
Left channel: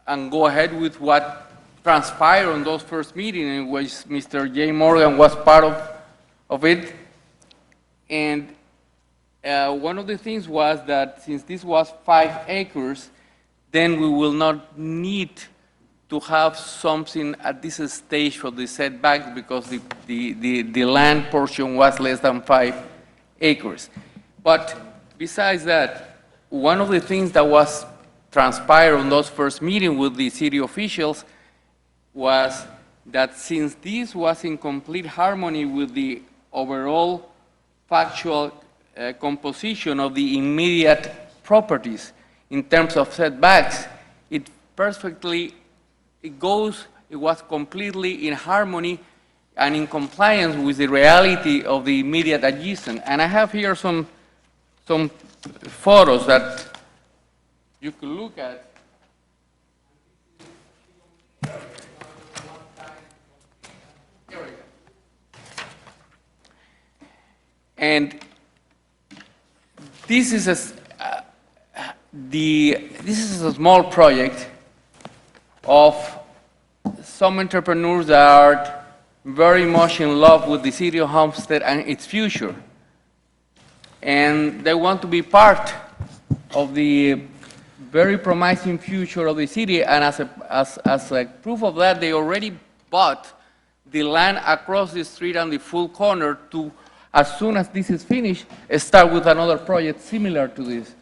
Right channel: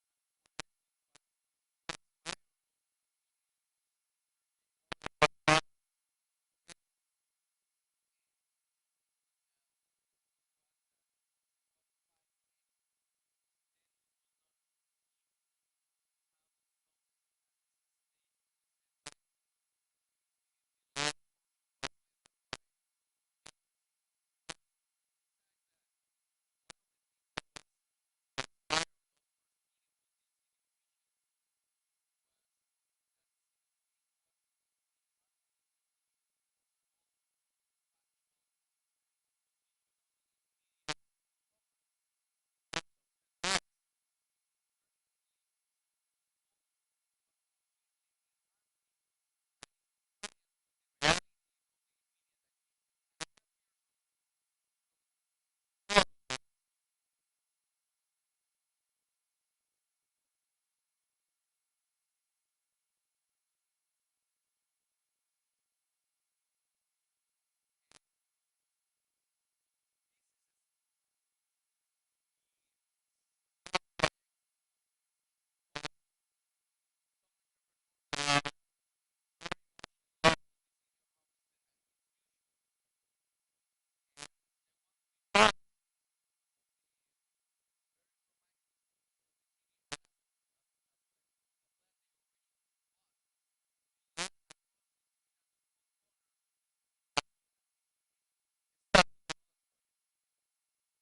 and go ahead with what transpired on those first meetings, in which Mr. J. Morgan was part of it. And one of the things was that since this was 5 acres, then we will not need to have something at this stage for the setbacks because the land portion was less than 5 acres. But besides that, one of the things that was transpired on those first meetings with the city officials was that since this was in complete harmony with the overall factual composition of the immediate properties in terms of setbacks, it was completely in harmony and in compliance with the reality of the immediate adjacent. And I have here some photos that you could look at. And this is a small project of some entrepreneurs that are very much in love with the city of Homestead and its future. And they want to be part of the very promising future of the city. And as a proof of that, they already bought the land across the street and the full corner to, as soon as this is finished, start with another project similar to this.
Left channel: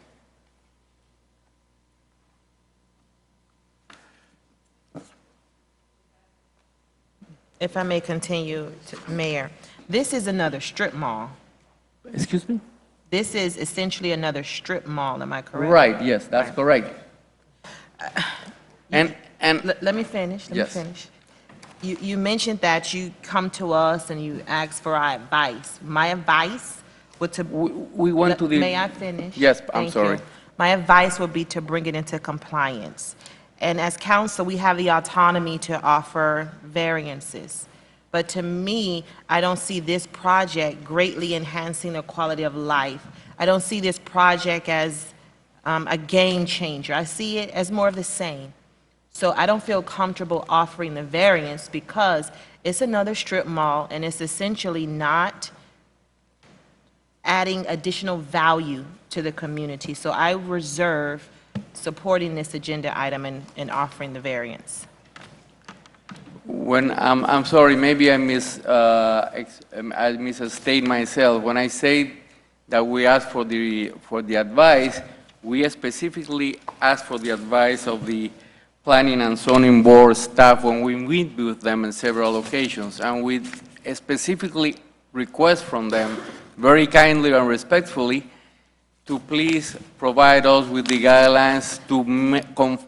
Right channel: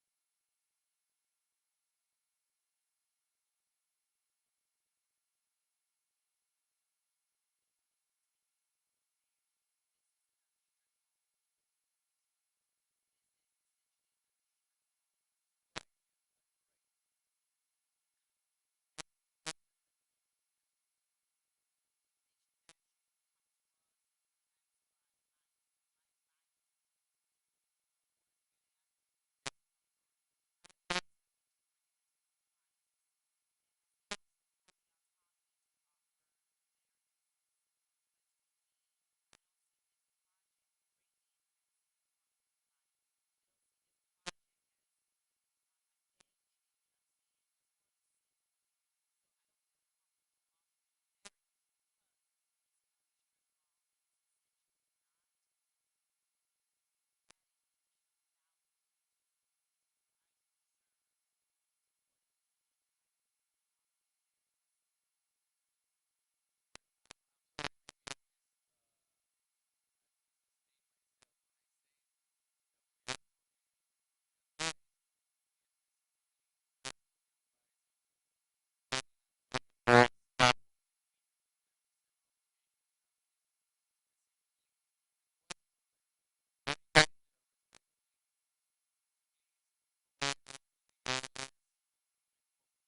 If I may continue, Mayor. This is another strip mall. Excuse me? This is essentially another strip mall, am I correct? Right, yes, that's correct. And Let me finish, Yes. You mentioned that you come to us and you ask for our advice. My advice would to. We went to the. May I finish? Yes, I'm Thank sorry. you. My advice would be to bring it into compliance. And as council, we have the autonomy to offer variances. But to me, I don't see this project greatly enhancing the quality of life. I don't see this project as a game changer. I see it as more of the same. So I don't feel comfortable offering the variance because it's another strip mall and it's essentially not adding additional value to the community. So I reserve supporting this agenda item and offering the variance. When, I'm sorry, maybe I misstate myself. When I say that we ask for the advice, we specifically ask for the advice of the Planning and Zoning Board staff when we meet with them in several occasions, and we specifically request from them, very kindly and respectfully, to please provide us with the guidelines to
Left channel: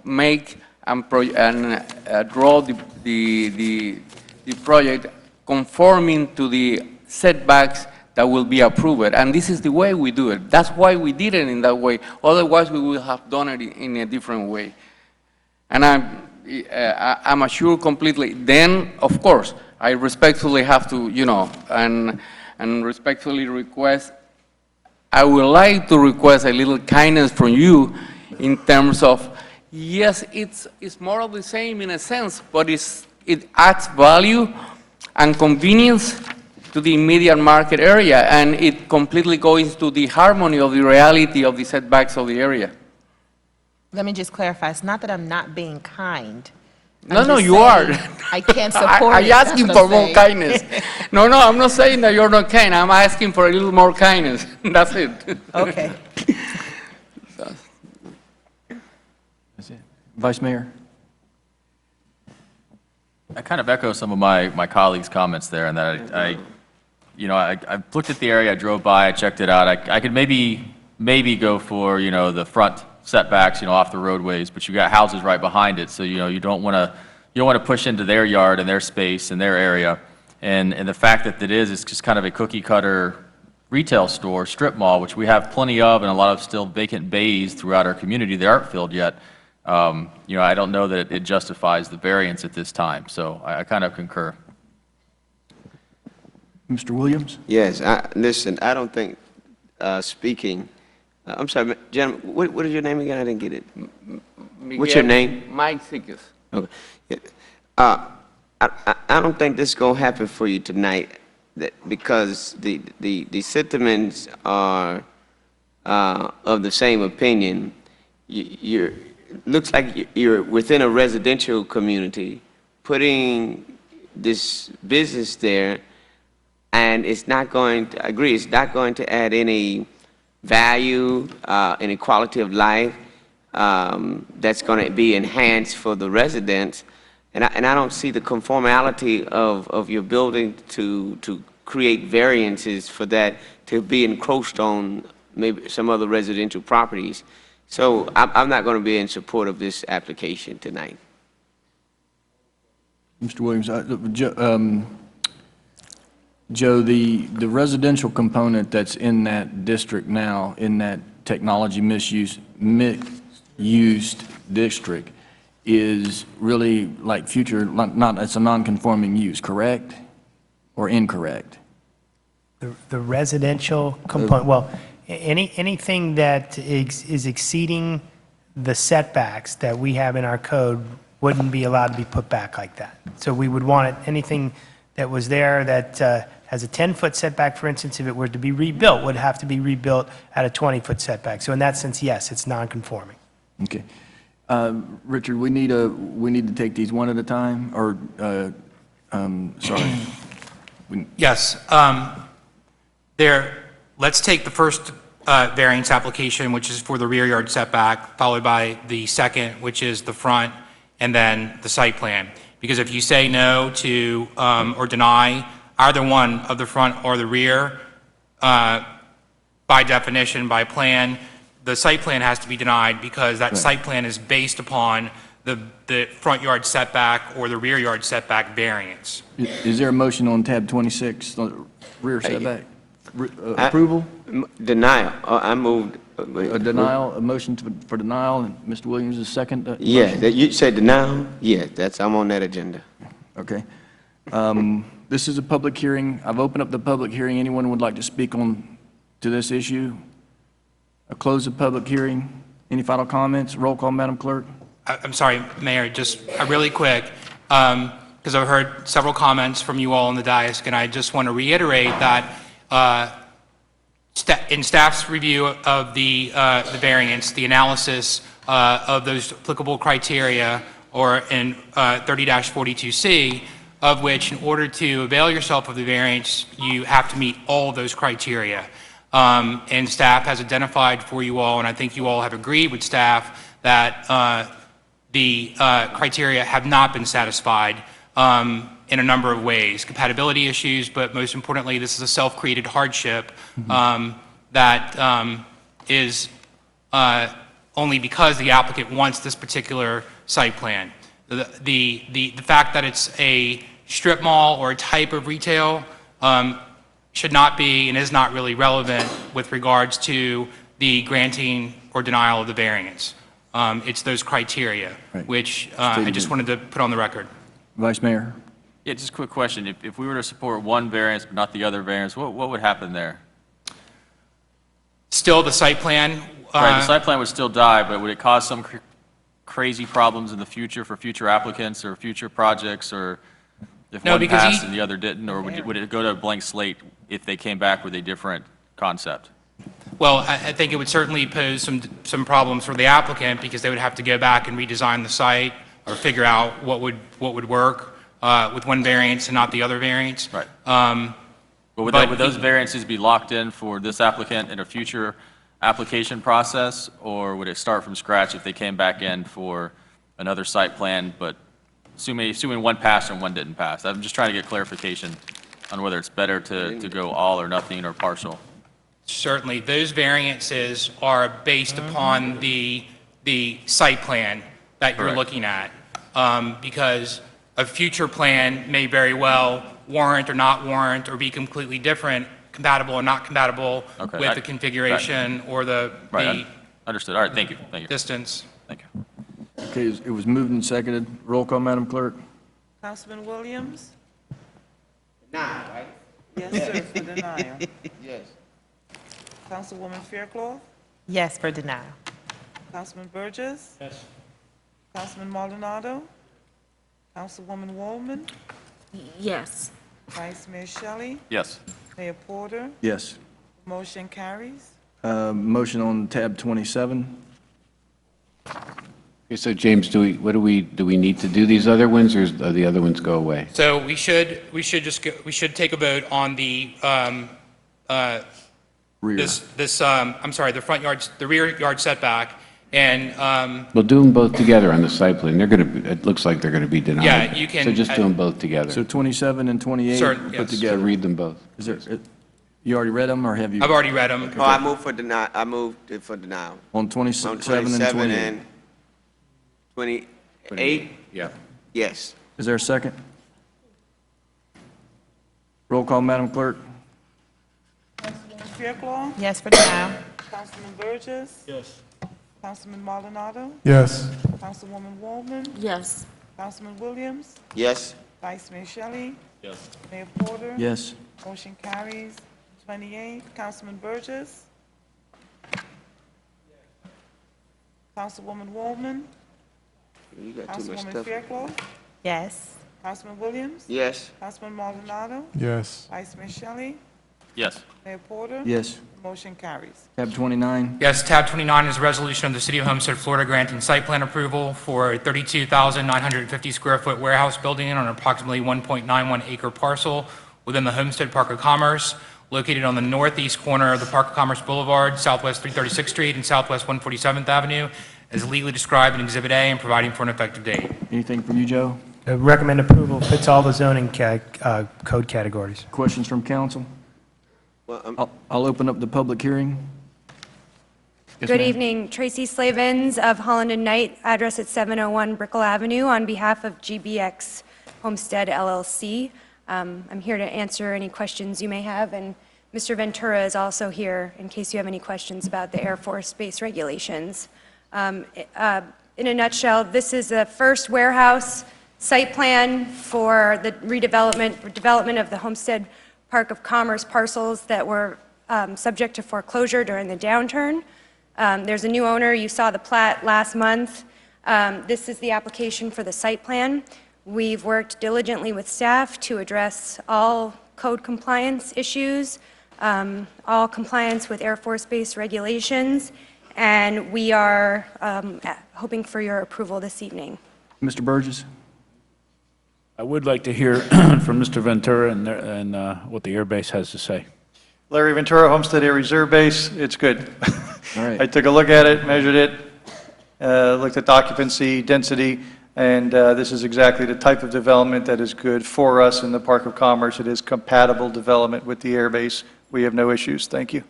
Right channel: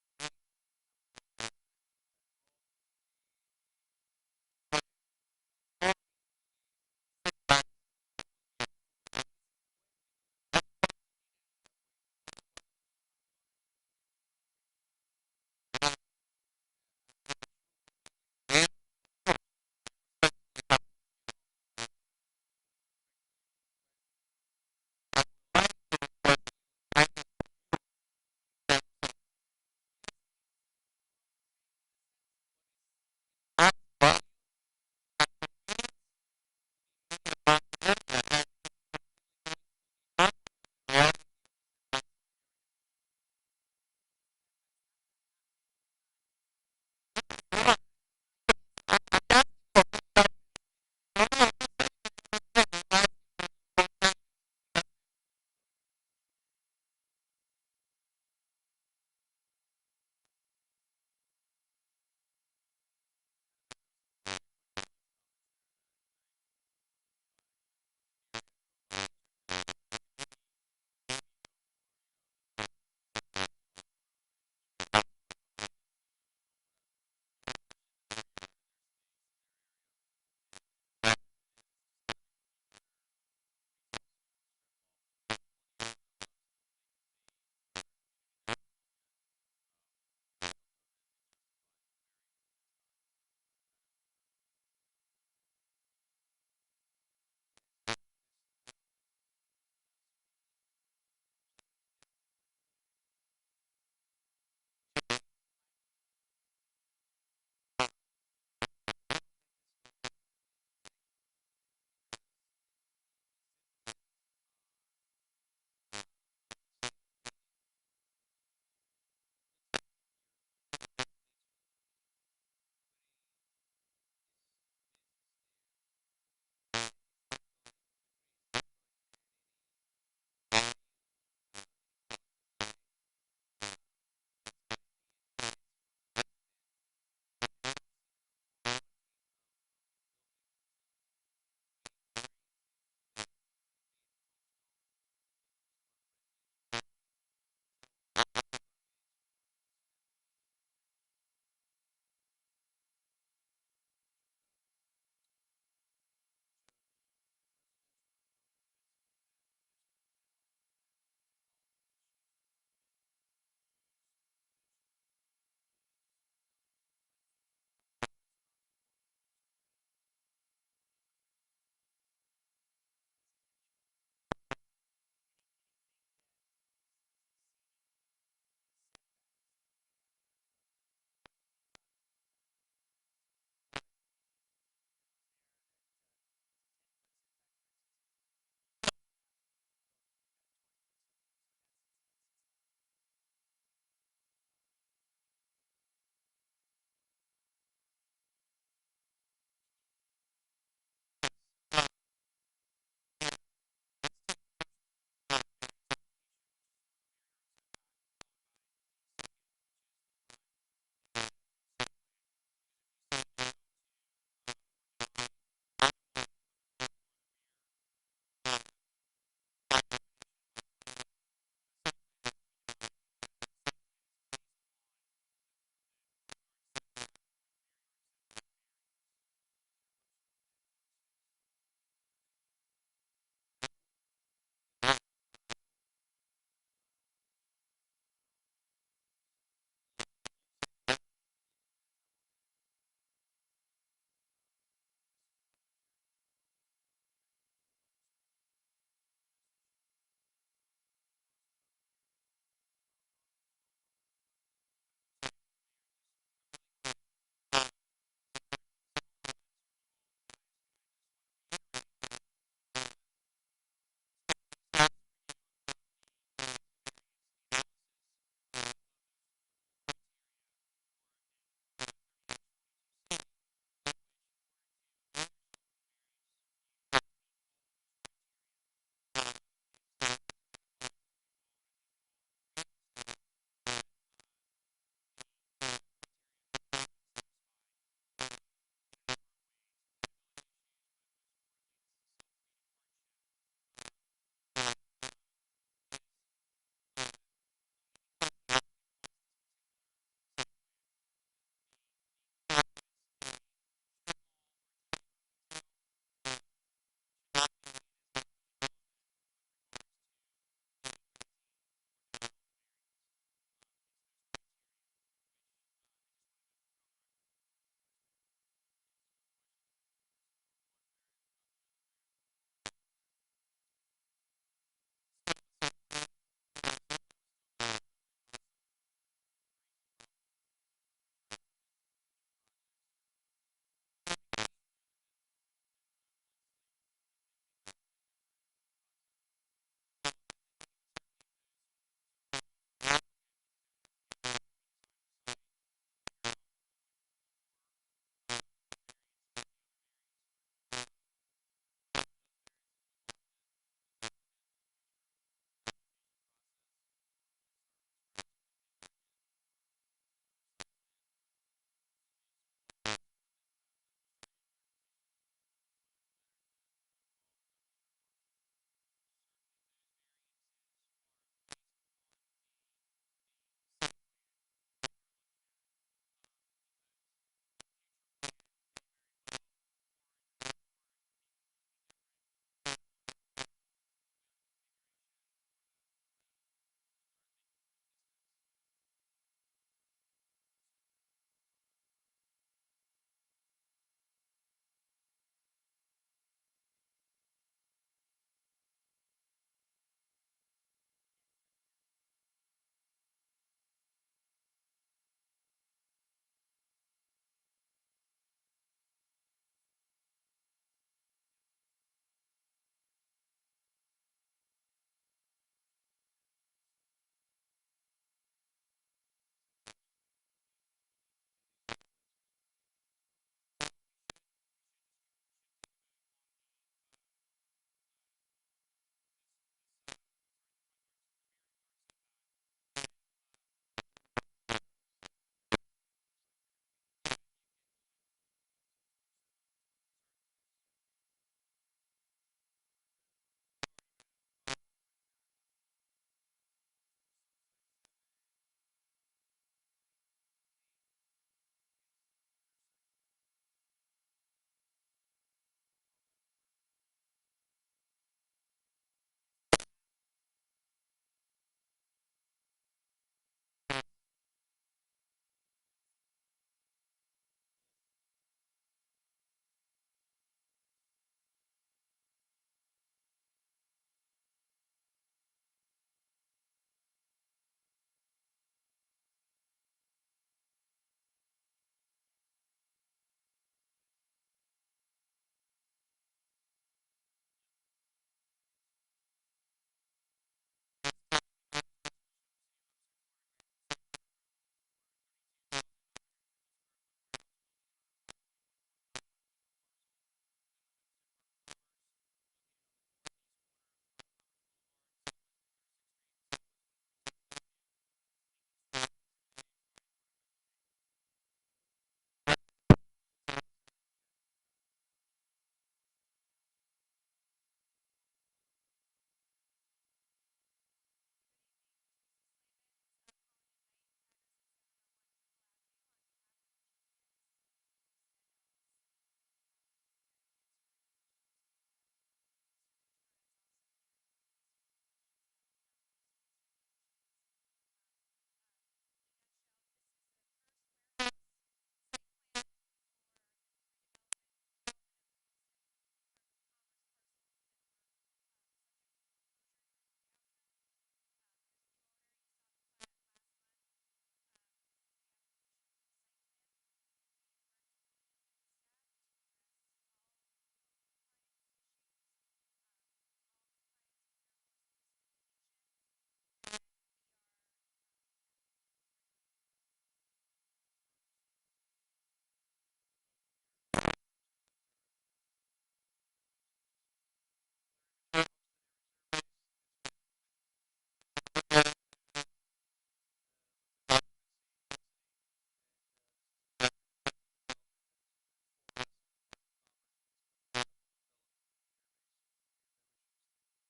make and draw the project conforming to the setbacks that will be approved. And this is the way we do it. That's why we did it in that way. Otherwise, we would have done it in a different way. And I'm assured completely. Then, of course, I respectfully have to, and respectfully request, I would like to request a little kindness from you in terms of, yes, it's more of the same in a sense, but it adds value and convenience to the immediate market area, and it completely goes to the harmony of the reality of the setbacks of the area. Let me just clarify, it's not that I'm not being kind. No, you are. I can't support it. I'm asking That's what for more saying. kindness. No, I'm not saying that you're not kind. I'm asking for a little more kindness. That's it. Okay. That's it. Vice Mayor? I kind of echo some of my colleagues' comments there, and that I looked at the area, I drove by, I checked it out. I could maybe go for, the front setbacks, off the roadways, but you got houses right behind it, so, you don't want to push into their yard and their space and their area. And the fact that it's just kind of a cookie cutter retail store, strip mall, which we have plenty of, and a lot of still vacant bays throughout our community that aren't filled yet. I don't know that it justifies the variance at this time, so I kind of concur. Mr. Williams? Yes, listen, I don't think speaking, I'm sorry, gentlemen, what is your name again? I didn't get it. What's your name? Mike Sickes. Okay. Yeah. I don't think this is going to happen for you tonight because the sentiments are of the same opinion. Looks like you're within a residential community, putting this business there, and it's not going to, I agree, it's not going to add any value, any quality of life that's going to be enhanced for the residents. And I don't see the conformality of your building to create variances for that to be encroached on maybe some other residential properties. So I'm not going to be in support of this application tonight. Mr. Williams, Joe, the residential component that's in that district now, in that technology misused district, is really like future, it's a non-conforming use, correct? Or incorrect? The residential component, well, anything that is exceeding the setbacks that we have in our code wouldn't be allowed to be put back like that. So we would want anything that was there that has a 10-foot setback, for instance, if it were to be rebuilt, would have to be rebuilt at a 20-foot setback. So in that sense, yes, it's non-conforming. Okay. Richard, we need to take these one at a time, or, sorry. Yes. Let's take the first variance application, which is for the rear yard setback, followed by the second, which is the front, and then the site plan. Because if you say no to or deny either one of the front or the rear, by definition, by plan, the site plan has to be denied because that site plan is based upon the front yard setback or the rear yard setback variance. Is there a motion on tab 26, rear setback? Approval? Denial. I moved. A denial, a motion for denial, and Mr. Williams is second? Yeah, motion? that you said denial? Yeah, I'm on that agenda. Okay. This is a public hearing. I've opened up the public hearing. Anyone would like to speak to this issue? I close the public hearing. Any final comments? Roll call, Madam Clerk. I'm sorry, Mayor, just really quick, because I've heard several comments from you all on the dais, and I just want to reiterate that in staff's review of the variance, the analysis of those applicable criteria, or in 30-42C, of which in order to avail yourself of the variance, you have to meet all of those criteria. And staff has identified for you all, and I think you all have agreed with staff, that the criteria have not been satisfied in a number of ways. Compatibility issues, but most importantly, this is a self-created hardship that is only because the applicant wants this particular site plan. The fact that it's a strip mall or a type of retail should not be and is not really relevant with regards to the granting or denial of the variance. It's those criteria, which I just wanted to put on the record. Vice Mayor. Yeah, just a quick question. If we were to support one variance but not the other variance, what would happen there? Still, the site plan. Right, the site plan would still die, but would it cause some crazy problems in the future for future applicants or future projects, or if one passed and the other didn't, or would it go to a blank slate if they came back with a different concept? Well, I think it would certainly pose some problems for the applicant because they would have to go back and redesign the site or figure out what would work with one variance and not the other variance. Right. But would those variances be locked in for this applicant in a future application process, or would it start from scratch if they came back in for another site plan, but assuming one passed and one didn't pass? I'm just trying to get clarification on whether it's better to go all or nothing or partial. Certainly, those variances are based upon the site plan that you're looking at, because a future plan may very well warrant or not warrant or be completely different, compatible or not compatible with the configuration or the Understood. All right, thank you. Distance. Thank you. Okay, it was moved and seconded. Roll call, Madam Clerk. Councilman Williams? Denial, right? Yes, sir, for denial. Yes. Councilwoman Fairclough? Yes, for denial. Councilman Burgess? Yes. Councilman Maldonado? Councilwoman Wallman? Yes. Vice Mayor Shelley? Yes. Mayor Porter? Yes. Motion carries. Motion on tab 27. Okay, so James, do we need to do these other ones, or do the other ones go away? So we should take a vote on the Rear. the front yards, the rear yard setback, and We'll do them both together on the site plan. It looks like they're going to be denied. Yeah, you can- So just do them both together. So 27 and 28 Certain, put yes. together. So read them both. Is there, you already read them, or have you? I've already read them. Oh, I moved for denial. I moved it for denial. On On 27 and 27 28. and 28? Yeah. Yes. Is there a second? Roll call, Madam Clerk. Councilwoman Fairclough? Yes, for denial. Councilman Burgess? Yes. Councilman Maldonado? Yes. Councilwoman Wallman? Yes. Councilman Williams? Yes. Vice Mayor Shelley? Yes. Mayor Porter? Yes. Motion carries. 28, Councilman Burgess? Councilwoman Wallman? You got too much Councilwoman stuff. Fairclough? Yes. Councilman Williams? Yes. Councilman Maldonado? Yes. Vice Mayor Shelley? Yes. Mayor Porter? Yes. Motion carries. Tab 29. Yes, tab 29 is a resolution of the City of Homestead, Florida, granting site plan approval for a 32,950 square foot warehouse building on approximately 1.91 acre parcel within the Homestead Park of Commerce, located on the northeast corner of the Park of Commerce Boulevard, southwest 336th Street and southwest 147th Avenue, as legally described in Exhibit A and providing for an effective date. Anything from you, Joe? Recommend approval, fits all the zoning code categories. Questions from council? I'll open up the public hearing. Yes, Good ma'am. evening, Tracy Slavens of Holland and Knight, address at 701 Brickell Avenue, on behalf of GBX Homestead LLC. I'm here to answer any questions you may have, and Mr. Ventura is also here in case you have any questions about the Air Force Base regulations. In a nutshell, this is the first warehouse site plan for the development of the Homestead Park of Commerce parcels that were subject to foreclosure during the downturn. There's a new owner. You saw the plat last month. This is the application for the site plan. We've worked diligently with staff to address all code compliance issues, all compliance with Air Force Base regulations, and we are hoping for your approval this evening. Mr. Burgess? I would like to hear from Mr. Ventura and what the air base has to say. Larry Ventura, Homestead Air Reserve Base, it's good. All right. I took a look at it, measured it, looked at the occupancy, density, and this is exactly the type of development that is good for us in the Park of Commerce. It is compatible development with the air base. We have no issues. Thank you.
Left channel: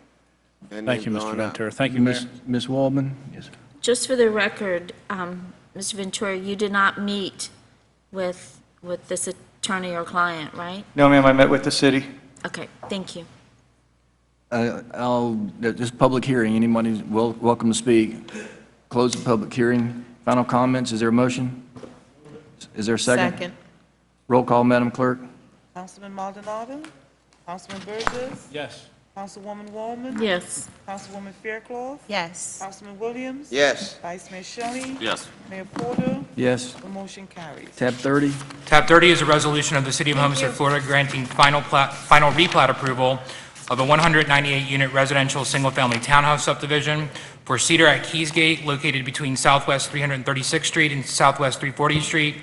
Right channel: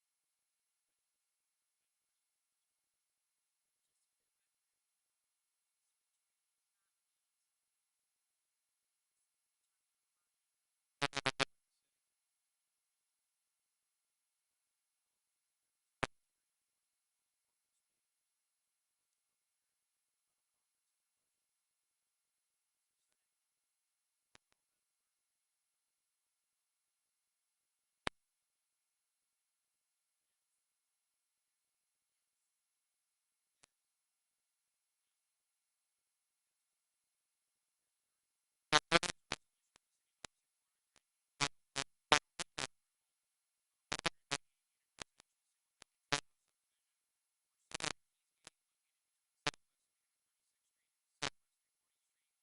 Thank you, Mr. Ventura. Thank you, Mayor. Ms. Waldman? Yes. Just for the record, Mr. Ventura, you did not meet with this attorney or client, right? No, ma'am, I met with the city. Okay, thank you. This public hearing, anybody's welcome to speak. Close the public hearing. Final comments, is there a motion? Is there a second? Second. Roll call, Madam Clerk. Councilman Maldonado? Councilman Burgess? Yes. Councilwoman Wallman? Yes. Councilwoman Fairclough? Yes. Councilman Williams? Yes. Vice Mayor Shelley? Yes. Mayor Porter? Yes. The motion carries. Tab 30. Tab 30 is a resolution of the City of Homestead, Florida, granting final replat approval of a 198-unit residential single-family townhouse subdivision for Cedar at Keysgate, located between Southwest 336th Street and Southwest 340th Street,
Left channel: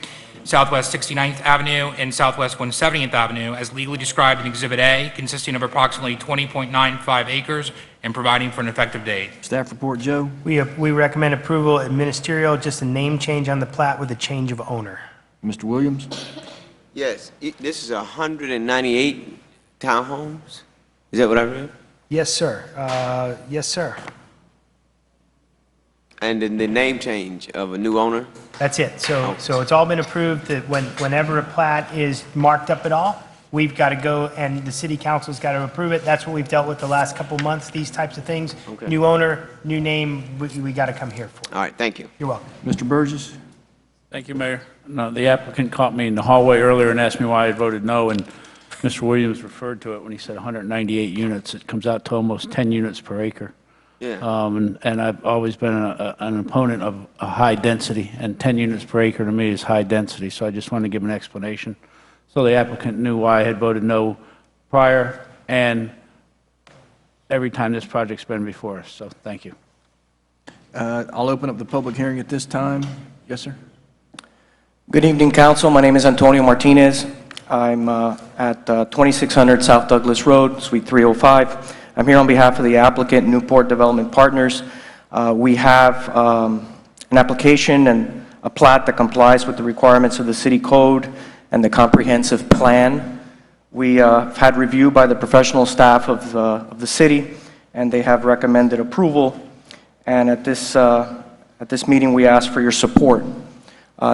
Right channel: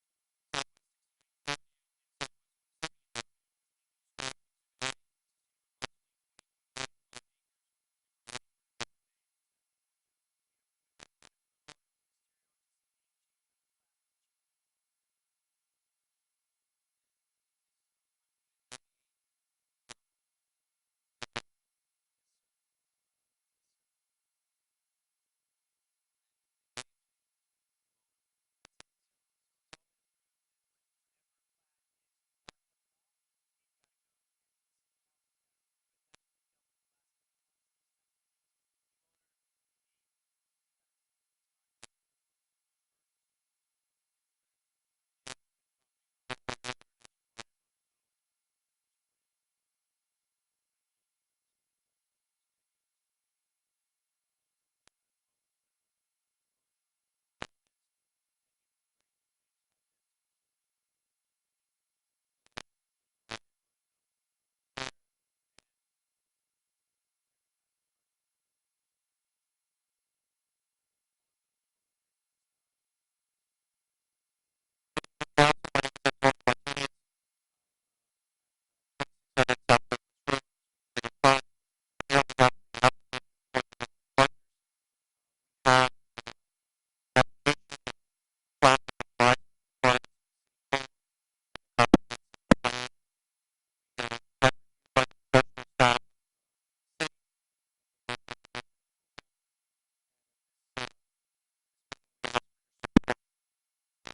Southwest 69th Avenue, and Southwest 170th Avenue, as legally described in Exhibit A, consisting of approximately 20.95 acres and providing for an effective date. Staff report, Joe. We recommend approval ministerial, just a name change on the plat with a change of owner. Mr. Williams? Yes, this is 198 townhomes? Is that what I read? Yes, sir. Yes, sir. And then the name change of a new owner? That's it. So it's all been approved that whenever a plat is marked up at all, we've got to go and the city council's got to approve it. That's what we've dealt with the last couple months, these types of things. Okay. New owner, new name, we got to come here for. All right, thank you. You're welcome. Mr. Burgess? Thank you, Mayor. No, the applicant caught me in the hallway earlier and asked me why I voted no, and Mr. Williams referred to it when he said 198 units. It comes out to almost 10 units per acre. Yeah. And I've always been an opponent of a high density, and 10 units per acre to me is high density, so I just wanted to give an explanation. So the applicant knew why I had voted no prior and every time this project's been before us, so thank you. I'll open up the public hearing at this time. Yes, sir. Good evening, council. My name is Antonio Martinez. I'm at 2600 South Douglas Road, Suite 305. I'm here on behalf of the applicant, Newport Development Partners. We have an application and a plat that complies with the requirements of the city code and the comprehensive plan. We have had review by the professional staff of the city, and they have recommended approval. And at this meeting, we ask for your support.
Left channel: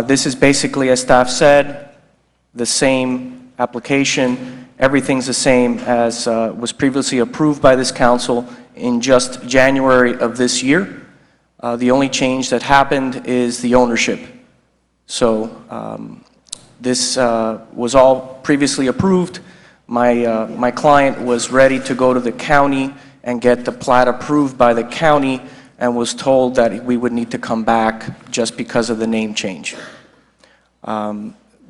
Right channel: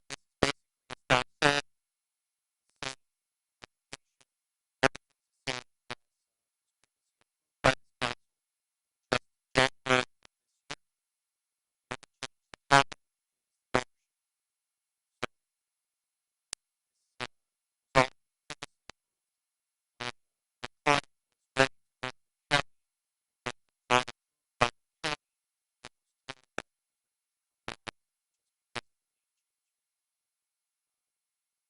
This is basically, as staff said, the same application. Everything's the same as was previously approved by this council in just January of this year. The only change that happened is the ownership. So this was all previously approved. My client was ready to go to the county and get the plat approved by the county and was told that we would need to come back just because of the name change.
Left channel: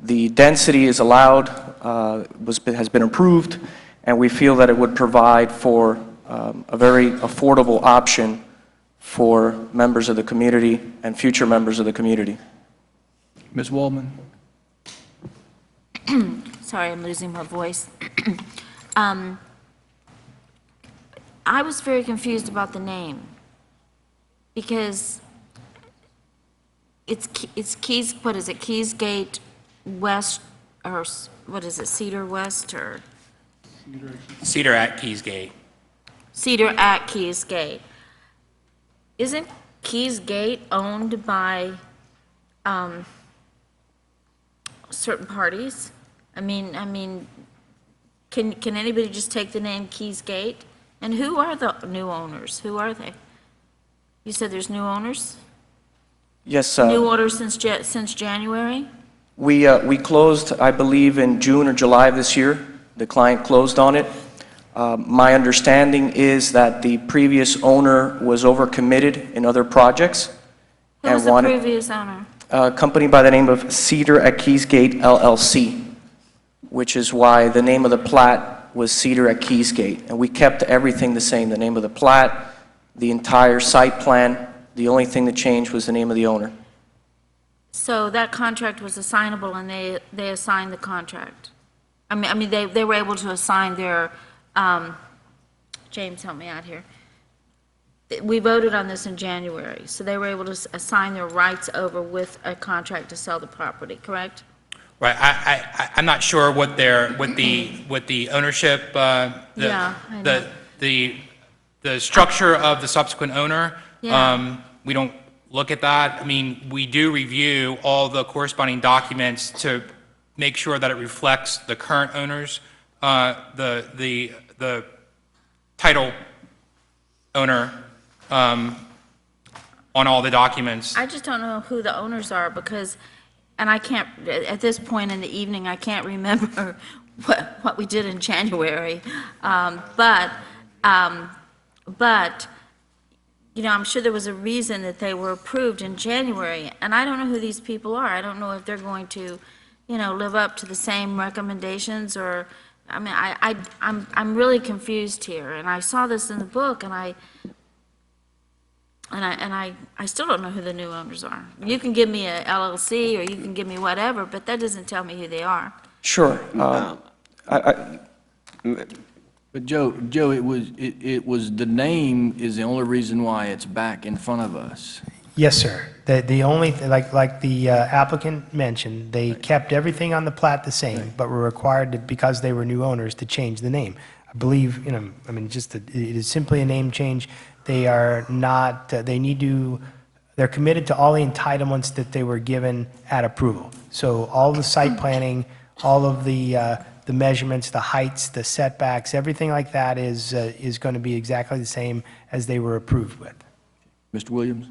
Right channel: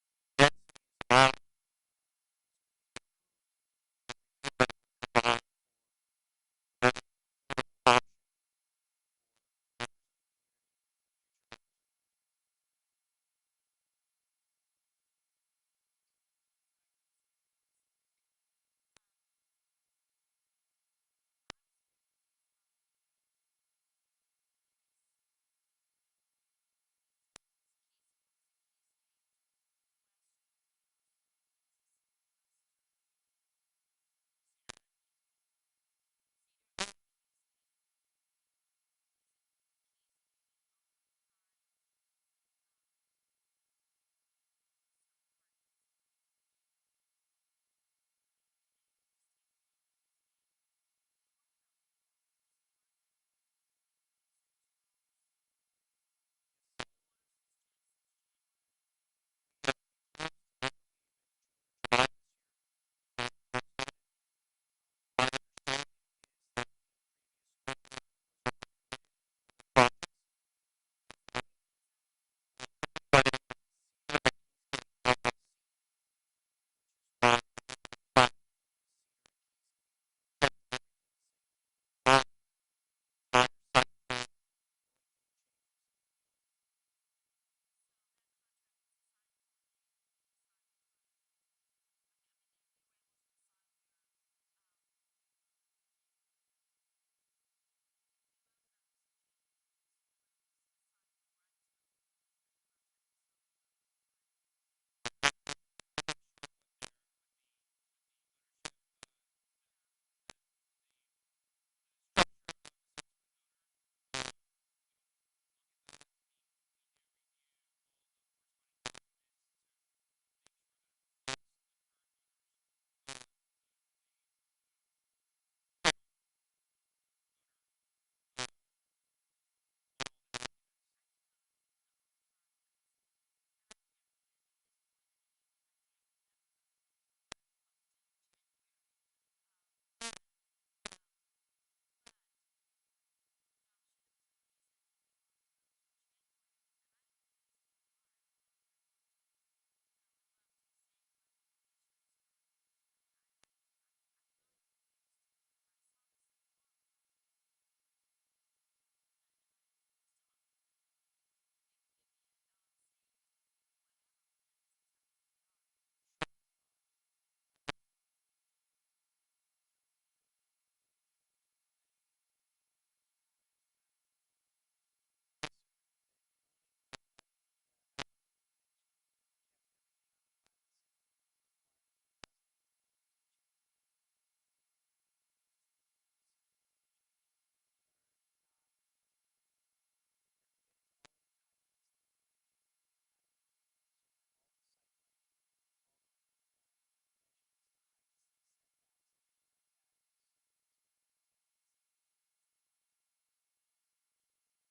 The density is allowed, has been approved, and we feel that it would provide for a very affordable option for members of the community and future members of the community. Ms. Waldman? Sorry, I'm losing my voice. I was very confused about the name because it's Keys, what is it, Keysgate West, or what is it, Cedar West, or Cedar at Keys Gate. Cedar at Keys Gate. Isn't Keys Gate owned by certain parties? I mean, can anybody just take the name Keys Gate? And who are the new owners? Who are they? You said there's new owners? Yes, New owners since January? we closed, I believe, in June or July of this year. The client closed on it. My understanding is that the previous owner was overcommitted in other projects. Who was the previous owner? A company by the name of Cedar at Keys Gate LLC, which is why the name of the plat was Cedar at Keys Gate. And we kept everything the same, the name of the plat, the entire site plan. The only thing that changed was the name of the owner. So that contract was assignable, and they assigned the contract? I mean, they were able to assign their, James, help me out here. We voted on this in January, so they were able to assign their rights over with a contract to sell the property, correct? Right, I'm not sure what the ownership, Yeah, I know. the structure of the subsequent owner. Yeah. We don't look at that. I mean, we do review all the corresponding documents to make sure that it reflects the current owners, the title owner, on all the documents. I just don't know who the owners are, because, and I can't, at this point in the evening, I can't remember what we did in January. But, you know, I'm sure there was a reason that they were approved in January, and I don't know who these people are. I don't know if they're going to, you know, live up to the same recommendations, or, I mean, I'm really confused here, and I saw this in the book, and I still don't know who the new owners are. You can give me a LLC, or you can give me whatever, but that doesn't tell me who they are. Sure. But Joe, it was, the name is the only reason why it's back in front of us. Yes, sir. The only, like the applicant mentioned, they kept everything on the plat the same, but were required to, because they were new owners, to change the name. I believe, you know, I mean, it is simply a name change. They are not, they're committed to all the entitlements that they were given at approval. So all the site planning, all of the measurements, the heights, the setbacks, everything like that is going to be exactly the same as they were approved with. Mr. Williams?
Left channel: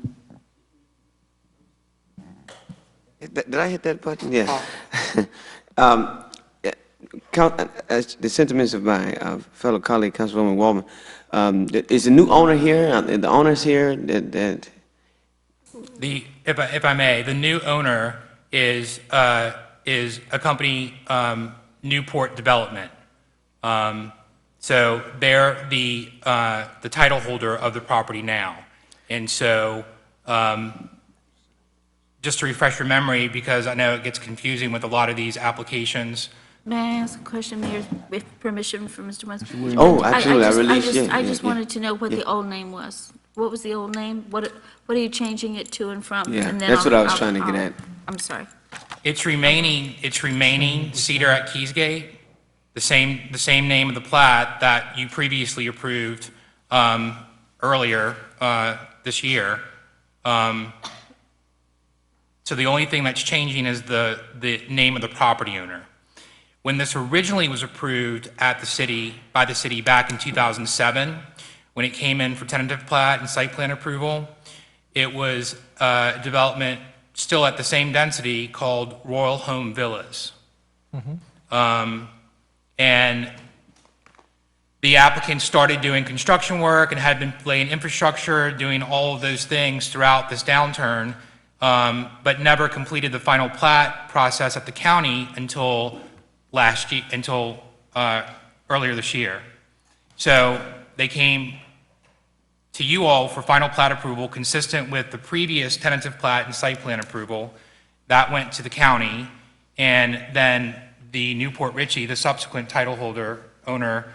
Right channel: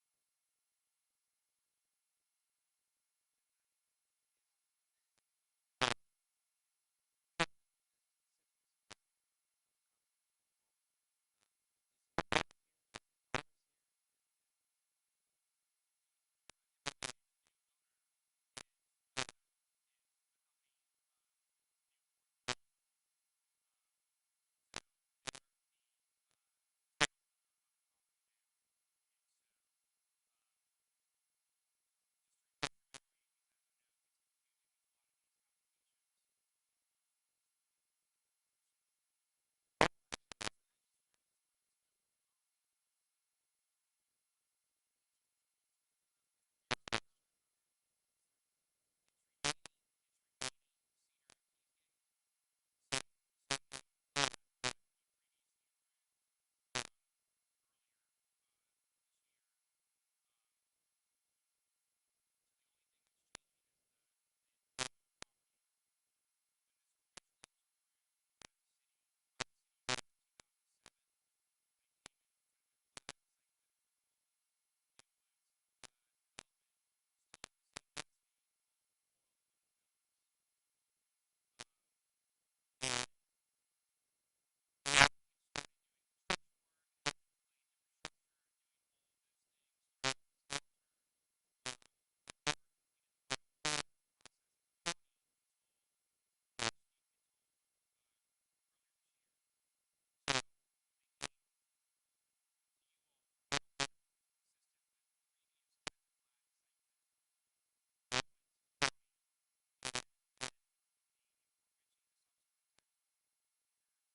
Did I hit that button? Yeah. The sentiments of my fellow colleague, Councilwoman Waldman, is the new owner here? Are the owners here? If I may, the new owner is a company, Newport Development. So they're the title holder of the property now. And so, just to refresh your memory, because I know it gets confusing with a lot of these applications. May I ask a question, Mayor, with permission from Mr. Wentz? Oh, absolutely. I just wanted to know what the old name was. What was the old name? What are you changing it to and from? Yeah, And then that's what I was trying to get at. I'm sorry. It's remaining Cedar at Keys Gate, the same name of the plat that you previously approved earlier this year. So the only thing that's changing is the name of the property owner. When this originally was approved at by the city back in 2007, when it came in for tentative plat and site plan approval, it was development still at the same density called Royal Home Villas. And the applicant started doing construction work and had been laying infrastructure, doing all of those things throughout this downturn, but never completed the final plat process at the county until earlier this year. So they came to you all for final plat approval consistent with the previous tentative plat and site plan approval. That went to the county, and then the Newport Ritchie, the subsequent title owner,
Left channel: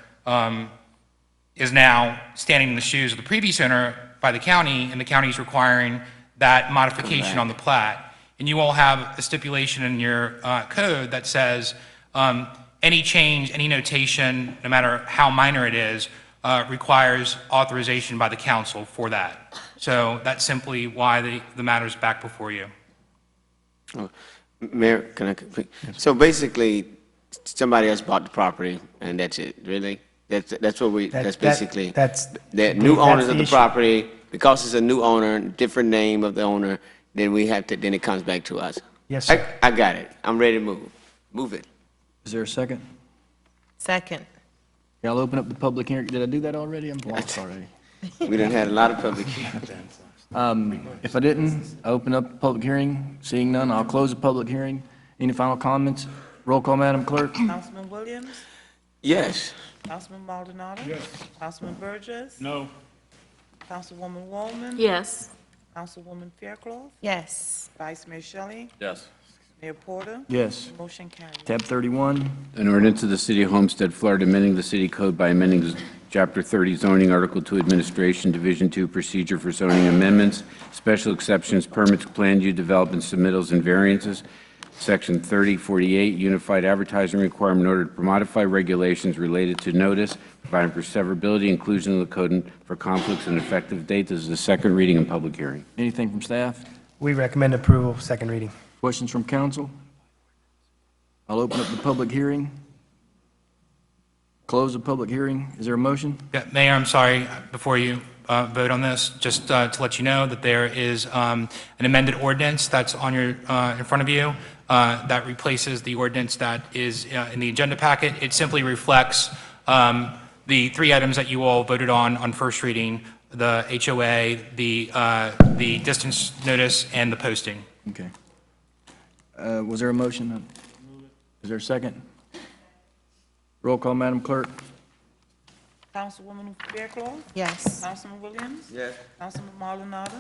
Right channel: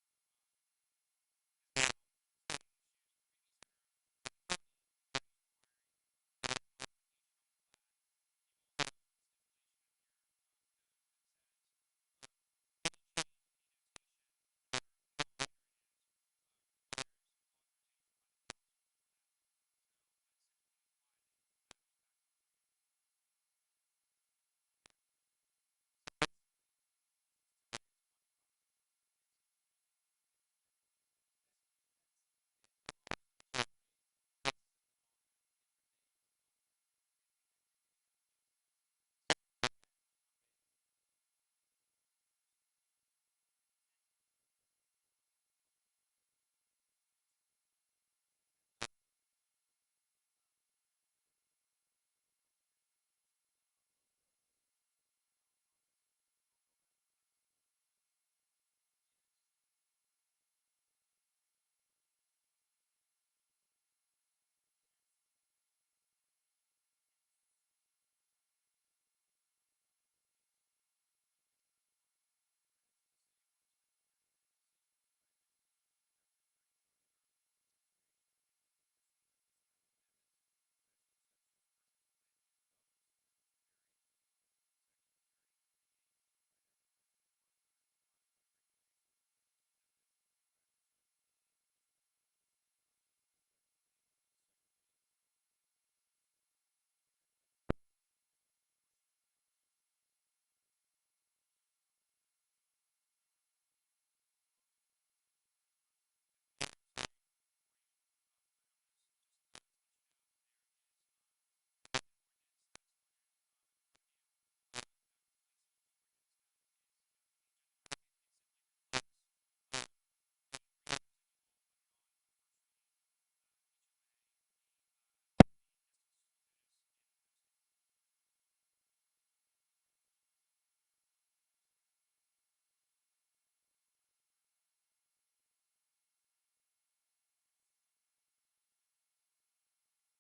is now standing in the shoes of the previous owner by the county, and the county is requiring that modification on the plat. and you all have a stipulation in your code that says any change, any notation, no matter how minor it is, requires authorization by the council for that. So that's simply why the matter's back before you. Oh, Mayor, can I complete? So basically, somebody else bought the property, and that's it, really? That's what we, that's basically, the new owners of the property, because it's a new owner, different name of the owner, then we have to, then it comes back to us. Yes, sir. I got it. I'm ready to move. Move it. Is there a second? Second. Yeah, I'll open up the public hearing. Did I do that already? I'm lost already. We done had a lot of public hearings. If I didn't, I open up the public hearing. Seeing none, I'll close the public hearing. Any final comments? Roll call, Madam Clerk. Councilman Williams? Yes. Councilman Maldonado? Yes. Councilman Burgess? No. Councilwoman Wallman? Yes. Councilwoman Fairclough? Yes. Vice Mayor Shelley? Yes. Mayor Porter? Yes. Motion carries. Tab 31. An ordinance of the City of Homestead, Florida, amending the city code by amending Chapter 30 zoning, Article 2 administration, Division 2 procedure for zoning amendments, special exceptions, permits, planned use development, submittals, and variances. Section 3048, unified advertising requirement in order to modify regulations related to notice, providing for severability, inclusion of the code and for conflicts and effective date. This is the second reading and public hearing. Anything from staff? We recommend approval, second reading. Questions from council? I'll open up the public hearing. Close the public hearing. Is there a motion? Yeah, Mayor, I'm sorry, before you vote on this, just to let you know that there is an amended ordinance that's on your, in front of you that replaces the ordinance that is in the agenda packet. It simply reflects the three items that you all voted on first reading, the HOA, the distance notice, and the posting. Okay. Was there a motion? Is there a second? Roll call, Madam Clerk. Councilwoman Fairclough? Yes. Councilman Williams? Yes. Councilman Maldonado?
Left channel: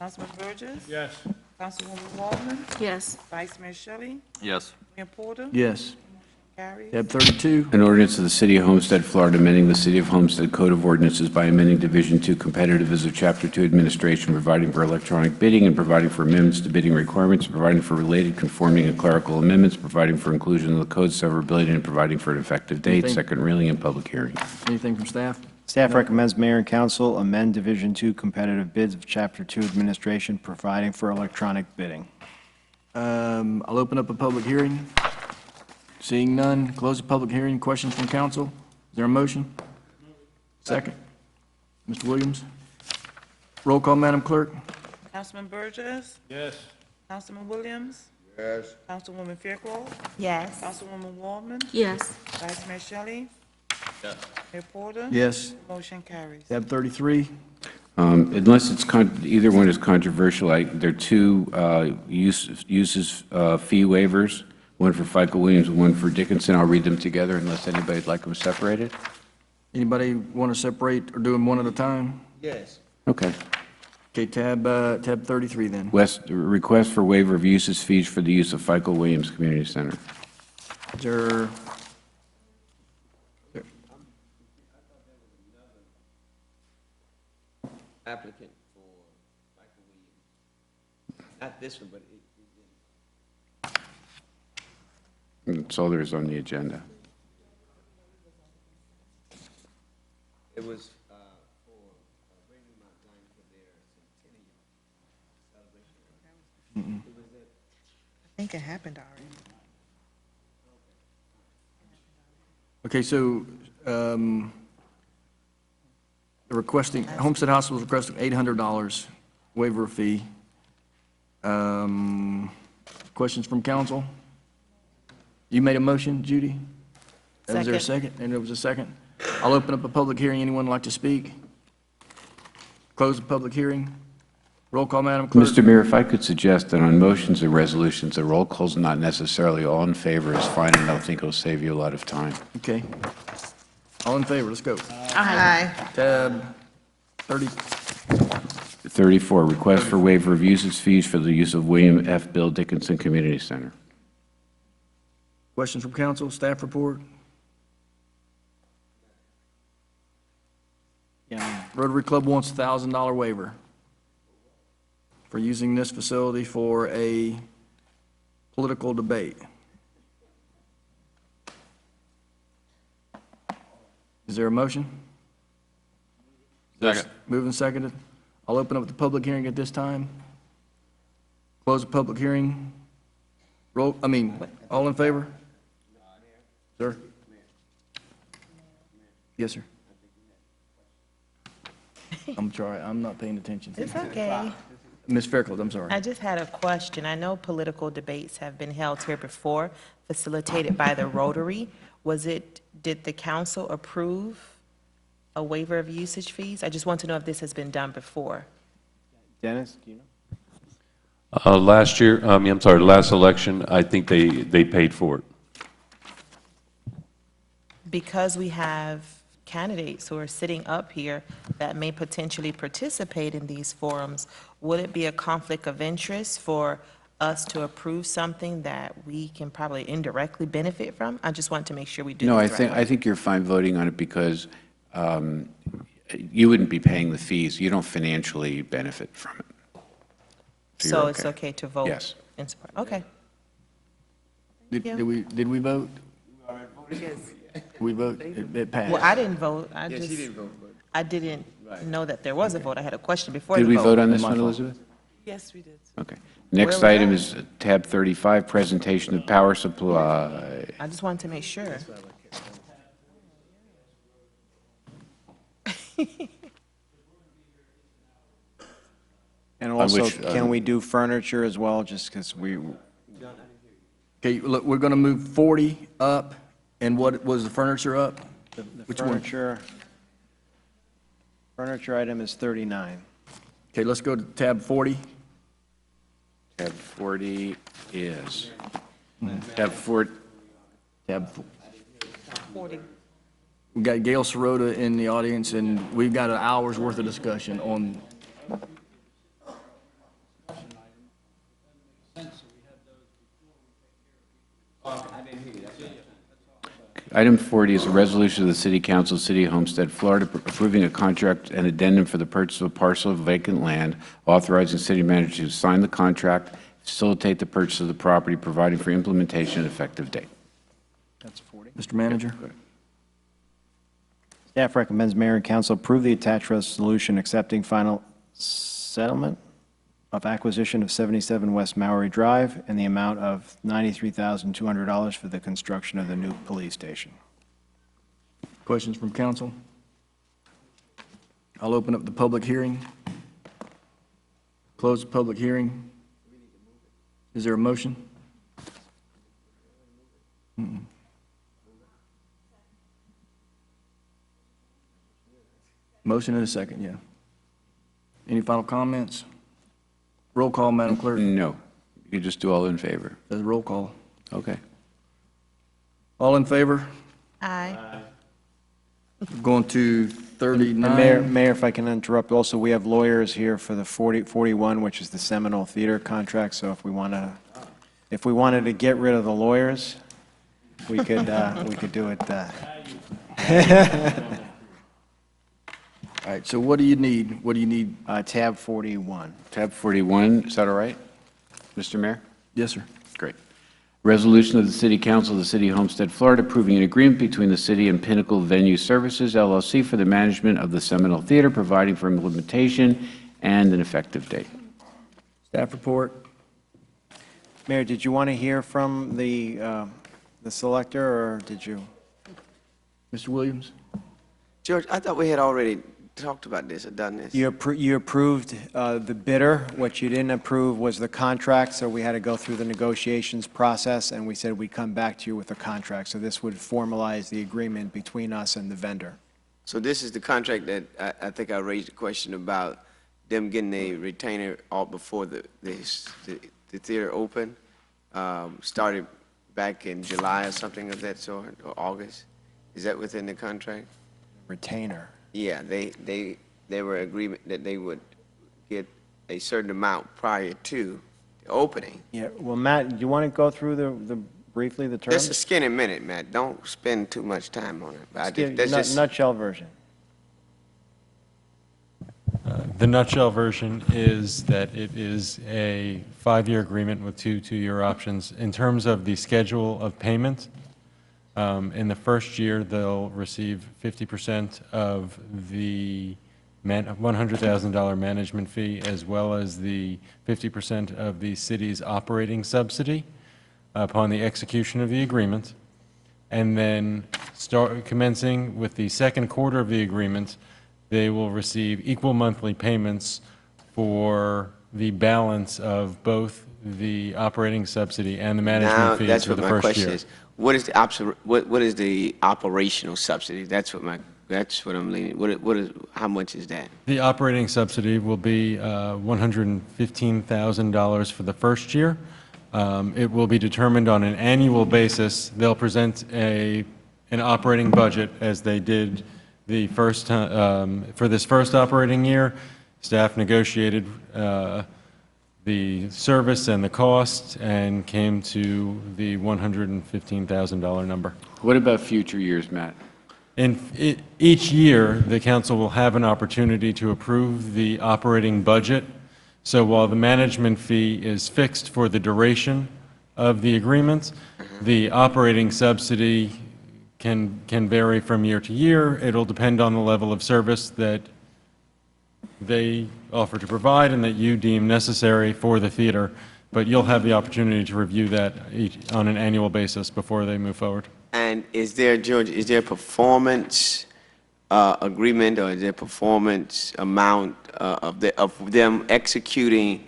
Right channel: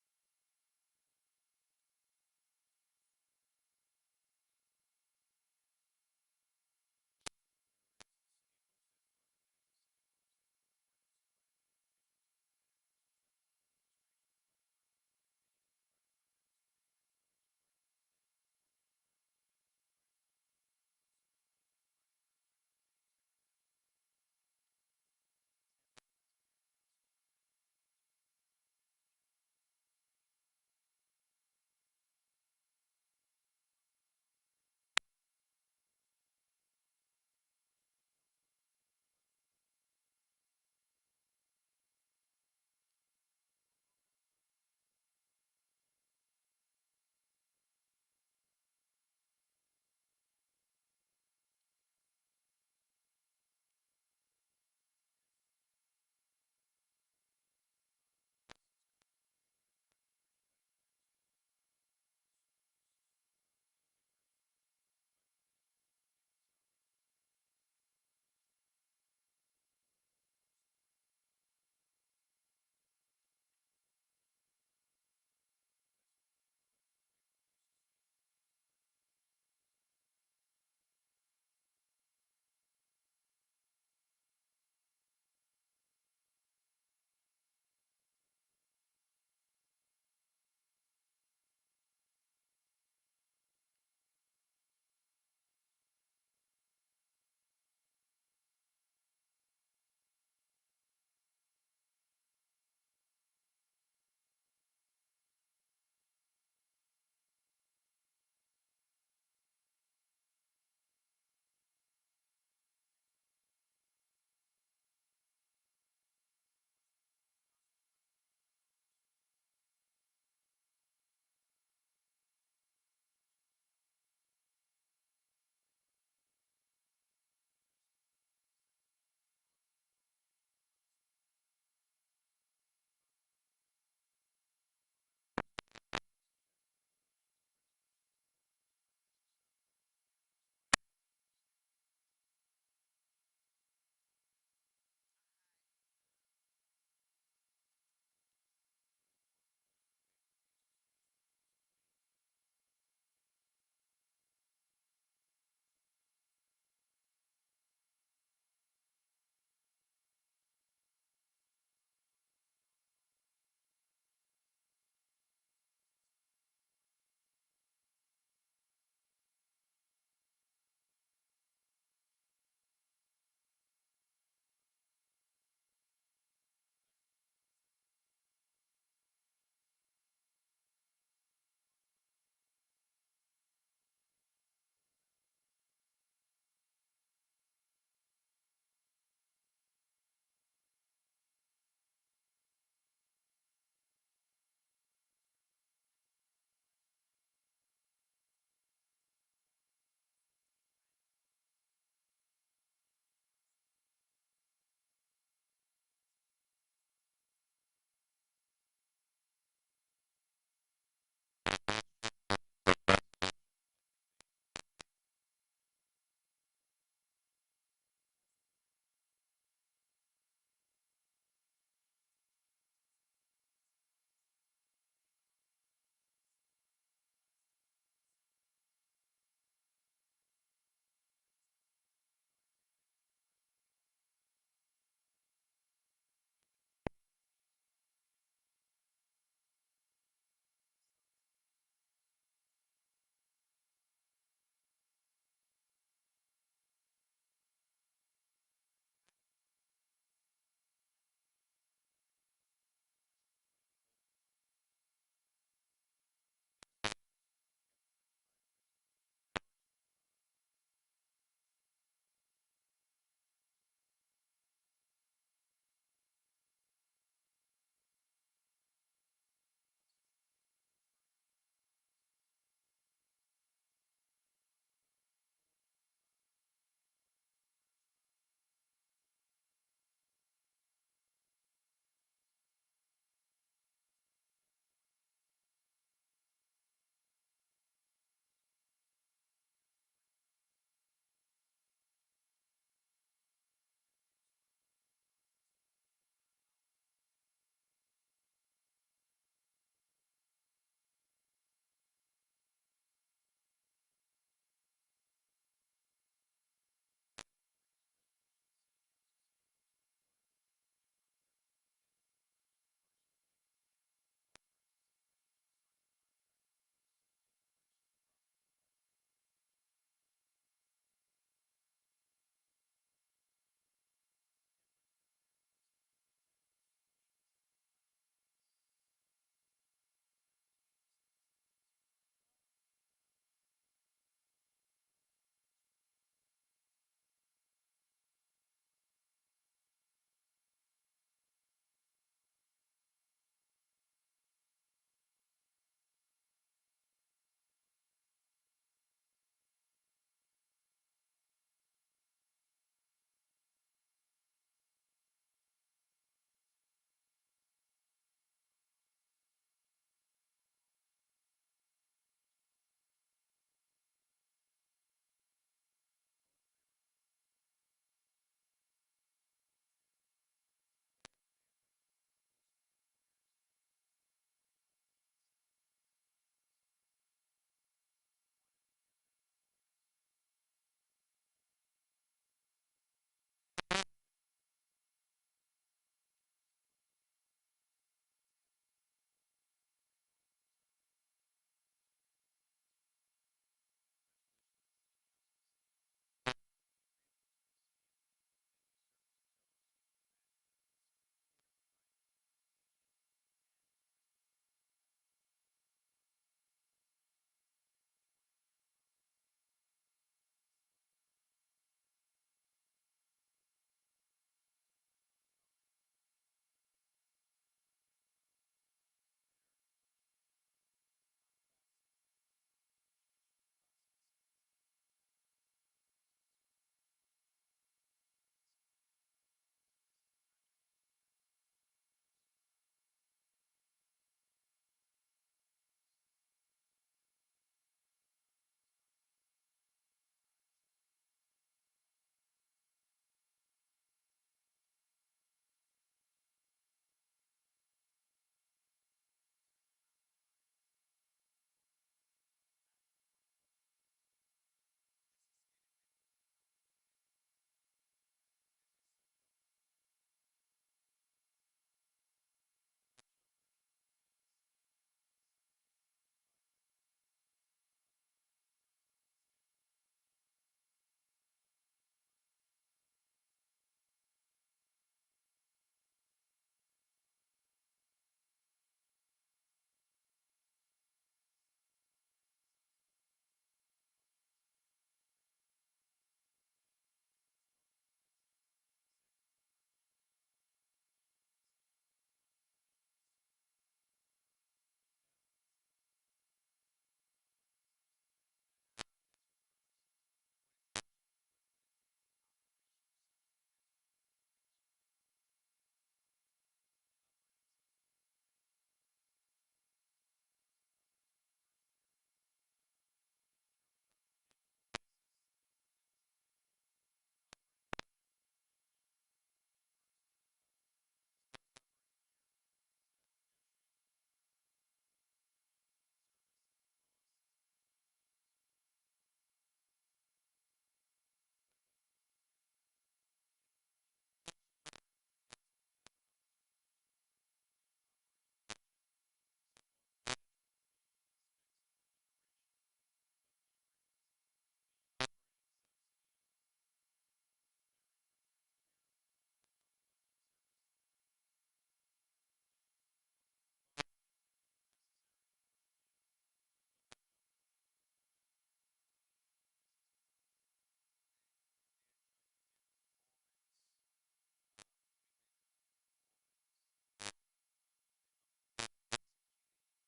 Councilman Burgess? Yes. Councilwoman Wallman? Yes. Vice Mayor Shelley? Yes. Mayor Porter? Yes. Carries. Tab 32. An ordinance of the City of Homestead, Florida, amending the City of Homestead Code of Ordinances by amending Division 2 competitiveness of Chapter 2 administration, providing for electronic bidding and providing for amendments to bidding requirements, providing for related conforming and clerical amendments, providing for inclusion of the code severability, and providing for an effective date. Anything? Second reading and public hearing. Anything from staff? Staff recommends Mayor and Council amend Division 2 competitive bids of Chapter 2 administration, providing for electronic bidding. I'll open up a public hearing. Seeing none, close the public hearing. Questions from council? Is there a motion? Second. Mr. Williams? Roll call, Madam Clerk. Councilman Burgess? Yes. Councilman Williams? Yes. Councilwoman Fairclough? Yes. Councilwoman Wallman? Yes. Vice Mayor Shelley? Yes. Mayor Porter? Yes. Motion carries. Tab 33. Unless it's, either one is controversial, there are two uses fee waivers, one for FICO Williams and one for Dickinson. I'll read them together unless anybody'd like them separated. Anybody want to separate or do them one at a time? Yes. Okay. Okay, tab 33 then. Request for waiver of uses fees for the use of FICO Williams Community Center. Is there? Applicant for Michael Williams. Not this one, but That's all there is on the agenda. it was I think it happened already. Okay, so the requesting, Homestead Hospital is requesting $800 waiver of fee. Questions from council? You made a motion, Judy? Was there a second? And there was a second? I'll open up a public hearing. Anyone like to speak? Close the public hearing. Roll call, Madam Clerk. Mr. Mayor, if I could suggest that on motions and resolutions, the roll call's not necessarily all in favor is fine, and I think it'll save you a lot of time. Okay. All in favor, let's go. Aye. Tab 30. 34, request for waiver of uses fees for the use of William F. Bill Dickinson Community Center. Questions from council, staff report? Rotary Club wants $1,000 waiver. for using this facility for a political debate. Is there a motion? Second. Moved and seconded. I'll open up the public hearing at this time. Close the public hearing. All in favor? Sir? Yes, sir. I'm sorry, I'm not paying attention. It's okay. Ms. Fairclough, I'm sorry. I just had a question. I know political debates have been held here before, facilitated by the Rotary. Did the council approve a waiver of usage fees? I just want to know if this has been done before. Dennis, do you know? Last year, I'm sorry, last election, I think they paid for it. Because we have candidates who are sitting up here that may potentially participate in these forums, would it be a conflict of interest for us to approve something that we can probably indirectly benefit from? I just want to make sure we do No, this right. I think you're fine voting on it because you wouldn't be paying the fees. You don't financially benefit from it. So you're it's okay to vote? Yes. In support, okay. Did we vote? We vote, it passed. Well, I didn't vote. I Yeah, just, she didn't vote, but- I didn't know that there was a vote. I had a question before Did the we vote. vote on this My one, fault. Elizabeth? Yes, we did. Okay. Next Where was item that? is tab 35, presentation of power supply. I just wanted to make sure. And On also, which, can we do furniture as well, just because we, Okay, look, we're going to move 40 up, and what was the furniture up? the Which one? furniture item is 39. Okay, let's go to tab 40. Tab 40 is, tab 40, Tab 40. We got Gail Sirota in the audience, and we've got an hour's worth of discussion on. Item 40 is a resolution of the City Council, City of Homestead, Florida, approving a contract and addendum for the purchase of a parcel of vacant land, authorizing city manager to sign the contract, facilitate the purchase of the property, providing for implementation and effective date. That's 40. Mr. Manager? Staff recommends mayor and council approve the attached resolution accepting final settlement of acquisition of 77 West Maori Drive in the amount of $93,200 for the construction of the new police station. Questions from council? I'll open up the public hearing. Close the public hearing. Is there a motion? Motion and a second, yeah. Any final comments? Roll call, Madam Clerk. No. You just do all in favor. There's a roll call. Okay. All in favor? Aye. Going to And 39. Mayor, if I can interrupt, also, we have lawyers here for the 41, which is the Seminole Theater contract, so if we wanted to get rid of the lawyers, we could do it. All right, so what do you need? What do you need? Tab 41. Tab 41, is that all right, Mr. Mayor? Yes, sir. Great. Resolution of the City Council of the City of Homestead, Florida, approving an agreement between the city and Pinnacle Venue Services, LLC, for the management of the Seminole Theater, providing for implementation and an effective date. Staff report. Mayor, did you want to hear from the selector, or did you? Mr. Williams? George, I thought we had already talked about this or done this. You approved the bidder. What you didn't approve was the contract, so we had to go through the negotiations process, and we said we'd come back to you with a contract. So this would formalize the agreement between us and the vendor. So this is the contract that I think I raised a question about them getting a retainer all before the theater opened. Started back in July or something of that sort, or August. Is that within the contract? Retainer. Yeah, they were agreement that they would get a certain amount prior to the opening. Yeah, well, Matt, do you want to go through briefly the terms? Just a skinny minute, Matt. Don't spend too much time on it. Nutshell version. The nutshell version is that it is a 5-year agreement with 2 2-year options. In terms of the schedule of payment, in the first year, they'll receive 50% of the $100,000 management fee, as well as the 50% of the city's operating subsidy upon the execution of the agreement. And then commencing with the second quarter of the agreement, they will receive equal monthly payments for the balance of both the operating subsidy and the management fees for the first year. That's what my question is. What is the operational subsidy? That's what I'm leaning. How much is that? The operating subsidy will be $115,000 for the first year. It will be determined on an annual basis. They'll present an operating budget as they did the first for this first operating year. Staff negotiated the service and the cost and came to the $115,000 number. What about future years, Matt? Each year, the council will have an opportunity to approve the operating budget. So while the management fee is fixed for the duration of the agreement, the operating subsidy can vary from year to year. It'll depend on the level of service that they offer to provide and that you deem necessary for the theater. But you'll have the opportunity to review that on an annual basis before they move forward. And is there, George, is there a performance agreement, or is there performance amount of them executing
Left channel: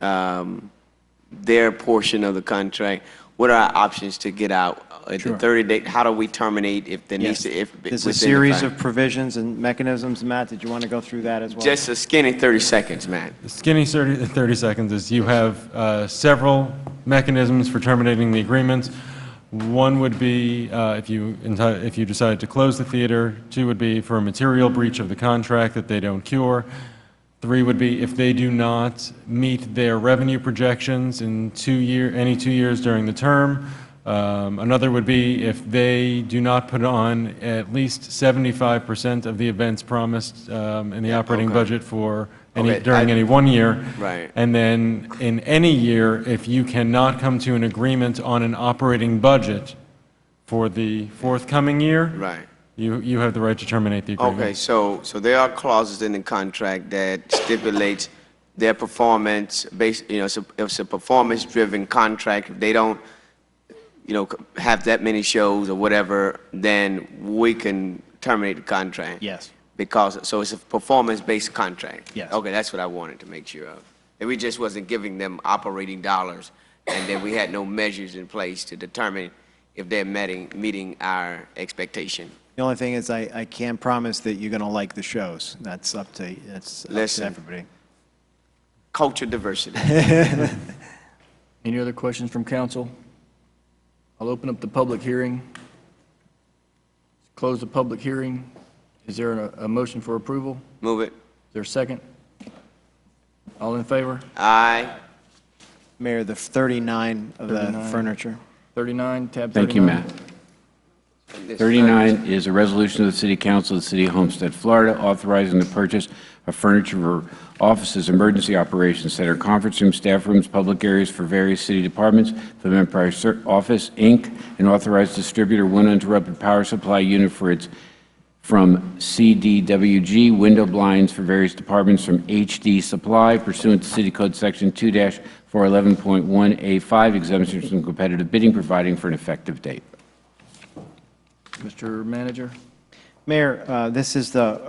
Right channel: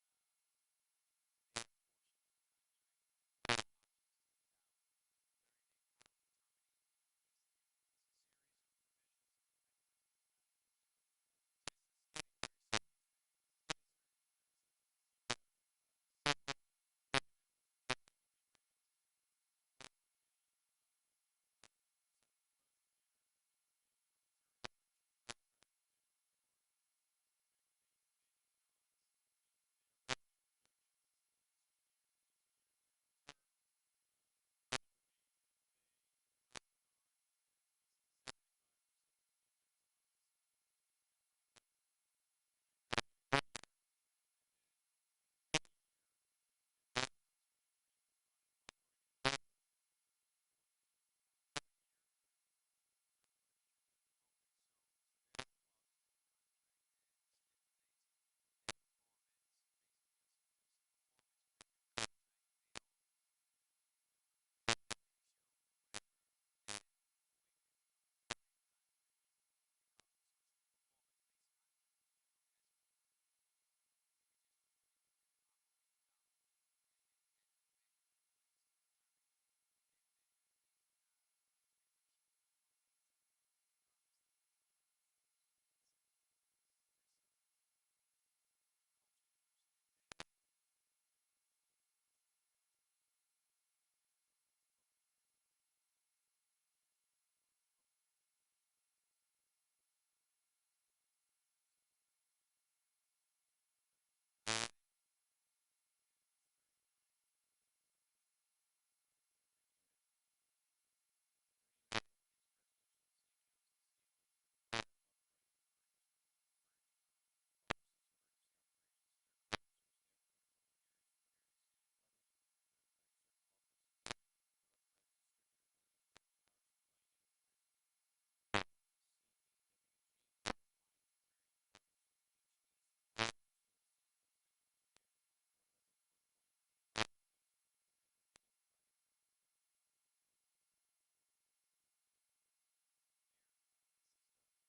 their portion of the contract? What are our options to get out at the 30-day? How do we terminate if there needs to? There's a series of provisions and mechanisms. Matt, did you want to go through that as well? Just a skinny 30 seconds, Matt. The skinny 30 seconds is you have several mechanisms for terminating the agreement. One would be if you decided to close the theater. 2 would be for a material breach of the contract that they don't cure. 3 would be if they do not meet their revenue projections in any 2 years during the term. Another would be if they do not put on at least 75% of the events promised in the operating budget for during any 1 year. Right. And then in any year, if you cannot come to an agreement on an operating budget for the forthcoming year, right, you have the right to terminate the agreement. Okay, so there are clauses in the contract that stipulates their performance based, if it's a performance-driven contract, if they don't, have that many shows or whatever, then we can terminate the contract. Yes. So it's a performance-based contract? Yes. Okay, that's what I wanted to make sure of. And we just wasn't giving them operating dollars, and then we had no measures in place to determine if they're meeting our expectation. The only thing is I can't promise that you're going to like the shows. That's up to everybody. Culture diversity. Any other questions from council? I'll open up the public hearing. Close the public hearing. Is there a motion for approval? Move it. Is there a second? All in favor? Aye. Mayor, the 39 of the 39. furniture. 39, tab 39. Thank you, Matt. 39 is a resolution of the City Council of the City of Homestead, Florida, authorizing the purchase of furniture for offices, emergency operations center, conference rooms, staff rooms, public areas for various city departments, for the Empire Office, Inc., and authorized distributor one uninterrupted power supply unit from CDWG, window blinds for various departments from HD Supply pursuant to City Code Section 2-411.1A5, exemptions from competitive bidding, providing for an effective date. Mr. Manager? Mayor, this is the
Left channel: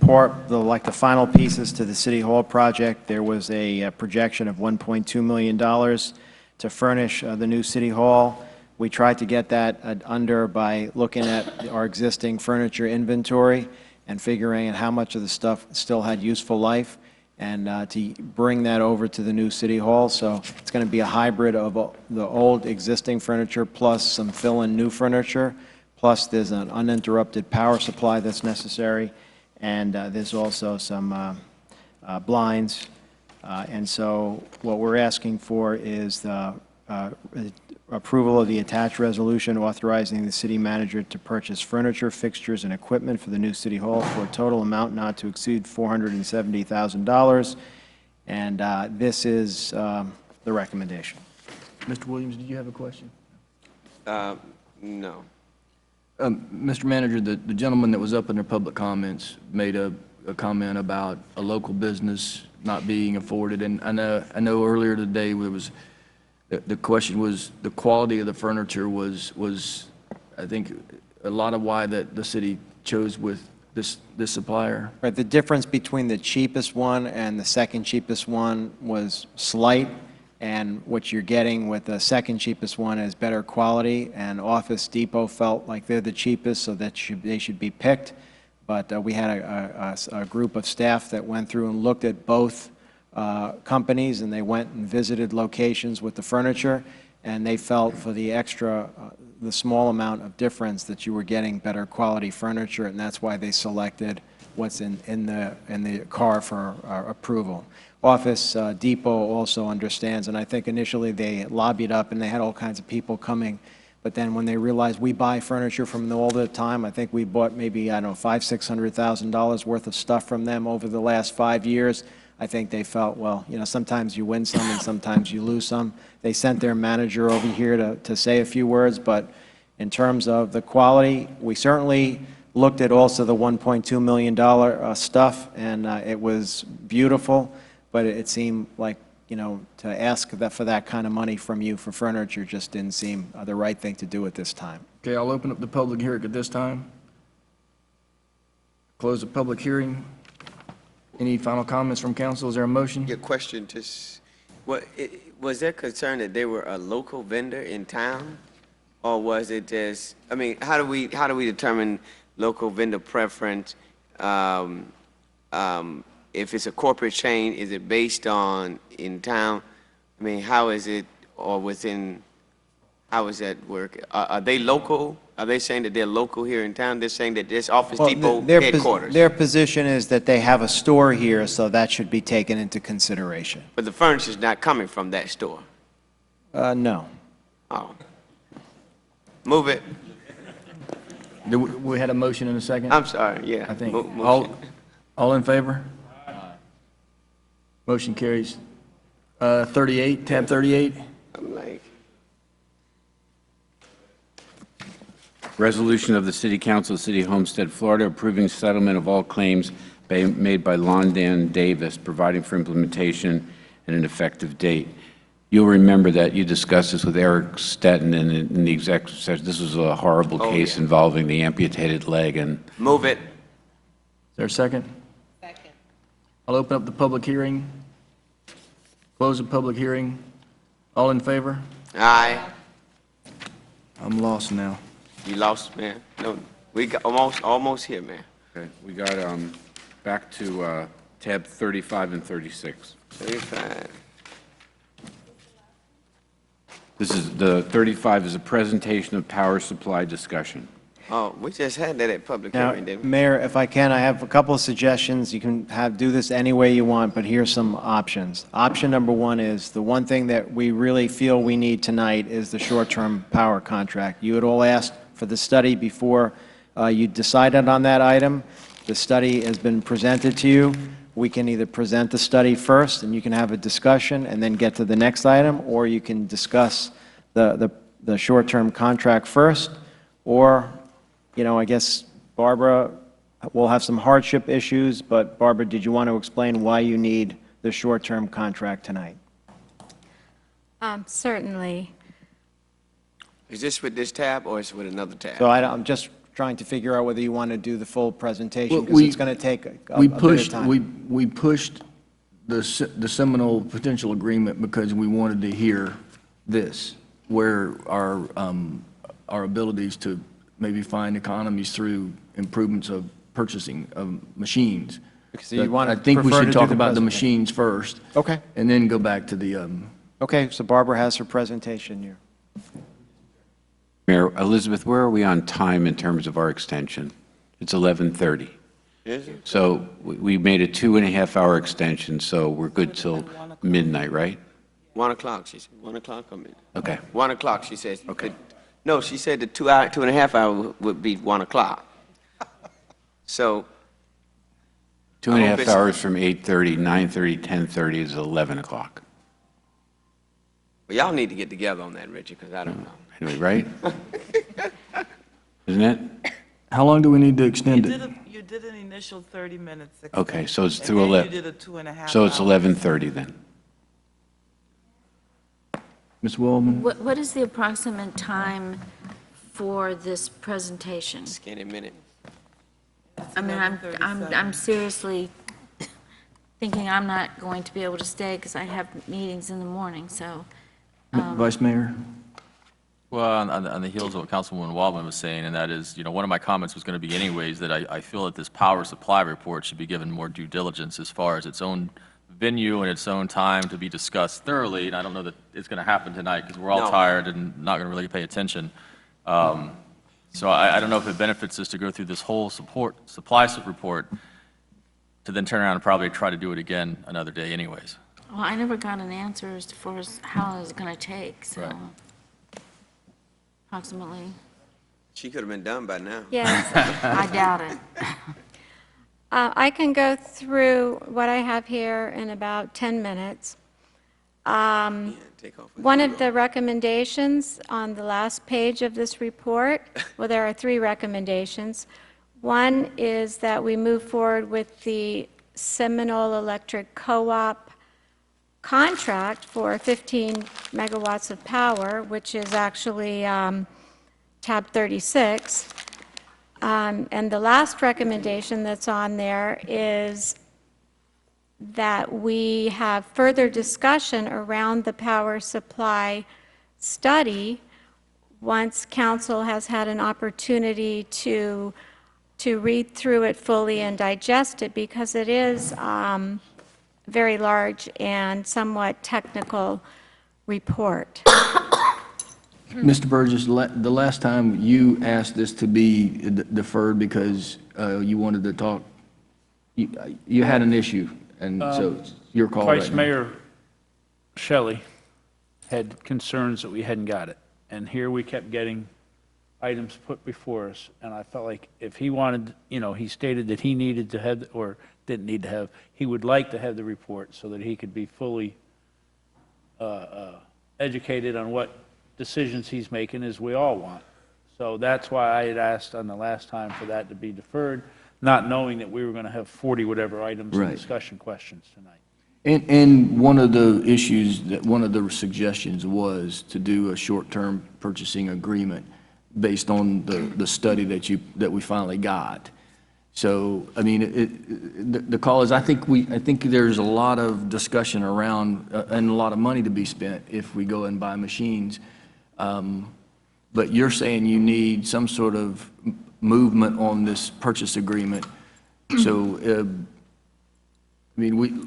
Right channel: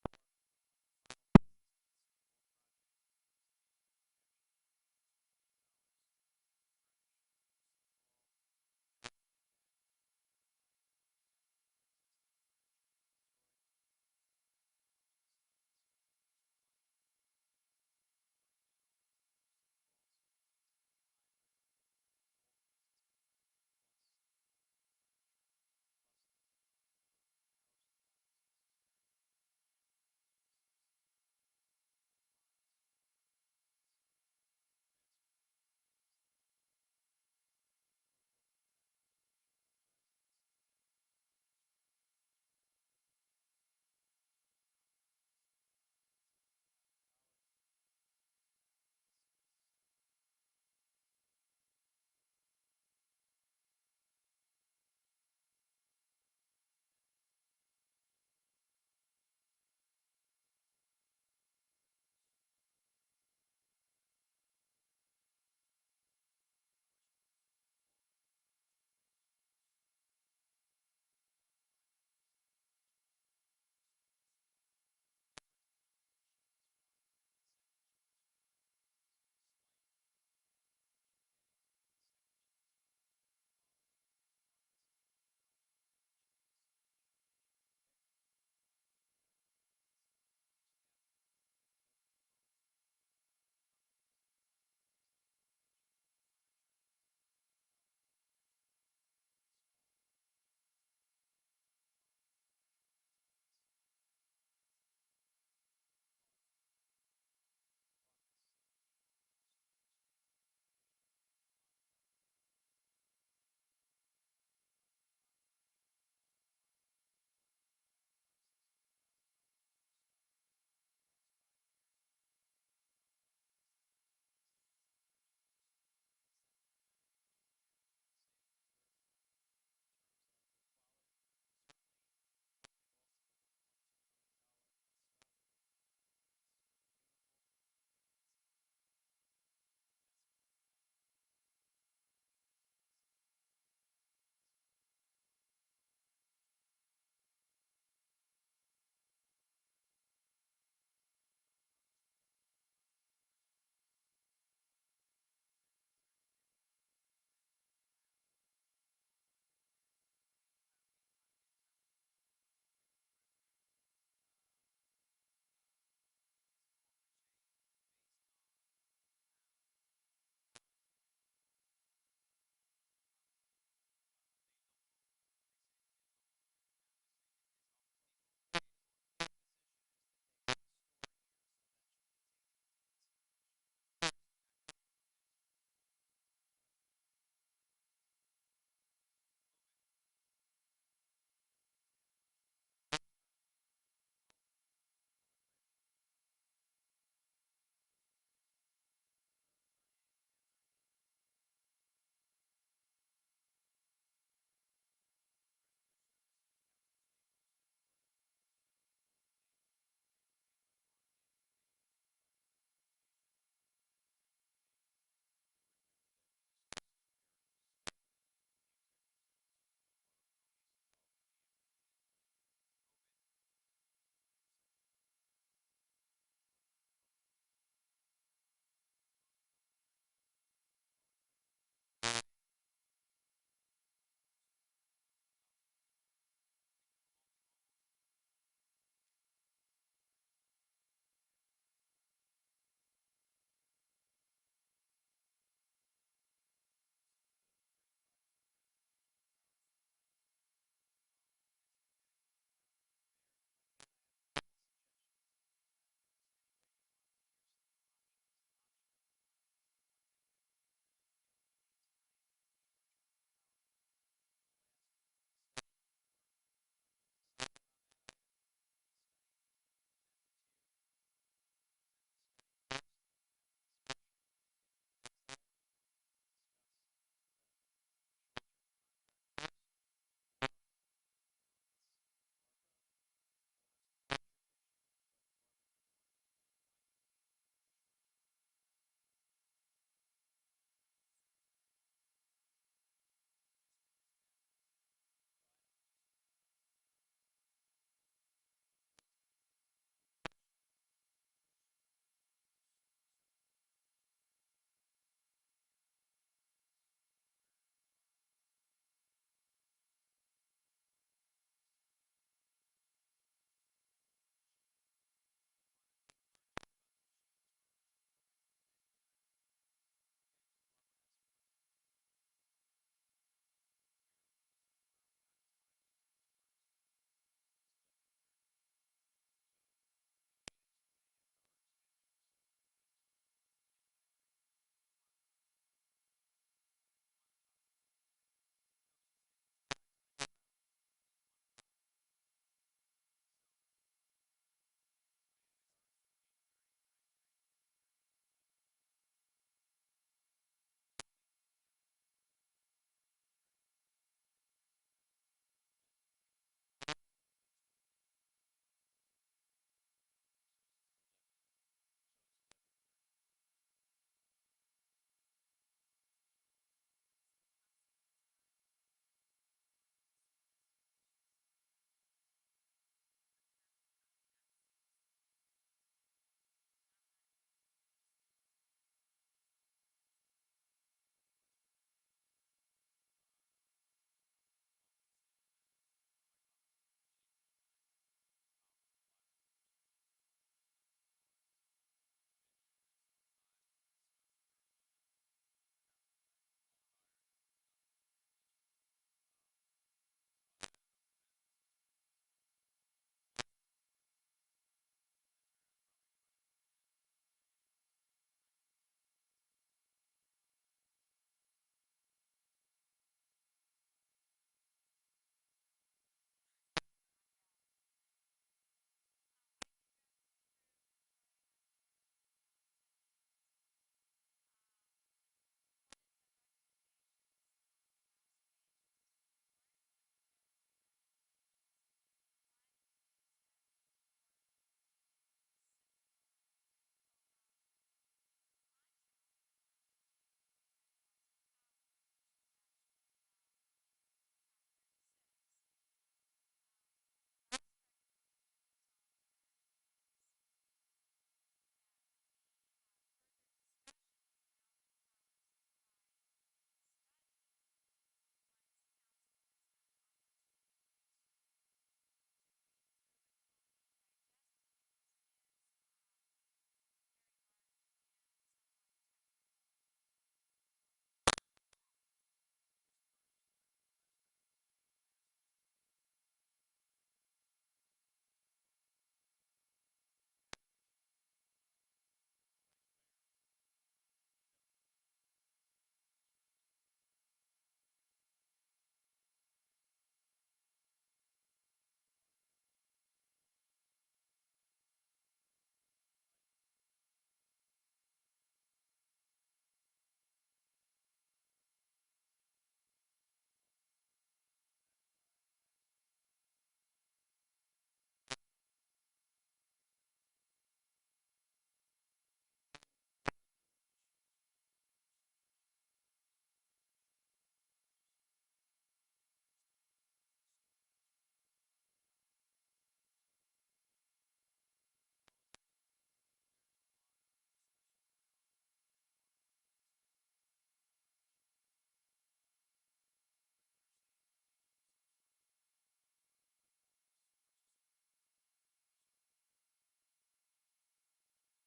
the final pieces to the City Hall project. There was a projection of $1.2 million to furnish the new City Hall. We tried to get that under by looking at our existing furniture inventory and figuring out how much of the stuff still had useful life, and to bring that over to the new City Hall. So it's going to be a hybrid of the old existing furniture plus some fill-in new furniture, plus there's an uninterrupted power supply that's necessary, and there's also some blinds. And so what we're asking for is the approval of the attached resolution authorizing the city manager to purchase furniture, fixtures, and equipment for the new city hall for a total amount not to exceed $470,000. And this is the recommendation. Mr. Williams, did you have a question? No. Mr. Manager, the gentleman that was up in their public comments made a comment about a local business not being afforded, and I know earlier today the question was the quality of the furniture was I think a lot of why that the city chose with this supplier. Right, the difference between the cheapest one and the second cheapest one was slight, and what you're getting with the second cheapest one is better quality, and Office Depot felt like they're the cheapest, so that they should be picked. But we had a group of staff that went through and looked at both companies, and they went and visited locations with the furniture, and they felt for the extra, the small amount of difference that you were getting better quality furniture, and that's why they selected what's in the car for approval. Office Depot also understands, and I think initially they lobbied up and they had all kinds of people coming, but then when they realized we buy furniture from them all the time, I think we bought maybe, I don't know, $500,000, $600,000 worth of stuff from them over the last 5 years. I think they felt, well, you know, sometimes you win some and sometimes you lose some. They sent their manager over here to say a few words, but in terms of the quality, we certainly looked at also the $1.2 million stuff, and it was beautiful, but it seemed like, you know, to ask for that kind of money from you for furniture just didn't seem the right thing to do at this time. Okay, I'll open up the public hearing at this time. Close the public hearing. Any final comments from council? Is there a motion? Your question was there concern that they were a local vendor in town? Or was it just, I mean, how do we determine local vendor preference? If it's a corporate chain, is it based on in town? I mean, how is it, or within, how does that work? Are they local? Are they saying that they're local here in town? They're saying that this Office Depot headquarters? Their position is that they have a store here, so that should be taken into consideration. But the furniture's not coming from that store? No. Oh. Move it. We had a motion in a second? I'm sorry, yeah. I think. Motion. All in favor? Motion carries. 38, tab 38. I'm like, Resolution of the City Council of the City of Homestead, Florida, approving settlement of all claims made by Londan Davis, providing for implementation and an effective date. You'll remember that you discussed this with Eric Stetton in the executive session. This was a horrible case involving the amputated leg. And move it. Is there a second? Second. I'll open up the public hearing. Close the public hearing. All in favor? Aye. I'm lost now. You lost, man. No, we got almost here, man. Okay, we got back to tab 35 and 36. 35. This is the 35 is a presentation of power supply discussion. Oh, we just had that at public Now, hearing, didn't we? Mayor, if I can, I have a couple of suggestions. You can do this any way you want, but here's some options. Option number one is, the one thing that we really feel we need tonight is the short-term power contract. You had all asked for the study before you decided on that item. The study has been presented to you. We can either present the study first, and you can have a discussion and then get to the next item, or you can discuss the short-term contract first, or, you know, I guess Barbara will have some hardship issues, but Barbara, did you want to explain why you need the short-term contract tonight? Certainly. Is this with this tab or is it with another tab? So I'm just trying to figure out whether you want to do the full presentation, Well, because it's going to take a bit of time. We pushed the Seminole potential agreement because we wanted to hear this, where our abilities to maybe find economies through improvements of purchasing of machines. So you want to I think we prefer should to do talk the about the presentation. machines first. Okay. And then go back to the, Okay, so Barbara has her presentation here. Mayor, Elizabeth, where are we on time in terms of our extension? It's 11:30. Is it? So we made a 2.5-hour extension, so we're good till midnight, right? 1 o'clock, she said. 1 o'clock, I mean. Okay. 1 o'clock, she says. Okay. No, she said the 2.5 hour would be 1 o'clock. So. 2.5 hours from 8:30, 9:30, 10:30 is 11 o'clock. Well, y'all need to get together on that, Richard, because I don't know. Anyway, right? Isn't it? How long do we need to extend it? You did an initial 30 minutes. Okay, so it's and through then 11. You did a 2.5 So it's hours. 11:30 then. Ms. Waldman? What is the approximate time for this presentation? Skinny minute. I mean, I'm seriously thinking I'm not going to be able to stay because I have meetings in the morning, so. Vice Mayor? Well, on the heels of what Councilwoman Waldman was saying, and that is, one of my comments was going to be anyways, that I feel that this power supply report should be given more due diligence as far as its own venue and its own time to be discussed thoroughly, and I don't know that it's going to happen tonight because we're all No. tired and not going to really pay attention. So I don't know if it benefits us to go through this whole supply report to then turn around and probably try to do it again another day anyways. Well, I never got an answer as far as how long it's going to take, so. Right. Approximately. She could have been done by now. Yes. I doubt it. I can go through what I have here in about 10 minutes. Take off. One of the recommendations on the last page of this report, well, there are 3 recommendations. One is that we move forward with the Seminole Electric Co-op contract for 15 megawatts of power, which is actually tab 36. And the last recommendation that's on there is that we have further discussion around the power supply study once council has had an opportunity to read through it fully and digest it, because it is very large and somewhat technical report. Mr. Burgess, the last time you asked this to be deferred because you wanted to talk, you had an issue, and so it's your call right now. Vice Mayor Shelley had concerns that we hadn't got it, and here we kept getting items put before us, and I felt like if he wanted, he stated that he needed to have, or didn't need to have, he would like to have the report so that he could be fully educated on what decisions he's making, as we all want. So that's why I had asked on the last time for that to be deferred, not knowing that we were going to have 40 whatever items and Right. discussion questions tonight. And one of the issues, one of the suggestions was to do a short-term purchasing agreement based on the study that we finally got. So, I mean, the call is, I think there's a lot of discussion around, and a lot of money to be spent if we go and buy machines. But you're saying you need some sort of movement on this purchase agreement. So, I mean,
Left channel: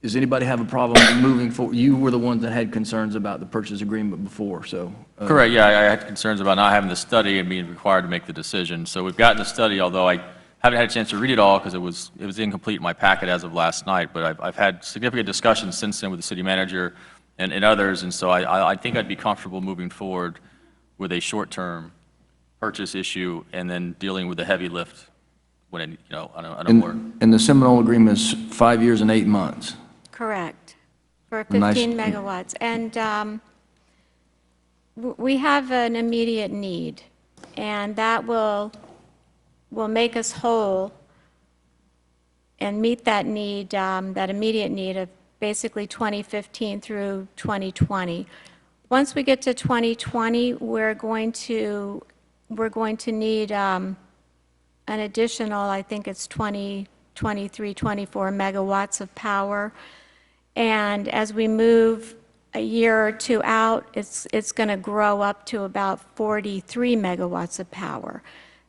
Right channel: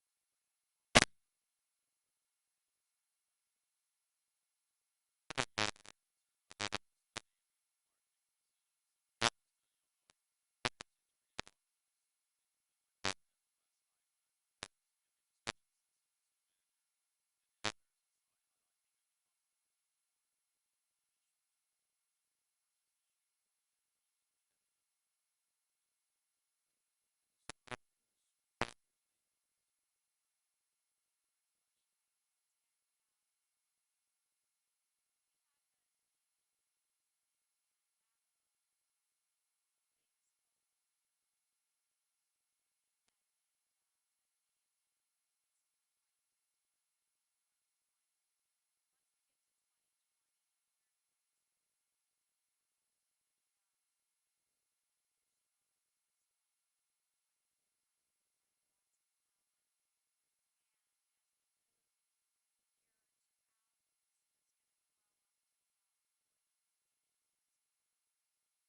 does anybody have a problem moving forward? You were the ones that had concerns about the purchase agreement before, so. Correct, yeah, I had concerns about not having the study and being required to make the decision. So we've gotten the study, although I haven't had a chance to read it all because it was incomplete in my packet as of last night, but I've had significant discussions since then with the city manager and others, and so I think I'd be comfortable moving forward with a short-term purchase issue and then dealing with the heavy lift when it, on a more. And the Seminole agreement is 5 years and 8 months. Correct, for Nice. 15 megawatts. And we have an immediate need, and that will make us whole and meet that need, that immediate need of basically 2015 through 2020. Once we get to 2020, we're going to need an additional, I think it's 23, 24 megawatts of power. And as we move a year or two out, it's going to grow up to about 43 megawatts of power.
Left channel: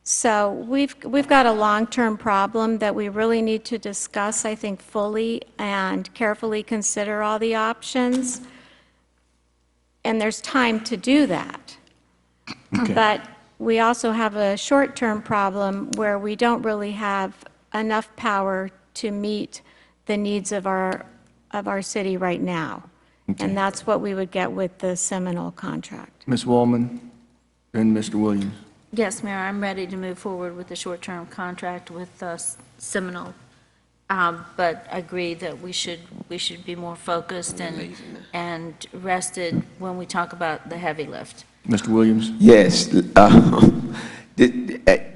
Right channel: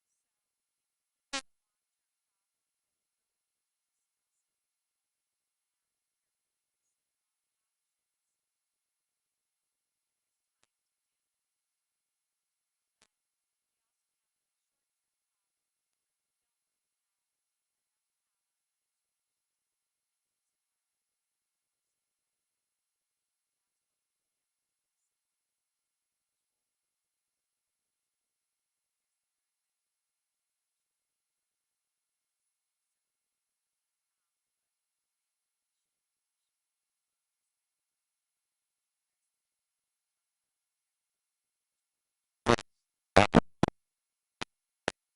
So we've got a long-term problem that we really need to discuss, I think, fully and carefully consider all the options. And there's time to do that. Okay. But we also have a short-term problem where we don't really have enough power to meet the needs of our city right now. And that's what we would get with the Seminole contract. Ms. Wallman and Mr. Williams. Yes, Mayor, I'm ready to move forward with the short-term contract with Seminole. But agree that we should be more focused and rested when we talk about the heavy lift. Mr. Williams? Yes.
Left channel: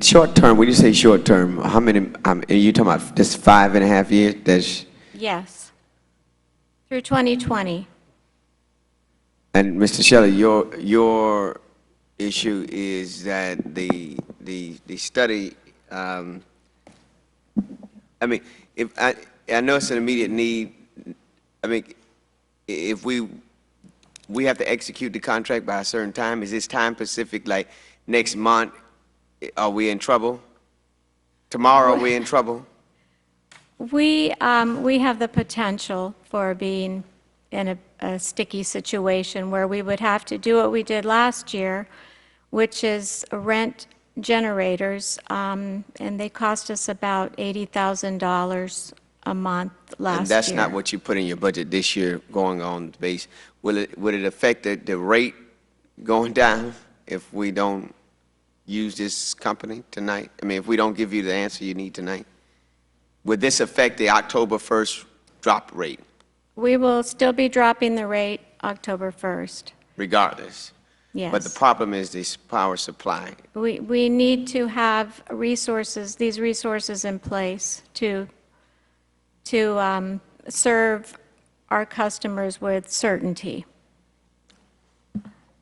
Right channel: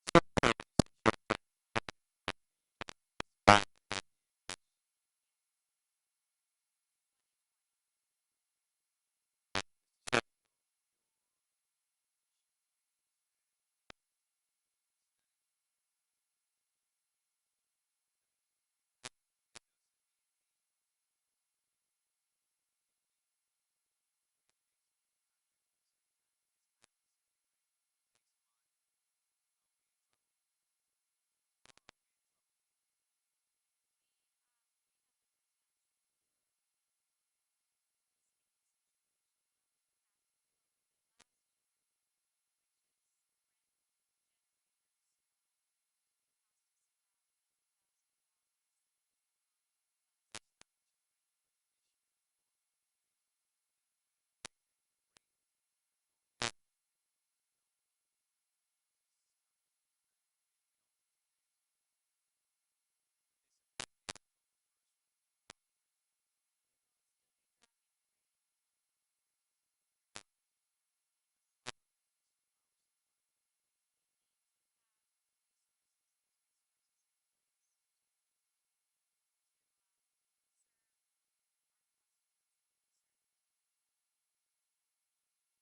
Short term, when you say short term, how many, are you talking about just 5.5 years? That's, Yes. Through 2020. and Mr. Shelley, your issue is that the study, I mean, if I know it's an immediate need. I mean, if we have to execute the contract by a certain time, is this time specific, like next month, are we in trouble? Tomorrow, are we in trouble? We have the potential for being in a sticky situation where we would have to do what we did last year, which is rent generators, and they cost us about $80,000 a month last year. And that's not what you put in your budget this year going on the base. Would it affect the rate going down if we don't use this company tonight? I mean, if we don't give you the answer you need tonight? Would this affect the October 1st drop rate We will still be dropping the rate October 1st. regardless? Yes. But the problem is this power supply. We need to have resources, these resources in place to serve our customers with certainty.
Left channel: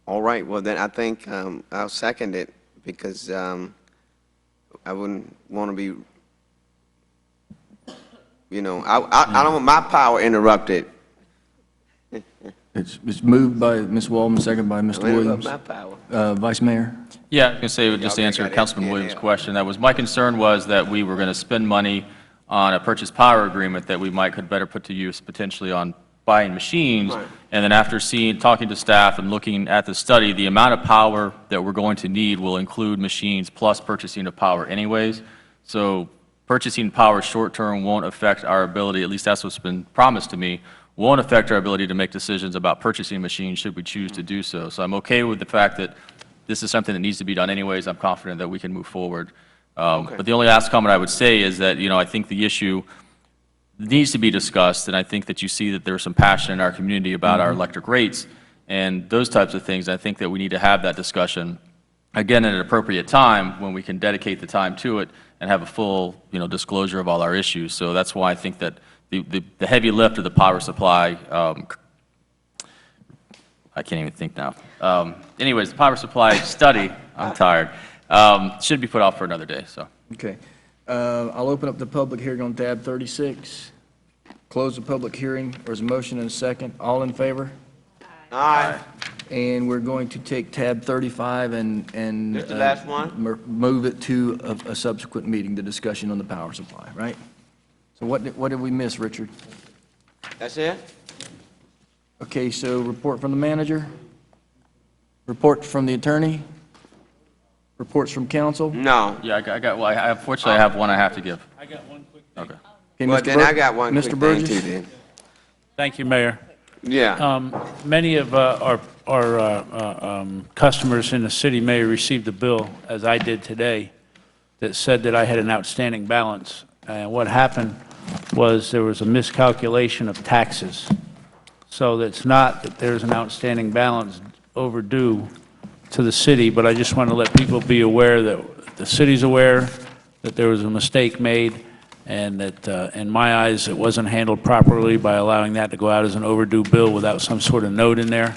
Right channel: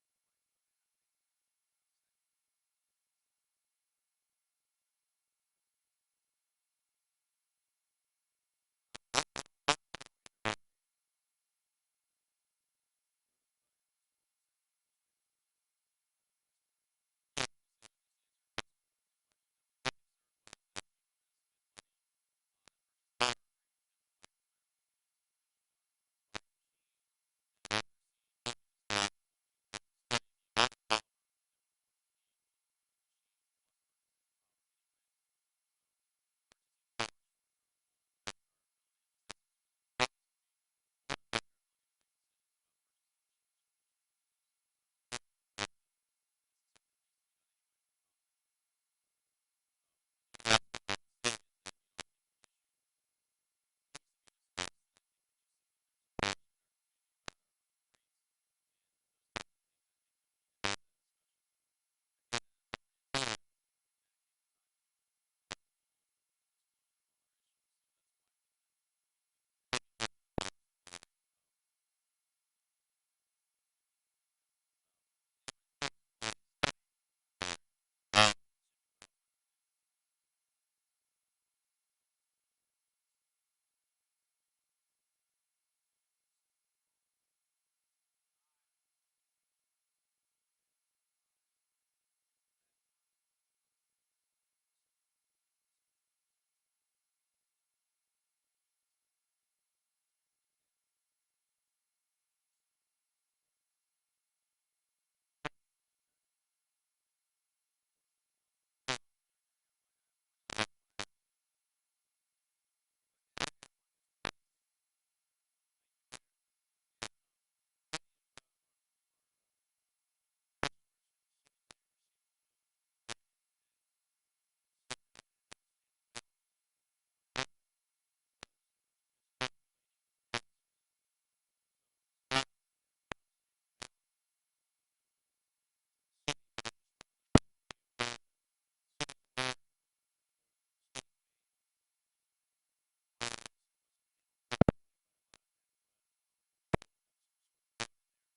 All right, well then I think I'll second it because I wouldn't want to be, I don't want my power interrupted. It's moved by Ms. Wallman, second by Mr. Williams. My power. Vice Mayor? Yeah, I was going to say, just to answer Councilman Williams' question, my concern was that we were going to spend money on a purchase power agreement that we could better put to use potentially on buying machines. Right. And then after talking to staff and looking at the study, the amount of power that we're going to need will include machines plus purchasing of power anyways. So purchasing power short-term won't affect our ability, at least that's what's been promised to me, won't affect our ability to make decisions about purchasing machines should we choose to do so. So I'm okay with the fact that this is something that needs to be done anyways. I'm confident that we can move forward. But the only last comment I would say is that, I think the issue needs to be discussed, and I think that you see that there's some passion in our community about our electric rates and those types of things. I think that we need to have that discussion, again, at an appropriate time when we can dedicate the time to it and have a full, disclosure of all our issues. So that's why I think that the heavy lift of the power supply, I can't even think now. Anyways, the power supply study, I'm tired, should be put off for another day, so. Okay. I'll open up the public hearing on tab 36. Close the public hearing. There's a motion and a second. All in favor? Aye. And we're going to take tab 35 and This the last one? Move it to a subsequent meeting, the discussion on the power supply, right? So what did we miss, Richard? That's it? Okay, so report from the manager, report from the attorney, reports from council. No. Yeah, unfortunately, I have one I have to give. I got one quick thing. Okay. Okay, Well, Mr. then I got one Mr. quick thing Burgess? too then. Thank you, Mayor. Yeah. Many of our customers in the city may have received a bill, as I did today, that said that I had an outstanding balance. And what happened was there was a miscalculation of taxes. So it's not that there's an outstanding balance overdue to the city, but I just want to let people be aware that the city's aware that there was a mistake made, and that, in my eyes, it wasn't handled properly by allowing that to go out as an overdue bill without some sort of note in there.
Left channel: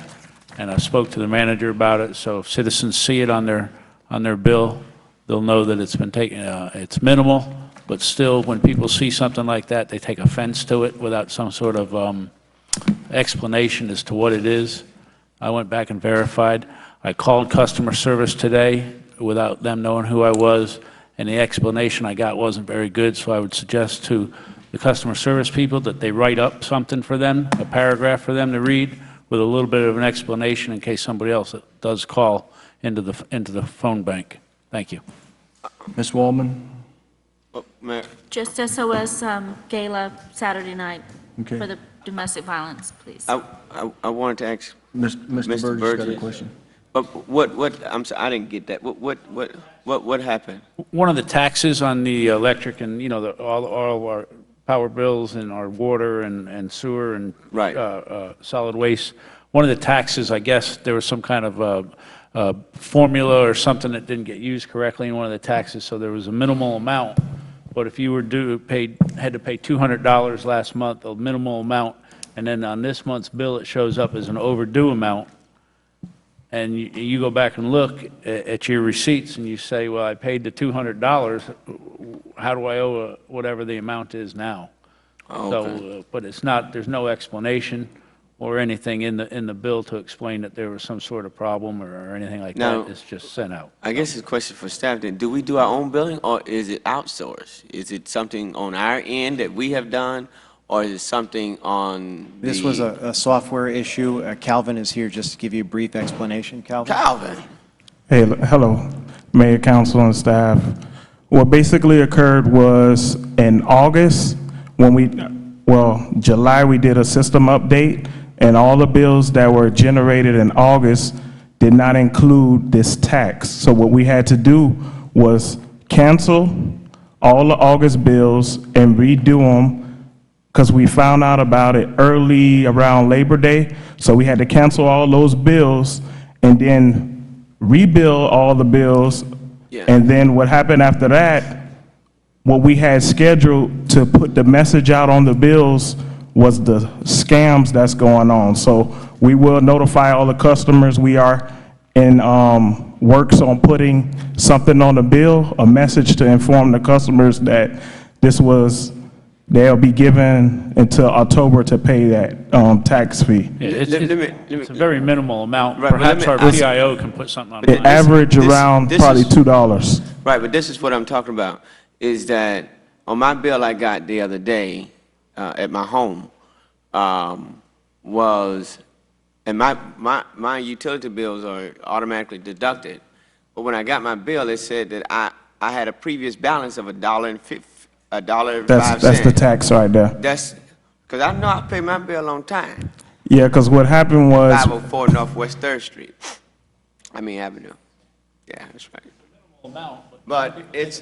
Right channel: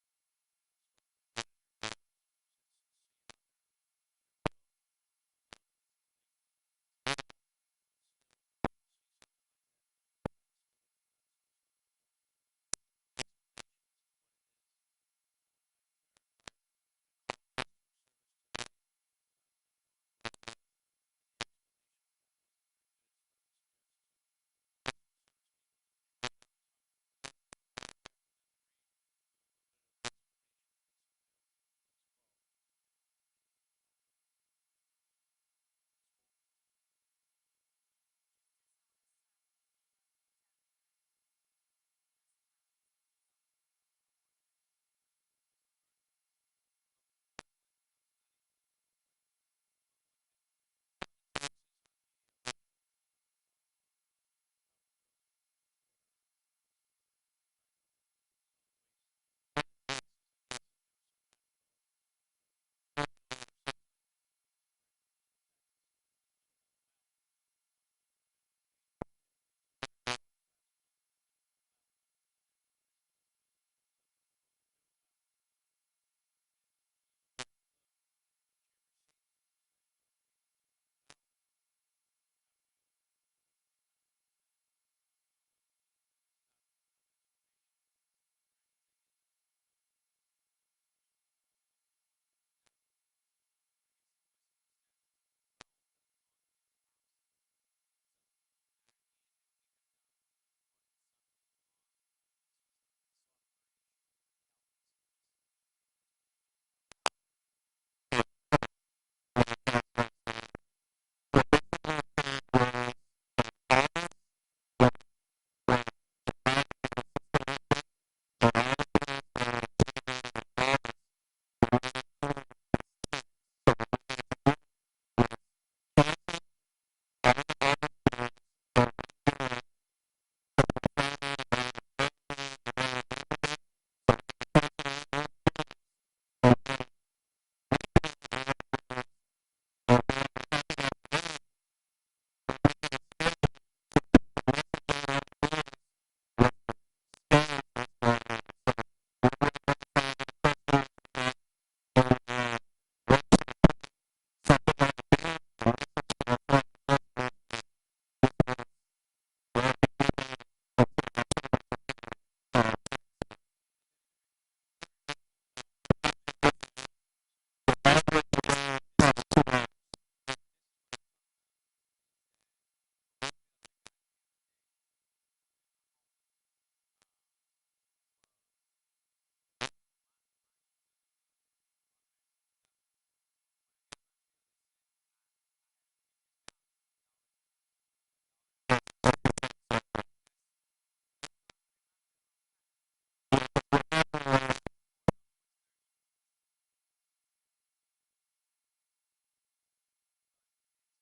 And I spoke to the manager about it, so if citizens see it on their bill, they'll know that it's been taken, it's minimal, but still, when people see something like that, they take offense to it without some sort of explanation as to what it is. I went back and verified. I called customer service today without them knowing who I was, and the explanation I got wasn't very good, so I would suggest to the customer service people that they write up something for them, a paragraph for them to read with a little bit of an explanation in case somebody else does call into the phone bank. Thank you. Ms. Wallman? Mayor. Just SOS gala Saturday night Okay. for the domestic violence, please. I wanted to ask Mr. Burgess got a question. But I'm sorry, I didn't get that. What happened? One of the taxes on the electric and, you know, all of our power bills and our water and sewer and solid waste, one of the taxes, I guess, there was some kind of formula or something that didn't get used correctly in one of the taxes, so there was a minimal amount. But if you were had to pay $200 last month, a minimal amount, and then on this month's bill, it shows up as an overdue amount, and you go back and look at your receipts and you say, well, I paid the $200, how do I owe whatever the amount is now? Okay. So, but it's not, there's no explanation or anything in the bill to explain that there was some sort of problem or anything like that. It's just sent out. I guess it's a question for staff then. Do we do our own billing or is it outsourced? Is it something on our end that we have done or is it something on the... This was a software issue. Calvin is here just to give you a brief explanation. Calvin? Hey, hello, Mayor, Council, and staff. What basically occurred was in August, July, we did a system update, and all the bills that were generated in August did not include this tax. So what we had to do was cancel all the August bills and redo them, because we found out about it early around Labor Day. So we had to cancel all those bills and then rebill all the bills. And then what happened after that, what we had scheduled to put the message out on the bills was the scams that's going on. So we will notify all the customers. We are in works on putting something on the bill, a message to inform the customers that they'll be given until October to pay that tax fee. It's a very minimal amount. Perhaps our PIO can put something on it. It averaged around probably $2. Right, but this is what I'm talking about, is that on my bill I got the other day at my home and my utility bills are automatically deducted. But when I got my bill, it said that I had a previous balance of $1.05. That's the tax right there. That's because I know I pay my bill on time. Yeah, because what happened was 504 Northwest 3rd Street. Avenue. Yeah, that's right. But it's...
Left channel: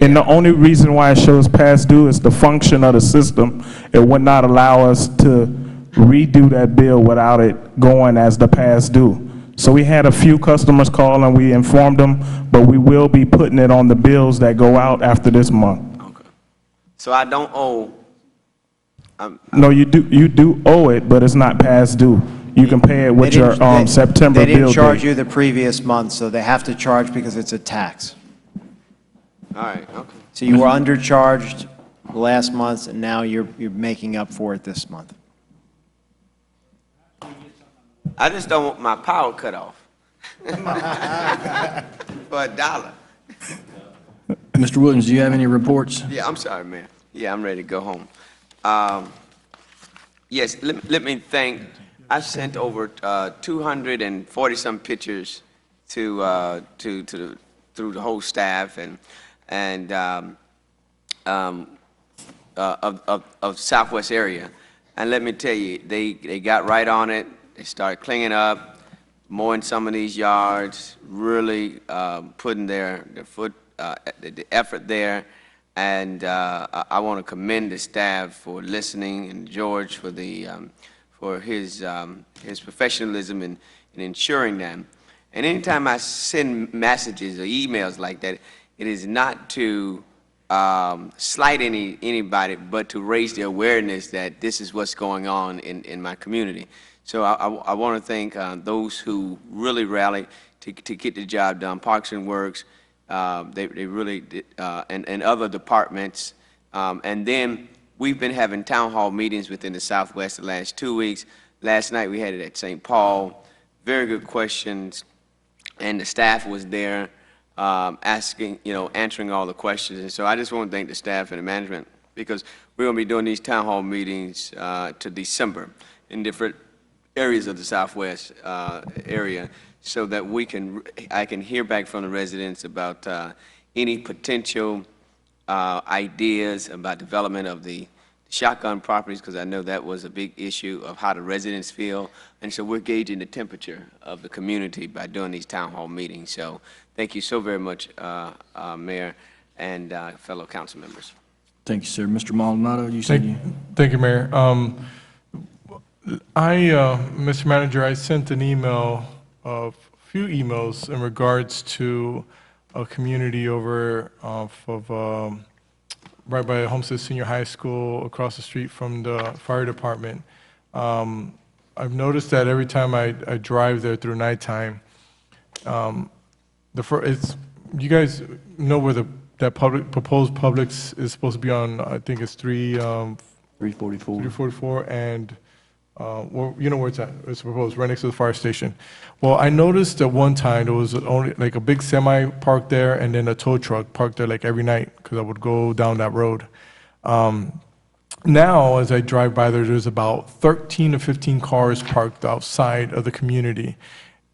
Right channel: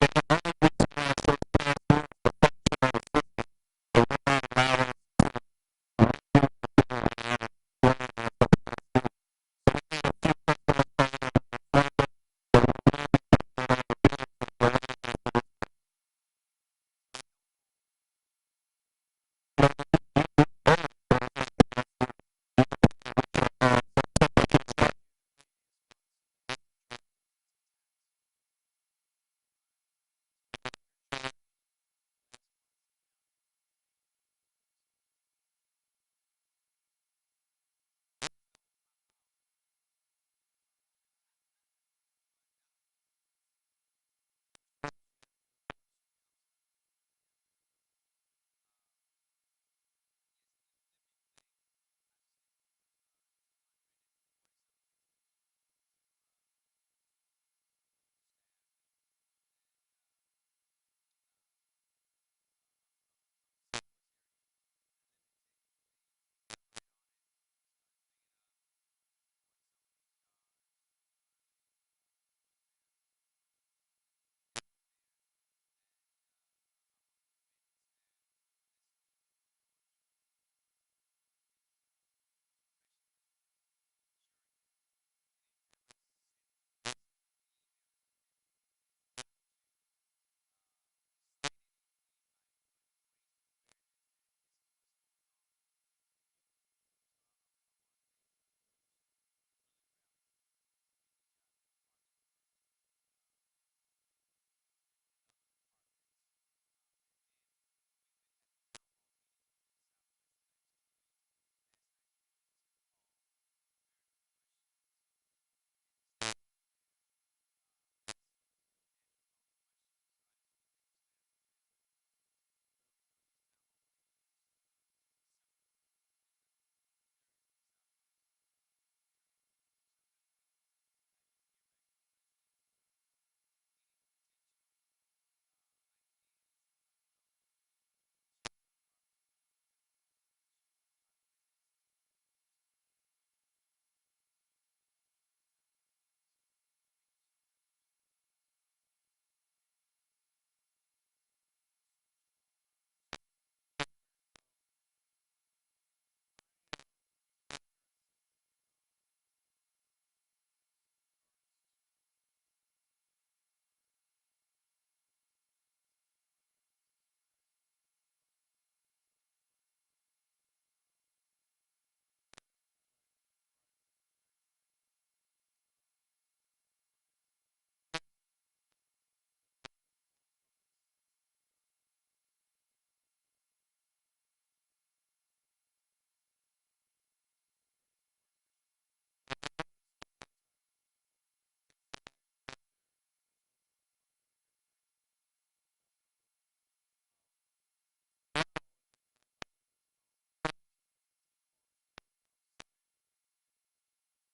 And the only reason why it shows past due is the function of the system. It would not allow us to redo that bill without it going as the past due. So we had a few customers call and we informed them, but we will be putting it on the bills that go out after this month. So I don't owe... No, you do owe it, but it's not past due. You can pay it with your September bill They didn't charge date. you the previous month, so they have to charge because it's a tax. All right, okay. So you were undercharged last month, and now you're making up for it this month. I just don't want my power cut off. For $1. Mr. Williams, do you have any reports? Yeah, I'm sorry, Mayor. Yeah, I'm ready to go home. Yes, let me thank, I sent over 240-some pictures through the whole staff of Southwest area. And let me tell you, they got right on it. They started cleaning up, mowing some of these yards, really putting the effort there. And I want to commend the staff for listening and George for his professionalism in ensuring them. And anytime I send messages or emails like that, it is not to slight anybody, but to raise the awareness that this is what's going on in my community. So I want to thank those who really rallied to get the job done. Parks and Works, they really did, and other departments. And then we've been having town hall meetings within the Southwest the last 2 weeks. Last night we had it at St. Paul. Very good questions, and the staff was there answering all the questions. And so I just want to thank the staff and the management, because we're going to be doing these town hall meetings to December in different areas of the Southwest area, so that I can hear back from the residents about any potential ideas about development of the shotgun properties, because I know that was a big issue of how the residents feel. And so we're gauging the temperature of the community by doing these town hall meetings. So thank you so very much, Mayor and fellow council members. Thank you, sir. Mr. Maldonado, you said you... Thank you, Mayor. Mr. Manager, I sent an email, a few emails in regards to a community over off of, right by Homestead Senior High School, across the street from the fire department. I've noticed that every time I drive there through nighttime, you guys know where that proposed Publix is supposed to be on, I think it's 344. 344, and well, you know where it's at. It's proposed right next to the fire station. Well, I noticed at one time there was only like a big semi parked there and then a tow truck parked there like every night because I would go down that road. Now, as I drive by there, there's about 13 to 15 cars parked outside of the community.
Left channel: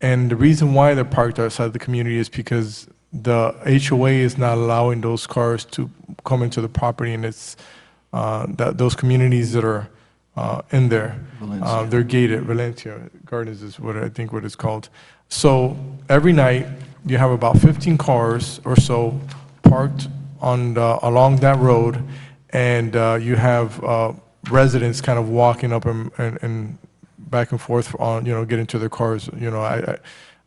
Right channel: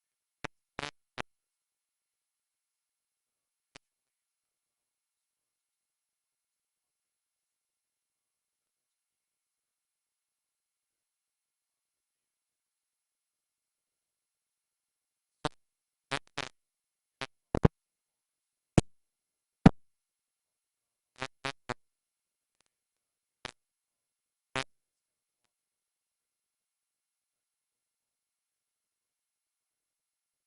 And the reason why they're parked outside the community is because the HOA is not allowing those cars to come into the property, and it's those communities that are in there, they're gated. Valencia Gardens is what I think what it's called. So every night you have about 15 cars or so parked on along that road, and you have residents kind of walking up and back and forth on, getting to their cars.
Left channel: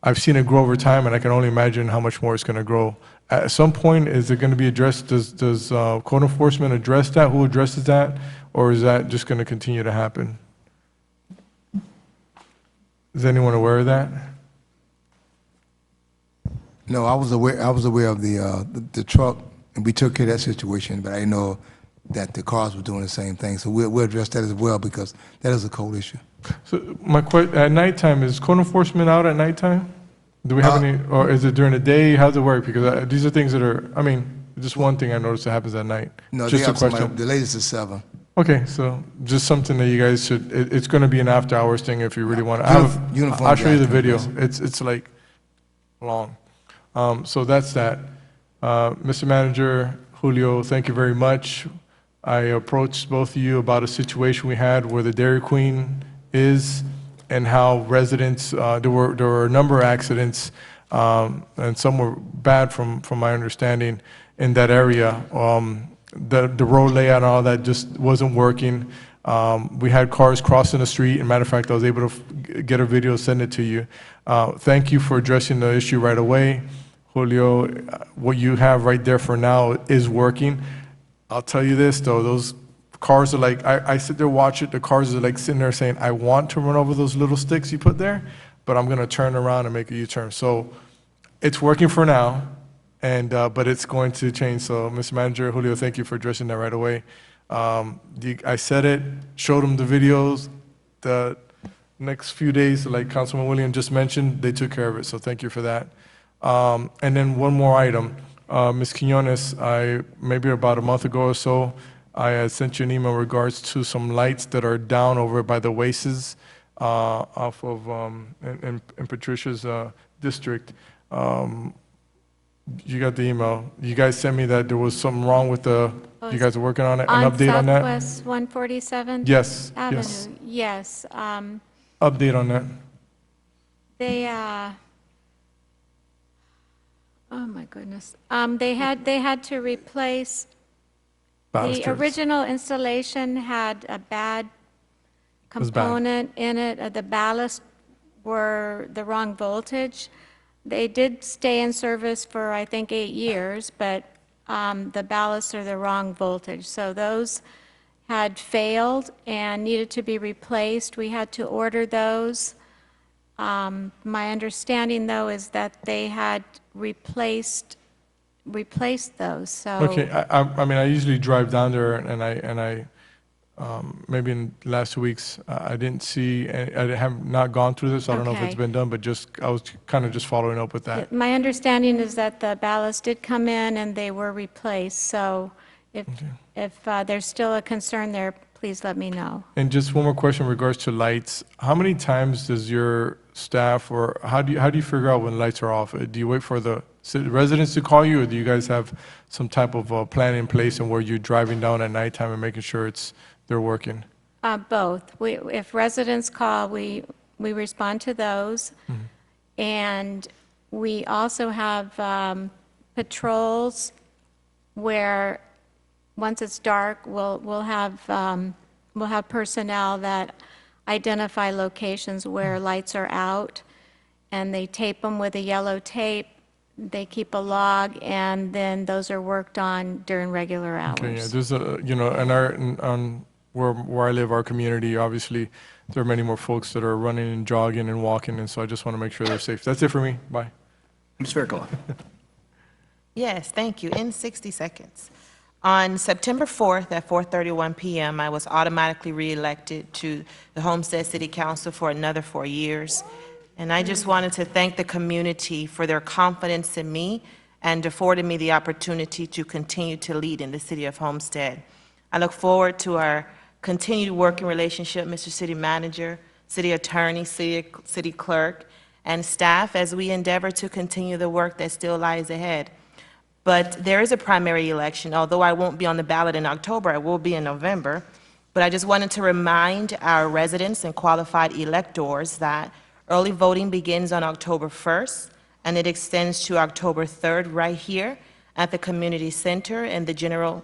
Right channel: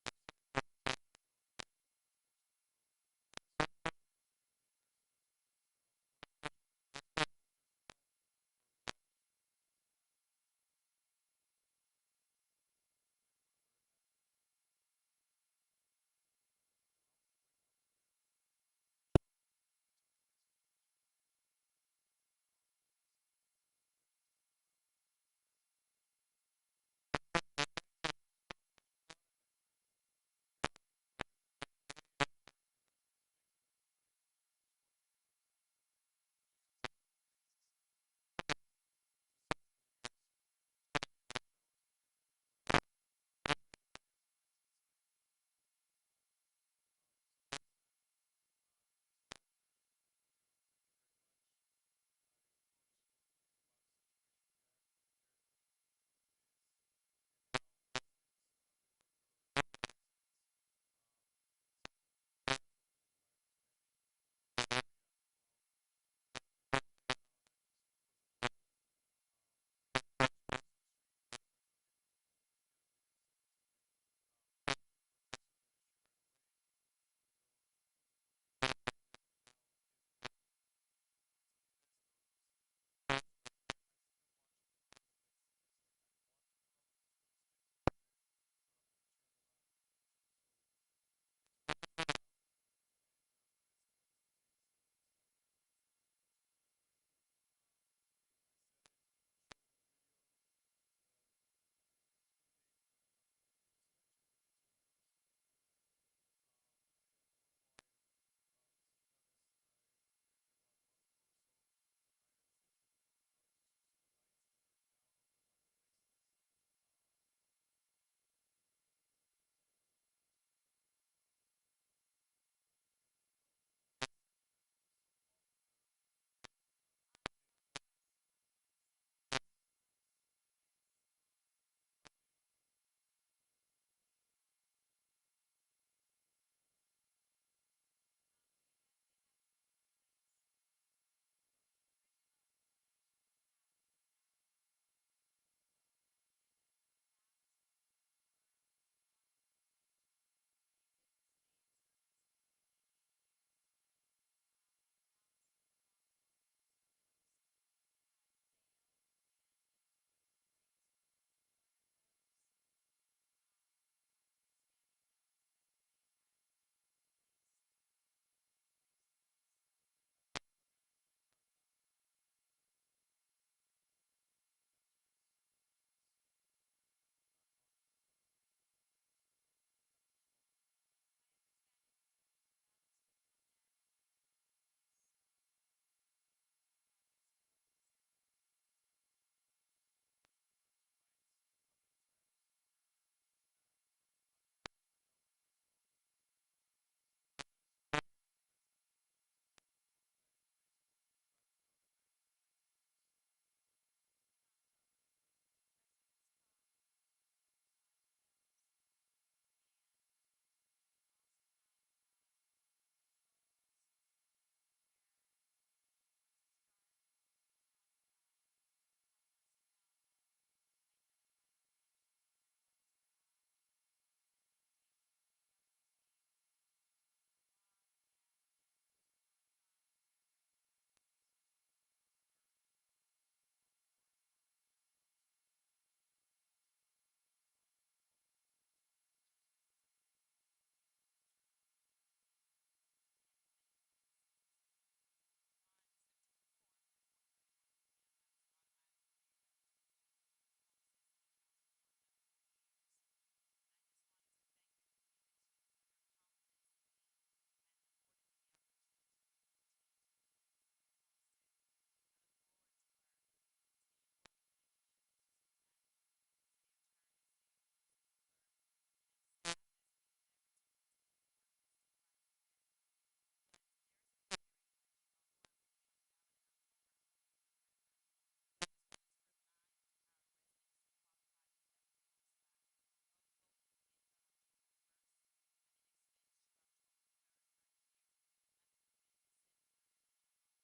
I've seen it grow over time, and I can only imagine how much more it's going to grow. At some point, is it going to be addressed? Does code enforcement address that? Who addresses that? Or is that just going to continue to happen? Is anyone aware of that? No, I was aware of the truck, and we took care of that situation, but I didn't know that the cars were doing the same thing. So we'll address that as well, because that is a code issue. So at nighttime, is code enforcement out at nighttime? Do we have any, or is it during the day? How does it work? Because these are things that are, just one thing I noticed that happens at night. No, just a question. The latest is 7. Okay, so just something that you guys should, it's going to be an after hours thing if you really want to. I'll show you the video. It's like long. So that's that. Mr. Manager, Julio, thank you very much. I approached both of you about a situation we had where the Dairy Queen is, and how residents, there were a number of accidents, and some were bad from my understanding in that area. The road layout and all that just wasn't working. We had cars crossing the street. As a matter of fact, I was able to get a video, send it to you. Thank you for addressing the issue right away. Julio, what you have right there for now is working. I'll tell you this, though, those cars are like, I sit there, watch it, the cars are like sitting there saying, I want to run over those little sticks you put there, but I'm going to turn around and make a U-turn. So it's working for now, and but it's going to change. So, Mr. Manager, Julio, thank you for addressing that right away. I said it, showed them the videos. The next few days, like Councilman William just mentioned, they took care of it, so thank you for that. And then one more item. Ms. Quinones, maybe about a month ago or so, I had sent you an email in regards to some lights that are down over by the Oasis off of, in Patricia's district. You got the email. You guys sent me that there was something wrong with you guys are working on it, an update on that? On Southwest 147th Yes, Avenue? yes. Yes. Update on that. They, oh my goodness. They had to replace, the Balusters. original installation had a bad was bad. component in it. The ballast were the wrong voltage. They did stay in service for, I think, 8 years, but the ballasts are the wrong voltage. So those had failed and needed to be replaced. We had to order those. My understanding, though, is that they had replaced those, so. Okay, I usually drive down there, and I maybe in the last 2 weeks, I didn't see, I have not gone through this, I don't know if it's Okay. been done, but I was kind of just following up with that. My understanding is that the ballast did come in and they were replaced, so if there's still a concern there, please let me know. And just one more question in regards to lights. How many times does your staff, or how do you figure out when lights are off? Do you wait for the residents to call you, or do you guys have some type of plan in place and where you're driving down at nighttime and making sure they're working? Both. If residents call, we respond to those. And we also have patrols where, once it's dark, we'll have personnel that identify locations where lights are out, and they tape them with a yellow tape. They keep a log, and then those are worked on during regular hours. Okay, yeah, there's where I live, our community, obviously, there are many more folks that are running and jogging and walking, and so I just want to make sure they're safe. That's it for me. Bye. Ms. Fairclough. Yes, thank you. In 60 seconds. On September 4th at 4:31 p.m., I was automatically reelected to the Homestead City Council for another 4 years. And I just wanted to thank the community for their confidence in me and affording me the opportunity to continue to lead in the city of Homestead. I look forward to our continued working relationship, Mr. City Manager, City Attorney, City Clerk, and staff as we endeavor to continue the work that still lies ahead. But there is a primary election. Although I won't be on the ballot in October, I will be in November. But I just wanted to remind our residents and qualified electors that early voting begins on October 1st, and it extends to October 3rd right here at the community center, and the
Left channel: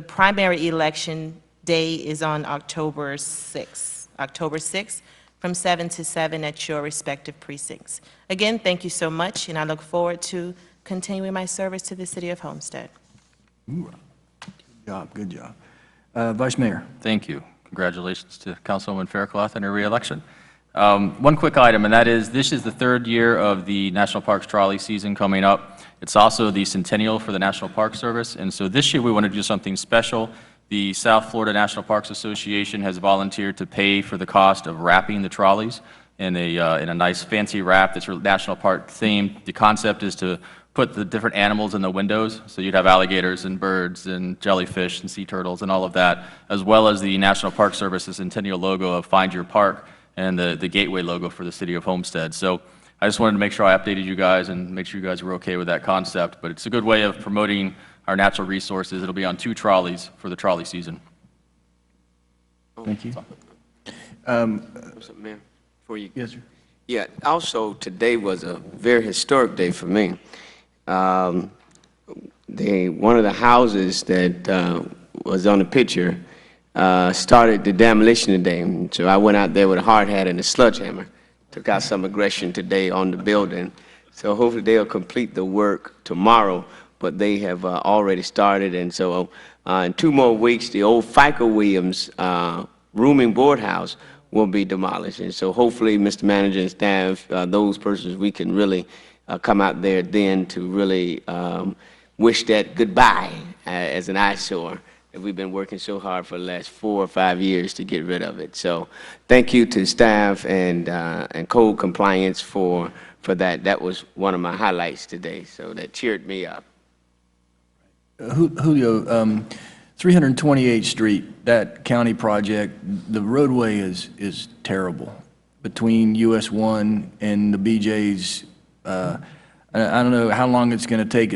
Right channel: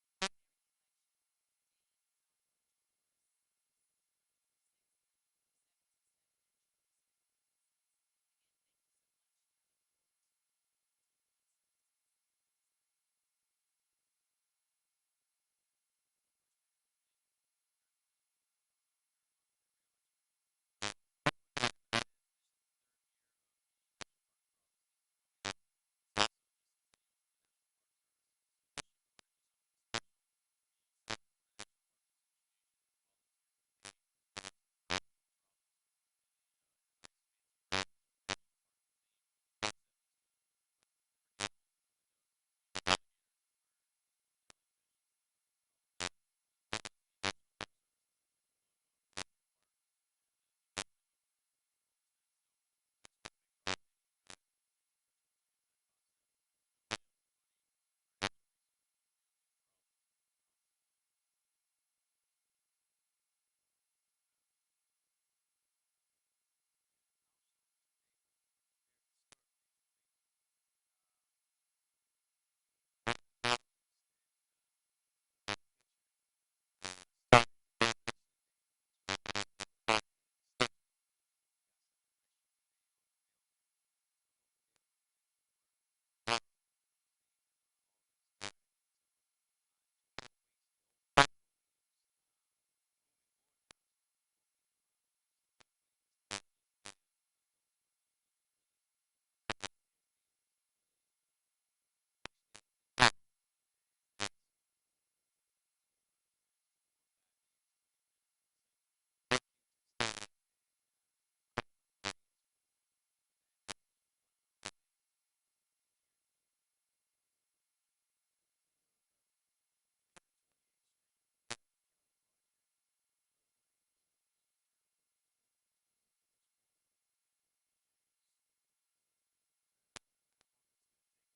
primary election day is on October 6th, from 7 to 7 at your respective precincts. Again, thank you so much, and I look forward to continuing my service to the city of Homestead. Good job, good job. Vice Mayor. Thank you. Congratulations to Councilwoman Fairclough and her reelection. One quick item, and that is, this is the third year of the National Parks Trolley season coming up. It's also the centennial for the National Park Service, and so this year we want to do something special. The South Florida National Parks Association has volunteered to pay for the cost of wrapping the trolleys in a nice fancy wrap that's national park themed. The concept is to put the different animals in the windows, so you'd have alligators and birds and jellyfish and sea turtles and all of that, as well as the National Park Service's centennial logo of Find Your Park and the gateway logo for the city of Homestead. So I just wanted to make sure I updated you guys and make sure you guys were okay with that concept, but it's a good way of promoting our natural resources. It'll be on 2 trolleys for the trolley season. Thank you. Ma'am, before you. Yes, sir. Yeah, also, today was a very historic day for me. One of the houses that was on the picture started the demolition today. So I went out there with a hard hat and a sledgehammer, took out some aggression today on the building. So hopefully they'll complete the work tomorrow, but they have already started. And so in 2 more weeks, the old FICA Williams rooming board house will be demolished. And so hopefully, Mr. Manager and staff, those persons, we can really come out there then to really wish that goodbye as an eyesore that we've been working so hard for the last 4 or 5 years to get rid of it. So thank you to staff and code compliance for that. That was one of my highlights today, so that cheered me up. Julio, 328th Street, that county project, the roadway is terrible between US 1 and the BJ's. I don't know how long it's going to take.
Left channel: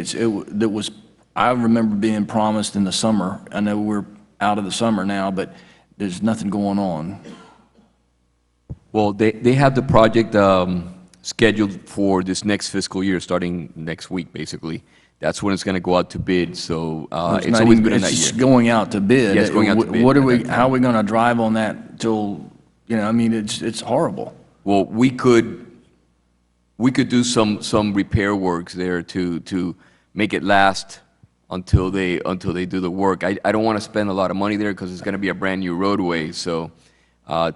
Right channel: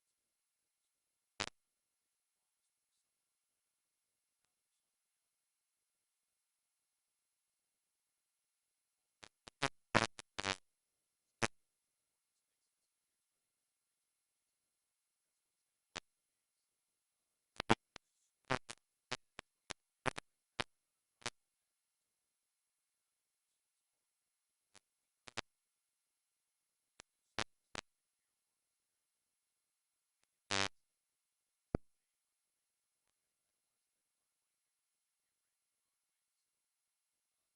I remember being promised in the summer. I know we're out of the summer now, but there's nothing going on. Well, they have the project scheduled for this next fiscal year, starting next week, basically. That's when it's going to go out to bid, so it's always been in that year. It's going out to bid. Yeah, it's going out to bid. How are we going to drive on that till, I mean, it's horrible. Well, we could do some repair works there to make it last until they do the work. I don't want to spend a lot of money there because it's going to be a brand-new roadway, so and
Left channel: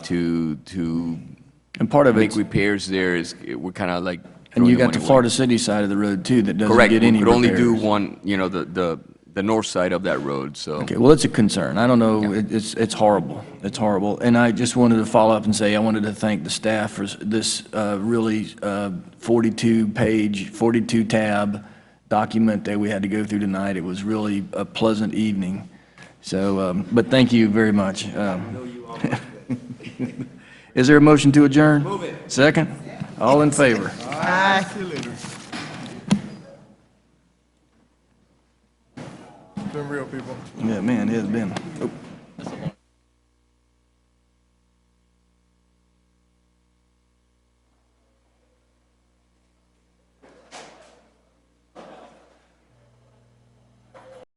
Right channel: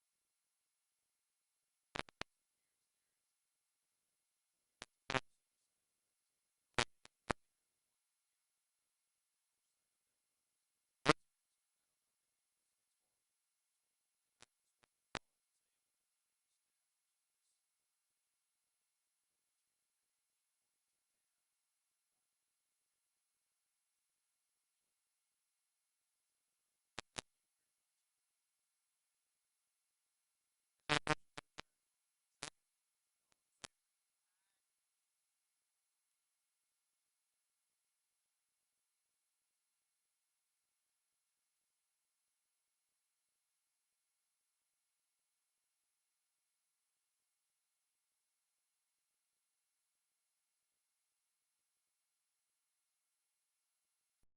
part of make repairs there we're kind of like. And you got the Florida City side of the road too that doesn't get any repairs. Correct. We could only do one, the north side of that road. So. Okay. Well, it's a concern. I don't know. Yeah. It's horrible. It's horrible. And I just wanted to follow up and say I wanted to thank the staff for this really 42-page, 42-tab document that we had to go through tonight. It was really a pleasant evening. So, but thank you very much. Is there a motion to adjourn? Move it. Second? All in favor? Aye.